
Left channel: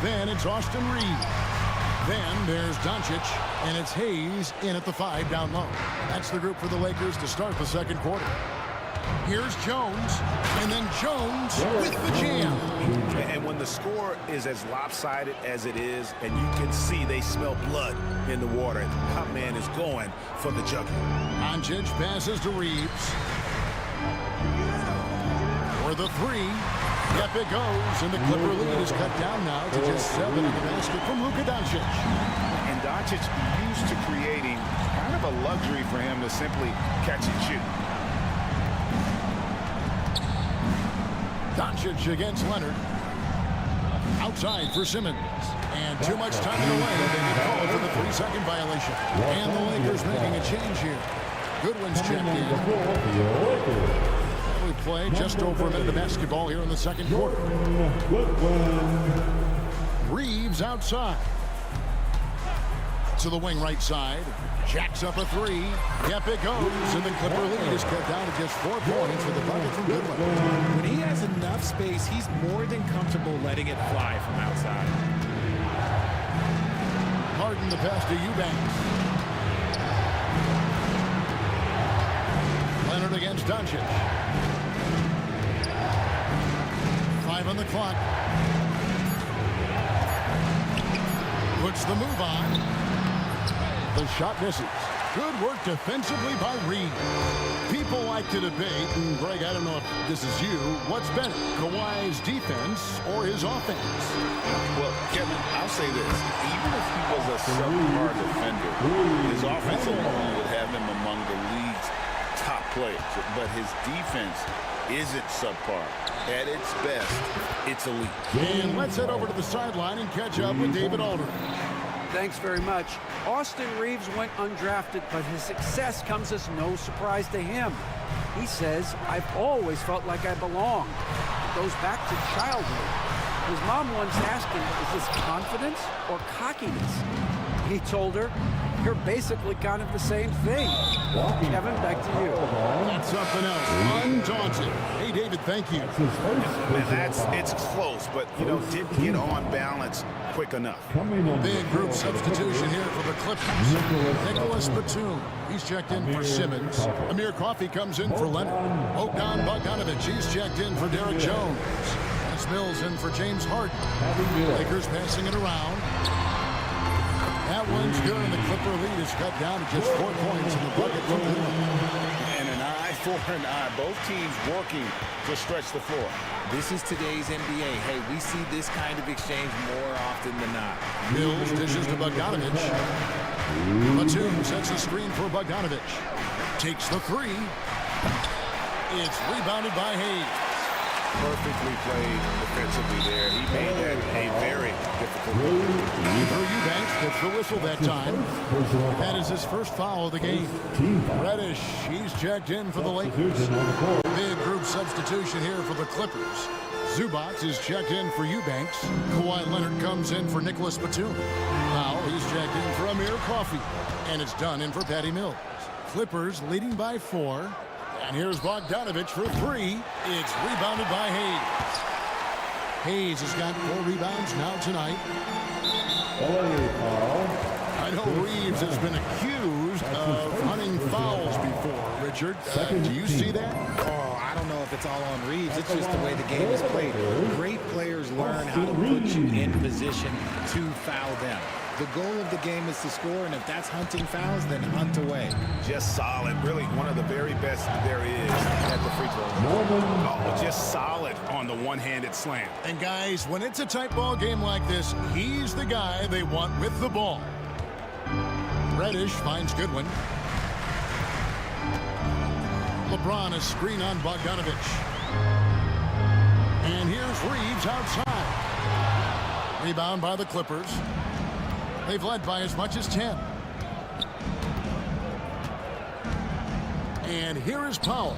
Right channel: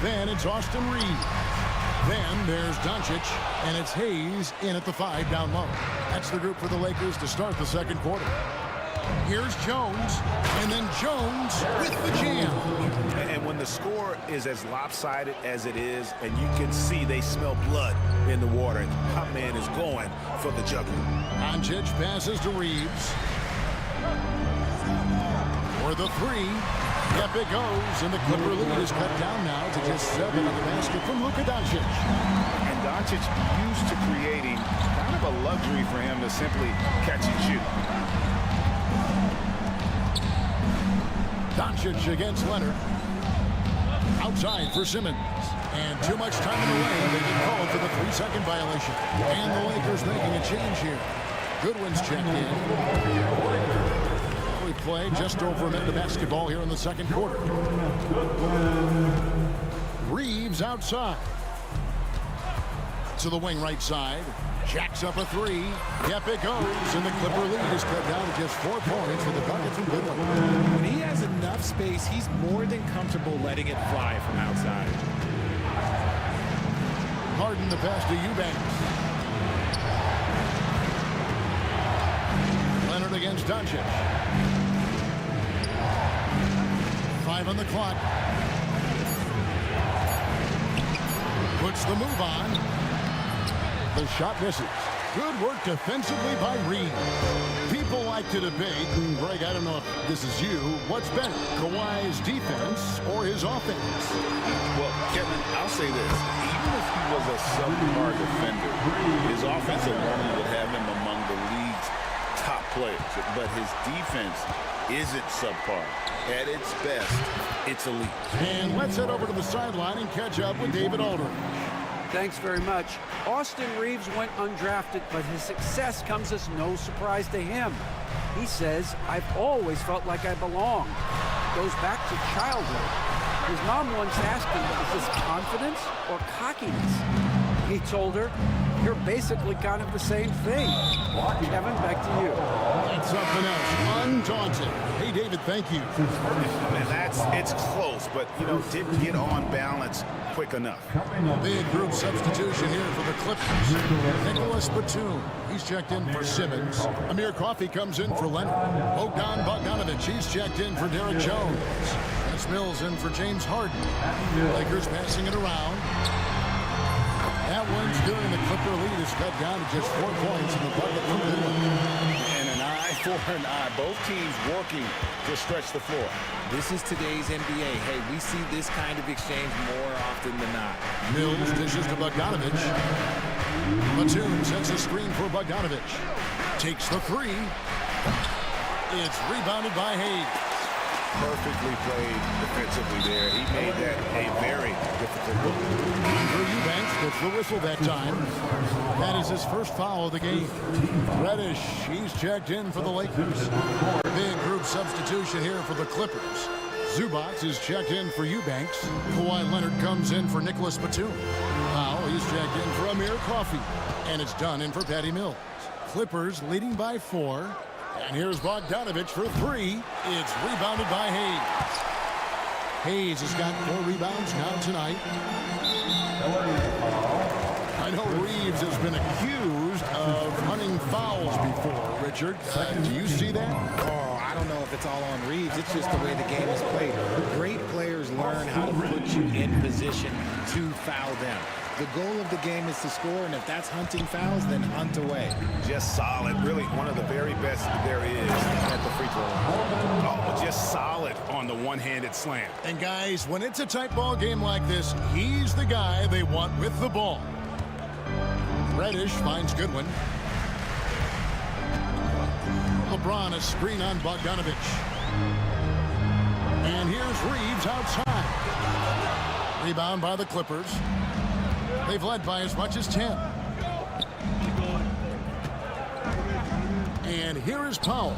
Then it's Austin Reed. Then there's Doncic, and it's Hayes in at the 5 down low. That's the group for the Lakers to start the second quarter. Here's Jones, and then Jones with the jam. And when the score is as lopsided as it is, and you can see they smell blood in the water, Hot Man is going for the jugular. Doncic passes to Reeves. For the 3. Yep, it goes, and the Clipper lead is cut down now to just 7 on the basket from Luka Doncic. And Doncic used to creating kind of a luxury for him to simply catch and shoot. Doncic against Leonard. Outside for Simmons. And too much time in the lane. They get called for the 3-second violation. And the Lakers making a change here. Goodwin's checked in. We play just over a minute of basketball here in the second quarter. Reeves outside. To the wing right side. Jacks up a 3. Yep, it goes. And the Clipper lead is cut down to just 4 points with a bucket from Goodwin. When he has enough space, he's more than comfortable letting it fly from outside. Harden the pass to Eubanks. Leonard against Doncic. 5 on the clock. Puts the move on. The shot misses. Good work defensively by Reed. People like to debate, and Greg, I don't know if this is you, what's better, Kawhi's defense or his offense? Well, Kevin, I'll say this. Even if he was a subpar defender, his offense alone would have him among the league's top players. But his defense isn't subpar. At its best, it's elite. And let's head over to the sideline and catch up with David Aldridge. Thanks very much. Austin Reeves went undrafted, but his success comes as no surprise to him. He says, I've always felt like I belong. It goes back to childhood. His mom once asked him, is this confidence or cockiness? He told her, you're basically kind of the same thing. Kevin, back to you. That's something else. Undaunted. Hey, David, thank you. Man, it's close, but, you know, didn't get on balance quick enough. Big group substitution here for the Clippers. Nicholas Batum. He's checked in for Simmons. Amir Coffey comes in for Leonard. Bogdan Bogdanovic. He's checked in for Derek Jones. Dennis Mills in for James Harden. Lakers passing it around. That one's good, and the Clipper lead is cut down to just 4 points in the bucket from Goodwin. And an eye for an eye. Both teams working to stretch the floor. This is today's NBA. Hey, we see this kind of exchange more often than not. Mills dishes to Bogdanovic. Batum sets a screen for Bogdanovic. Takes the 3. It's rebounded by Hayes. Perfectly played defensively there. He made that a very difficult look. Andrew Eubanks gets the whistle that time. That is his first foul of the game. Reddish, he's checked in for the Lakers. Big group substitution here for the Clippers. Zubac is checked in for Eubanks. Kawhi Leonard comes in for Nicholas Batum. Now he's checked in for Amir Coffey. And it's done in for Patty Mills. Clippers leading by 4. And here's Bogdanovic for 3. It's rebounded by Hayes. Hayes has got 4 rebounds now tonight. I know Reeves has been accused of hunting fouls before, Richard. Do you see that? Oh, I don't know if it's all on Reeves. It's just the way the game is played. Great players learn how to put you in position to foul them. The goal of the game is to score, and if that's hunting fouls, then hunt away. Just solid. Really one of the very best there is at the free throw line. Oh, just solid on the one-handed slam. And guys, when it's a tight ball game like this, he's the guy they want with the ball. Reddish finds Goodwin. LeBron a screen on Bogdanovich. And here's Reeves outside. Rebound by the Clippers. They've led by as much as 10. And here is Powell.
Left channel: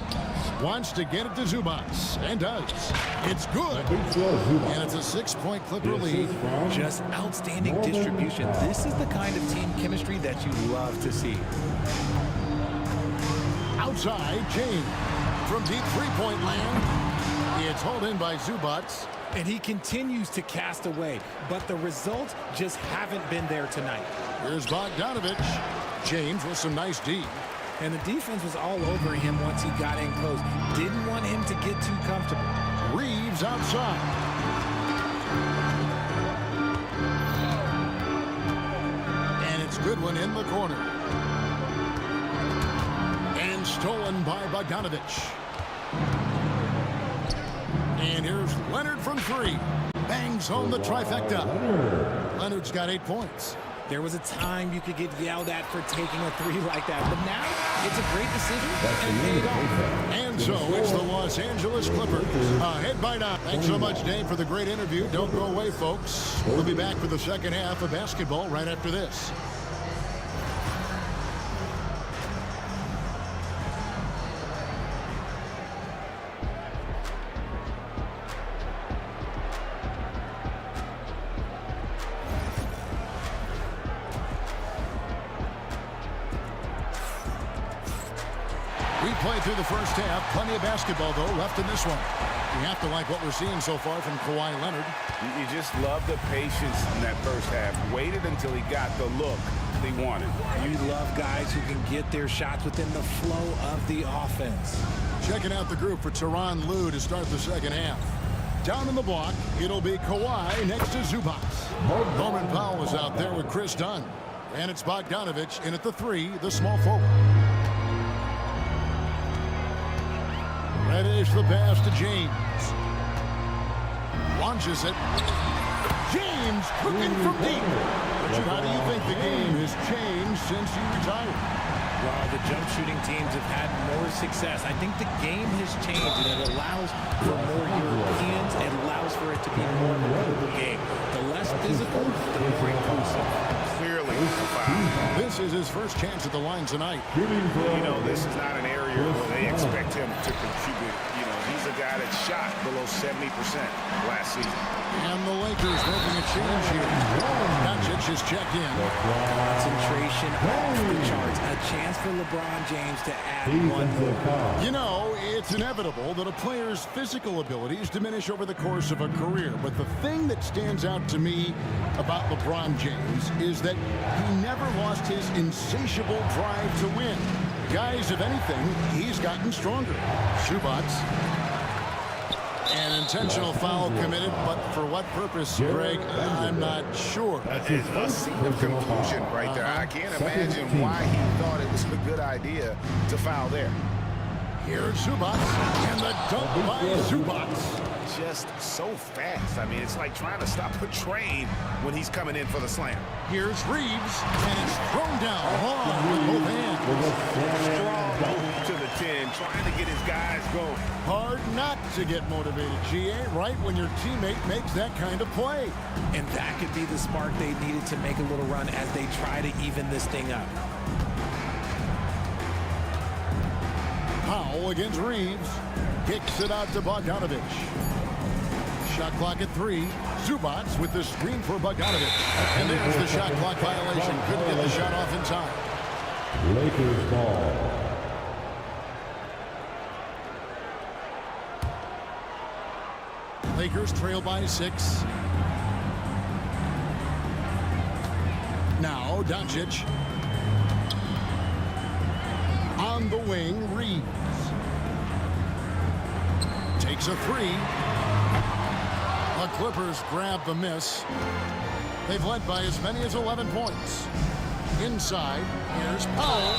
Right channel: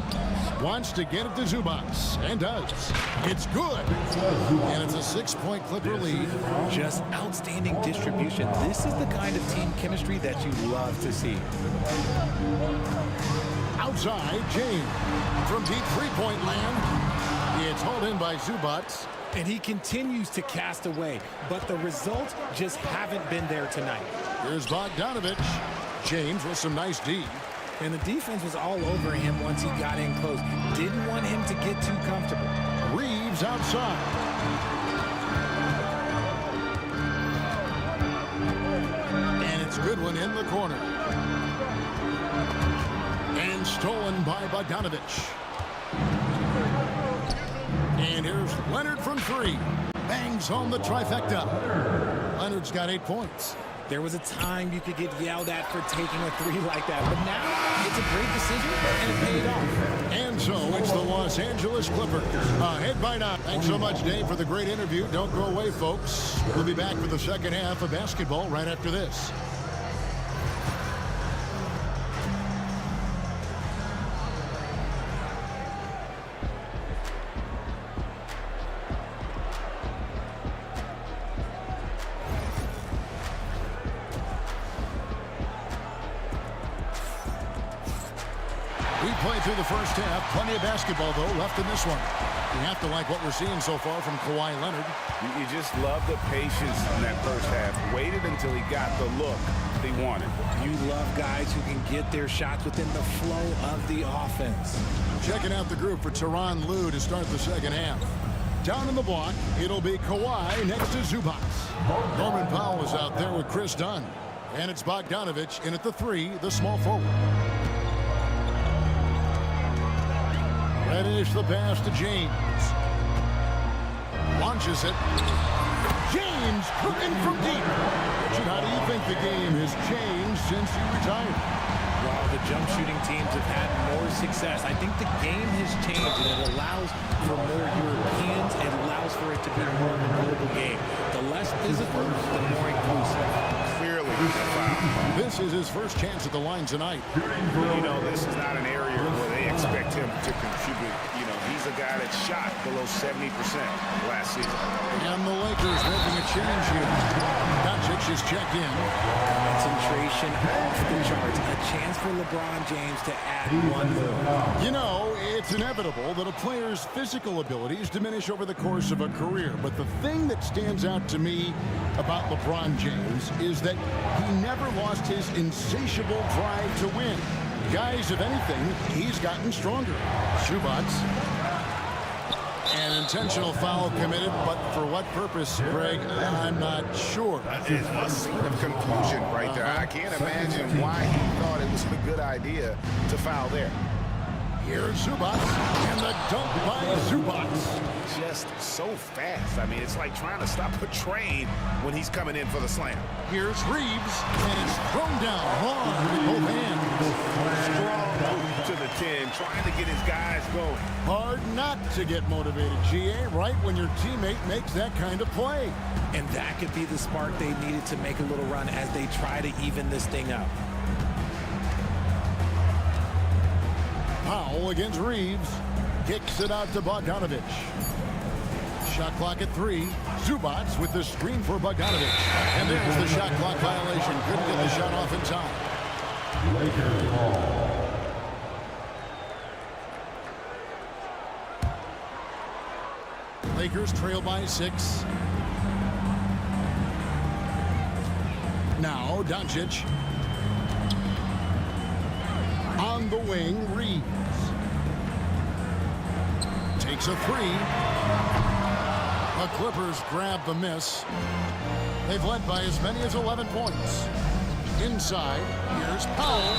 Wants to get it to Zubats, and does. It's good. And it's a 6-point Clipper lead. Just outstanding distribution. This is the kind of team chemistry that you love to see. Outside, James. From deep three-point land, it's hauled in by Zubats. And he continues to cast away, but the results just haven't been there tonight. Here's Bogdanovich. James with some nice D. And the defense was all over him once he got in close. Didn't want him to get too comfortable. Reeves outside. And it's Goodwin in the corner. And stolen by Bogdanovich. And here's Leonard from three. Bangs home the trifecta. Leonard's got 8 points. There was a time you could get yelled at for taking a three like that, but now it's a great decision and it paid off. And so it's the Los Angeles Clippers ahead by 9. Thanks so much, Dave, for the great interview. Don't go away, folks. We'll be back for the second half of basketball right after this. We played through the first half. Plenty of basketball, though, left in this one. You have to like what we're seeing so far from Kawhi Leonard. You just love the patience in that first half. Waited until he got the look they wanted. You love guys who can get their shots within the flow of the offense. Checking out the group for Tyronn Lue to start the second half. Down in the block, it'll be Kawhi next to Zubats. Norman Powell is out there with Chris Dunn. And it's Bogdanovich in at the 3, the small forward. Reddish the pass to James. Launches it. James cooking from deep. Richard, how do you think the game has changed since you retired? Well, the jump shooting teams have had more success. I think the game has changed, and it allows for more Europeans. It allows for it to be more of a global game. The less physical, the more inclusive. Clearly a foul. This is his first chance at the line tonight. You know, this is not an area where they expect him to contribute. You know, he's a guy that shot below 70% last season. And the Lakers making a change here. Doncic is checked in. Concentration off the charts. A chance for LeBron James to add one more. You know, it's inevitable that a player's physical abilities diminish over the course of a career. But the thing that stands out to me about LeBron James is that he never lost his insatiable drive to win. Guys, if anything, he's gotten stronger. Zubats. An intentional foul committed, but for what purpose, Greg, I'm not sure. It's a scene of confusion right there. I can't imagine why he thought it was a good idea to foul there. Here's Zubats, and the dunk by Zubats. Just so fast. I mean, it's like trying to stop a train when he's coming in for the slam. Here's Reeves, and it's thrown down hard with both hands. Strong move to the 10, trying to get his guys going. Hard not to get motivated, GA, right when your teammate makes that kind of play. And that could be the spark they needed to make a little run as they try to even this thing up. Powell against Reeves. Kicks it out to Bogdanovich. Shot clock at 3. Zubats with the screen for Bogdanovich. And there's the shot clock violation. Couldn't get the shot off in time. Lakers ball. Lakers trail by 6. Now Doncic. On the wing, Reeves. Takes a three. The Clippers grab the miss. They've led by as many as 11 points. Inside, here's Powell.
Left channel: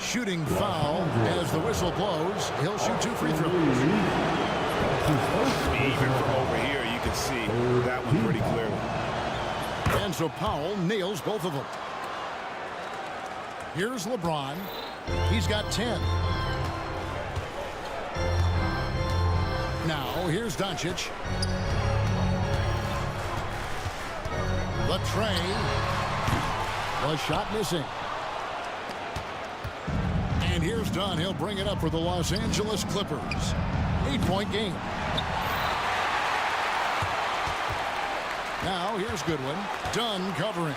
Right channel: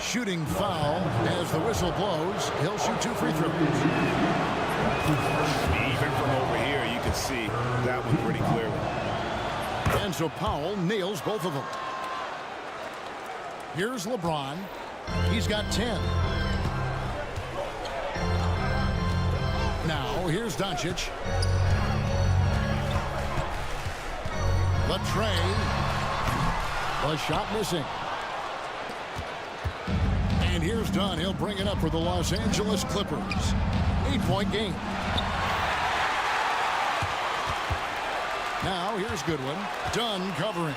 Shooting foul as the whistle blows. He'll shoot 2 free throws. Even from over here, you can see that one pretty clearly. And so Powell nails both of them. Here's LeBron. He's got 10. Now, here's Doncic. The tray. The shot missing. And here's Dunn. He'll bring it up for the Los Angeles Clippers. 8-point game. Now, here's Goodwin. Dunn covering.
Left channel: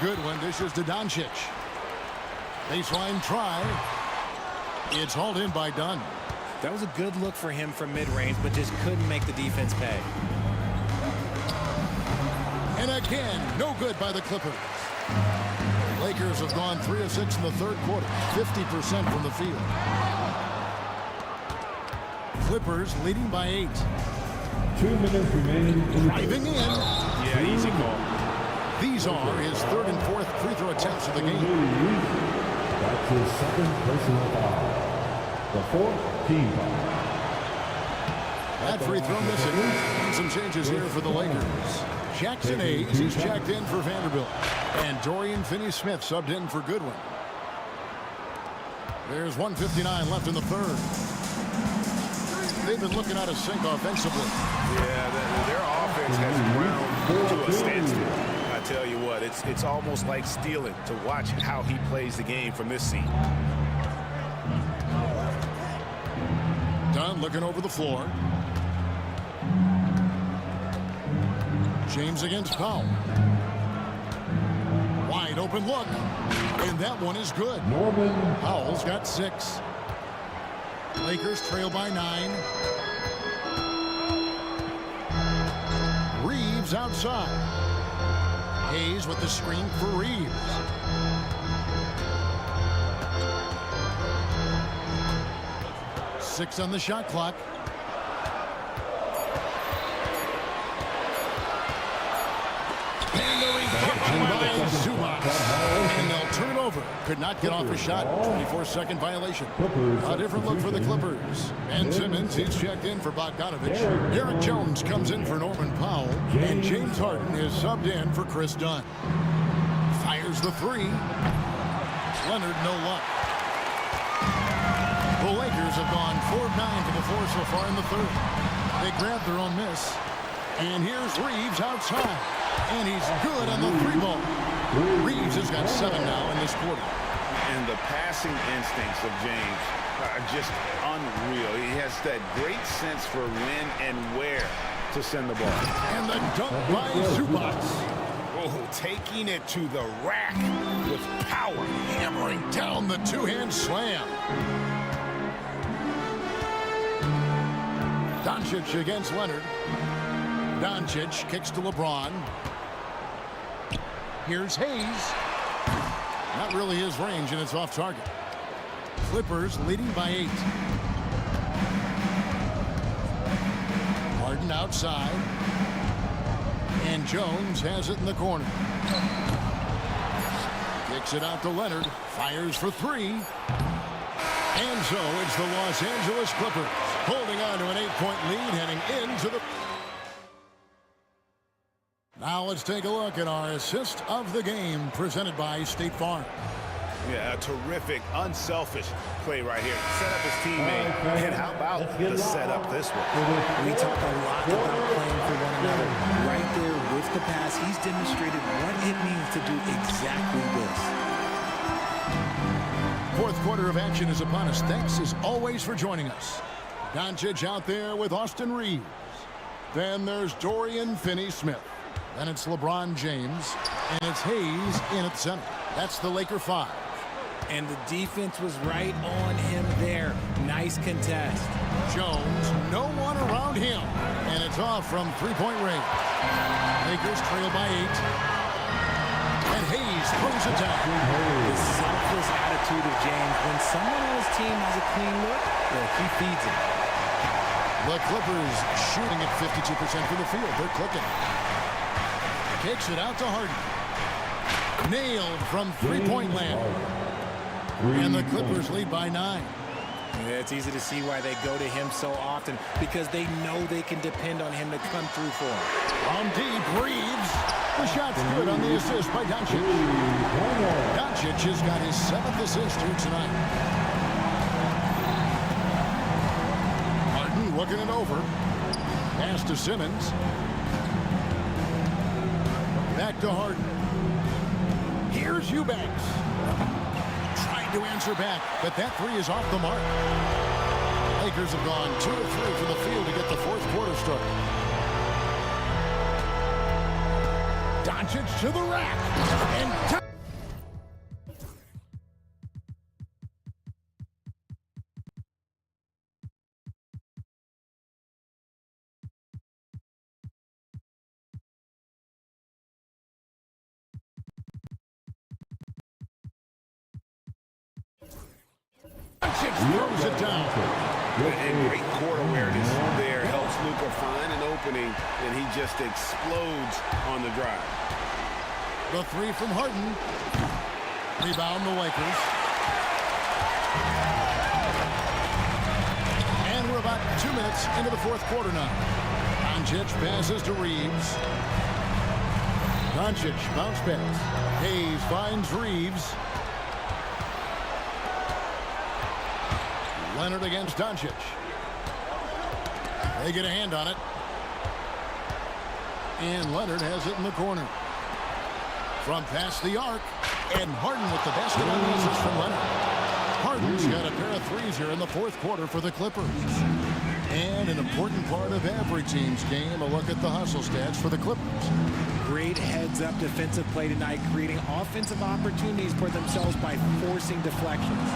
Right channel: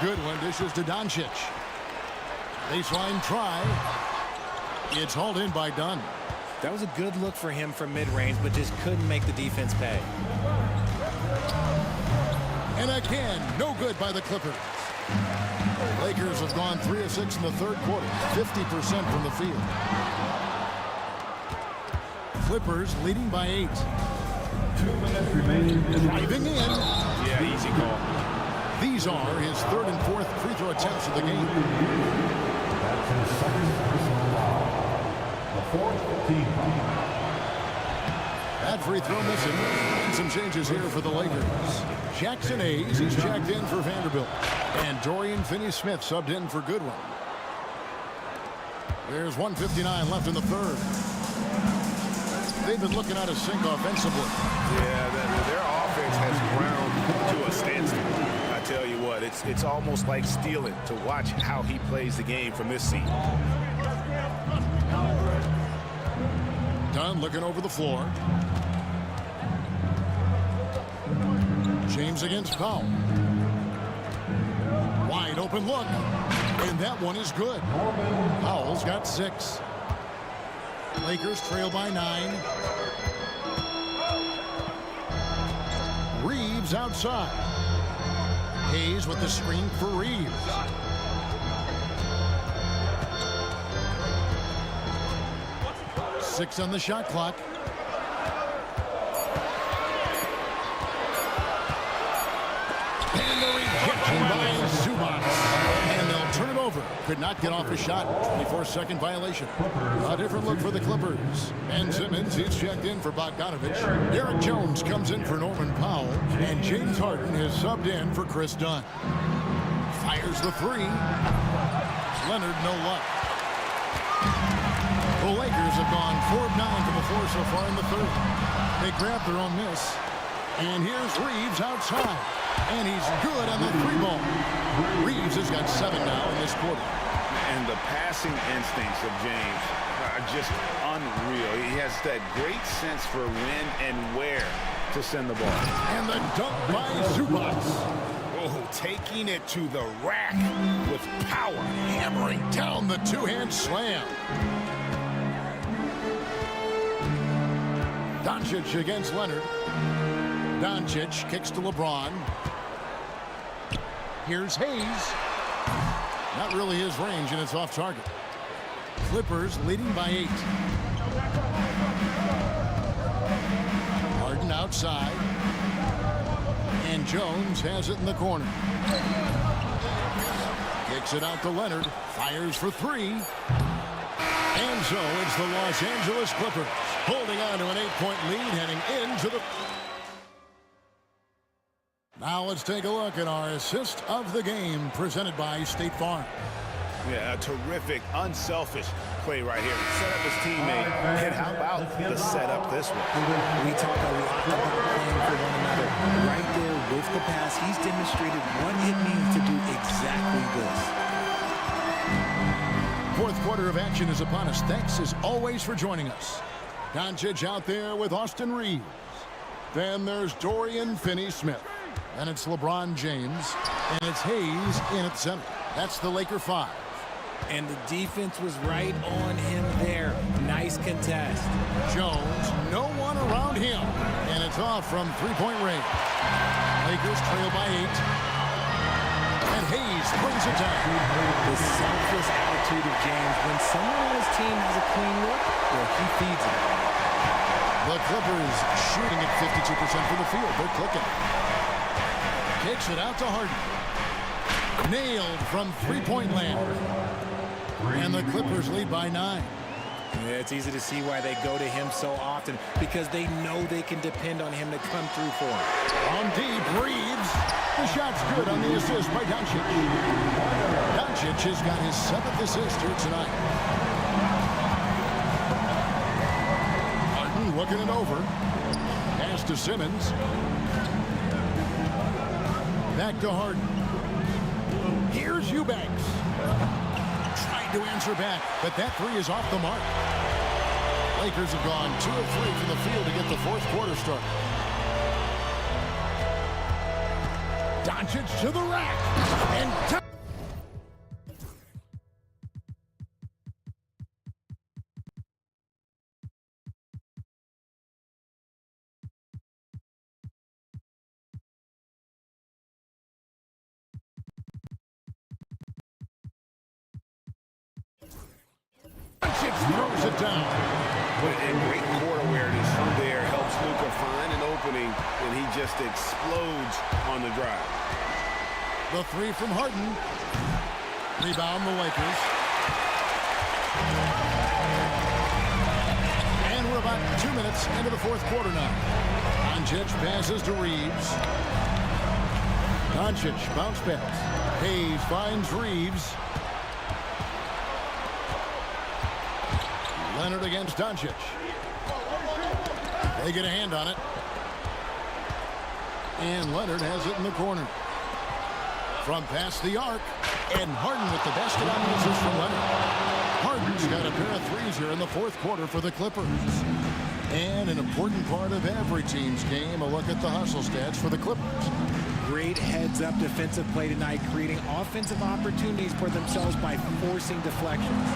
Goodwin dishes to Doncic. Baseline try. It's hauled in by Dunn. That was a good look for him from mid-range, but just couldn't make the defense pay. And again, no good by the Clippers. Lakers have gone 3 of 6 in the third quarter, 50% from the field. Clippers leading by 8. 2 minutes remaining. Driving in. Yeah, easy call. These are his 3rd and 4th free throw attempts of the game. That's his 2nd personal foul. The 4th team foul. That free throw missing. And some changes here for the Lakers. Jackson Hayes, he's checked in for Vanderbilt. And Dorian Finney-Smith subbed in for Goodwin. There's 1:59 left in the third. They've been looking out of sync offensively. Yeah, their offense has ground to a standstill. I tell you what, it's almost like stealing to watch how he plays the game from this seat. Dunn looking over the floor. James against Powell. Wide open look. And that one is good. Powell's got 6. Lakers trail by 9. Reeves outside. Hayes with the screen for Reeves. Six on the shot clock. And the rejection by Zubac. And they'll turn it over. Could not get off a shot. 24-second violation. A different look for the Clippers. Ben Simmons, he's checked in for Bogdanovich. Derek Jones comes in for Norman Powell. And James Harden is subbed in for Chris Dunn. Fires the 3. Leonard, no luck. The Lakers have gone 4 of 9 from the floor so far in the third. They grabbed their own miss. And here's Reeves outside. And he's good on the 3 ball. Reeves has got 7 now in this quarter. And the passing instincts of James are just unreal. He has that great sense for when and where to send the ball. And the dunk by Zubac. Oh, taking it to the rack with power. Hammering down the 2-hand slam. Doncic against Leonard. Doncic kicks to LeBron. Here's Hayes. Not really his range, and it's off target. Clippers leading by 8. Harden outside. And Jones has it in the corner. Kicks it out to Leonard. Fires for 3. And so it's the Los Angeles Clippers holding on to an 8-point lead heading into the... Now let's take a look at our assist of the game presented by State Farm. Yeah, a terrific, unselfish play right here. Set up his teammate. And how about the setup this way? We talk a lot about playing for one another. Right there with the pass, he's demonstrated what it means to do exactly this. Fourth quarter of action is upon us. Thanks as always for joining us. Doncic out there with Austin Reeves. Then there's Dorian Finney-Smith. Then it's LeBron James. And it's Hayes in at center. That's the Laker 5. And the defense was right on him there. Nice contest. Jones, no one around him. And it's off from 3-point range. Lakers trail by 8. And Hayes throws it down. The selfless attitude of James. When someone on his team has a clean look, well, he feeds it. The Clippers shooting at 52% from the field. They're clicking. Kicks it out to Harden. Nailed from three-point land. And the Clippers lead by 9. Yeah, it's easy to see why they go to him so often, because they know they can depend on him to come through for them. On deep, Reeves. The shot's good on the assist by Doncic. Doncic has got his 7th assist here tonight. Harden looking it over. Pass to Simmons. Back to Harden. Here's Eubanks. Tried to answer back, but that three is off the mark. Lakers have gone 2 of 3 from the field to get the fourth quarter started. Doncic to the rack. And Doncic throws it down. And great court awareness there helps Luka find an opening, and he just explodes on the drive. The three from Harden. Rebound the Lakers. And we're about 2 minutes into the fourth quarter now. Doncic passes to Reeves. Doncic bounce pass. Hayes finds Reeves. Leonard against Doncic. They get a hand on it. And Leonard has it in the corner. From past the arc. And Harden with the basket on the assist from Leonard. Harden's got a pair of threes here in the fourth quarter for the Clippers. And an important part of every team's game, a look at the hustle stats for the Clippers. Great heads-up defensive play tonight, creating offensive opportunities for themselves by forcing deflections.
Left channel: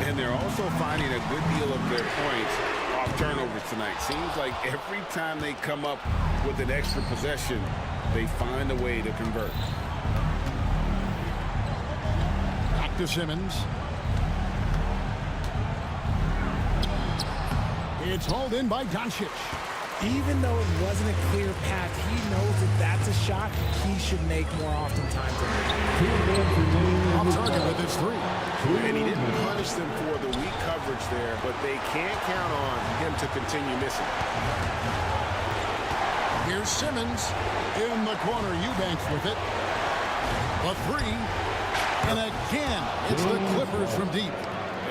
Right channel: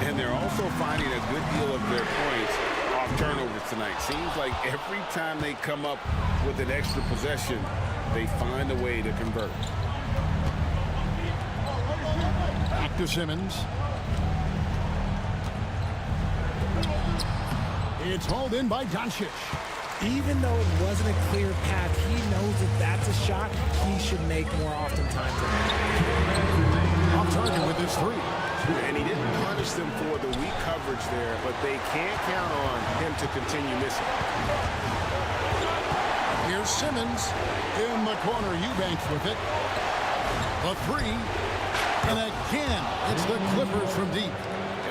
And they're also finding a good deal of their points off turnovers tonight. Seems like every time they come up with an extra possession, they find a way to convert. Back to Simmons. It's hauled in by Doncic. Even though it wasn't a clear path, he knows that that's a shot he should make more oftentimes than not. Off target with his three. And he didn't punish them for the weak coverage there, but they can't count on him to continue missing. Here's Simmons in the corner. Eubanks with it. A three. And again, it's the Clippers from deep.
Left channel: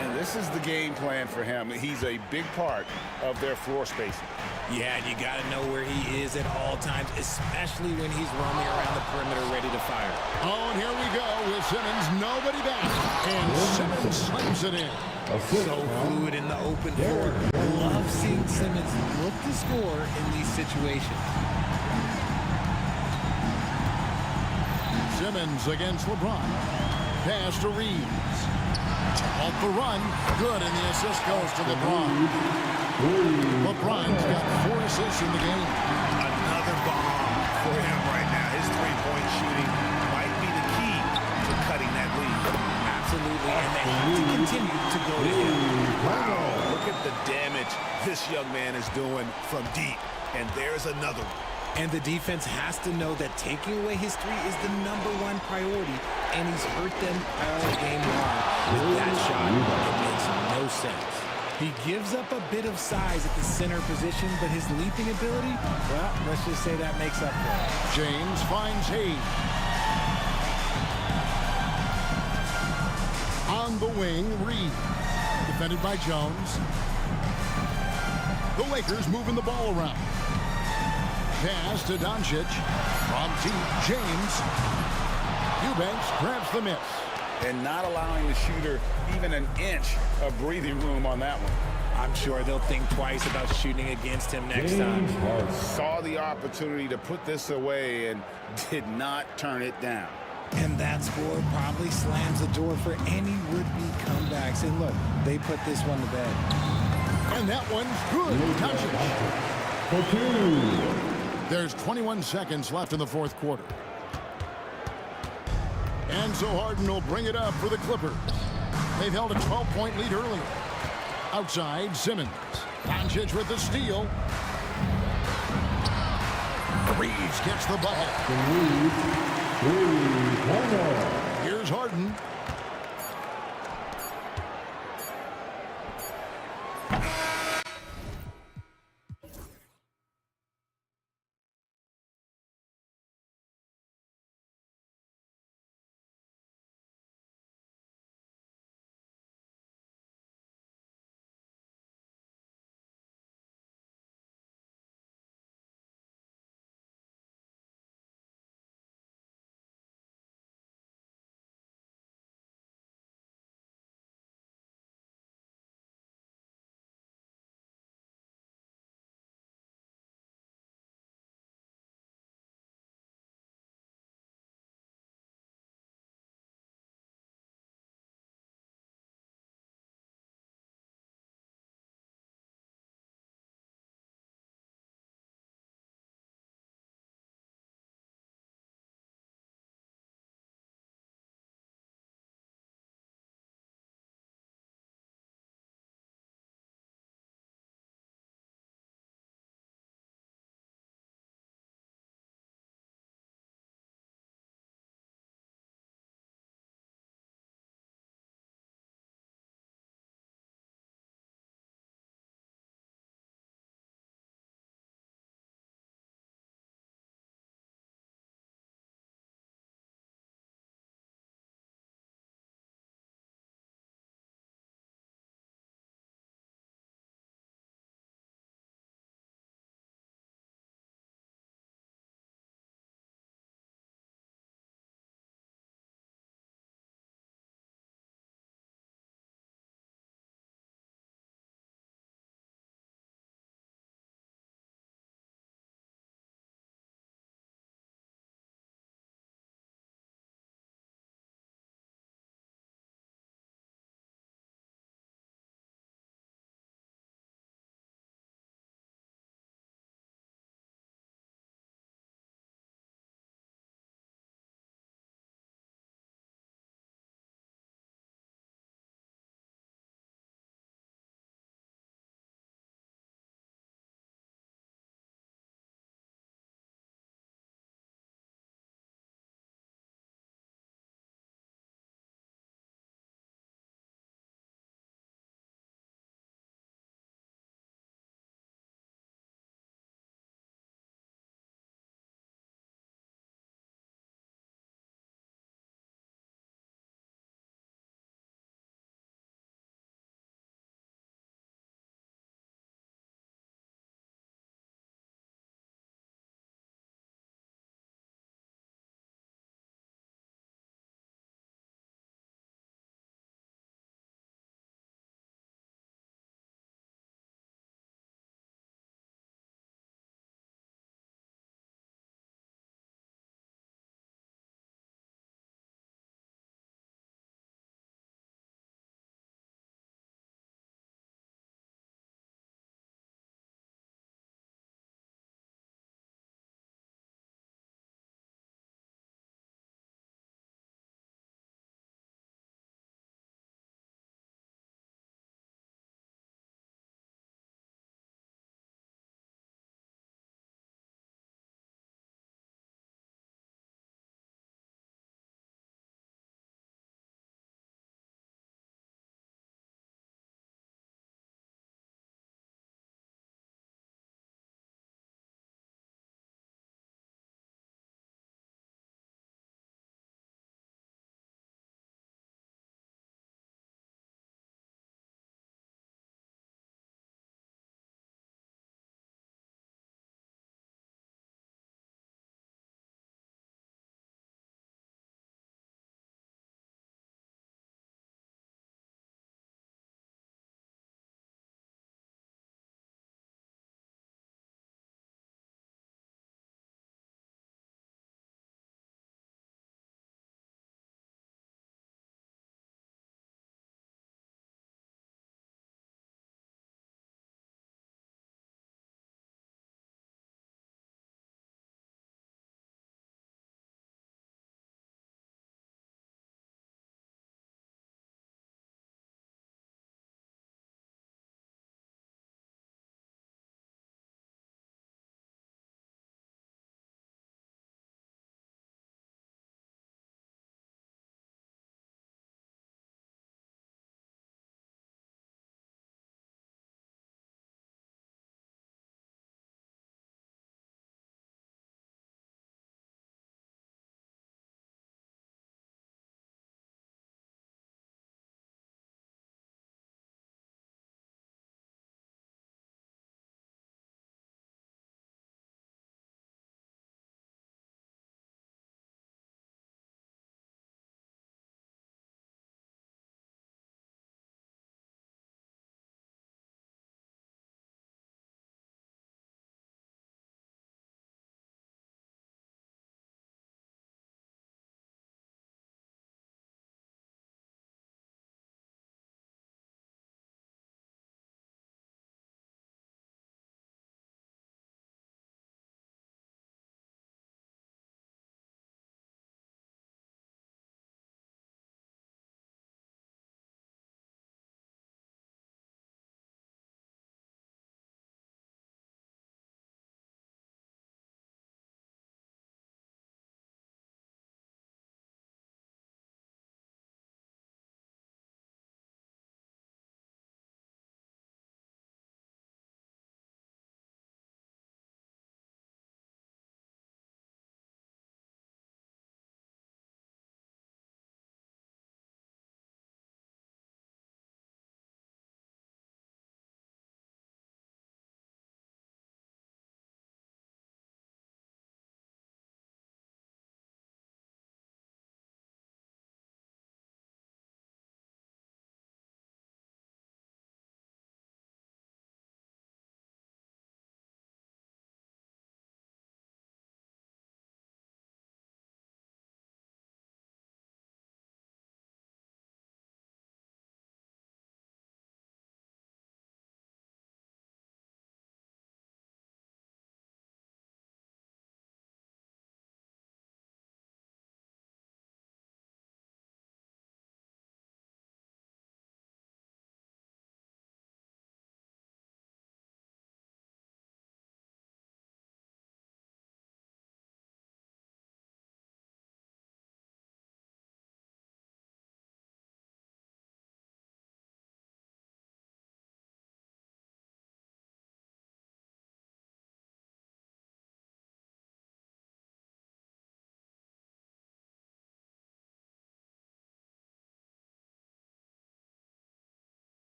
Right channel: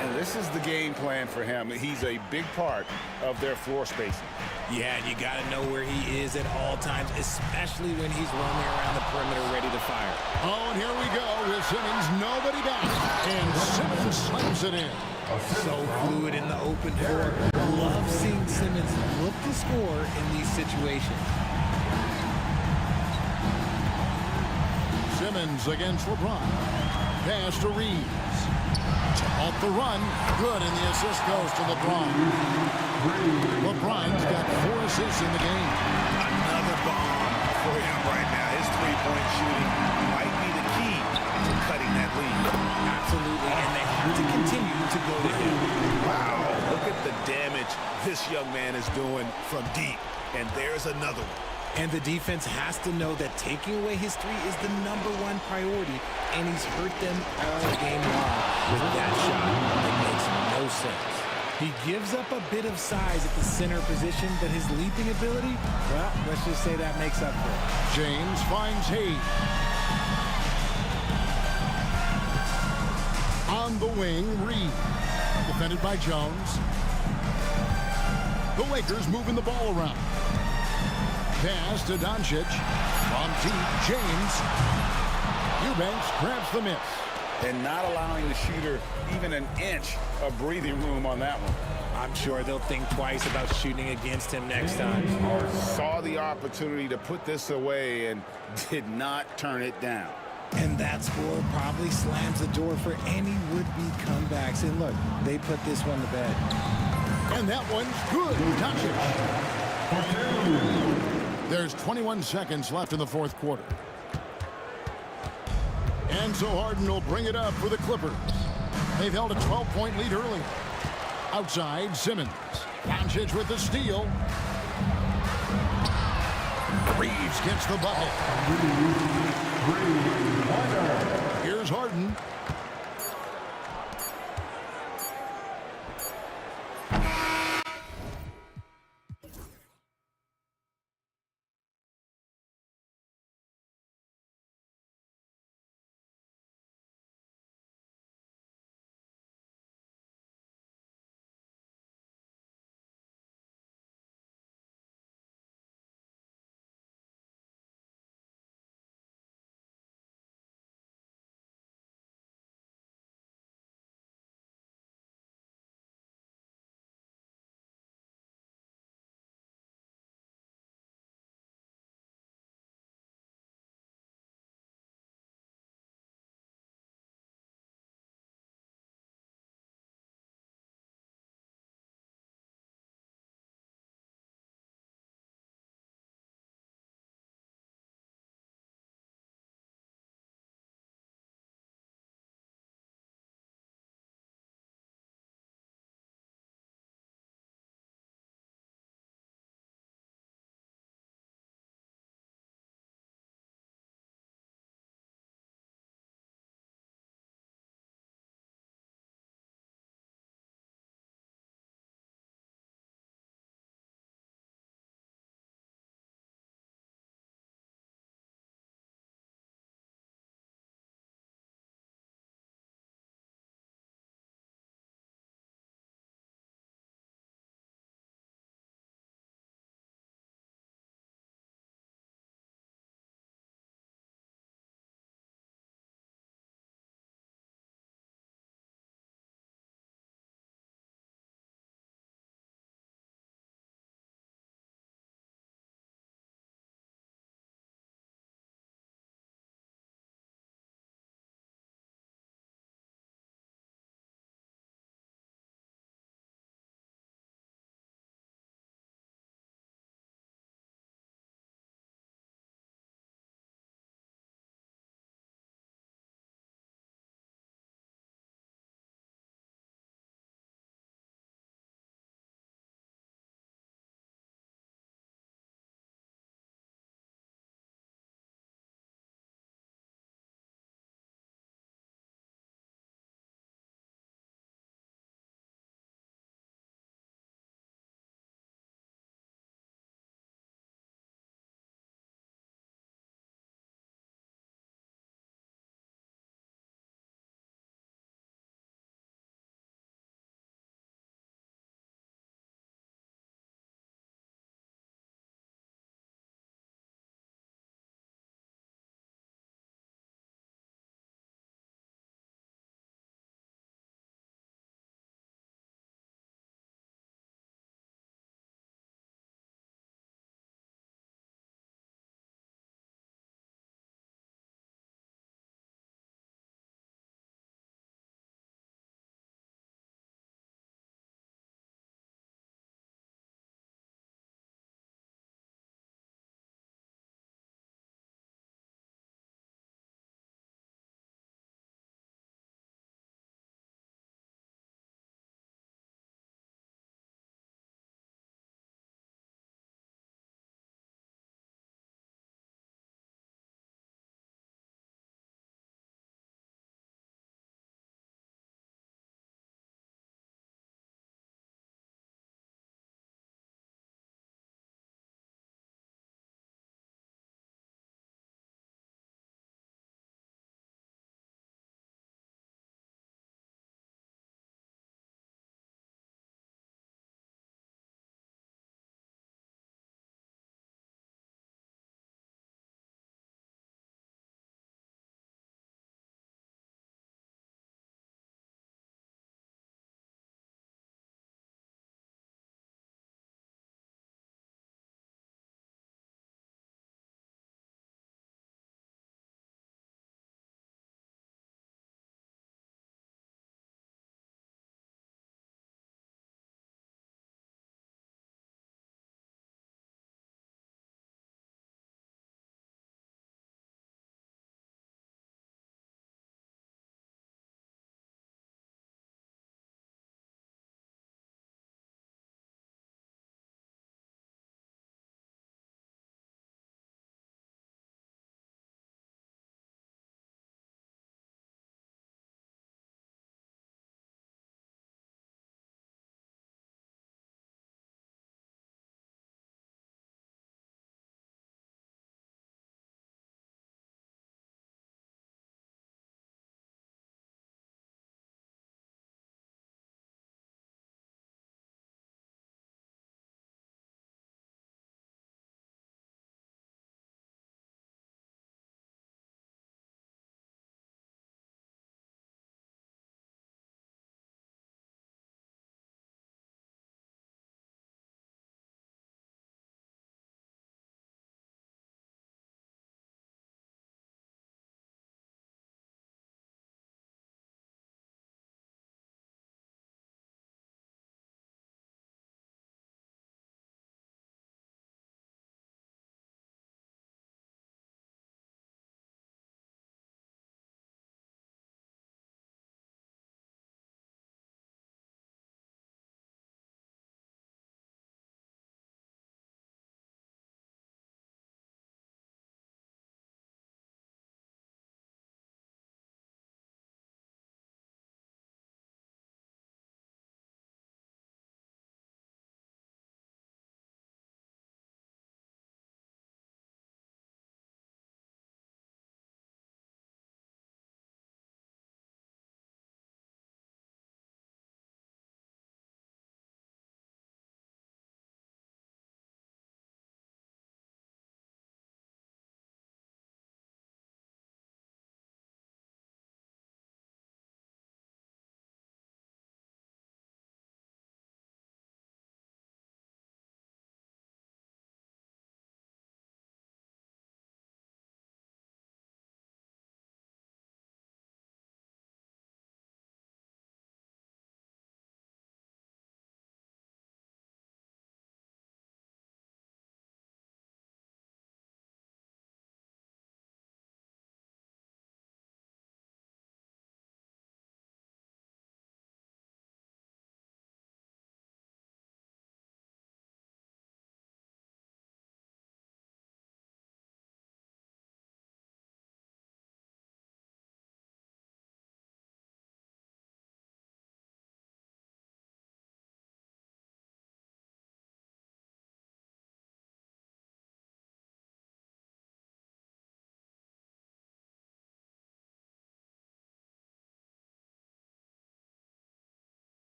And this is the game plan for him. He's a big part of their floor spacing. Yeah, and you got to know where he is at all times, especially when he's roaming around the perimeter ready to fire. Oh, and here we go with Simmons. Nobody back. And Simmons slams it in. So fluid in the open floor. Love seeing Simmons look to score in these situations. Simmons against LeBron. Pass to Reeves. To halt the run. Good, and the assist goes to LeBron. LeBron's got 4 assists in the game. Another bomb for him right now. His three-point shooting might be the key to cutting that lead. Absolutely, and they have to continue to go to him. Wow, look at the damage this young man is doing from deep. And there's another one. And the defense has to know that taking away his three is the #1 priority, and he's hurt them all game long with that shot. It makes no sense. He gives up a bit of size at the center position, but his leaping ability, well, let's just say that makes up for it. James finds Hayes. On the wing, Reeves. Defended by Jones. The Lakers moving the ball around. Pass to Doncic. From deep, James. Eubanks grabs the miss. And not allowing the shooter even an inch of breathing room on that one. I'm sure they'll think twice about shooting against him next time. Saw the opportunity to put this away and did not turn it down. And that score probably slams the door for any would-be comebacks. And look, they put this one to bed. And that one's good. Doncic. There's 21 seconds left in the fourth quarter. And so Harden will bring it up for the Clippers. They've held a 12-point lead early. Outside, Simmons. Doncic with the steal. Reeves gets the bucket. Here's Harden.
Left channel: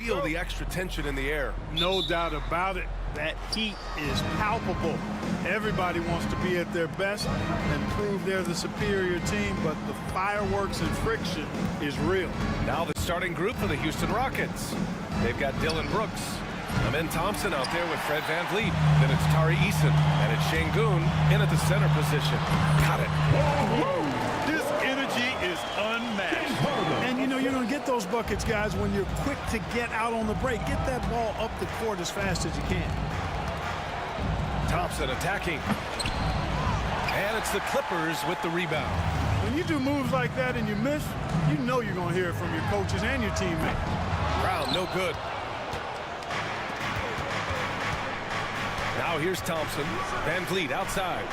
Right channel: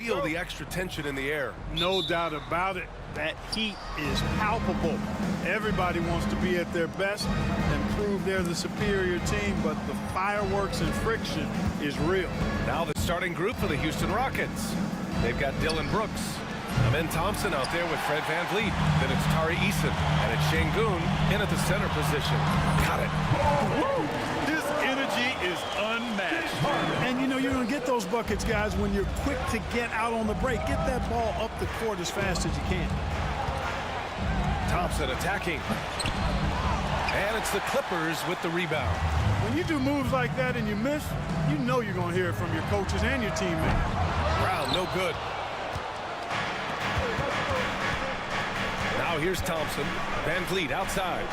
Feel the extra tension in the air. No doubt about it. That heat is palpable. Everybody wants to be at their best and prove they're the superior team, but the fireworks and friction is real. Now the starting group for the Houston Rockets. They've got Dylan Brooks, Amin Thompson out there with Fred VanVleet. Then it's Tari Eason, and it's Şengün in at the center position. Got it. This energy is unmatched. And you know you're going to get those buckets, guys, when you're quick to get out on the break. Get that ball up the court as fast as you can. Thompson attacking. And it's the Clippers with the rebound. When you do moves like that and you miss, you know you're going to hear it from your coaches and your teammates. Brown, no good. Now here's Thompson. VanVleet outside.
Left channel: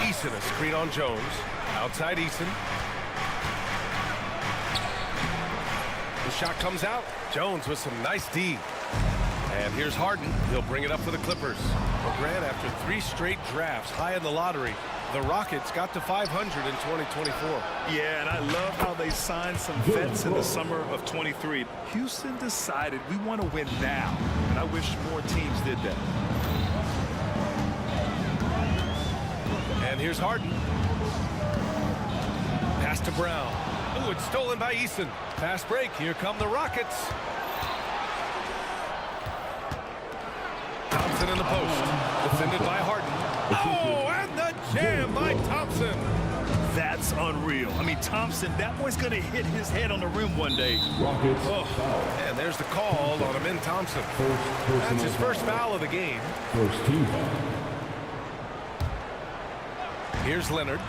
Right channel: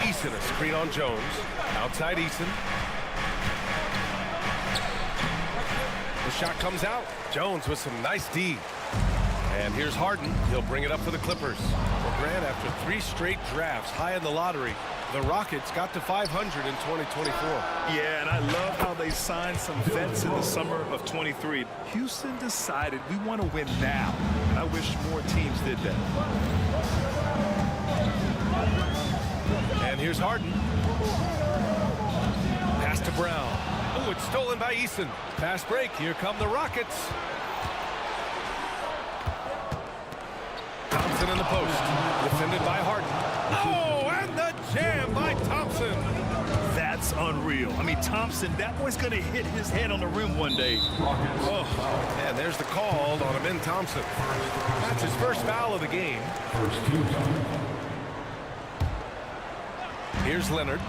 Eason a screen on Jones. Outside Eason. The shot comes out. Jones with some nice D. And here's Harden. He'll bring it up for the Clippers. Well, Grant, after 3 straight drafts high in the lottery, the Rockets got to 500 in 2024. Yeah, and I love how they signed some vets in the summer of 23. Houston decided we want to win now, and I wish more teams did that. And here's Harden. Pass to Brown. Oh, it's stolen by Eason. Fast break. Here come the Rockets. Thompson in the post. Defended by Harden. Oh, and the jam by Thompson. That's unreal. I mean, Thompson, that boy's going to hit his head on the rim one day. Rockets. Oh, and there's the call on Amin Thompson. That's his first foul of the game. First team foul. Here's Leonard.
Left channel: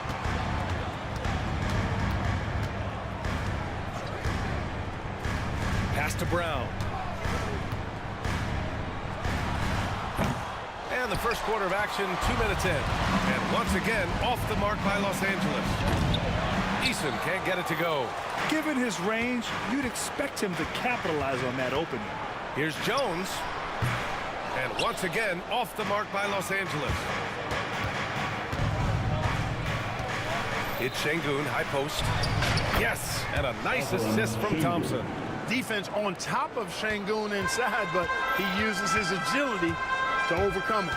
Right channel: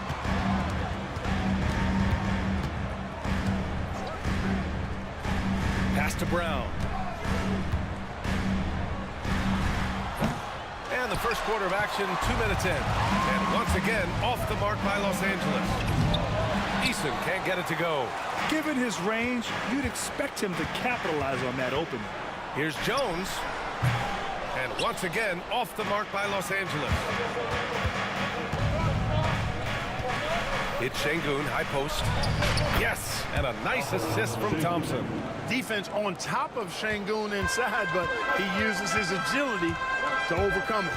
Pass to Brown. And the first quarter of action, 2 minutes in. And once again, off the mark by Los Angeles. Eason can't get it to go. Given his range, you'd expect him to capitalize on that opening. Here's Jones. And once again, off the mark by Los Angeles. It's Şengün, high post. Yes, and a nice assist from Thompson. Defense on top of Şengün inside, but he uses his agility to overcome it.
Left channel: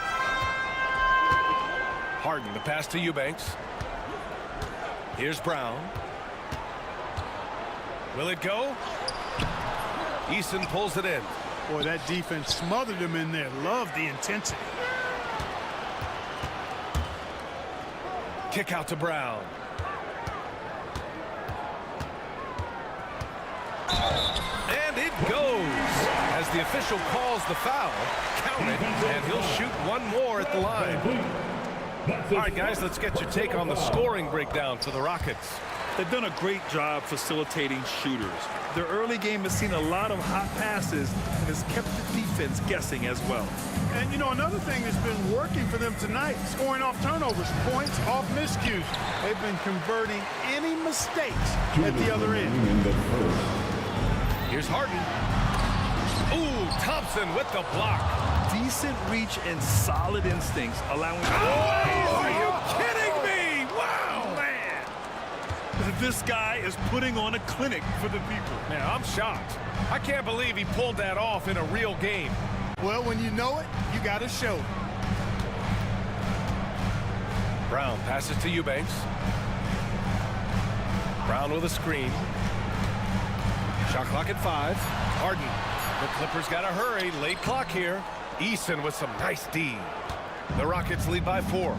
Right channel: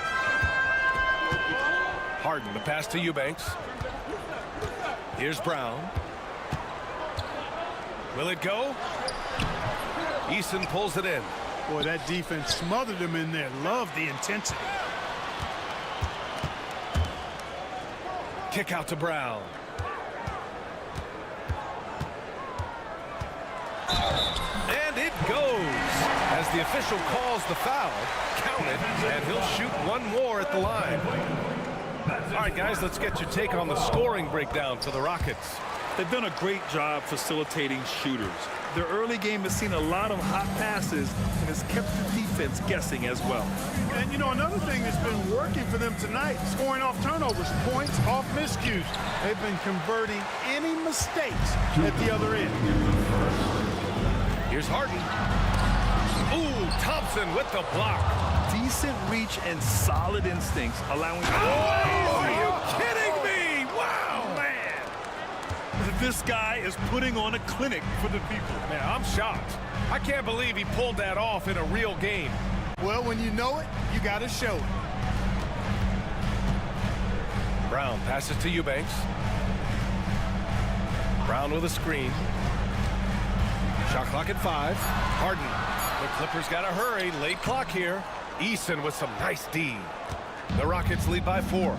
Harden, the pass to Eubanks. Here's Brown. Will it go? Eason pulls it in. Boy, that defense smothered him in there. Love the intensity. Kick out to Brown. And it goes. As the official calls the foul, count it, and he'll shoot one more at the line. All right, guys, let's get your take on the scoring breakdown for the Rockets. They've done a great job facilitating shooters. Their early game has seen a lot of hot passes and has kept the defense guessing as well. And, you know, another thing that's been working for them tonight, scoring off turnovers, points off miscues. They've been converting any mistakes at the other end. Here's Harden. Ooh, Thompson with the block. Decent reach and solid instincts, allowing... Oh, are you kidding me? Wow! Man! This guy is putting on a clinic for the people. Man, I'm shocked. I can't believe he pulled that off in a real game. Well, when you know it, you got to show it. Brown passes to Eubanks. Brown with a screen. Shot clock at 5. Harden. The Clippers got to hurry. Late clock here. Eason with some nice D. The Rockets lead by 4.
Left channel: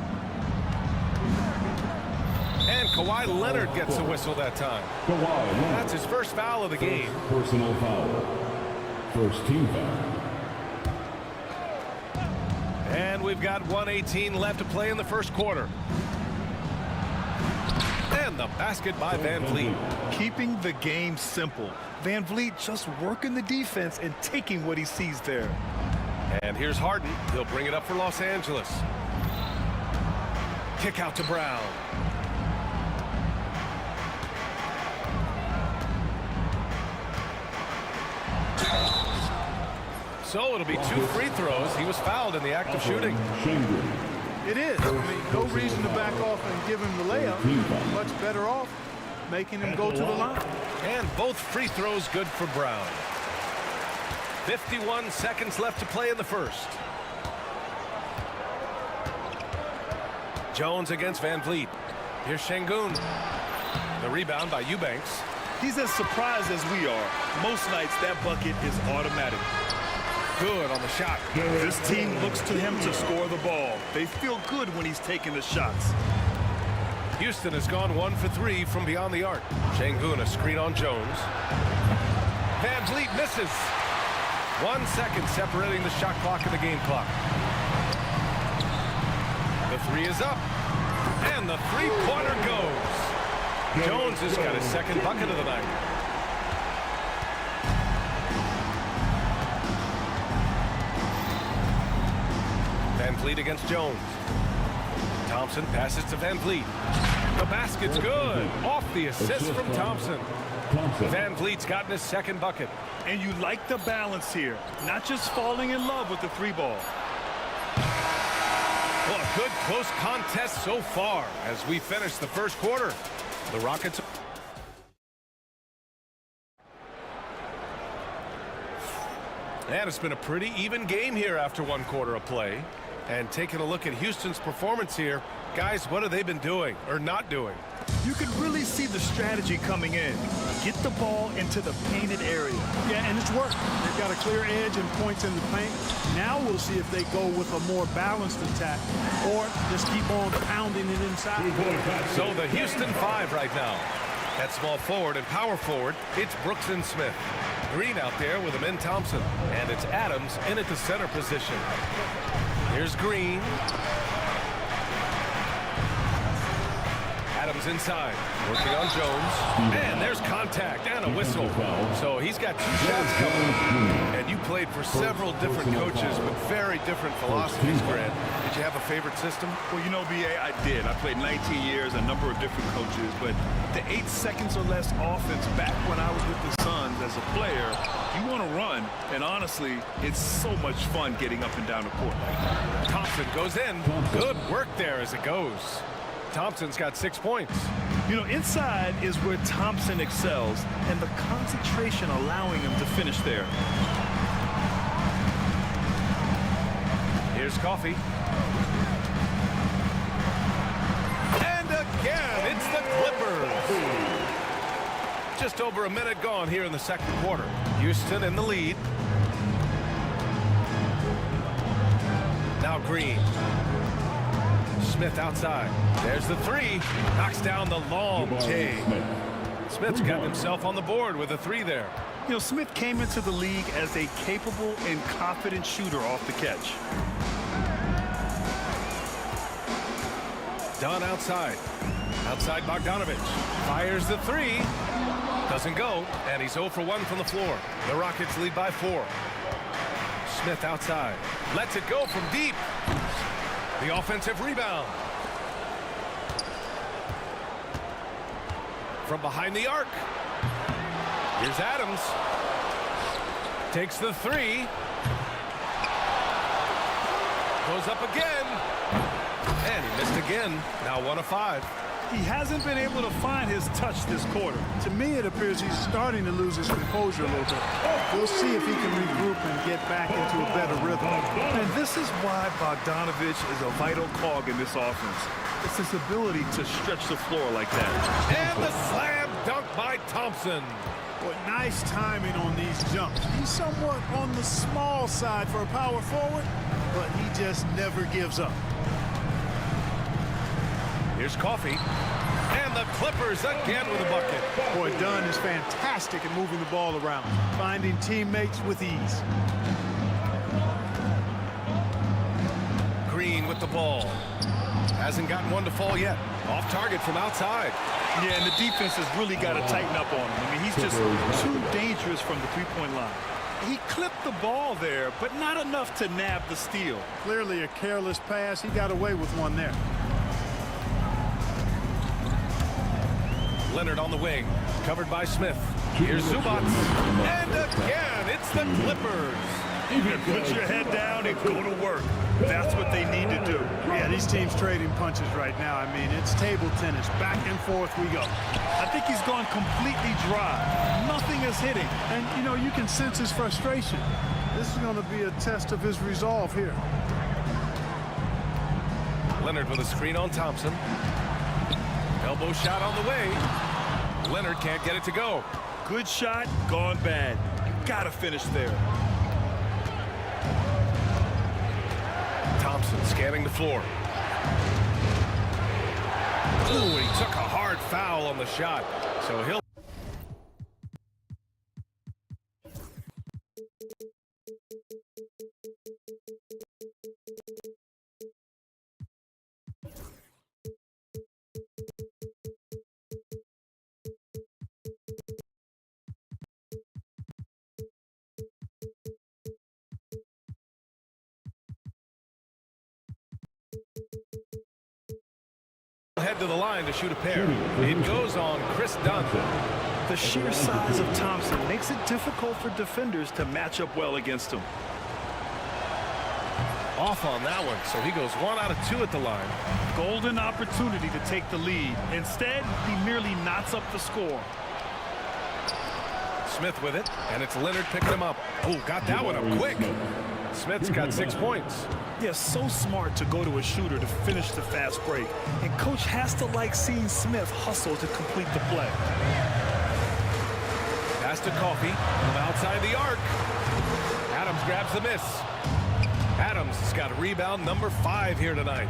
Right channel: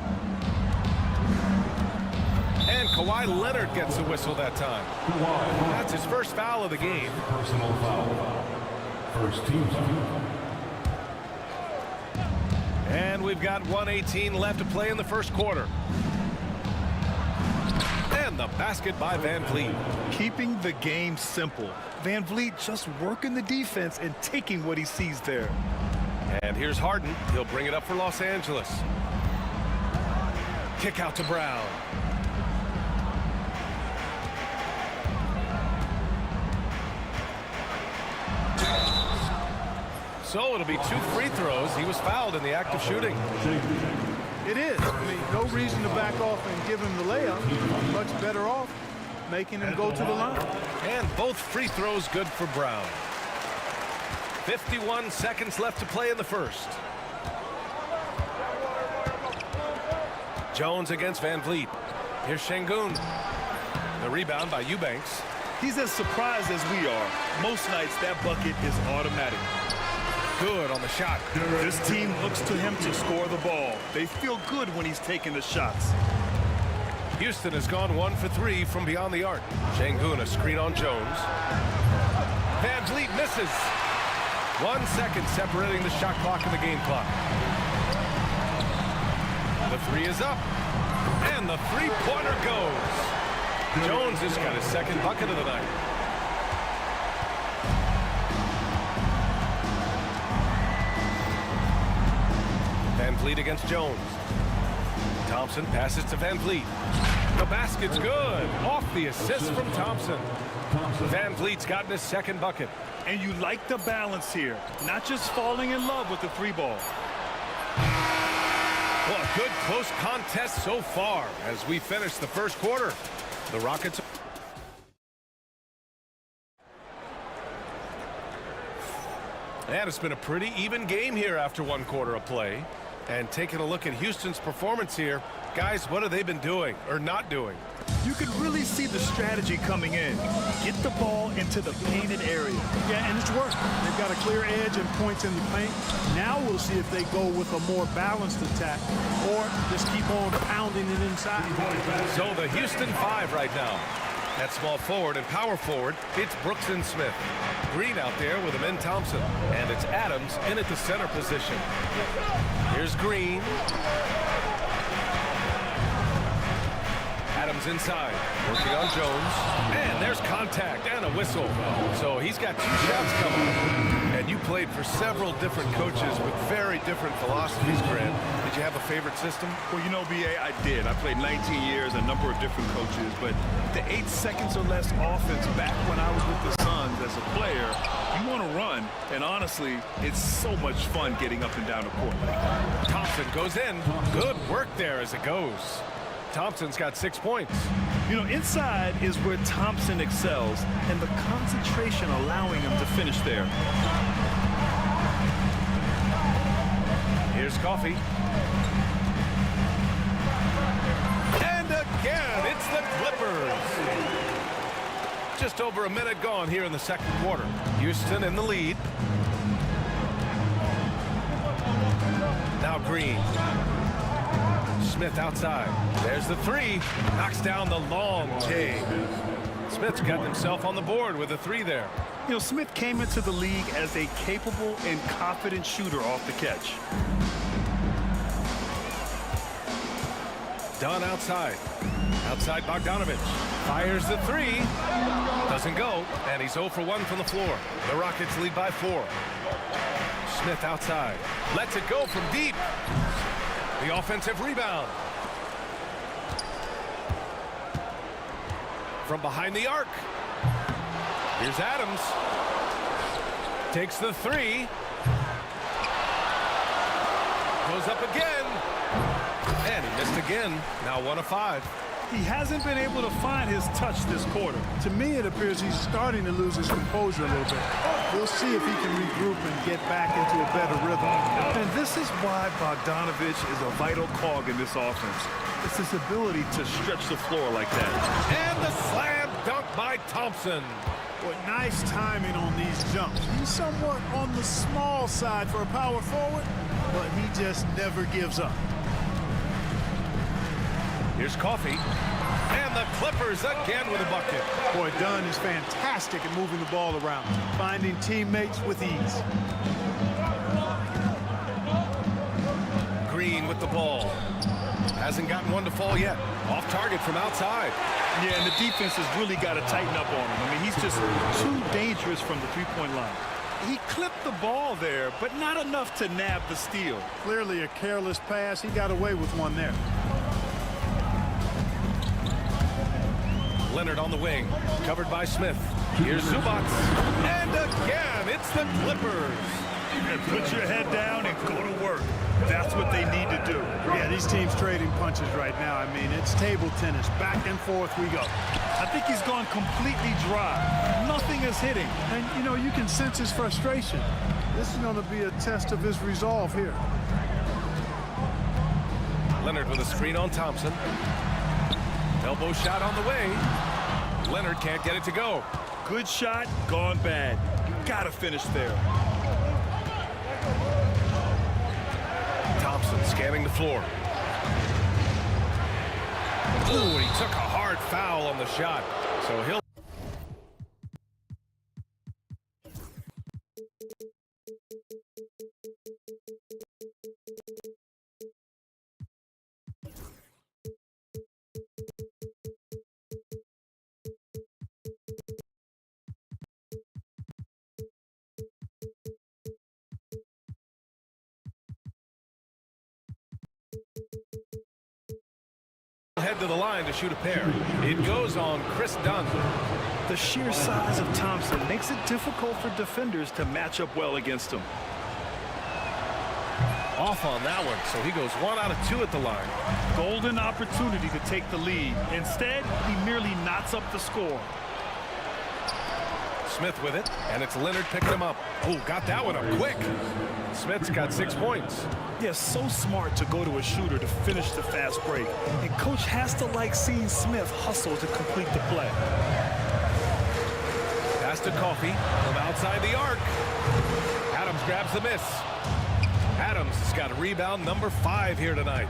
And Kawhi Leonard gets a whistle that time. That's his first foul of the game. Personal foul. First team foul. And we've got 1:18 left to play in the first quarter. And the basket by VanVleet. Keeping the game simple. VanVleet just working the defense and taking what he sees there. And here's Harden. He'll bring it up for Los Angeles. Kick out to Brown. So it'll be 2 free throws. He was fouled in the act of shooting. It is. I mean, no reason to back off and give him the layup. Much better off making him go to the line. And both free throws good for Brown. 51 seconds left to play in the first. Jones against Van Vliet. Here's Şengün. The rebound by Eubanks. He's as surprised as we are. Most nights, that bucket is automatic. Good on the shot. This team looks to him to score the ball. They feel good when he's taking the shots. Houston has gone 1 for 3 from beyond the arc. Şengün, a screen on Jones. Van Vliet misses. 1 second separating the shot clock and the game clock. The three is up. And the three-pointer goes. Jones has got his second bucket of the night. Van Vliet against Jones. Thompson passes to Van Vliet. The basket's good. Off the assist from Thompson. Van Vliet's gotten his second bucket. And you like the balance here. Not just falling in love with the three ball. Well, a good close contest so far as we finish the first quarter. The Rockets. And it's been a pretty even game here after 1 quarter of play. And taking a look at Houston's performance here, guys, what have they been doing or not doing? You can really see the strategy coming in. Get the ball into the painted area. Yeah, and it's worked. They've got a clear edge and points in the paint. Now we'll see if they go with a more balanced attack or just keep on pounding it inside. So the Houston 5 right now. At small forward and power forward, it's Brooks and Smith. Green out there with him in Thompson. And it's Adams in at the center position. Here's Green. Adams inside, working on Jones. And there's contact and a whistle. So he's got 2 shots coming. And you played for several different coaches with very different philosophies, Grant. Did you have a favorite system? Well, you know, B.A., I did. I played 19 years, a number of different coaches. But the 8 seconds or less offense back when I was with the Suns as a player, you want to run. And honestly, it's so much fun getting up and down the court like that. Thompson goes in. Good work there as it goes. Thompson's got 6 points. You know, inside is where Thompson excels, and the concentration allowing him to finish there. Here's Coffey. And again, it's the Clippers. Just over a minute gone here in the second quarter. Houston in the lead. Now Green. Smith outside. There's the three. Knocks down the long take. Smith's got himself on the board with a 3 there. You know, Smith came into the league as a capable and confident shooter off the catch. Dunn outside. Outside Bogdanovich. Fires the 3. Doesn't go. And he's 0 for 1 from the floor. The Rockets lead by 4. Smith outside. Lets it go from deep. The offensive rebound. From behind the arc. Here's Adams. Takes the 3. Goes up again. And he missed again. Now 1 of 5. He hasn't been able to find his touch this quarter. To me, it appears he's starting to lose his composure a little bit. We'll see if he can regroup and get back into a better rhythm. And this is why Bogdanovich is a vital cog in this offense. It's his ability to stretch the floor like that. And the slam dunk by Thompson. Boy, nice timing on these jumps. He's somewhat on the small side for a power forward, but he just never gives up. Here's Coffey. And the Clippers again with a bucket. Boy, Dunn is fantastic at moving the ball around, finding teammates with ease. Green with the ball. Hasn't gotten one to fall yet. Off target from outside. Yeah, and the defense has really got to tighten up on him. I mean, he's just too dangerous from the three-point line. He clipped the ball there, but not enough to nab the steal. Clearly a careless pass. He got away with one there. Leonard on the wing, covered by Smith. Here's Zubac. And again, it's the Clippers. Put your head down and go to work. That's what they need to do. Yeah, these teams trading punches right now. I mean, it's table tennis. Back and forth we go. I think he's gone completely dry. Nothing is hitting. And, you know, you can sense his frustration. This is going to be a test of his resolve here. Leonard with a screen on Thompson. Elbow shot on the way. Leonard can't get it to go. Good shot, gone bad. You gotta finish there. Thompson scanning the floor. Ooh, he took a hard foul on the shot. So he'll... head to the line to shoot a pair. It goes on Chris Dunn. The sheer size of Thompson makes it difficult for defenders to match up well against him. Off on that one, so he goes 1 out of 2 at the line. Golden opportunity to take the lead. Instead, he merely knots up the score. Smith with it, and it's Leonard picking him up. Oh, got that one up quick. Smith's got 6 points. Yeah, so smart to go to a shooter to finish the fast break. And coach has to like seeing Smith hustle to complete the play. Pass to Coffey from outside the arc. Adams grabs the miss. Adams has got a rebound number 5 here tonight.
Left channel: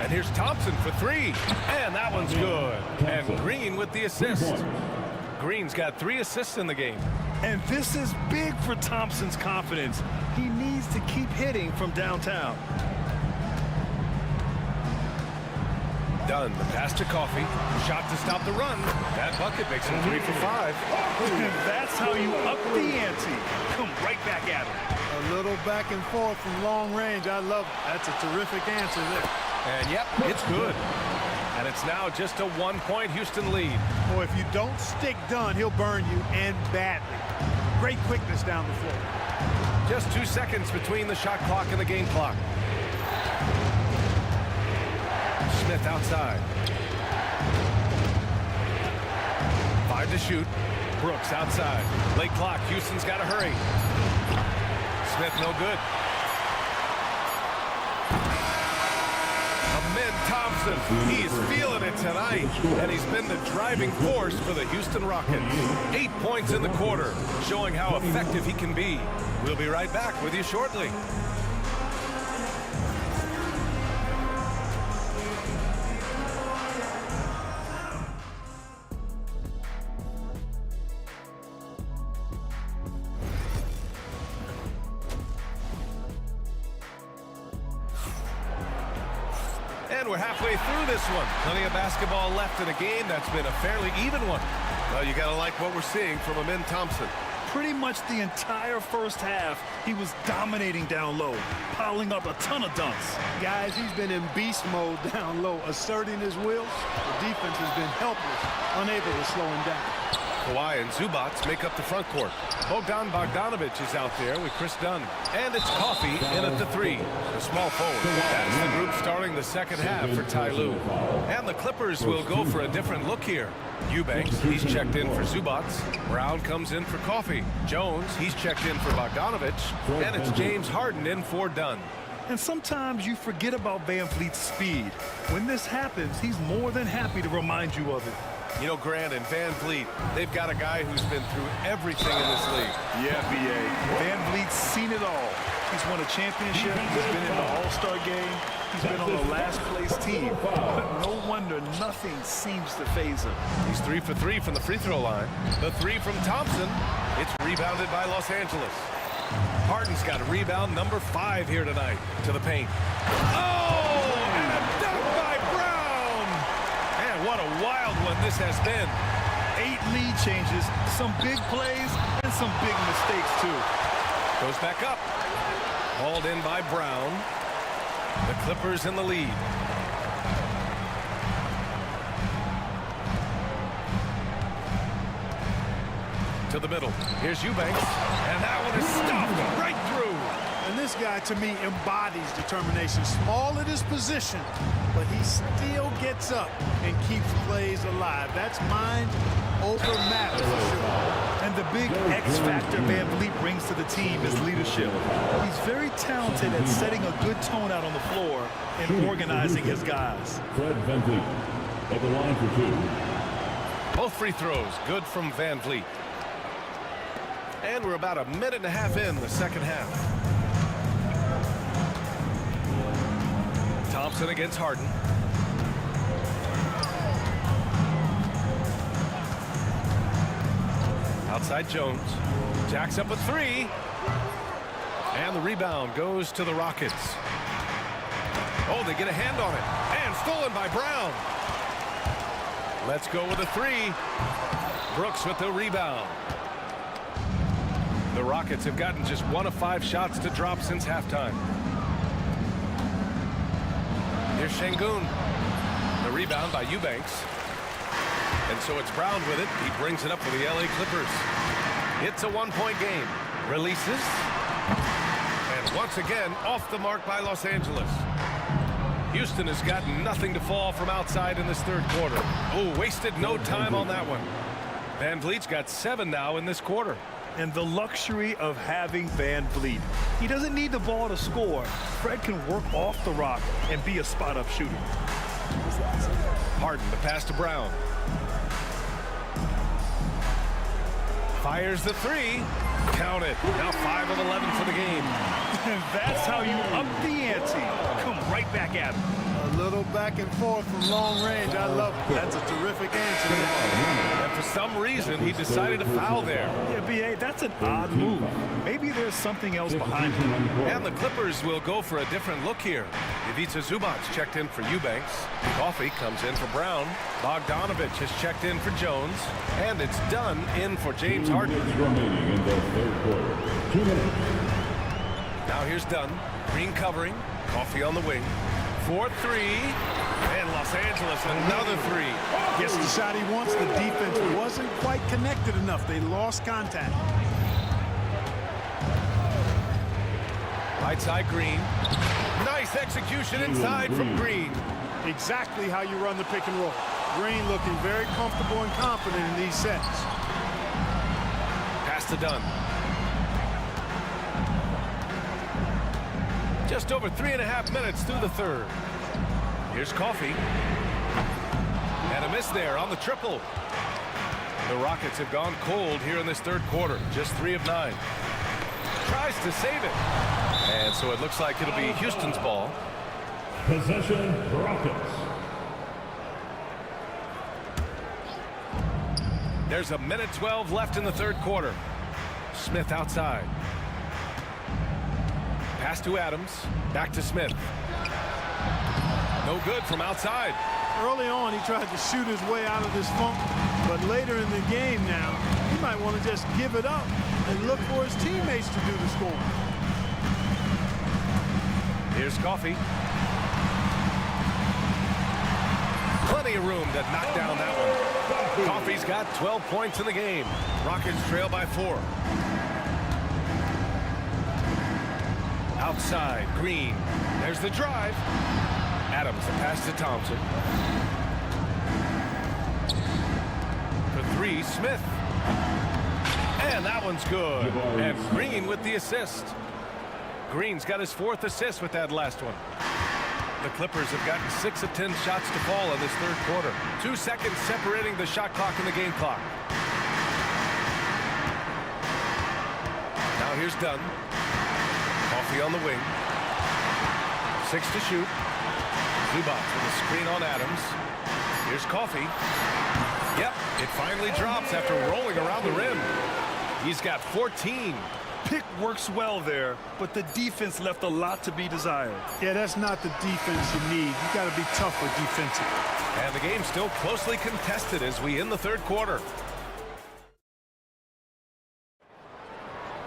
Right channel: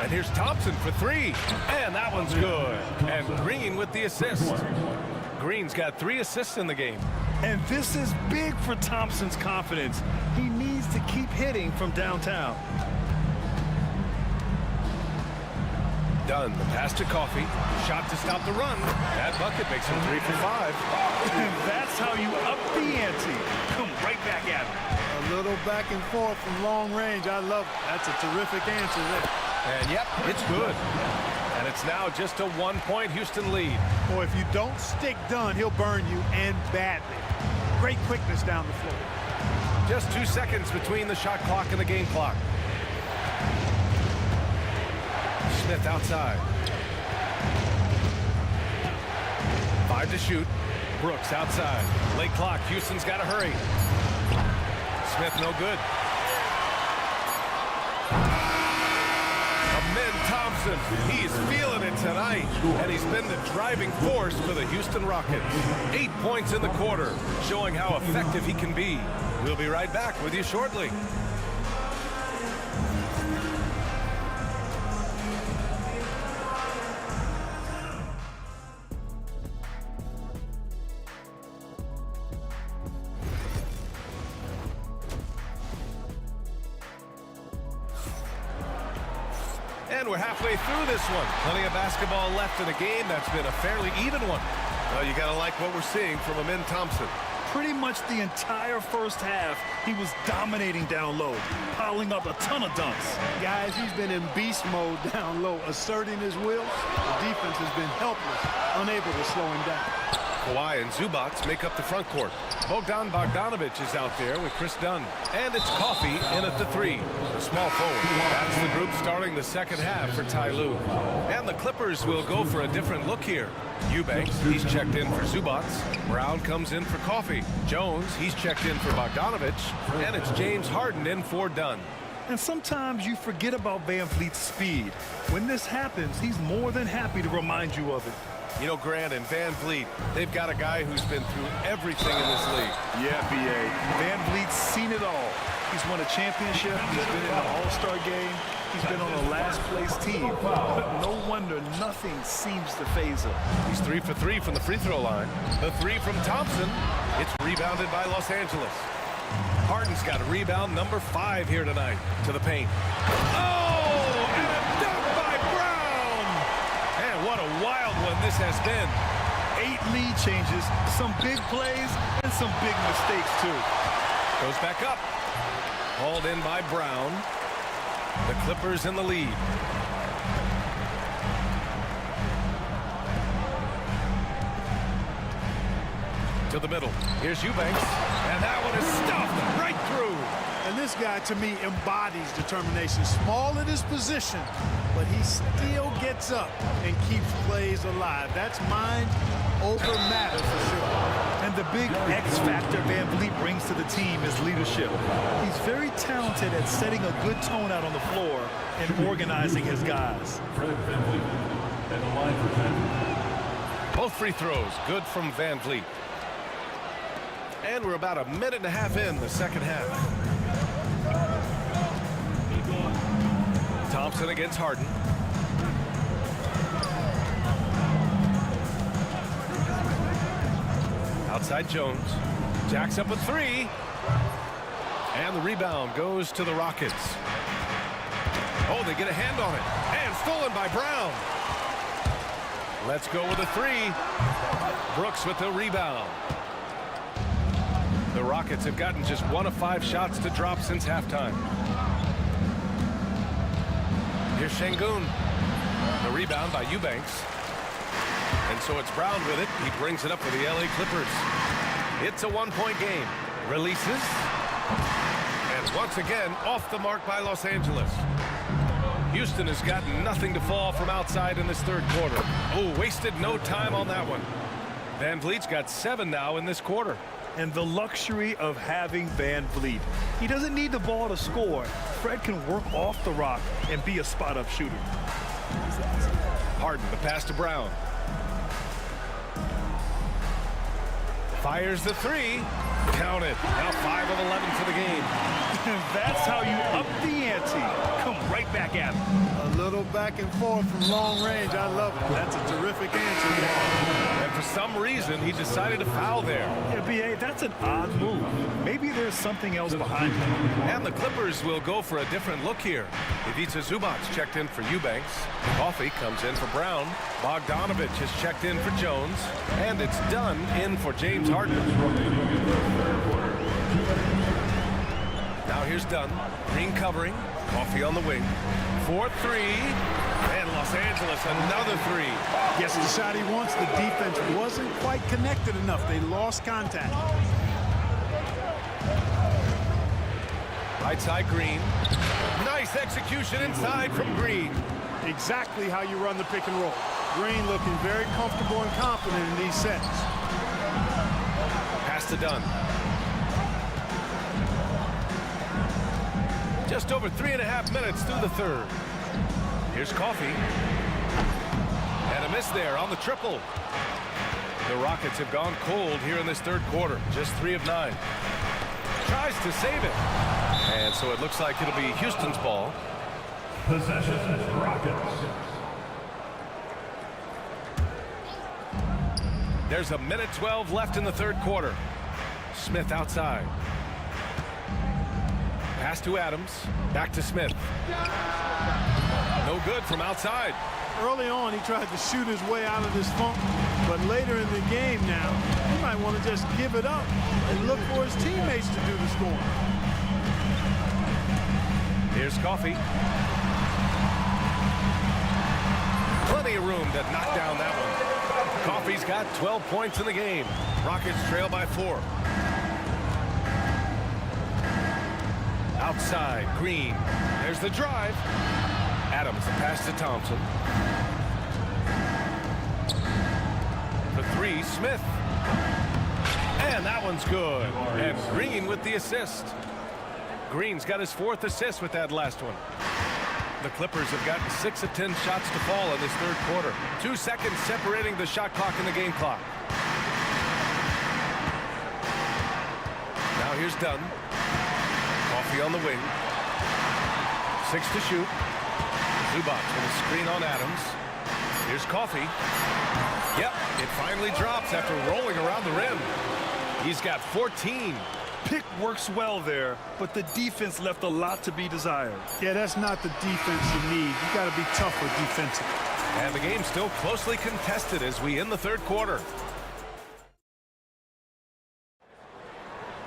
And here's Thompson for 3. And that one's good. And Green with the assist. Green's got 3 assists in the game. And this is big for Thompson's confidence. He needs to keep hitting from downtown. Dunn, the pass to Coffey. Shot to stop the run. That bucket makes him 3 for 5. And that's how you up the ante. Come right back at him. A little back and forth from long range. I love it. That's a terrific answer there. And yep, it's good. And it's now just a 1-point Houston lead. Boy, if you don't stick Dunn, he'll burn you, and badly. Great quickness down the floor. Just 2 seconds between the shot clock and the game clock. Smith outside. 5 to shoot. Brooks outside. Late clock. Houston's got to hurry. Smith no good. Amin Thompson, he's feeling it tonight, and he's been the driving force for the Houston Rockets. 8 points in the quarter, showing how effective he can be. We'll be right back with you shortly. And we're halfway through this one. Plenty of basketball left in a game that's been a fairly even one. Well, you got to like what we're seeing from Amin Thompson. Pretty much the entire first half, he was dominating down low, piling up a ton of dunks. Guys, he's been in beast mode down low, asserting his will. The defense has been helpless, unable to slow him down. Kawhi and Zubats make up the front court. Bogdan Bogdanovic is out there with Chris Dunn. And it's Coffey in at the 3, the small forward. That's the group starting the second half for Ty Lue. And the Clippers will go for a different look here. Eubanks, he's checked in for Zubats. Brown comes in for Coffey. Jones, he's checked in for Bogdanovic. And it's James Harden in for Dunn. And sometimes you forget about Van Vliet's speed. When this happens, he's more than happy to remind you of it. You know, Grant and Van Vliet, they've got a guy who's been through everything in this league. Yeah, B.A. Van Vliet's seen it all. He's won a championship. He's been in the All-Star game. He's been on the last-place team. But no wonder nothing seems to faze him. He's 3 for 3 from the free throw line. The 3 from Thompson. It's rebounded by Los Angeles. Harden's got a rebound number 5 here tonight to the paint. Oh, and a dunk by Brown. And what a wild one this has been. 8 lead changes, some big plays, and some big mistakes, too. Goes back up. Hauled in by Brown. The Clippers in the lead. To the middle. Here's Eubanks. And that one is stuffed right through. And this guy, to me, embodies determination. Small at his position, but he still gets up and keeps plays alive. That's mind over matter for sure. And the big X factor Van Vliet brings to the team is leadership. He's very talented at setting a good tone out on the floor and organizing his guys. Fred Van Vliet at the line for two. Both free throws good from Van Vliet. And we're about a minute and a half in the second half. Thompson against Harden. Outside Jones. Jacks up a three. And the rebound goes to the Rockets. Oh, they get a hand on it. And stolen by Brown. Let's go with a three. Brooks with the rebound. The Rockets have gotten just 1 of 5 shots to drop since halftime. Here's Şengün. The rebound by Eubanks. And so it's Brown with it. He brings it up for the LA Clippers. It's a 1-point game. Releases. And once again, off the mark by Los Angeles. Houston has gotten nothing to fall from outside in this third quarter. Oh, wasted no time on that one. Van Vliet's got 7 now in this quarter. And the luxury of having Van Vliet. He doesn't need the ball to score. Fred can work off the rock and be a spot-up shooter. Harden, the pass to Brown. Fires the three. Count it. Now 5 of 11 for the game. And that's how you up the ante. Come right back at him. A little back and forth from long range. I love it. That's a terrific answer. And for some reason, he decided to foul there. Yeah, B.A., that's an odd move. Maybe there's something else behind it. And the Clippers will go for a different look here. Ivica Zubac checked in for Eubanks. Coffey comes in for Brown. Bogdanovich has checked in for Jones. And it's done in for James Harden. Now here's Dunn. Green covering. Coffey on the wing. 4-3. And Los Angeles another three. Gets the shot he wants. The defense wasn't quite connected enough. They lost contact. Right side Green. Nice execution inside from Green. Exactly how you run the pick and roll. Green looking very comfortable and confident in these sets. Pass to Dunn. Just over 3.5 minutes through the third. Here's Coffey. And a miss there on the triple. The Rockets have gone cold here in this third quarter. Just 3 of 9. Tries to save it. And so it looks like it'll be Houston's ball. Possession, Rockets. There's a minute 12 left in the third quarter. Smith outside. Pass to Adams. Back to Smith. No good from outside. Early on, he tried to shoot his way out of this funk, but later in the game now, he might want to just give it up and look for his teammates to do the scoring. Here's Coffey. Plenty of room to knock down that one. Coffey's got 12 points in the game. Rockets trail by 4. Outside, Green. There's the drive. Adams, the pass to Thompson. For 3, Smith. And that one's good. And Green with the assist. Green's got his 4th assist with that last one. The Clippers have gotten 6 of 10 shots to fall in this third quarter. 2 seconds separating the shot clock and the game clock. Now here's Dunn. Coffey on the wing. 6 to shoot. Zubac with a screen on Adams. Here's Coffey. Yep, it finally drops after rolling around the rim. He's got 14. Pick works well there, but the defense left a lot to be desired. Yeah, that's not the defense you need. You got to be tougher defensively. And the game's still closely contested as we end the third quarter.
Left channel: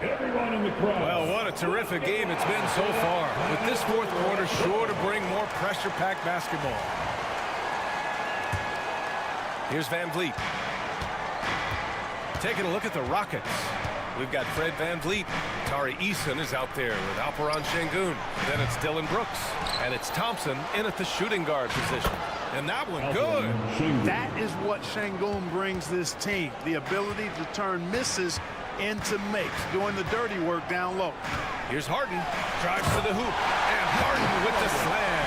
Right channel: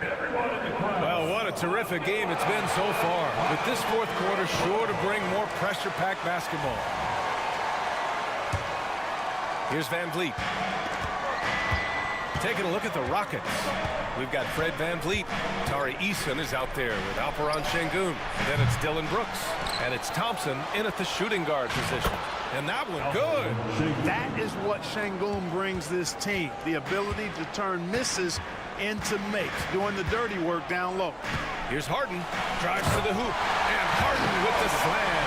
Everyone in the crowd. Well, what a terrific game it's been so far. With this fourth quarter sure to bring more pressure-packed basketball. Here's Van Vliet. Taking a look at the Rockets. We've got Fred Van Vliet. Tari Eason is out there with Alperen Şengün. Then it's Dylan Brooks. And it's Thompson in at the shooting guard position. And that one good. That is what Şengün brings this team, the ability to turn misses into makes, doing the dirty work down low. Here's Harden, drives to the hoop, and Harden with the slam.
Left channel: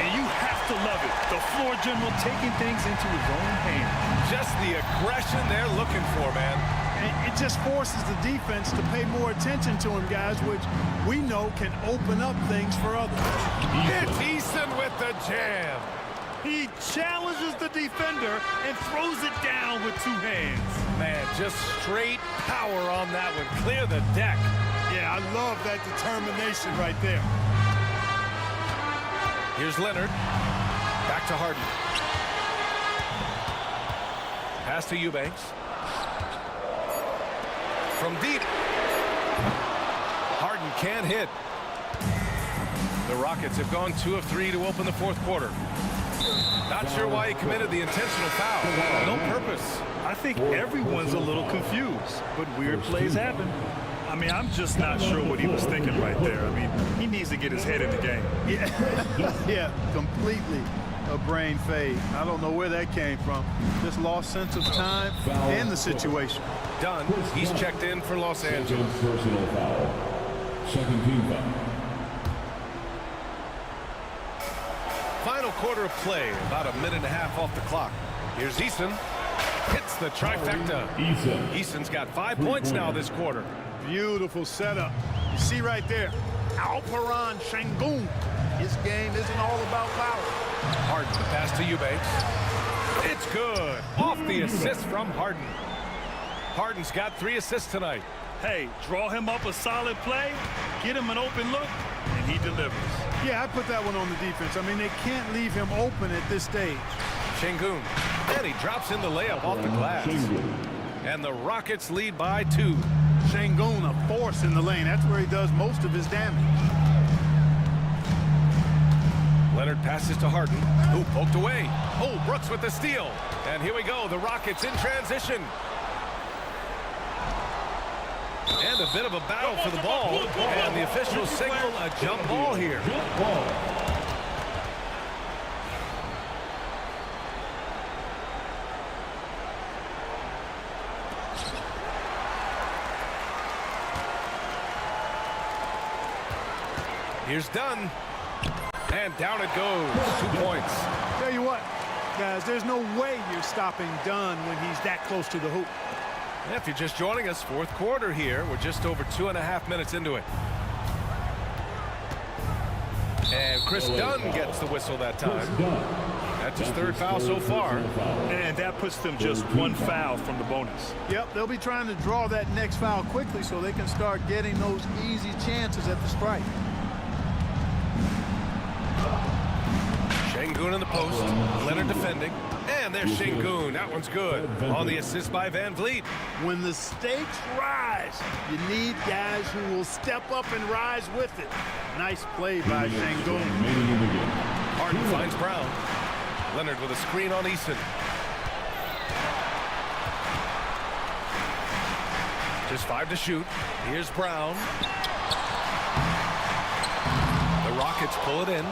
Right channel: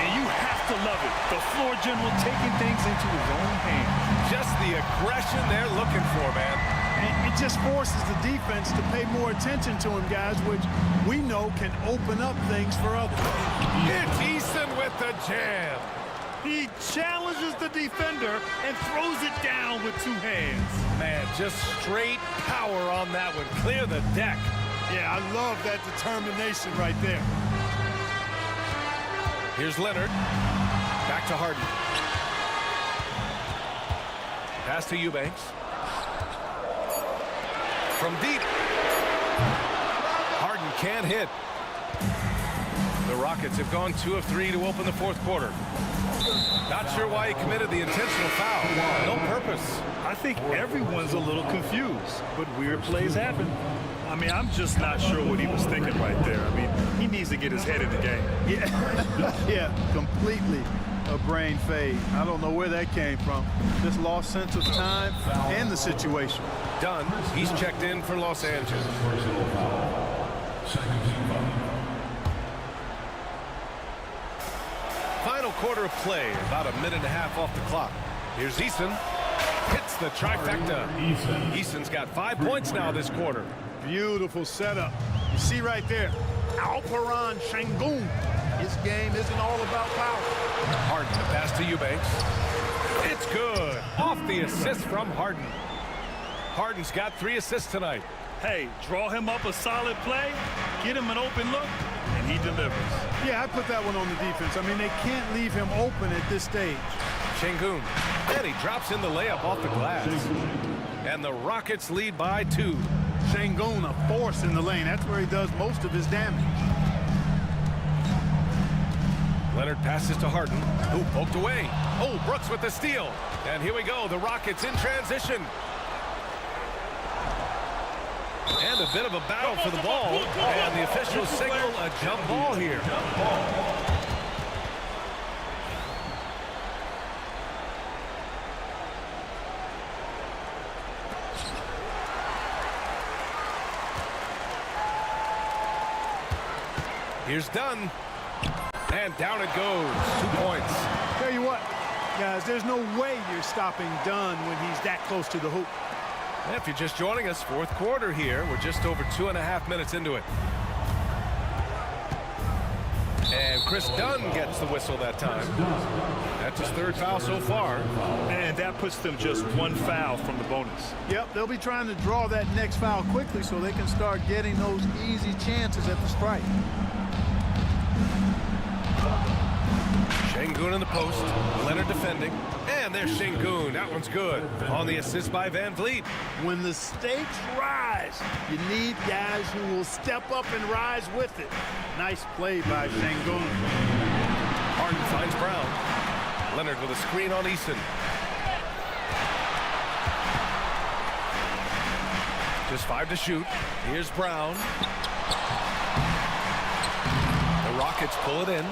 And you have to love it. The floor general taking things into his own hands. Just the aggression they're looking for, man. And it just forces the defense to pay more attention to him, guys, which we know can open up things for others. It's Eason with the jam. He challenges the defender and throws it down with two hands. Man, just straight power on that one. Clear the deck. Yeah, I love that determination right there. Here's Leonard. Back to Harden. Pass to Eubanks. From deep. Harden can't hit. The Rockets have gone 2 of 3 to open the fourth quarter. Not sure why he committed the intentional foul. No purpose. I think everyone's a little confused, but weird plays happen. I mean, I'm just not sure what he was thinking right there. I mean, he needs to get his head in the game. Yeah, completely a brain fade. I don't know where that came from. Just lost sense of time and the situation. Dunn, he's checked in for Los Angeles. Personal foul. Second team foul. Final quarter of play, about a minute and a half off the clock. Here's Eason. Hits the trifecta. Eason's got 5 points now this quarter. Beautiful setup. You see right there, Alperen Şengün. His game isn't all about power. Harden, the pass to Eubanks. It's good. Off the assist from Harden. Harden's got 3 assists tonight. Hey, draw him up a solid play, get him an open look, and he delivers. Yeah, I put that one on the defense. I mean, they can't leave him open at this stage. Şengün, and he drops in the layup off the glass. And the Rockets lead by 2. Şengün, a force in the lane. That's where he does most of his damage. Leonard passes to Harden, who poked away. Oh, Brooks with the steal. And here we go, the Rockets in transition. And a bit of a battle for the ball. And the officials signal a jump ball here. Here's Dunn. And down it goes. 2 points. Tell you what, guys, there's no way you're stopping Dunn when he's that close to the hoop. If you're just joining us, fourth quarter here. We're just over 2.5 minutes into it. And Chris Dunn gets the whistle that time. That's his 3rd foul so far. And that puts them just 1 foul from the bonus. Yep, they'll be trying to draw that next foul quickly so they can start getting those easy chances at the strike. Şengün in the post. Leonard defending. And there's Şengün. That one's good. On the assist by Van Vliet. When the stakes rise, you need guys who will step up and rise with it. Nice play by Şengün. Harden finds Brown. Leonard with a screen on Eason. Just 5 to shoot. Here's Brown. The Rockets pull it in.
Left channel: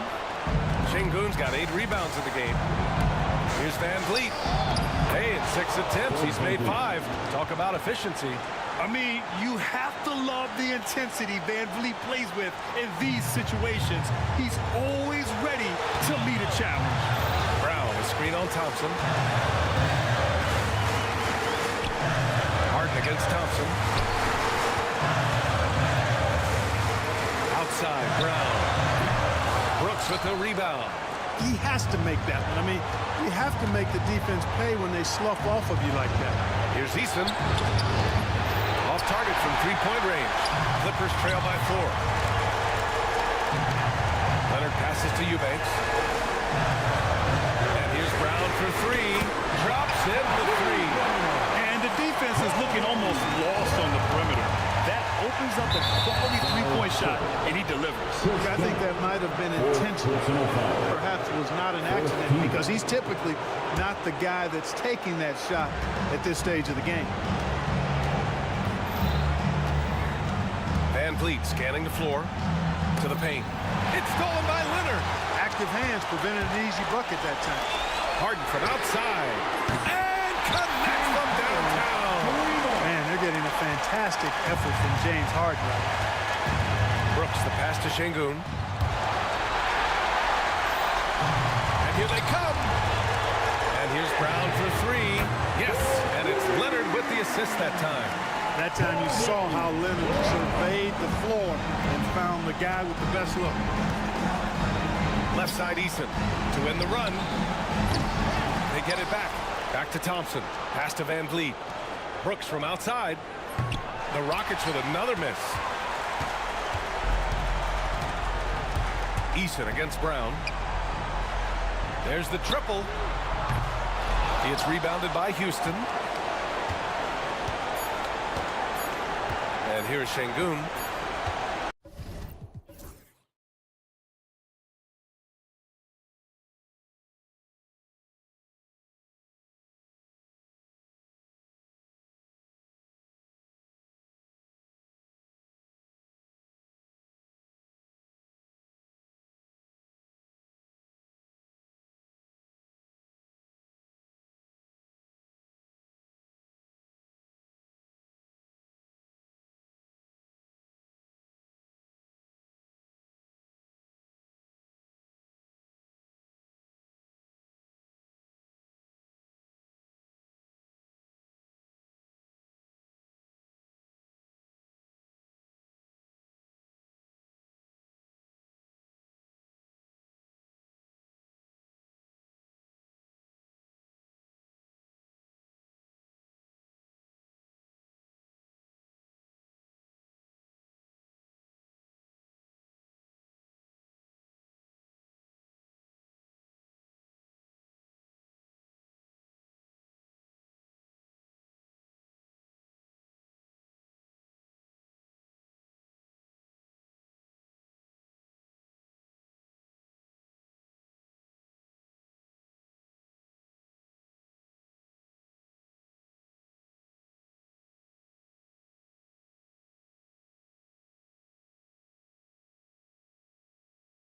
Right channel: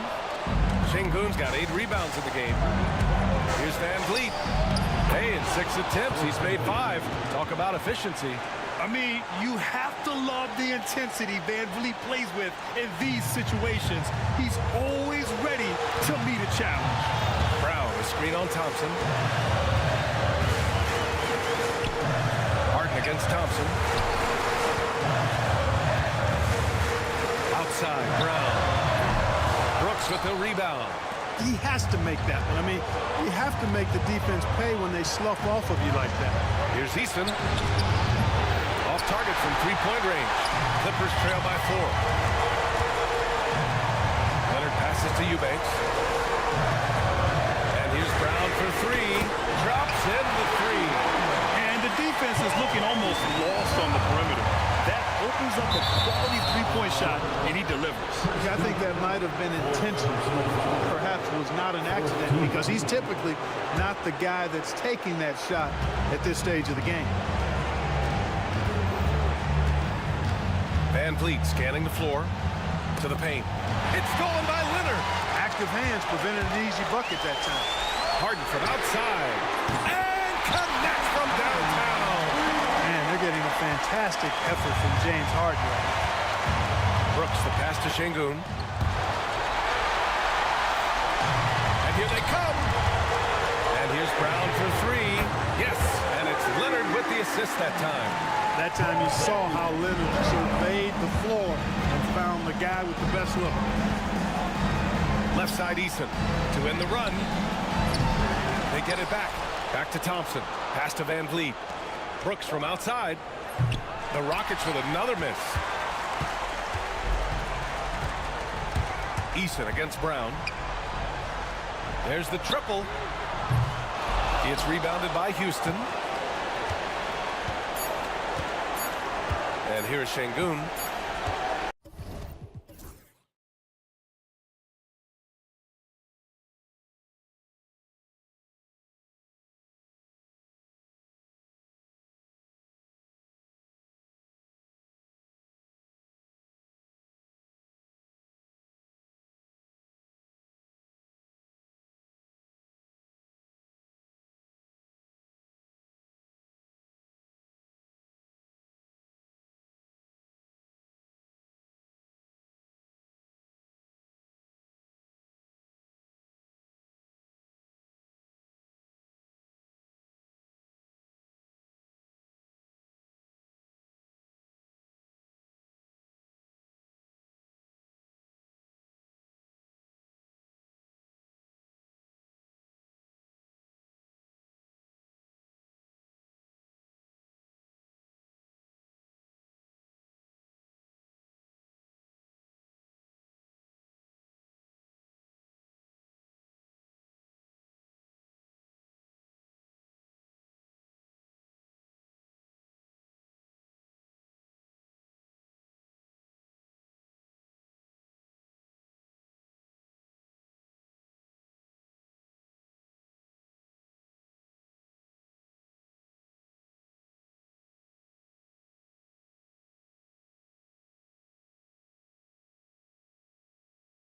Şengün's got 8 rebounds in the game. Here's Van Vliet. Hey, in 6 attempts, he's made 5. Talk about efficiency. I mean, you have to love the intensity Van Vliet plays with in these situations. He's always ready to meet a challenge. Brown, a screen on Thompson. Harden against Thompson. Outside, Brown. Brooks with the rebound. He has to make that one. I mean, you have to make the defense pay when they slough off of you like that. Here's Eason. Off target from 3-point range. Clippers trail by 4. Leonard passes to Eubanks. And here's Brown for 3. Drops in the 3. And the defense is looking almost lost on the perimeter. That opens up a quality 3-point shot, and he delivers. I think that might have been intentional. Perhaps was not an accident because he's typically not the guy that's taking that shot at this stage of the game. Van Vliet scanning the floor to the paint. It's stolen by Leonard. active hands prevented an easy bucket that time. Harden from outside. And connects from downtown. Man, they're getting a fantastic effort from James Harden right now. Brooks, the pass to Şengün. And here they come. And here's Brown for three. Yes, and it's Leonard with the assist that time. That time you saw how Leonard surveyed the floor and found the guy with the best look. Left side Eason to end the run. They get it back. Back to Thompson. Pass to Van Vliet. Brooks from outside. The Rockets with another miss. Eason against Brown. There's the triple. It's rebounded by Houston. And here's Şengün.